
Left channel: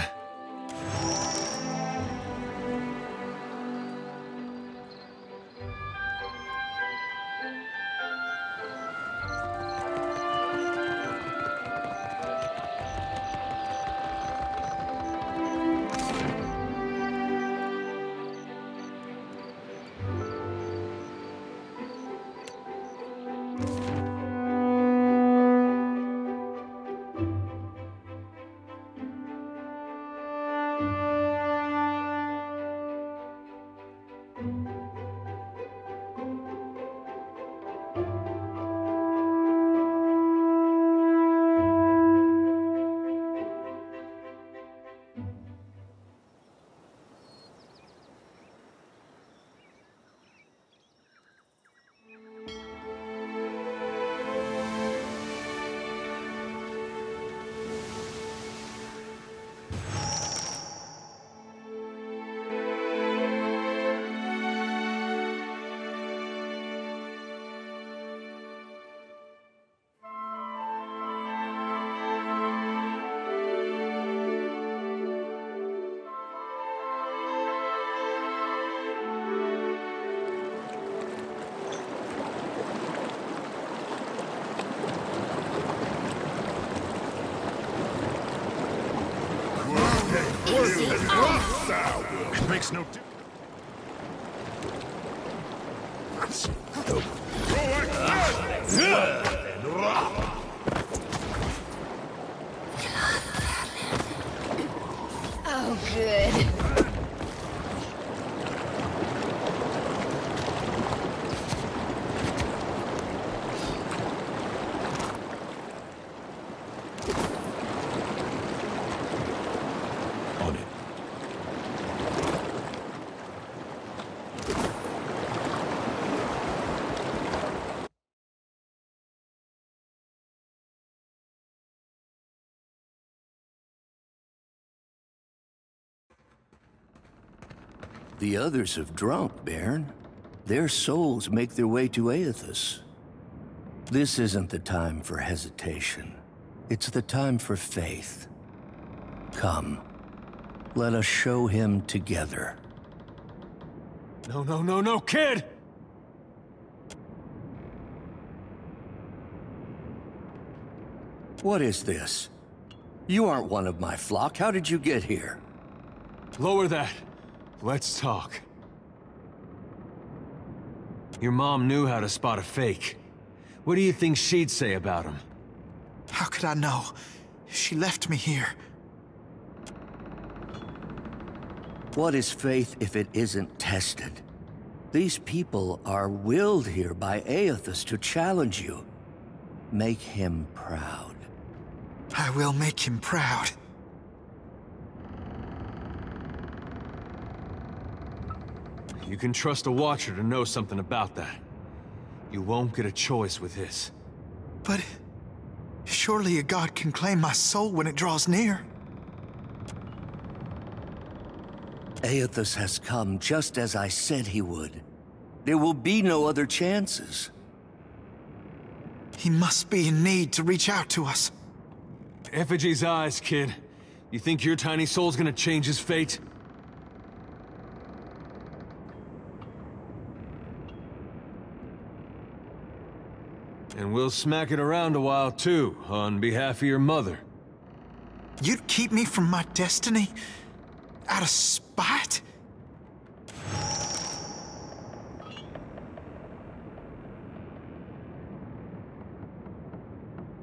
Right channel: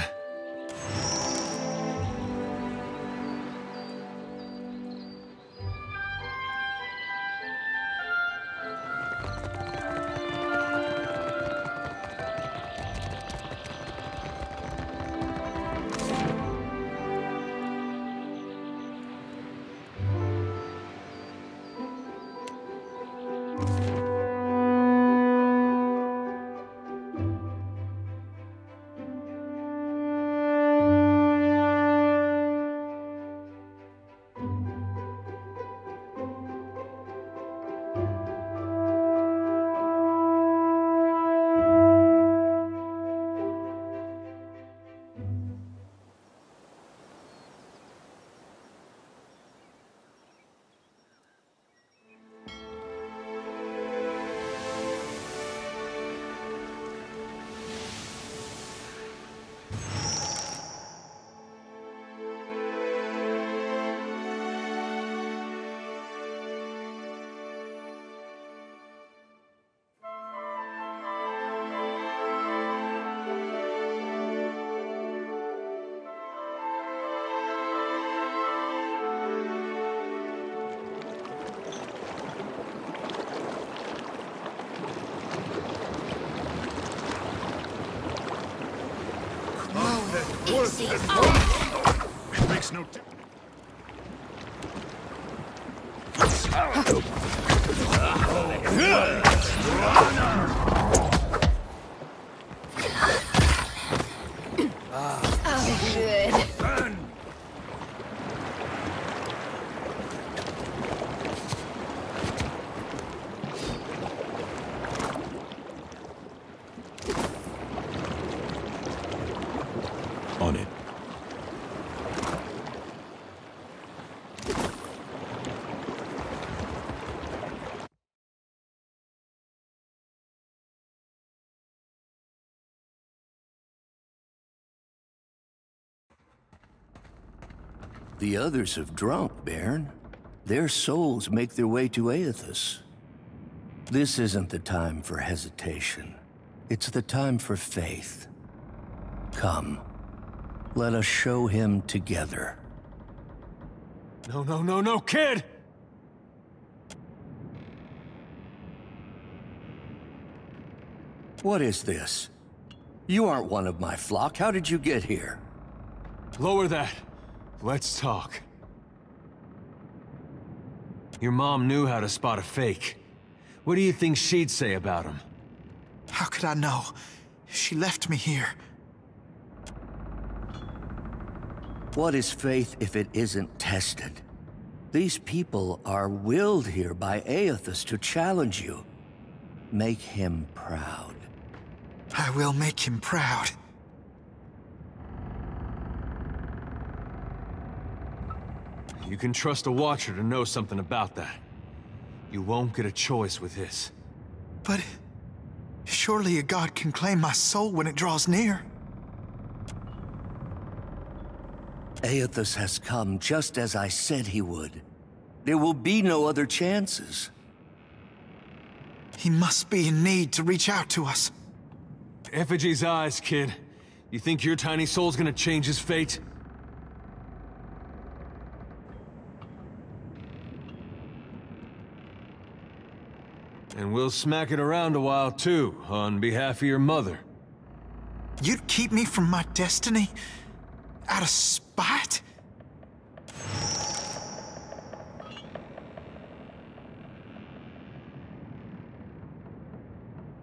Easy. It makes no difference. Oh, good. On it. The others have drunk, Bairn. Their souls make their way to Aethys. This isn't the time for hesitation. It's the time for faith. Come, let us show him together. No, no, no, no, kid! What is this? You aren't one of my flock. How did you get here? Lower that. Let's talk. Your mom knew how to spot a fake. What do you think she'd say about him? How could I know? She left me here. What is faith if it isn't tested? These people are willed here by Aethys to challenge you. Make him proud. I will make him proud. You can trust a Watcher to know something about that. You won't get a choice with this. But surely a god can claim my soul when it draws near. Aethys has come just as I said he would. There will be no other chances. He must be in need to reach out to us. Effigy's eyes, kid. You think your tiny soul's gonna change his fate? And we'll smack it around a while, too, on behalf of your mother. You'd keep me from my destiny? Out of spite?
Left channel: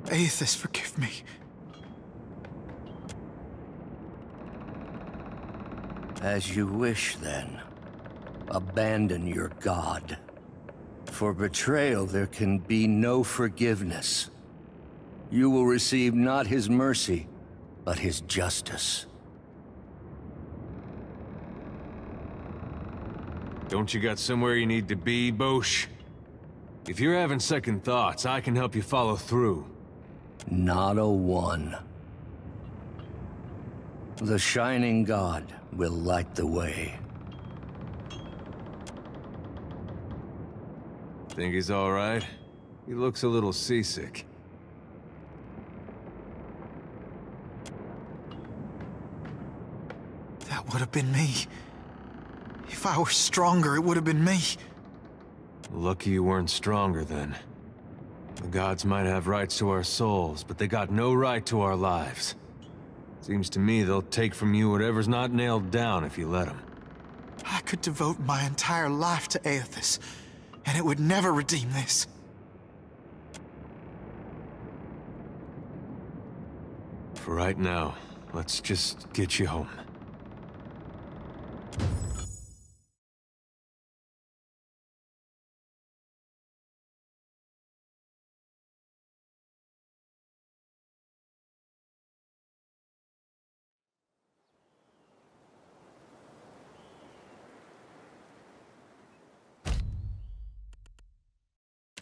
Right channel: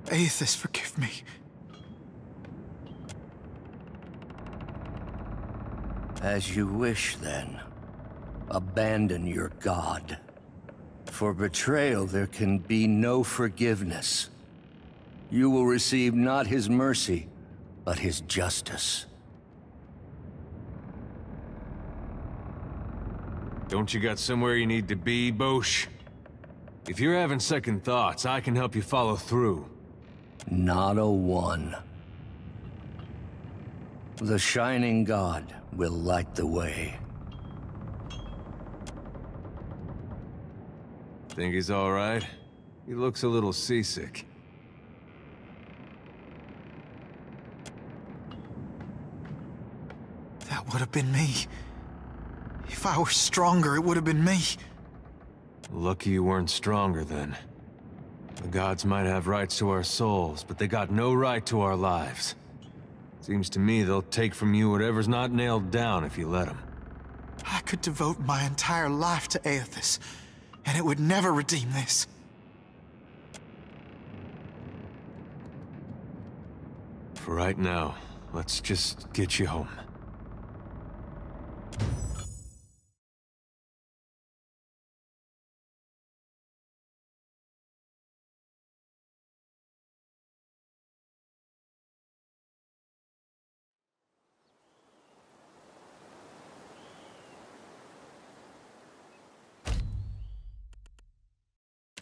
Aethys, forgive me. As you wish, then. Abandon your god. For betrayal, there can be no forgiveness. You will receive not his mercy, but his justice. Don't you got somewhere you need to be, Bosch? If you're having second thoughts, I can help you follow through. Not a one. The Shining God will light the way. Think he's all right? He looks a little seasick. That would have been me. If I were stronger, it would have been me. Lucky you weren't stronger then. The gods might have rights to our souls, but they got no right to our lives. Seems to me they'll take from you whatever's not nailed down if you let them. I could devote my entire life to Aethys, and it would never redeem this. For right now, let's just get you home.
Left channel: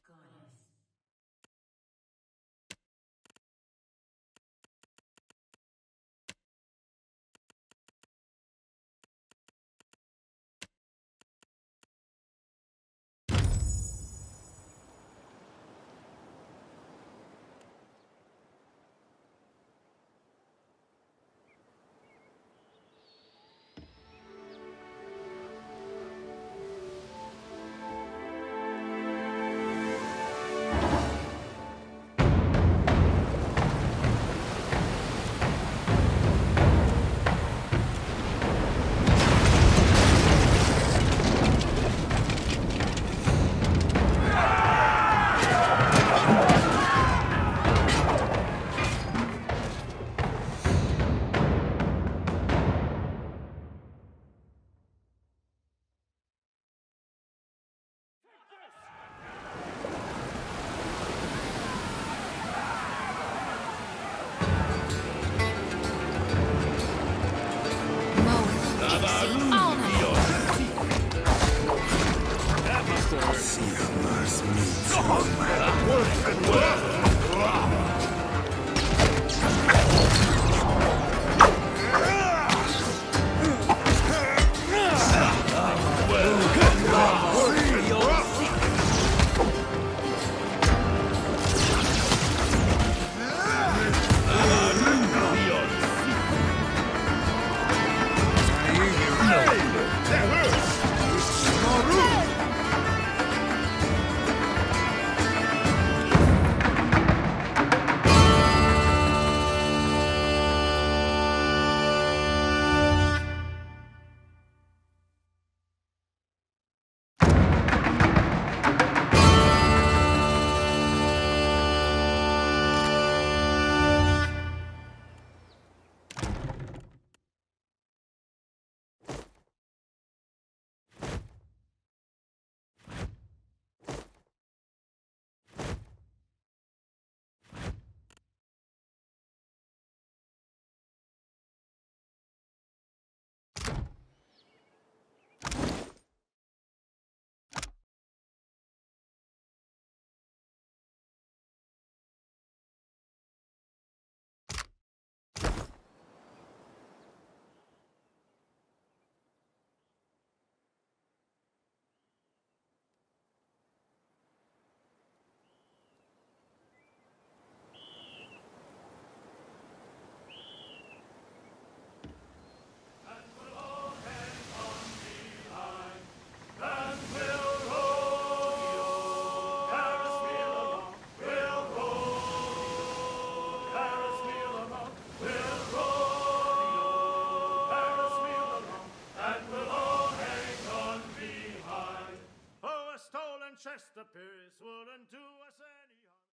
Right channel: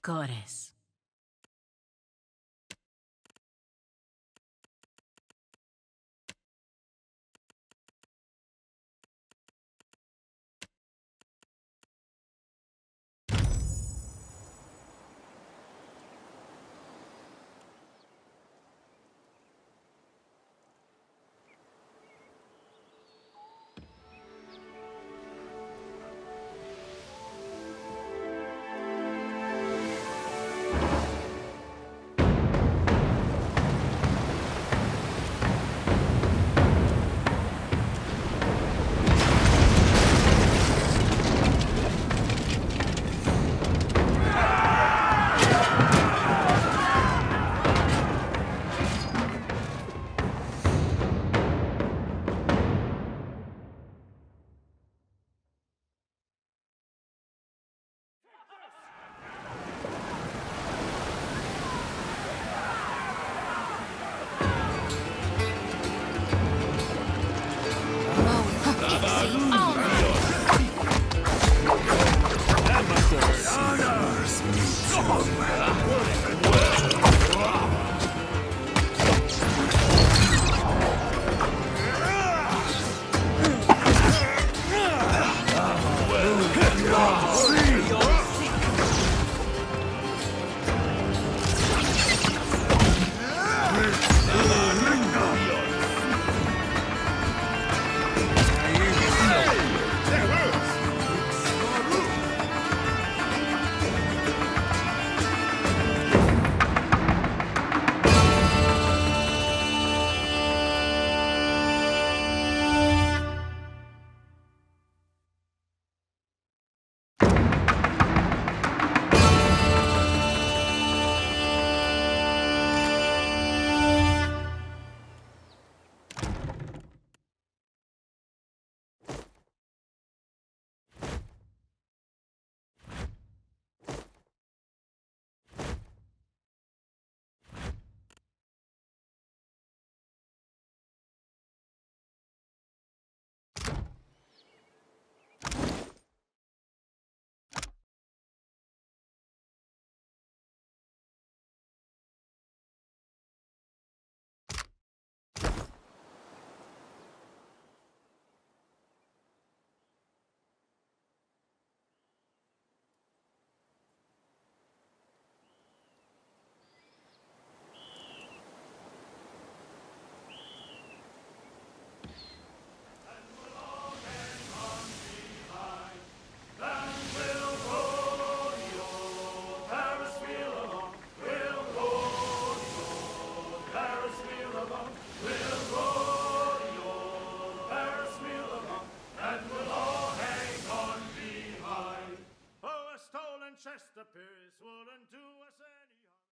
Goddess. appear swollen to us any harm.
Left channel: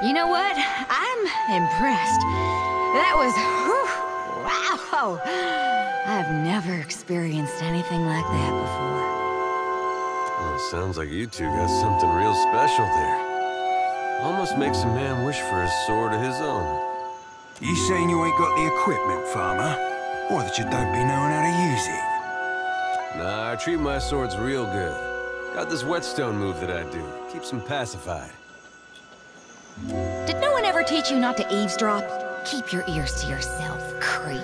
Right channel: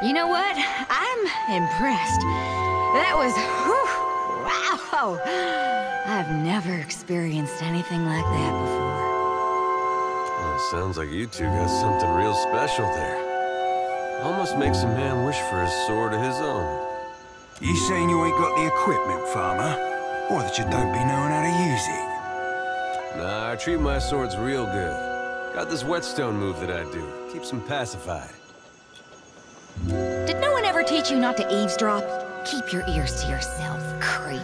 You know what? I'm impressed. That was... whew, wow! I've never experienced anything like that before. Well, sounds like you two got something real special there. Almost makes a man wish for a sword of his own. You saying you ain't got the equipment, farmer? Or that you don't be knowing how to use it? Nah, I treat my swords real good. Got this whetstone move that I do. Keeps them pacified. Did no one ever teach you not to eavesdrop? Keep your ears to yourself, creep.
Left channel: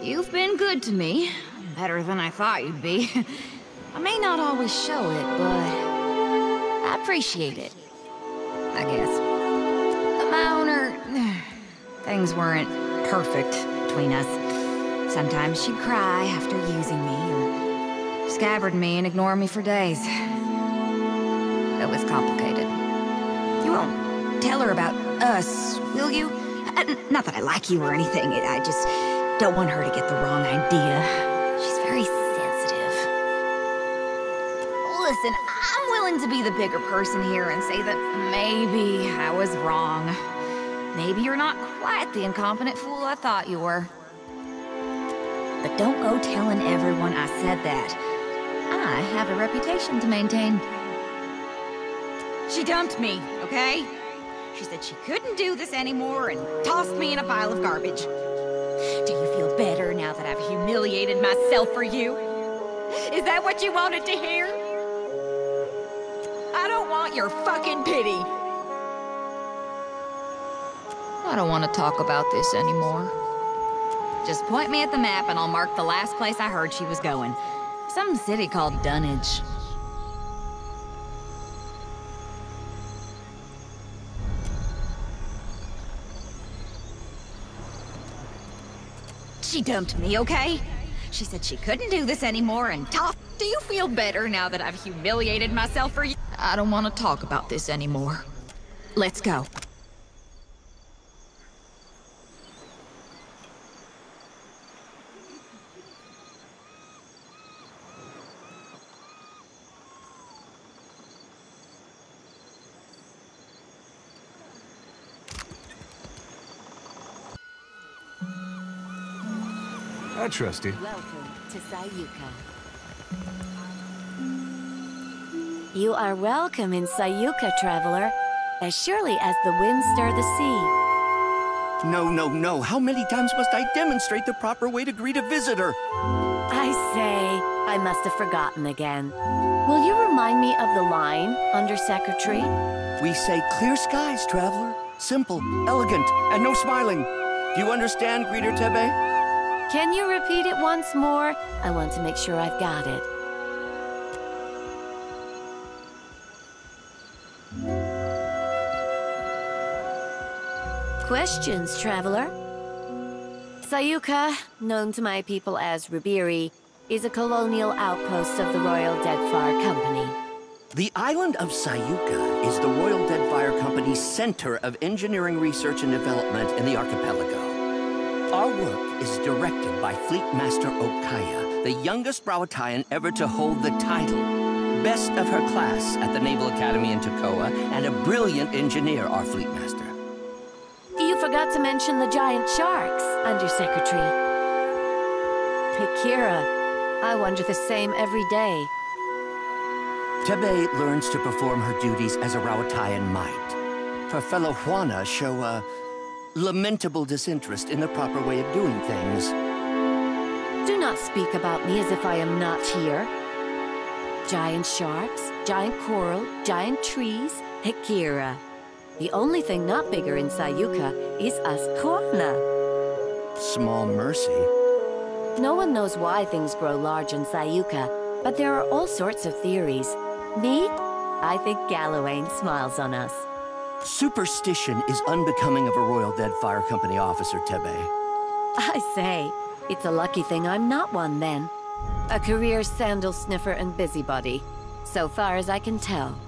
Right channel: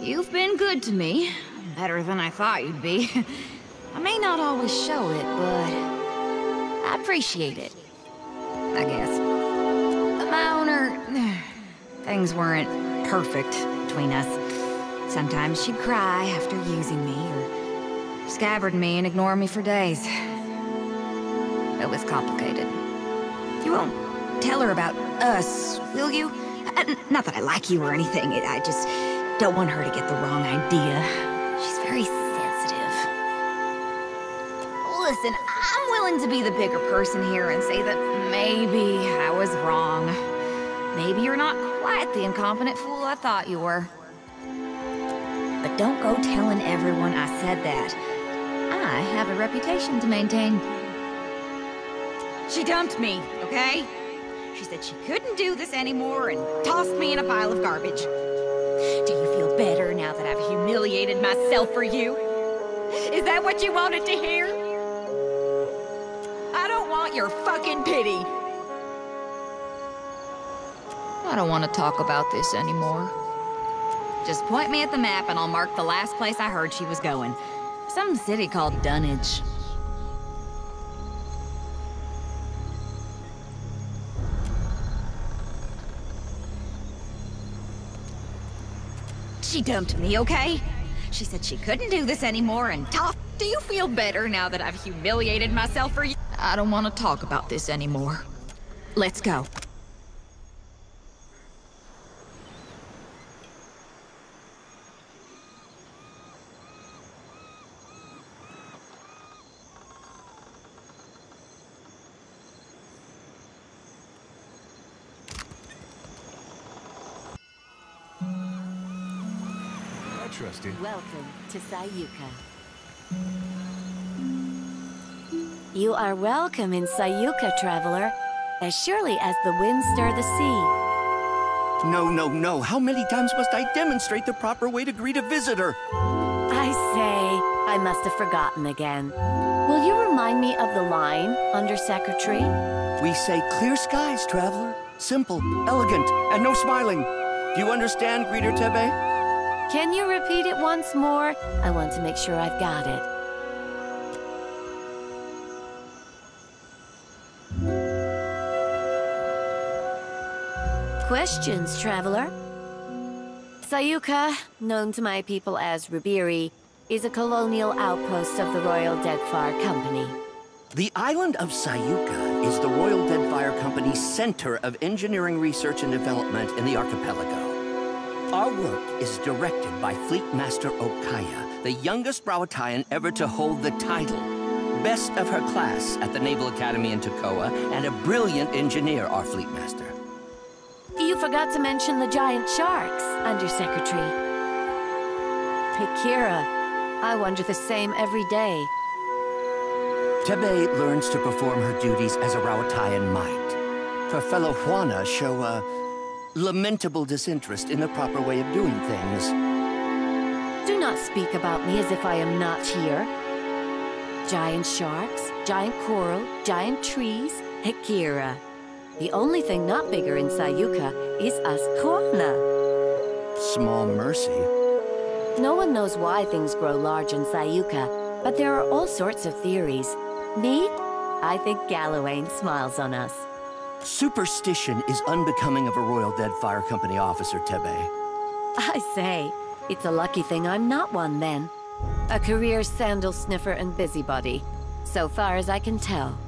You've been good to me. Better than I thought you'd be. I may not always show it, but I appreciate it. I guess. My owner... Things weren't perfect between us. Sometimes she'd cry after using me, or scabbard me and ignore me for days. It was complicated. You won't tell her about us, will you? Not that I like you or anything, I just don't want her to get the wrong idea. She's very sensitive. Listen, I'm willing to be the bigger person here and say that maybe I was wrong. Maybe you're not quite the incompetent fool I thought you were. But don't go telling everyone I said that. I have a reputation to maintain. She dumped me, okay? She said she couldn't do this anymore and tossed me in a pile of garbage. Do you feel better now that I've humiliated myself for you? Is that what you wanted to hear? I don't want your fucking pity. I don't want to talk about this anymore. Just point me at the map and I'll mark the last place I heard she was going. Some city called Dunnage. She dumped me, okay? She said she couldn't do this anymore and do you feel better now that I've humiliated myself for you? I don't want to talk about this anymore. Let's go. I trust you. Welcome to Sayuka. You are welcome in Sayuka, traveler, as surely as the winds stir the sea. No, no, no. How many times must I demonstrate the proper way to greet a visitor? I say, I must have forgotten again. Will you remind me of the line, Under Secretary? We say clear skies, traveler. Simple, elegant, and no smiling. Do you understand, Greeter Tebe? Can you repeat it once more? I want to make sure I've got it. Questions, traveler? Sayuka, known to my people as Ribiri, is a colonial outpost of the Royal Deadfire Company. The island of Sayuka is the Royal Deadfire Company's center of engineering research and development in the archipelago. Our work is directed by Fleet Master Okaya, the youngest Rawatayan ever to hold the title. Best of her class at the Naval Academy in Tokoa, and a brilliant engineer, our Fleet Master. You forgot to mention the giant sharks, Undersecretary. Akira, I wonder the same every day. Tebe learns to perform her duties as a Rawatayan might. Her fellow Juana show a lamentable disinterest in the proper way of doing things. Do not speak about me as if I am not here. Giant sharks, giant coral, giant trees, Akira. The only thing not bigger in Sayuka is us Juana. Small mercy. No one knows why things grow large in Sayuka, but there are all sorts of theories. Me? I think Gallowayne smiles on us. Superstition is unbecoming of a Royal Deadfire Company officer, Tebe. I say, it's a lucky thing I'm not one then. A career sandal sniffer and busybody, so far as I can tell.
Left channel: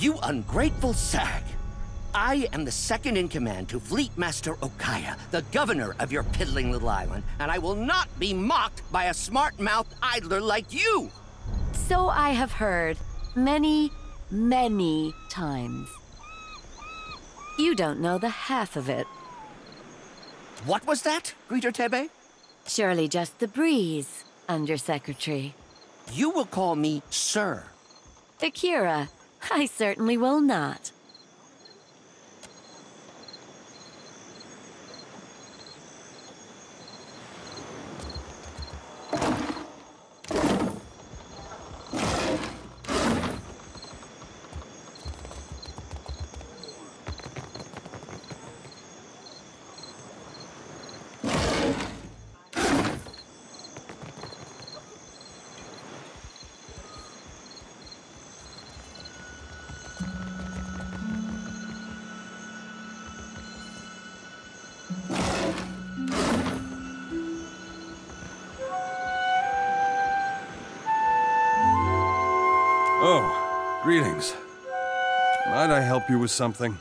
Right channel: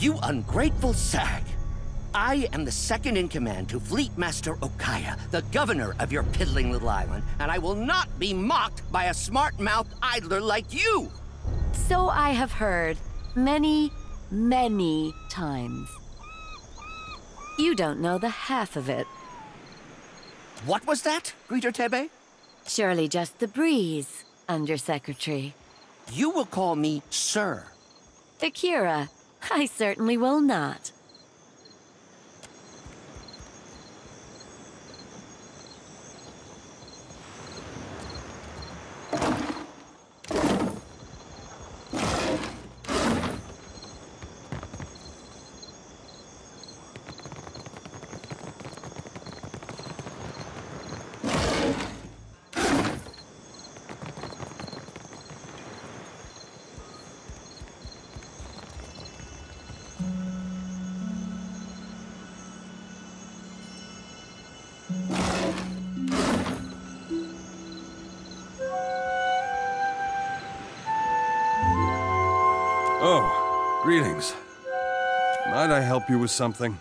You ungrateful sag! I am the second in command to Fleet Master Okaya, the governor of your piddling little island, and I will not be mocked by a smart-mouthed idler like you! So I have heard many, many times. You don't know the half of it. What was that, Greeter Tebe? Surely just the breeze, Undersecretary. You will call me Sir. Akira, I certainly will not. Oh, greetings. Might I help you with something?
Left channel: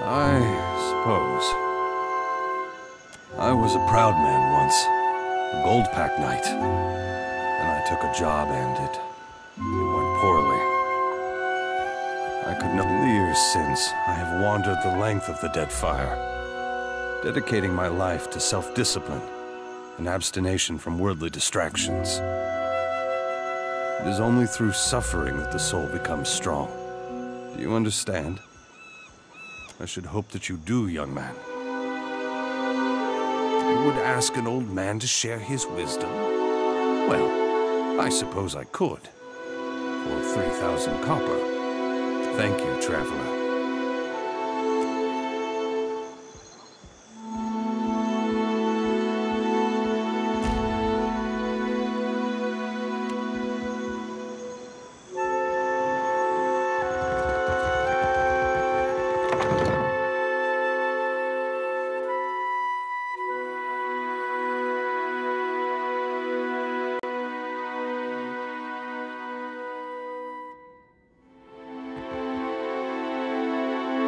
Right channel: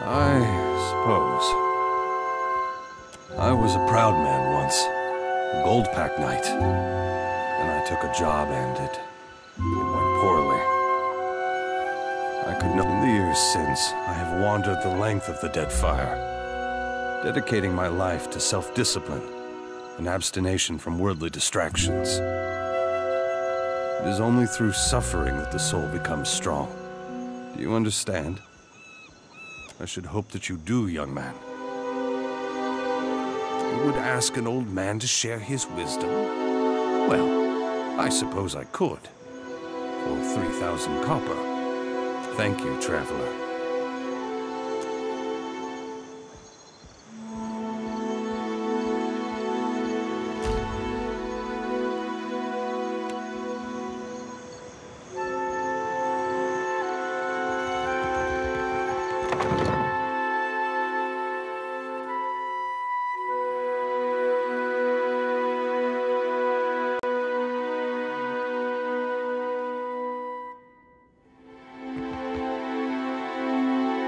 I suppose. I was a proud man once, a gold pack knight. Then I took a job and it went poorly. I could not. In the years since, I have wandered the length of the Deadfire, dedicating my life to self-discipline and abstination from worldly distractions. It is only through suffering that the soul becomes strong. Do you understand? I should hope that you do, young man. You would ask an old man to share his wisdom? Well, I suppose I could. For 3,000 copper. Thank you, traveler.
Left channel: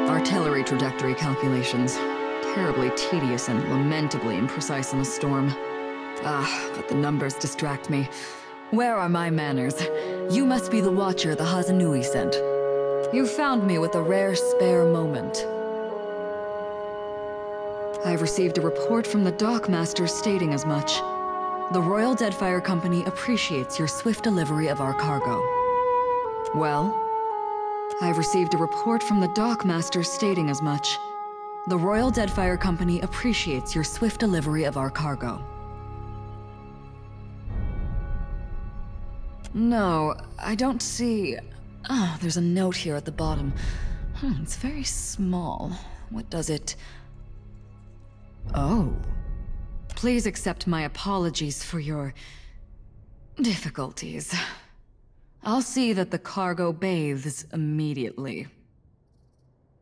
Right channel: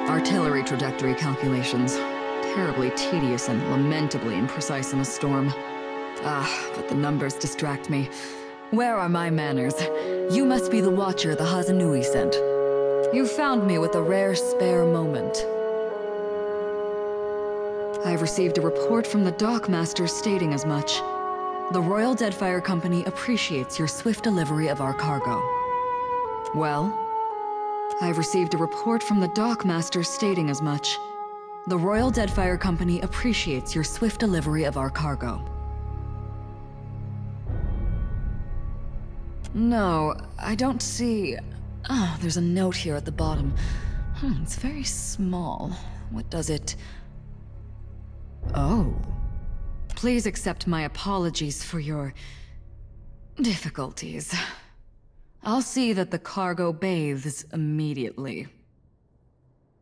Artillery trajectory calculations. Terribly tedious and lamentably imprecise in a storm. But the numbers distract me. Where are my manners? You must be the watcher the Hazanui sent. You found me with a rare spare moment. I have received a report from the dockmaster stating as much. The Royal Deadfire Company appreciates your swift delivery of our cargo. Well? I have received a report from the dockmaster stating as much. The Royal Deadfire Company appreciates your swift delivery of our cargo. No, I don't see... Oh, there's a note here at the bottom. It's very small. What does it... Oh. Please accept my apologies for your... difficulties. I'll see that the cargo bathes immediately.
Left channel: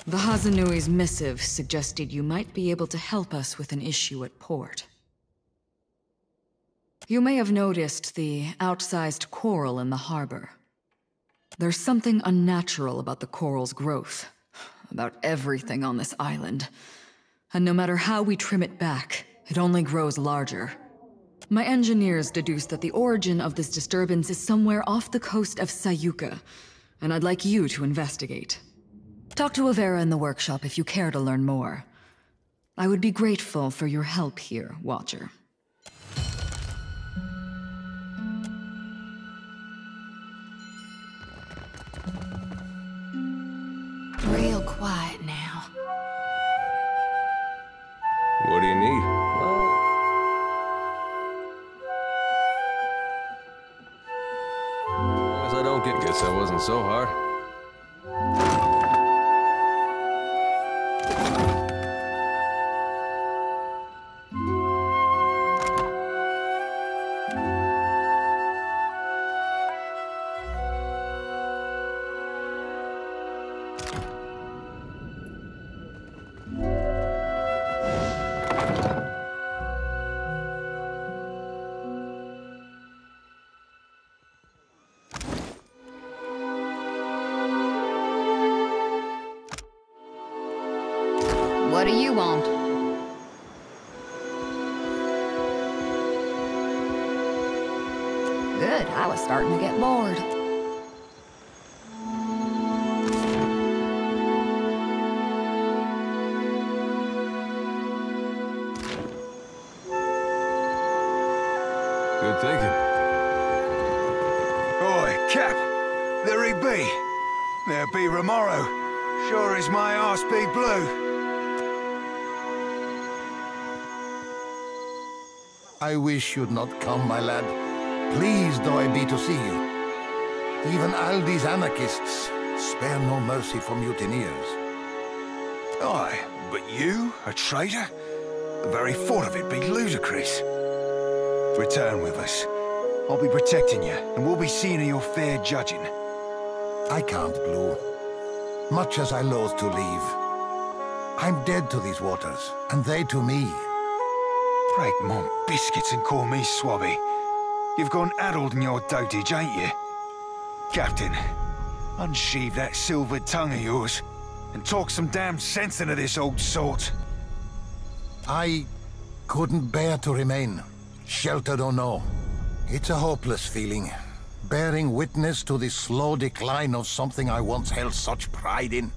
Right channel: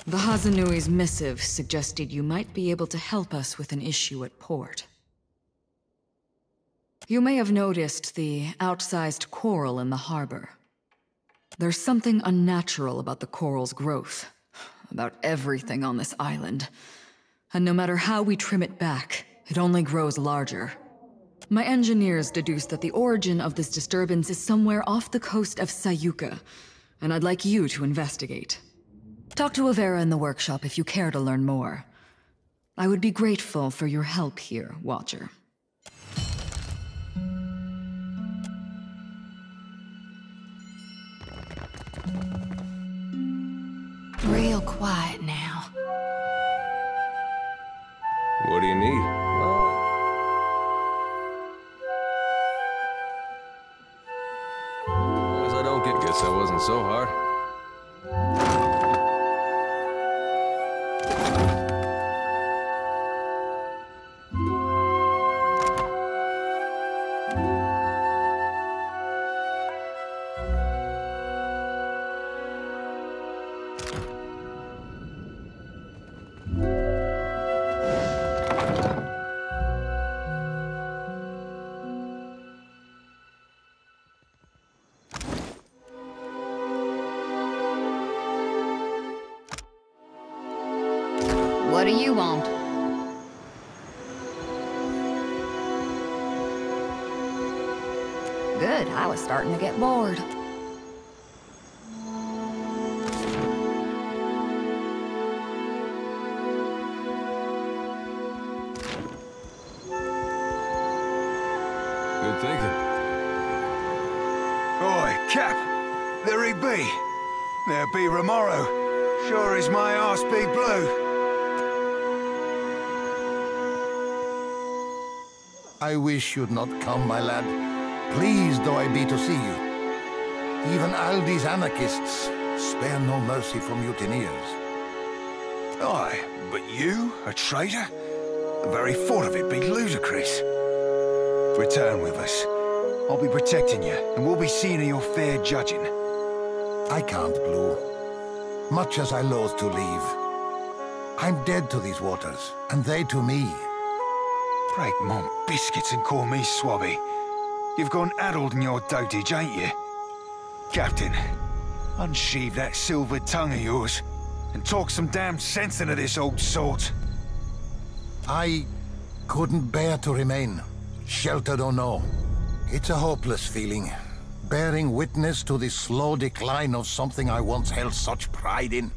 The Hazanui's missive suggested you might be able to help us with an issue at port. You may have noticed the outsized coral in the harbor. There's something unnatural about the coral's growth, about everything on this island. And no matter how we trim it back, it only grows larger. My engineers deduced that the origin of this disturbance is somewhere off the coast of Sayuka, and I'd like you to investigate. Talk to Avera in the workshop if you care to learn more. I would be grateful for your help here, Watcher. Real quiet now. What do you need? I don't get. Guess that wasn't so hard. What do you want? Good, I was starting to get bored. There he be. There be Remoro. Sure as my arse be blue. I wish you'd not come, my lad. Pleased though I be to see you. Even Aldi's anarchists spare no mercy for mutineers. Aye, but you, a traitor? The very thought of it be ludicrous. Return with us. I'll be protecting you, and we'll be seeing to your fair judging. I can't, Blue. Much as I loathe to leave. I'm dead to these waters, and they to me. Break my biscuits and call me Swabby. You've gone addled in your dotage, ain't you? Captain, unsheathe that silvered tongue of yours, and talk some damn sense into this old sort. I couldn't bear to remain, sheltered or no. It's a hopeless feeling, bearing witness to the slow decline of something I once held such pride in.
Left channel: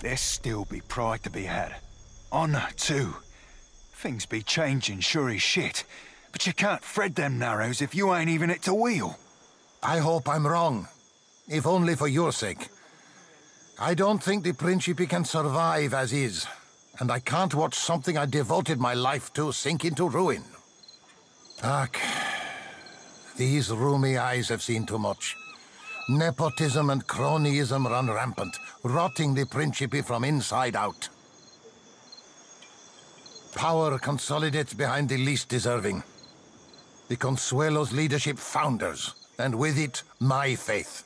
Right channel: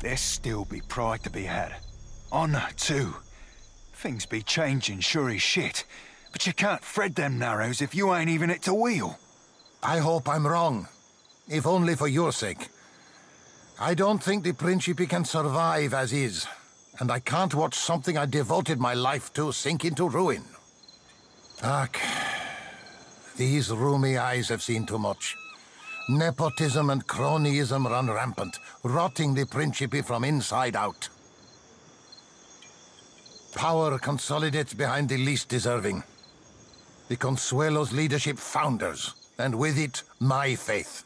There still be pride to be had. Honor, too. Things be changing, sure as shit. But you can't thread them narrows if you ain't even at the wheel. I hope I'm wrong, if only for your sake. I don't think the Principe can survive as is, and I can't watch something I devoted my life to sink into ruin. Ach, these roomy eyes have seen too much. Nepotism and cronyism run rampant, rotting the Principe from inside out. Power consolidates behind the least deserving. The Consuelo's leadership founders, and with it, my faith.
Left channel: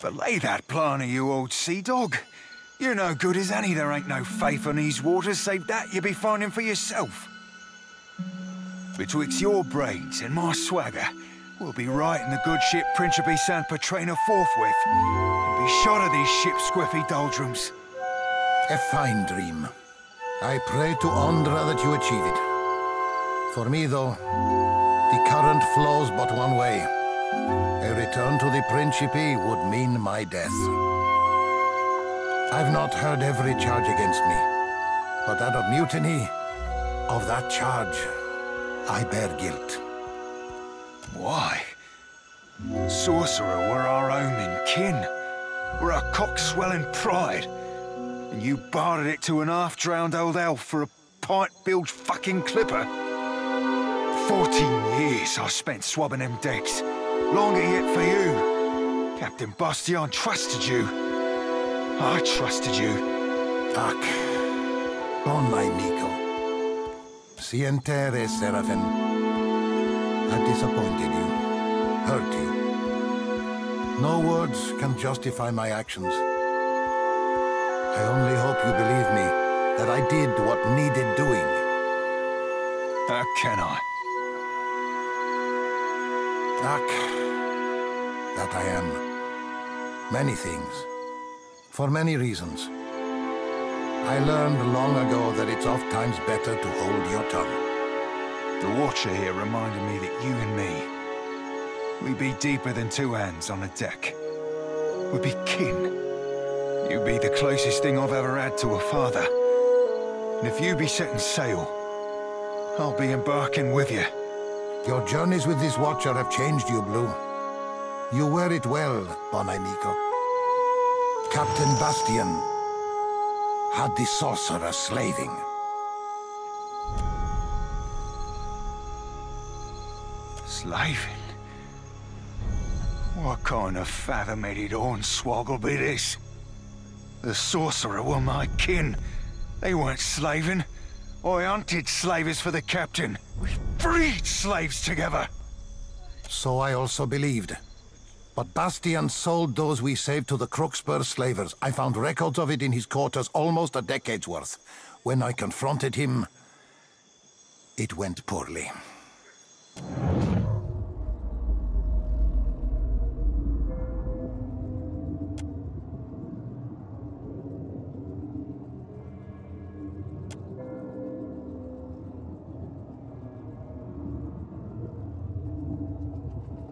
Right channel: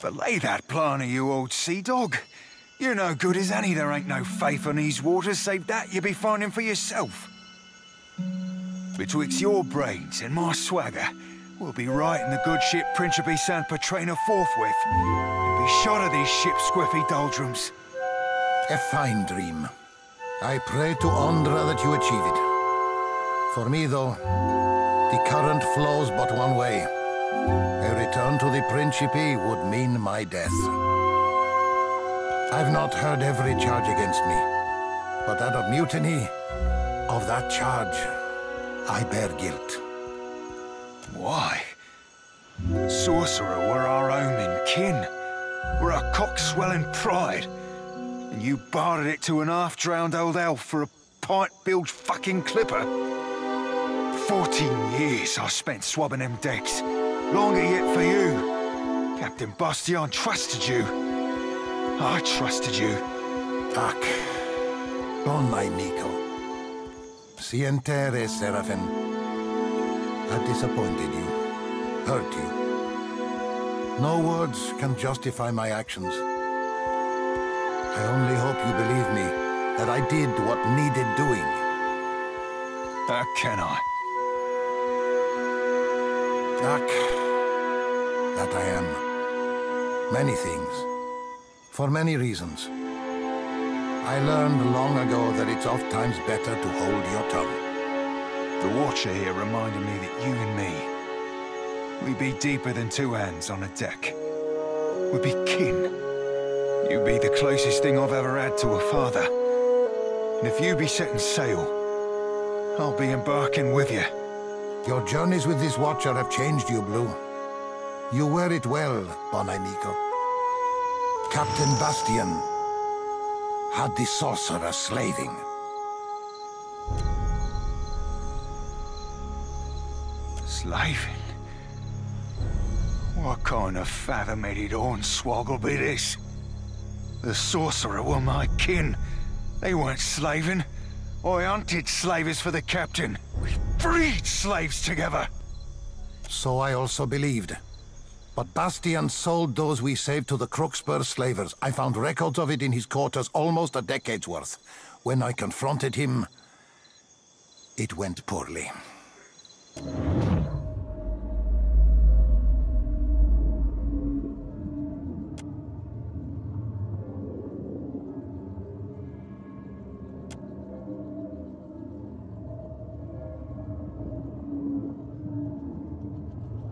Belay that plan of you, old sea dog. You're no good as any. There ain't no faith on these waters, save that you be finding for yourself. Betwixt your brains and my swagger, we'll be right in the good ship Principe San Petrina forthwith, and be shot of these ship's squiffy doldrums. A fine dream. I pray to Ondra that you achieve it. For me, though, the current flows but one way. A return to the Principe would mean my death. I've not heard every charge against me, but that of mutiny, of that charge, I bear guilt. Why? Sorcerer were our own and kin. We're a cock-swelling pride. And you bartered it to an half-drowned old elf for a pint-bilged fucking clipper. 14 years I spent swabbing them decks. Longer yet for you. Captain Bastion trusted you. I trusted you. Ach, bon amico. Sientere, Seraphin. I've disappointed you, hurt you. No words can justify my actions. I only hope you believe me, that I did what needed doing. How can I? That I am. Many things. For many reasons. I learned long ago that it's oft times better to hold your tongue. The Watcher here reminded me that you and me, we be deeper than two hands on a deck. We be kin. You be the closest thing I've ever had to a father. And if you be setting sail, I'll be embarking with you. Your journeys with this Watcher have changed you, Blue. You wear it well, bon amico. Captain Bastion had the sorcerer slaving. Slaving? What kind of fathom-headed hornswoggle be this? The sorcerer were my kin. They weren't slaving. I hunted slavers for the captain. We freed slaves together. So I also believed. But Bastion sold those we saved to the Crooksburg slavers. I found records of it in his quarters, almost a decade's worth. When I confronted him, it went poorly.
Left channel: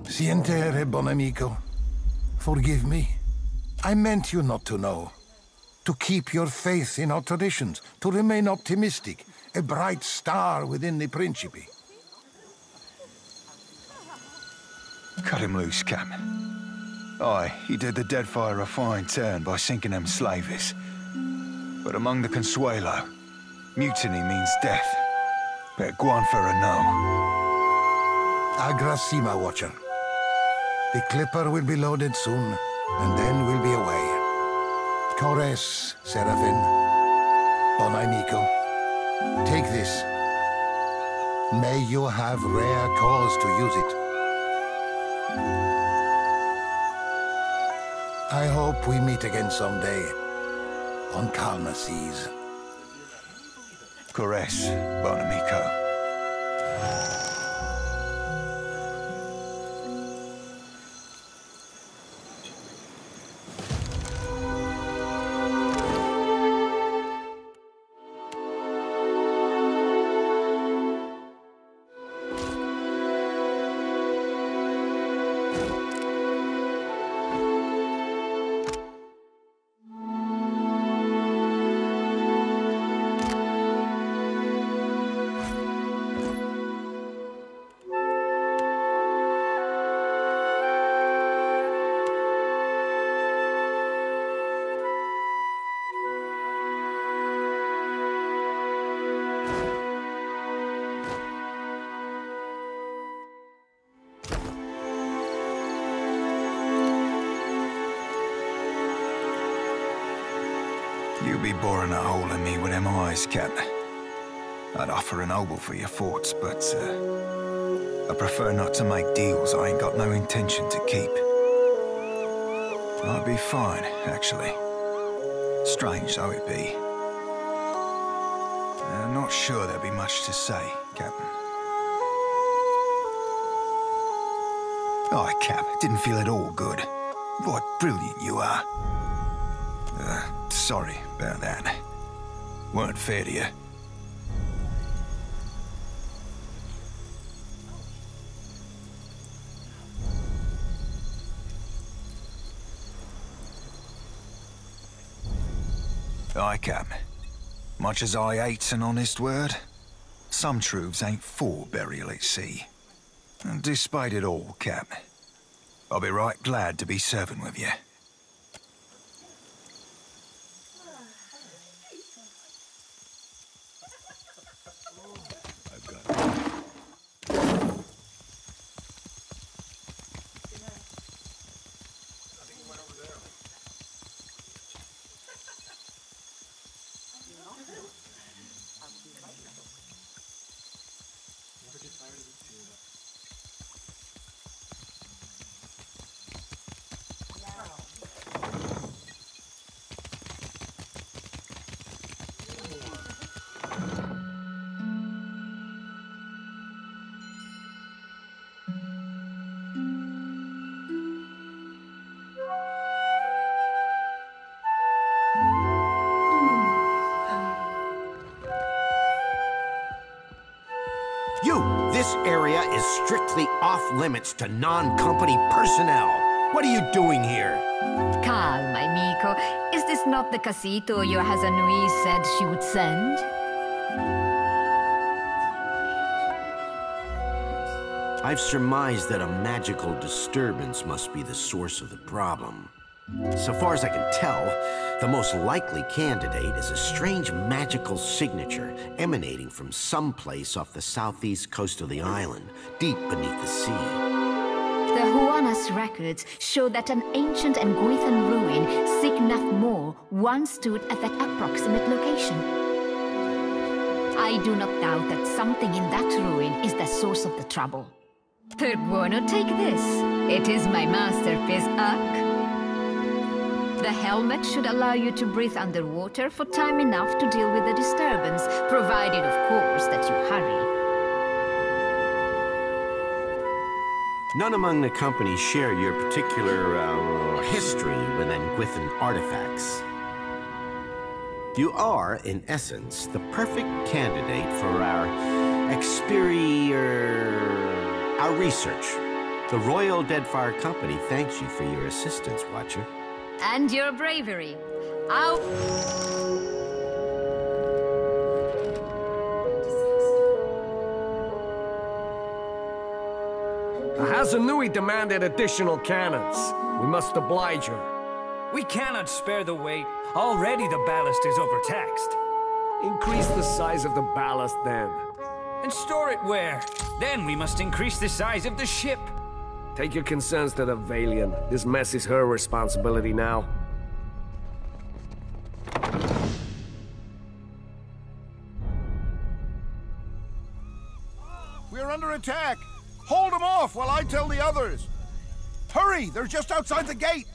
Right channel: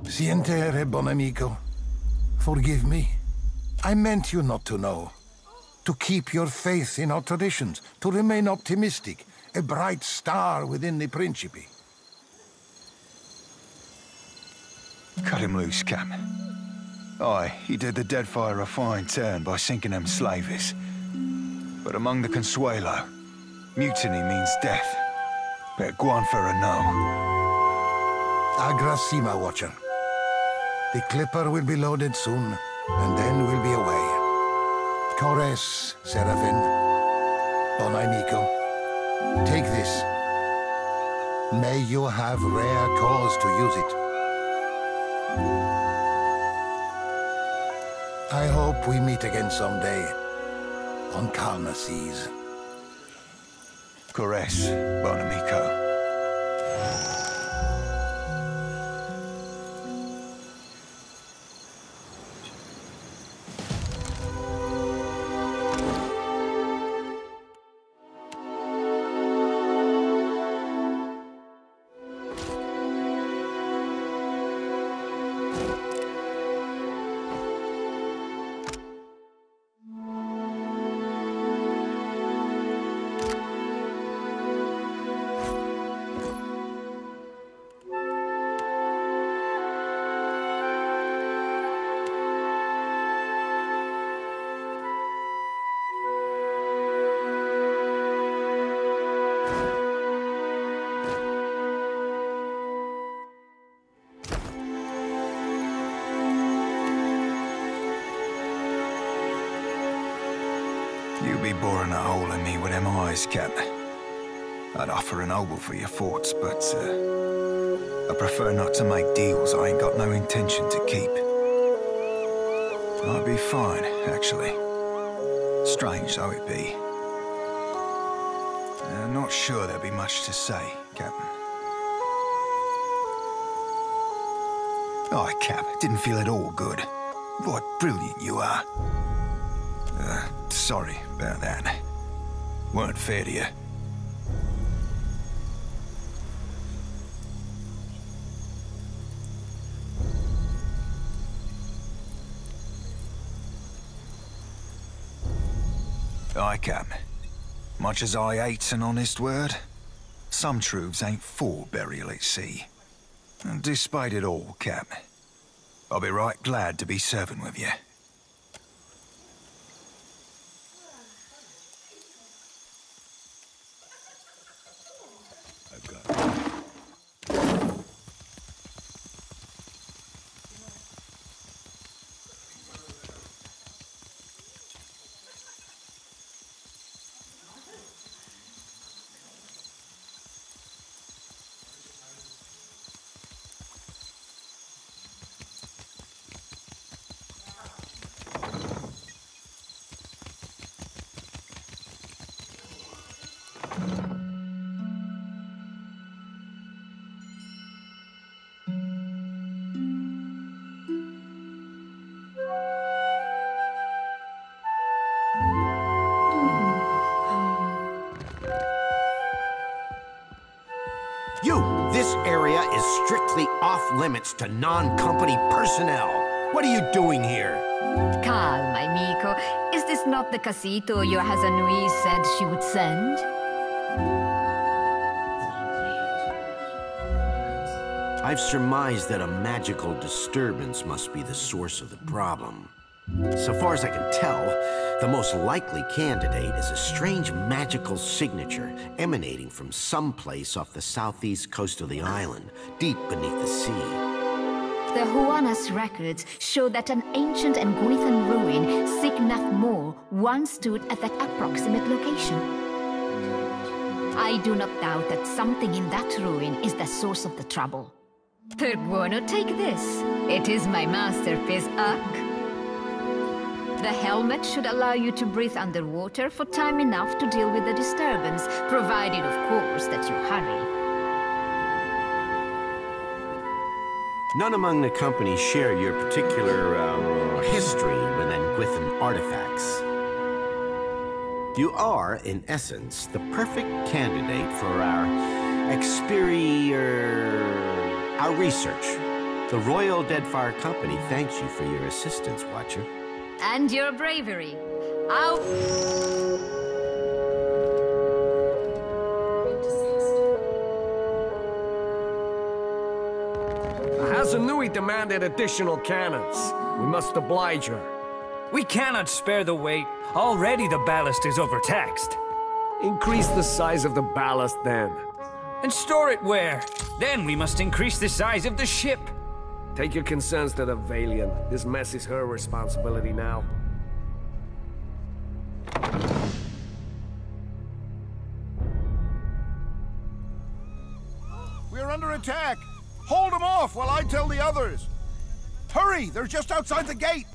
Sientere, bon amico. Forgive me. I meant you not to know. To keep your faith in our traditions. To remain optimistic. A bright star within the Principe. Cut him loose, Cap. Aye, he did the Deadfire a fine turn by sinking them slavers. But among the Consuelo, mutiny means death. Better go on for a no. Agrasima, Watcher. The Clipper will be loaded soon, and then we'll be away. Kores, Seraphin. Bonai Miko. Take this. May you have rare cause to use it. I hope we meet again someday, on calmer seas. Kores, Bonamico. You be boring a hole in me with them eyes, Captain. I'd offer an obol for your thoughts, but I prefer not to make deals I ain't got no intention to keep. I'd be fine, actually. Strange though it be. I'm not sure there'll be much to say, Captain. Oh, Cap, didn't feel at all good. What brilliant you are. Sorry about that. Weren't fair to you. Aye, Cap. Much as I hate's an honest word, some truths ain't for burial at sea. And despite it all, Cap, I'll be right glad to be serving with you. This area is strictly off-limits to non-company personnel. What are you doing here? Calma, amico. Is this not the casito your Hazanui said she would send? I've surmised that a magical disturbance must be the source of the problem. So far as I can tell, the most likely candidate is a strange magical signature emanating from someplace off the southeast coast of the island, deep beneath the sea. The Huanas records show that an ancient and Guithan ruin, Signath Mor, once stood at that approximate location. I do not doubt that something in that ruin is the source of the trouble. Per buono, take this. It is my masterpiece, Ak. The helmet should allow you to breathe underwater for time enough to deal with the disturbance, provided, of course, that you hurry. None among the company share your particular history with Nguithan artifacts. You are, in essence, the perfect candidate for our our research. The Royal Deadfire Company thanks you for your assistance, Watcher. And your bravery. Hazanui demanded additional cannons. We must oblige her. We cannot spare the weight. Already the ballast is overtaxed. Increase the size of the ballast then. And store it where? Then we must increase the size of the ship. Take your concerns to the Valiant. This mess is her responsibility now. We're under attack! Hold them off while I tell the others! Hurry! They're just outside the gate!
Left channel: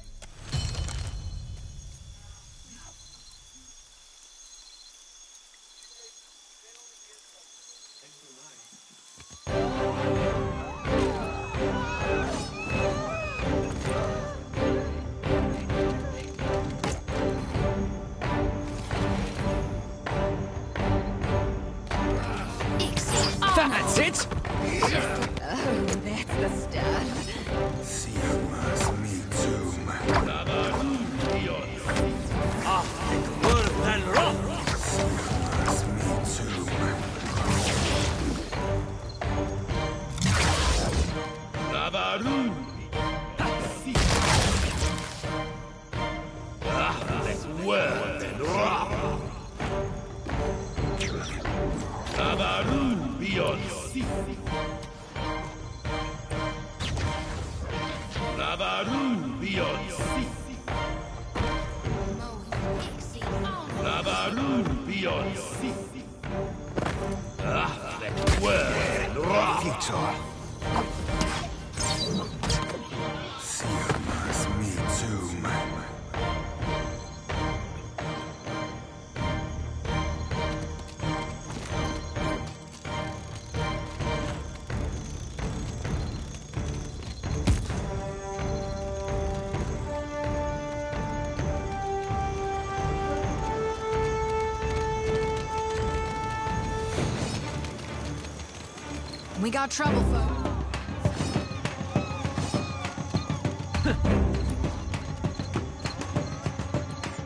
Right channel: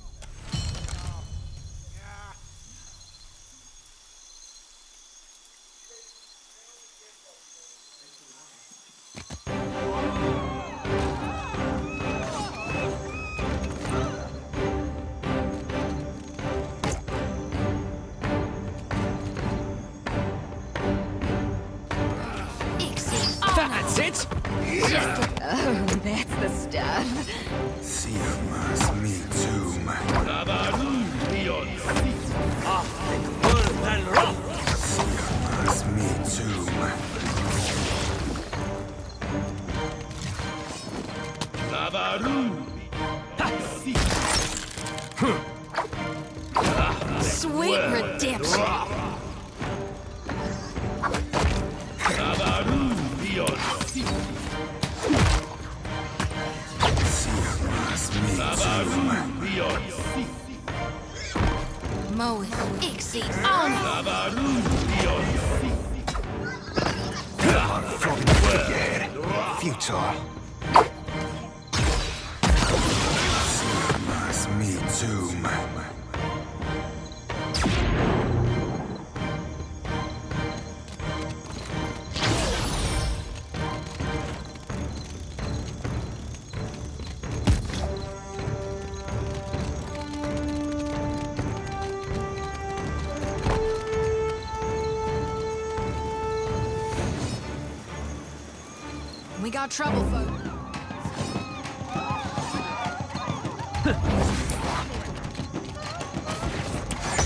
That's it! Oh, that's the stuff. Siamas me too. Siamas me too. Sweet redemption. Moe, exit on. Futile. Siamas me too. We got trouble, folks.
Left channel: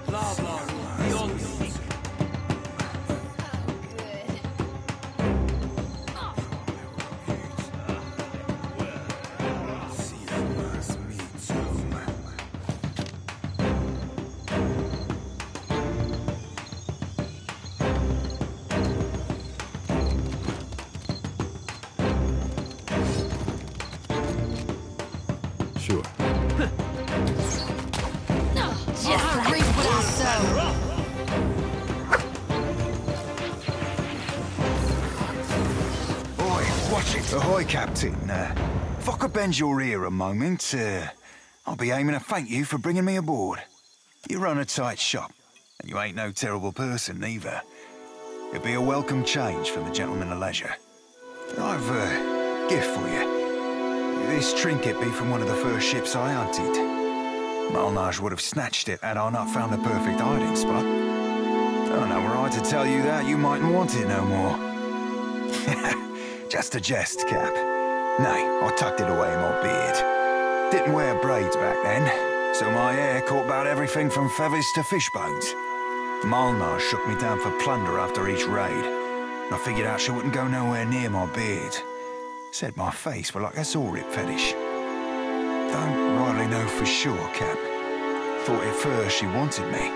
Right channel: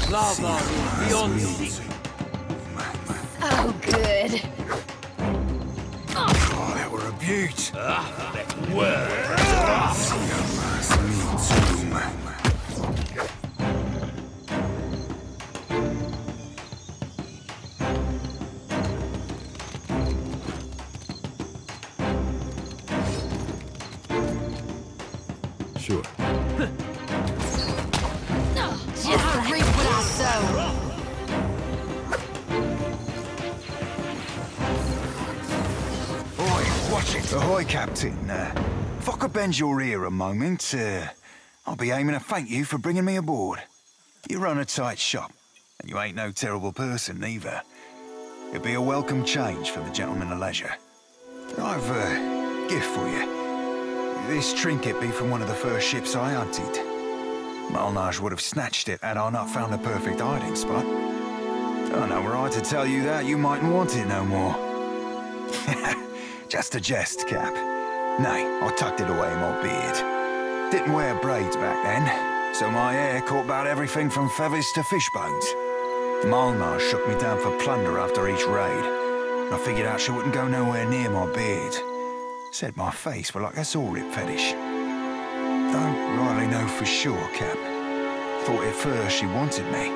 Lava beyond sea. Oh, good. Oh, that were a beaut. Siamas me too. Sure. I reap what I sow. Oi, watch it. Ahoy, Captain. If I could bend your ear a moment, I'll be aiming to thank you for bringing me aboard. You run a tight shop, and you ain't no terrible person, either. It'd be a welcome change from the gentleman of leisure. I've a gift for you. This trinket be from one of the first ships I hunted. Malnage would have snatched it had I not found the perfect hiding spot. I know were I to tell you that, you mightn't want it no more. Just a jest, Cap. Nay, I tucked it away in my beard. Didn't wear braids back then, so my hair caught about everything from feathers to fish bones. Malnage shook me down for plunder after each raid, and I figured out she wouldn't go nowhere near my beard. Said my face were like a saw-rip fetish. Don't rightly know for sure, Cap. Thought at first she wanted me.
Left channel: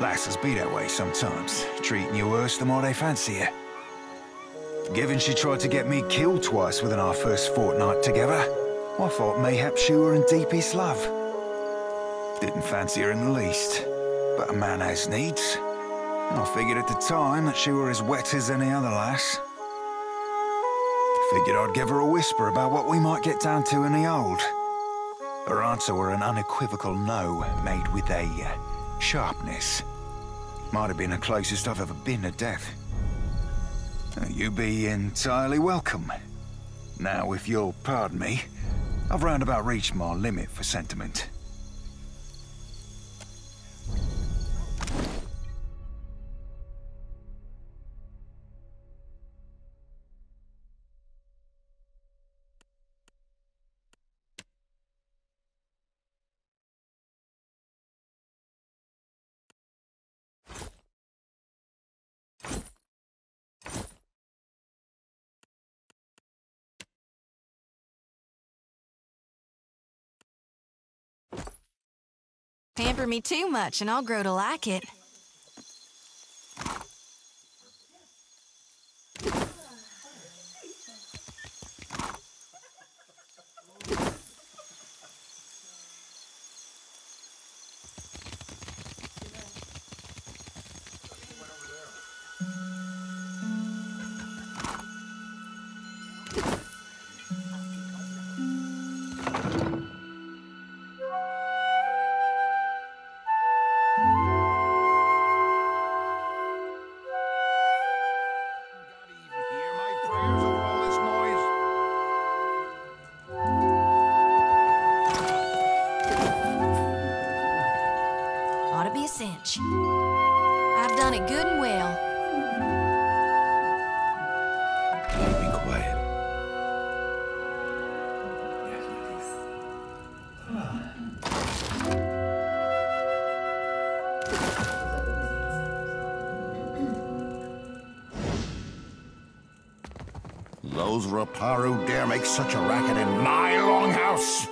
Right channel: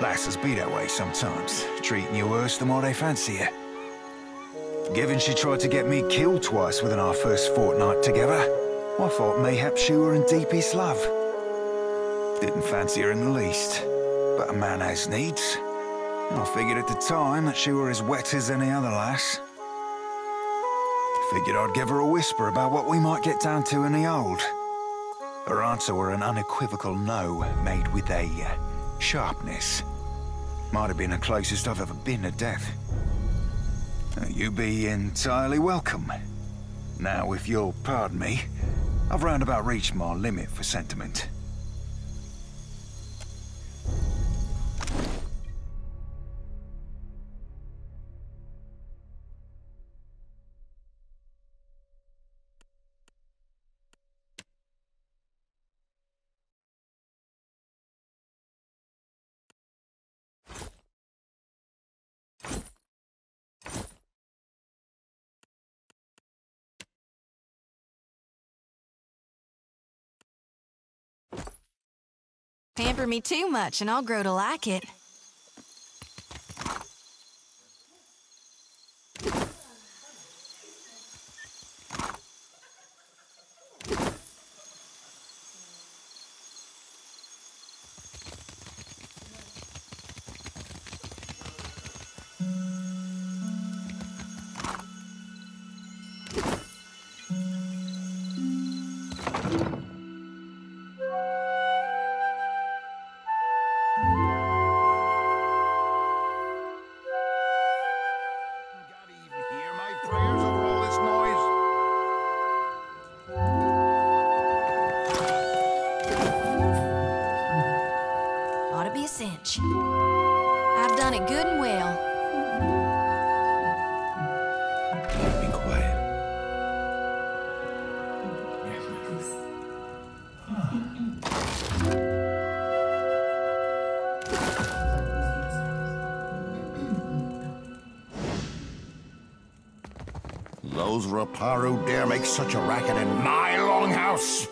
Lasses be that way sometimes, treating you worse than what they fancy you. Given she tried to get me killed twice within our first fortnight together, I thought mayhap she were in deepest love. Didn't fancy her in the least, but a man has needs. And I figured at the time that she were as wet as any other lass. Figured I'd give her a whisper about what we might get down to in the old. Her answer were an unequivocal no, made with a sharpness. Might have been the closest I've ever been to death. You be entirely welcome. Now, if you'll pardon me, I've roundabout reached my limit for sentiment. Pamper me too much and I'll grow to like it. Ought to be a cinch. I've done it good and well. Be quiet. Those Raparu dare make such a racket in my longhouse?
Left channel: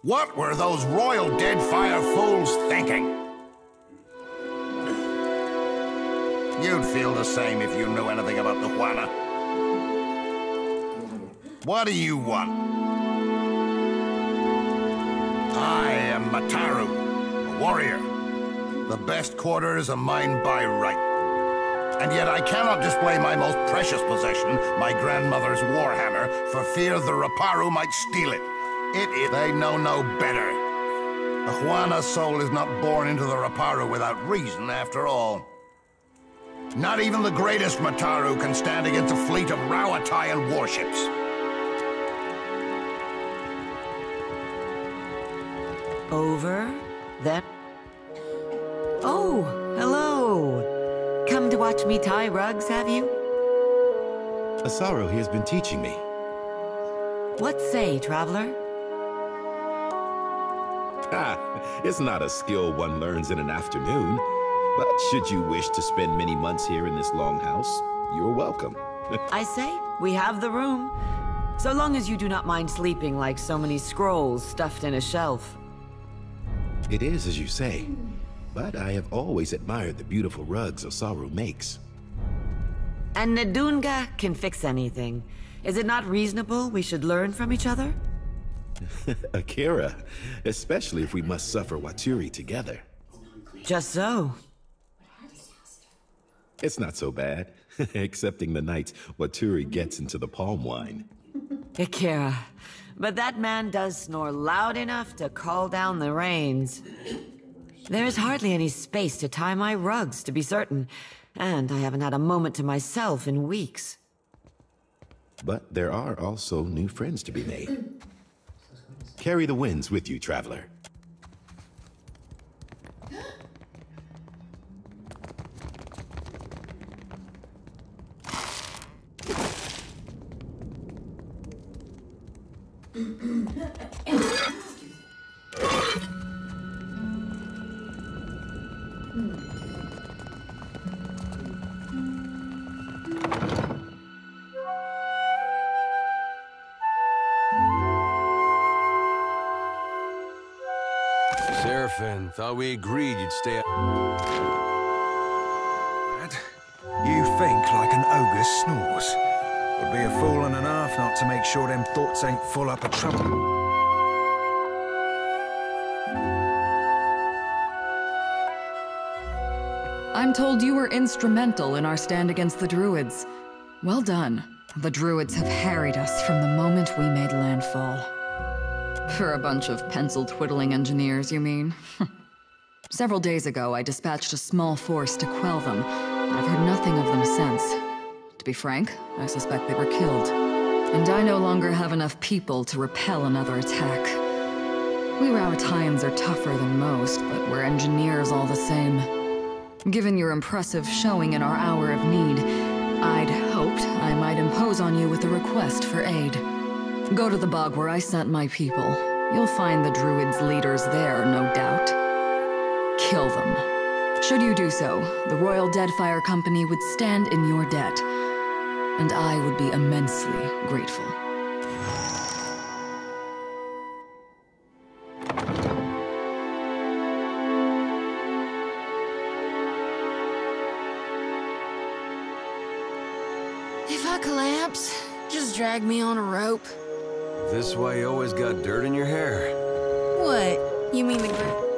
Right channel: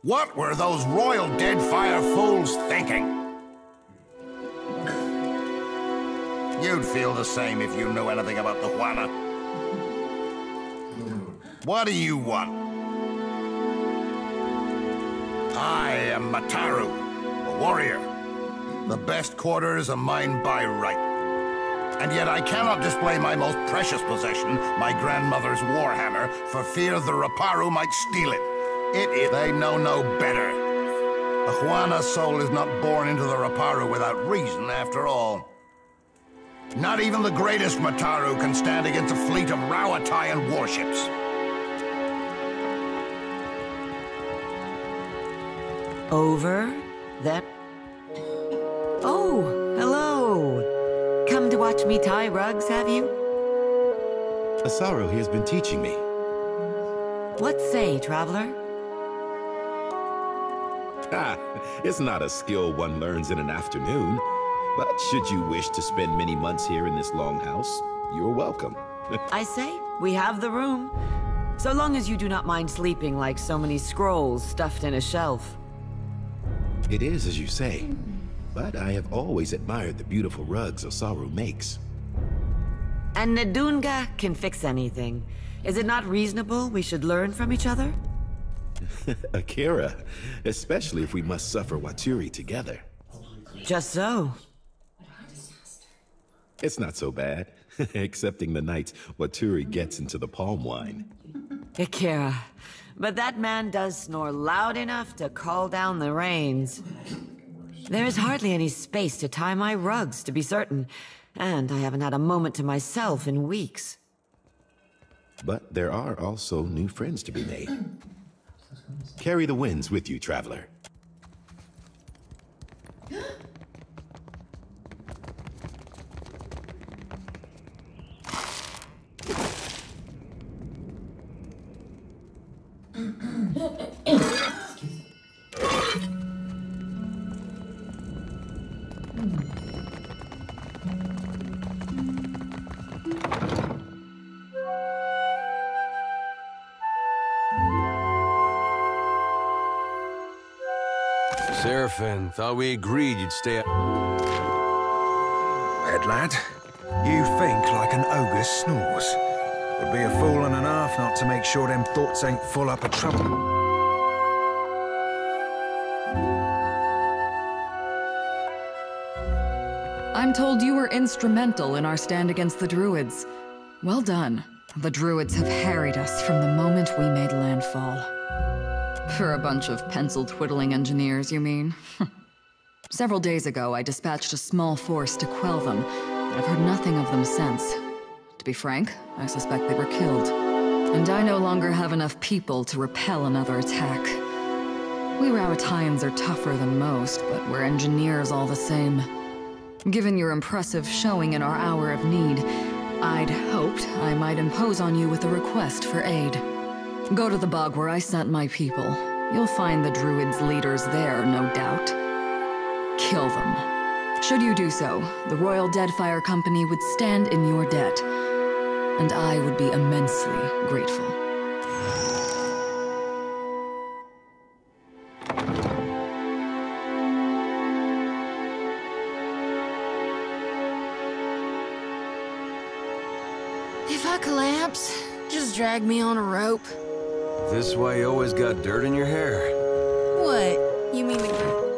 What were those royal Deadfire fools thinking? You'd feel the same if you knew anything about the Juana. What do you want? I am Mataru, a warrior. The best quarters are mine by right. And yet I cannot display my most precious possession, my grandmother's warhammer, for fear the Raparu might steal it. They know no better. The Juana soul is not born into the Raparu without reason, after all. Not even the greatest Mataru can stand against a fleet of Rauatayan warships. Over that. Oh, hello. Come to watch me tie rugs, have you? Asaru here has been teaching me. What say, traveler? It's not a skill one learns in an afternoon. But should you wish to spend many months here in this longhouse, you're welcome. I say, we have the room. So long as you do not mind sleeping like so many scrolls stuffed in a shelf. It is as you say. But I have always admired the beautiful rugs Osaru makes. And Nadunga can fix anything. Is it not reasonable we should learn from each other? Akira, especially if we must suffer Waturi together. Just so. It's not so bad, excepting the nights Waturi gets into the palm wine. Akira, but that man does snore loud enough to call down the rains. There is hardly any space to tie my rugs, to be certain, and I haven't had a moment to myself in weeks. But there are also new friends to be made. Carry the winds with you, traveler. Seraphim, thought we agreed you'd stay. Red lad, you think like an ogre snores. Would be a fool and a half not to make sure them thoughts ain't full up of trouble. I'm told you were instrumental in our stand against the Druids. Well done. The Druids have harried us from the moment we made landfall. For a bunch of pencil-twiddling engineers, you mean? Several days ago, I dispatched a small force to quell them, but I've heard nothing of them since. To be frank, I suspect they were killed. And I no longer have enough people to repel another attack. We Rauatayans are tougher than most, but we're engineers all the same. Given your impressive showing in our hour of need, I'd hoped I might impose on you with a request for aid. Go to the bog where I sent my people. You'll find the Druids' leaders there, no doubt. Kill them. Should you do so, the Royal Deadfire Company would stand in your debt, and I would be immensely grateful. If I collapse, just drag me on a rope. This why you always got dirt in your hair? What? You mean the...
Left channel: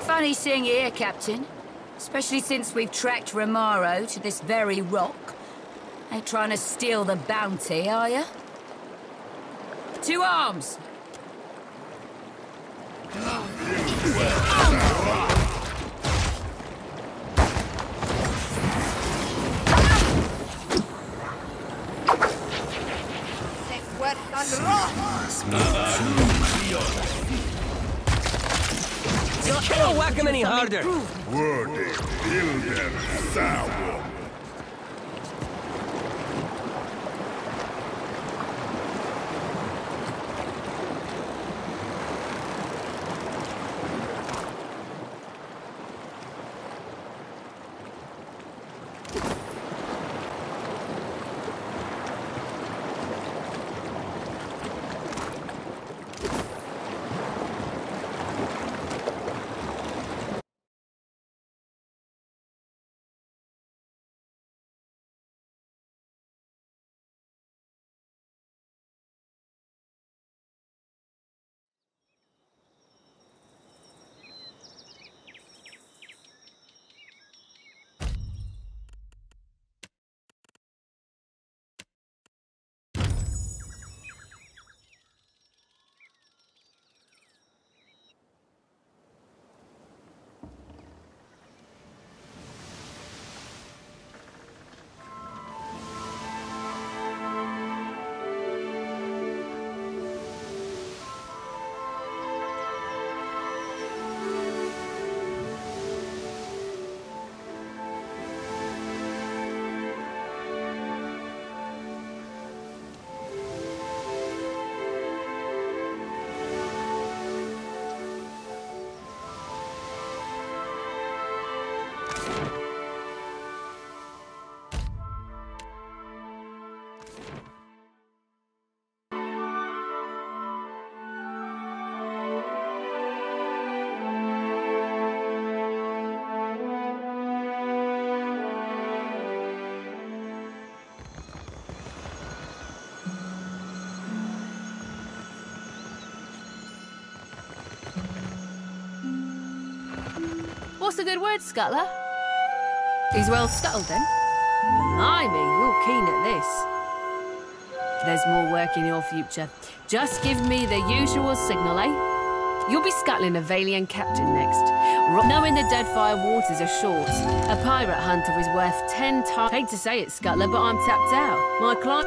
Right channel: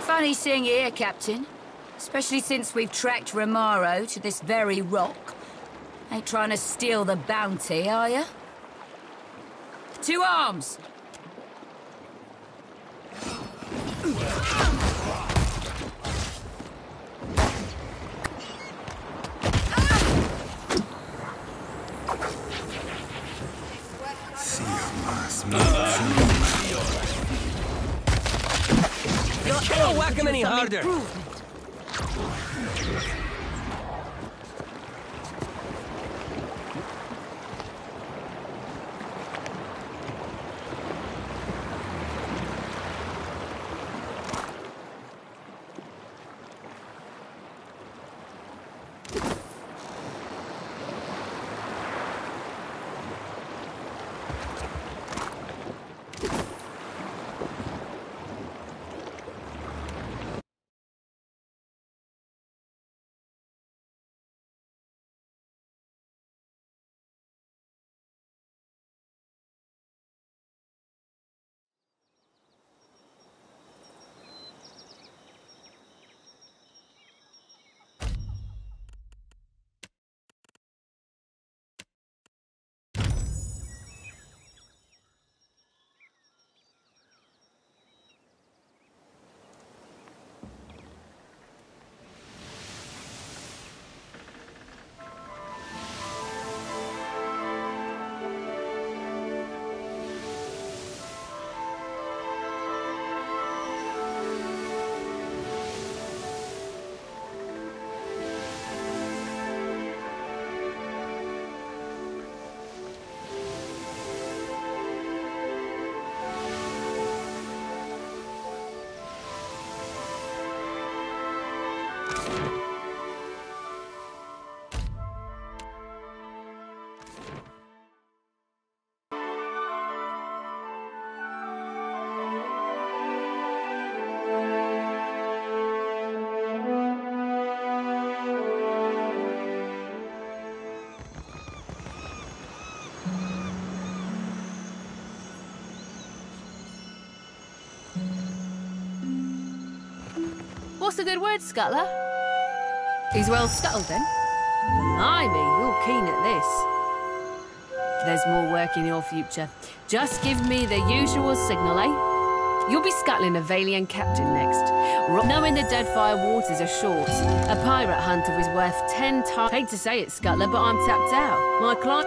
Funny seeing you here, Captain. Especially since we've tracked Romaro to this very rock. Ain't trying to steal the bounty, are you? To arms! Don't whack him any harder! What's the good word, Scuttler? He's well scuttled, then? Blimey, you're keen at this. There's more work in your future. Just give me the usual signal, eh? You'll be scuttling a Valian captain next. Knowing the Deadfire waters are short, a pirate hunter is worth 10 times... Hate to say it, Scuttler, but I'm tapped out. My client...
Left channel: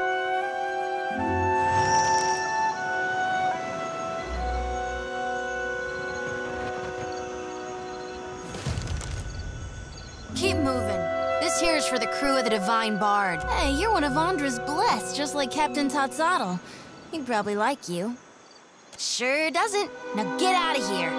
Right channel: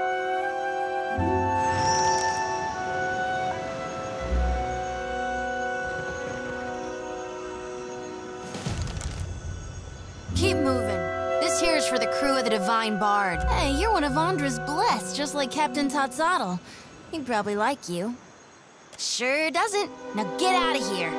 Keep moving. This here is for the crew of the Divine Bard. Hey, you're one of Andra's blessed, just like Captain Totzotl. He'd probably like you. Sure doesn't. Now get out of here.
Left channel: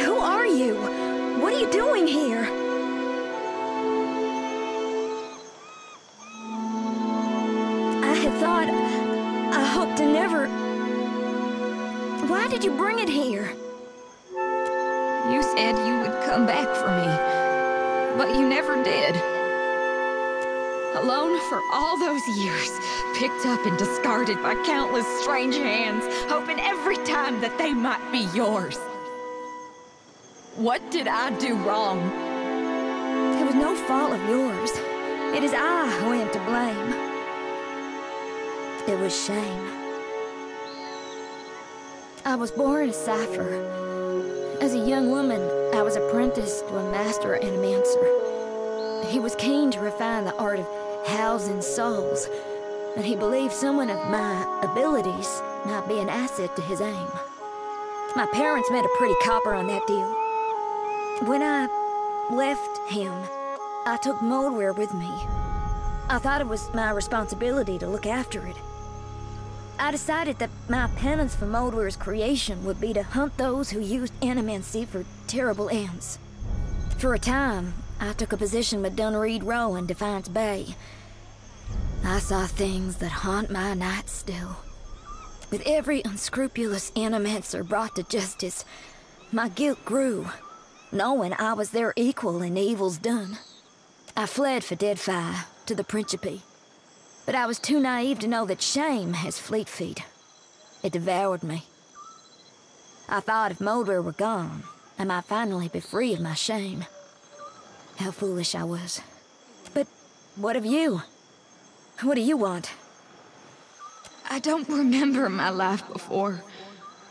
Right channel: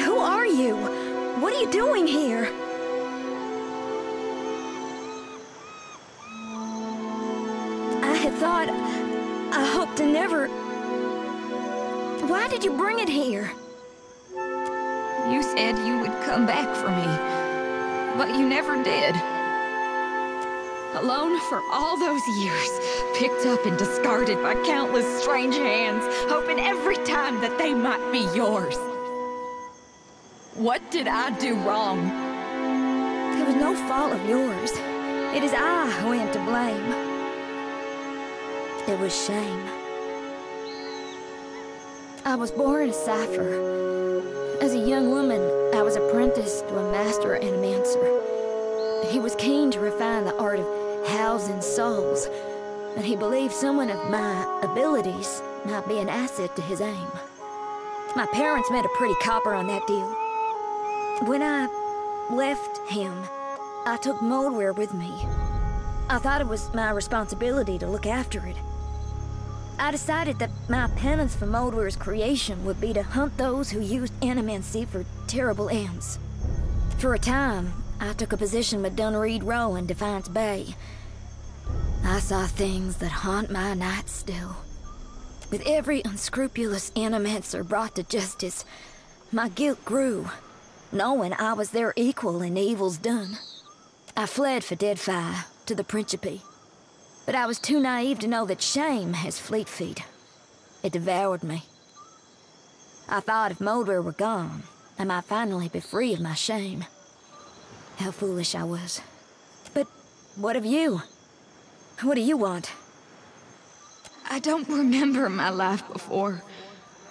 Who are you? What are you doing here? I had thought... I hoped to never... Why did you bring it here? You said you would come back for me, but you never did. Alone for all those years, picked up and discarded by countless strange hands, hoping every time that they might be yours. What did I do wrong? It was no fault of yours. It is I who am to blame. It was shame. I was born a cipher. As a young woman, I was apprenticed to a master animancer. He was keen to refine the art of housing souls, and he believed someone of my abilities might be an asset to his aim. My parents made a pretty copper on that deal. When I left him, I took moldware with me. I thought it was my responsibility to look after it. I decided that my penance for Moldware's creation would be to hunt those who used animancy for terrible ends. For a time, I took a position with Dunreed Row in Defiance Bay. I saw things that haunt my nights still. With every unscrupulous animancer brought to justice, my guilt grew, knowing I was their equal in evils done. I fled for Deadfire to the Principe. But I was too naive to know that shame has fleet feet. It devoured me. I thought if Moldware were gone, I might finally be free of my shame. How foolish I was. But what of you? What do you want? I don't remember my life before,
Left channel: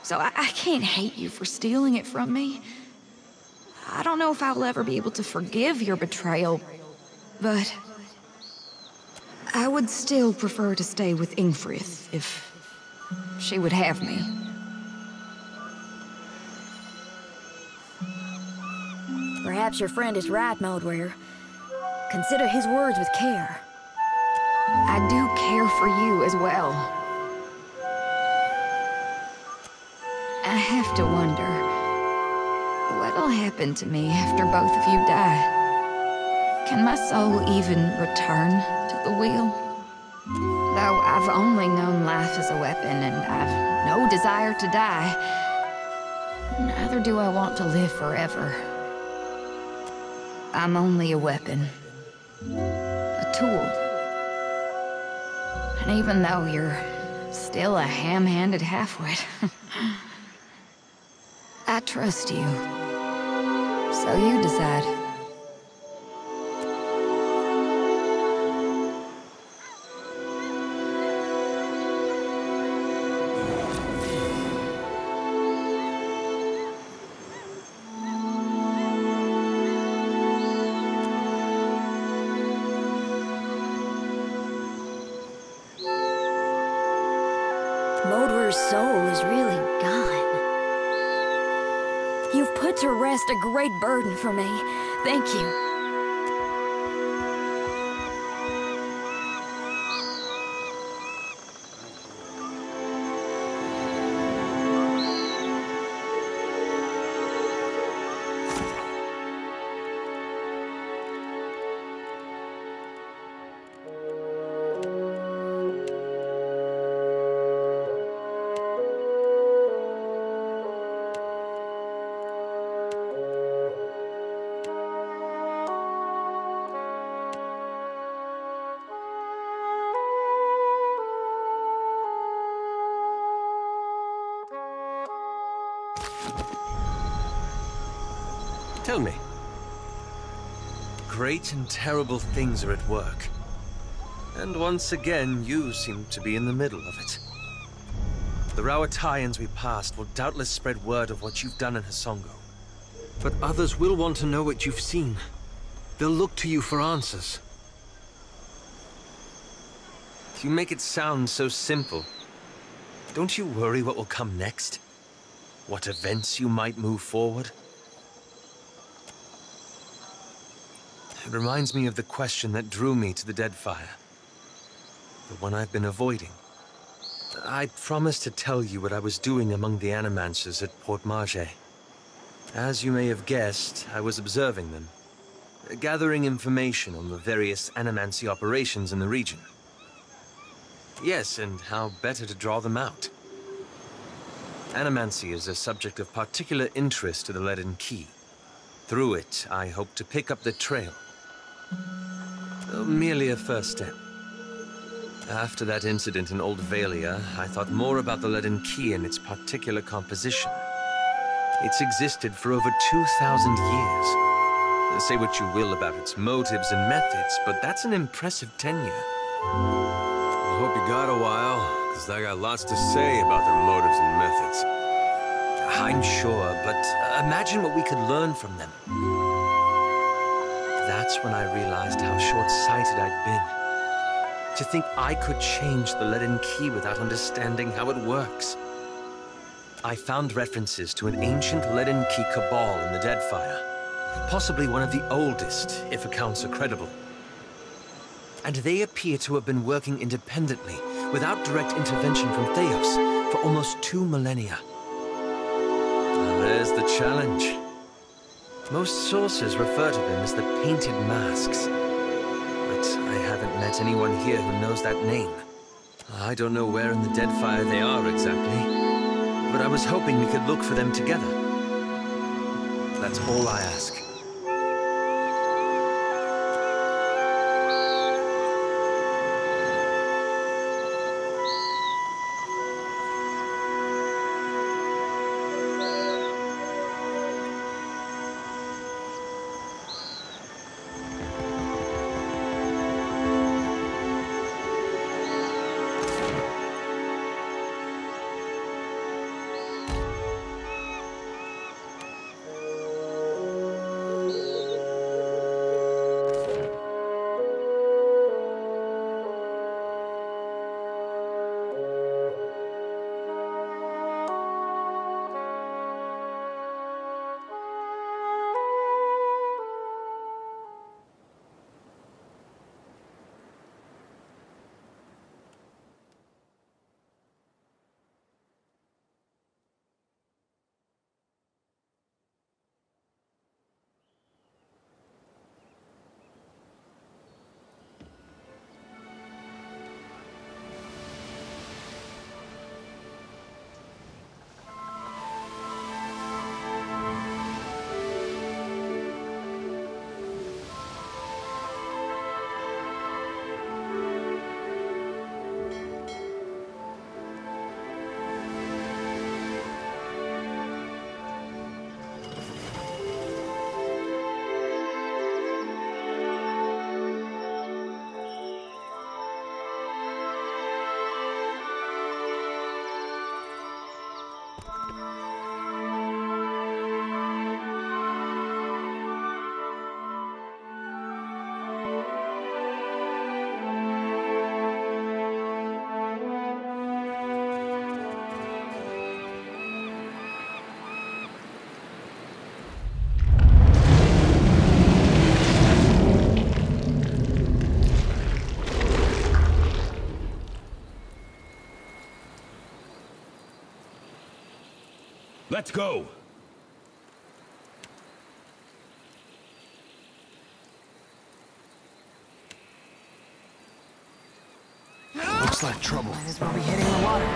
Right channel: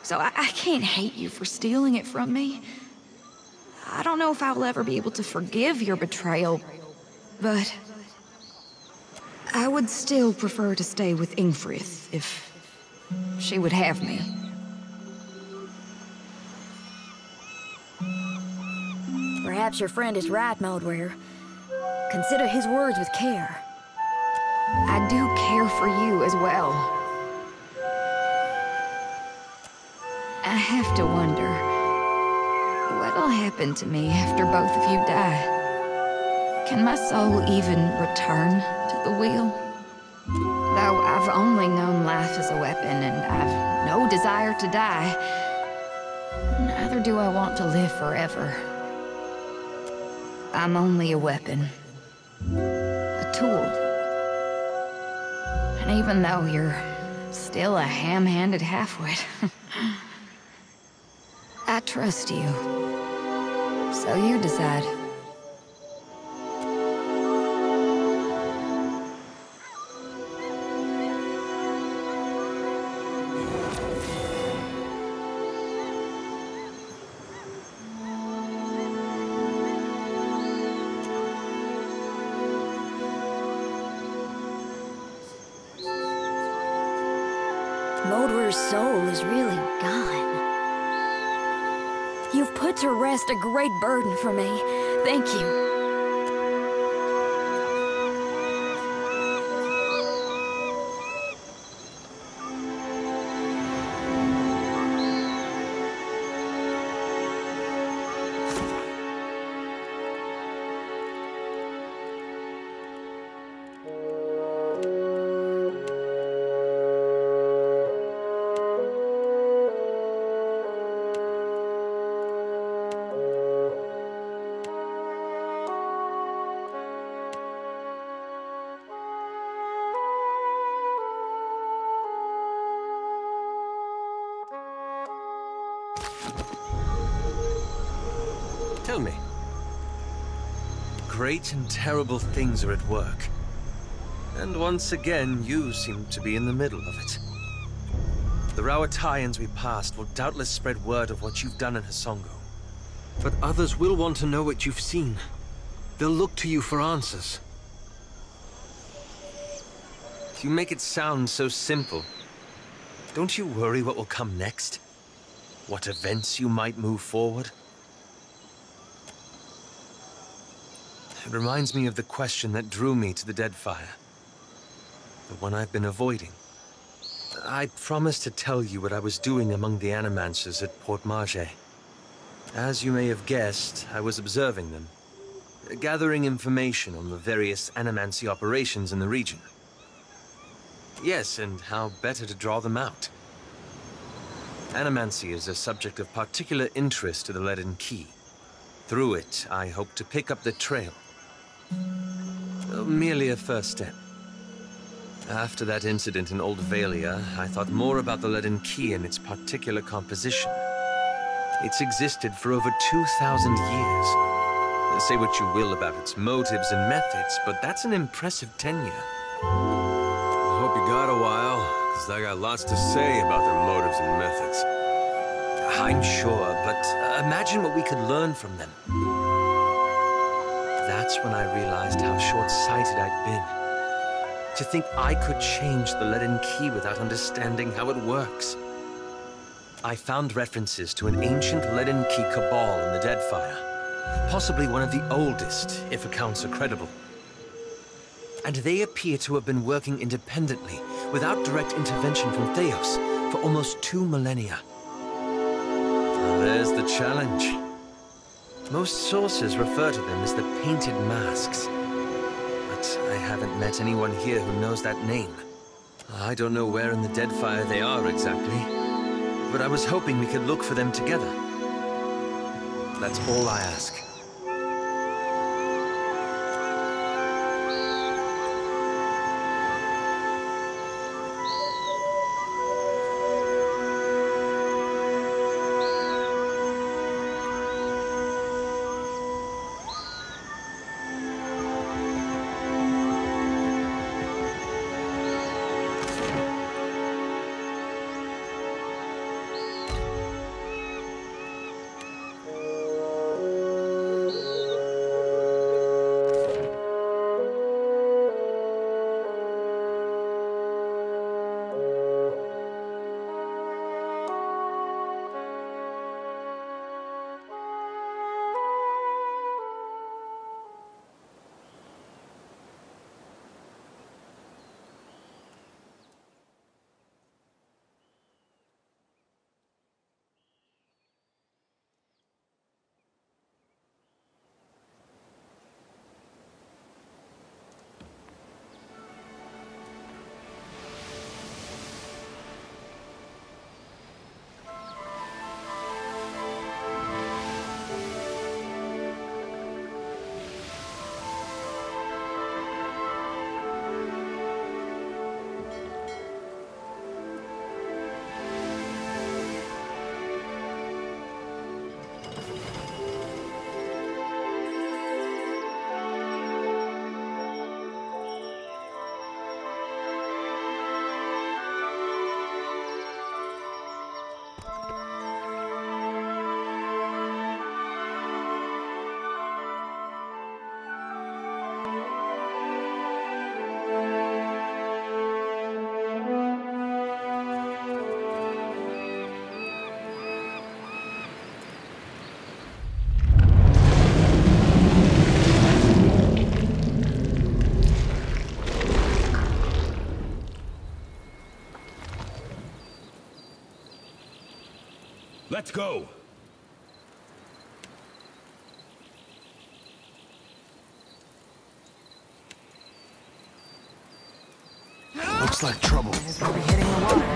so I can't hate you for stealing it from me. I don't know if I will ever be able to forgive your betrayal, but... I would still prefer to stay with Ingfrith, if she would have me. Perhaps your friend is right, Moldware. Consider his words with care. I do care for you as well. I have to wonder, what'll happen to me after both of you die? Can my soul even return to the wheel? Though I've only known life as a weapon and I've no desire to die, neither do I want to live forever. I'm only a weapon. A tool. And even though you're still a ham-handed halfwit, I trust you. So you decide. Moldware's soul is really gone. You've put to rest a great burden for me. Thank you. Tell me. Great and terrible things are at work. And once again, you seem to be in the middle of it. The Rauataians we passed will doubtless spread word of what you've done in Hasongo. But others will want to know what you've seen. They'll look to you for answers. You make it sound so simple. Don't you worry what will come next? What events you might move forward? It reminds me of the question that drew me to the Deadfire. The one I've been avoiding. I promised to tell you what I was doing among the Animancers at Port Marge. As you may have guessed, I was observing them, gathering information on the various animancy operations in the region. Yes, and how better to draw them out. Animancy is a subject of particular interest to the Leaden Key. Through it, I hope to pick up the trail. Merely a first step. After that incident in Old Valia, I thought more about the Leaden Key and its particular composition. It's existed for over 2,000 years. Say what you will about its motives and methods, but that's an impressive tenure. I hope you got a while, because I got lots to say about their motives and methods. I'm sure, but imagine what we could learn from them. That's when I realized how short-sighted I'd been. To think I could change the Leaden Key without understanding how it works. I found references to an ancient Leaden Key cabal in the Deadfire. Possibly one of the oldest, if accounts are credible. And they appear to have been working independently, without direct intervention from Theos, for almost 2 millennia. Well, there's the challenge. Most sources refer to them as the Painted Masks. But I haven't met anyone here who knows that name. I don't know where in the Deadfire they are exactly, but I was hoping we could look for them together. That's all I ask. Let's go! Looks like trouble. Might as well be hitting the water.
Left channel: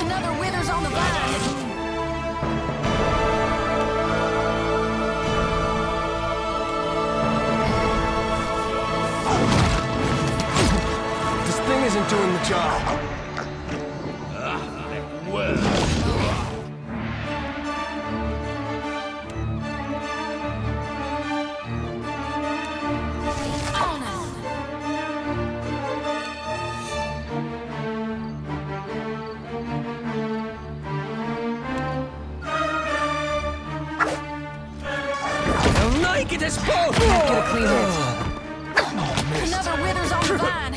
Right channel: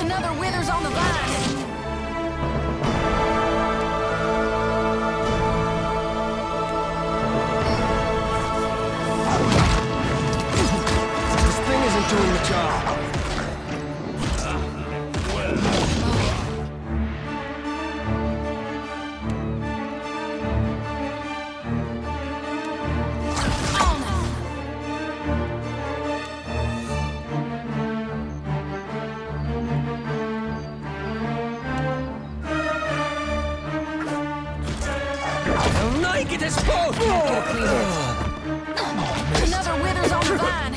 Another withers on the vine. This thing isn't doing the job. I'll not get us both! Another withers on the vine.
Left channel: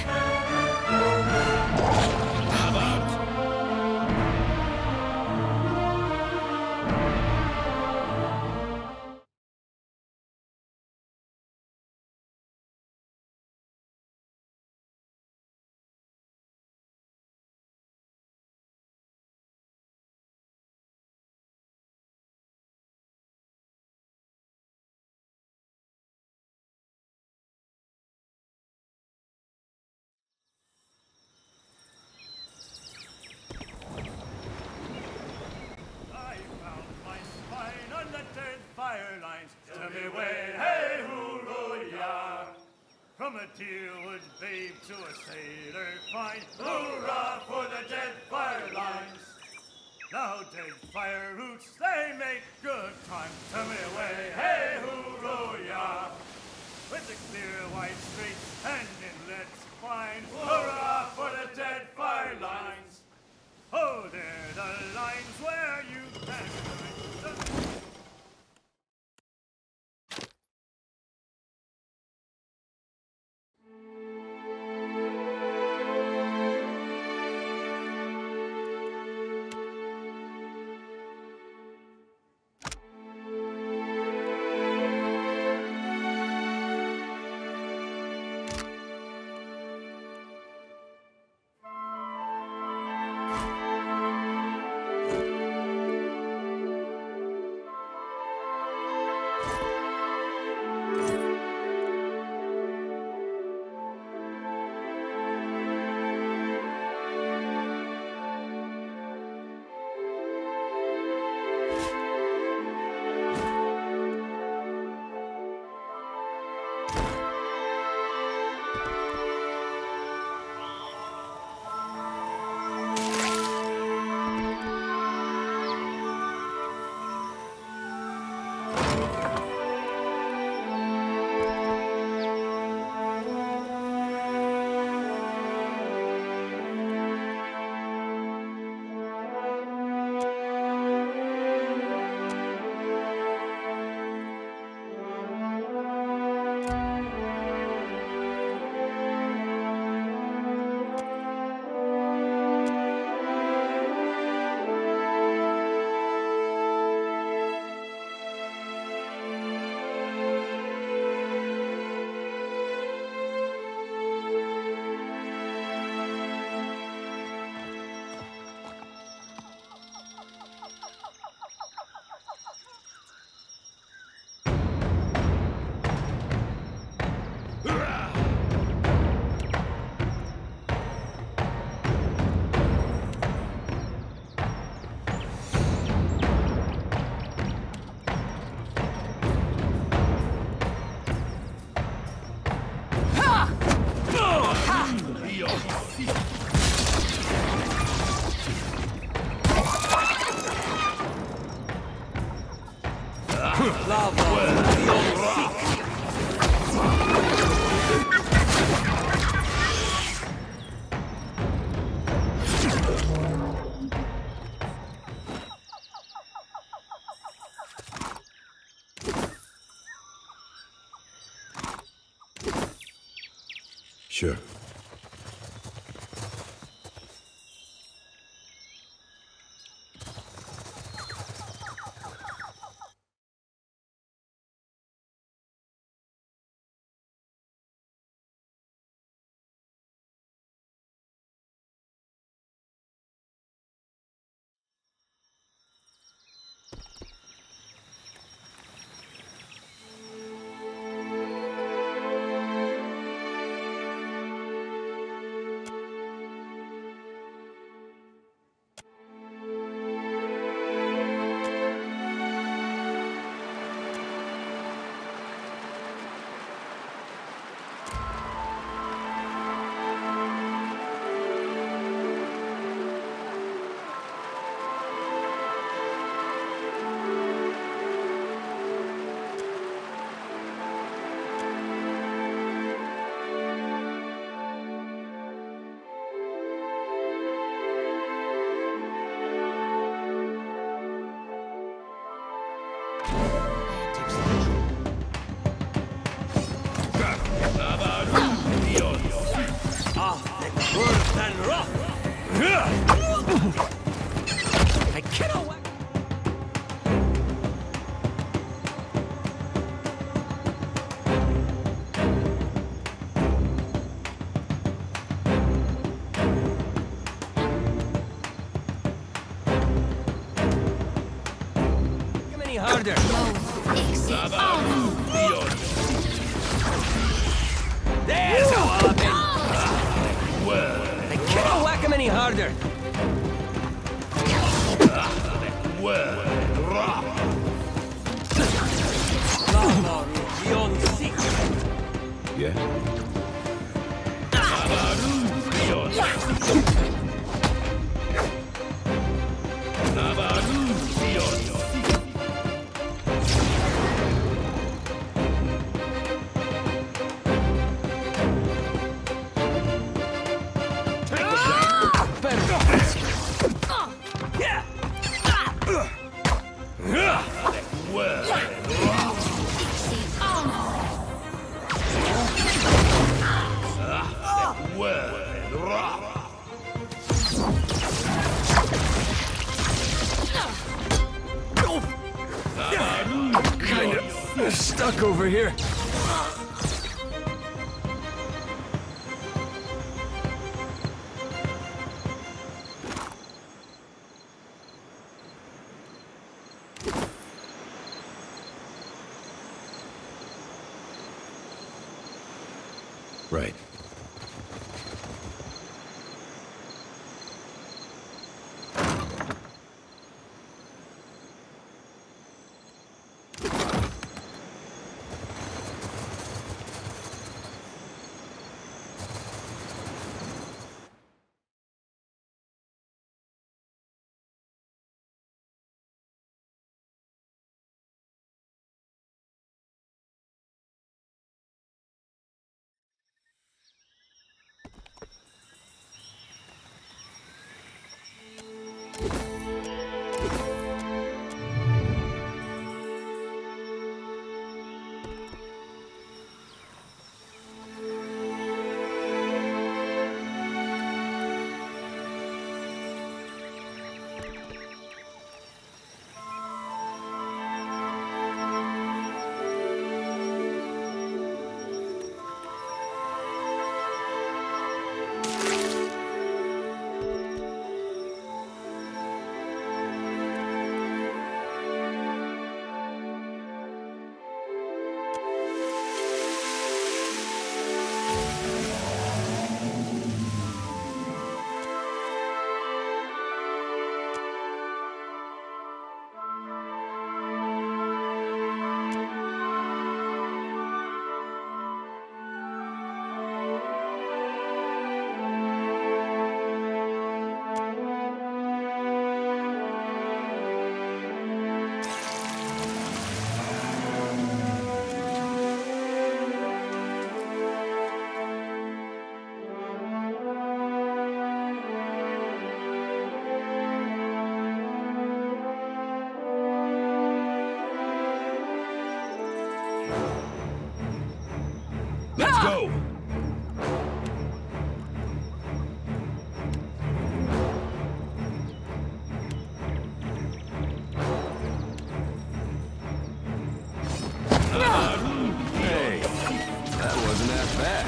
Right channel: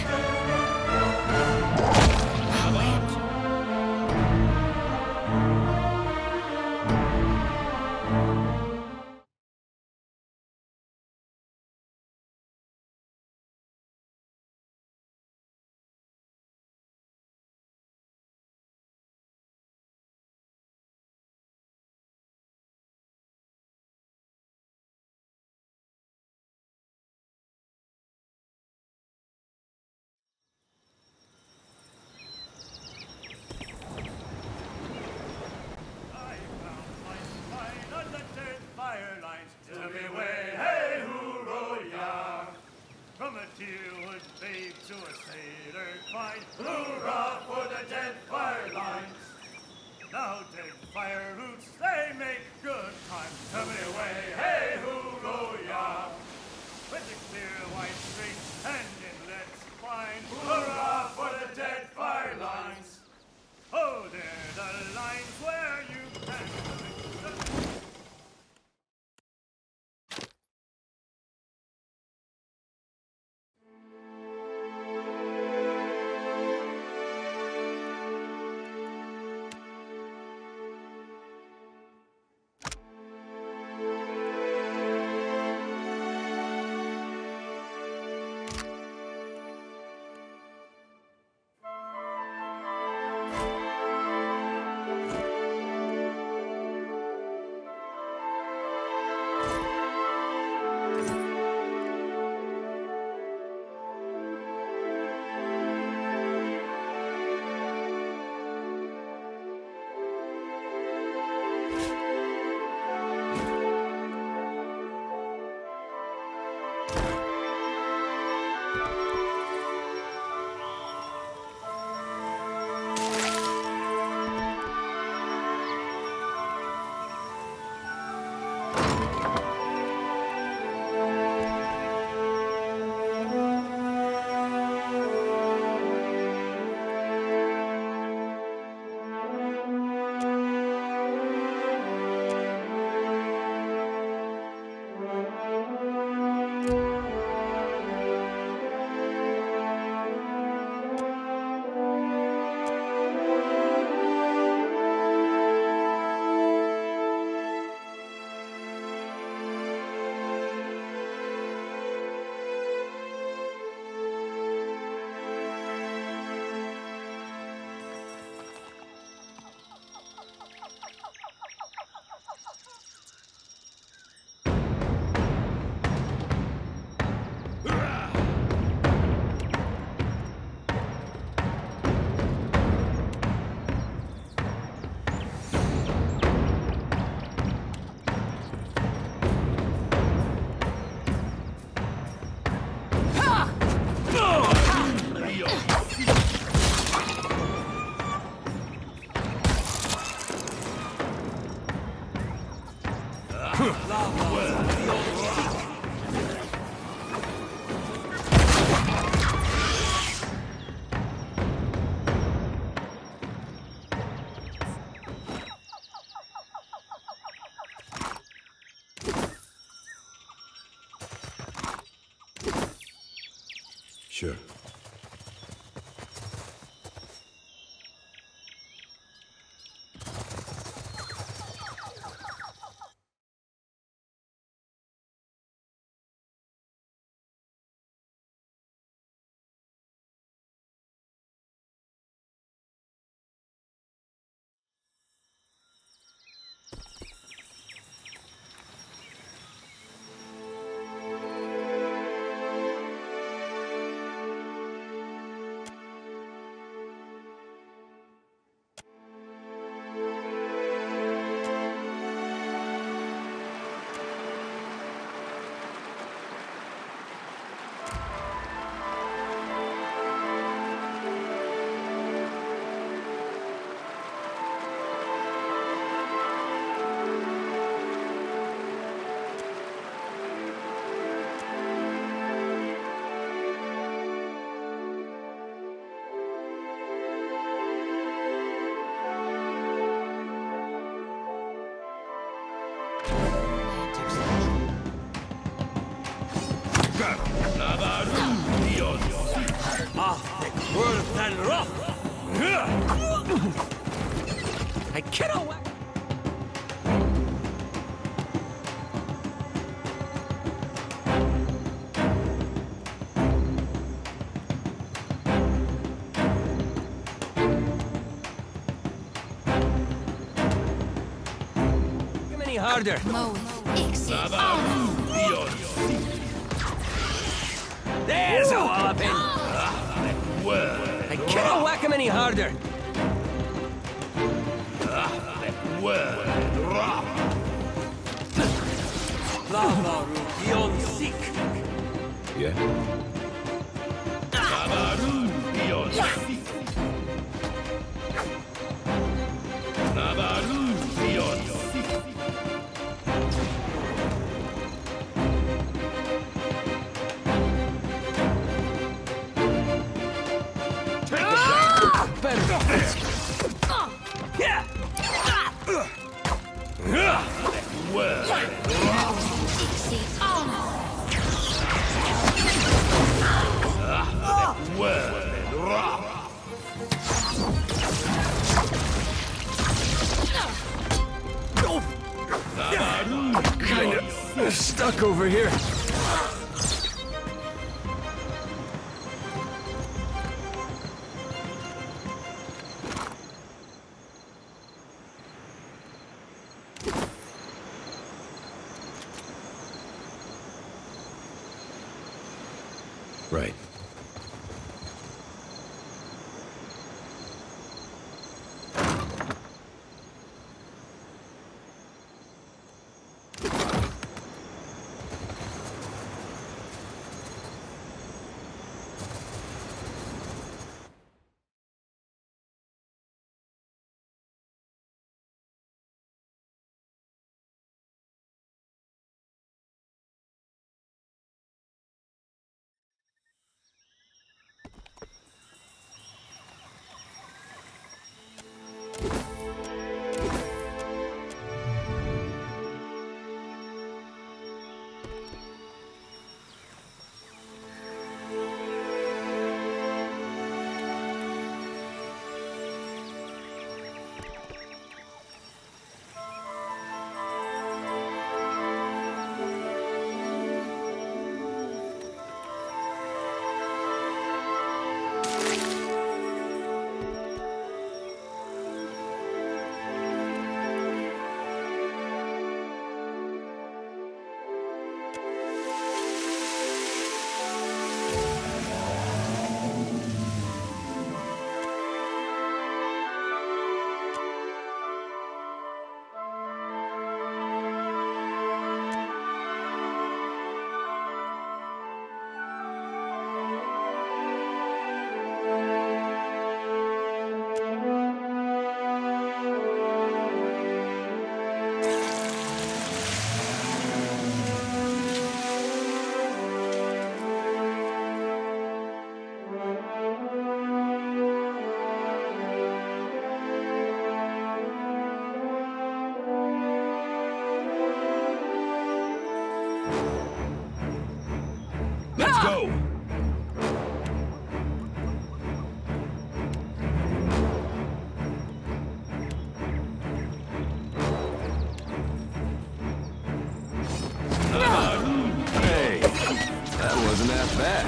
From a tearwood babe to a sailor fine, hoorah for the Deadfire lines! Now Deadfire roots, they make good time. Turn me away, hey hoorah! With the clear white streets and inlets fine, hoorah for the Deadfire lines! Oh, they're the lines where you can find. Sure. I cannot whack. Come any harder. There's a walloping. I cannot whack him any harder. Yeah? Kinda stuck over here. Right. Let's go! Hey, that wasn't that bad.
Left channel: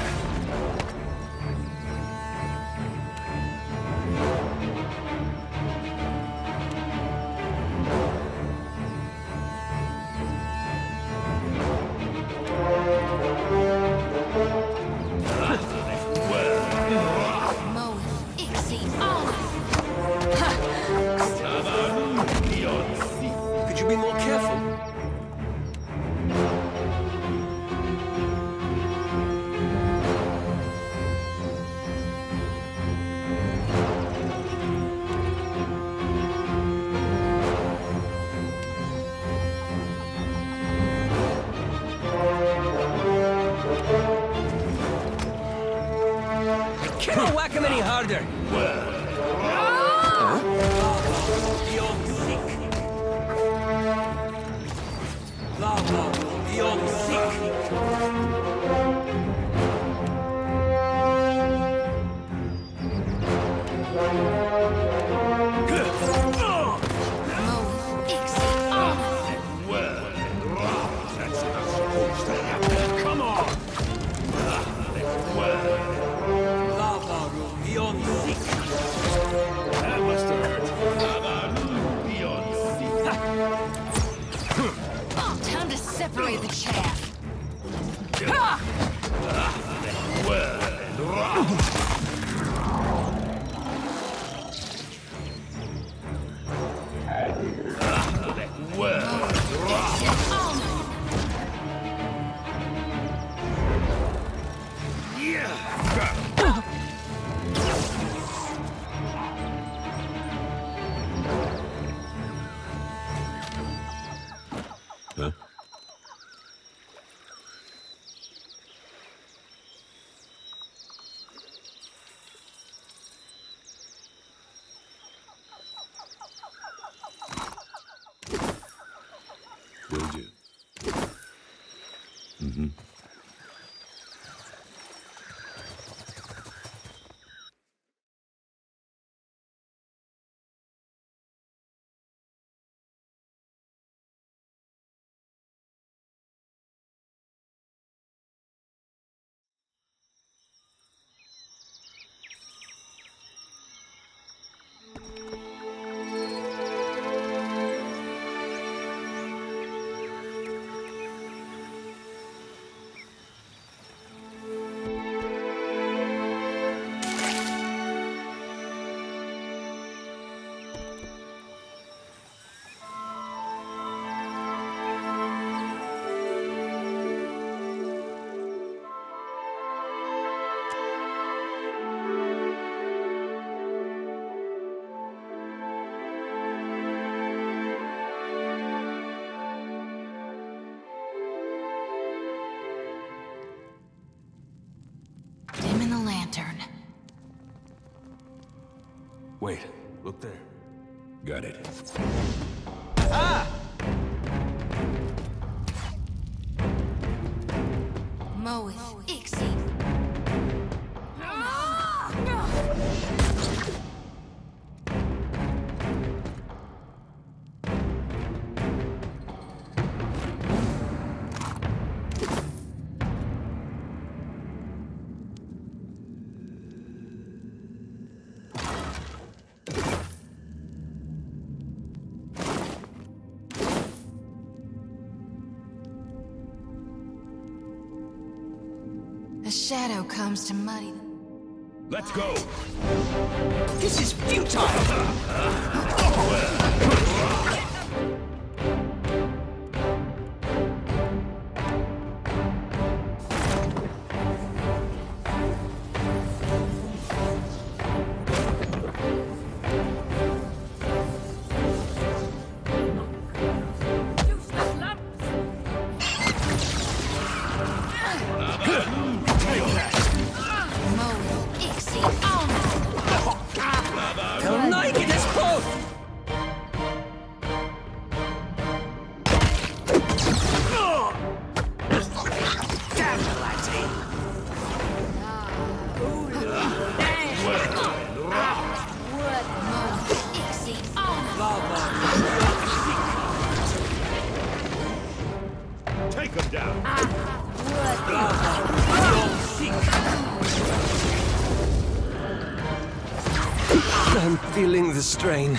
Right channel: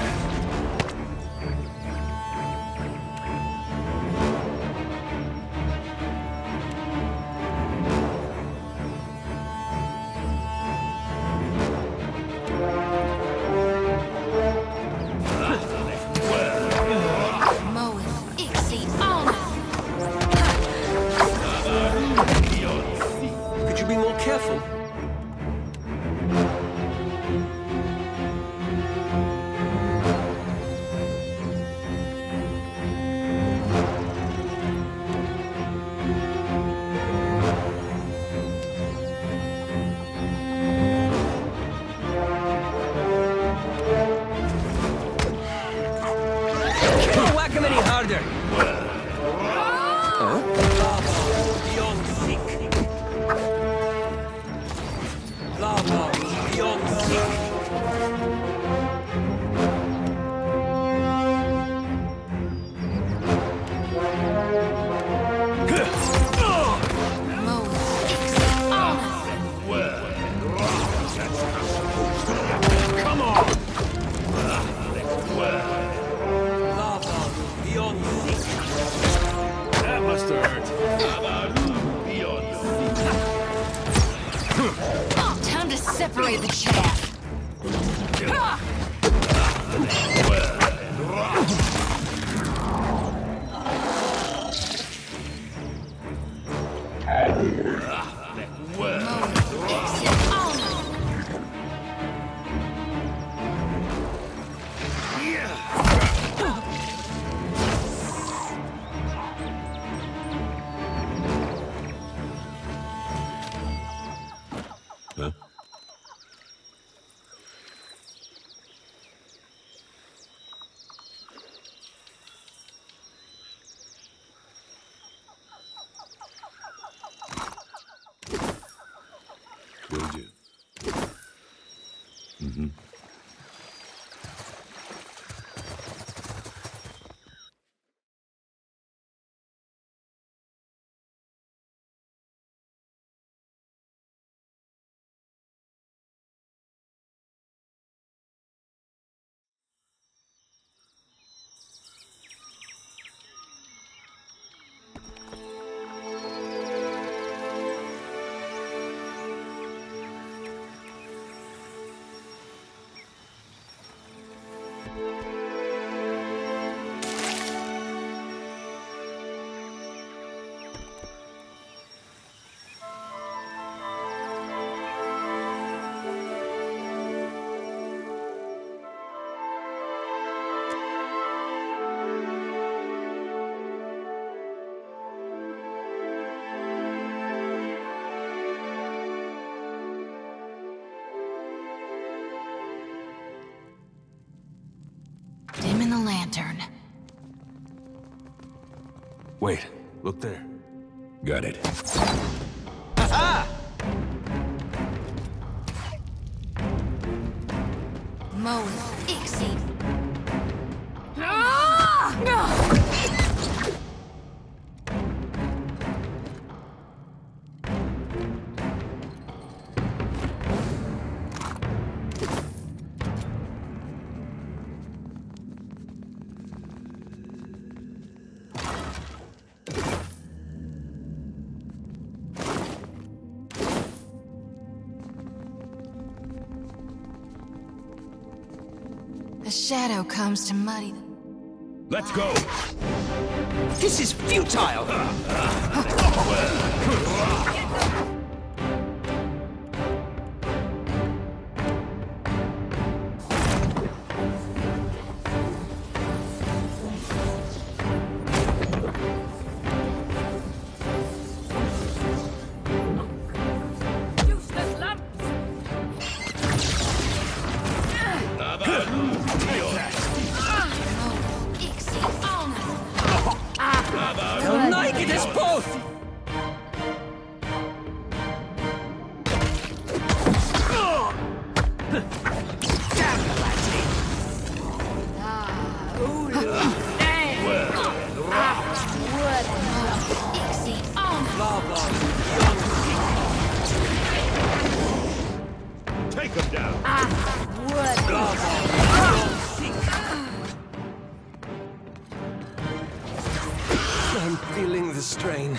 Could you be more careful? Can't whack him any harder. Beyond sick. Lava beyond sick. bitch have. Huh? Will do. Mm-hmm. Dim in the lantern. Wait, look there. Got it. Moe Ixie. The shadow comes to muddy them. Let's go! This is futile! Take him down! I'm feeling the strain.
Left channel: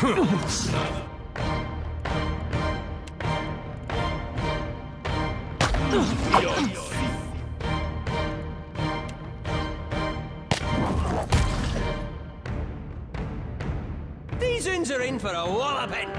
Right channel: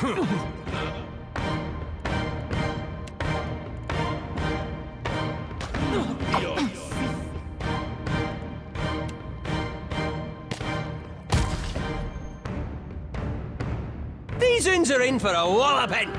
These uns are in for a walloping!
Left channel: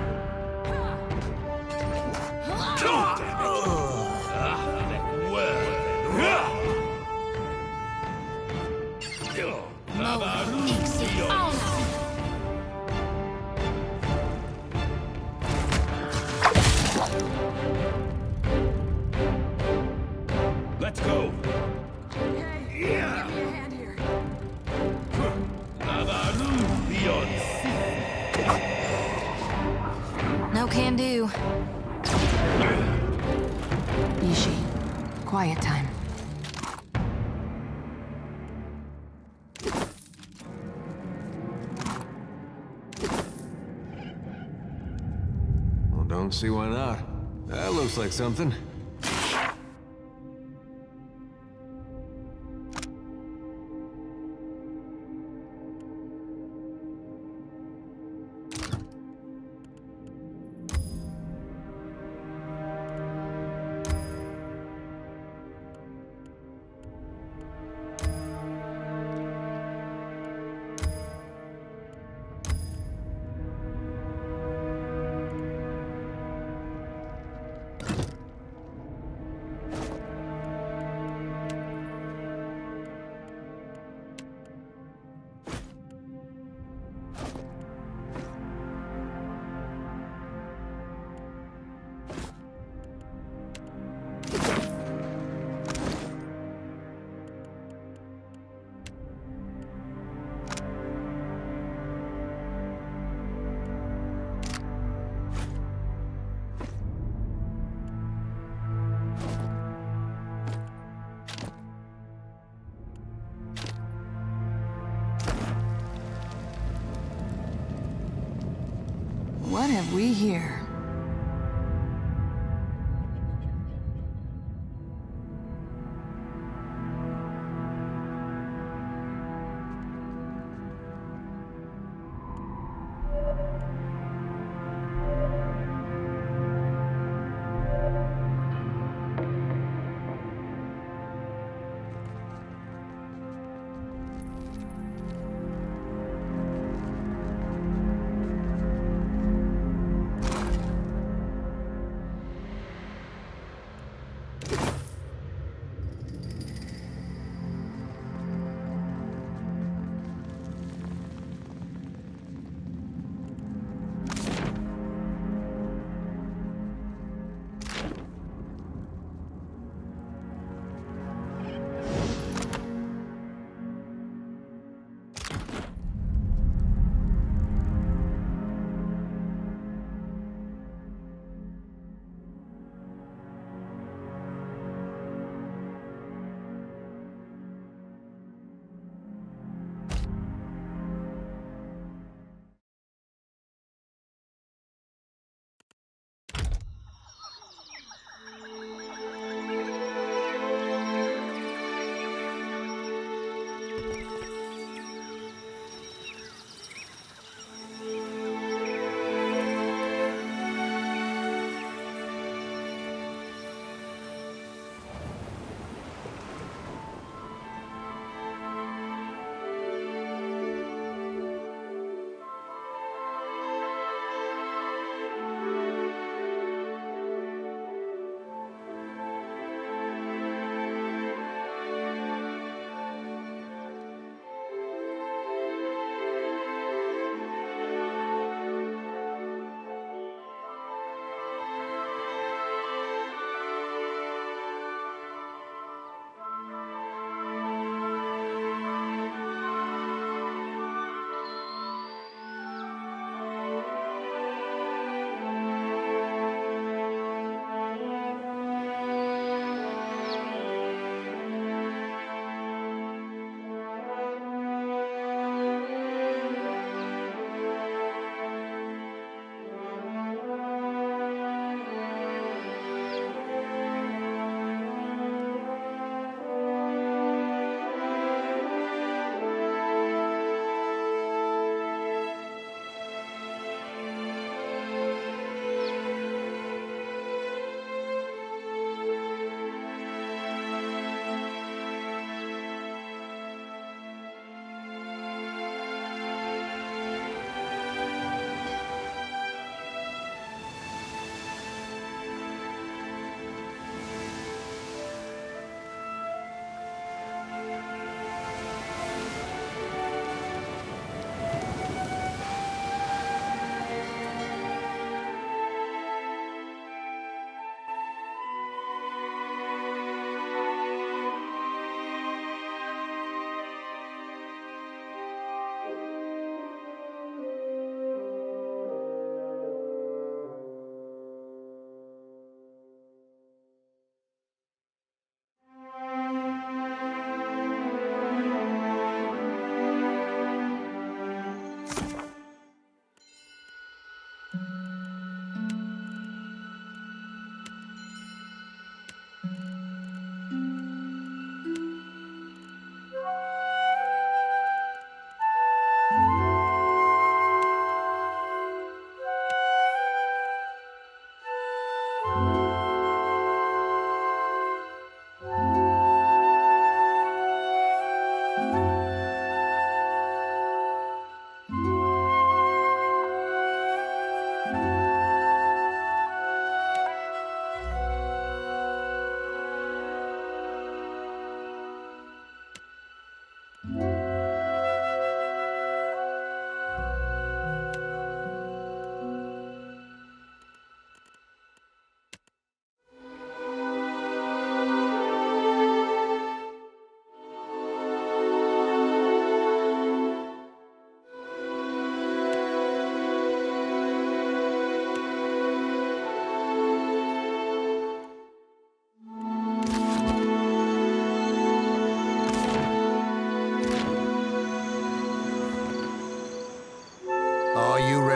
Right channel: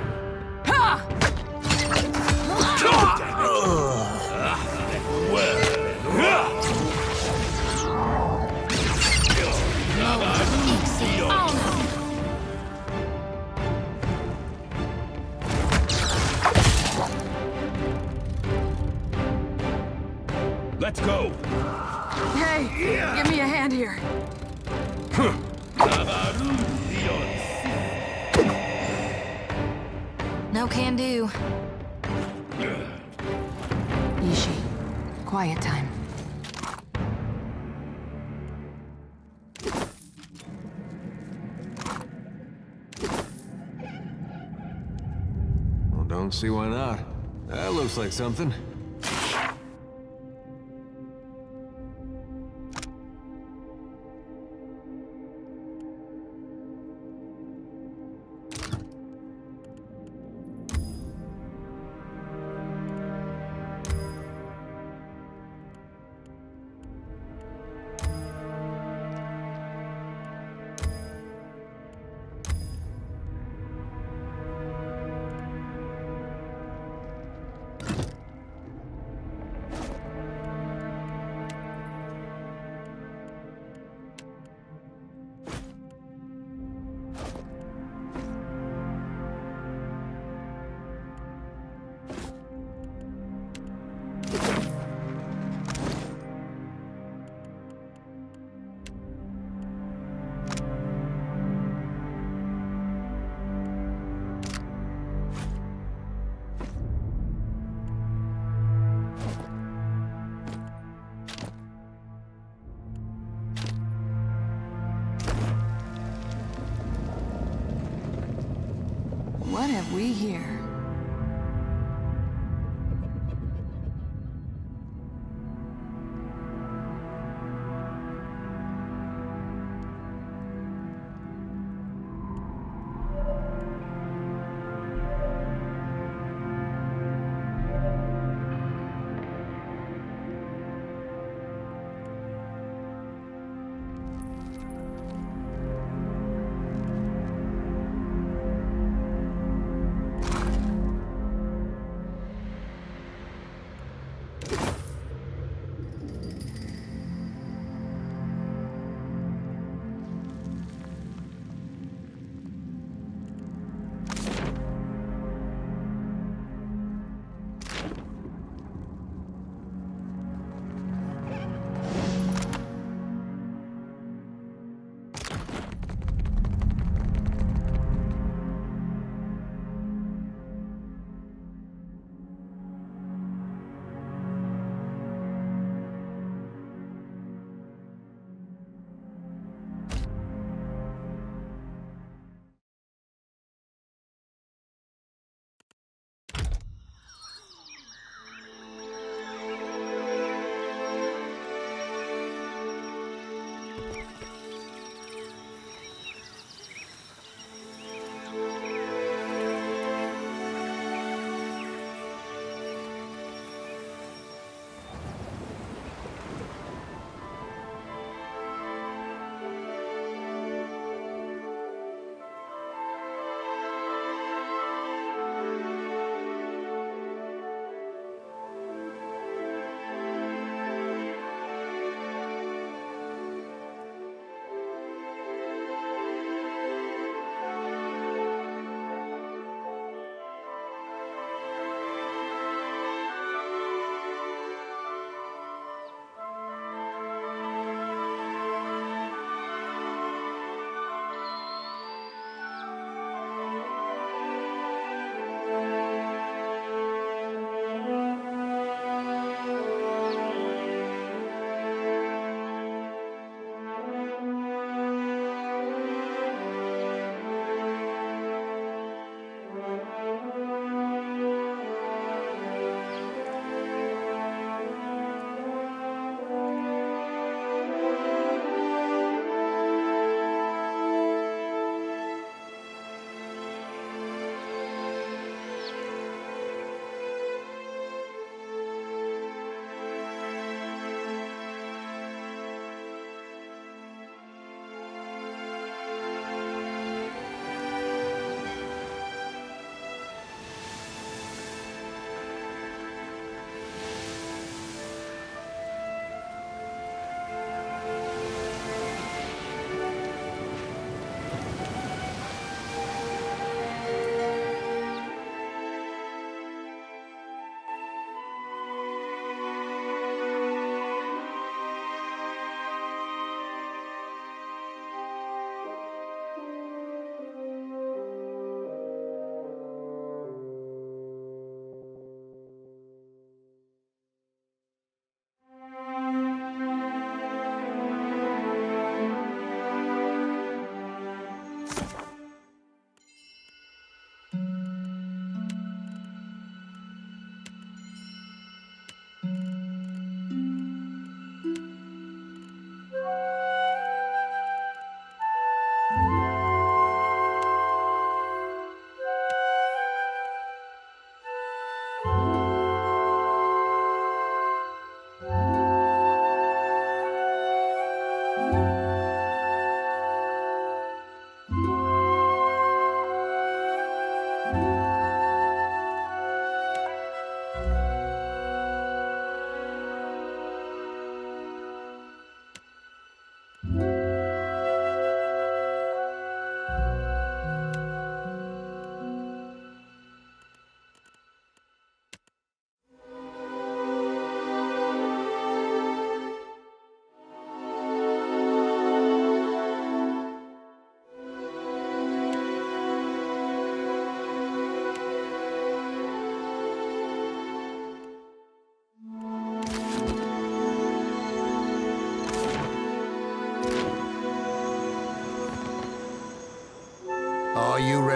Let's go! Hey, give me a hand here. No can do. Yishi, quiet time. Well, don't see why not. That looks like something. have we here?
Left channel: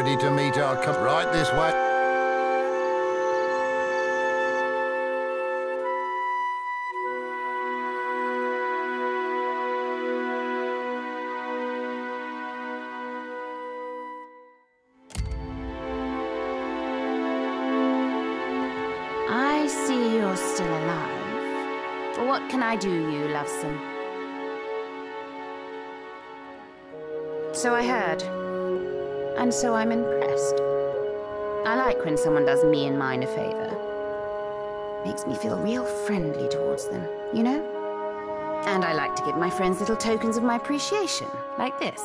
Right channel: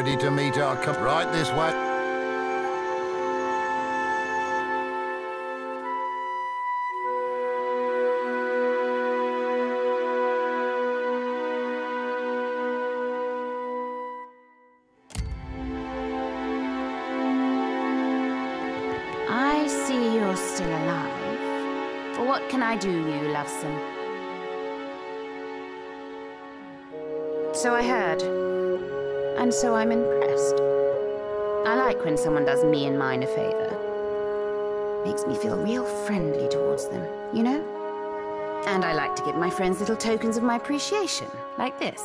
ready to meet our right this way. I see you're still alive. What can I do, you lovesome? So I heard. And so I'm impressed. I like when someone does me and mine a favor. Makes me feel real friendly towards them, you know? And I like to give my friends little tokens of my appreciation, like this.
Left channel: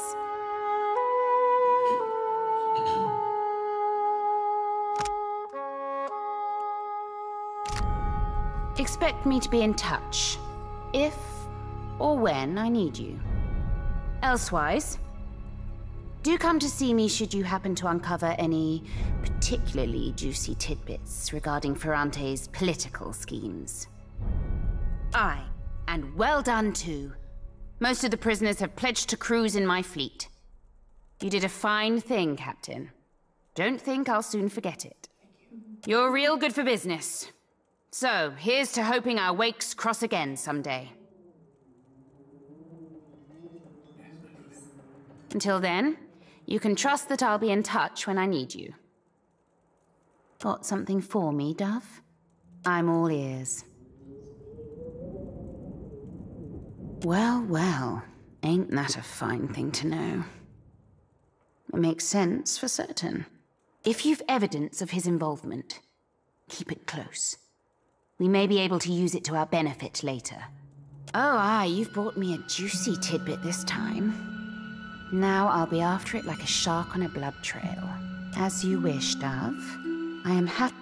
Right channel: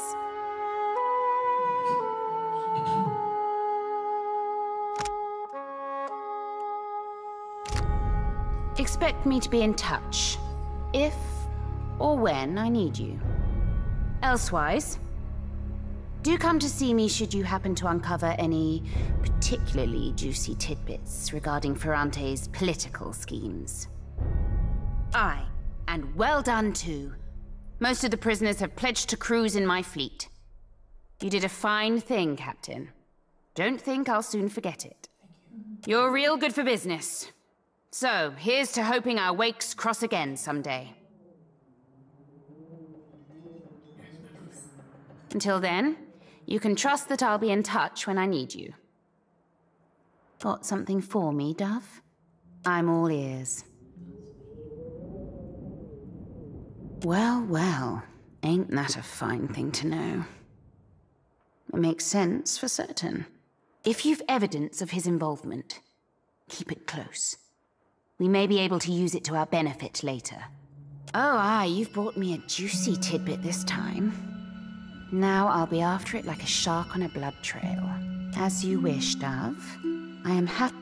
Expect me to be in touch, if or when I need you. Elsewise, do come to see me should you happen to uncover any particularly juicy tidbits regarding Ferrante's political schemes. Aye, and well done too. Most of the prisoners have pledged to cruise in my fleet. You did a fine thing, Captain. Don't think I'll soon forget it. You're real good for business. So, here's to hoping our wakes cross again someday. Until then, you can trust that I'll be in touch when I need you. Got something for me, Dove? I'm all ears. Well, well, ain't that a fine thing to know? It makes sense for certain. If you've evidence of his involvement, keep it close. We may be able to use it to our benefit later. Oh, aye, you've brought me a juicy tidbit this time. Now I'll be after it like a shark on a blood trail. As you wish, Dove. I am happy.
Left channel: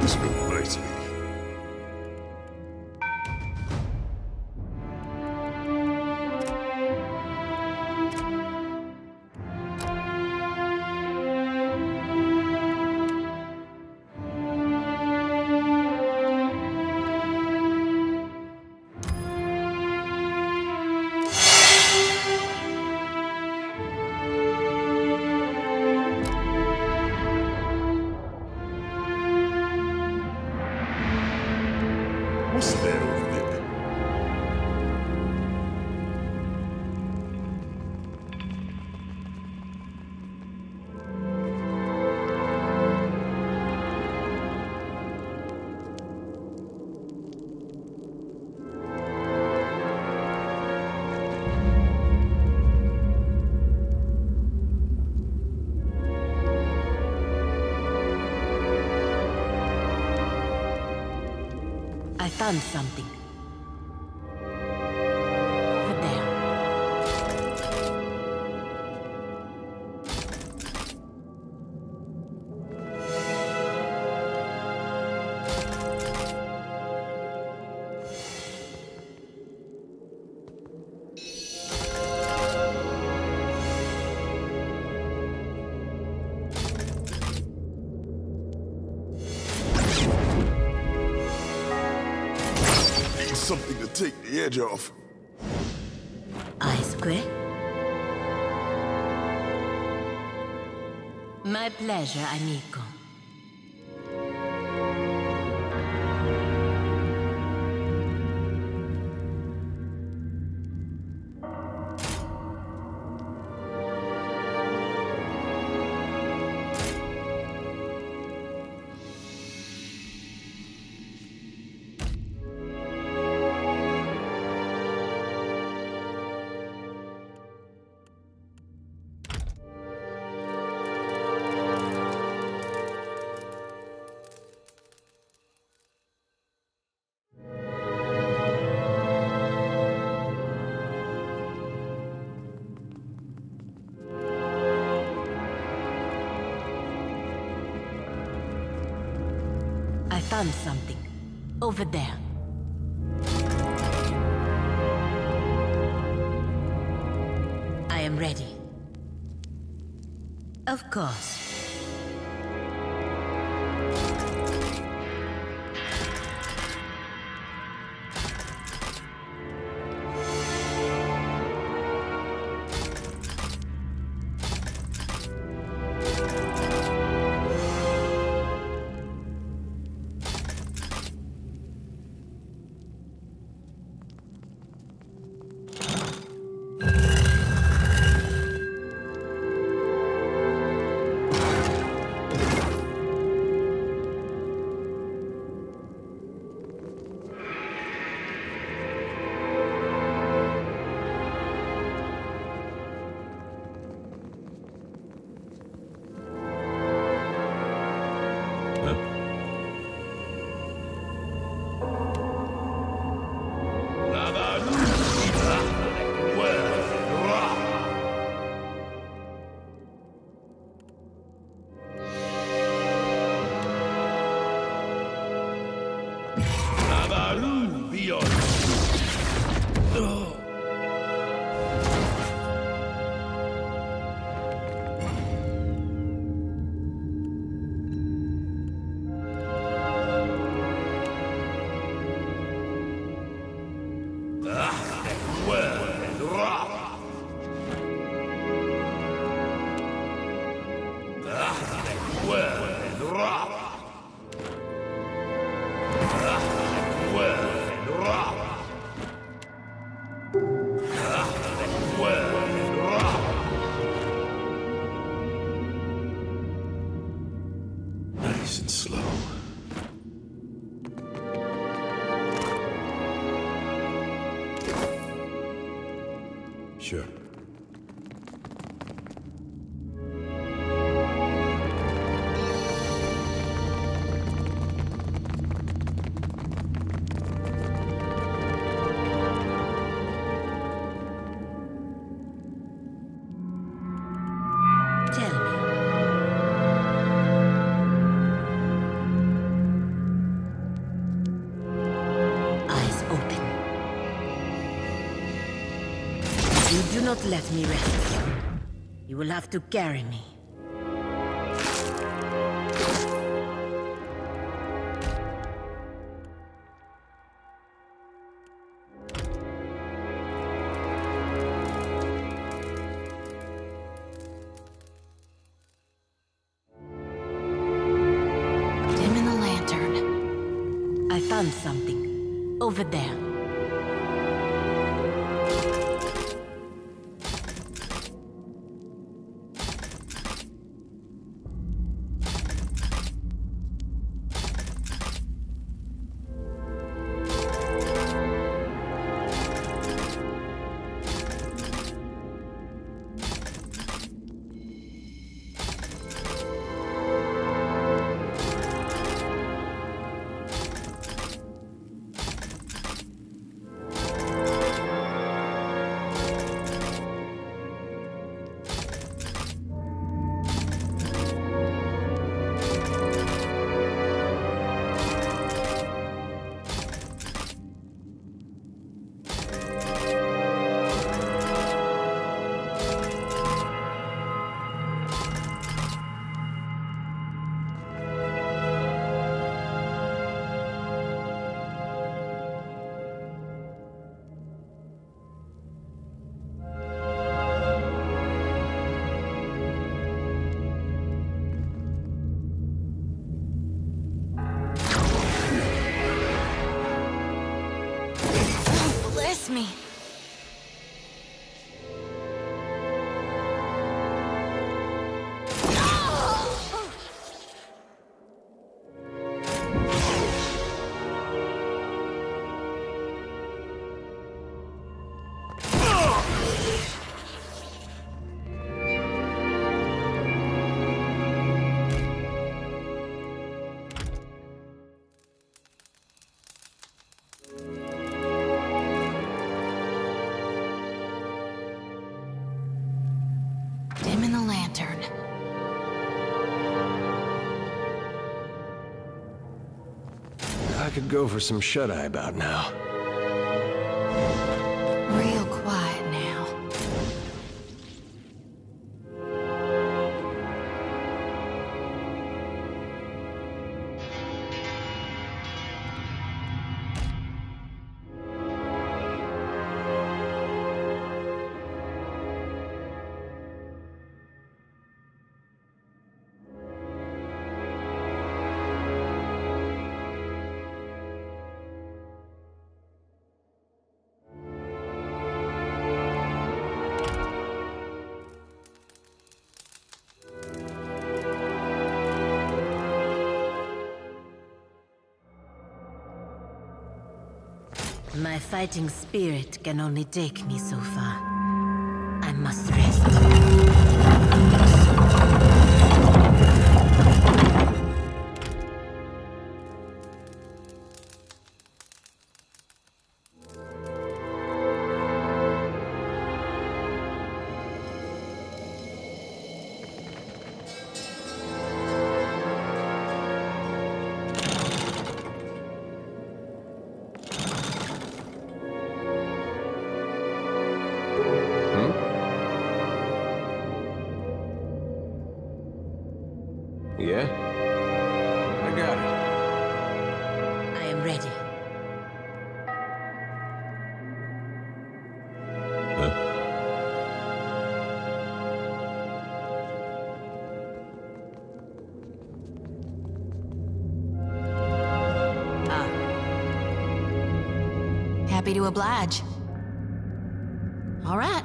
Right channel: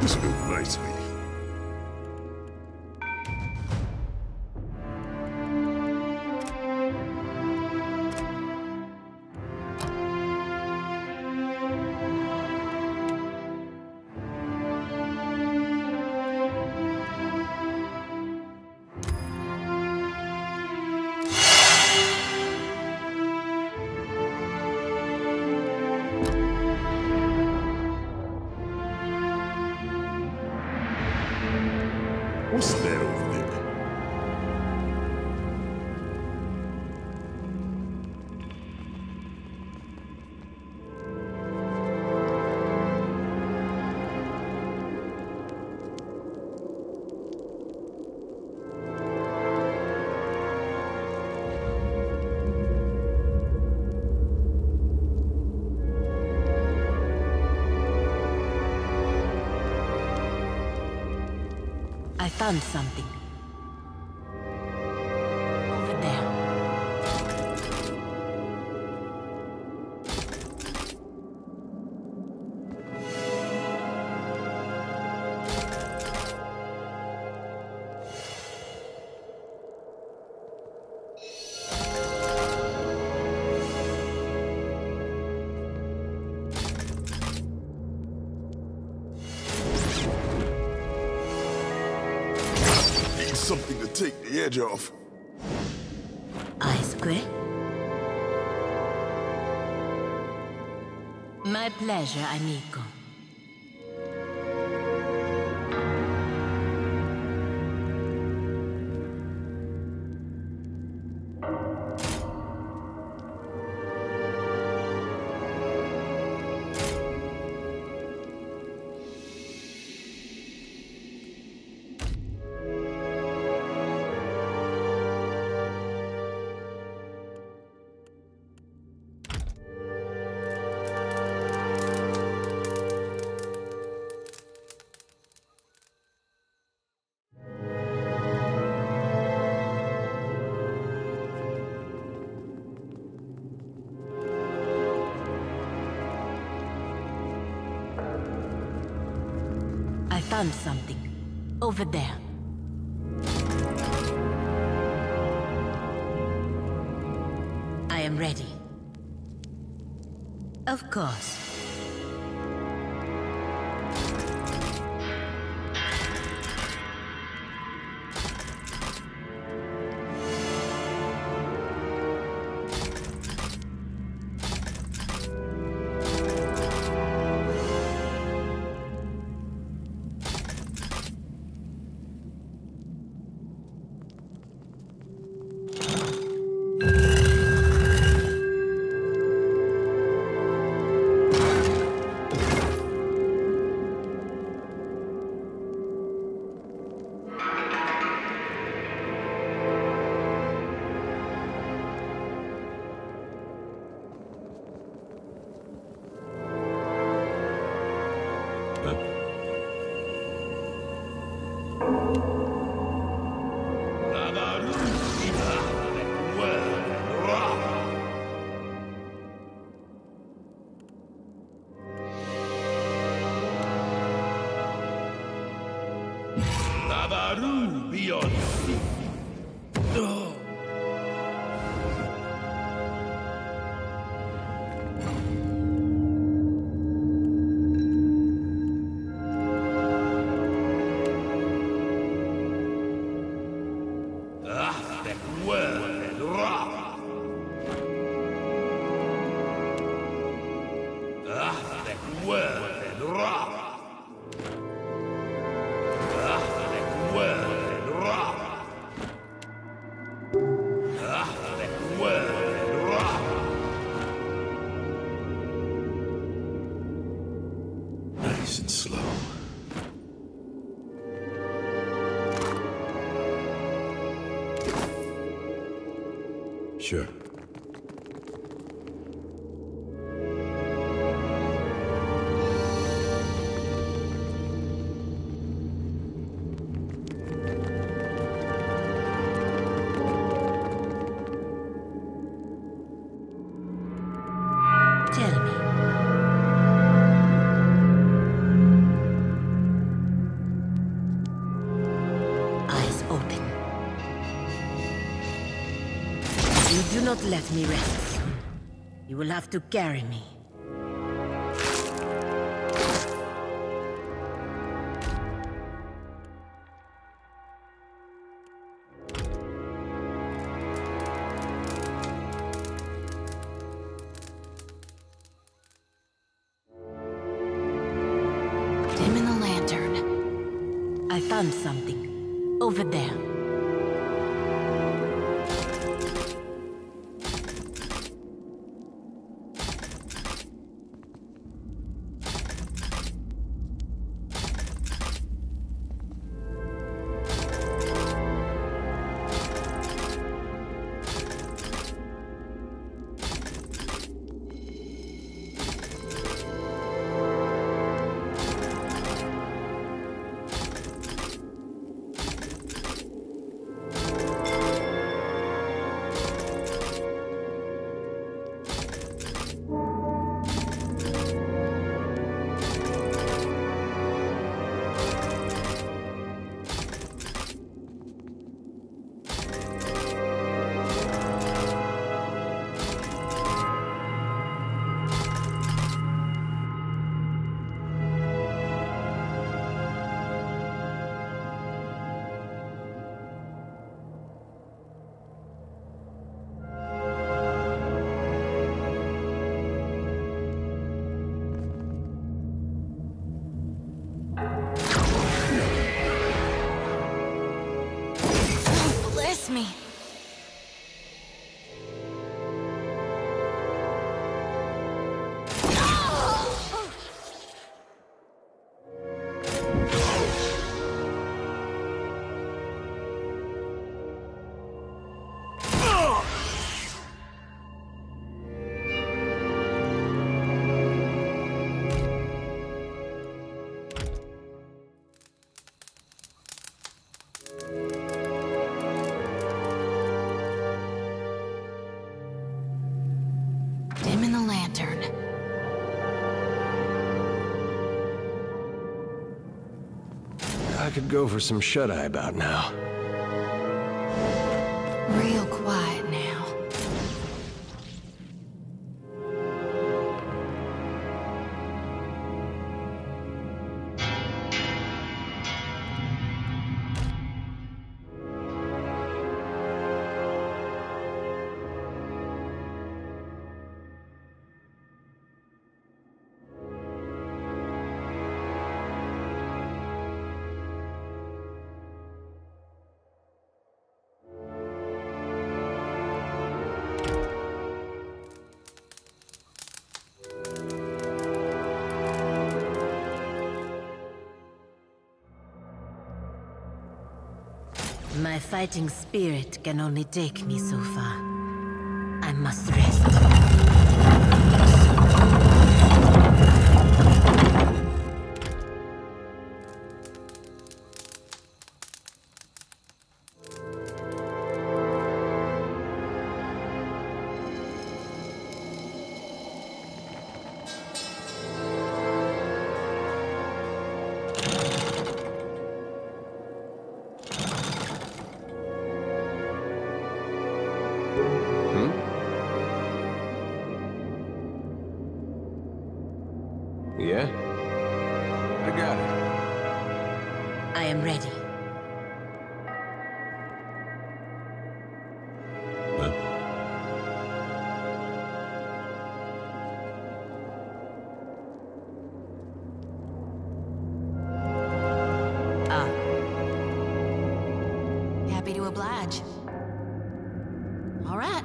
This will go nicely. What's that over there? I found something. Over there. Something to take the edge off. Eyes square. My pleasure, amigo. I found something. Over there. I am ready. Of course. Nice and slow. Sure. Tell me. Eyes open. You do not let me rest. You will have to carry me. Dim in the lantern. I found something. Over there. Bless me. Dim in the lantern. I could go for some shut-eye about now. Real quiet now. My fighting spirit can only take me so far. I must rest. Yeah? I got it. I am ready. happy to oblige. All right.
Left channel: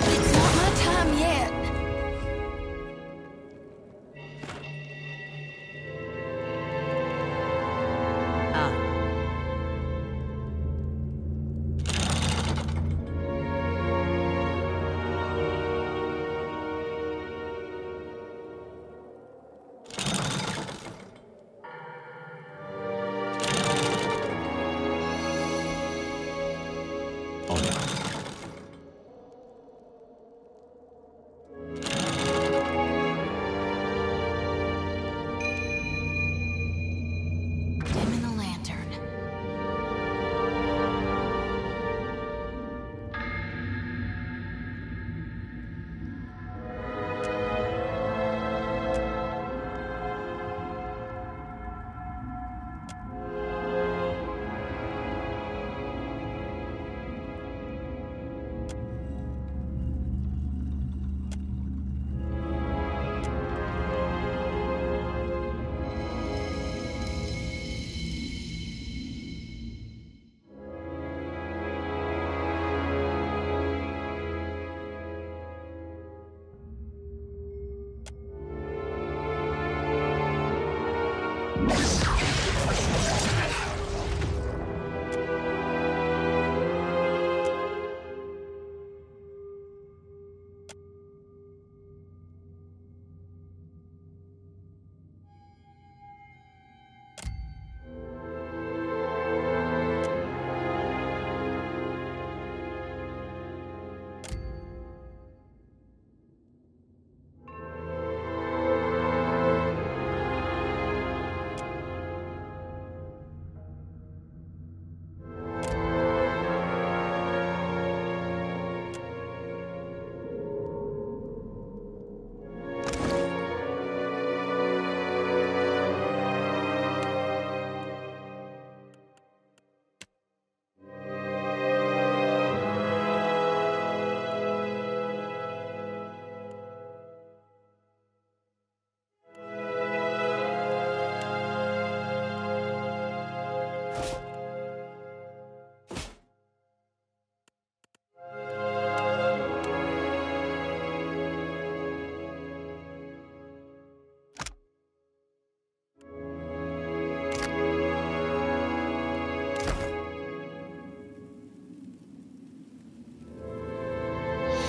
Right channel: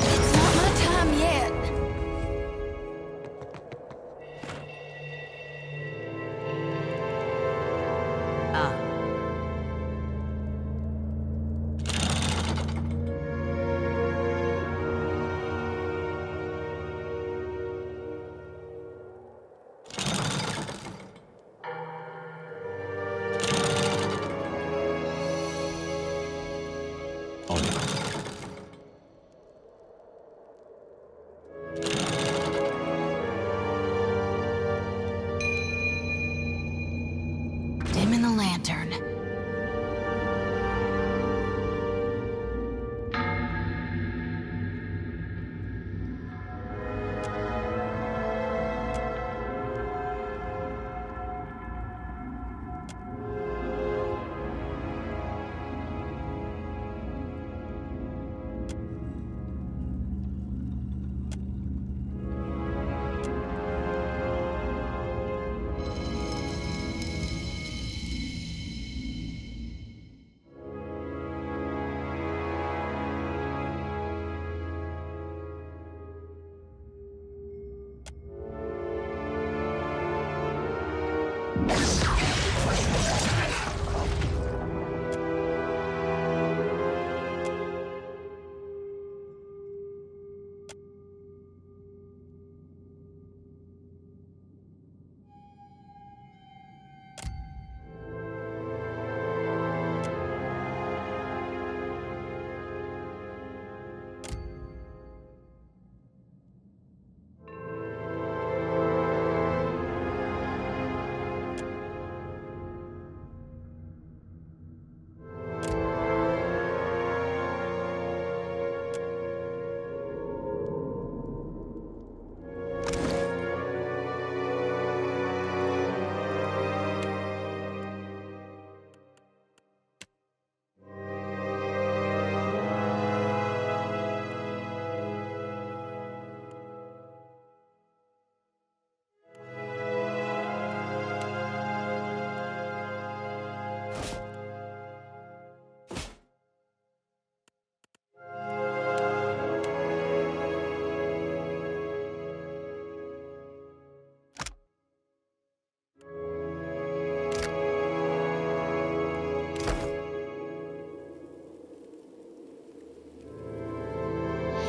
It's not my time yet. Ah. Dimming the lantern.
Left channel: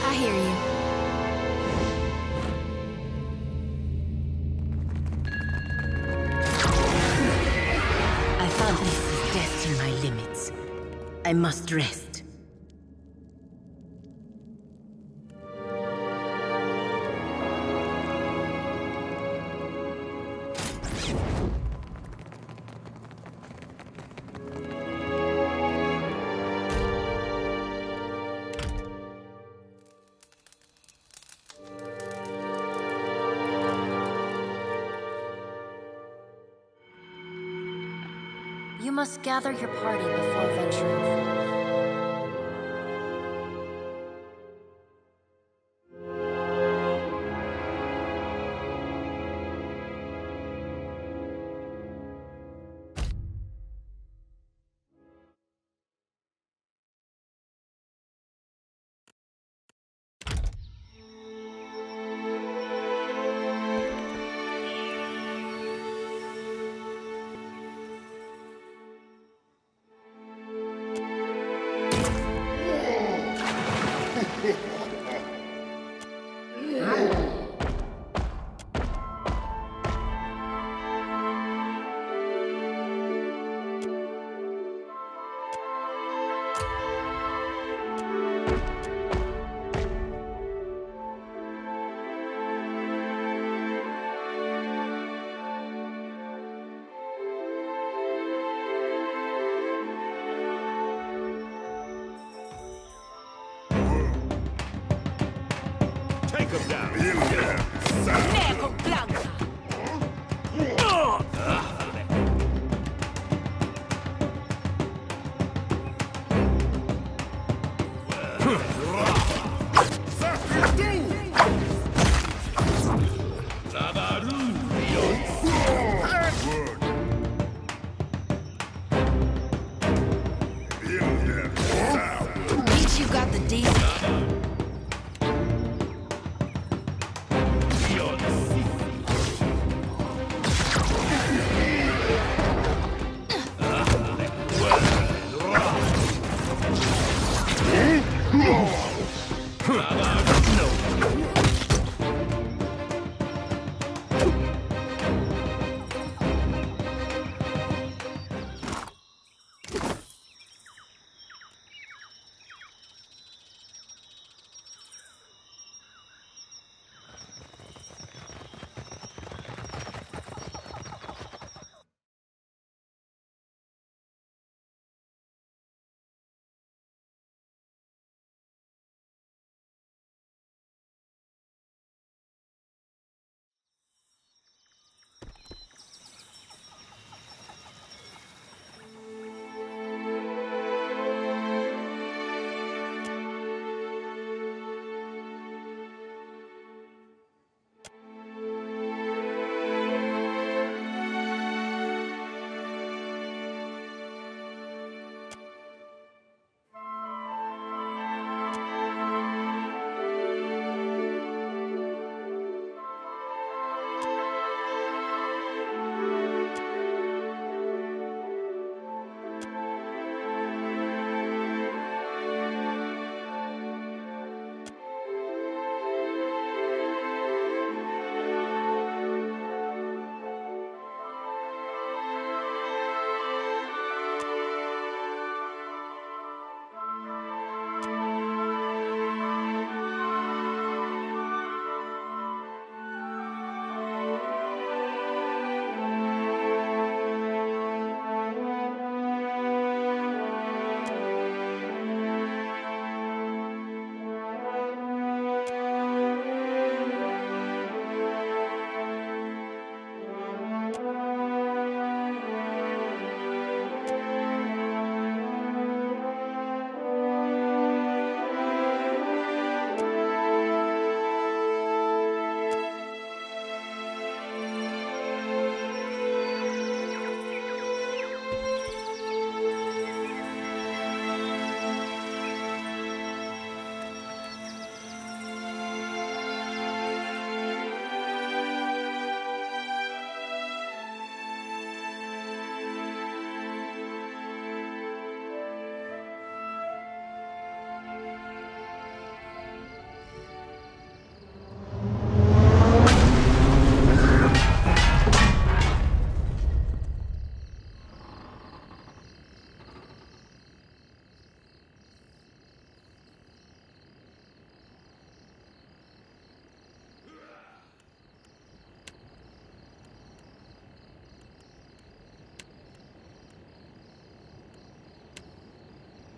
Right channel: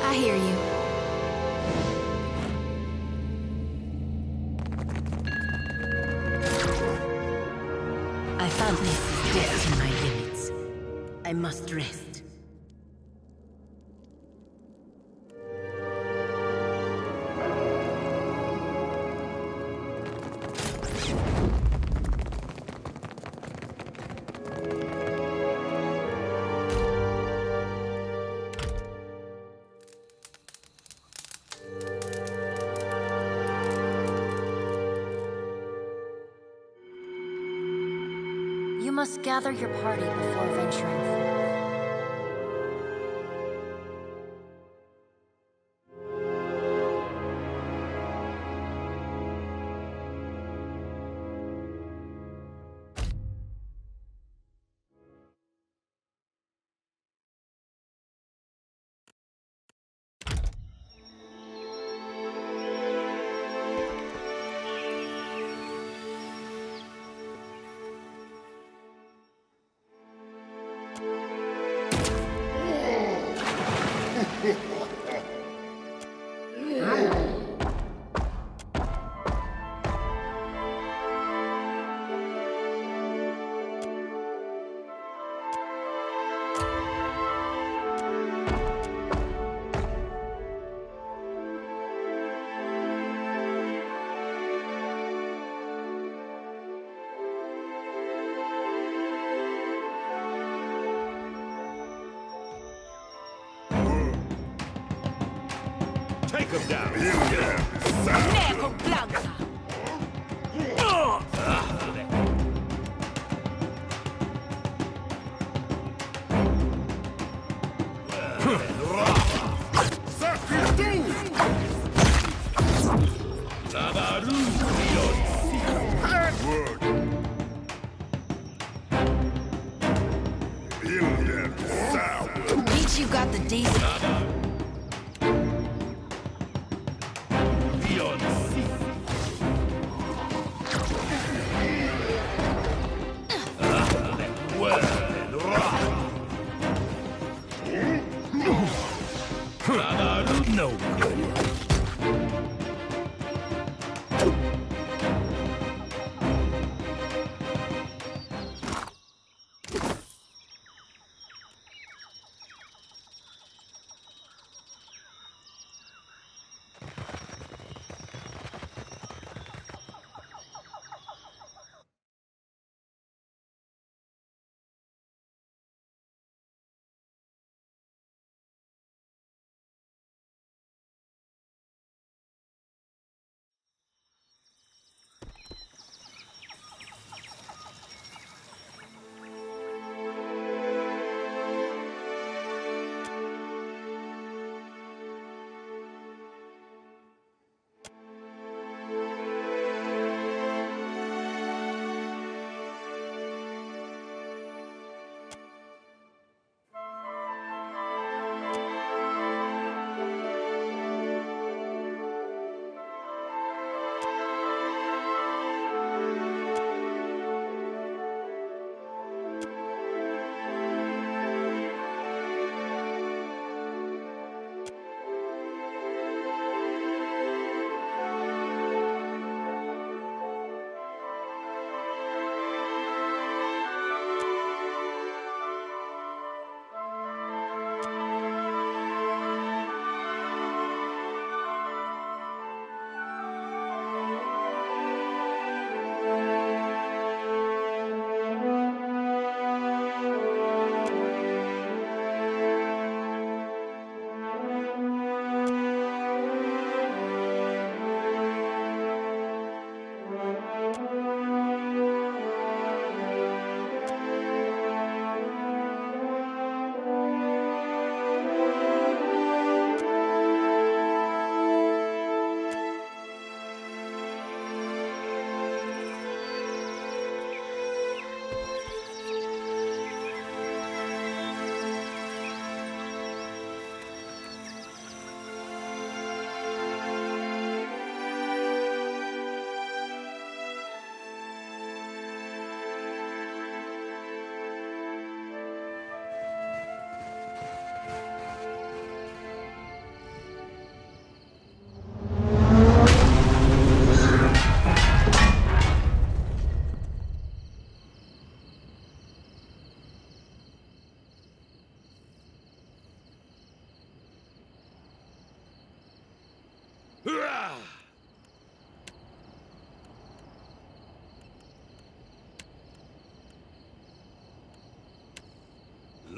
I hear you. I found this is testing my limits. I must rest. You must gather your party before venturing forth. Take him down. Neco Blanca. decent.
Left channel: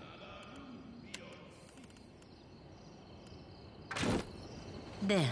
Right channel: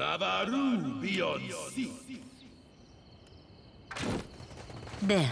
Lavaru beyond sea. There.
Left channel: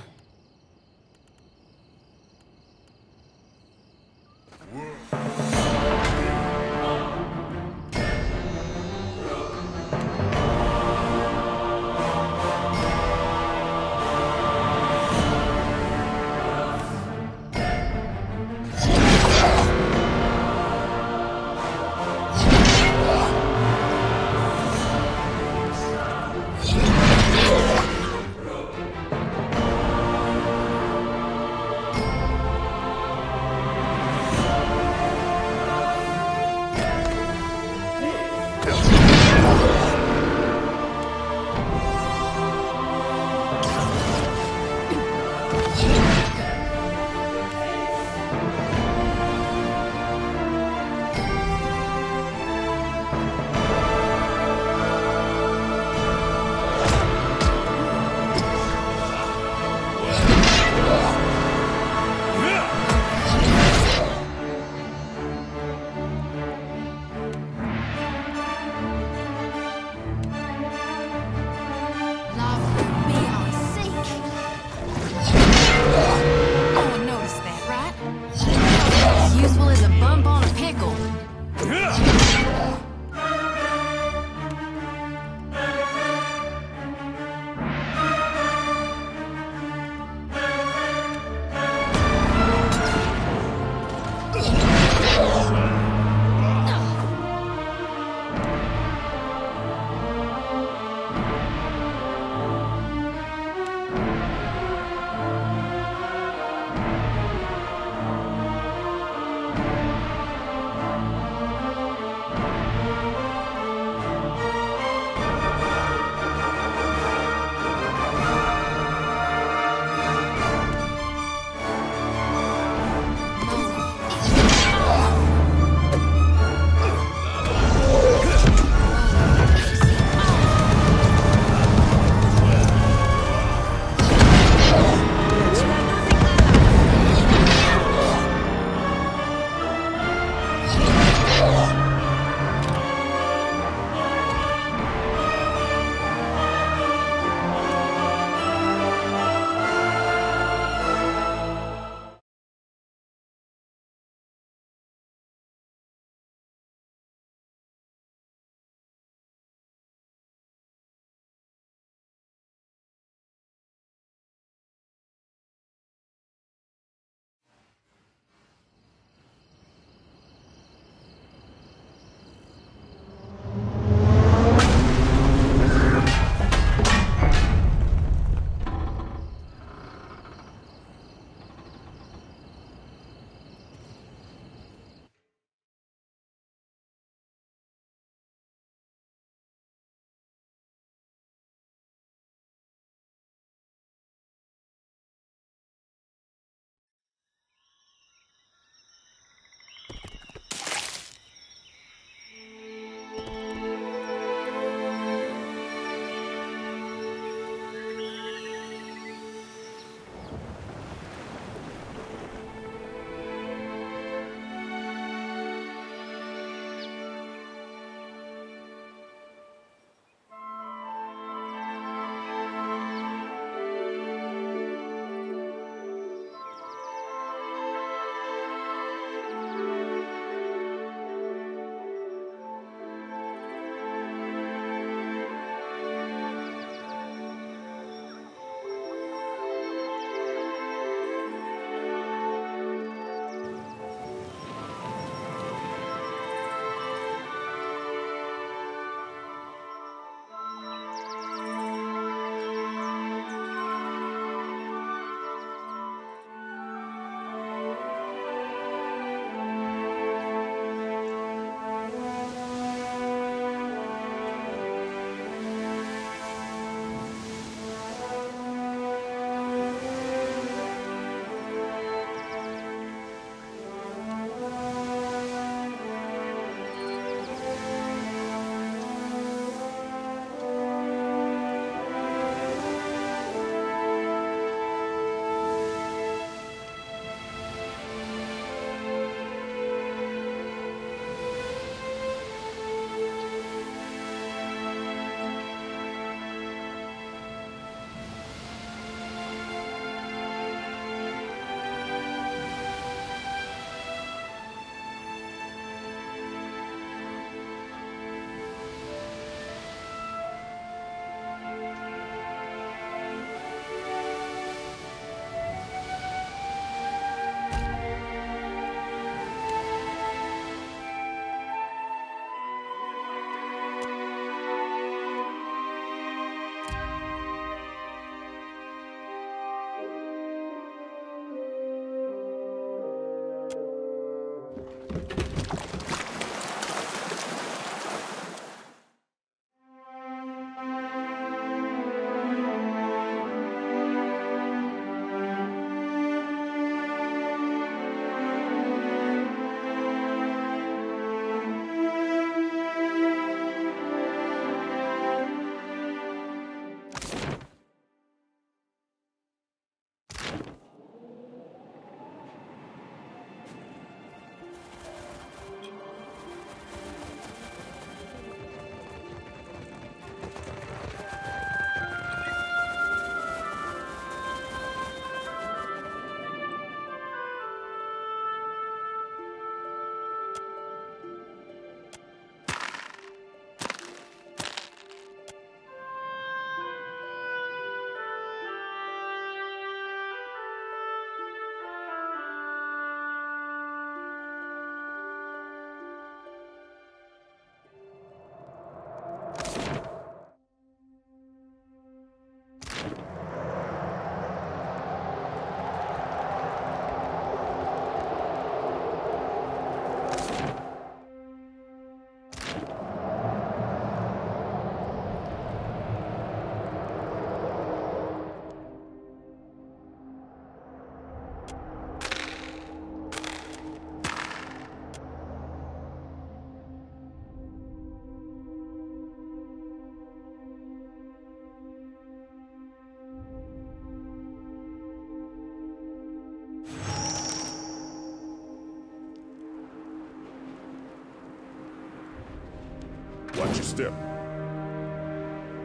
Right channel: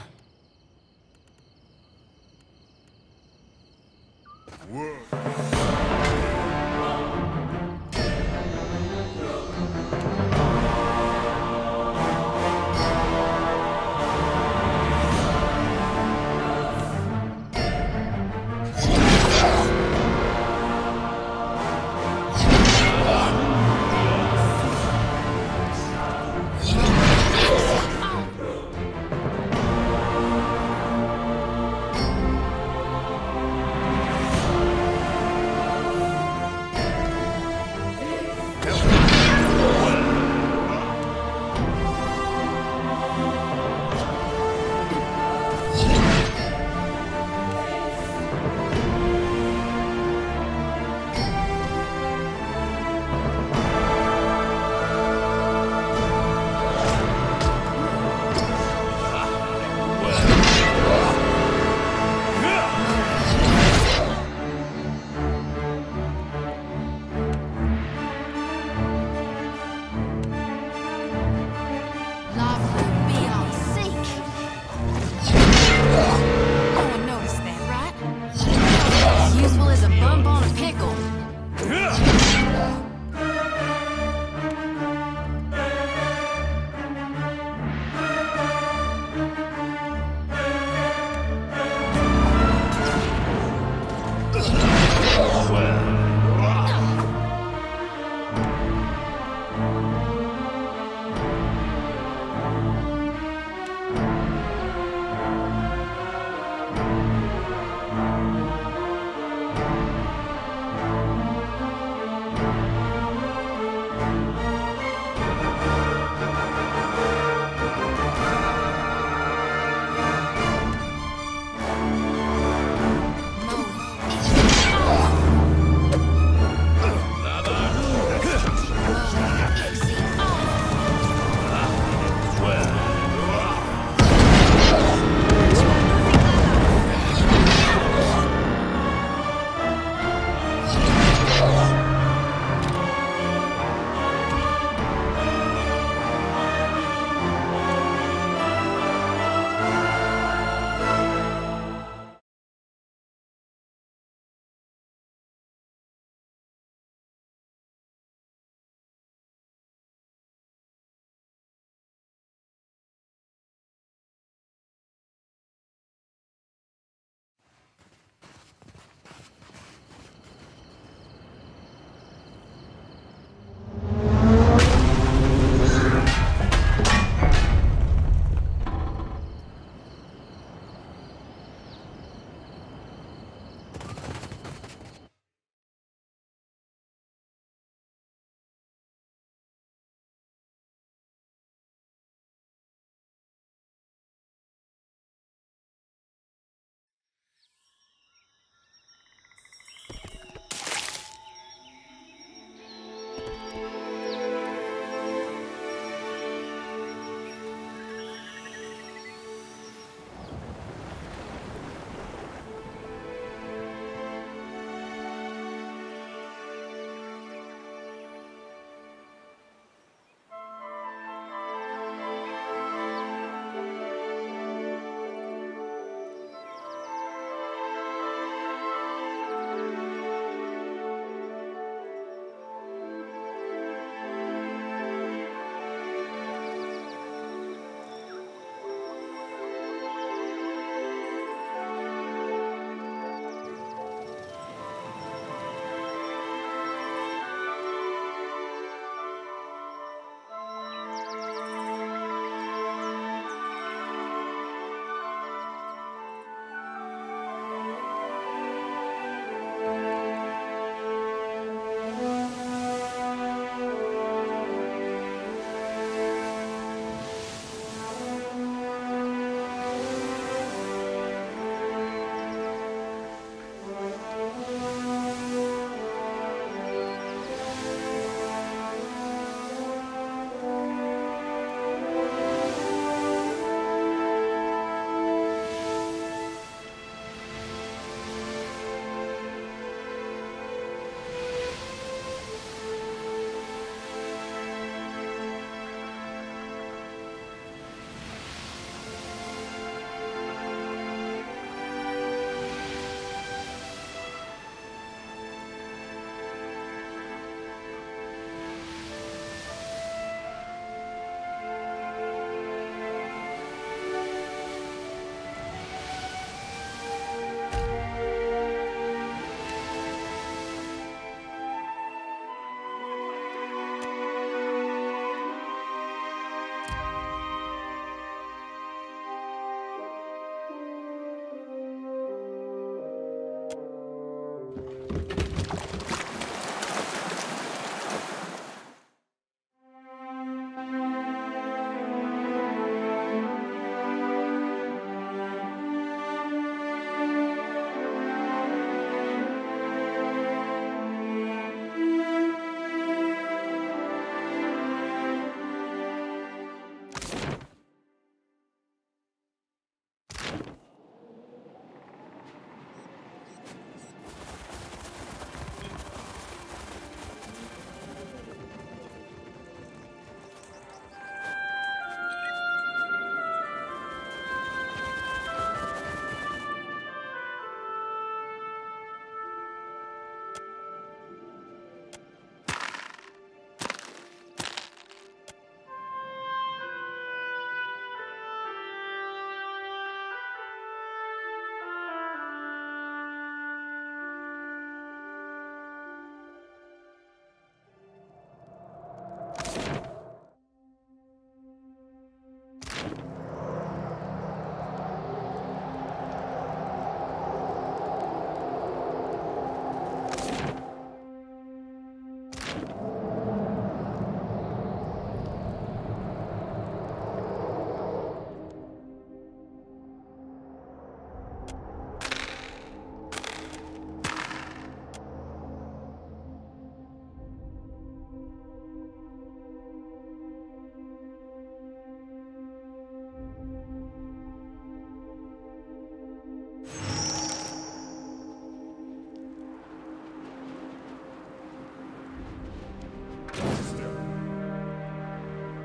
your step.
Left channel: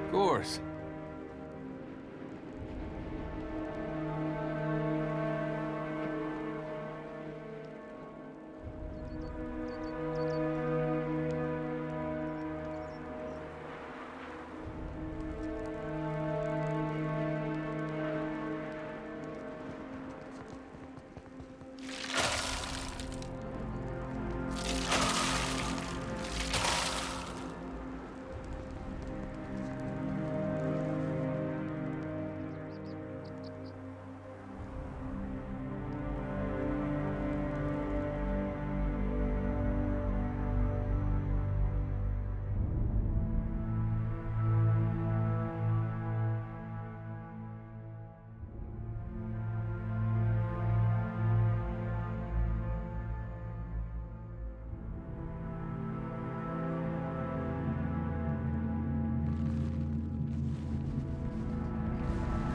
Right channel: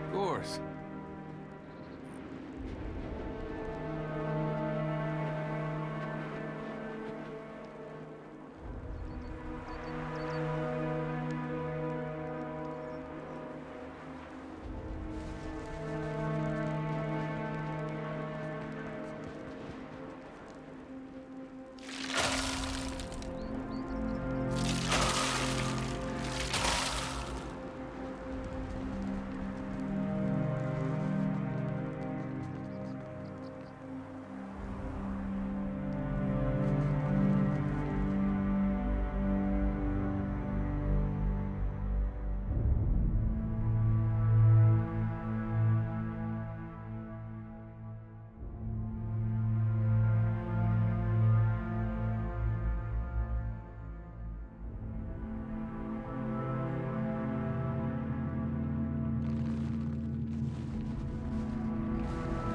Of course.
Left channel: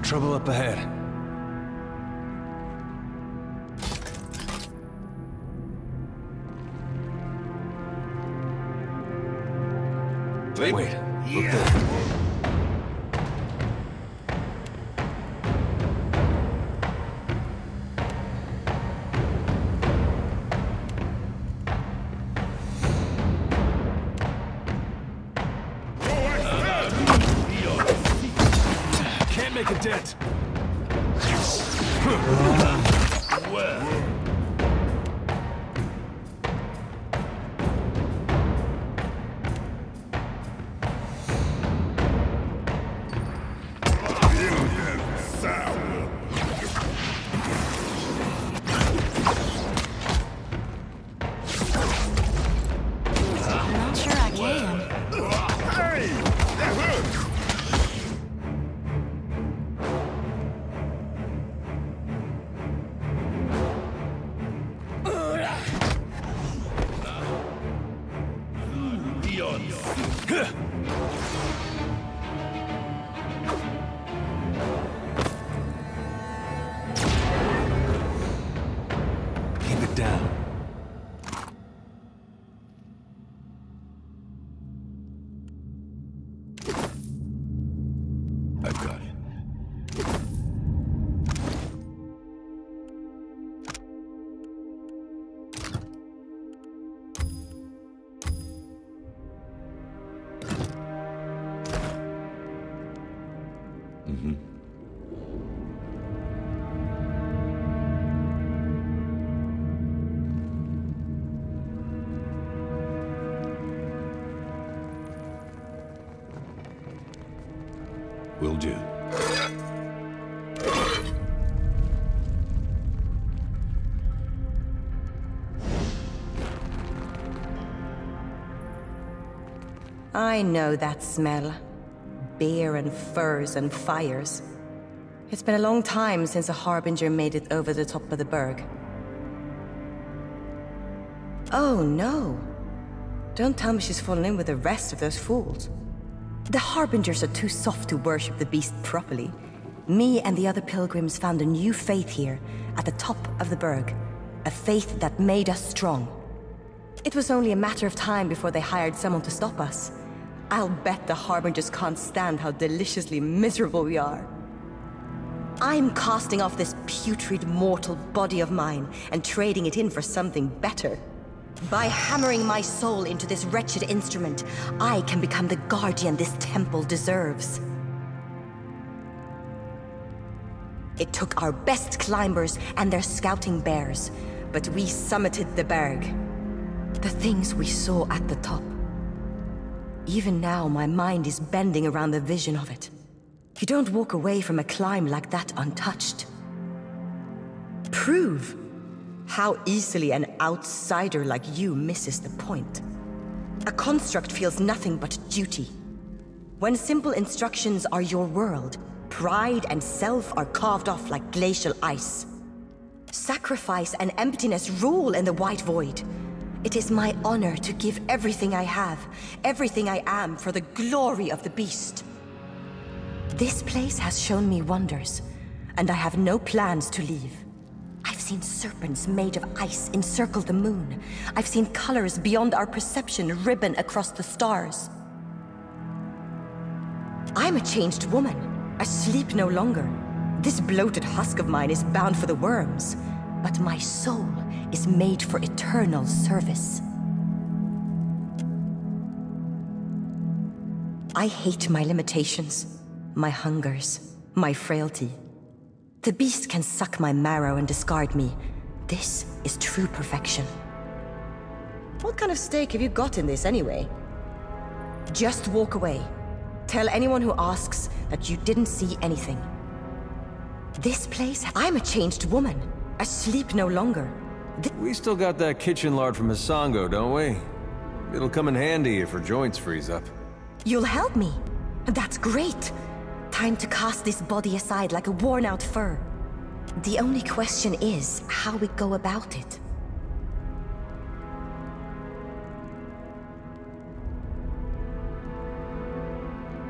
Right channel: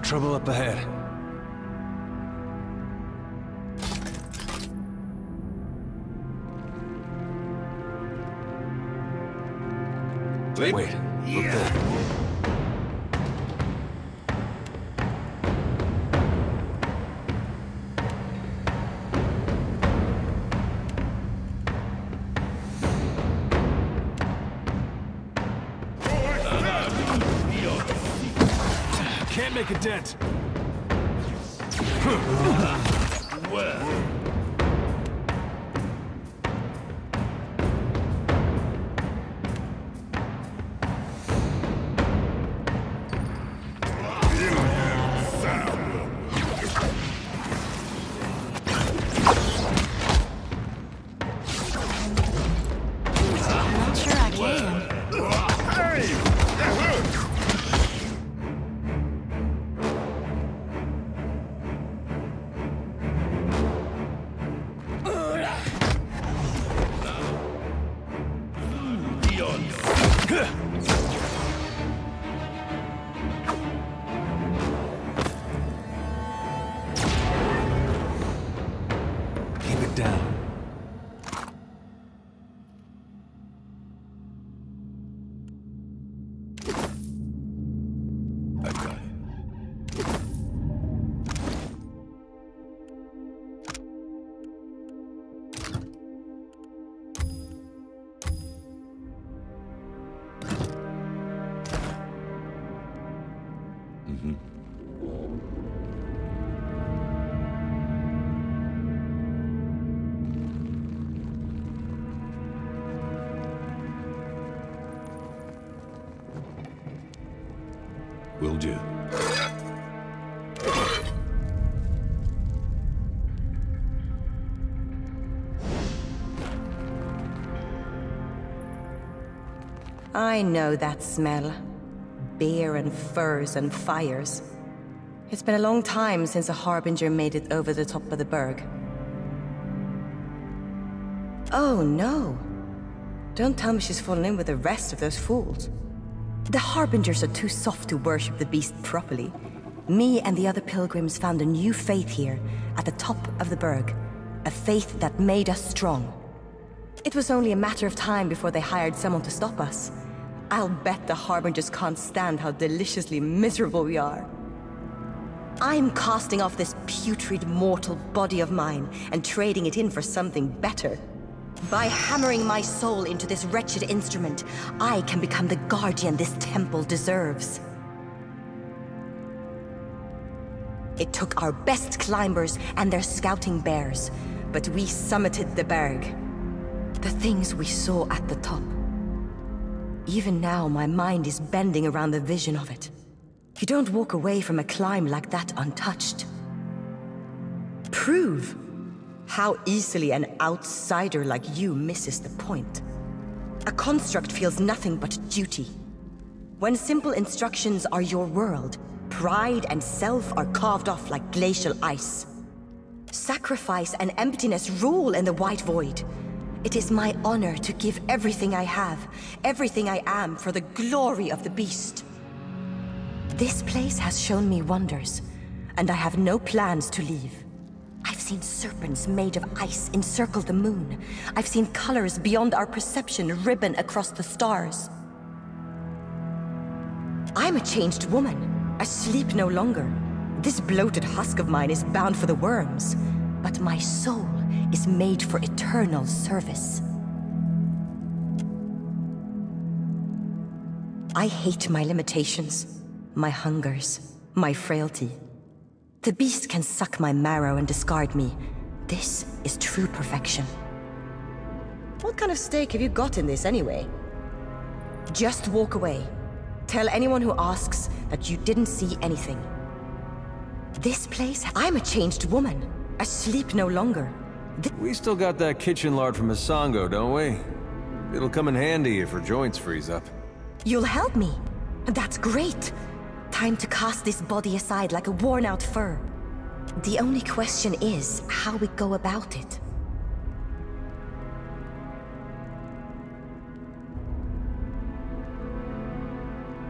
Trouble up ahead. Wait, look there. Can't make a dent. Well. I'm not sure I can. Hey! That hurts! Keep it down. I've got it. Mm-hmm. Will do. I know that smell. Beer and furs and fires. It's been a long time since a harbinger made it over the top of the berg. Oh no. Don't tell me she's fallen in with the rest of those fools. The harbingers are too soft to worship the beast properly. Me and the other pilgrims found a new faith here, at the top of the berg. A faith that made us strong. It was only a matter of time before they hired someone to stop us. I'll bet the harbingers can't stand how deliciously miserable we are. I'm casting off this putrid mortal body of mine and trading it in for something better. By hammering my soul into this wretched instrument, I can become the guardian this temple deserves. It took our best climbers and their scouting bears, but we summited the berg. The things we saw at the top. Even now, my mind is bending around the vision of it. You don't walk away from a climb like that untouched. Prove how easily an outsider like you misses the point. A construct feels nothing but duty. When simple instructions are your world, pride and self are carved off like glacial ice. Sacrifice and emptiness rule in the white void. It is my honor to give everything I have, everything I am, for the glory of the beast. This place has shown me wonders, and I have no plans to leave. I've seen serpents made of ice encircle the moon. I've seen colors beyond our perception ribbon across the stars. I'm a changed woman. I sleep no longer. This bloated husk of mine is bound for the worms, but my soul is made for eternal service. I hate my limitations, my hungers, my frailty. The beast can suck my marrow and discard me. This is true perfection. What kind of stake have you got in this anyway? Just walk away. Tell anyone who asks that you didn't see anything. This place, I'm a changed woman. I sleep no longer. We still got that kitchen lard from Masongo, don't we? It'll come in handy if her joints freeze up. You'll help me. That's great. Time to cast this body aside like a worn-out fur. The only question is how we go about it.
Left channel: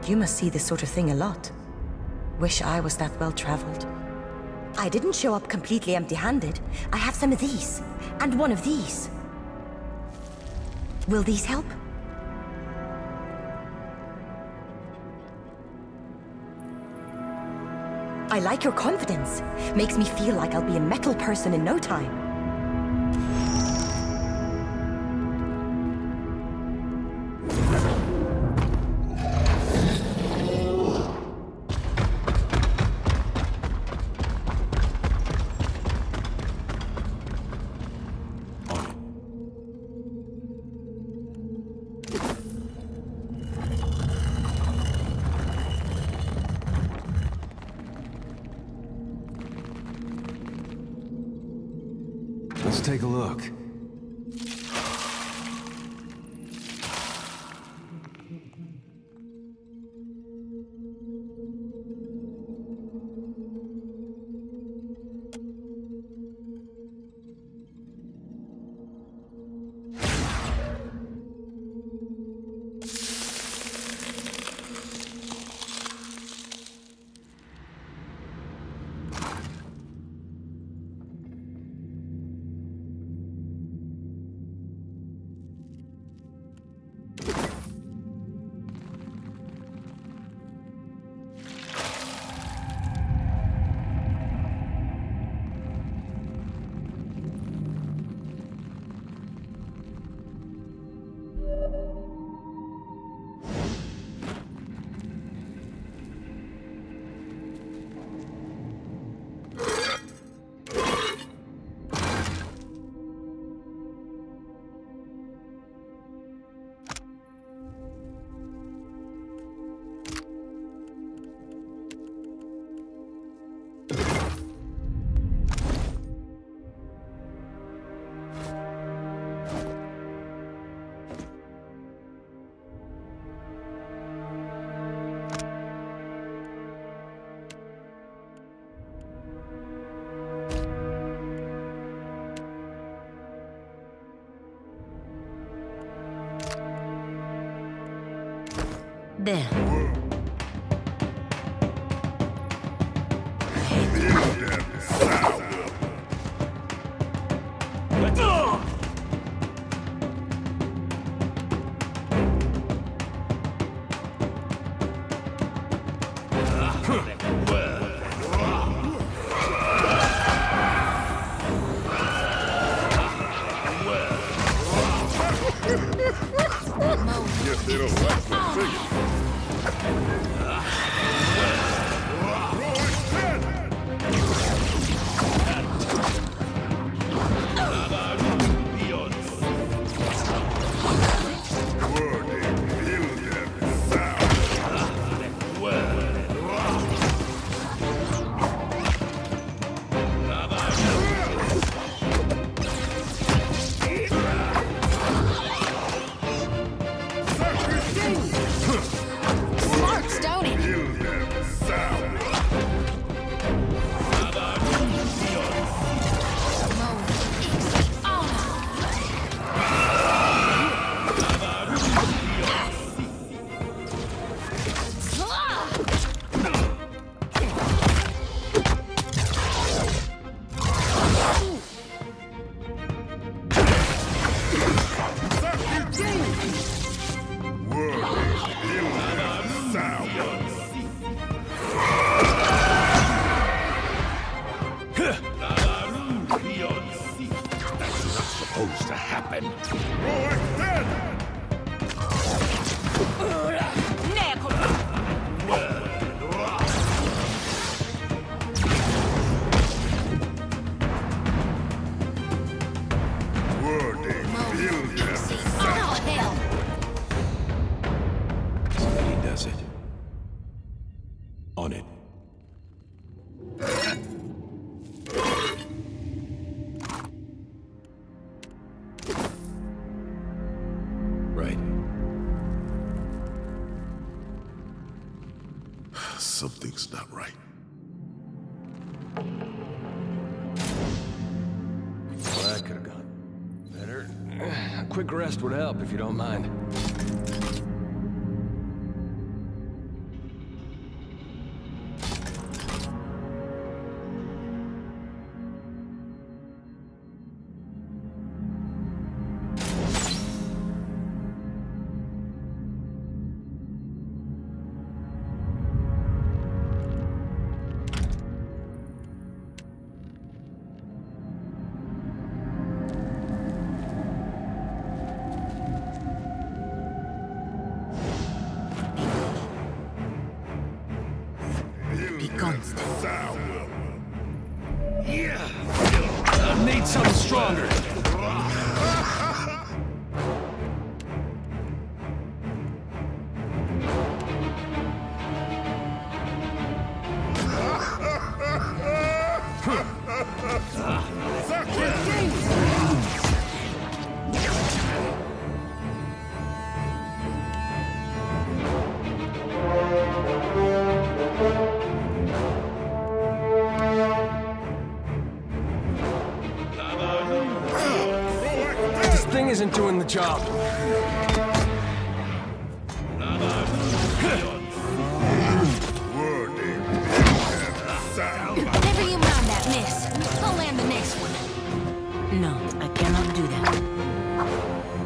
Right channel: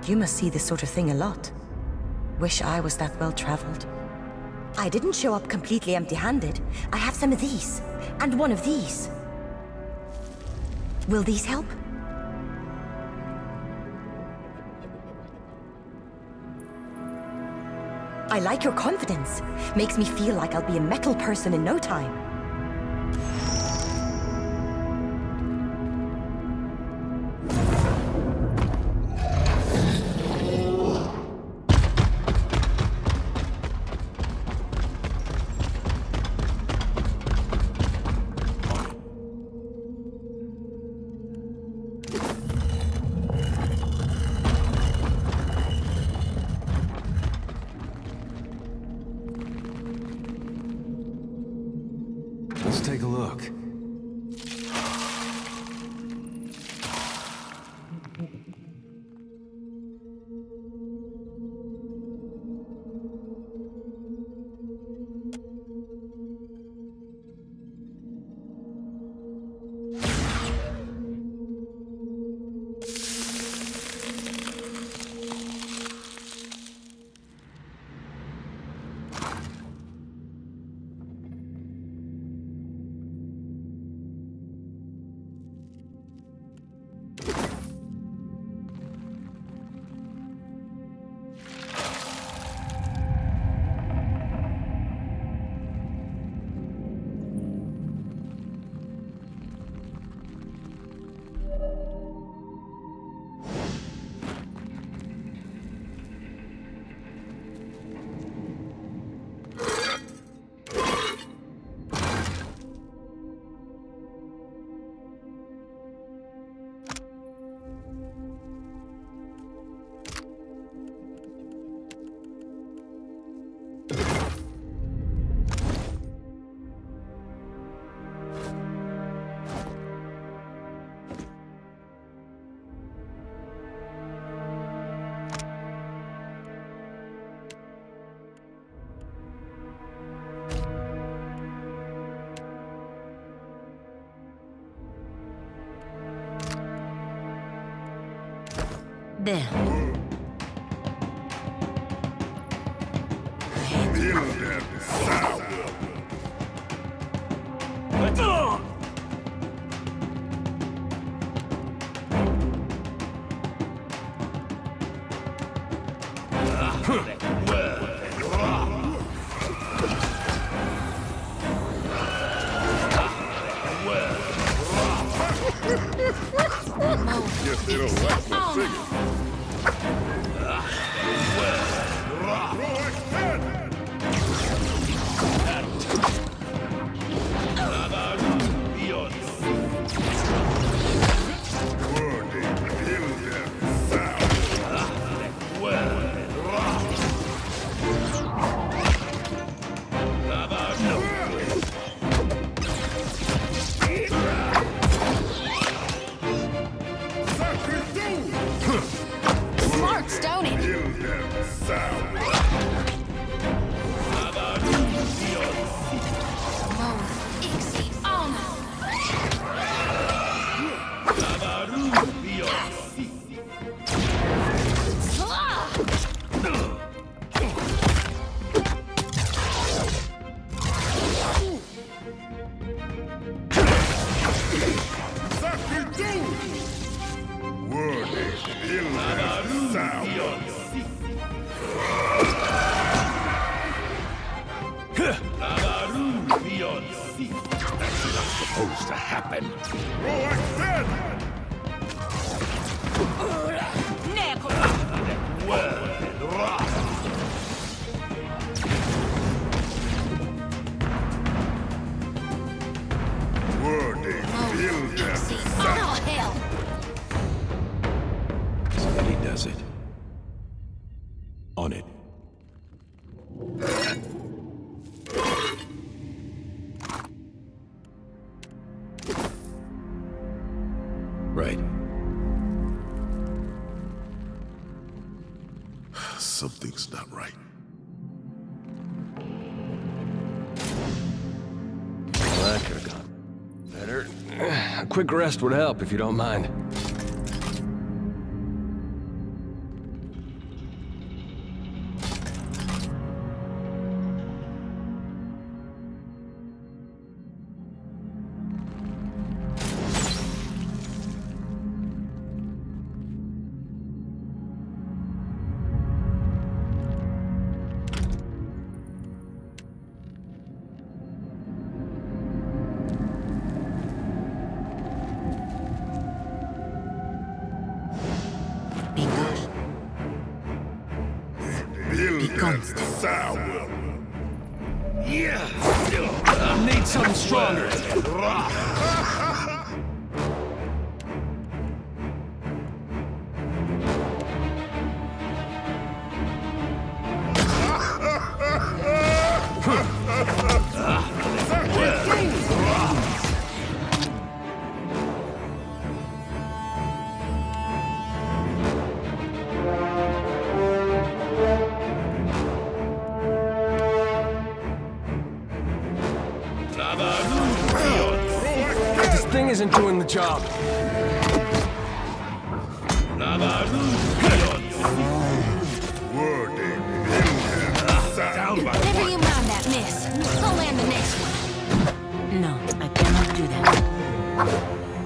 You must see this sort of thing a lot. Wish I was that well-traveled. I didn't show up completely empty-handed. I have some of these, and one of these. Will these help? I like your confidence. Makes me feel like I'll be a metal person in no time. Let's take a look. There. Guess they don't like my figure. Huh. supposed to happen? Oh, hell! Steady does it. On it. Right. Something's not right. Well, that could have gone better. A quick rest would help if you don't mind. I need something stronger. This thing isn't doing the job. Never you mind that, miss. I'll land the next one. No, I cannot do that.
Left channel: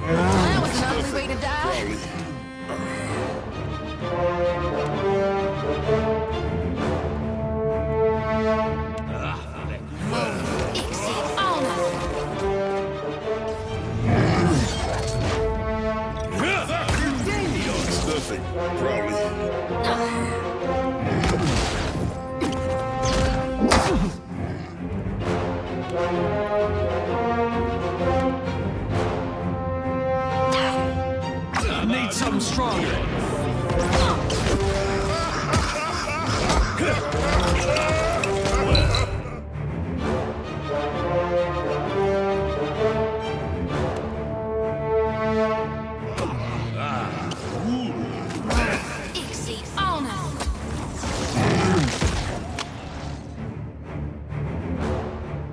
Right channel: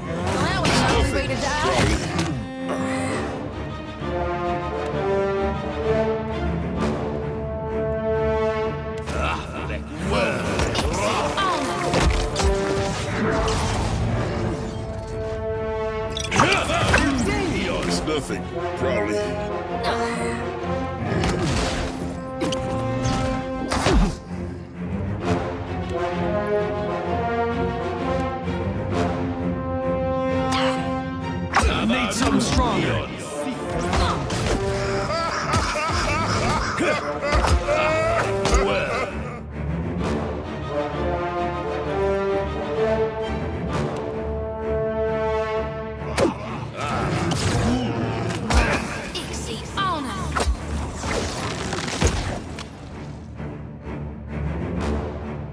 Well, that was an ugly way to die. It's nothing, probably. I need something stronger.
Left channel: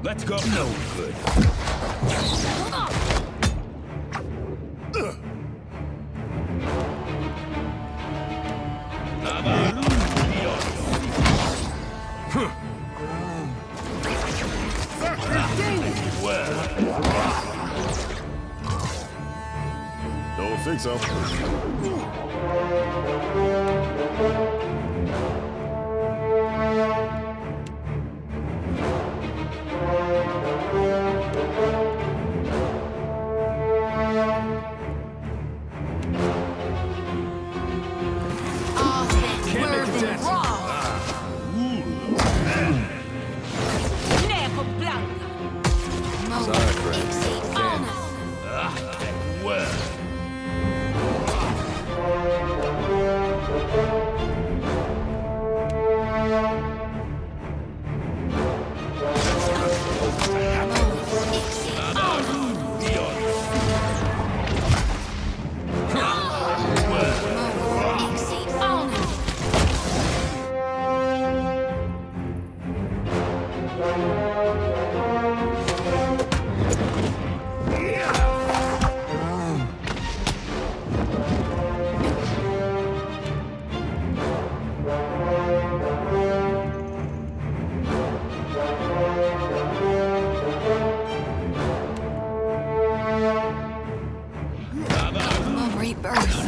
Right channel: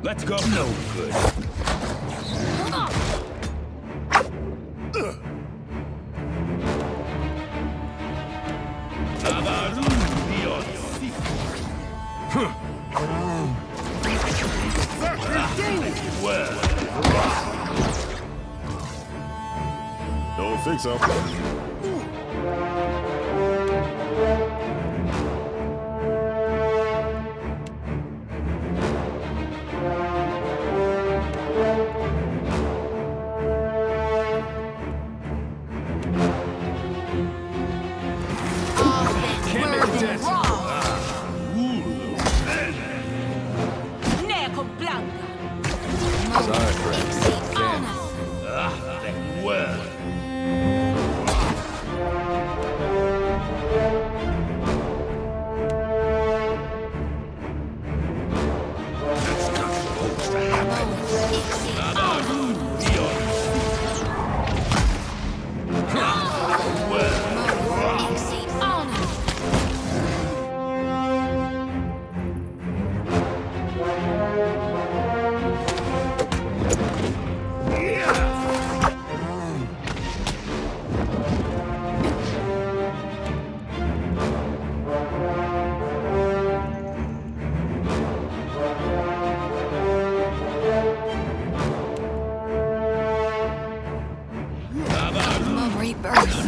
Let's go. No good. Don't think so.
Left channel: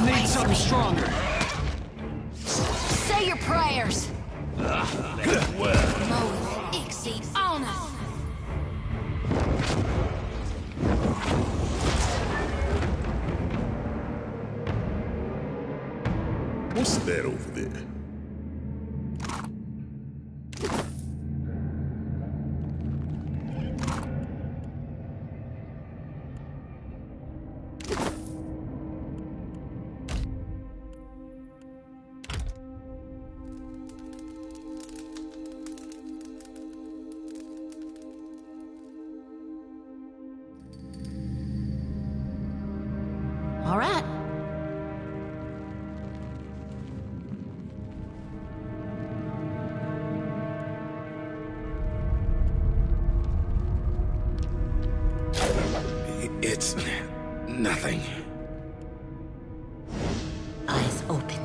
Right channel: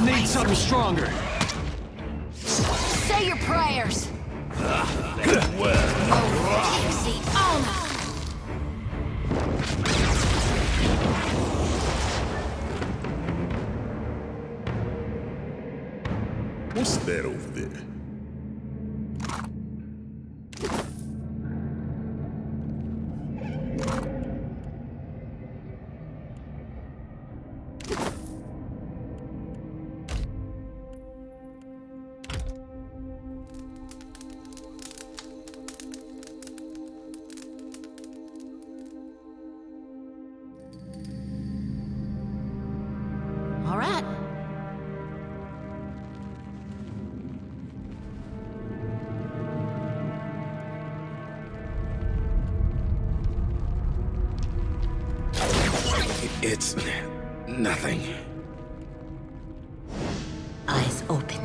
Need something stronger. Say your prayers. What's that over there? All right. It's nothing. Eyes open.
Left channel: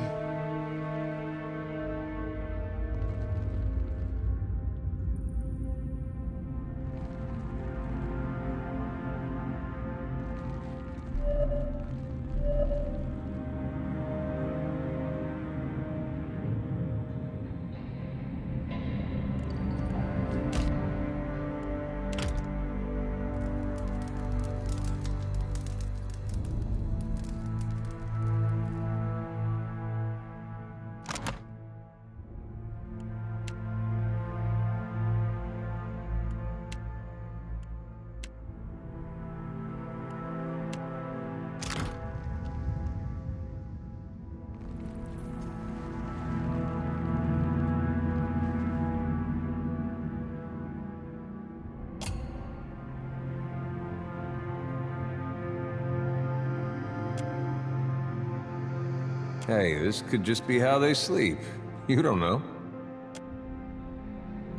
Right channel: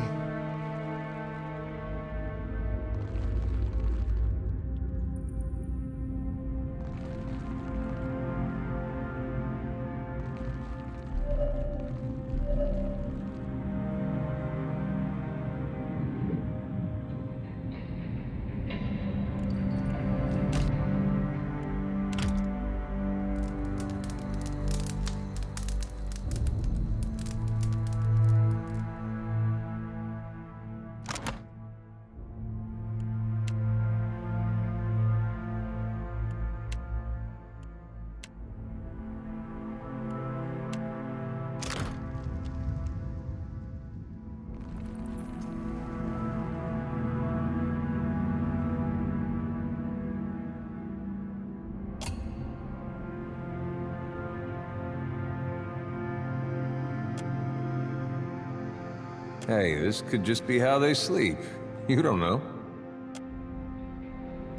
Hey, this could just be how they sleep. You don't know.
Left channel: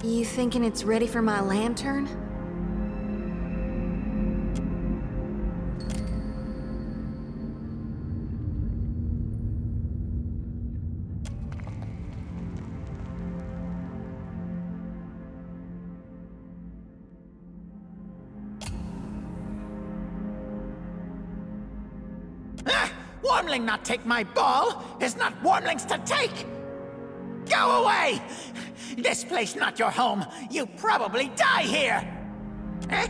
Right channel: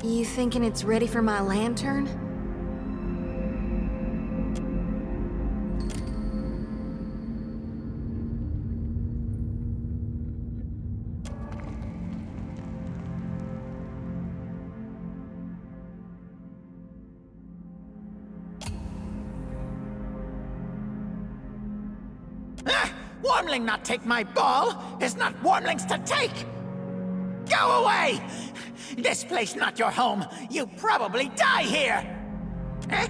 You thinking it's ready for my lantern? Wormling not take my ball is not wormlings to take! Go away! This place not your home. You probably die here! Eh?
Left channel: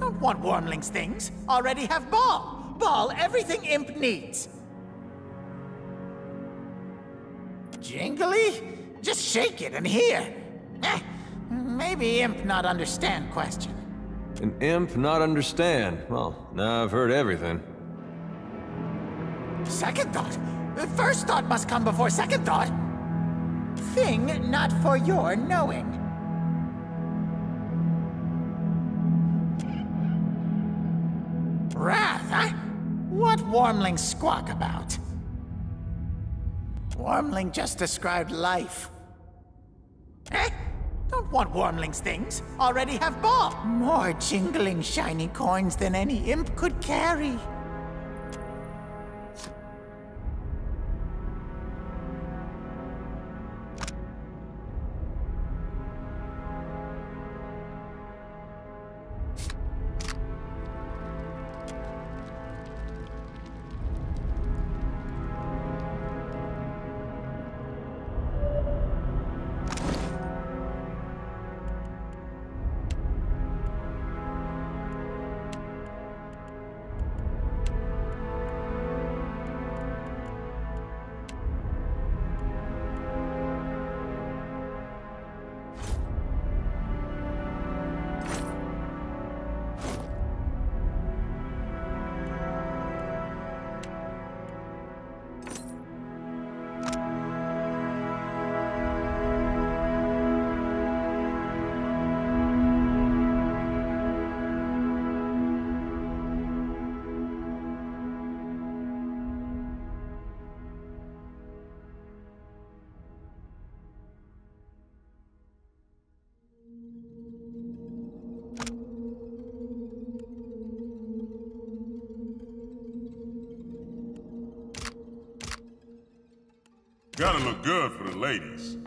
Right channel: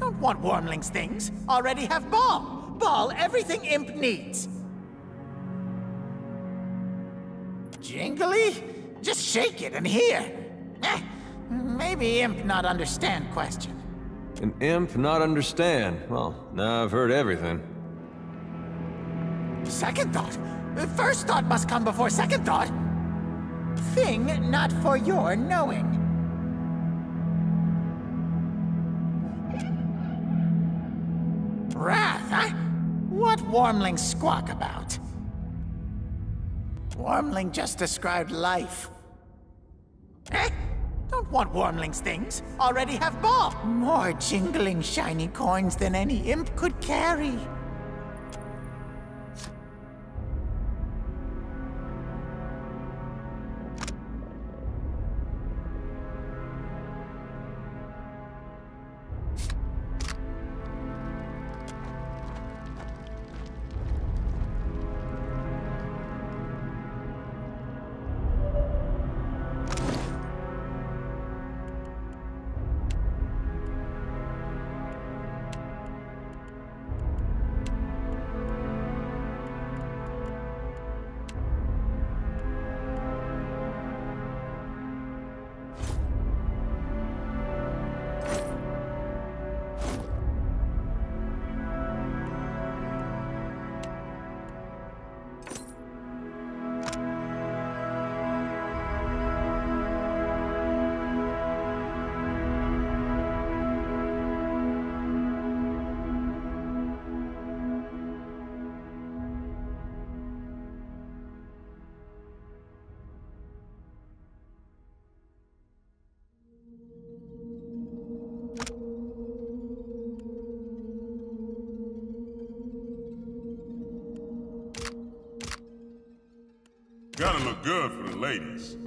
Don't want wormlings things. Already have ball. Ball everything imp needs. Jingly? Just shake it and hear. Eh? Maybe imp not understand question. An imp not understand? Well, now I've heard everything. Second thought? First thought must come before second thought. Thing not for your knowing. Wrath, huh? What wormling squawk about? Wormling just described life. Eh? Don't want wormlings things. Already have ball. More jingling shiny coins than any imp could carry. Gotta look good for the ladies.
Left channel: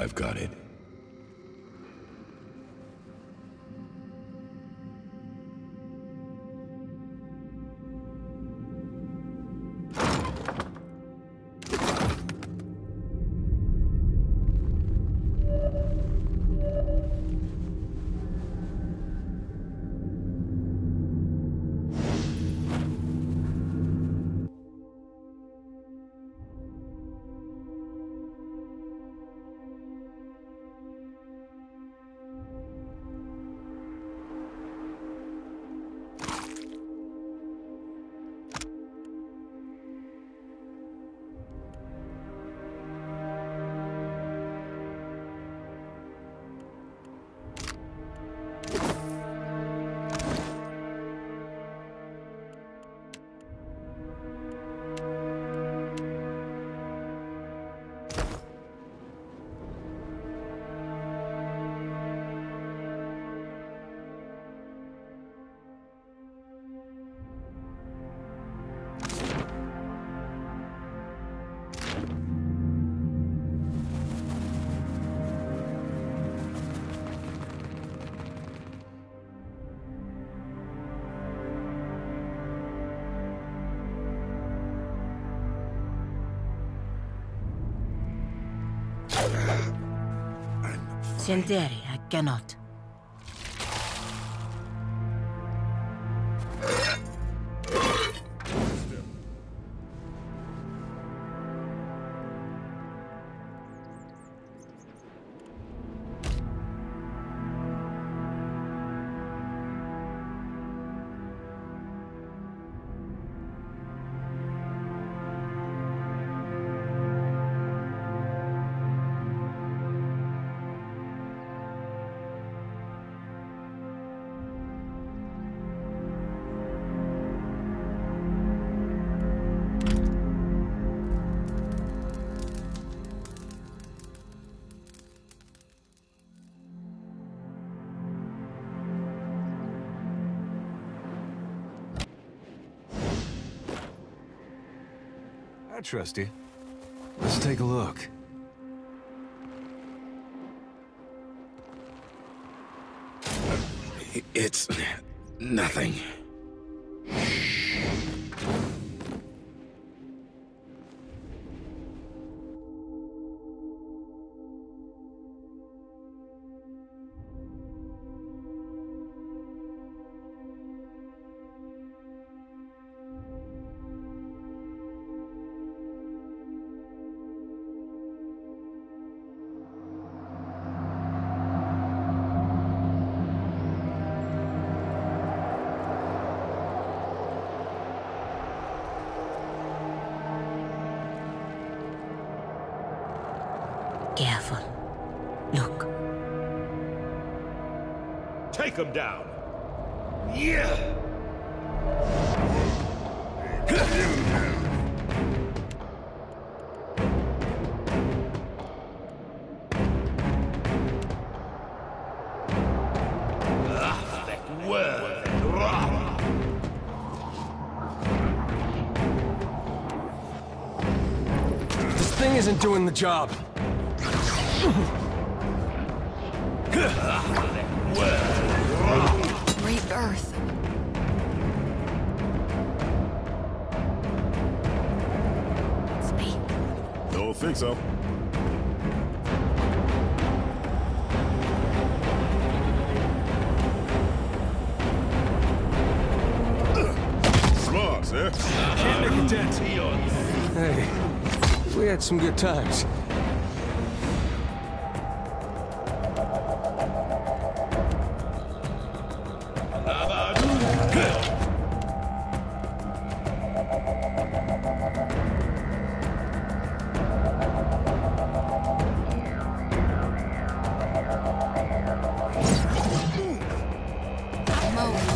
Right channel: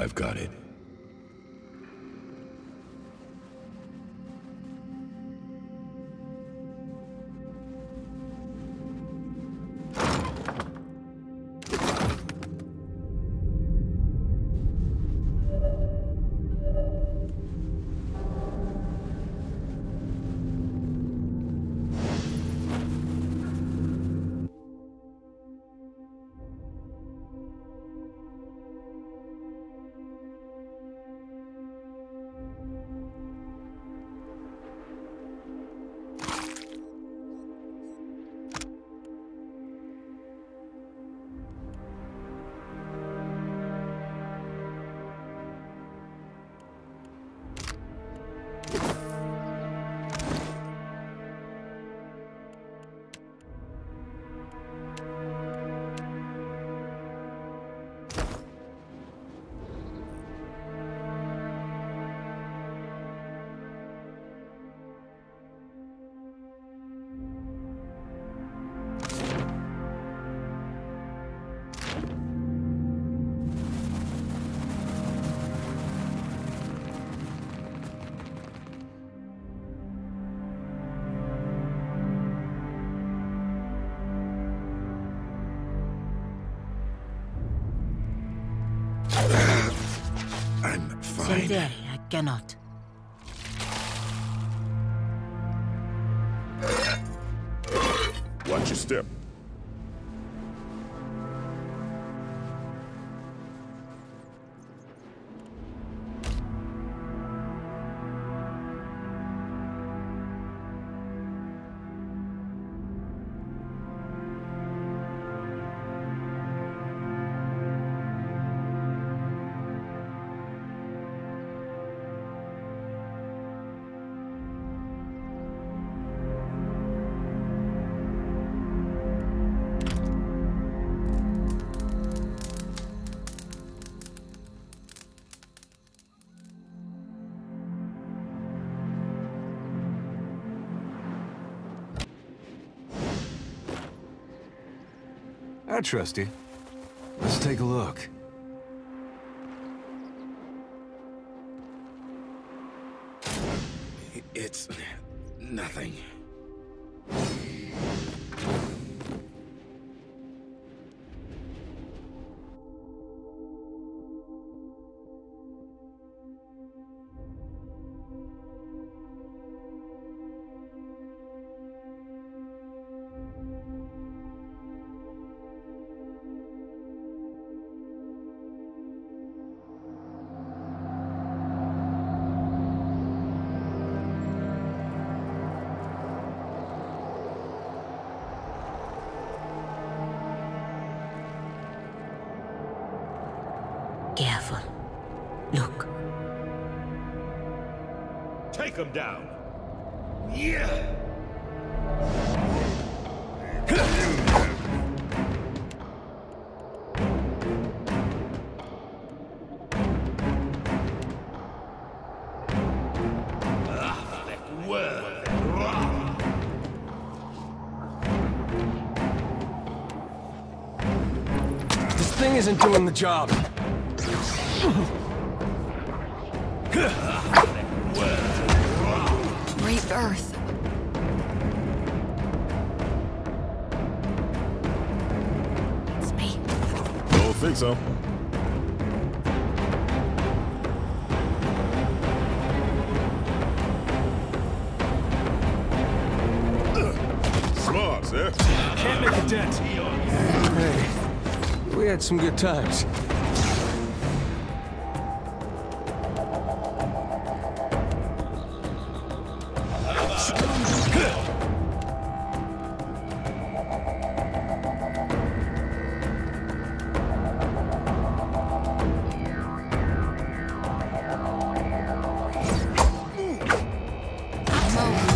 I've got it. I'm fine. Senderi, I cannot. Watch your step. I trust you. Let's take a look. It's nothing. Careful. Look. Take him down. Yeah. This thing isn't doing the job. Rebirth. It's me. Don't think so. Smart, sir. Can't make a dent. Hey, we had some good times.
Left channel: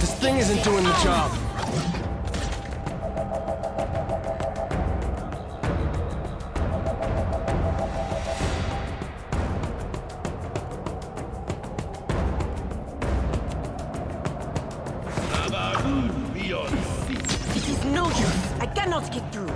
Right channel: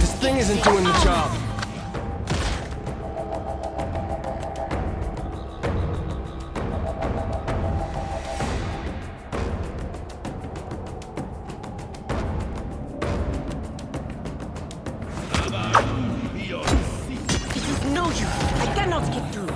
This thing isn't doing the job. It is no use. I cannot get through.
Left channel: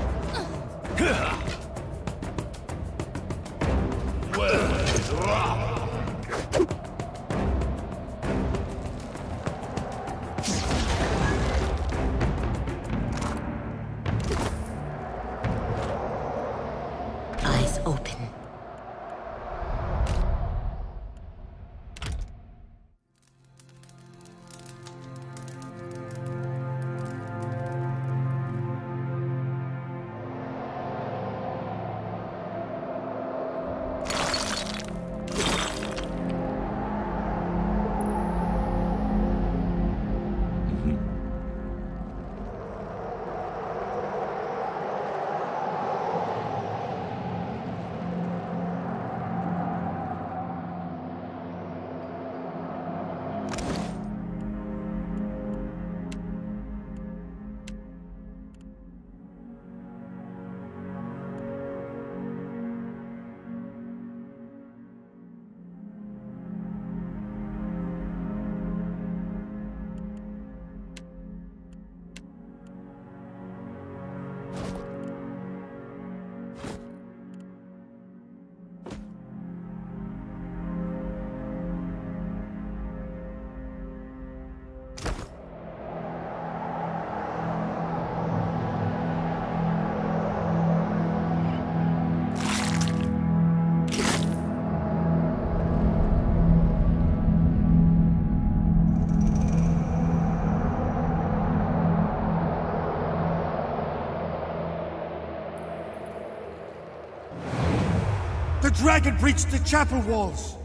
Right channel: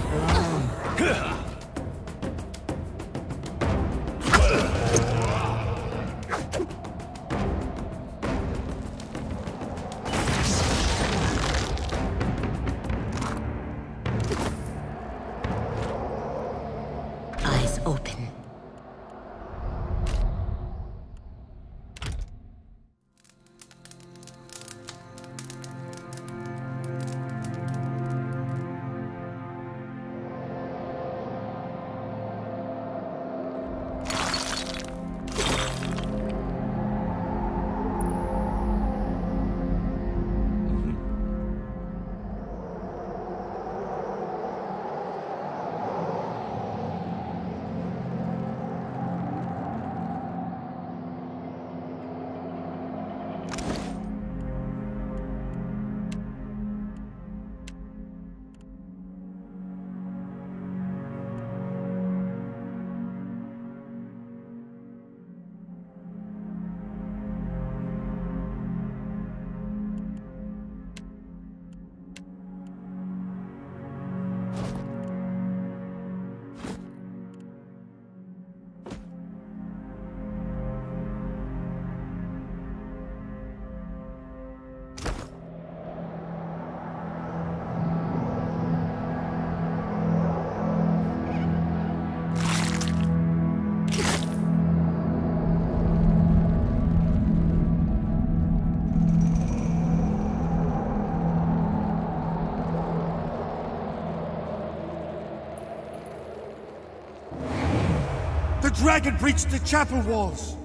The dragon breached the chapel walls!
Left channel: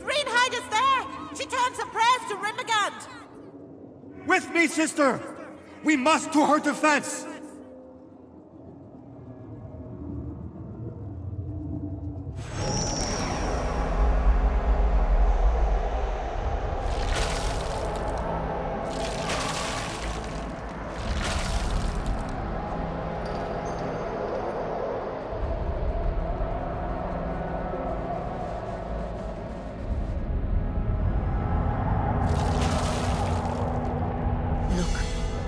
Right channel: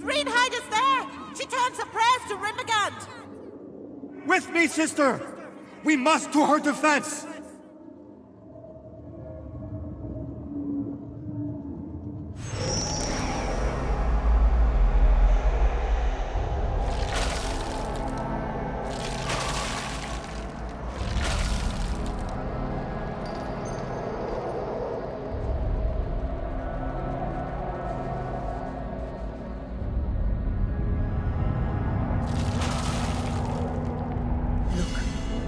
Greenhide is there! She turns her prayers to Rimagant! With me, sister! We must to her defense!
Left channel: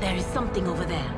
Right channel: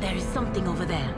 There is something over there.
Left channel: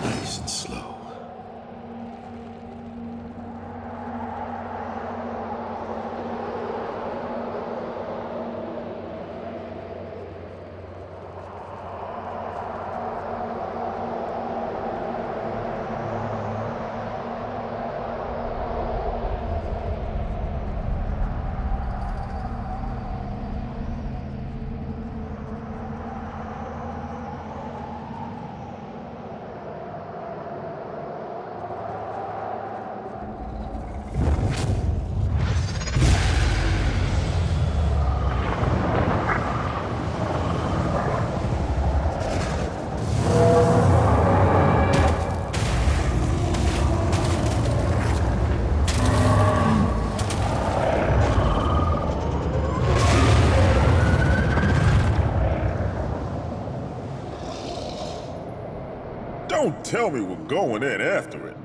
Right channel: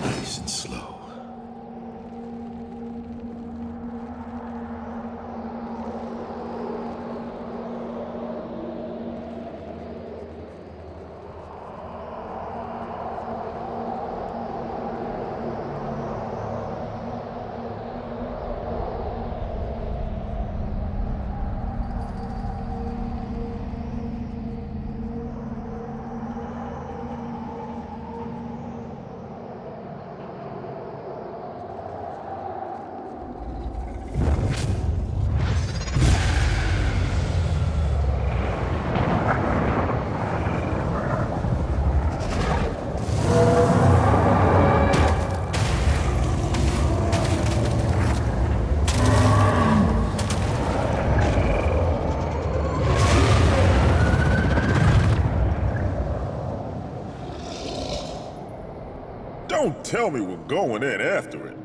Nice and slow. Don't tell me we're going in after it.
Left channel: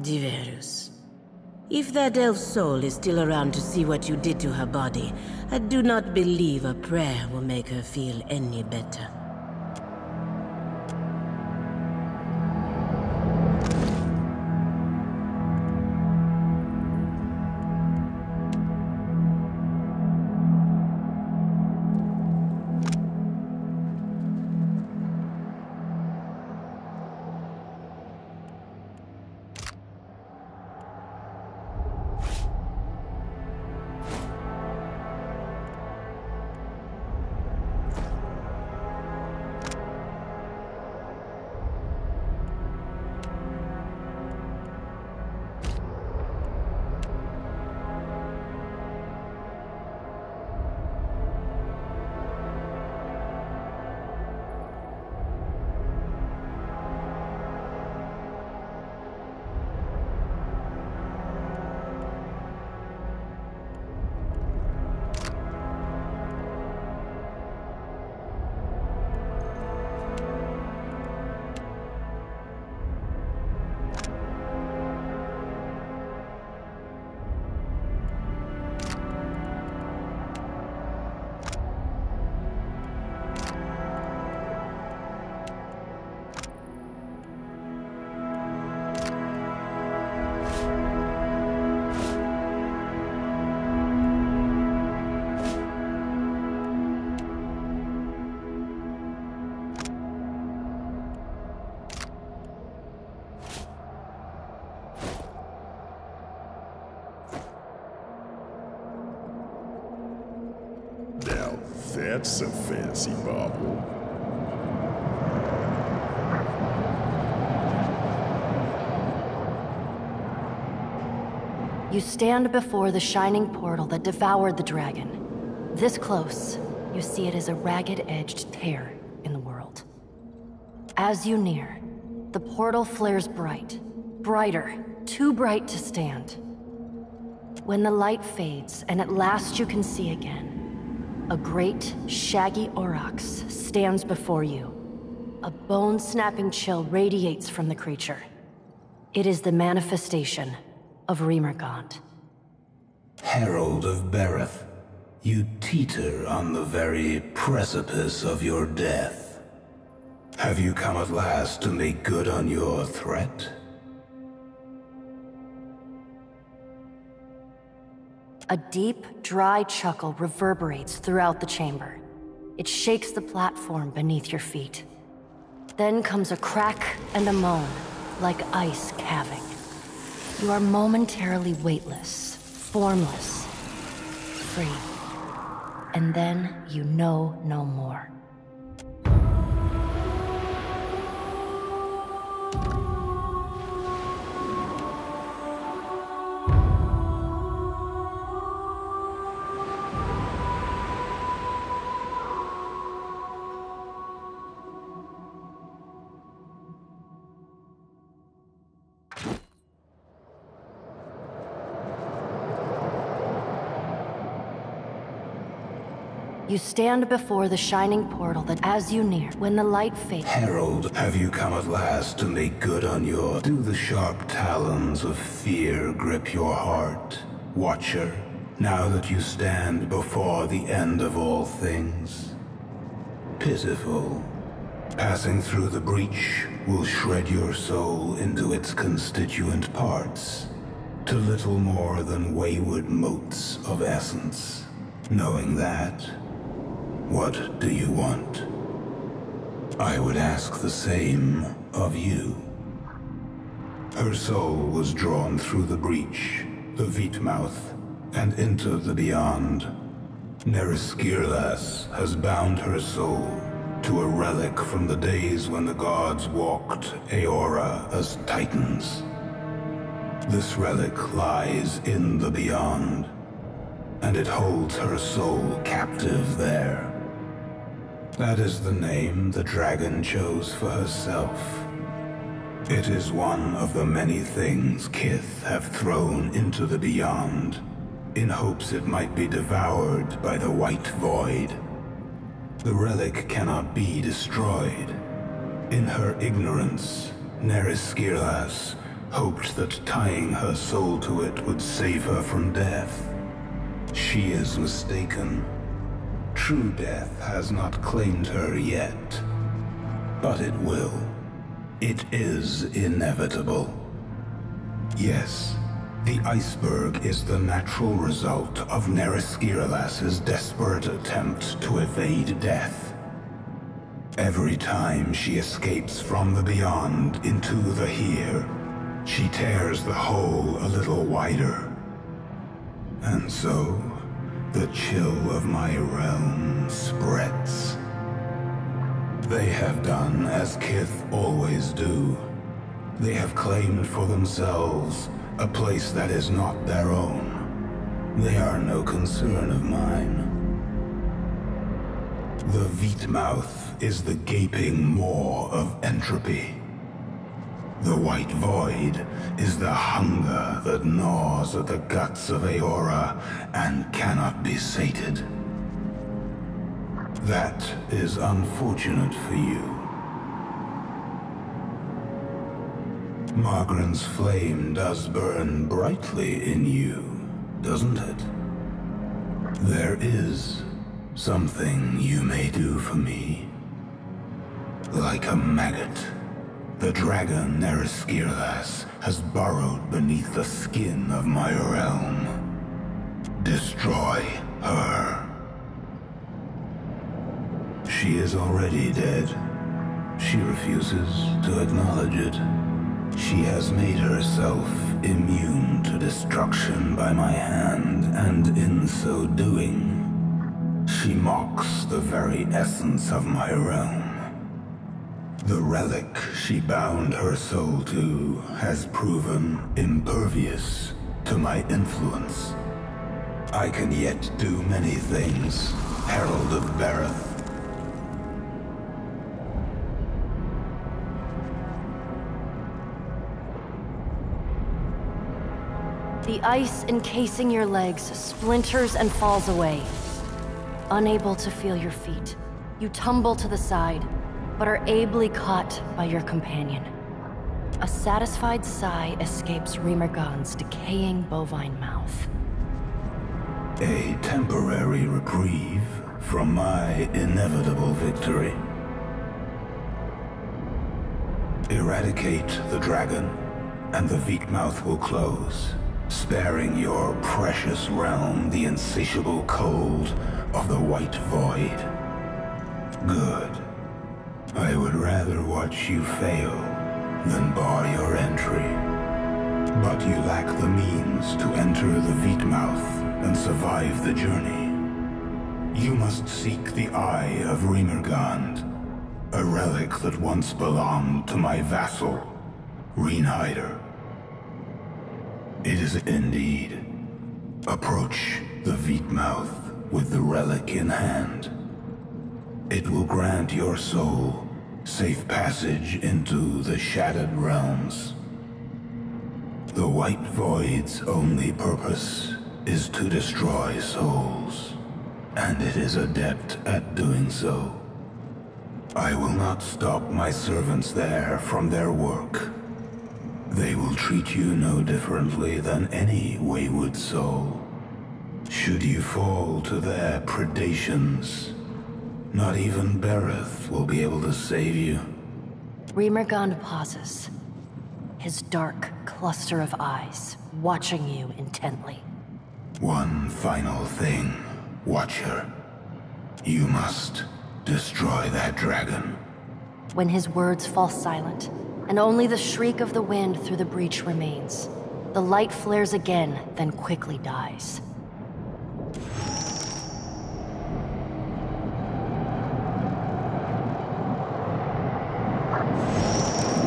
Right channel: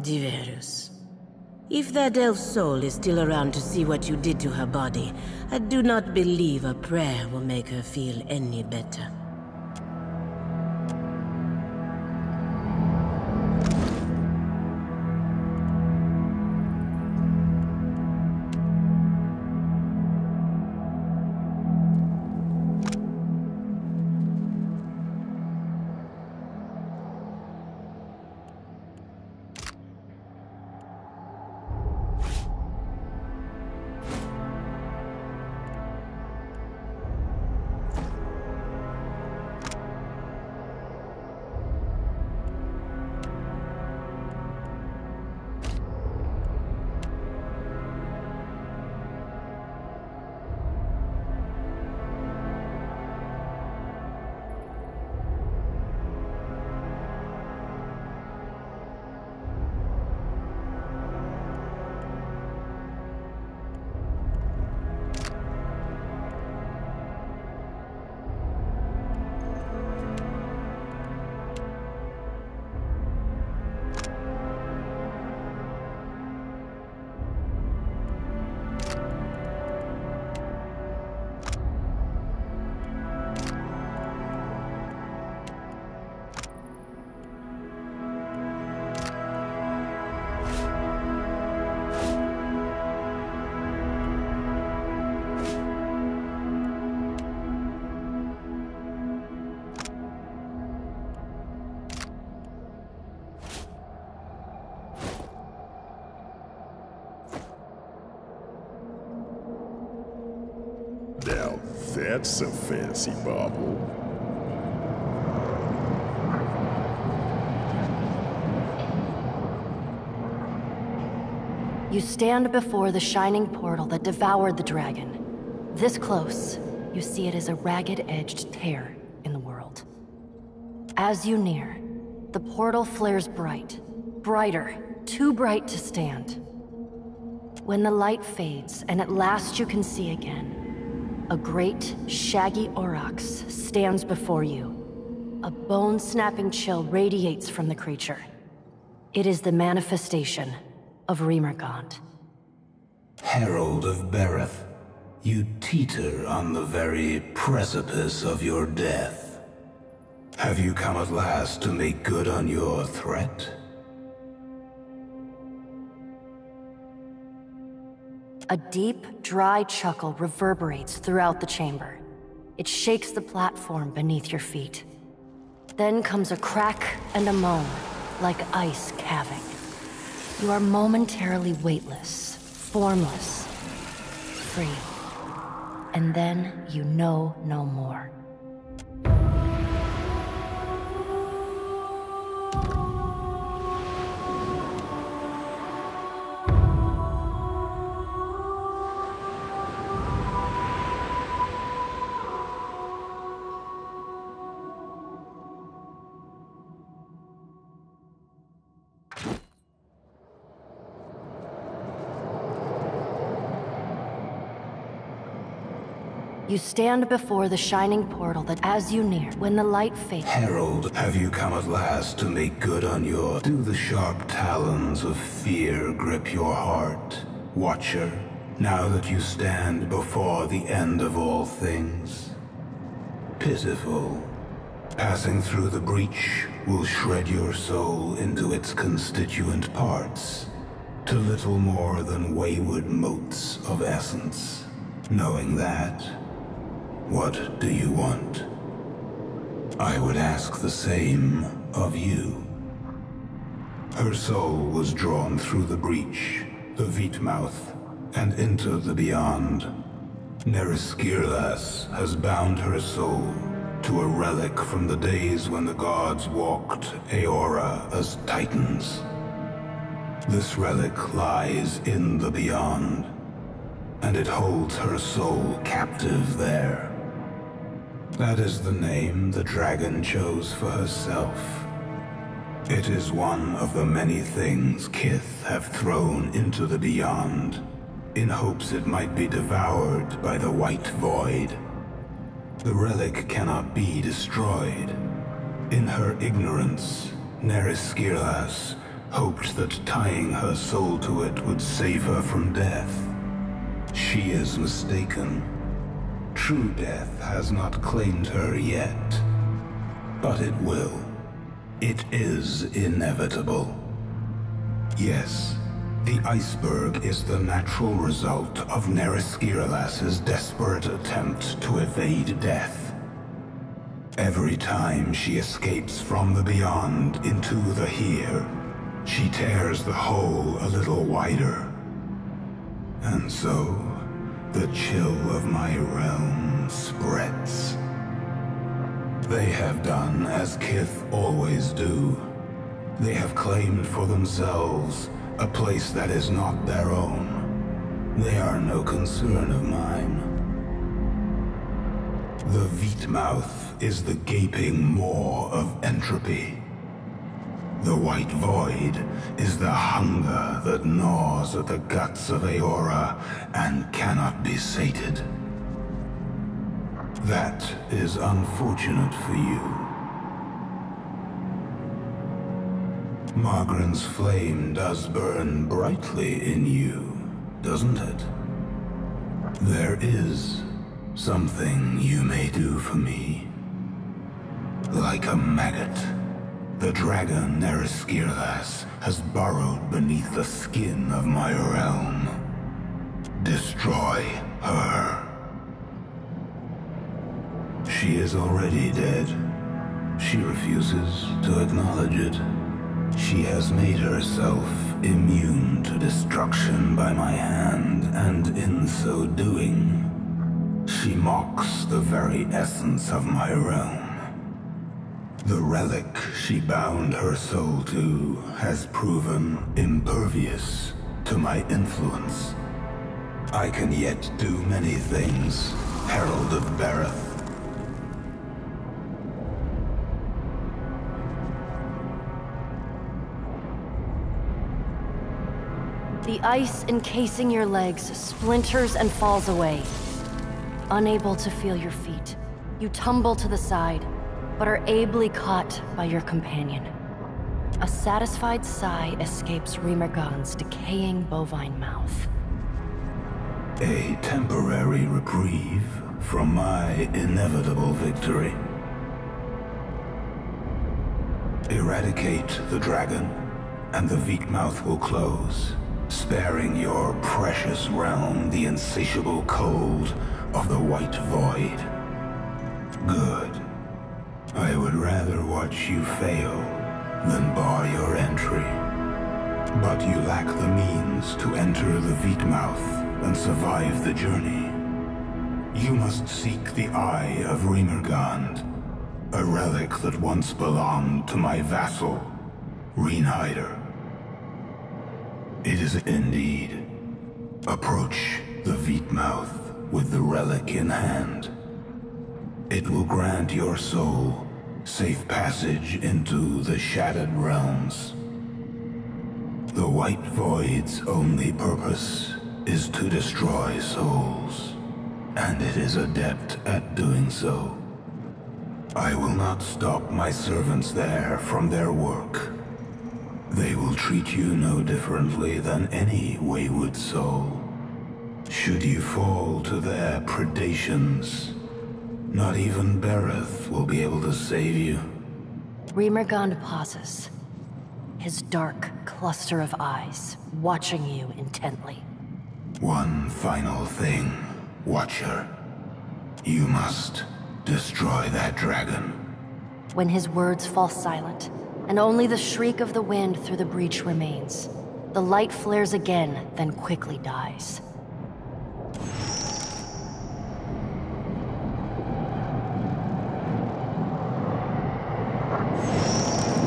Diverus. If that elf's soul is still around to see what you did to her body, I do not believe a prayer will make her feel any better. Now that's a fancy bauble. You stand before the shining portal that devoured the dragon. This close, you see it as a ragged-edged tear in the world. As you near, the portal flares bright. Brighter, too bright to stand. When the light fades, and at last you can see again, a great, shaggy aurochs stands before you. A bone-snapping chill radiates from the creature. It is the manifestation of Remergant. Herald of Bereth, you teeter on the very precipice of your death. Have you come at last to make good on your threat? A deep, dry chuckle reverberates throughout the chamber. It shakes the platform beneath your feet. Then comes a crack and a moan, like ice calving. You are momentarily weightless, formless, free. And then you know no more. You stand before the shining portal that as you near, when the light fades... Herald, have you come at last to make good on your... Do the sharp talons of fear grip your heart, Watcher, now that you stand before the end of all things? Pitiful. Passing through the breach will shred your soul into its constituent parts, to little more than wayward motes of essence. Knowing that, what do you want? I would ask the same of you. Her soul was drawn through the breach, the Vitmouth, and into the beyond. Neriskirlas has bound her soul to a relic from the days when the gods walked Aora as titans. This relic lies in the beyond, and it holds her soul captive there. That is the name the dragon chose for herself. It is one of the many things Kith have thrown into the beyond, in hopes it might be devoured by the White Void. The relic cannot be destroyed. In her ignorance, Neriskirlas hoped that tying her soul to it would save her from death. She is mistaken. True death has not claimed her yet, but it will. It is inevitable. Yes, the iceberg is the natural result of Neriskiralas's desperate attempt to evade death. Every time she escapes from the beyond into the here, she tears the hole a little wider. And so, the chill of my realm spreads. They have done as Kith always do. They have claimed for themselves a place that is not their own. They are no concern of mine. The Veetmouth is the gaping maw of entropy. The White Void is the hunger that gnaws at the guts of Eora and cannot be sated. That is unfortunate for you. Margren's flame does burn brightly in you, doesn't it? There is something you may do for me. Like a maggot, the dragon Neriskiralas has burrowed beneath the skin of my realm. Destroy her. She is already dead. She refuses to acknowledge it. She has made herself immune to destruction by my hand, and in so doing, she mocks the very essence of my realm. The relic she bound her soul to has proven impervious to my influence. I can yet do many things, Herald of Bareth. The ice encasing your legs splinters and falls away. Unable to feel your feet, you tumble to the side, but are ably caught by your companion. A satisfied sigh escapes Remergon's decaying bovine mouth. A temporary reprieve from my inevitable victory. Eradicate the dragon, and the Veetmouth will close, sparing your precious realm the insatiable cold of the White Void. Good. I would rather watch you fail than bar your entry. But you lack the means to enter the Veetmouth and survive the journey. You must seek the Eye of Remergond, a relic that once belonged to my vassal, Reinhider. It is indeed. Approach the Veetmouth with the relic in hand. It will grant your soul safe passage into the Shattered Realms. The White Void's only purpose is to destroy souls, and it is adept at doing so. I will not stop my servants there from their work. They will treat you no differently than any wayward soul. Should you fall to their predations, not even Bareth will be able to save you. Remergond pauses, his dark cluster of eyes watching you intently. One final thing, Watcher. You must destroy that dragon. When his words fall silent, and only the shriek of the wind through the breach remains, the light flares again, then quickly dies.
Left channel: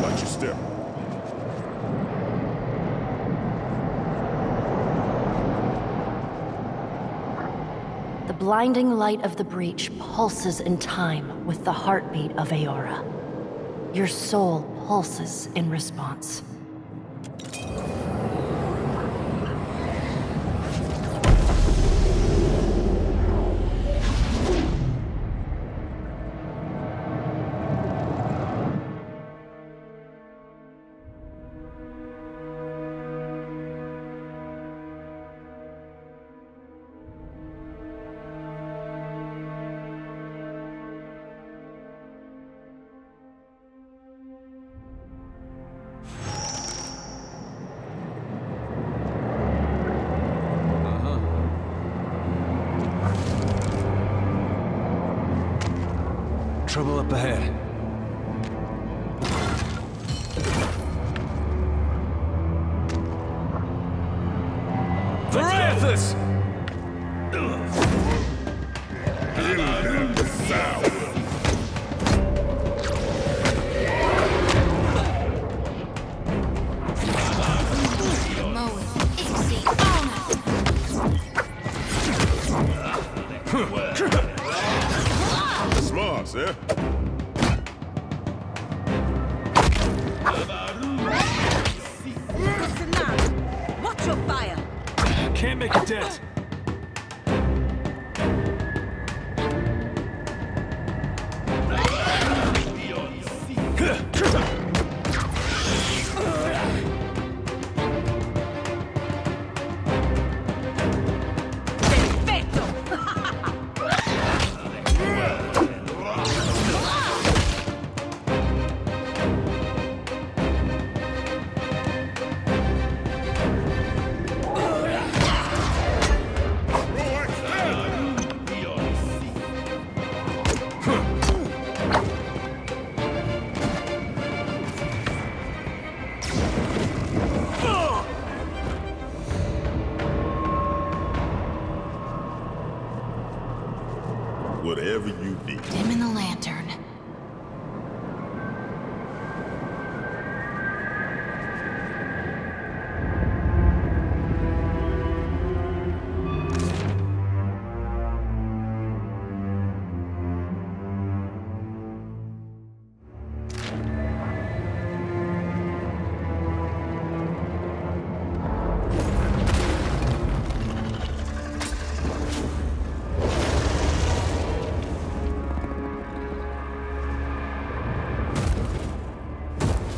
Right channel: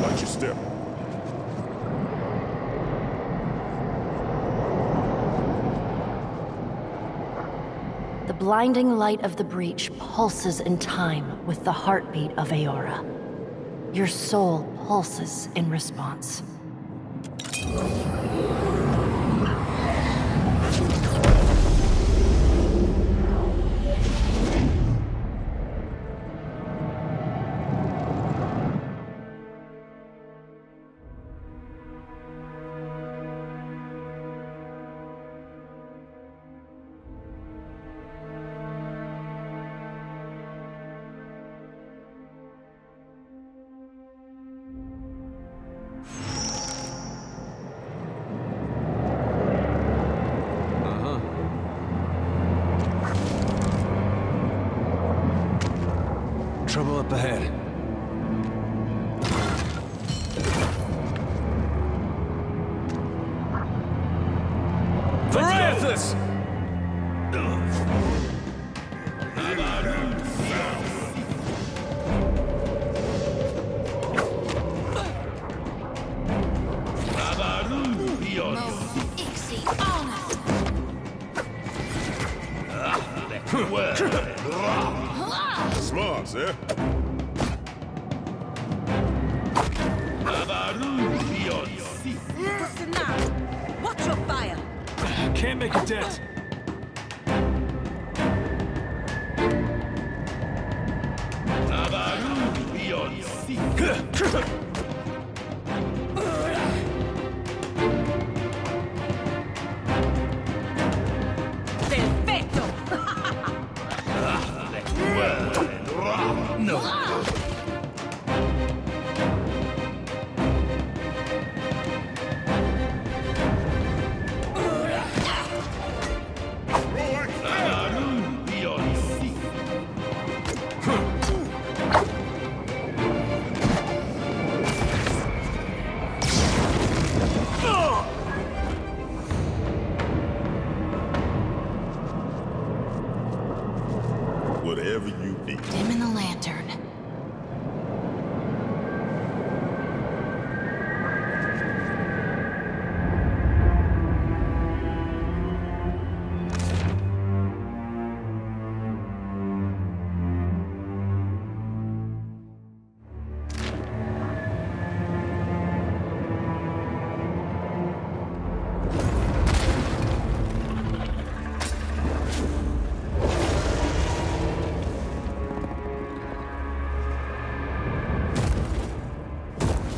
Watch your step. The blinding light of the breach pulses in time with the heartbeat of Eora. Your soul pulses in response. Trouble up ahead. Variathus! Smart, sir. Watch your fire. Can't make a dent. Whatever you need. Dim in the lantern.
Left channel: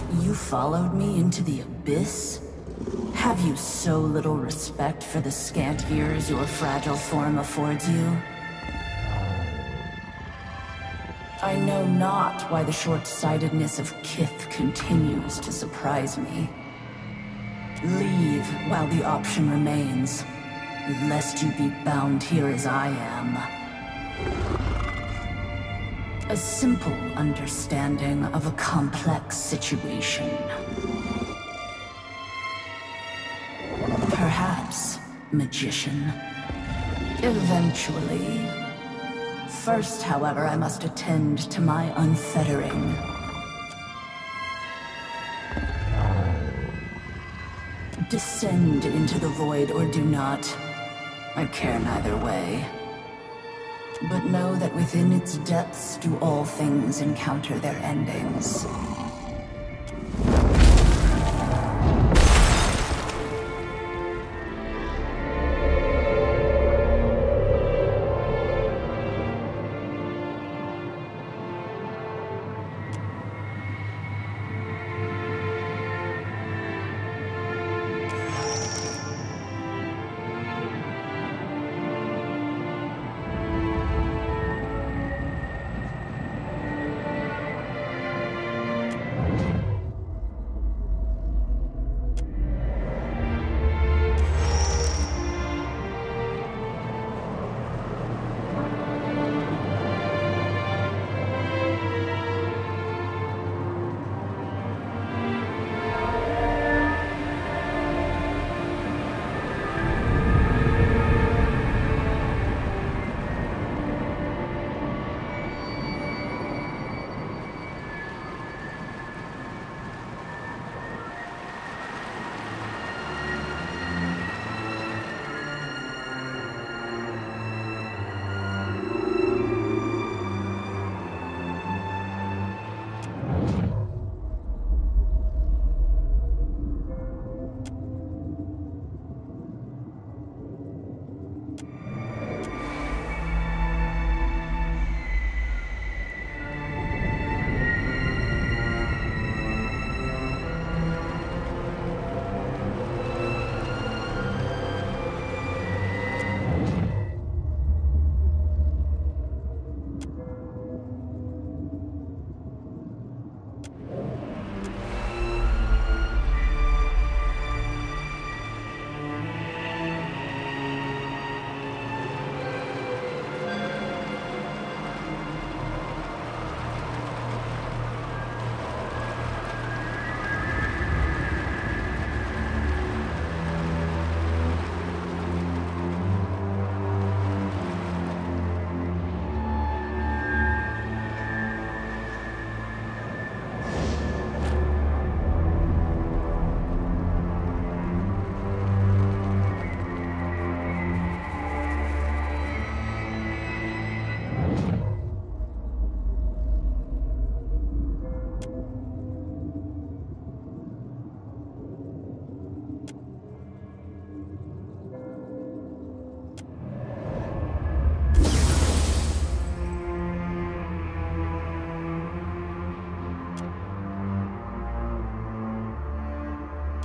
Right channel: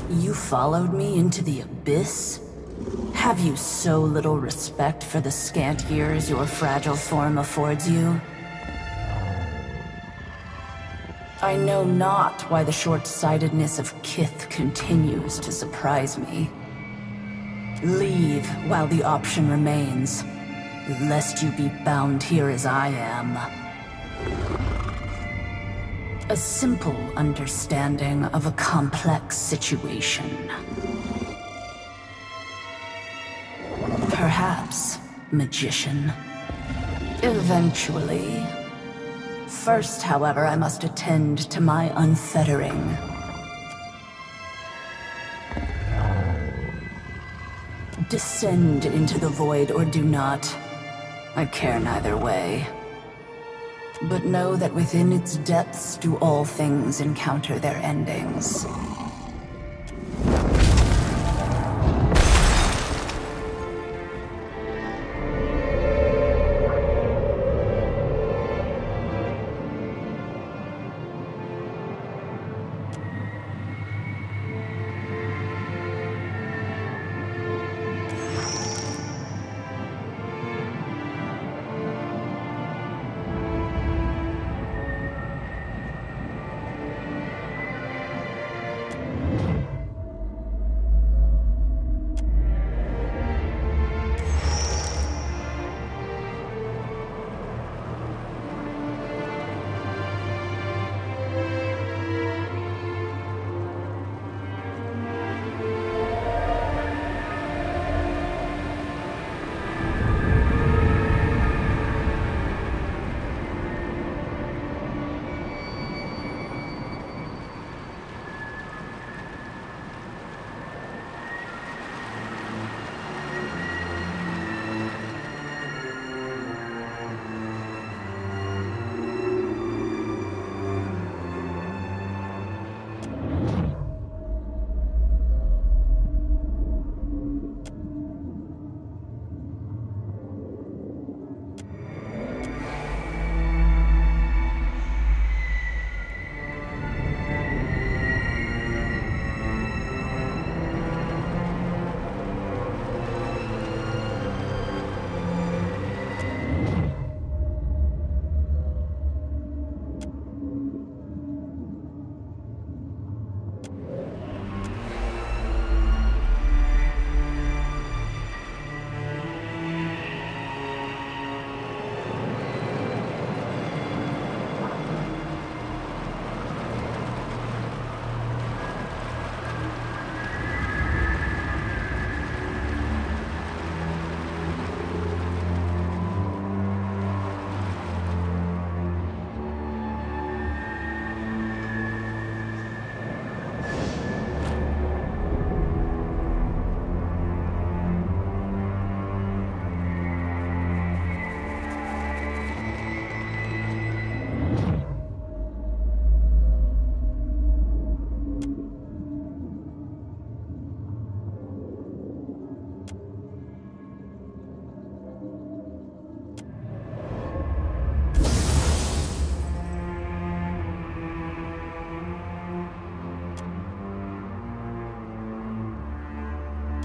You followed me into the abyss? Have you so little respect for the scant years your fragile form affords you? I know not why the short-sightedness of Kith continues to surprise me. Leave while the option remains, lest you be bound here as I am. A simple understanding of a complex situation. Perhaps, magician. Eventually. First, however, I must attend to my unfettering. Descend into the void or do not. I care neither way. But know that within its depths do all things encounter their endings.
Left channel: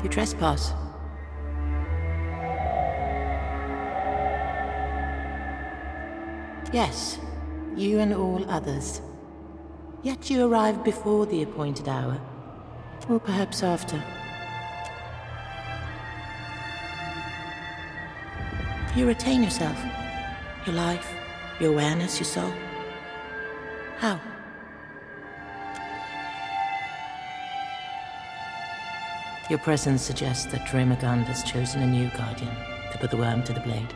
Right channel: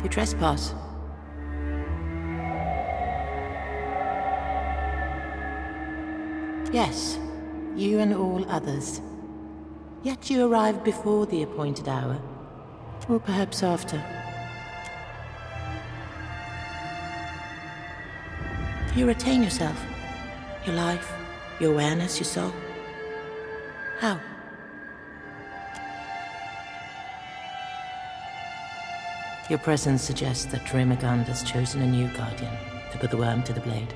You trespass. Yes, you and all others. Yet you arrived before the appointed hour. Or perhaps after. You retain yourself. Your life, your awareness, your soul. How? Your presence suggests that Rimagund has chosen a new guardian to put the worm to the blade.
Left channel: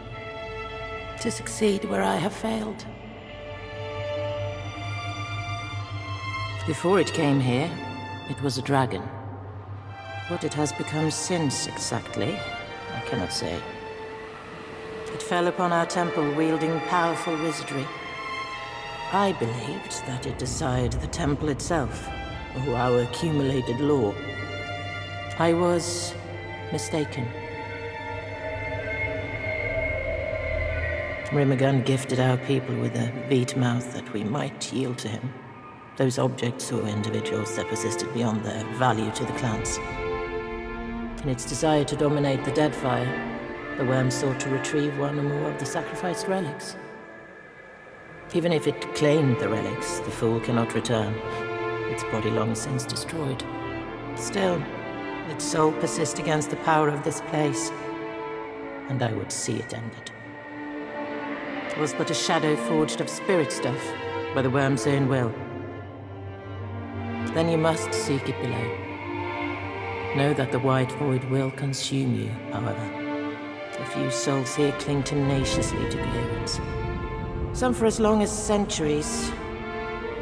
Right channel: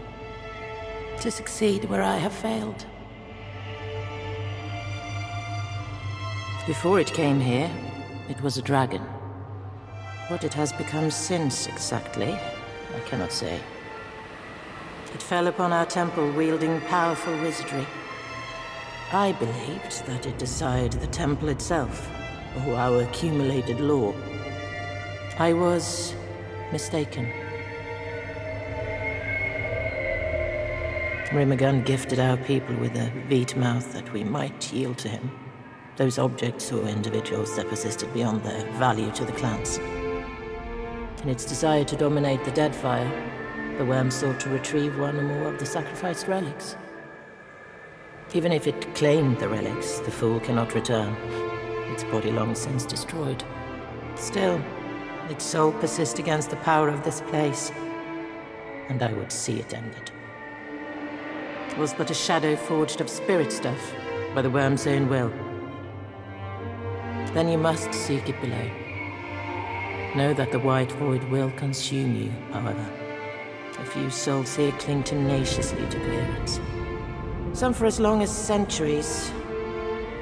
To succeed where I have failed. Before it came here, it was a dragon. What it has become since, exactly, I cannot say. It fell upon our temple wielding powerful wizardry. I believed that it desired the temple itself, or our accumulated lore. I was mistaken. Rimagund gifted our people with a veet mouth that we might yield to him. Those objects or individuals that persisted beyond their value to the clans. In its desire to dominate the Deadfire, the worm sought to retrieve one or more of the sacrificed relics. Even if it claimed the relics, the fool cannot return. Its body long since destroyed. Still, its soul persists against the power of this place, and I would see it ended. It was but a shadow forged of spirit stuff, by the worm's own will. Then you must seek it below. Know that the white void will consume you, however. A few souls here cling tenaciously to coherence. Some for as long as centuries.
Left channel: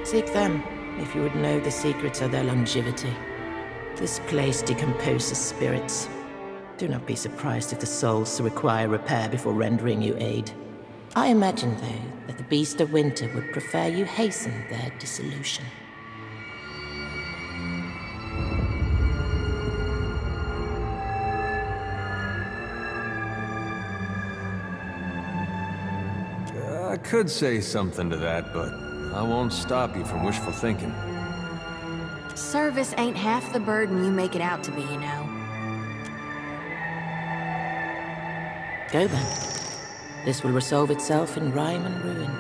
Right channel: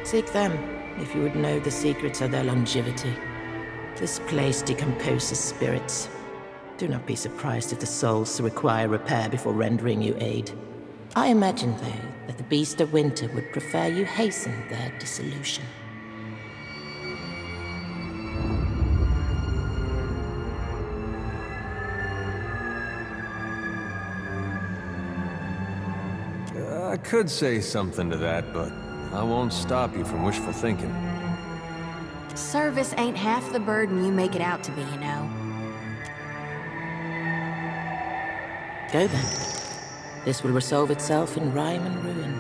Seek them, if you would know the secrets of their longevity. This place decomposes spirits. Do not be surprised if the souls require repair before rendering you aid. I imagine, though, that the Beast of Winter would prefer you hasten their dissolution. I could say something to that, but I won't stop you from wishful thinking. Service ain't half the burden you make it out to be, you know. Go then. This will resolve itself in rhyme and ruin.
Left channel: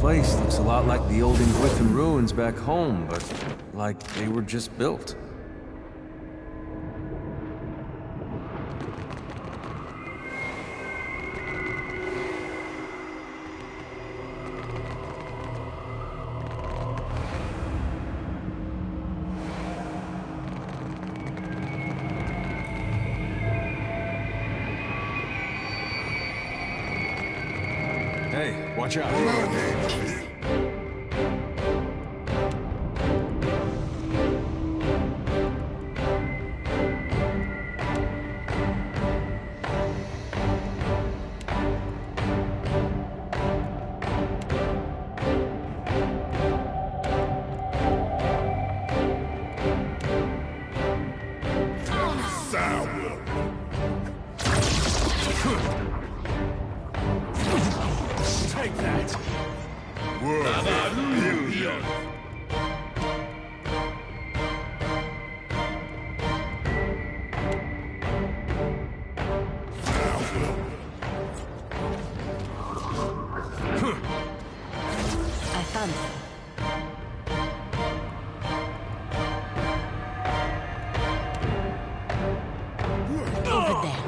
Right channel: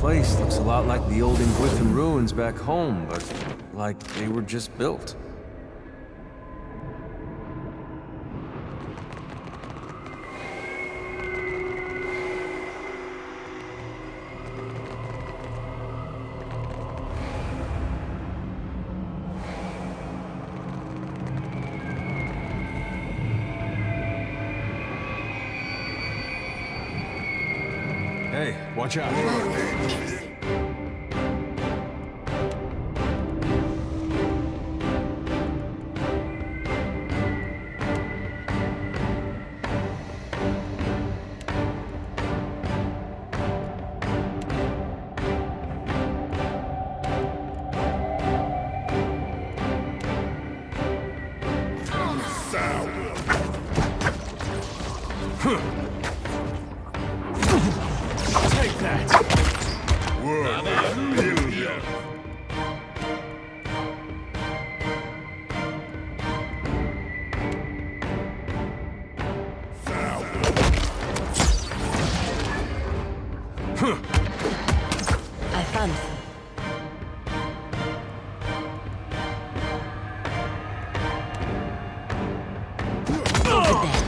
Place looks a lot like the old Ingwithan ruins back home, but like they were just built. Hey, watch out. Take that! I found some. Over there.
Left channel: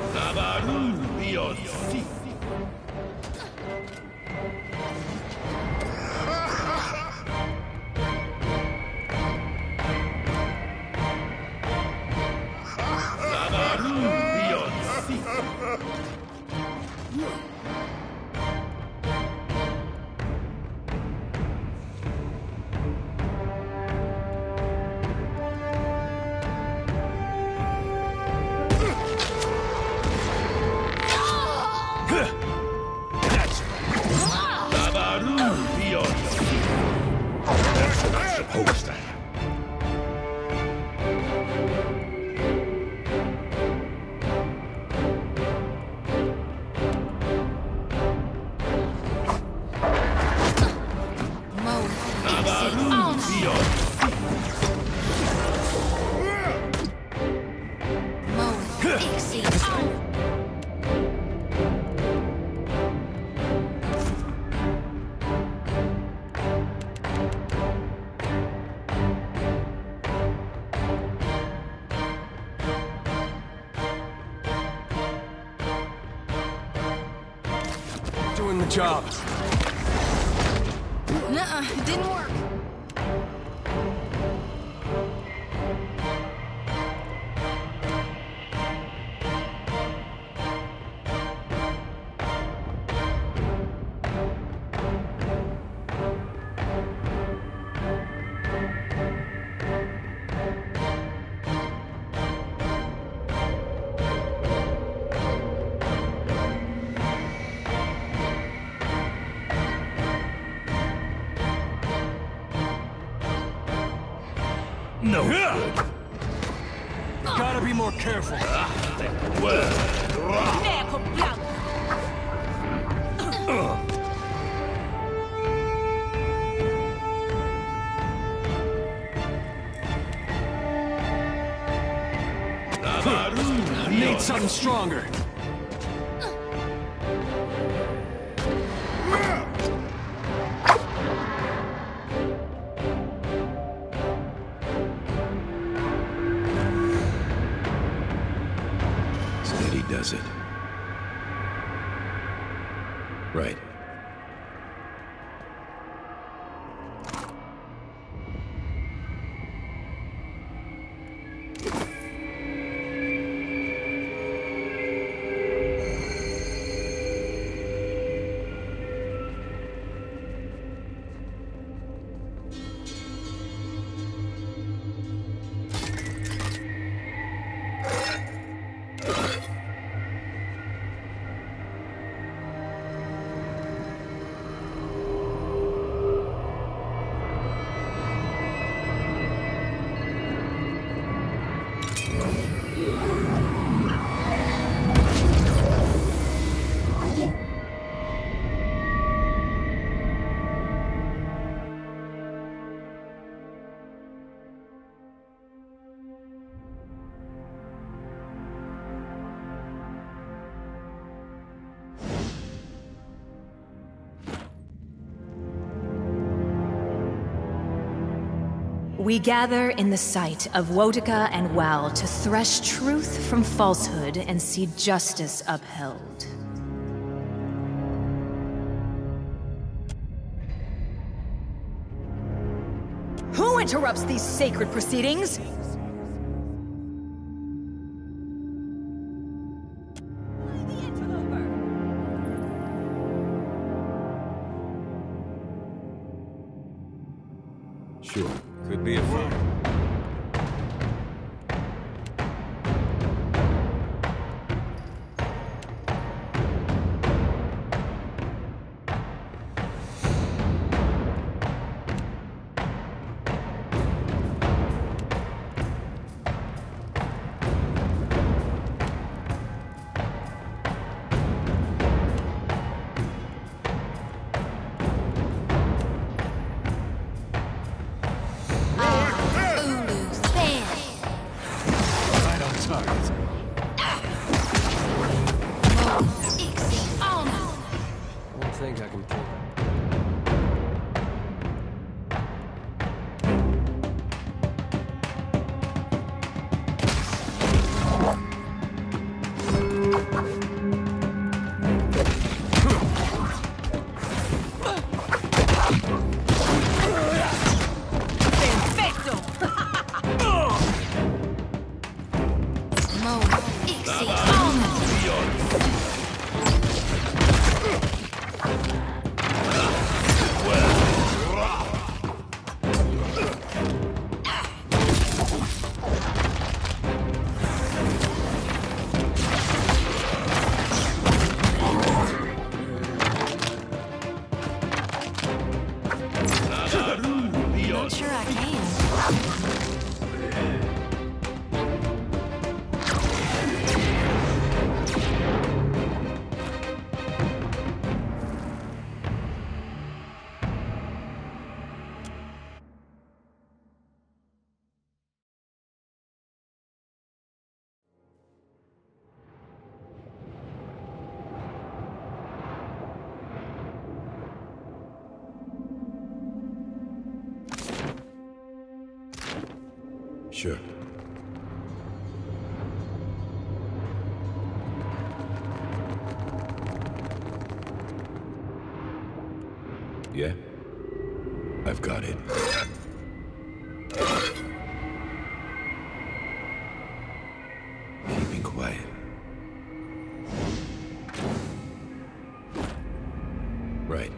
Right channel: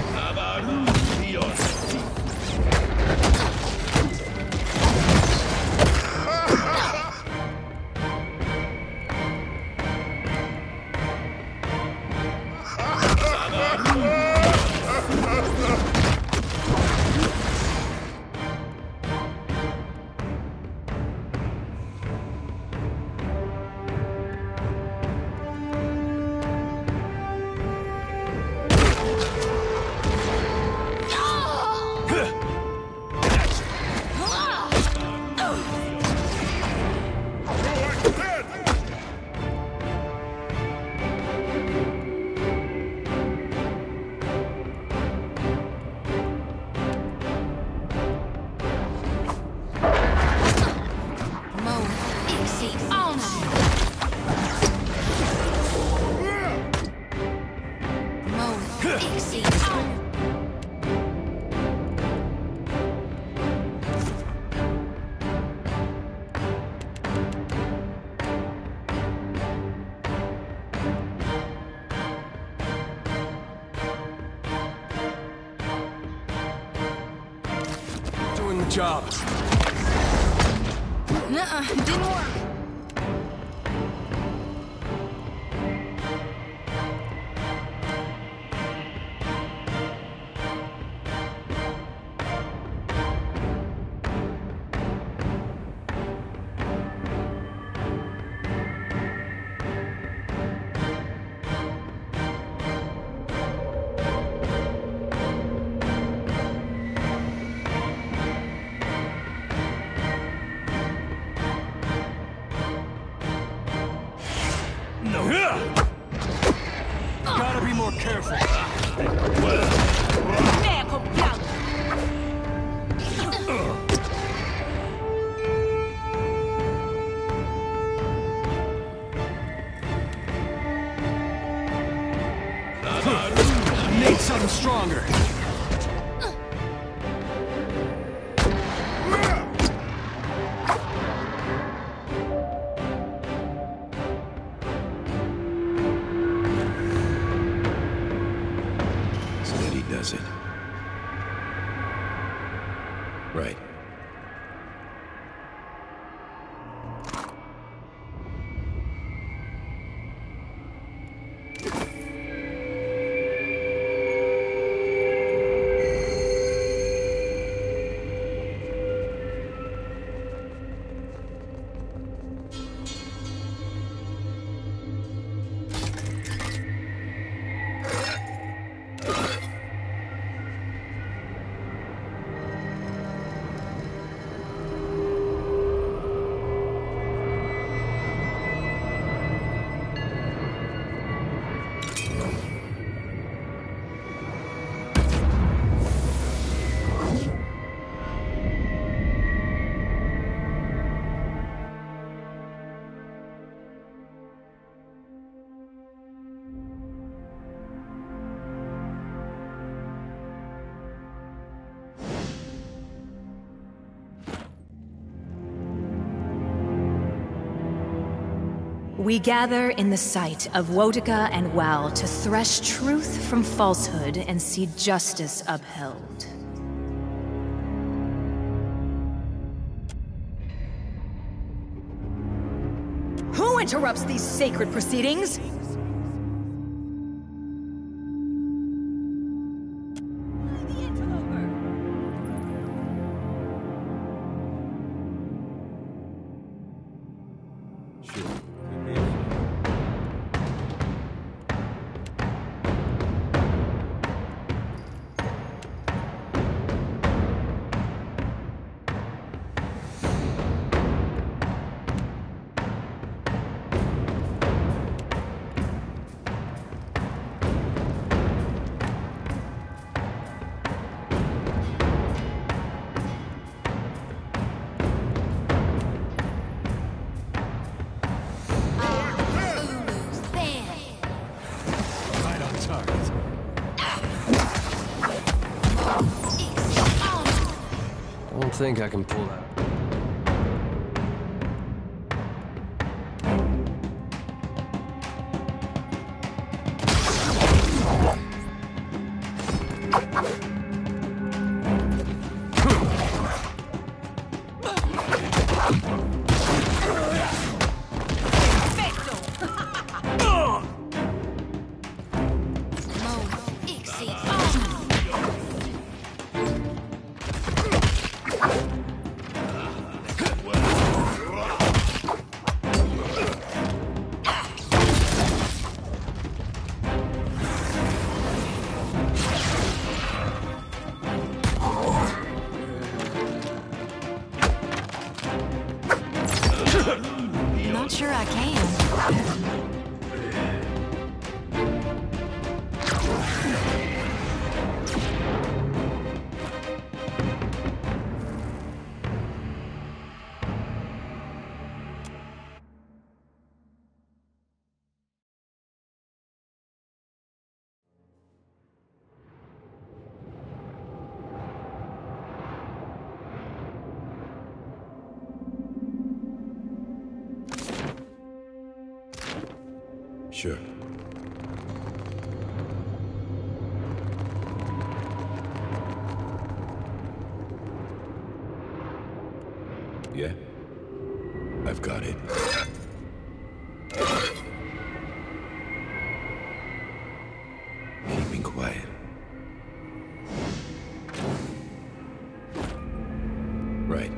Doing the job. Nuh-uh, it didn't work. No. Gotta be more careful. Need something stronger. Steady does it. Right. We gather in the sight of Wotica and Wal to thresh truth from falsehood and see justice upheld. Who interrupts these sacred proceedings? Sure, could be a fun. I think I can pull that. Not sure I can. Sure. Yeah? I've got it. Keeping quiet. Right.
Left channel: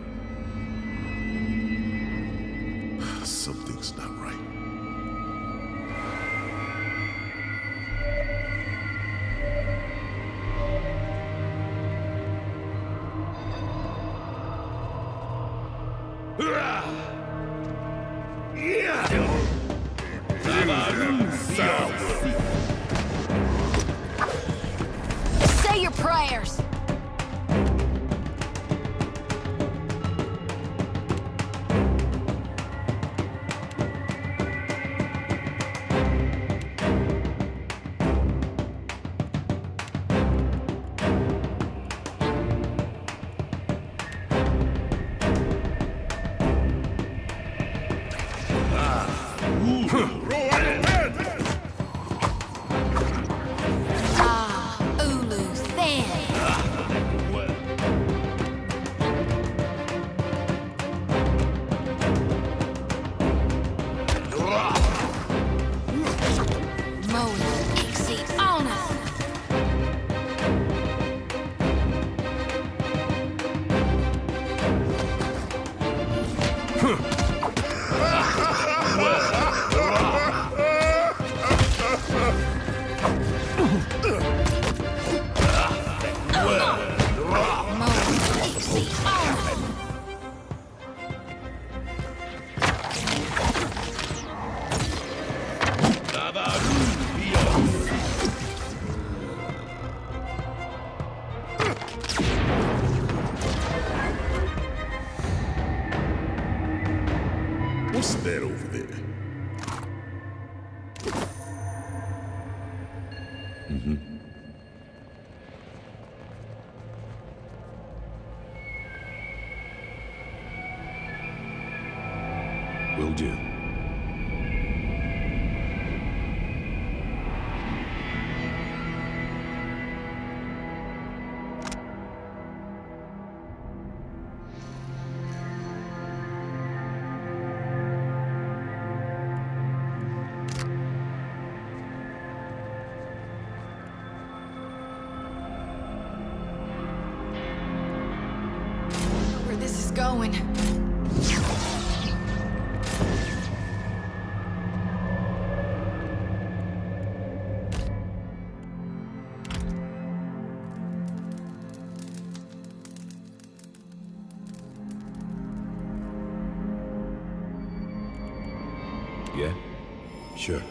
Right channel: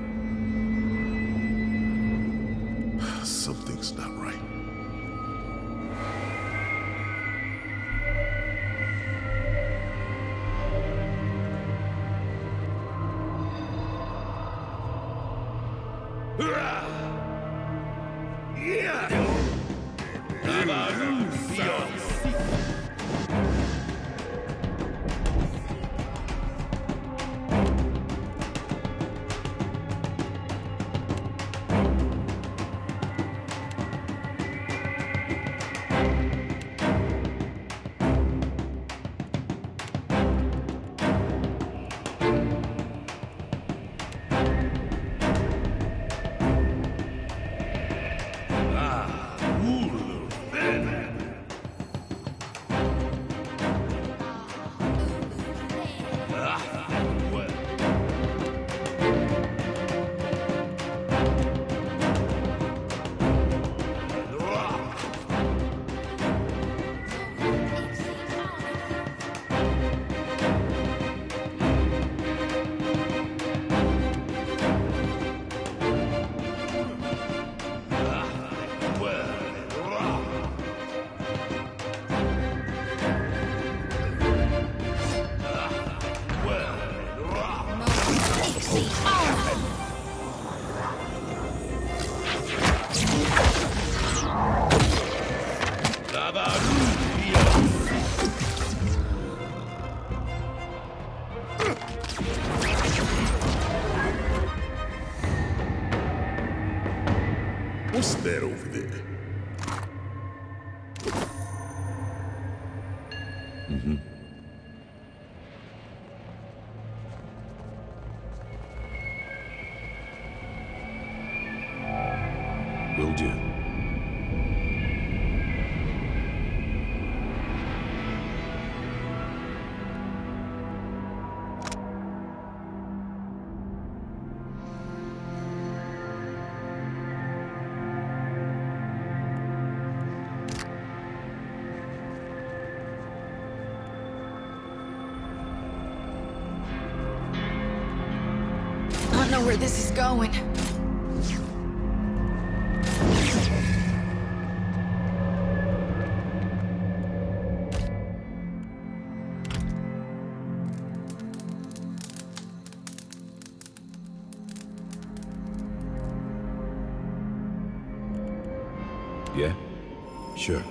Something's not right. Say your prayers. What's that over there? Mm-hmm. Will do. I don't know where this is going. Yeah? Sure.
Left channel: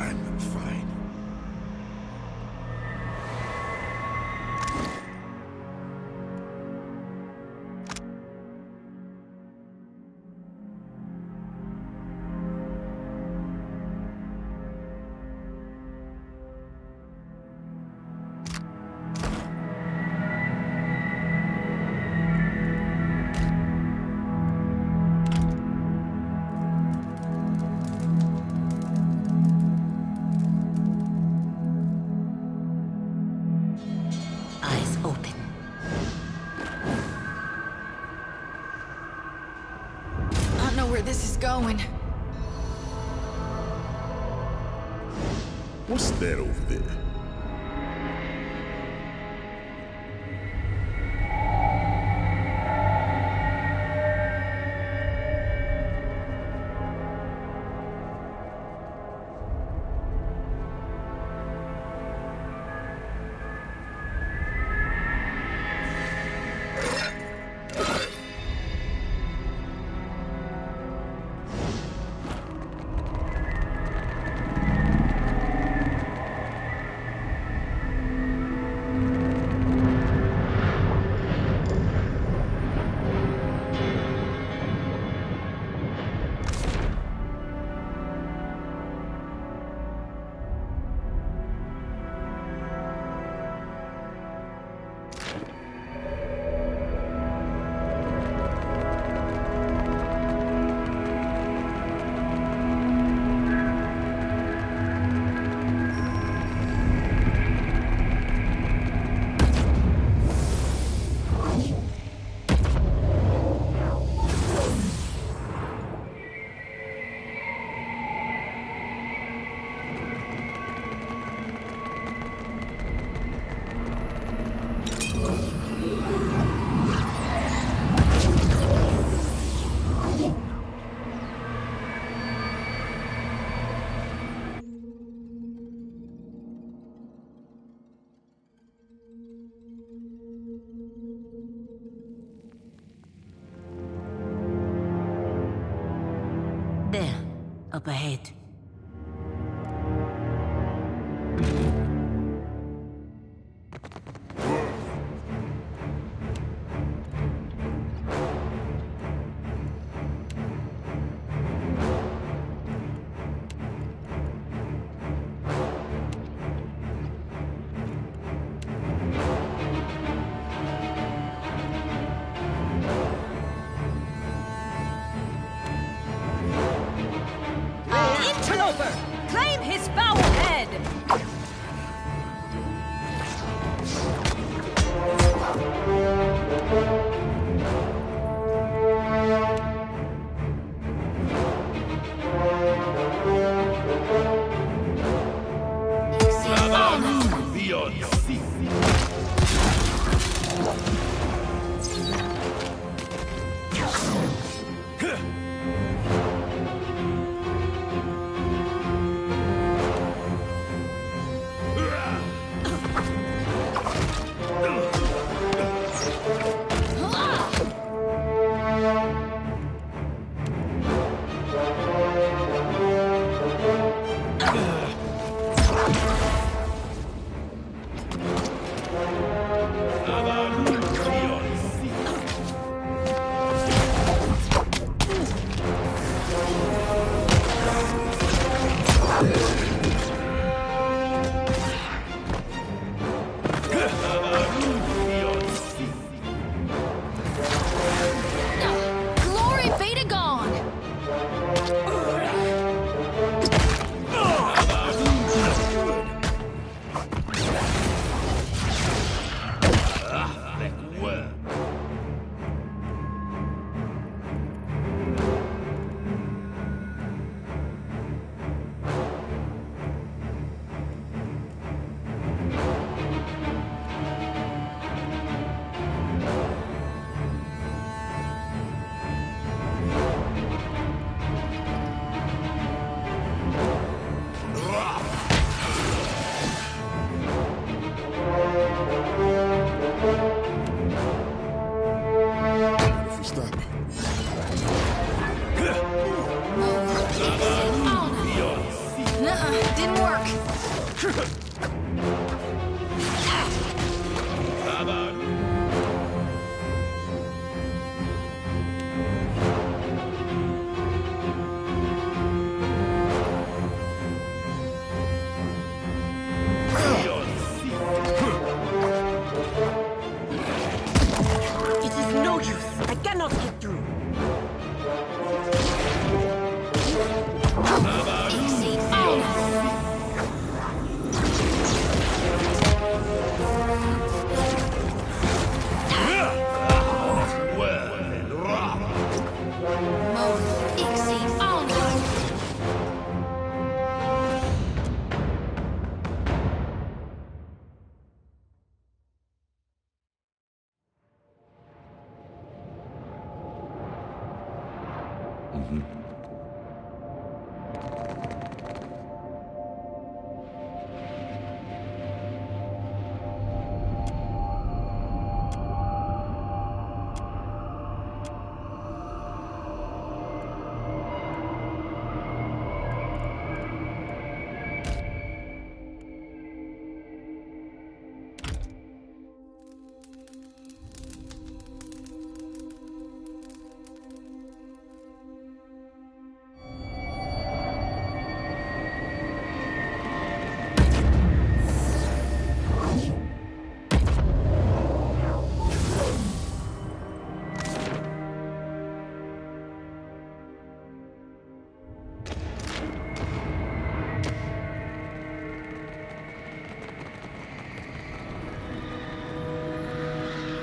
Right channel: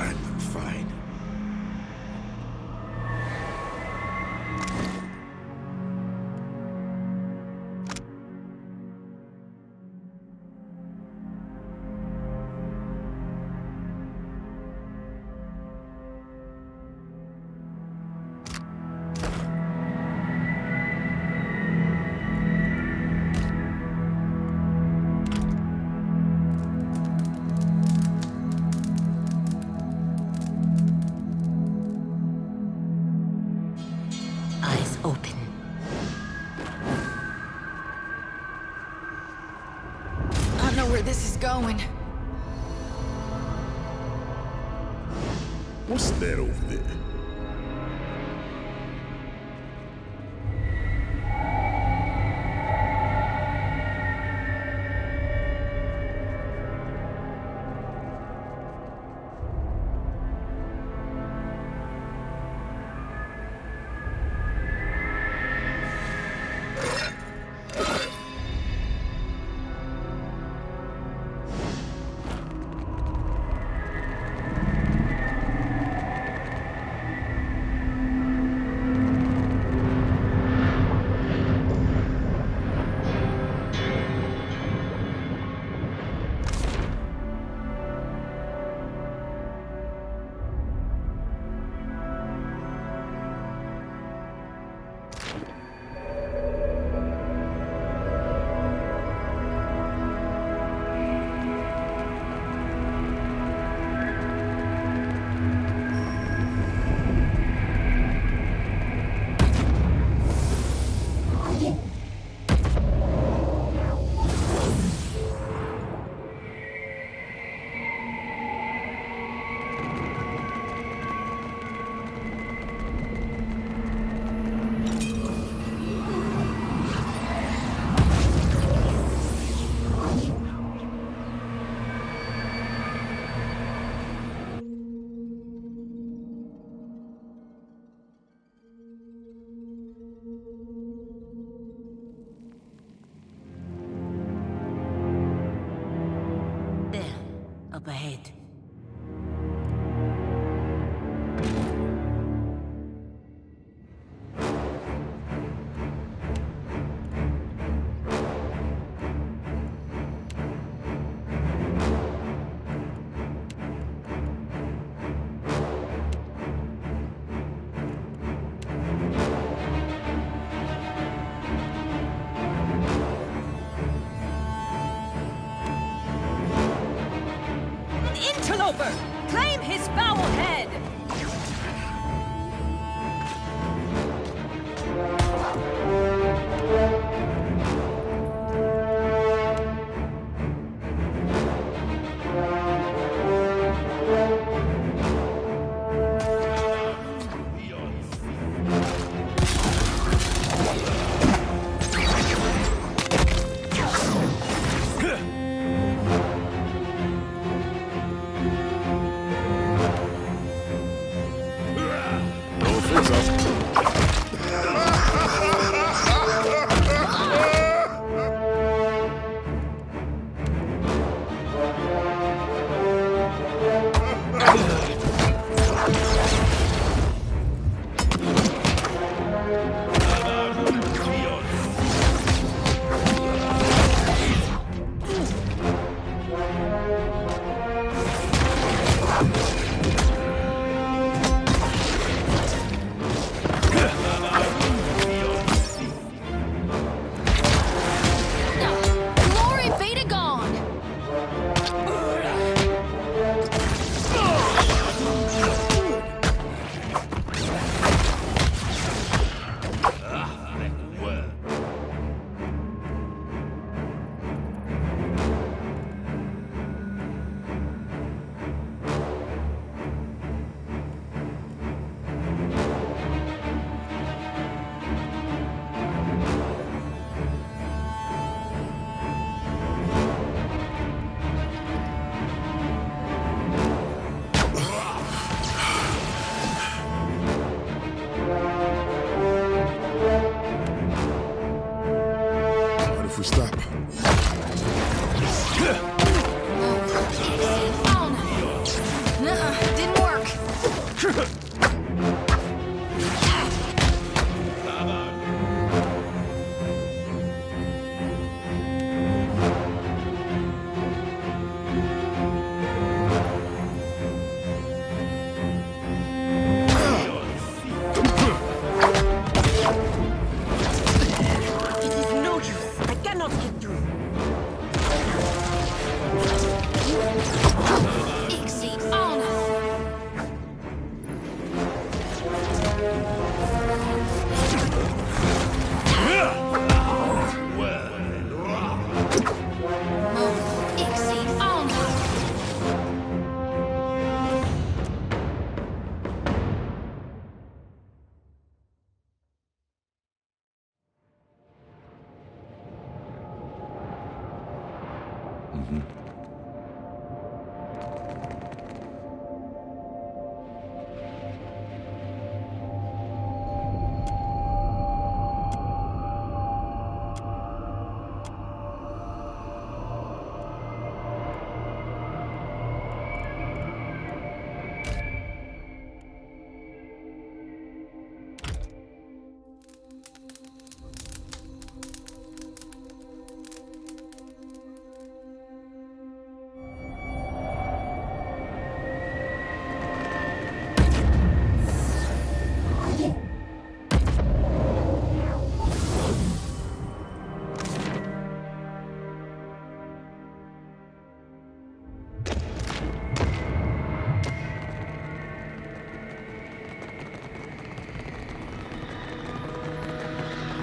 I'm fine. Eyes open. I know where this is going. What's that over there? There, up ahead. Interloper! Claim his foul head!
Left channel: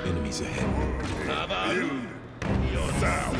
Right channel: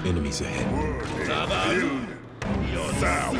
Enemies ahead. You're down.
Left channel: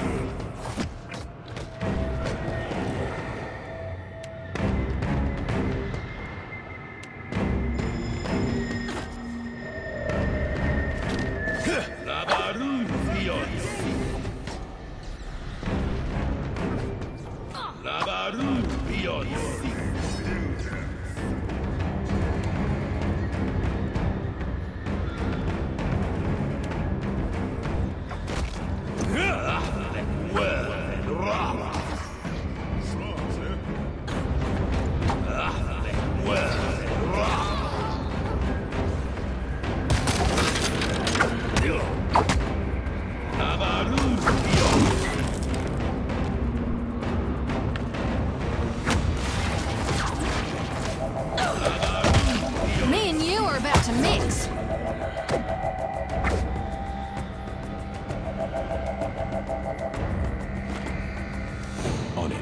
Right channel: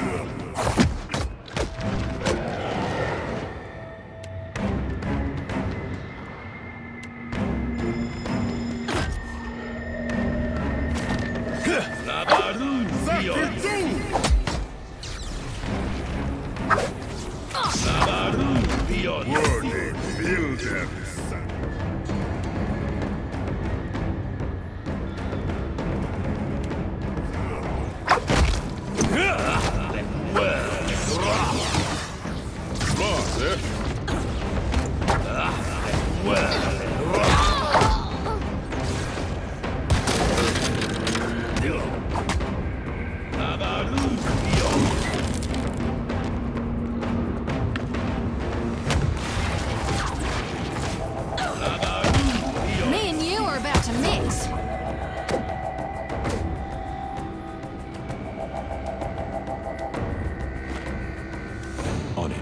Me and you are about to mix. On it.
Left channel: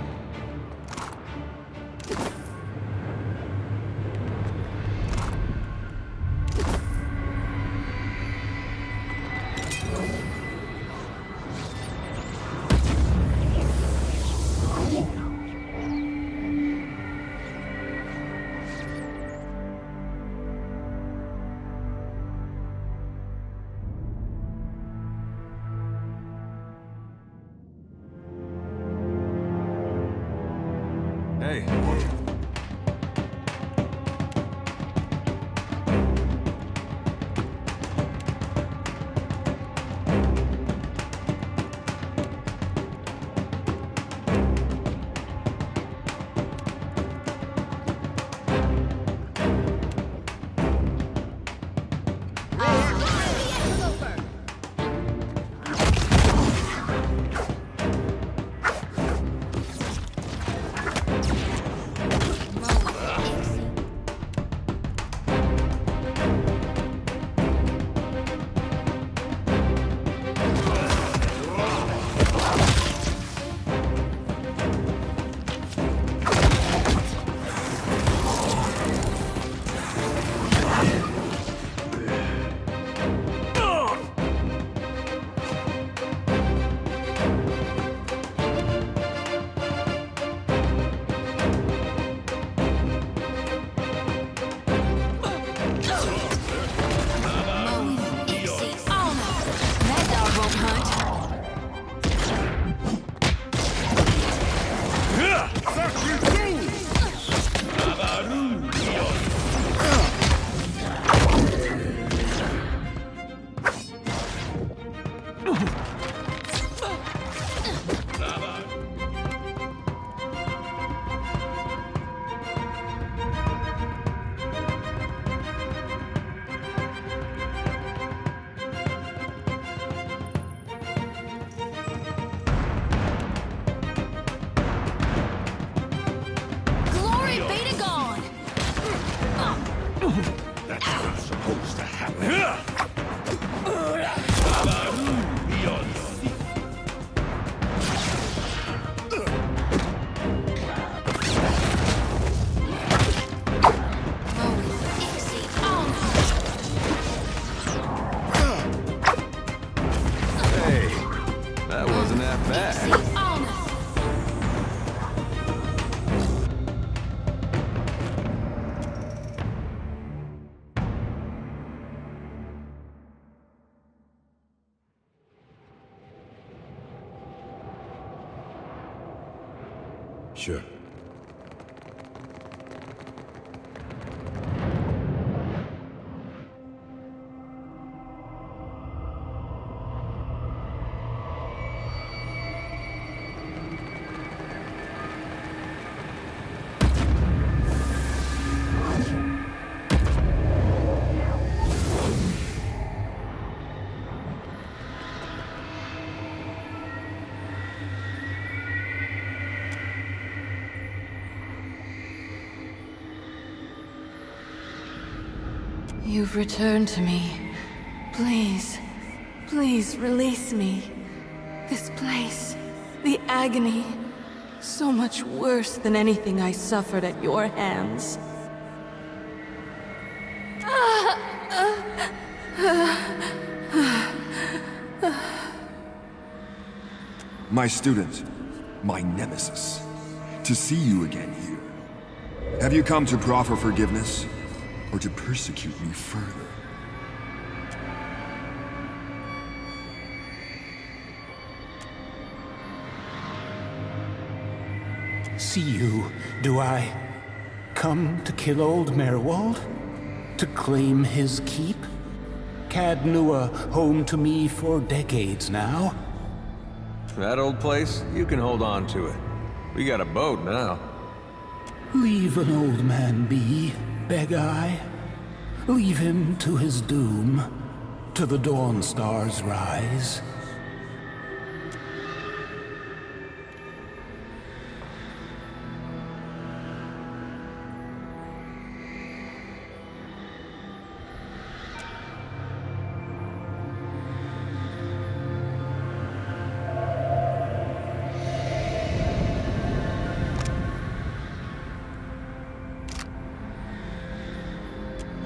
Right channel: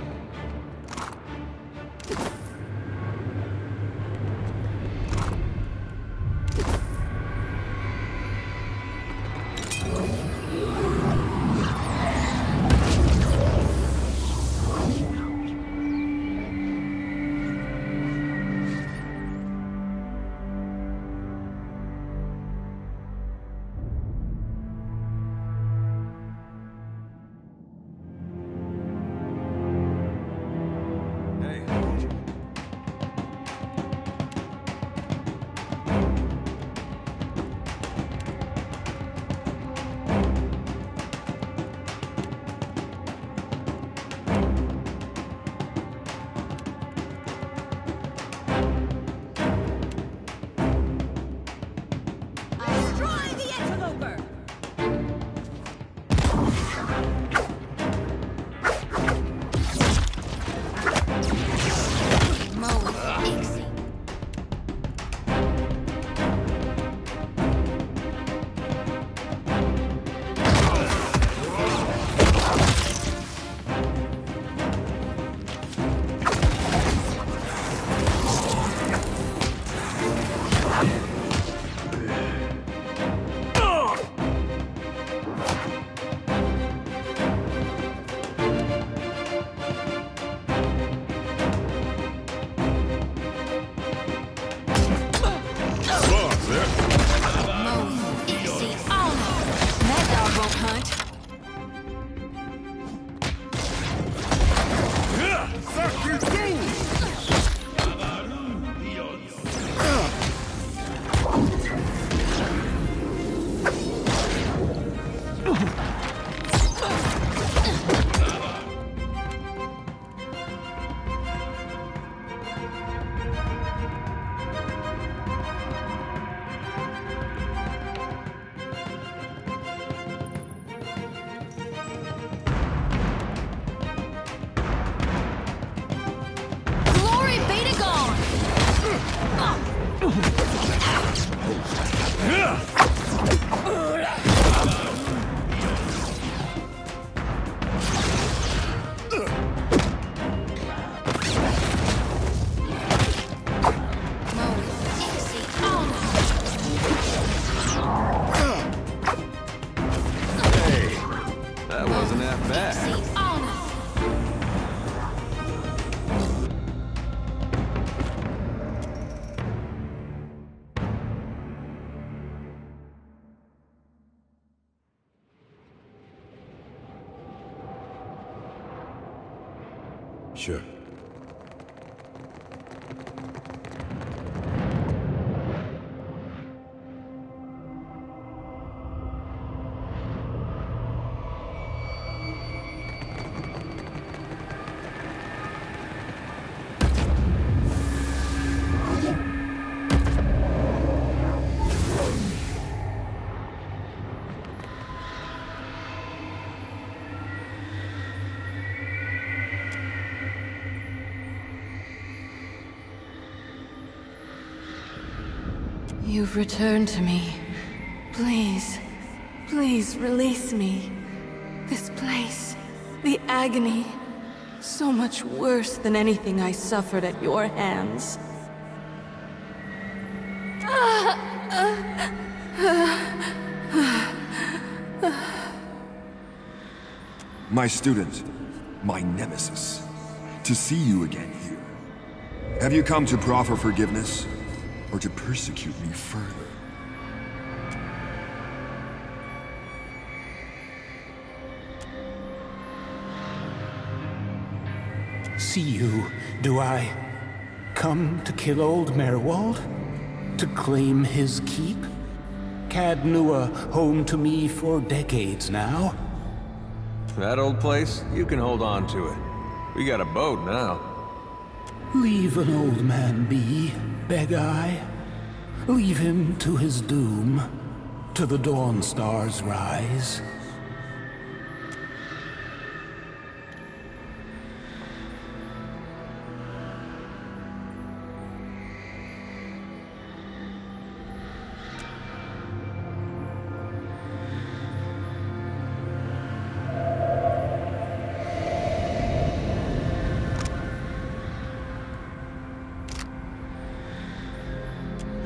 Hey. That wasn't that bad. Sure. You've returned to me. Please, please release me. This place, the agony, so much worse than anything I suffered at your hands. My student, my nemesis. To see you again here. Have you come to proffer forgiveness? Or to persecute me further? See you, do I? Come to kill old Merwald? To claim his keep? Cad Nua home to me for decades now. That old place, you can hold on to it. We got a boat now. Leave an old man be, beg I. Leave him to his doom, to the dawn star's rise.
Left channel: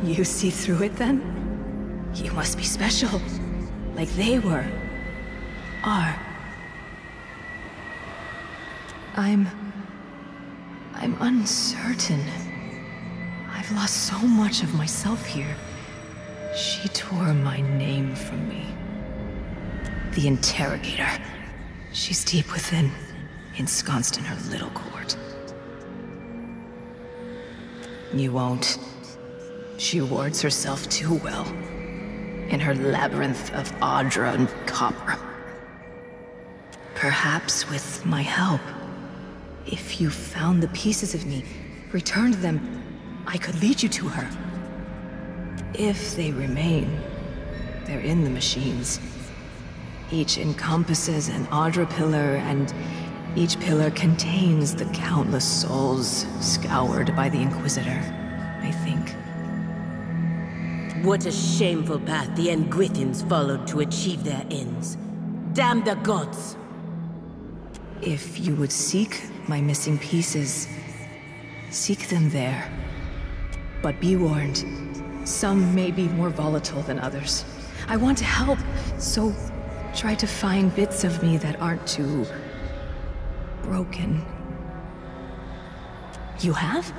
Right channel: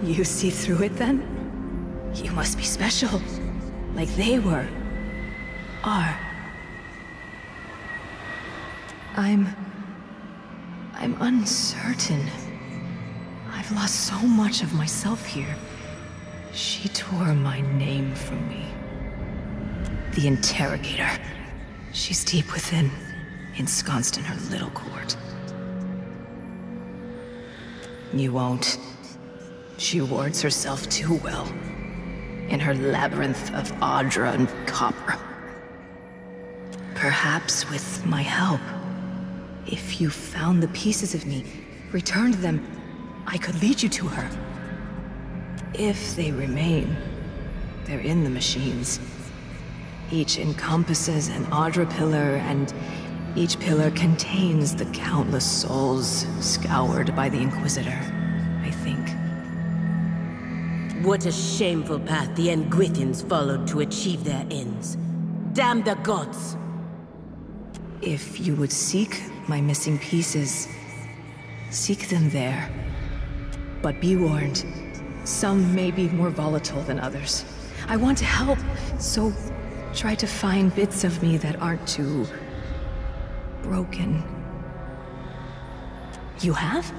You see through it, then? You must be special. Like they were. Are. I'm uncertain. I've lost so much of myself here. She tore my name from me. The Interrogator. She's deep within, ensconced in her little court. You won't. She wards herself too well. In her labyrinth of Audra and copper. Perhaps with my help, if you found the pieces of me, returned them, I could lead you to her. If they remain, they're in the machines. Each encompasses an Audra pillar, and each pillar contains the countless souls scoured by the Inquisitor, I think. What a shameful path the Engwithans followed to achieve their ends. Damn the gods! If you would seek my missing pieces, seek them there. But be warned, some may be more volatile than others. I want to help, so try to find bits of me that aren't too broken. You have?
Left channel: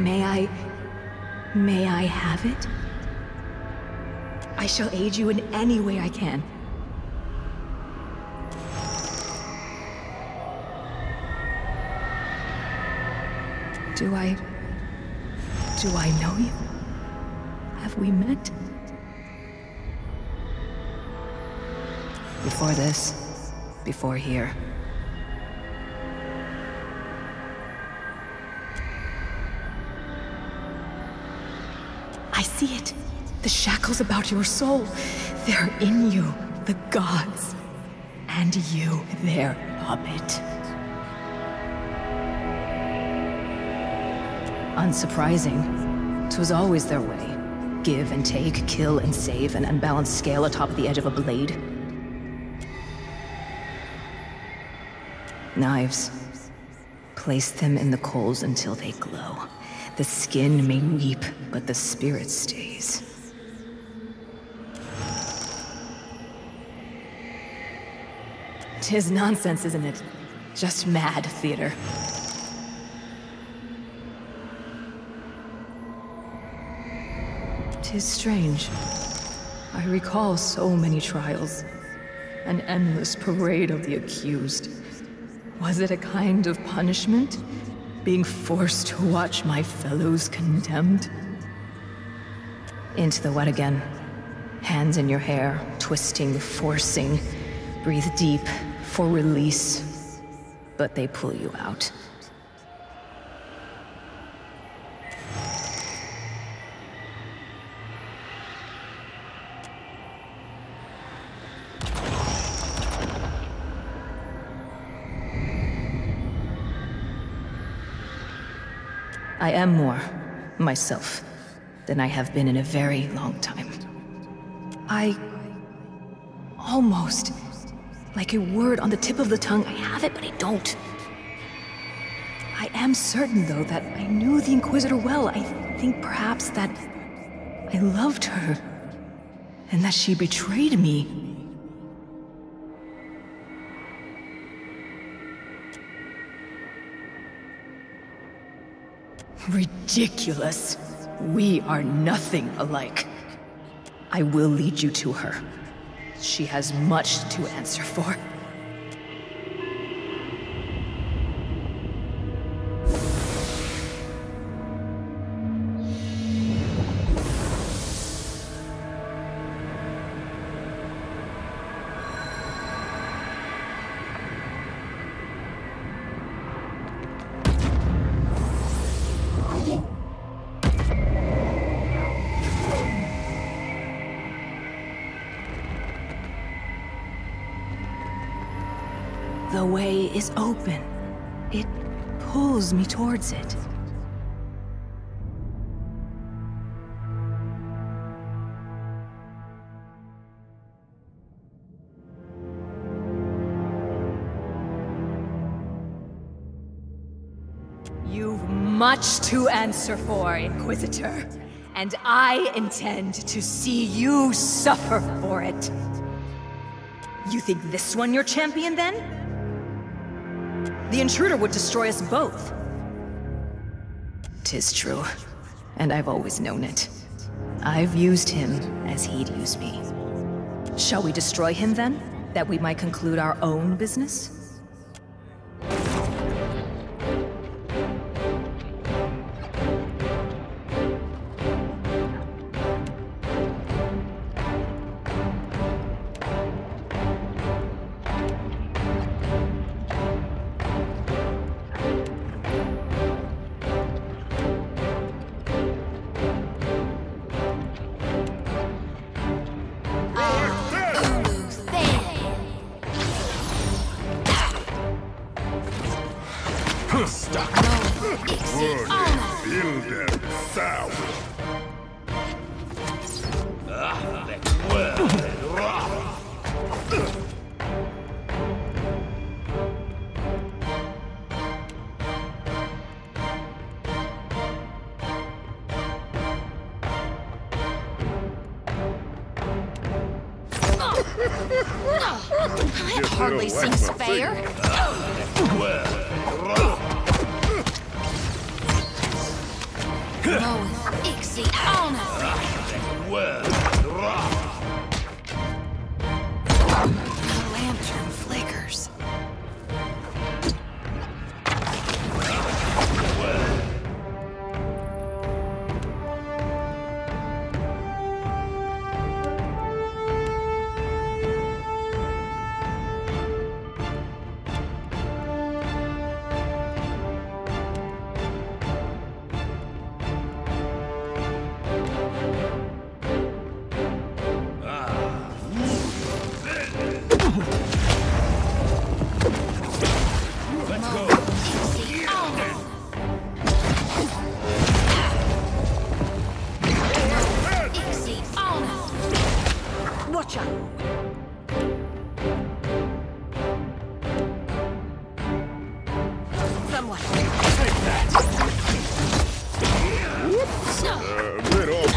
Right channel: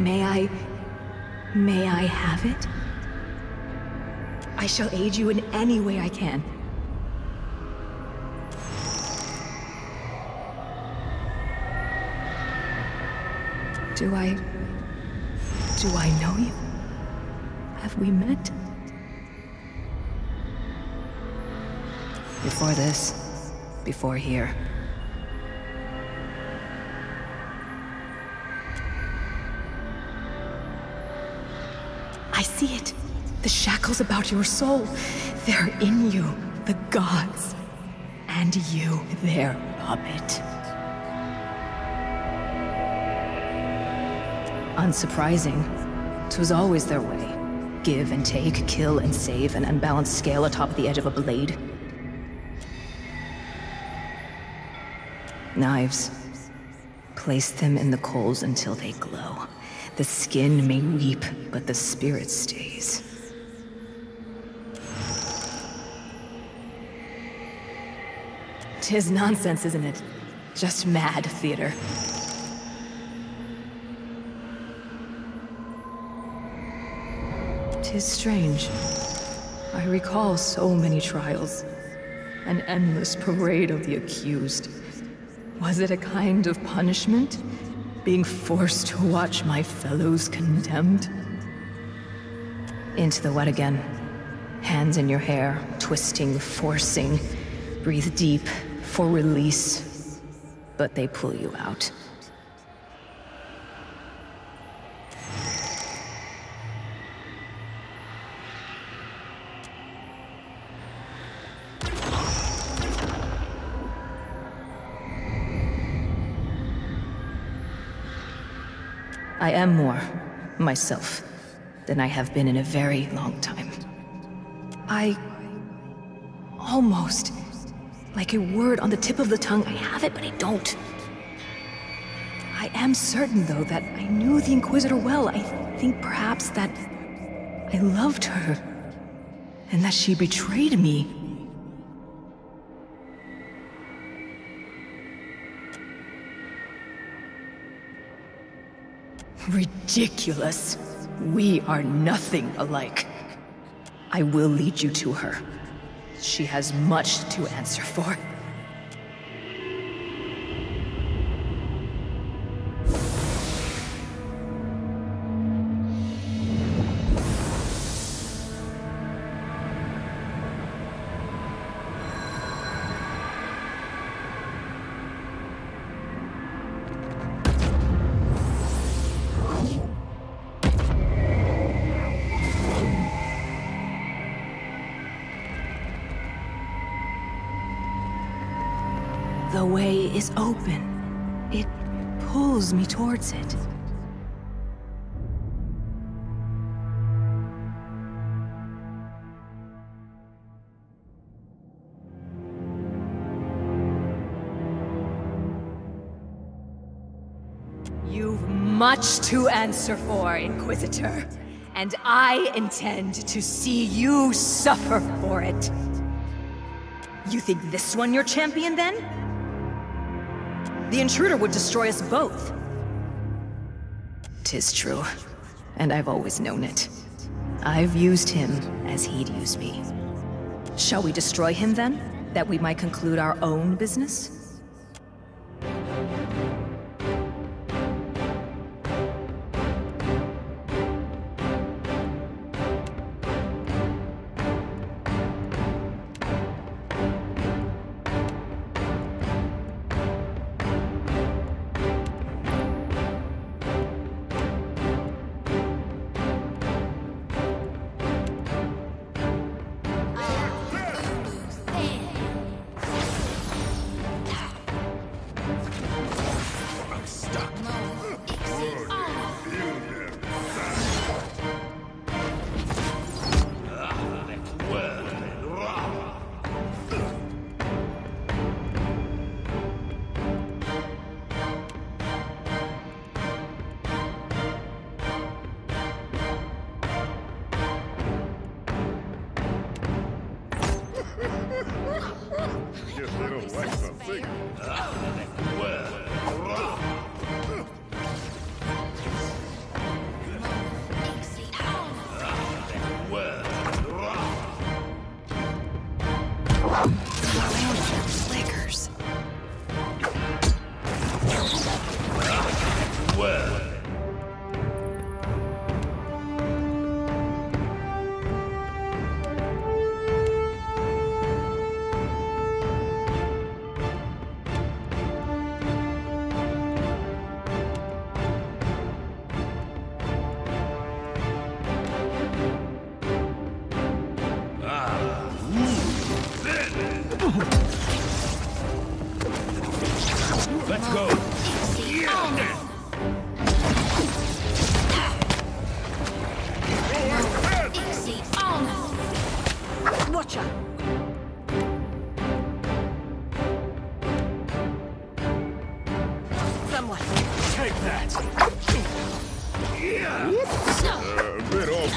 May I have it? I shall aid you in any way I can. Do I know you? Have we met? Before this, before here. I see it. The shackles about your soul. They're in you, the gods. And you, their puppet. Unsurprising. 'Twas always their way. Give and take, kill and save, an unbalanced scale atop the edge of a blade. Knives. Place them in the coals until they glow. The skin may weep, but the spirit stays. Tis nonsense, isn't it? Just mad theater. Tis strange. I recall so many trials. An endless parade of the accused. Was it a kind of punishment? Being forced to watch my fellows condemned? Into the wet again. Hands in your hair, twisting, forcing. Breathe deep for release. But they pull you out. I am more myself than I have been in a very long time. I almost, like a word on the tip of the tongue, I have it, but I don't. I am certain, though, that I knew the Inquisitor well. I think perhaps that I loved her, and that she betrayed me. Ridiculous. We are nothing alike. I will lead you to her. She has much to answer for. The way is open. It pulls me towards it. You've much to answer for, Inquisitor, and I intend to see you suffer for it. You think this one your champion, then? The intruder would destroy us both. 'Tis true, and I've always known it. I've used him as he'd use me. Shall we destroy him then, that we might conclude our own business? That hardly seems fair. The lantern flickers. Let's go. someone. Take that. Bit off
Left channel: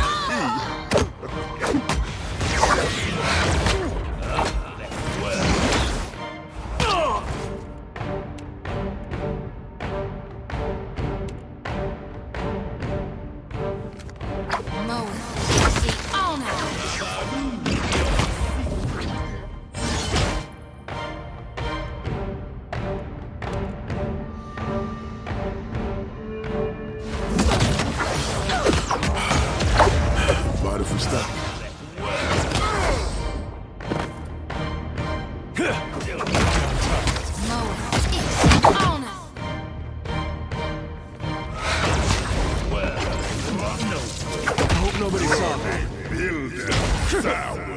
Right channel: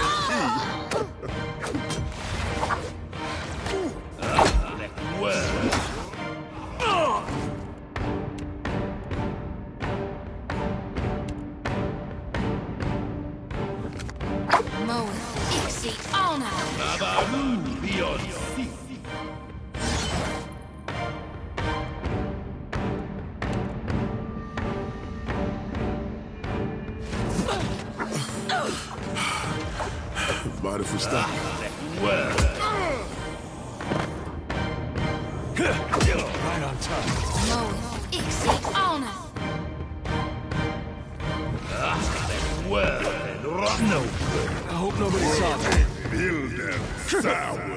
Mind if we stop? No. I hope nobody saw me. Build them sour.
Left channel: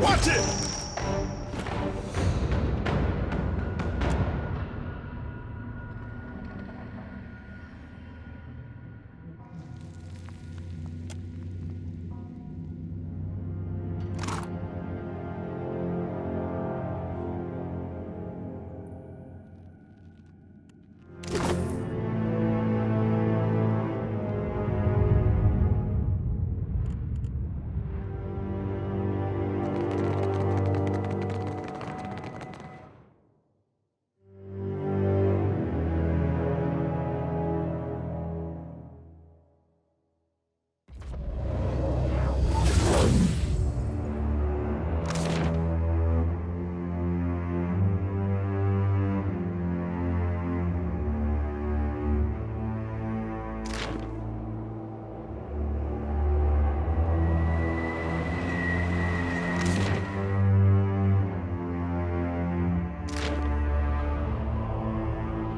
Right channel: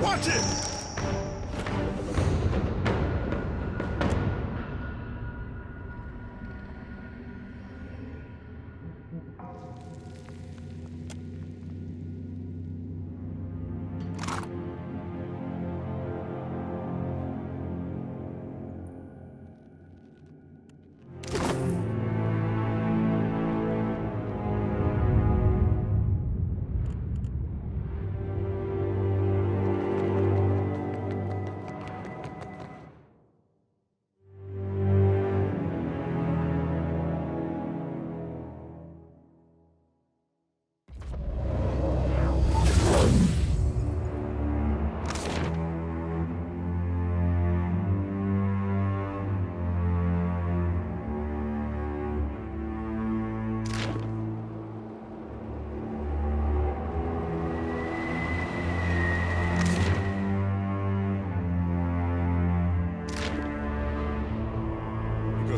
Watch it!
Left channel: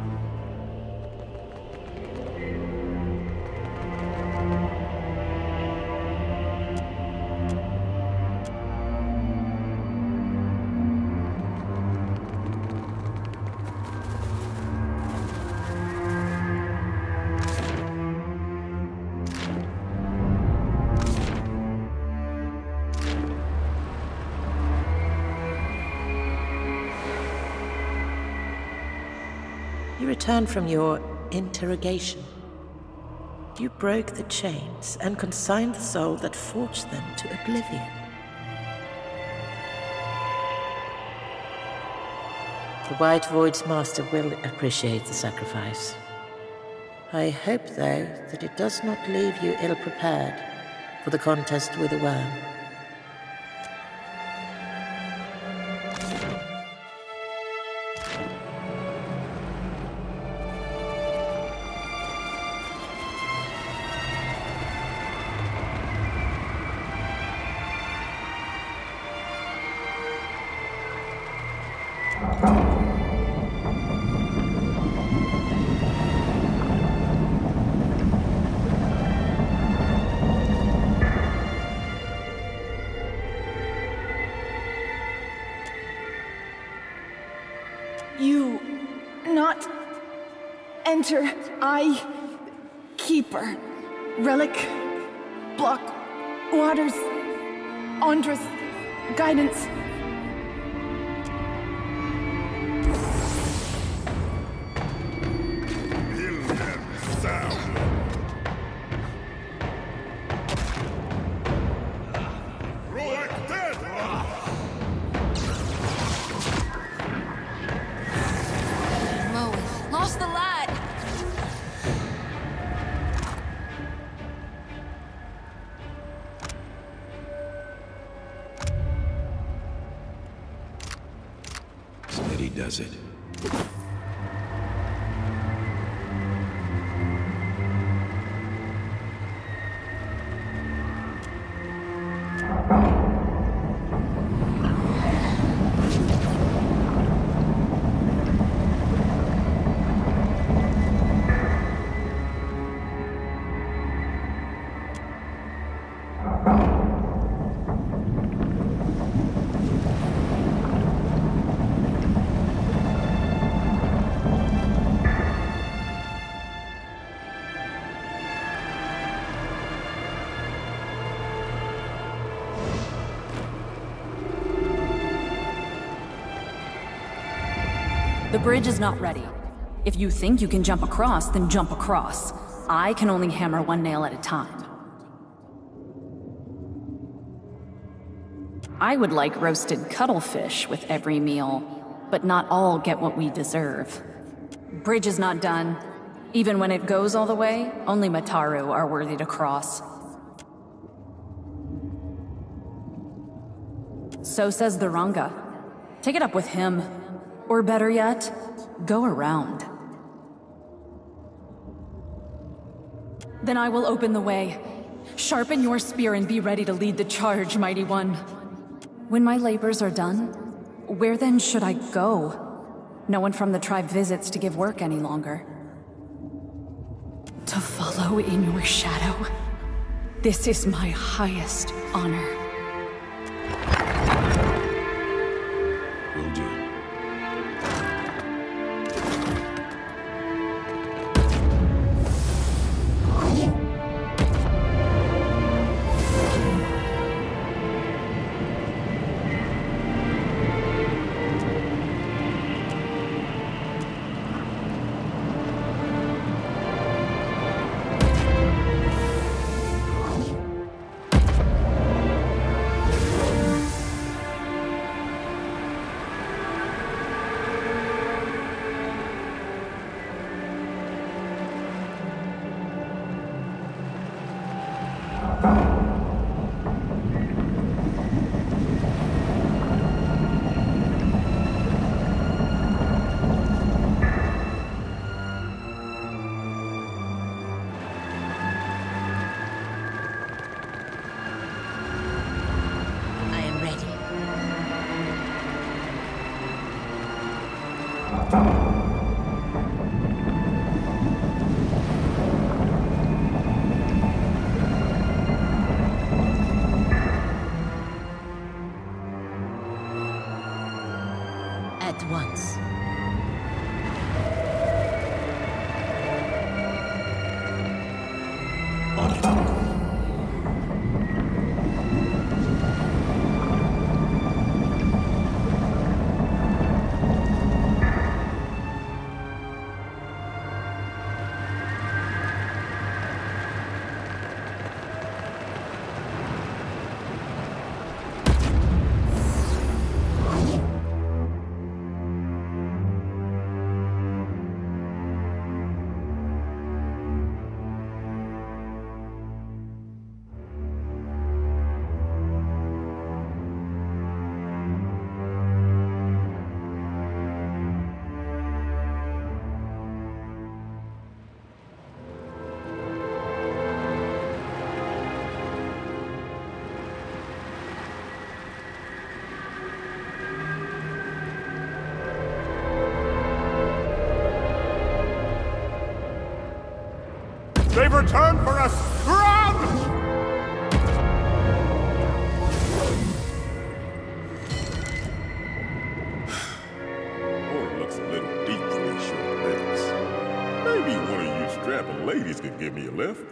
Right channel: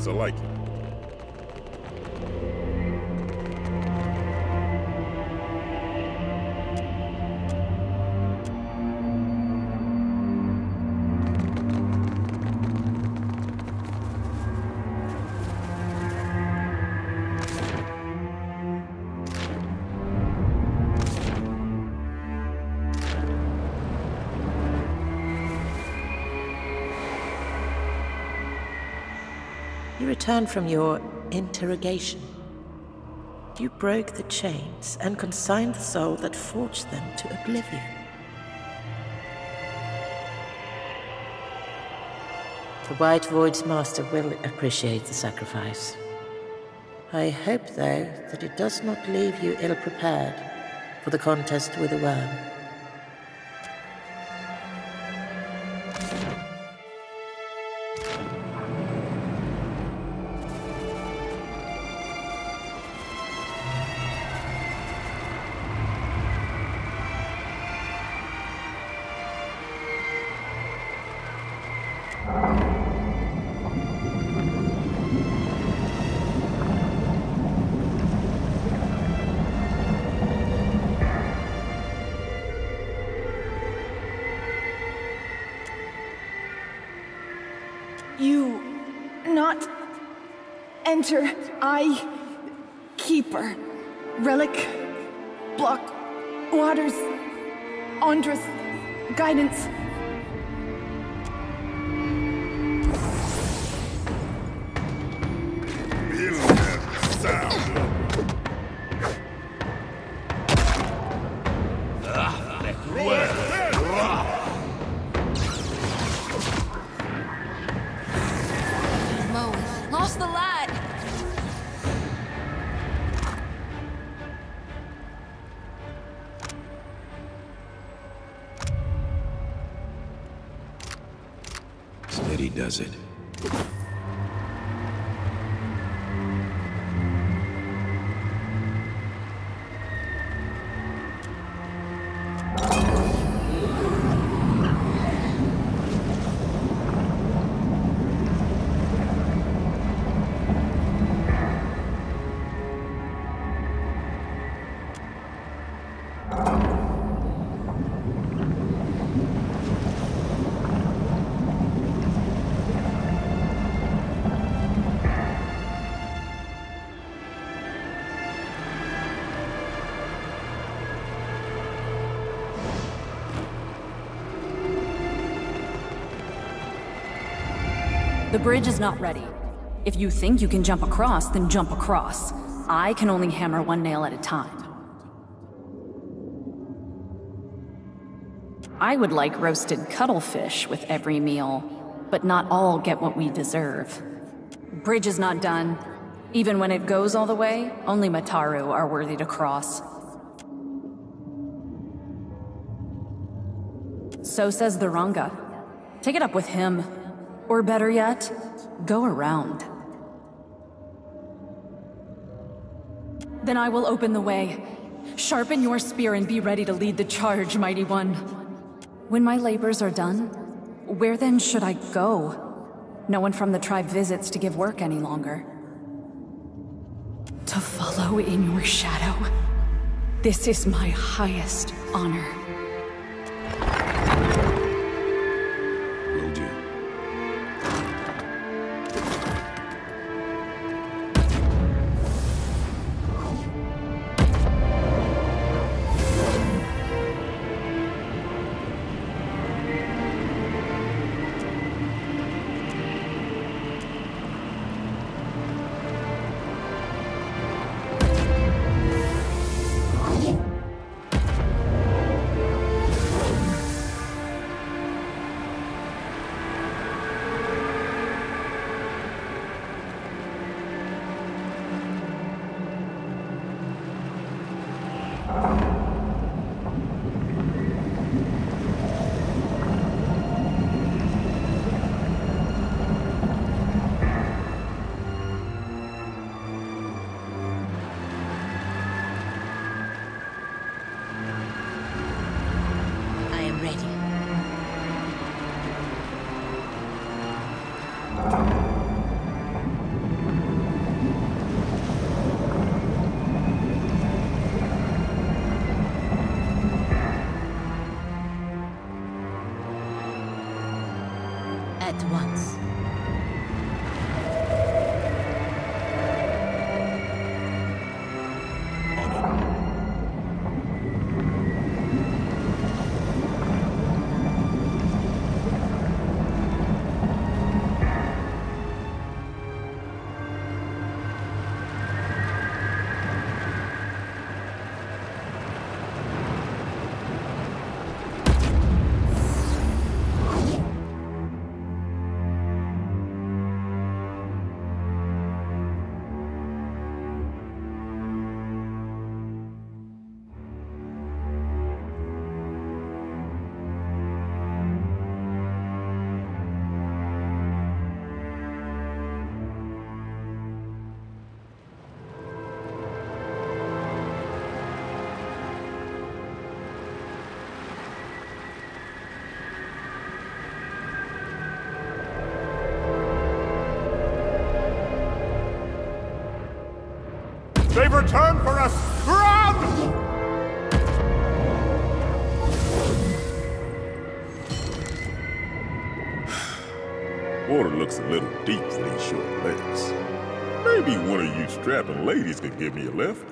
I like it. You returned from your interrogation. You broke the chains and consigned the soul that forged them to oblivion. The White Void's master will appreciate the sacrifice. I hope, though, that it does not leave you ill-prepared for the contest with the worm. You not enter, I keeper, relic, block, waters, Andras, guidance. Lost the light. Steady does it. The bridge is not ready. If you think you can jump across, then jump across. I can only hammer one nail at a time. I would like roasted cuttlefish with every meal, but not all get what we deserve. Bridge is not done. Even when it goes all the way, only Mataru are worthy to cross. So says the Ranga. Take it up with him. Or better yet, go around. Then I will open the way. Sharpen your spear and be ready to lead the charge, mighty one. When my labors are done, where then should I go? No one from the tribe visits to give work any longer. To follow in your shadow. This is my highest honor. Will do. At once. On it. They've returned for us! Run! Water looks a little deep for these short legs. Maybe one of you strapping ladies could give me a lift.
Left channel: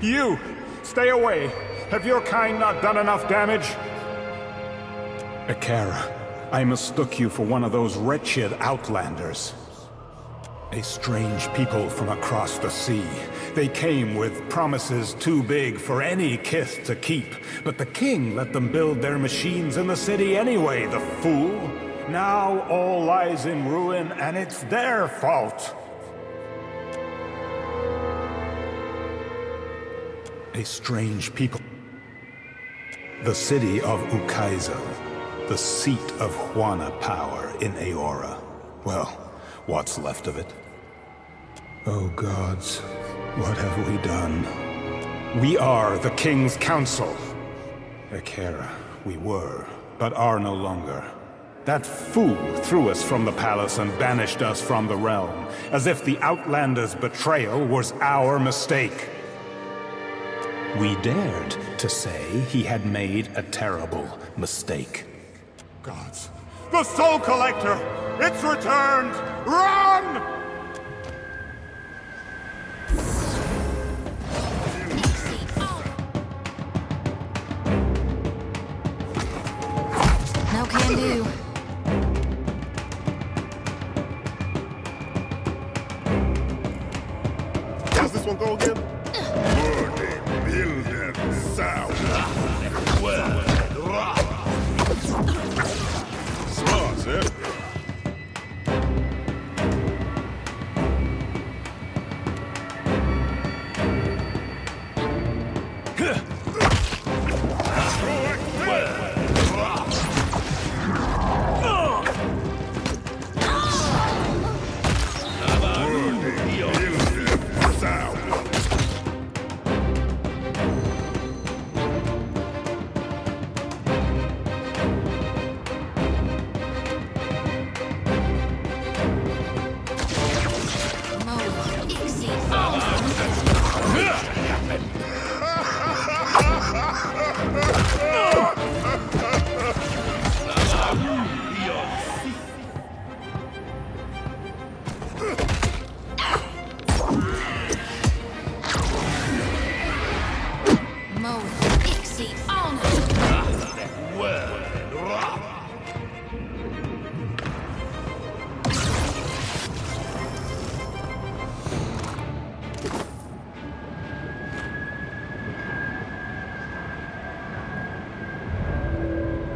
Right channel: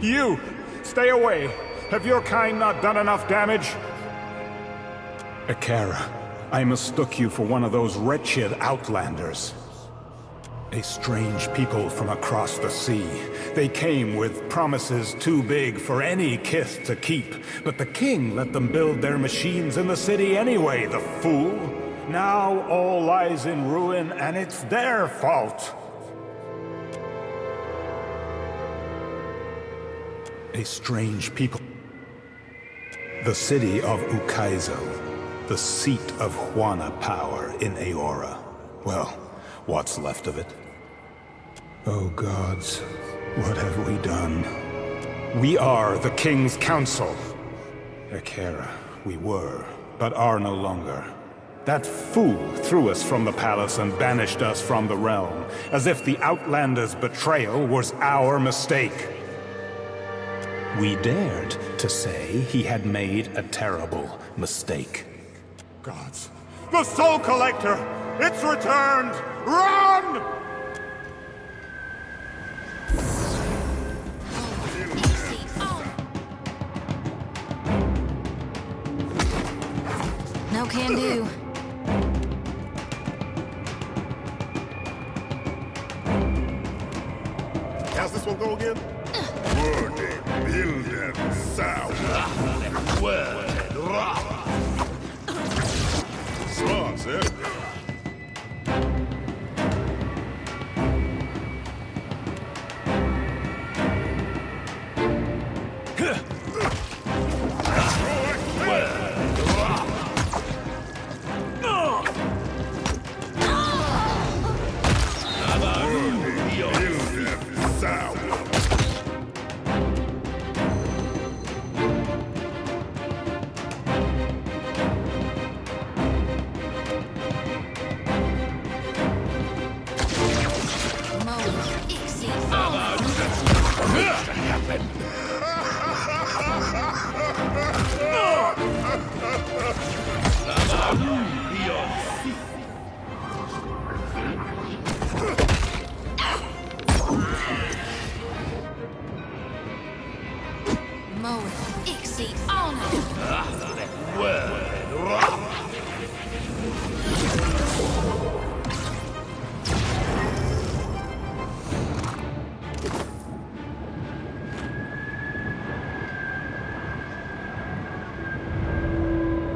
You! Stay away! Have your kind not done enough damage? Akara, I mistook you for one of those wretched outlanders. A strange people from across the sea. They came with promises too big for any kith to keep, but the king let them build their machines in the city anyway, the fool! Now all lies in ruin, and it's their fault! A strange people. The city of Ukaizo. The seat of Huana power in Aora. Well, what's left of it? Oh gods, what have we done? We are the King's Council. Akara, we were, but are no longer. That fool threw us from the palace and banished us from the realm, as if the Outlander's betrayal was our mistake. We dared to say he had made a terrible mistake. Gods. The Soul Collector! It's returned! Run! No can do. How's this one go again? Building sound. Smart, sir.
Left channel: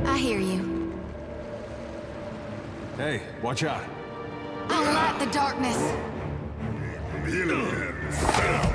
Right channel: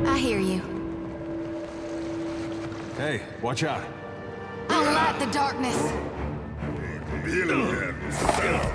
I hear you. Hey, watch out. I light the darkness. Building sound.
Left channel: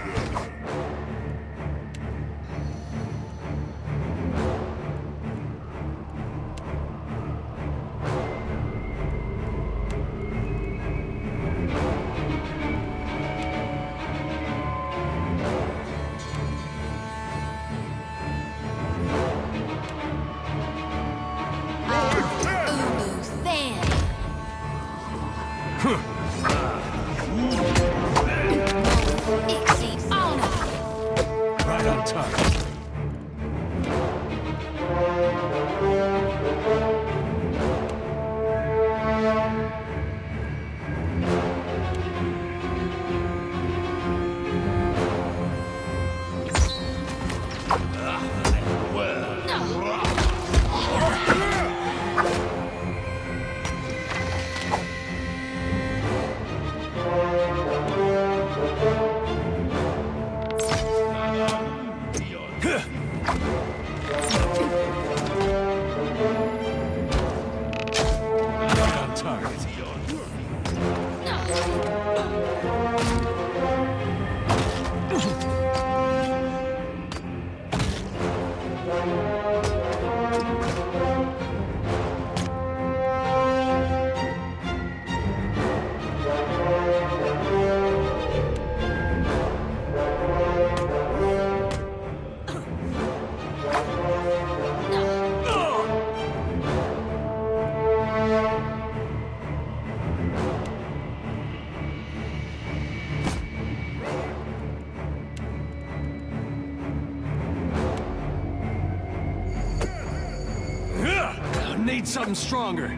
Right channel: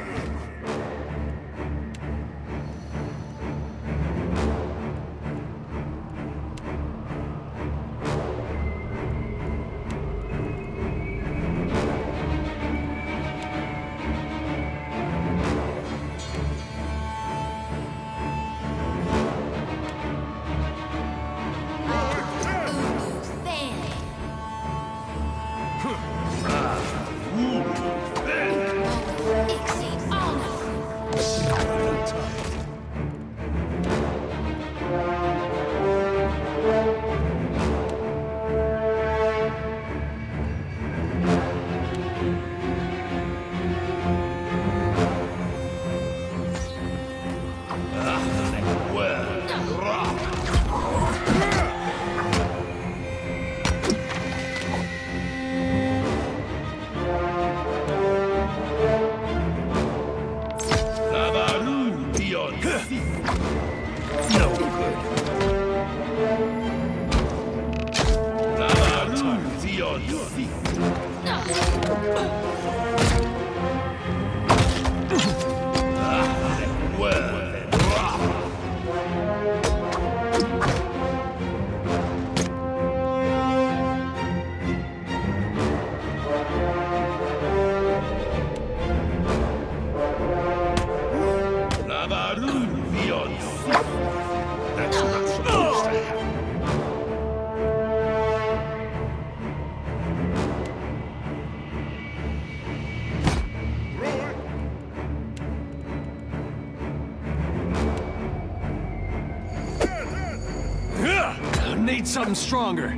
Need something stronger.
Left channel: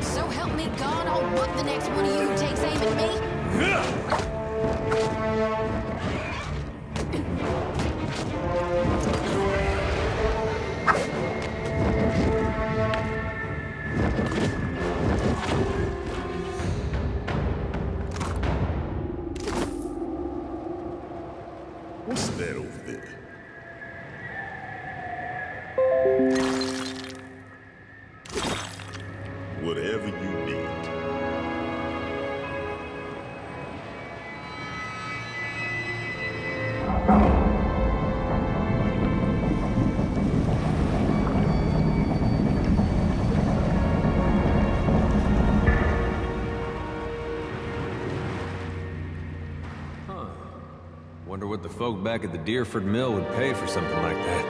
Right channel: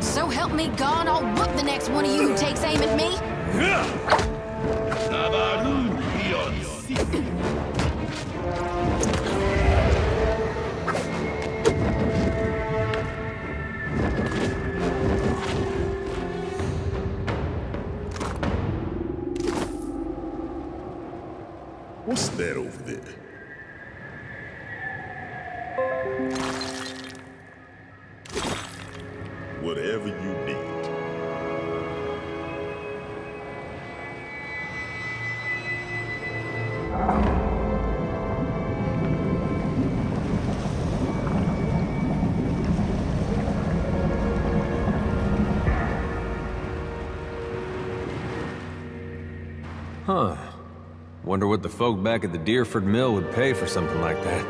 So help me God, I'll whoop the next one of you who takes aim at me. What's that over there? Whatever you need. Huh. Wonder what the folk back at the Deerford Mill would pay for something like that.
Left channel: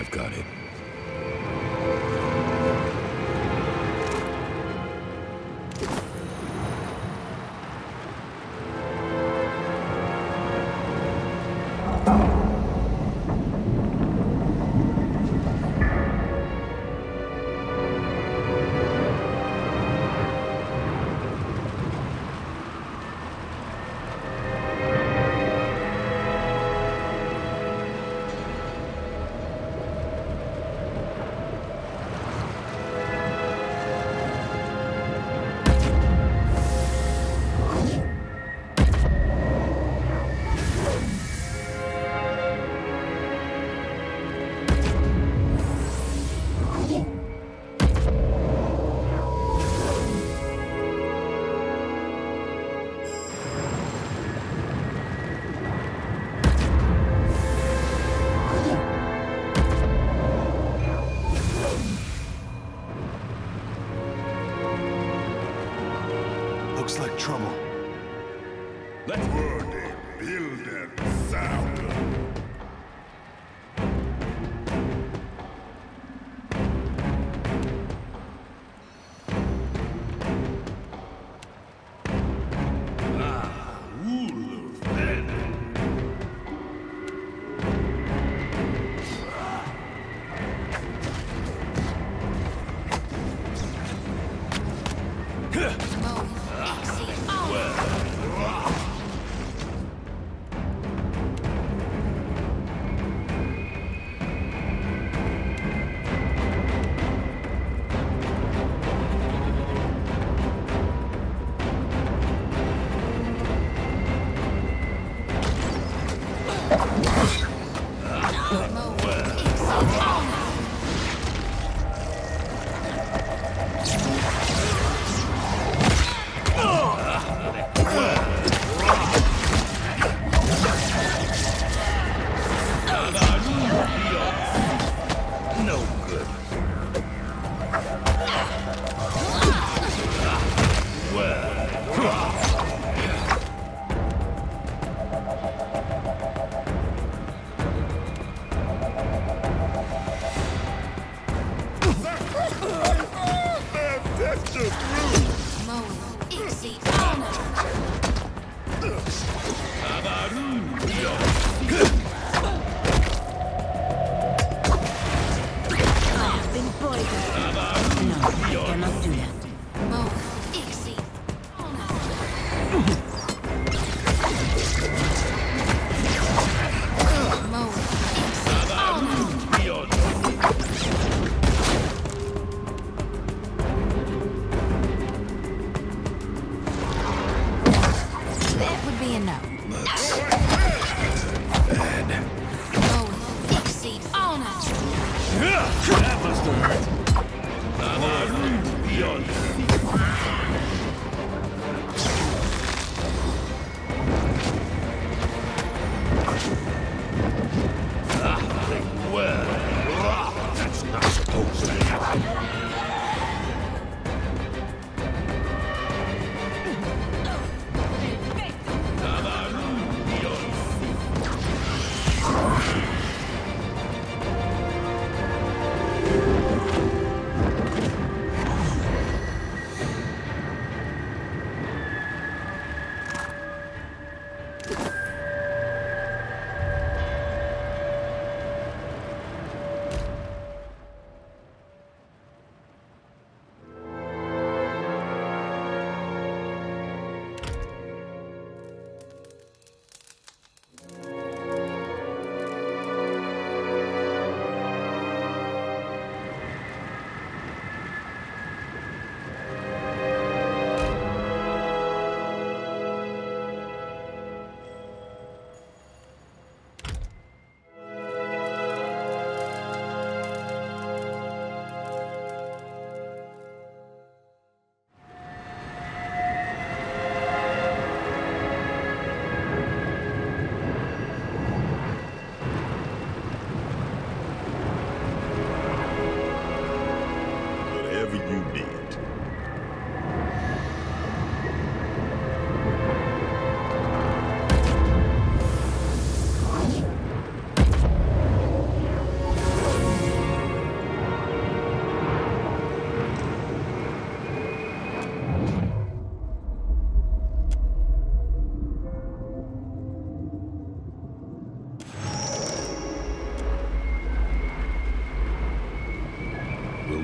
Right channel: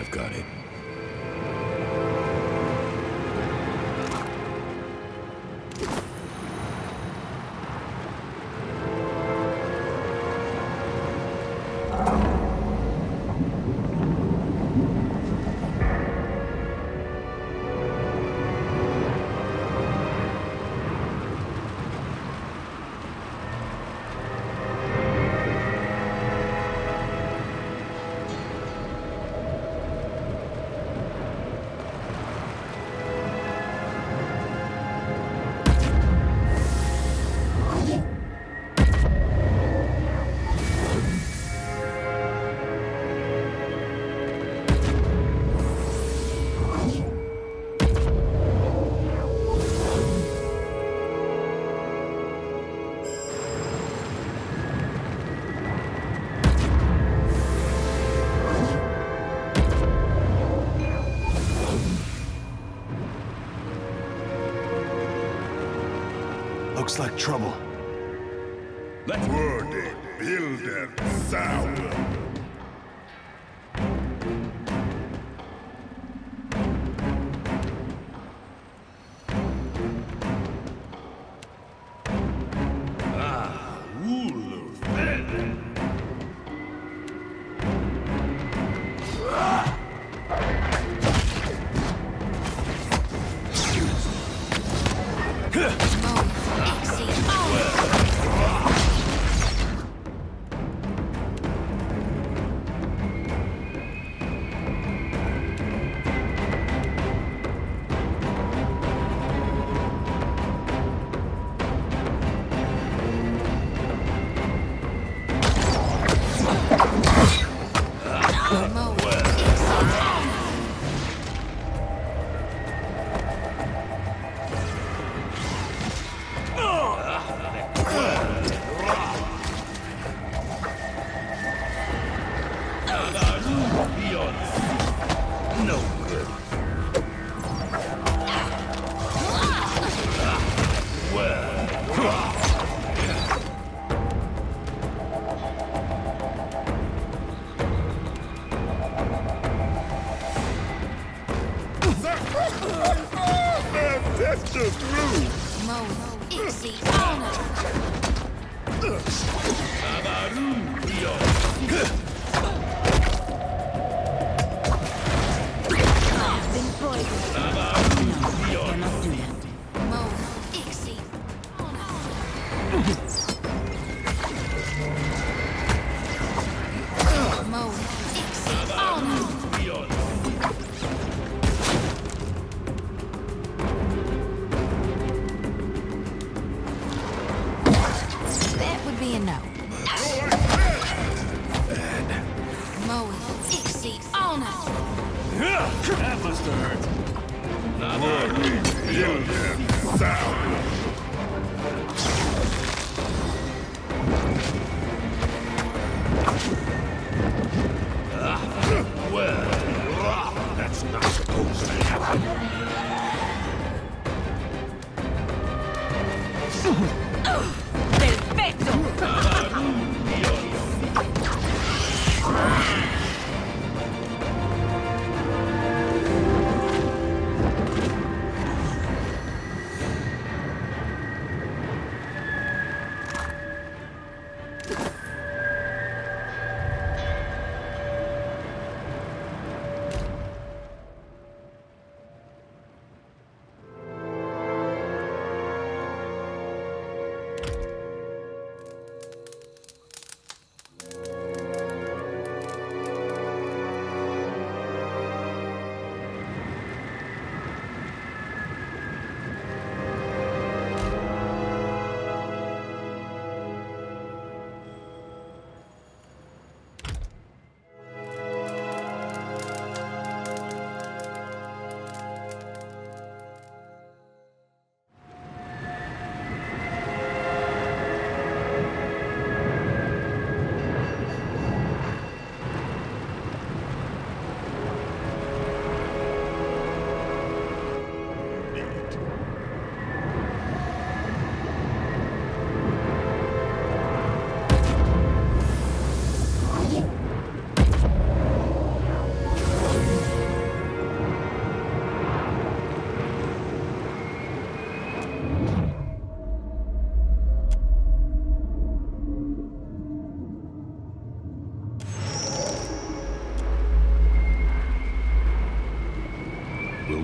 I've got it. Looks like trouble. Let's word build and sound. That's just rude. I've been poisoned. No, I cannot do that. That would be a no. That must have hurt. Well, that's not supposed to happen.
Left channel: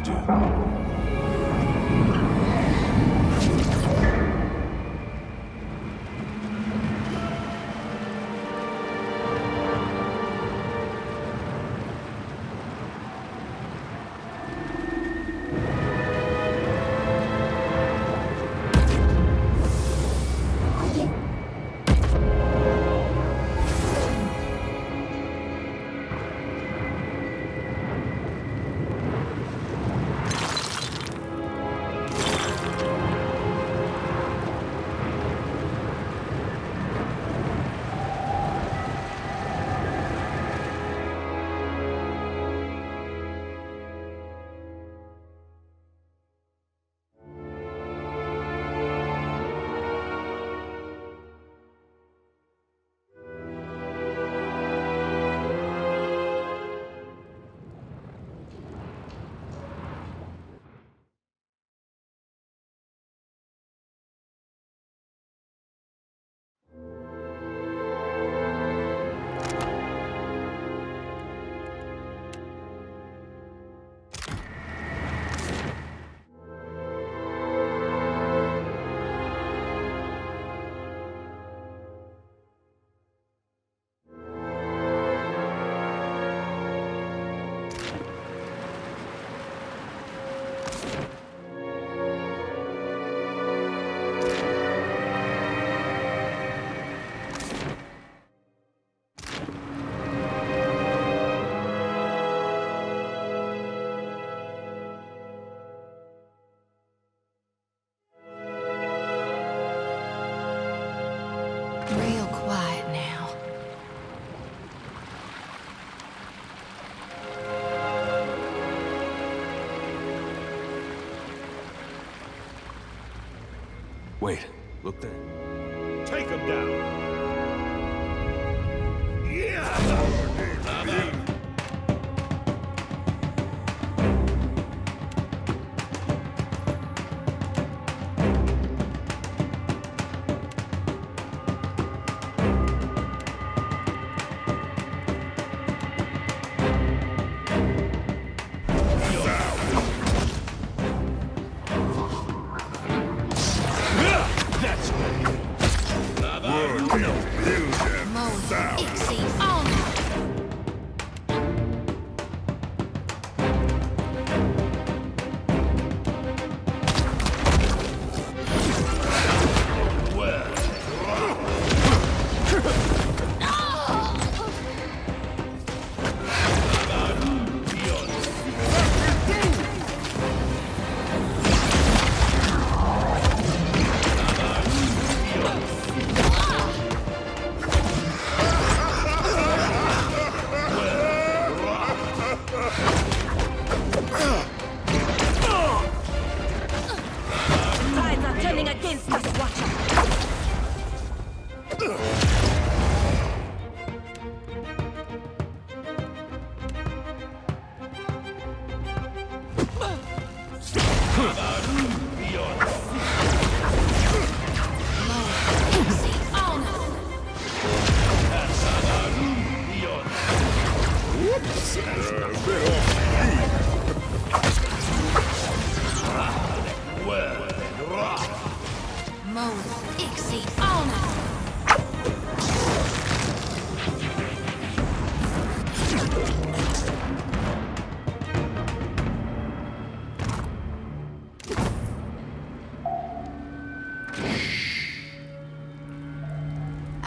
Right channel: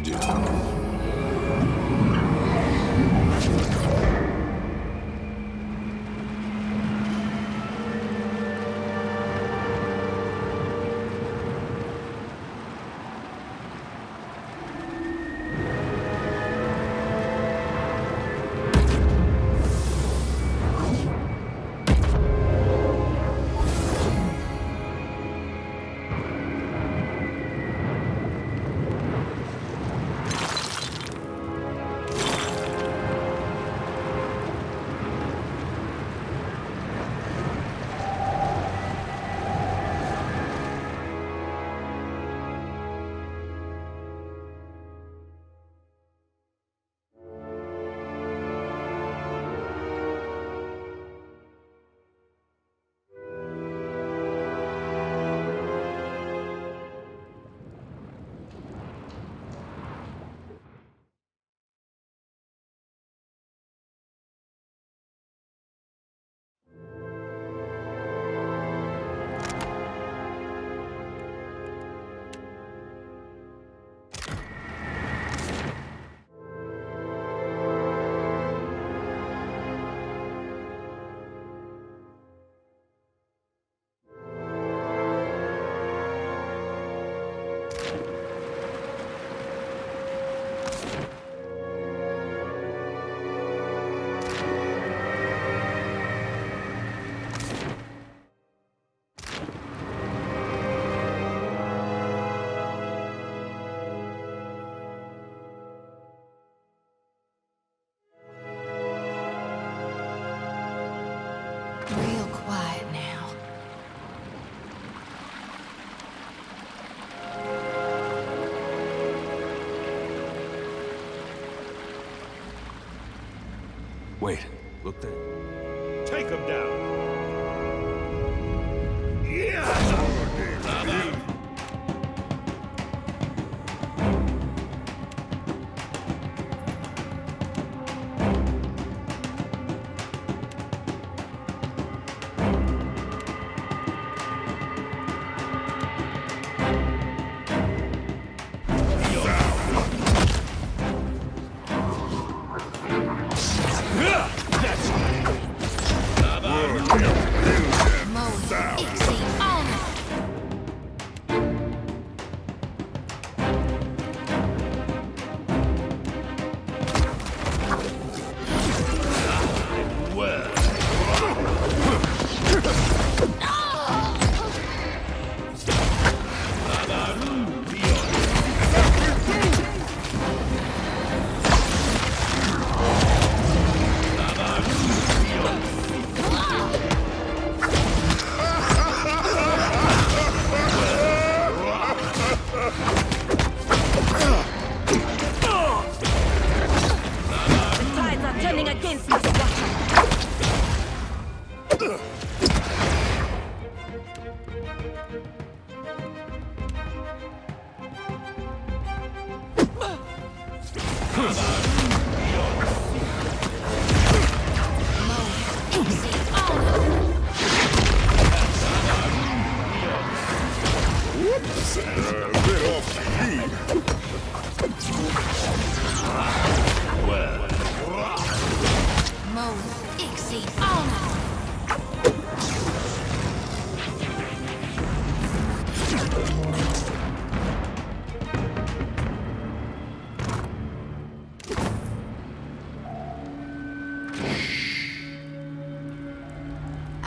do. Real quiet now. Wait, look there. Take him down.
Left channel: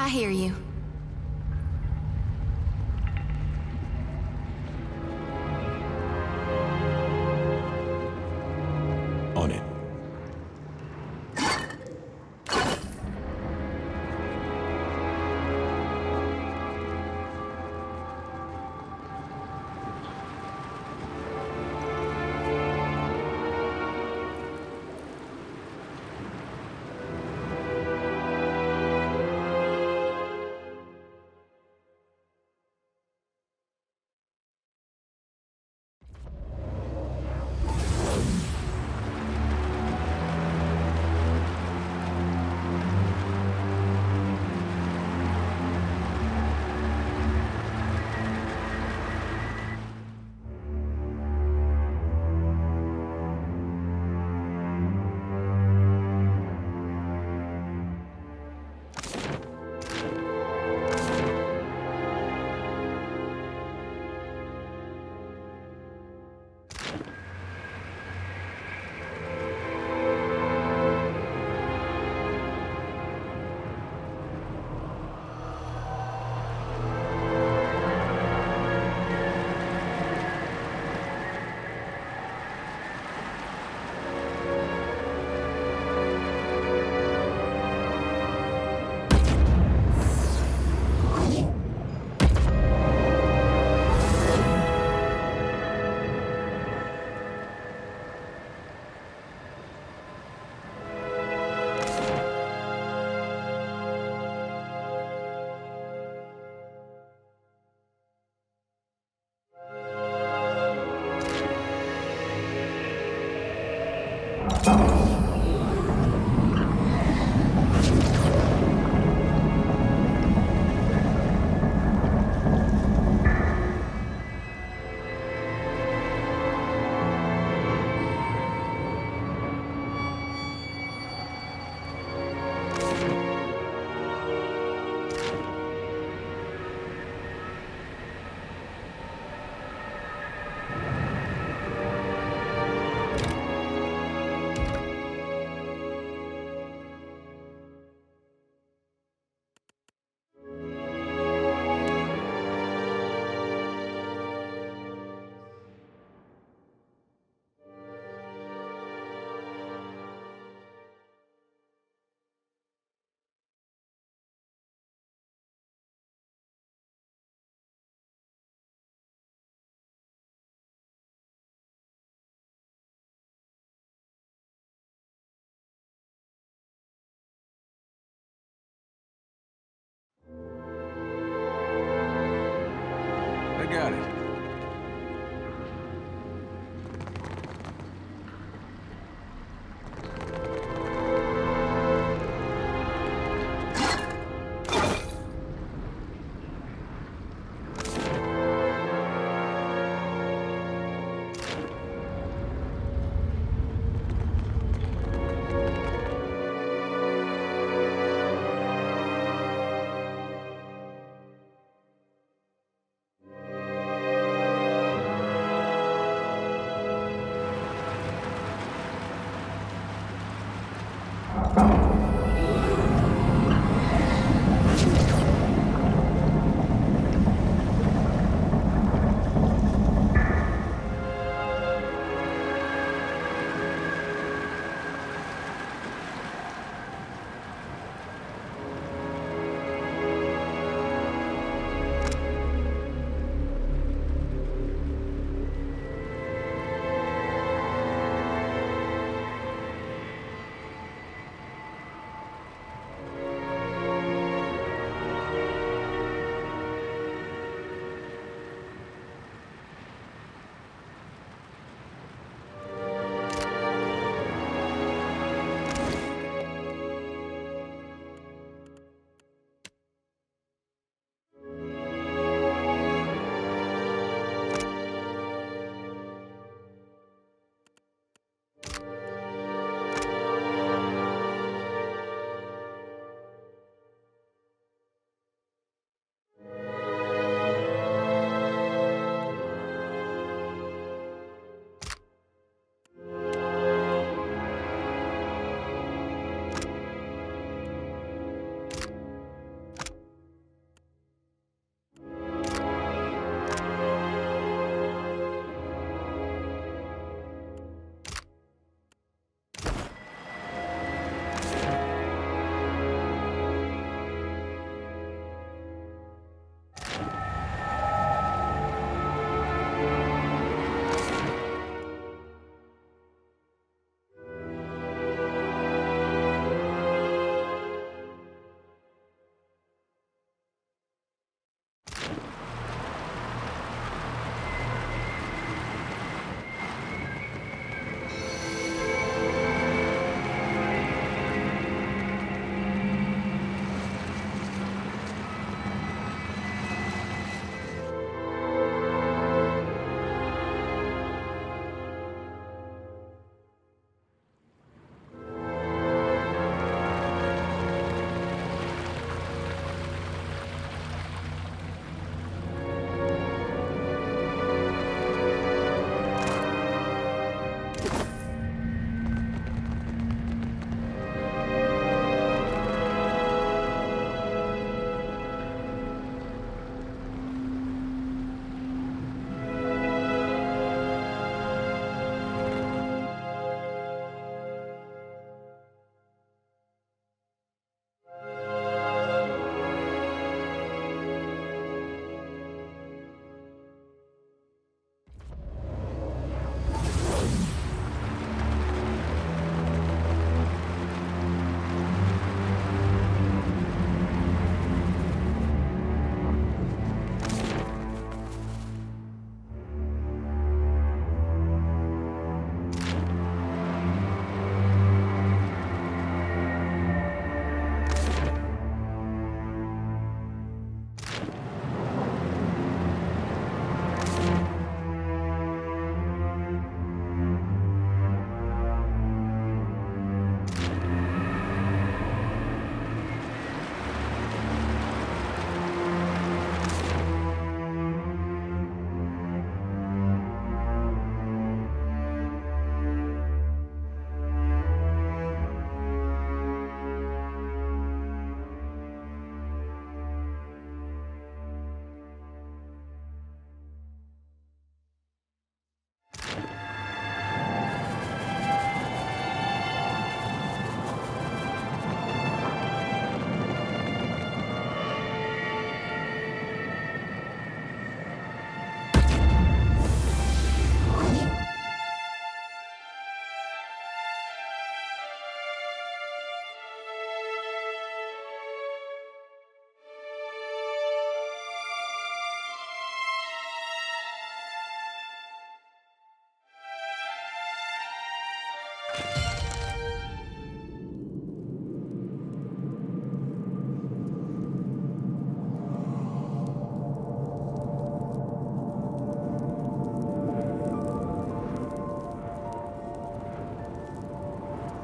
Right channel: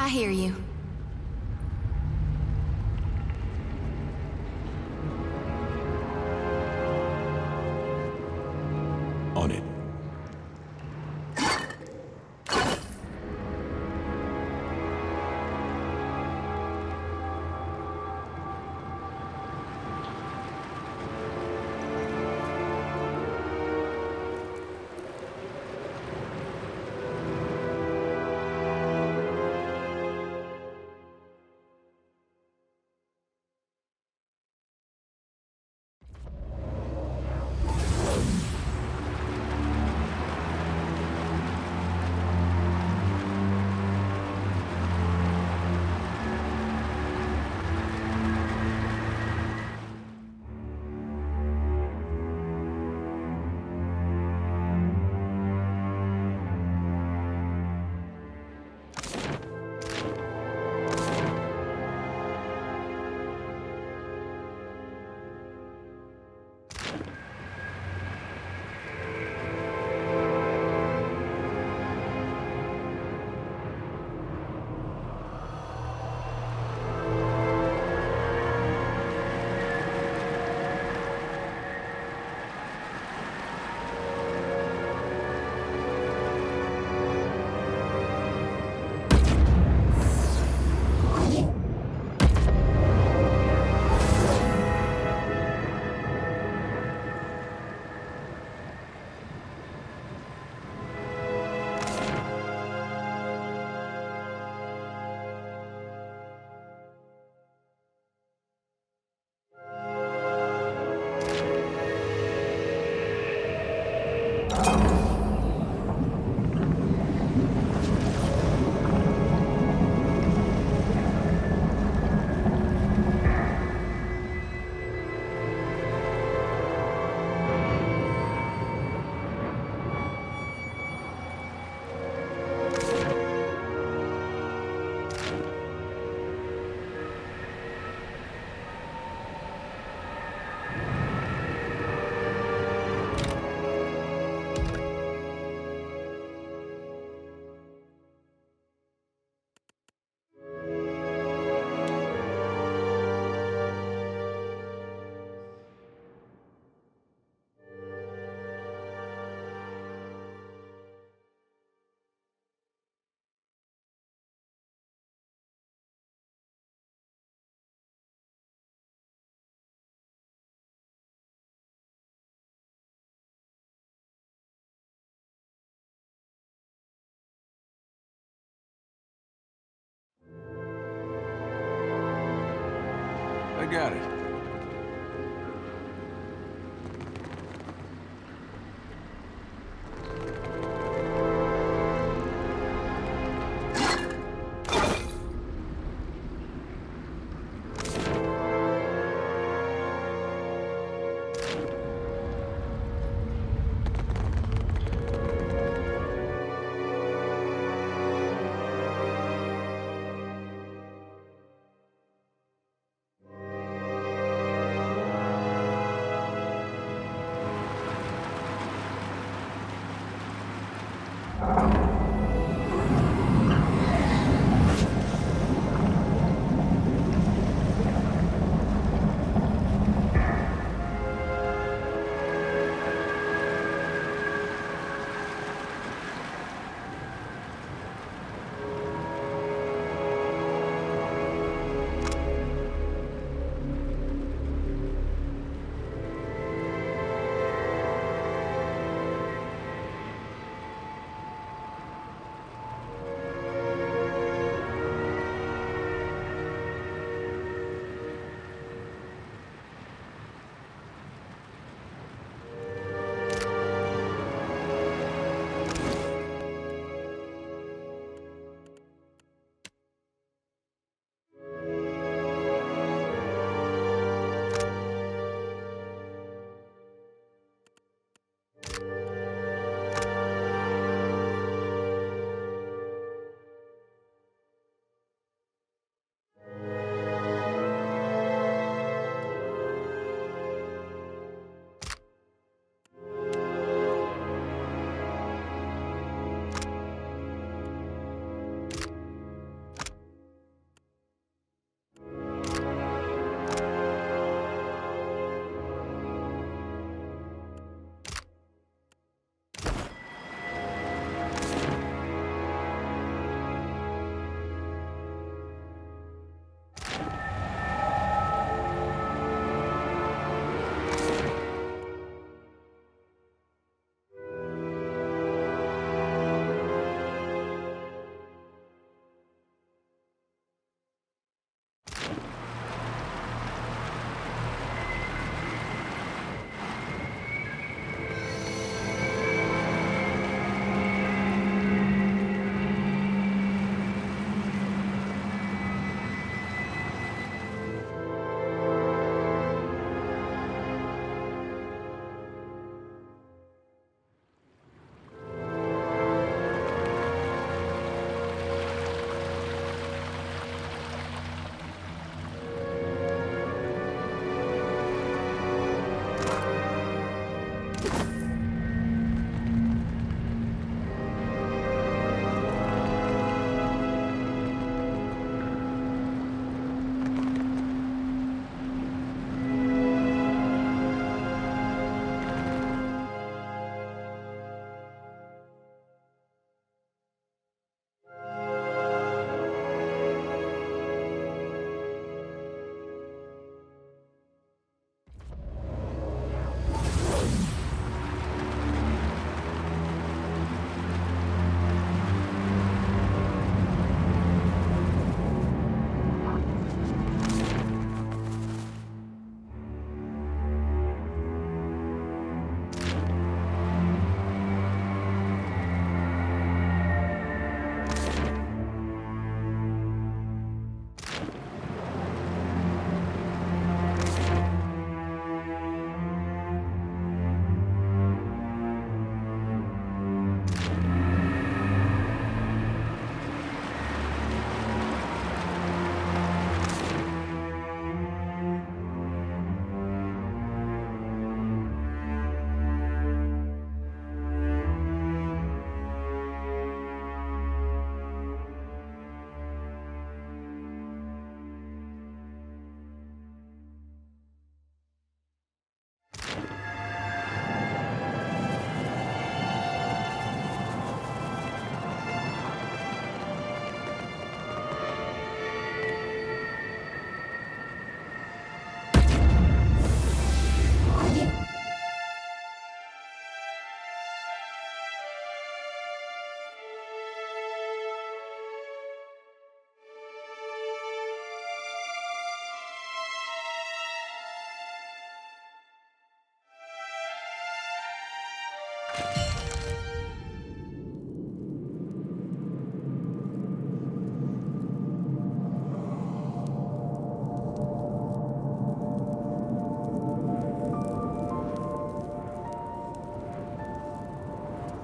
I hear you. On it. I got it.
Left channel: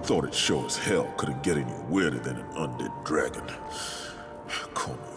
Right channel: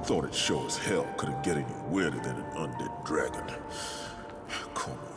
thought it sure as hell couldn't get any weirder than an undead dragon. Call me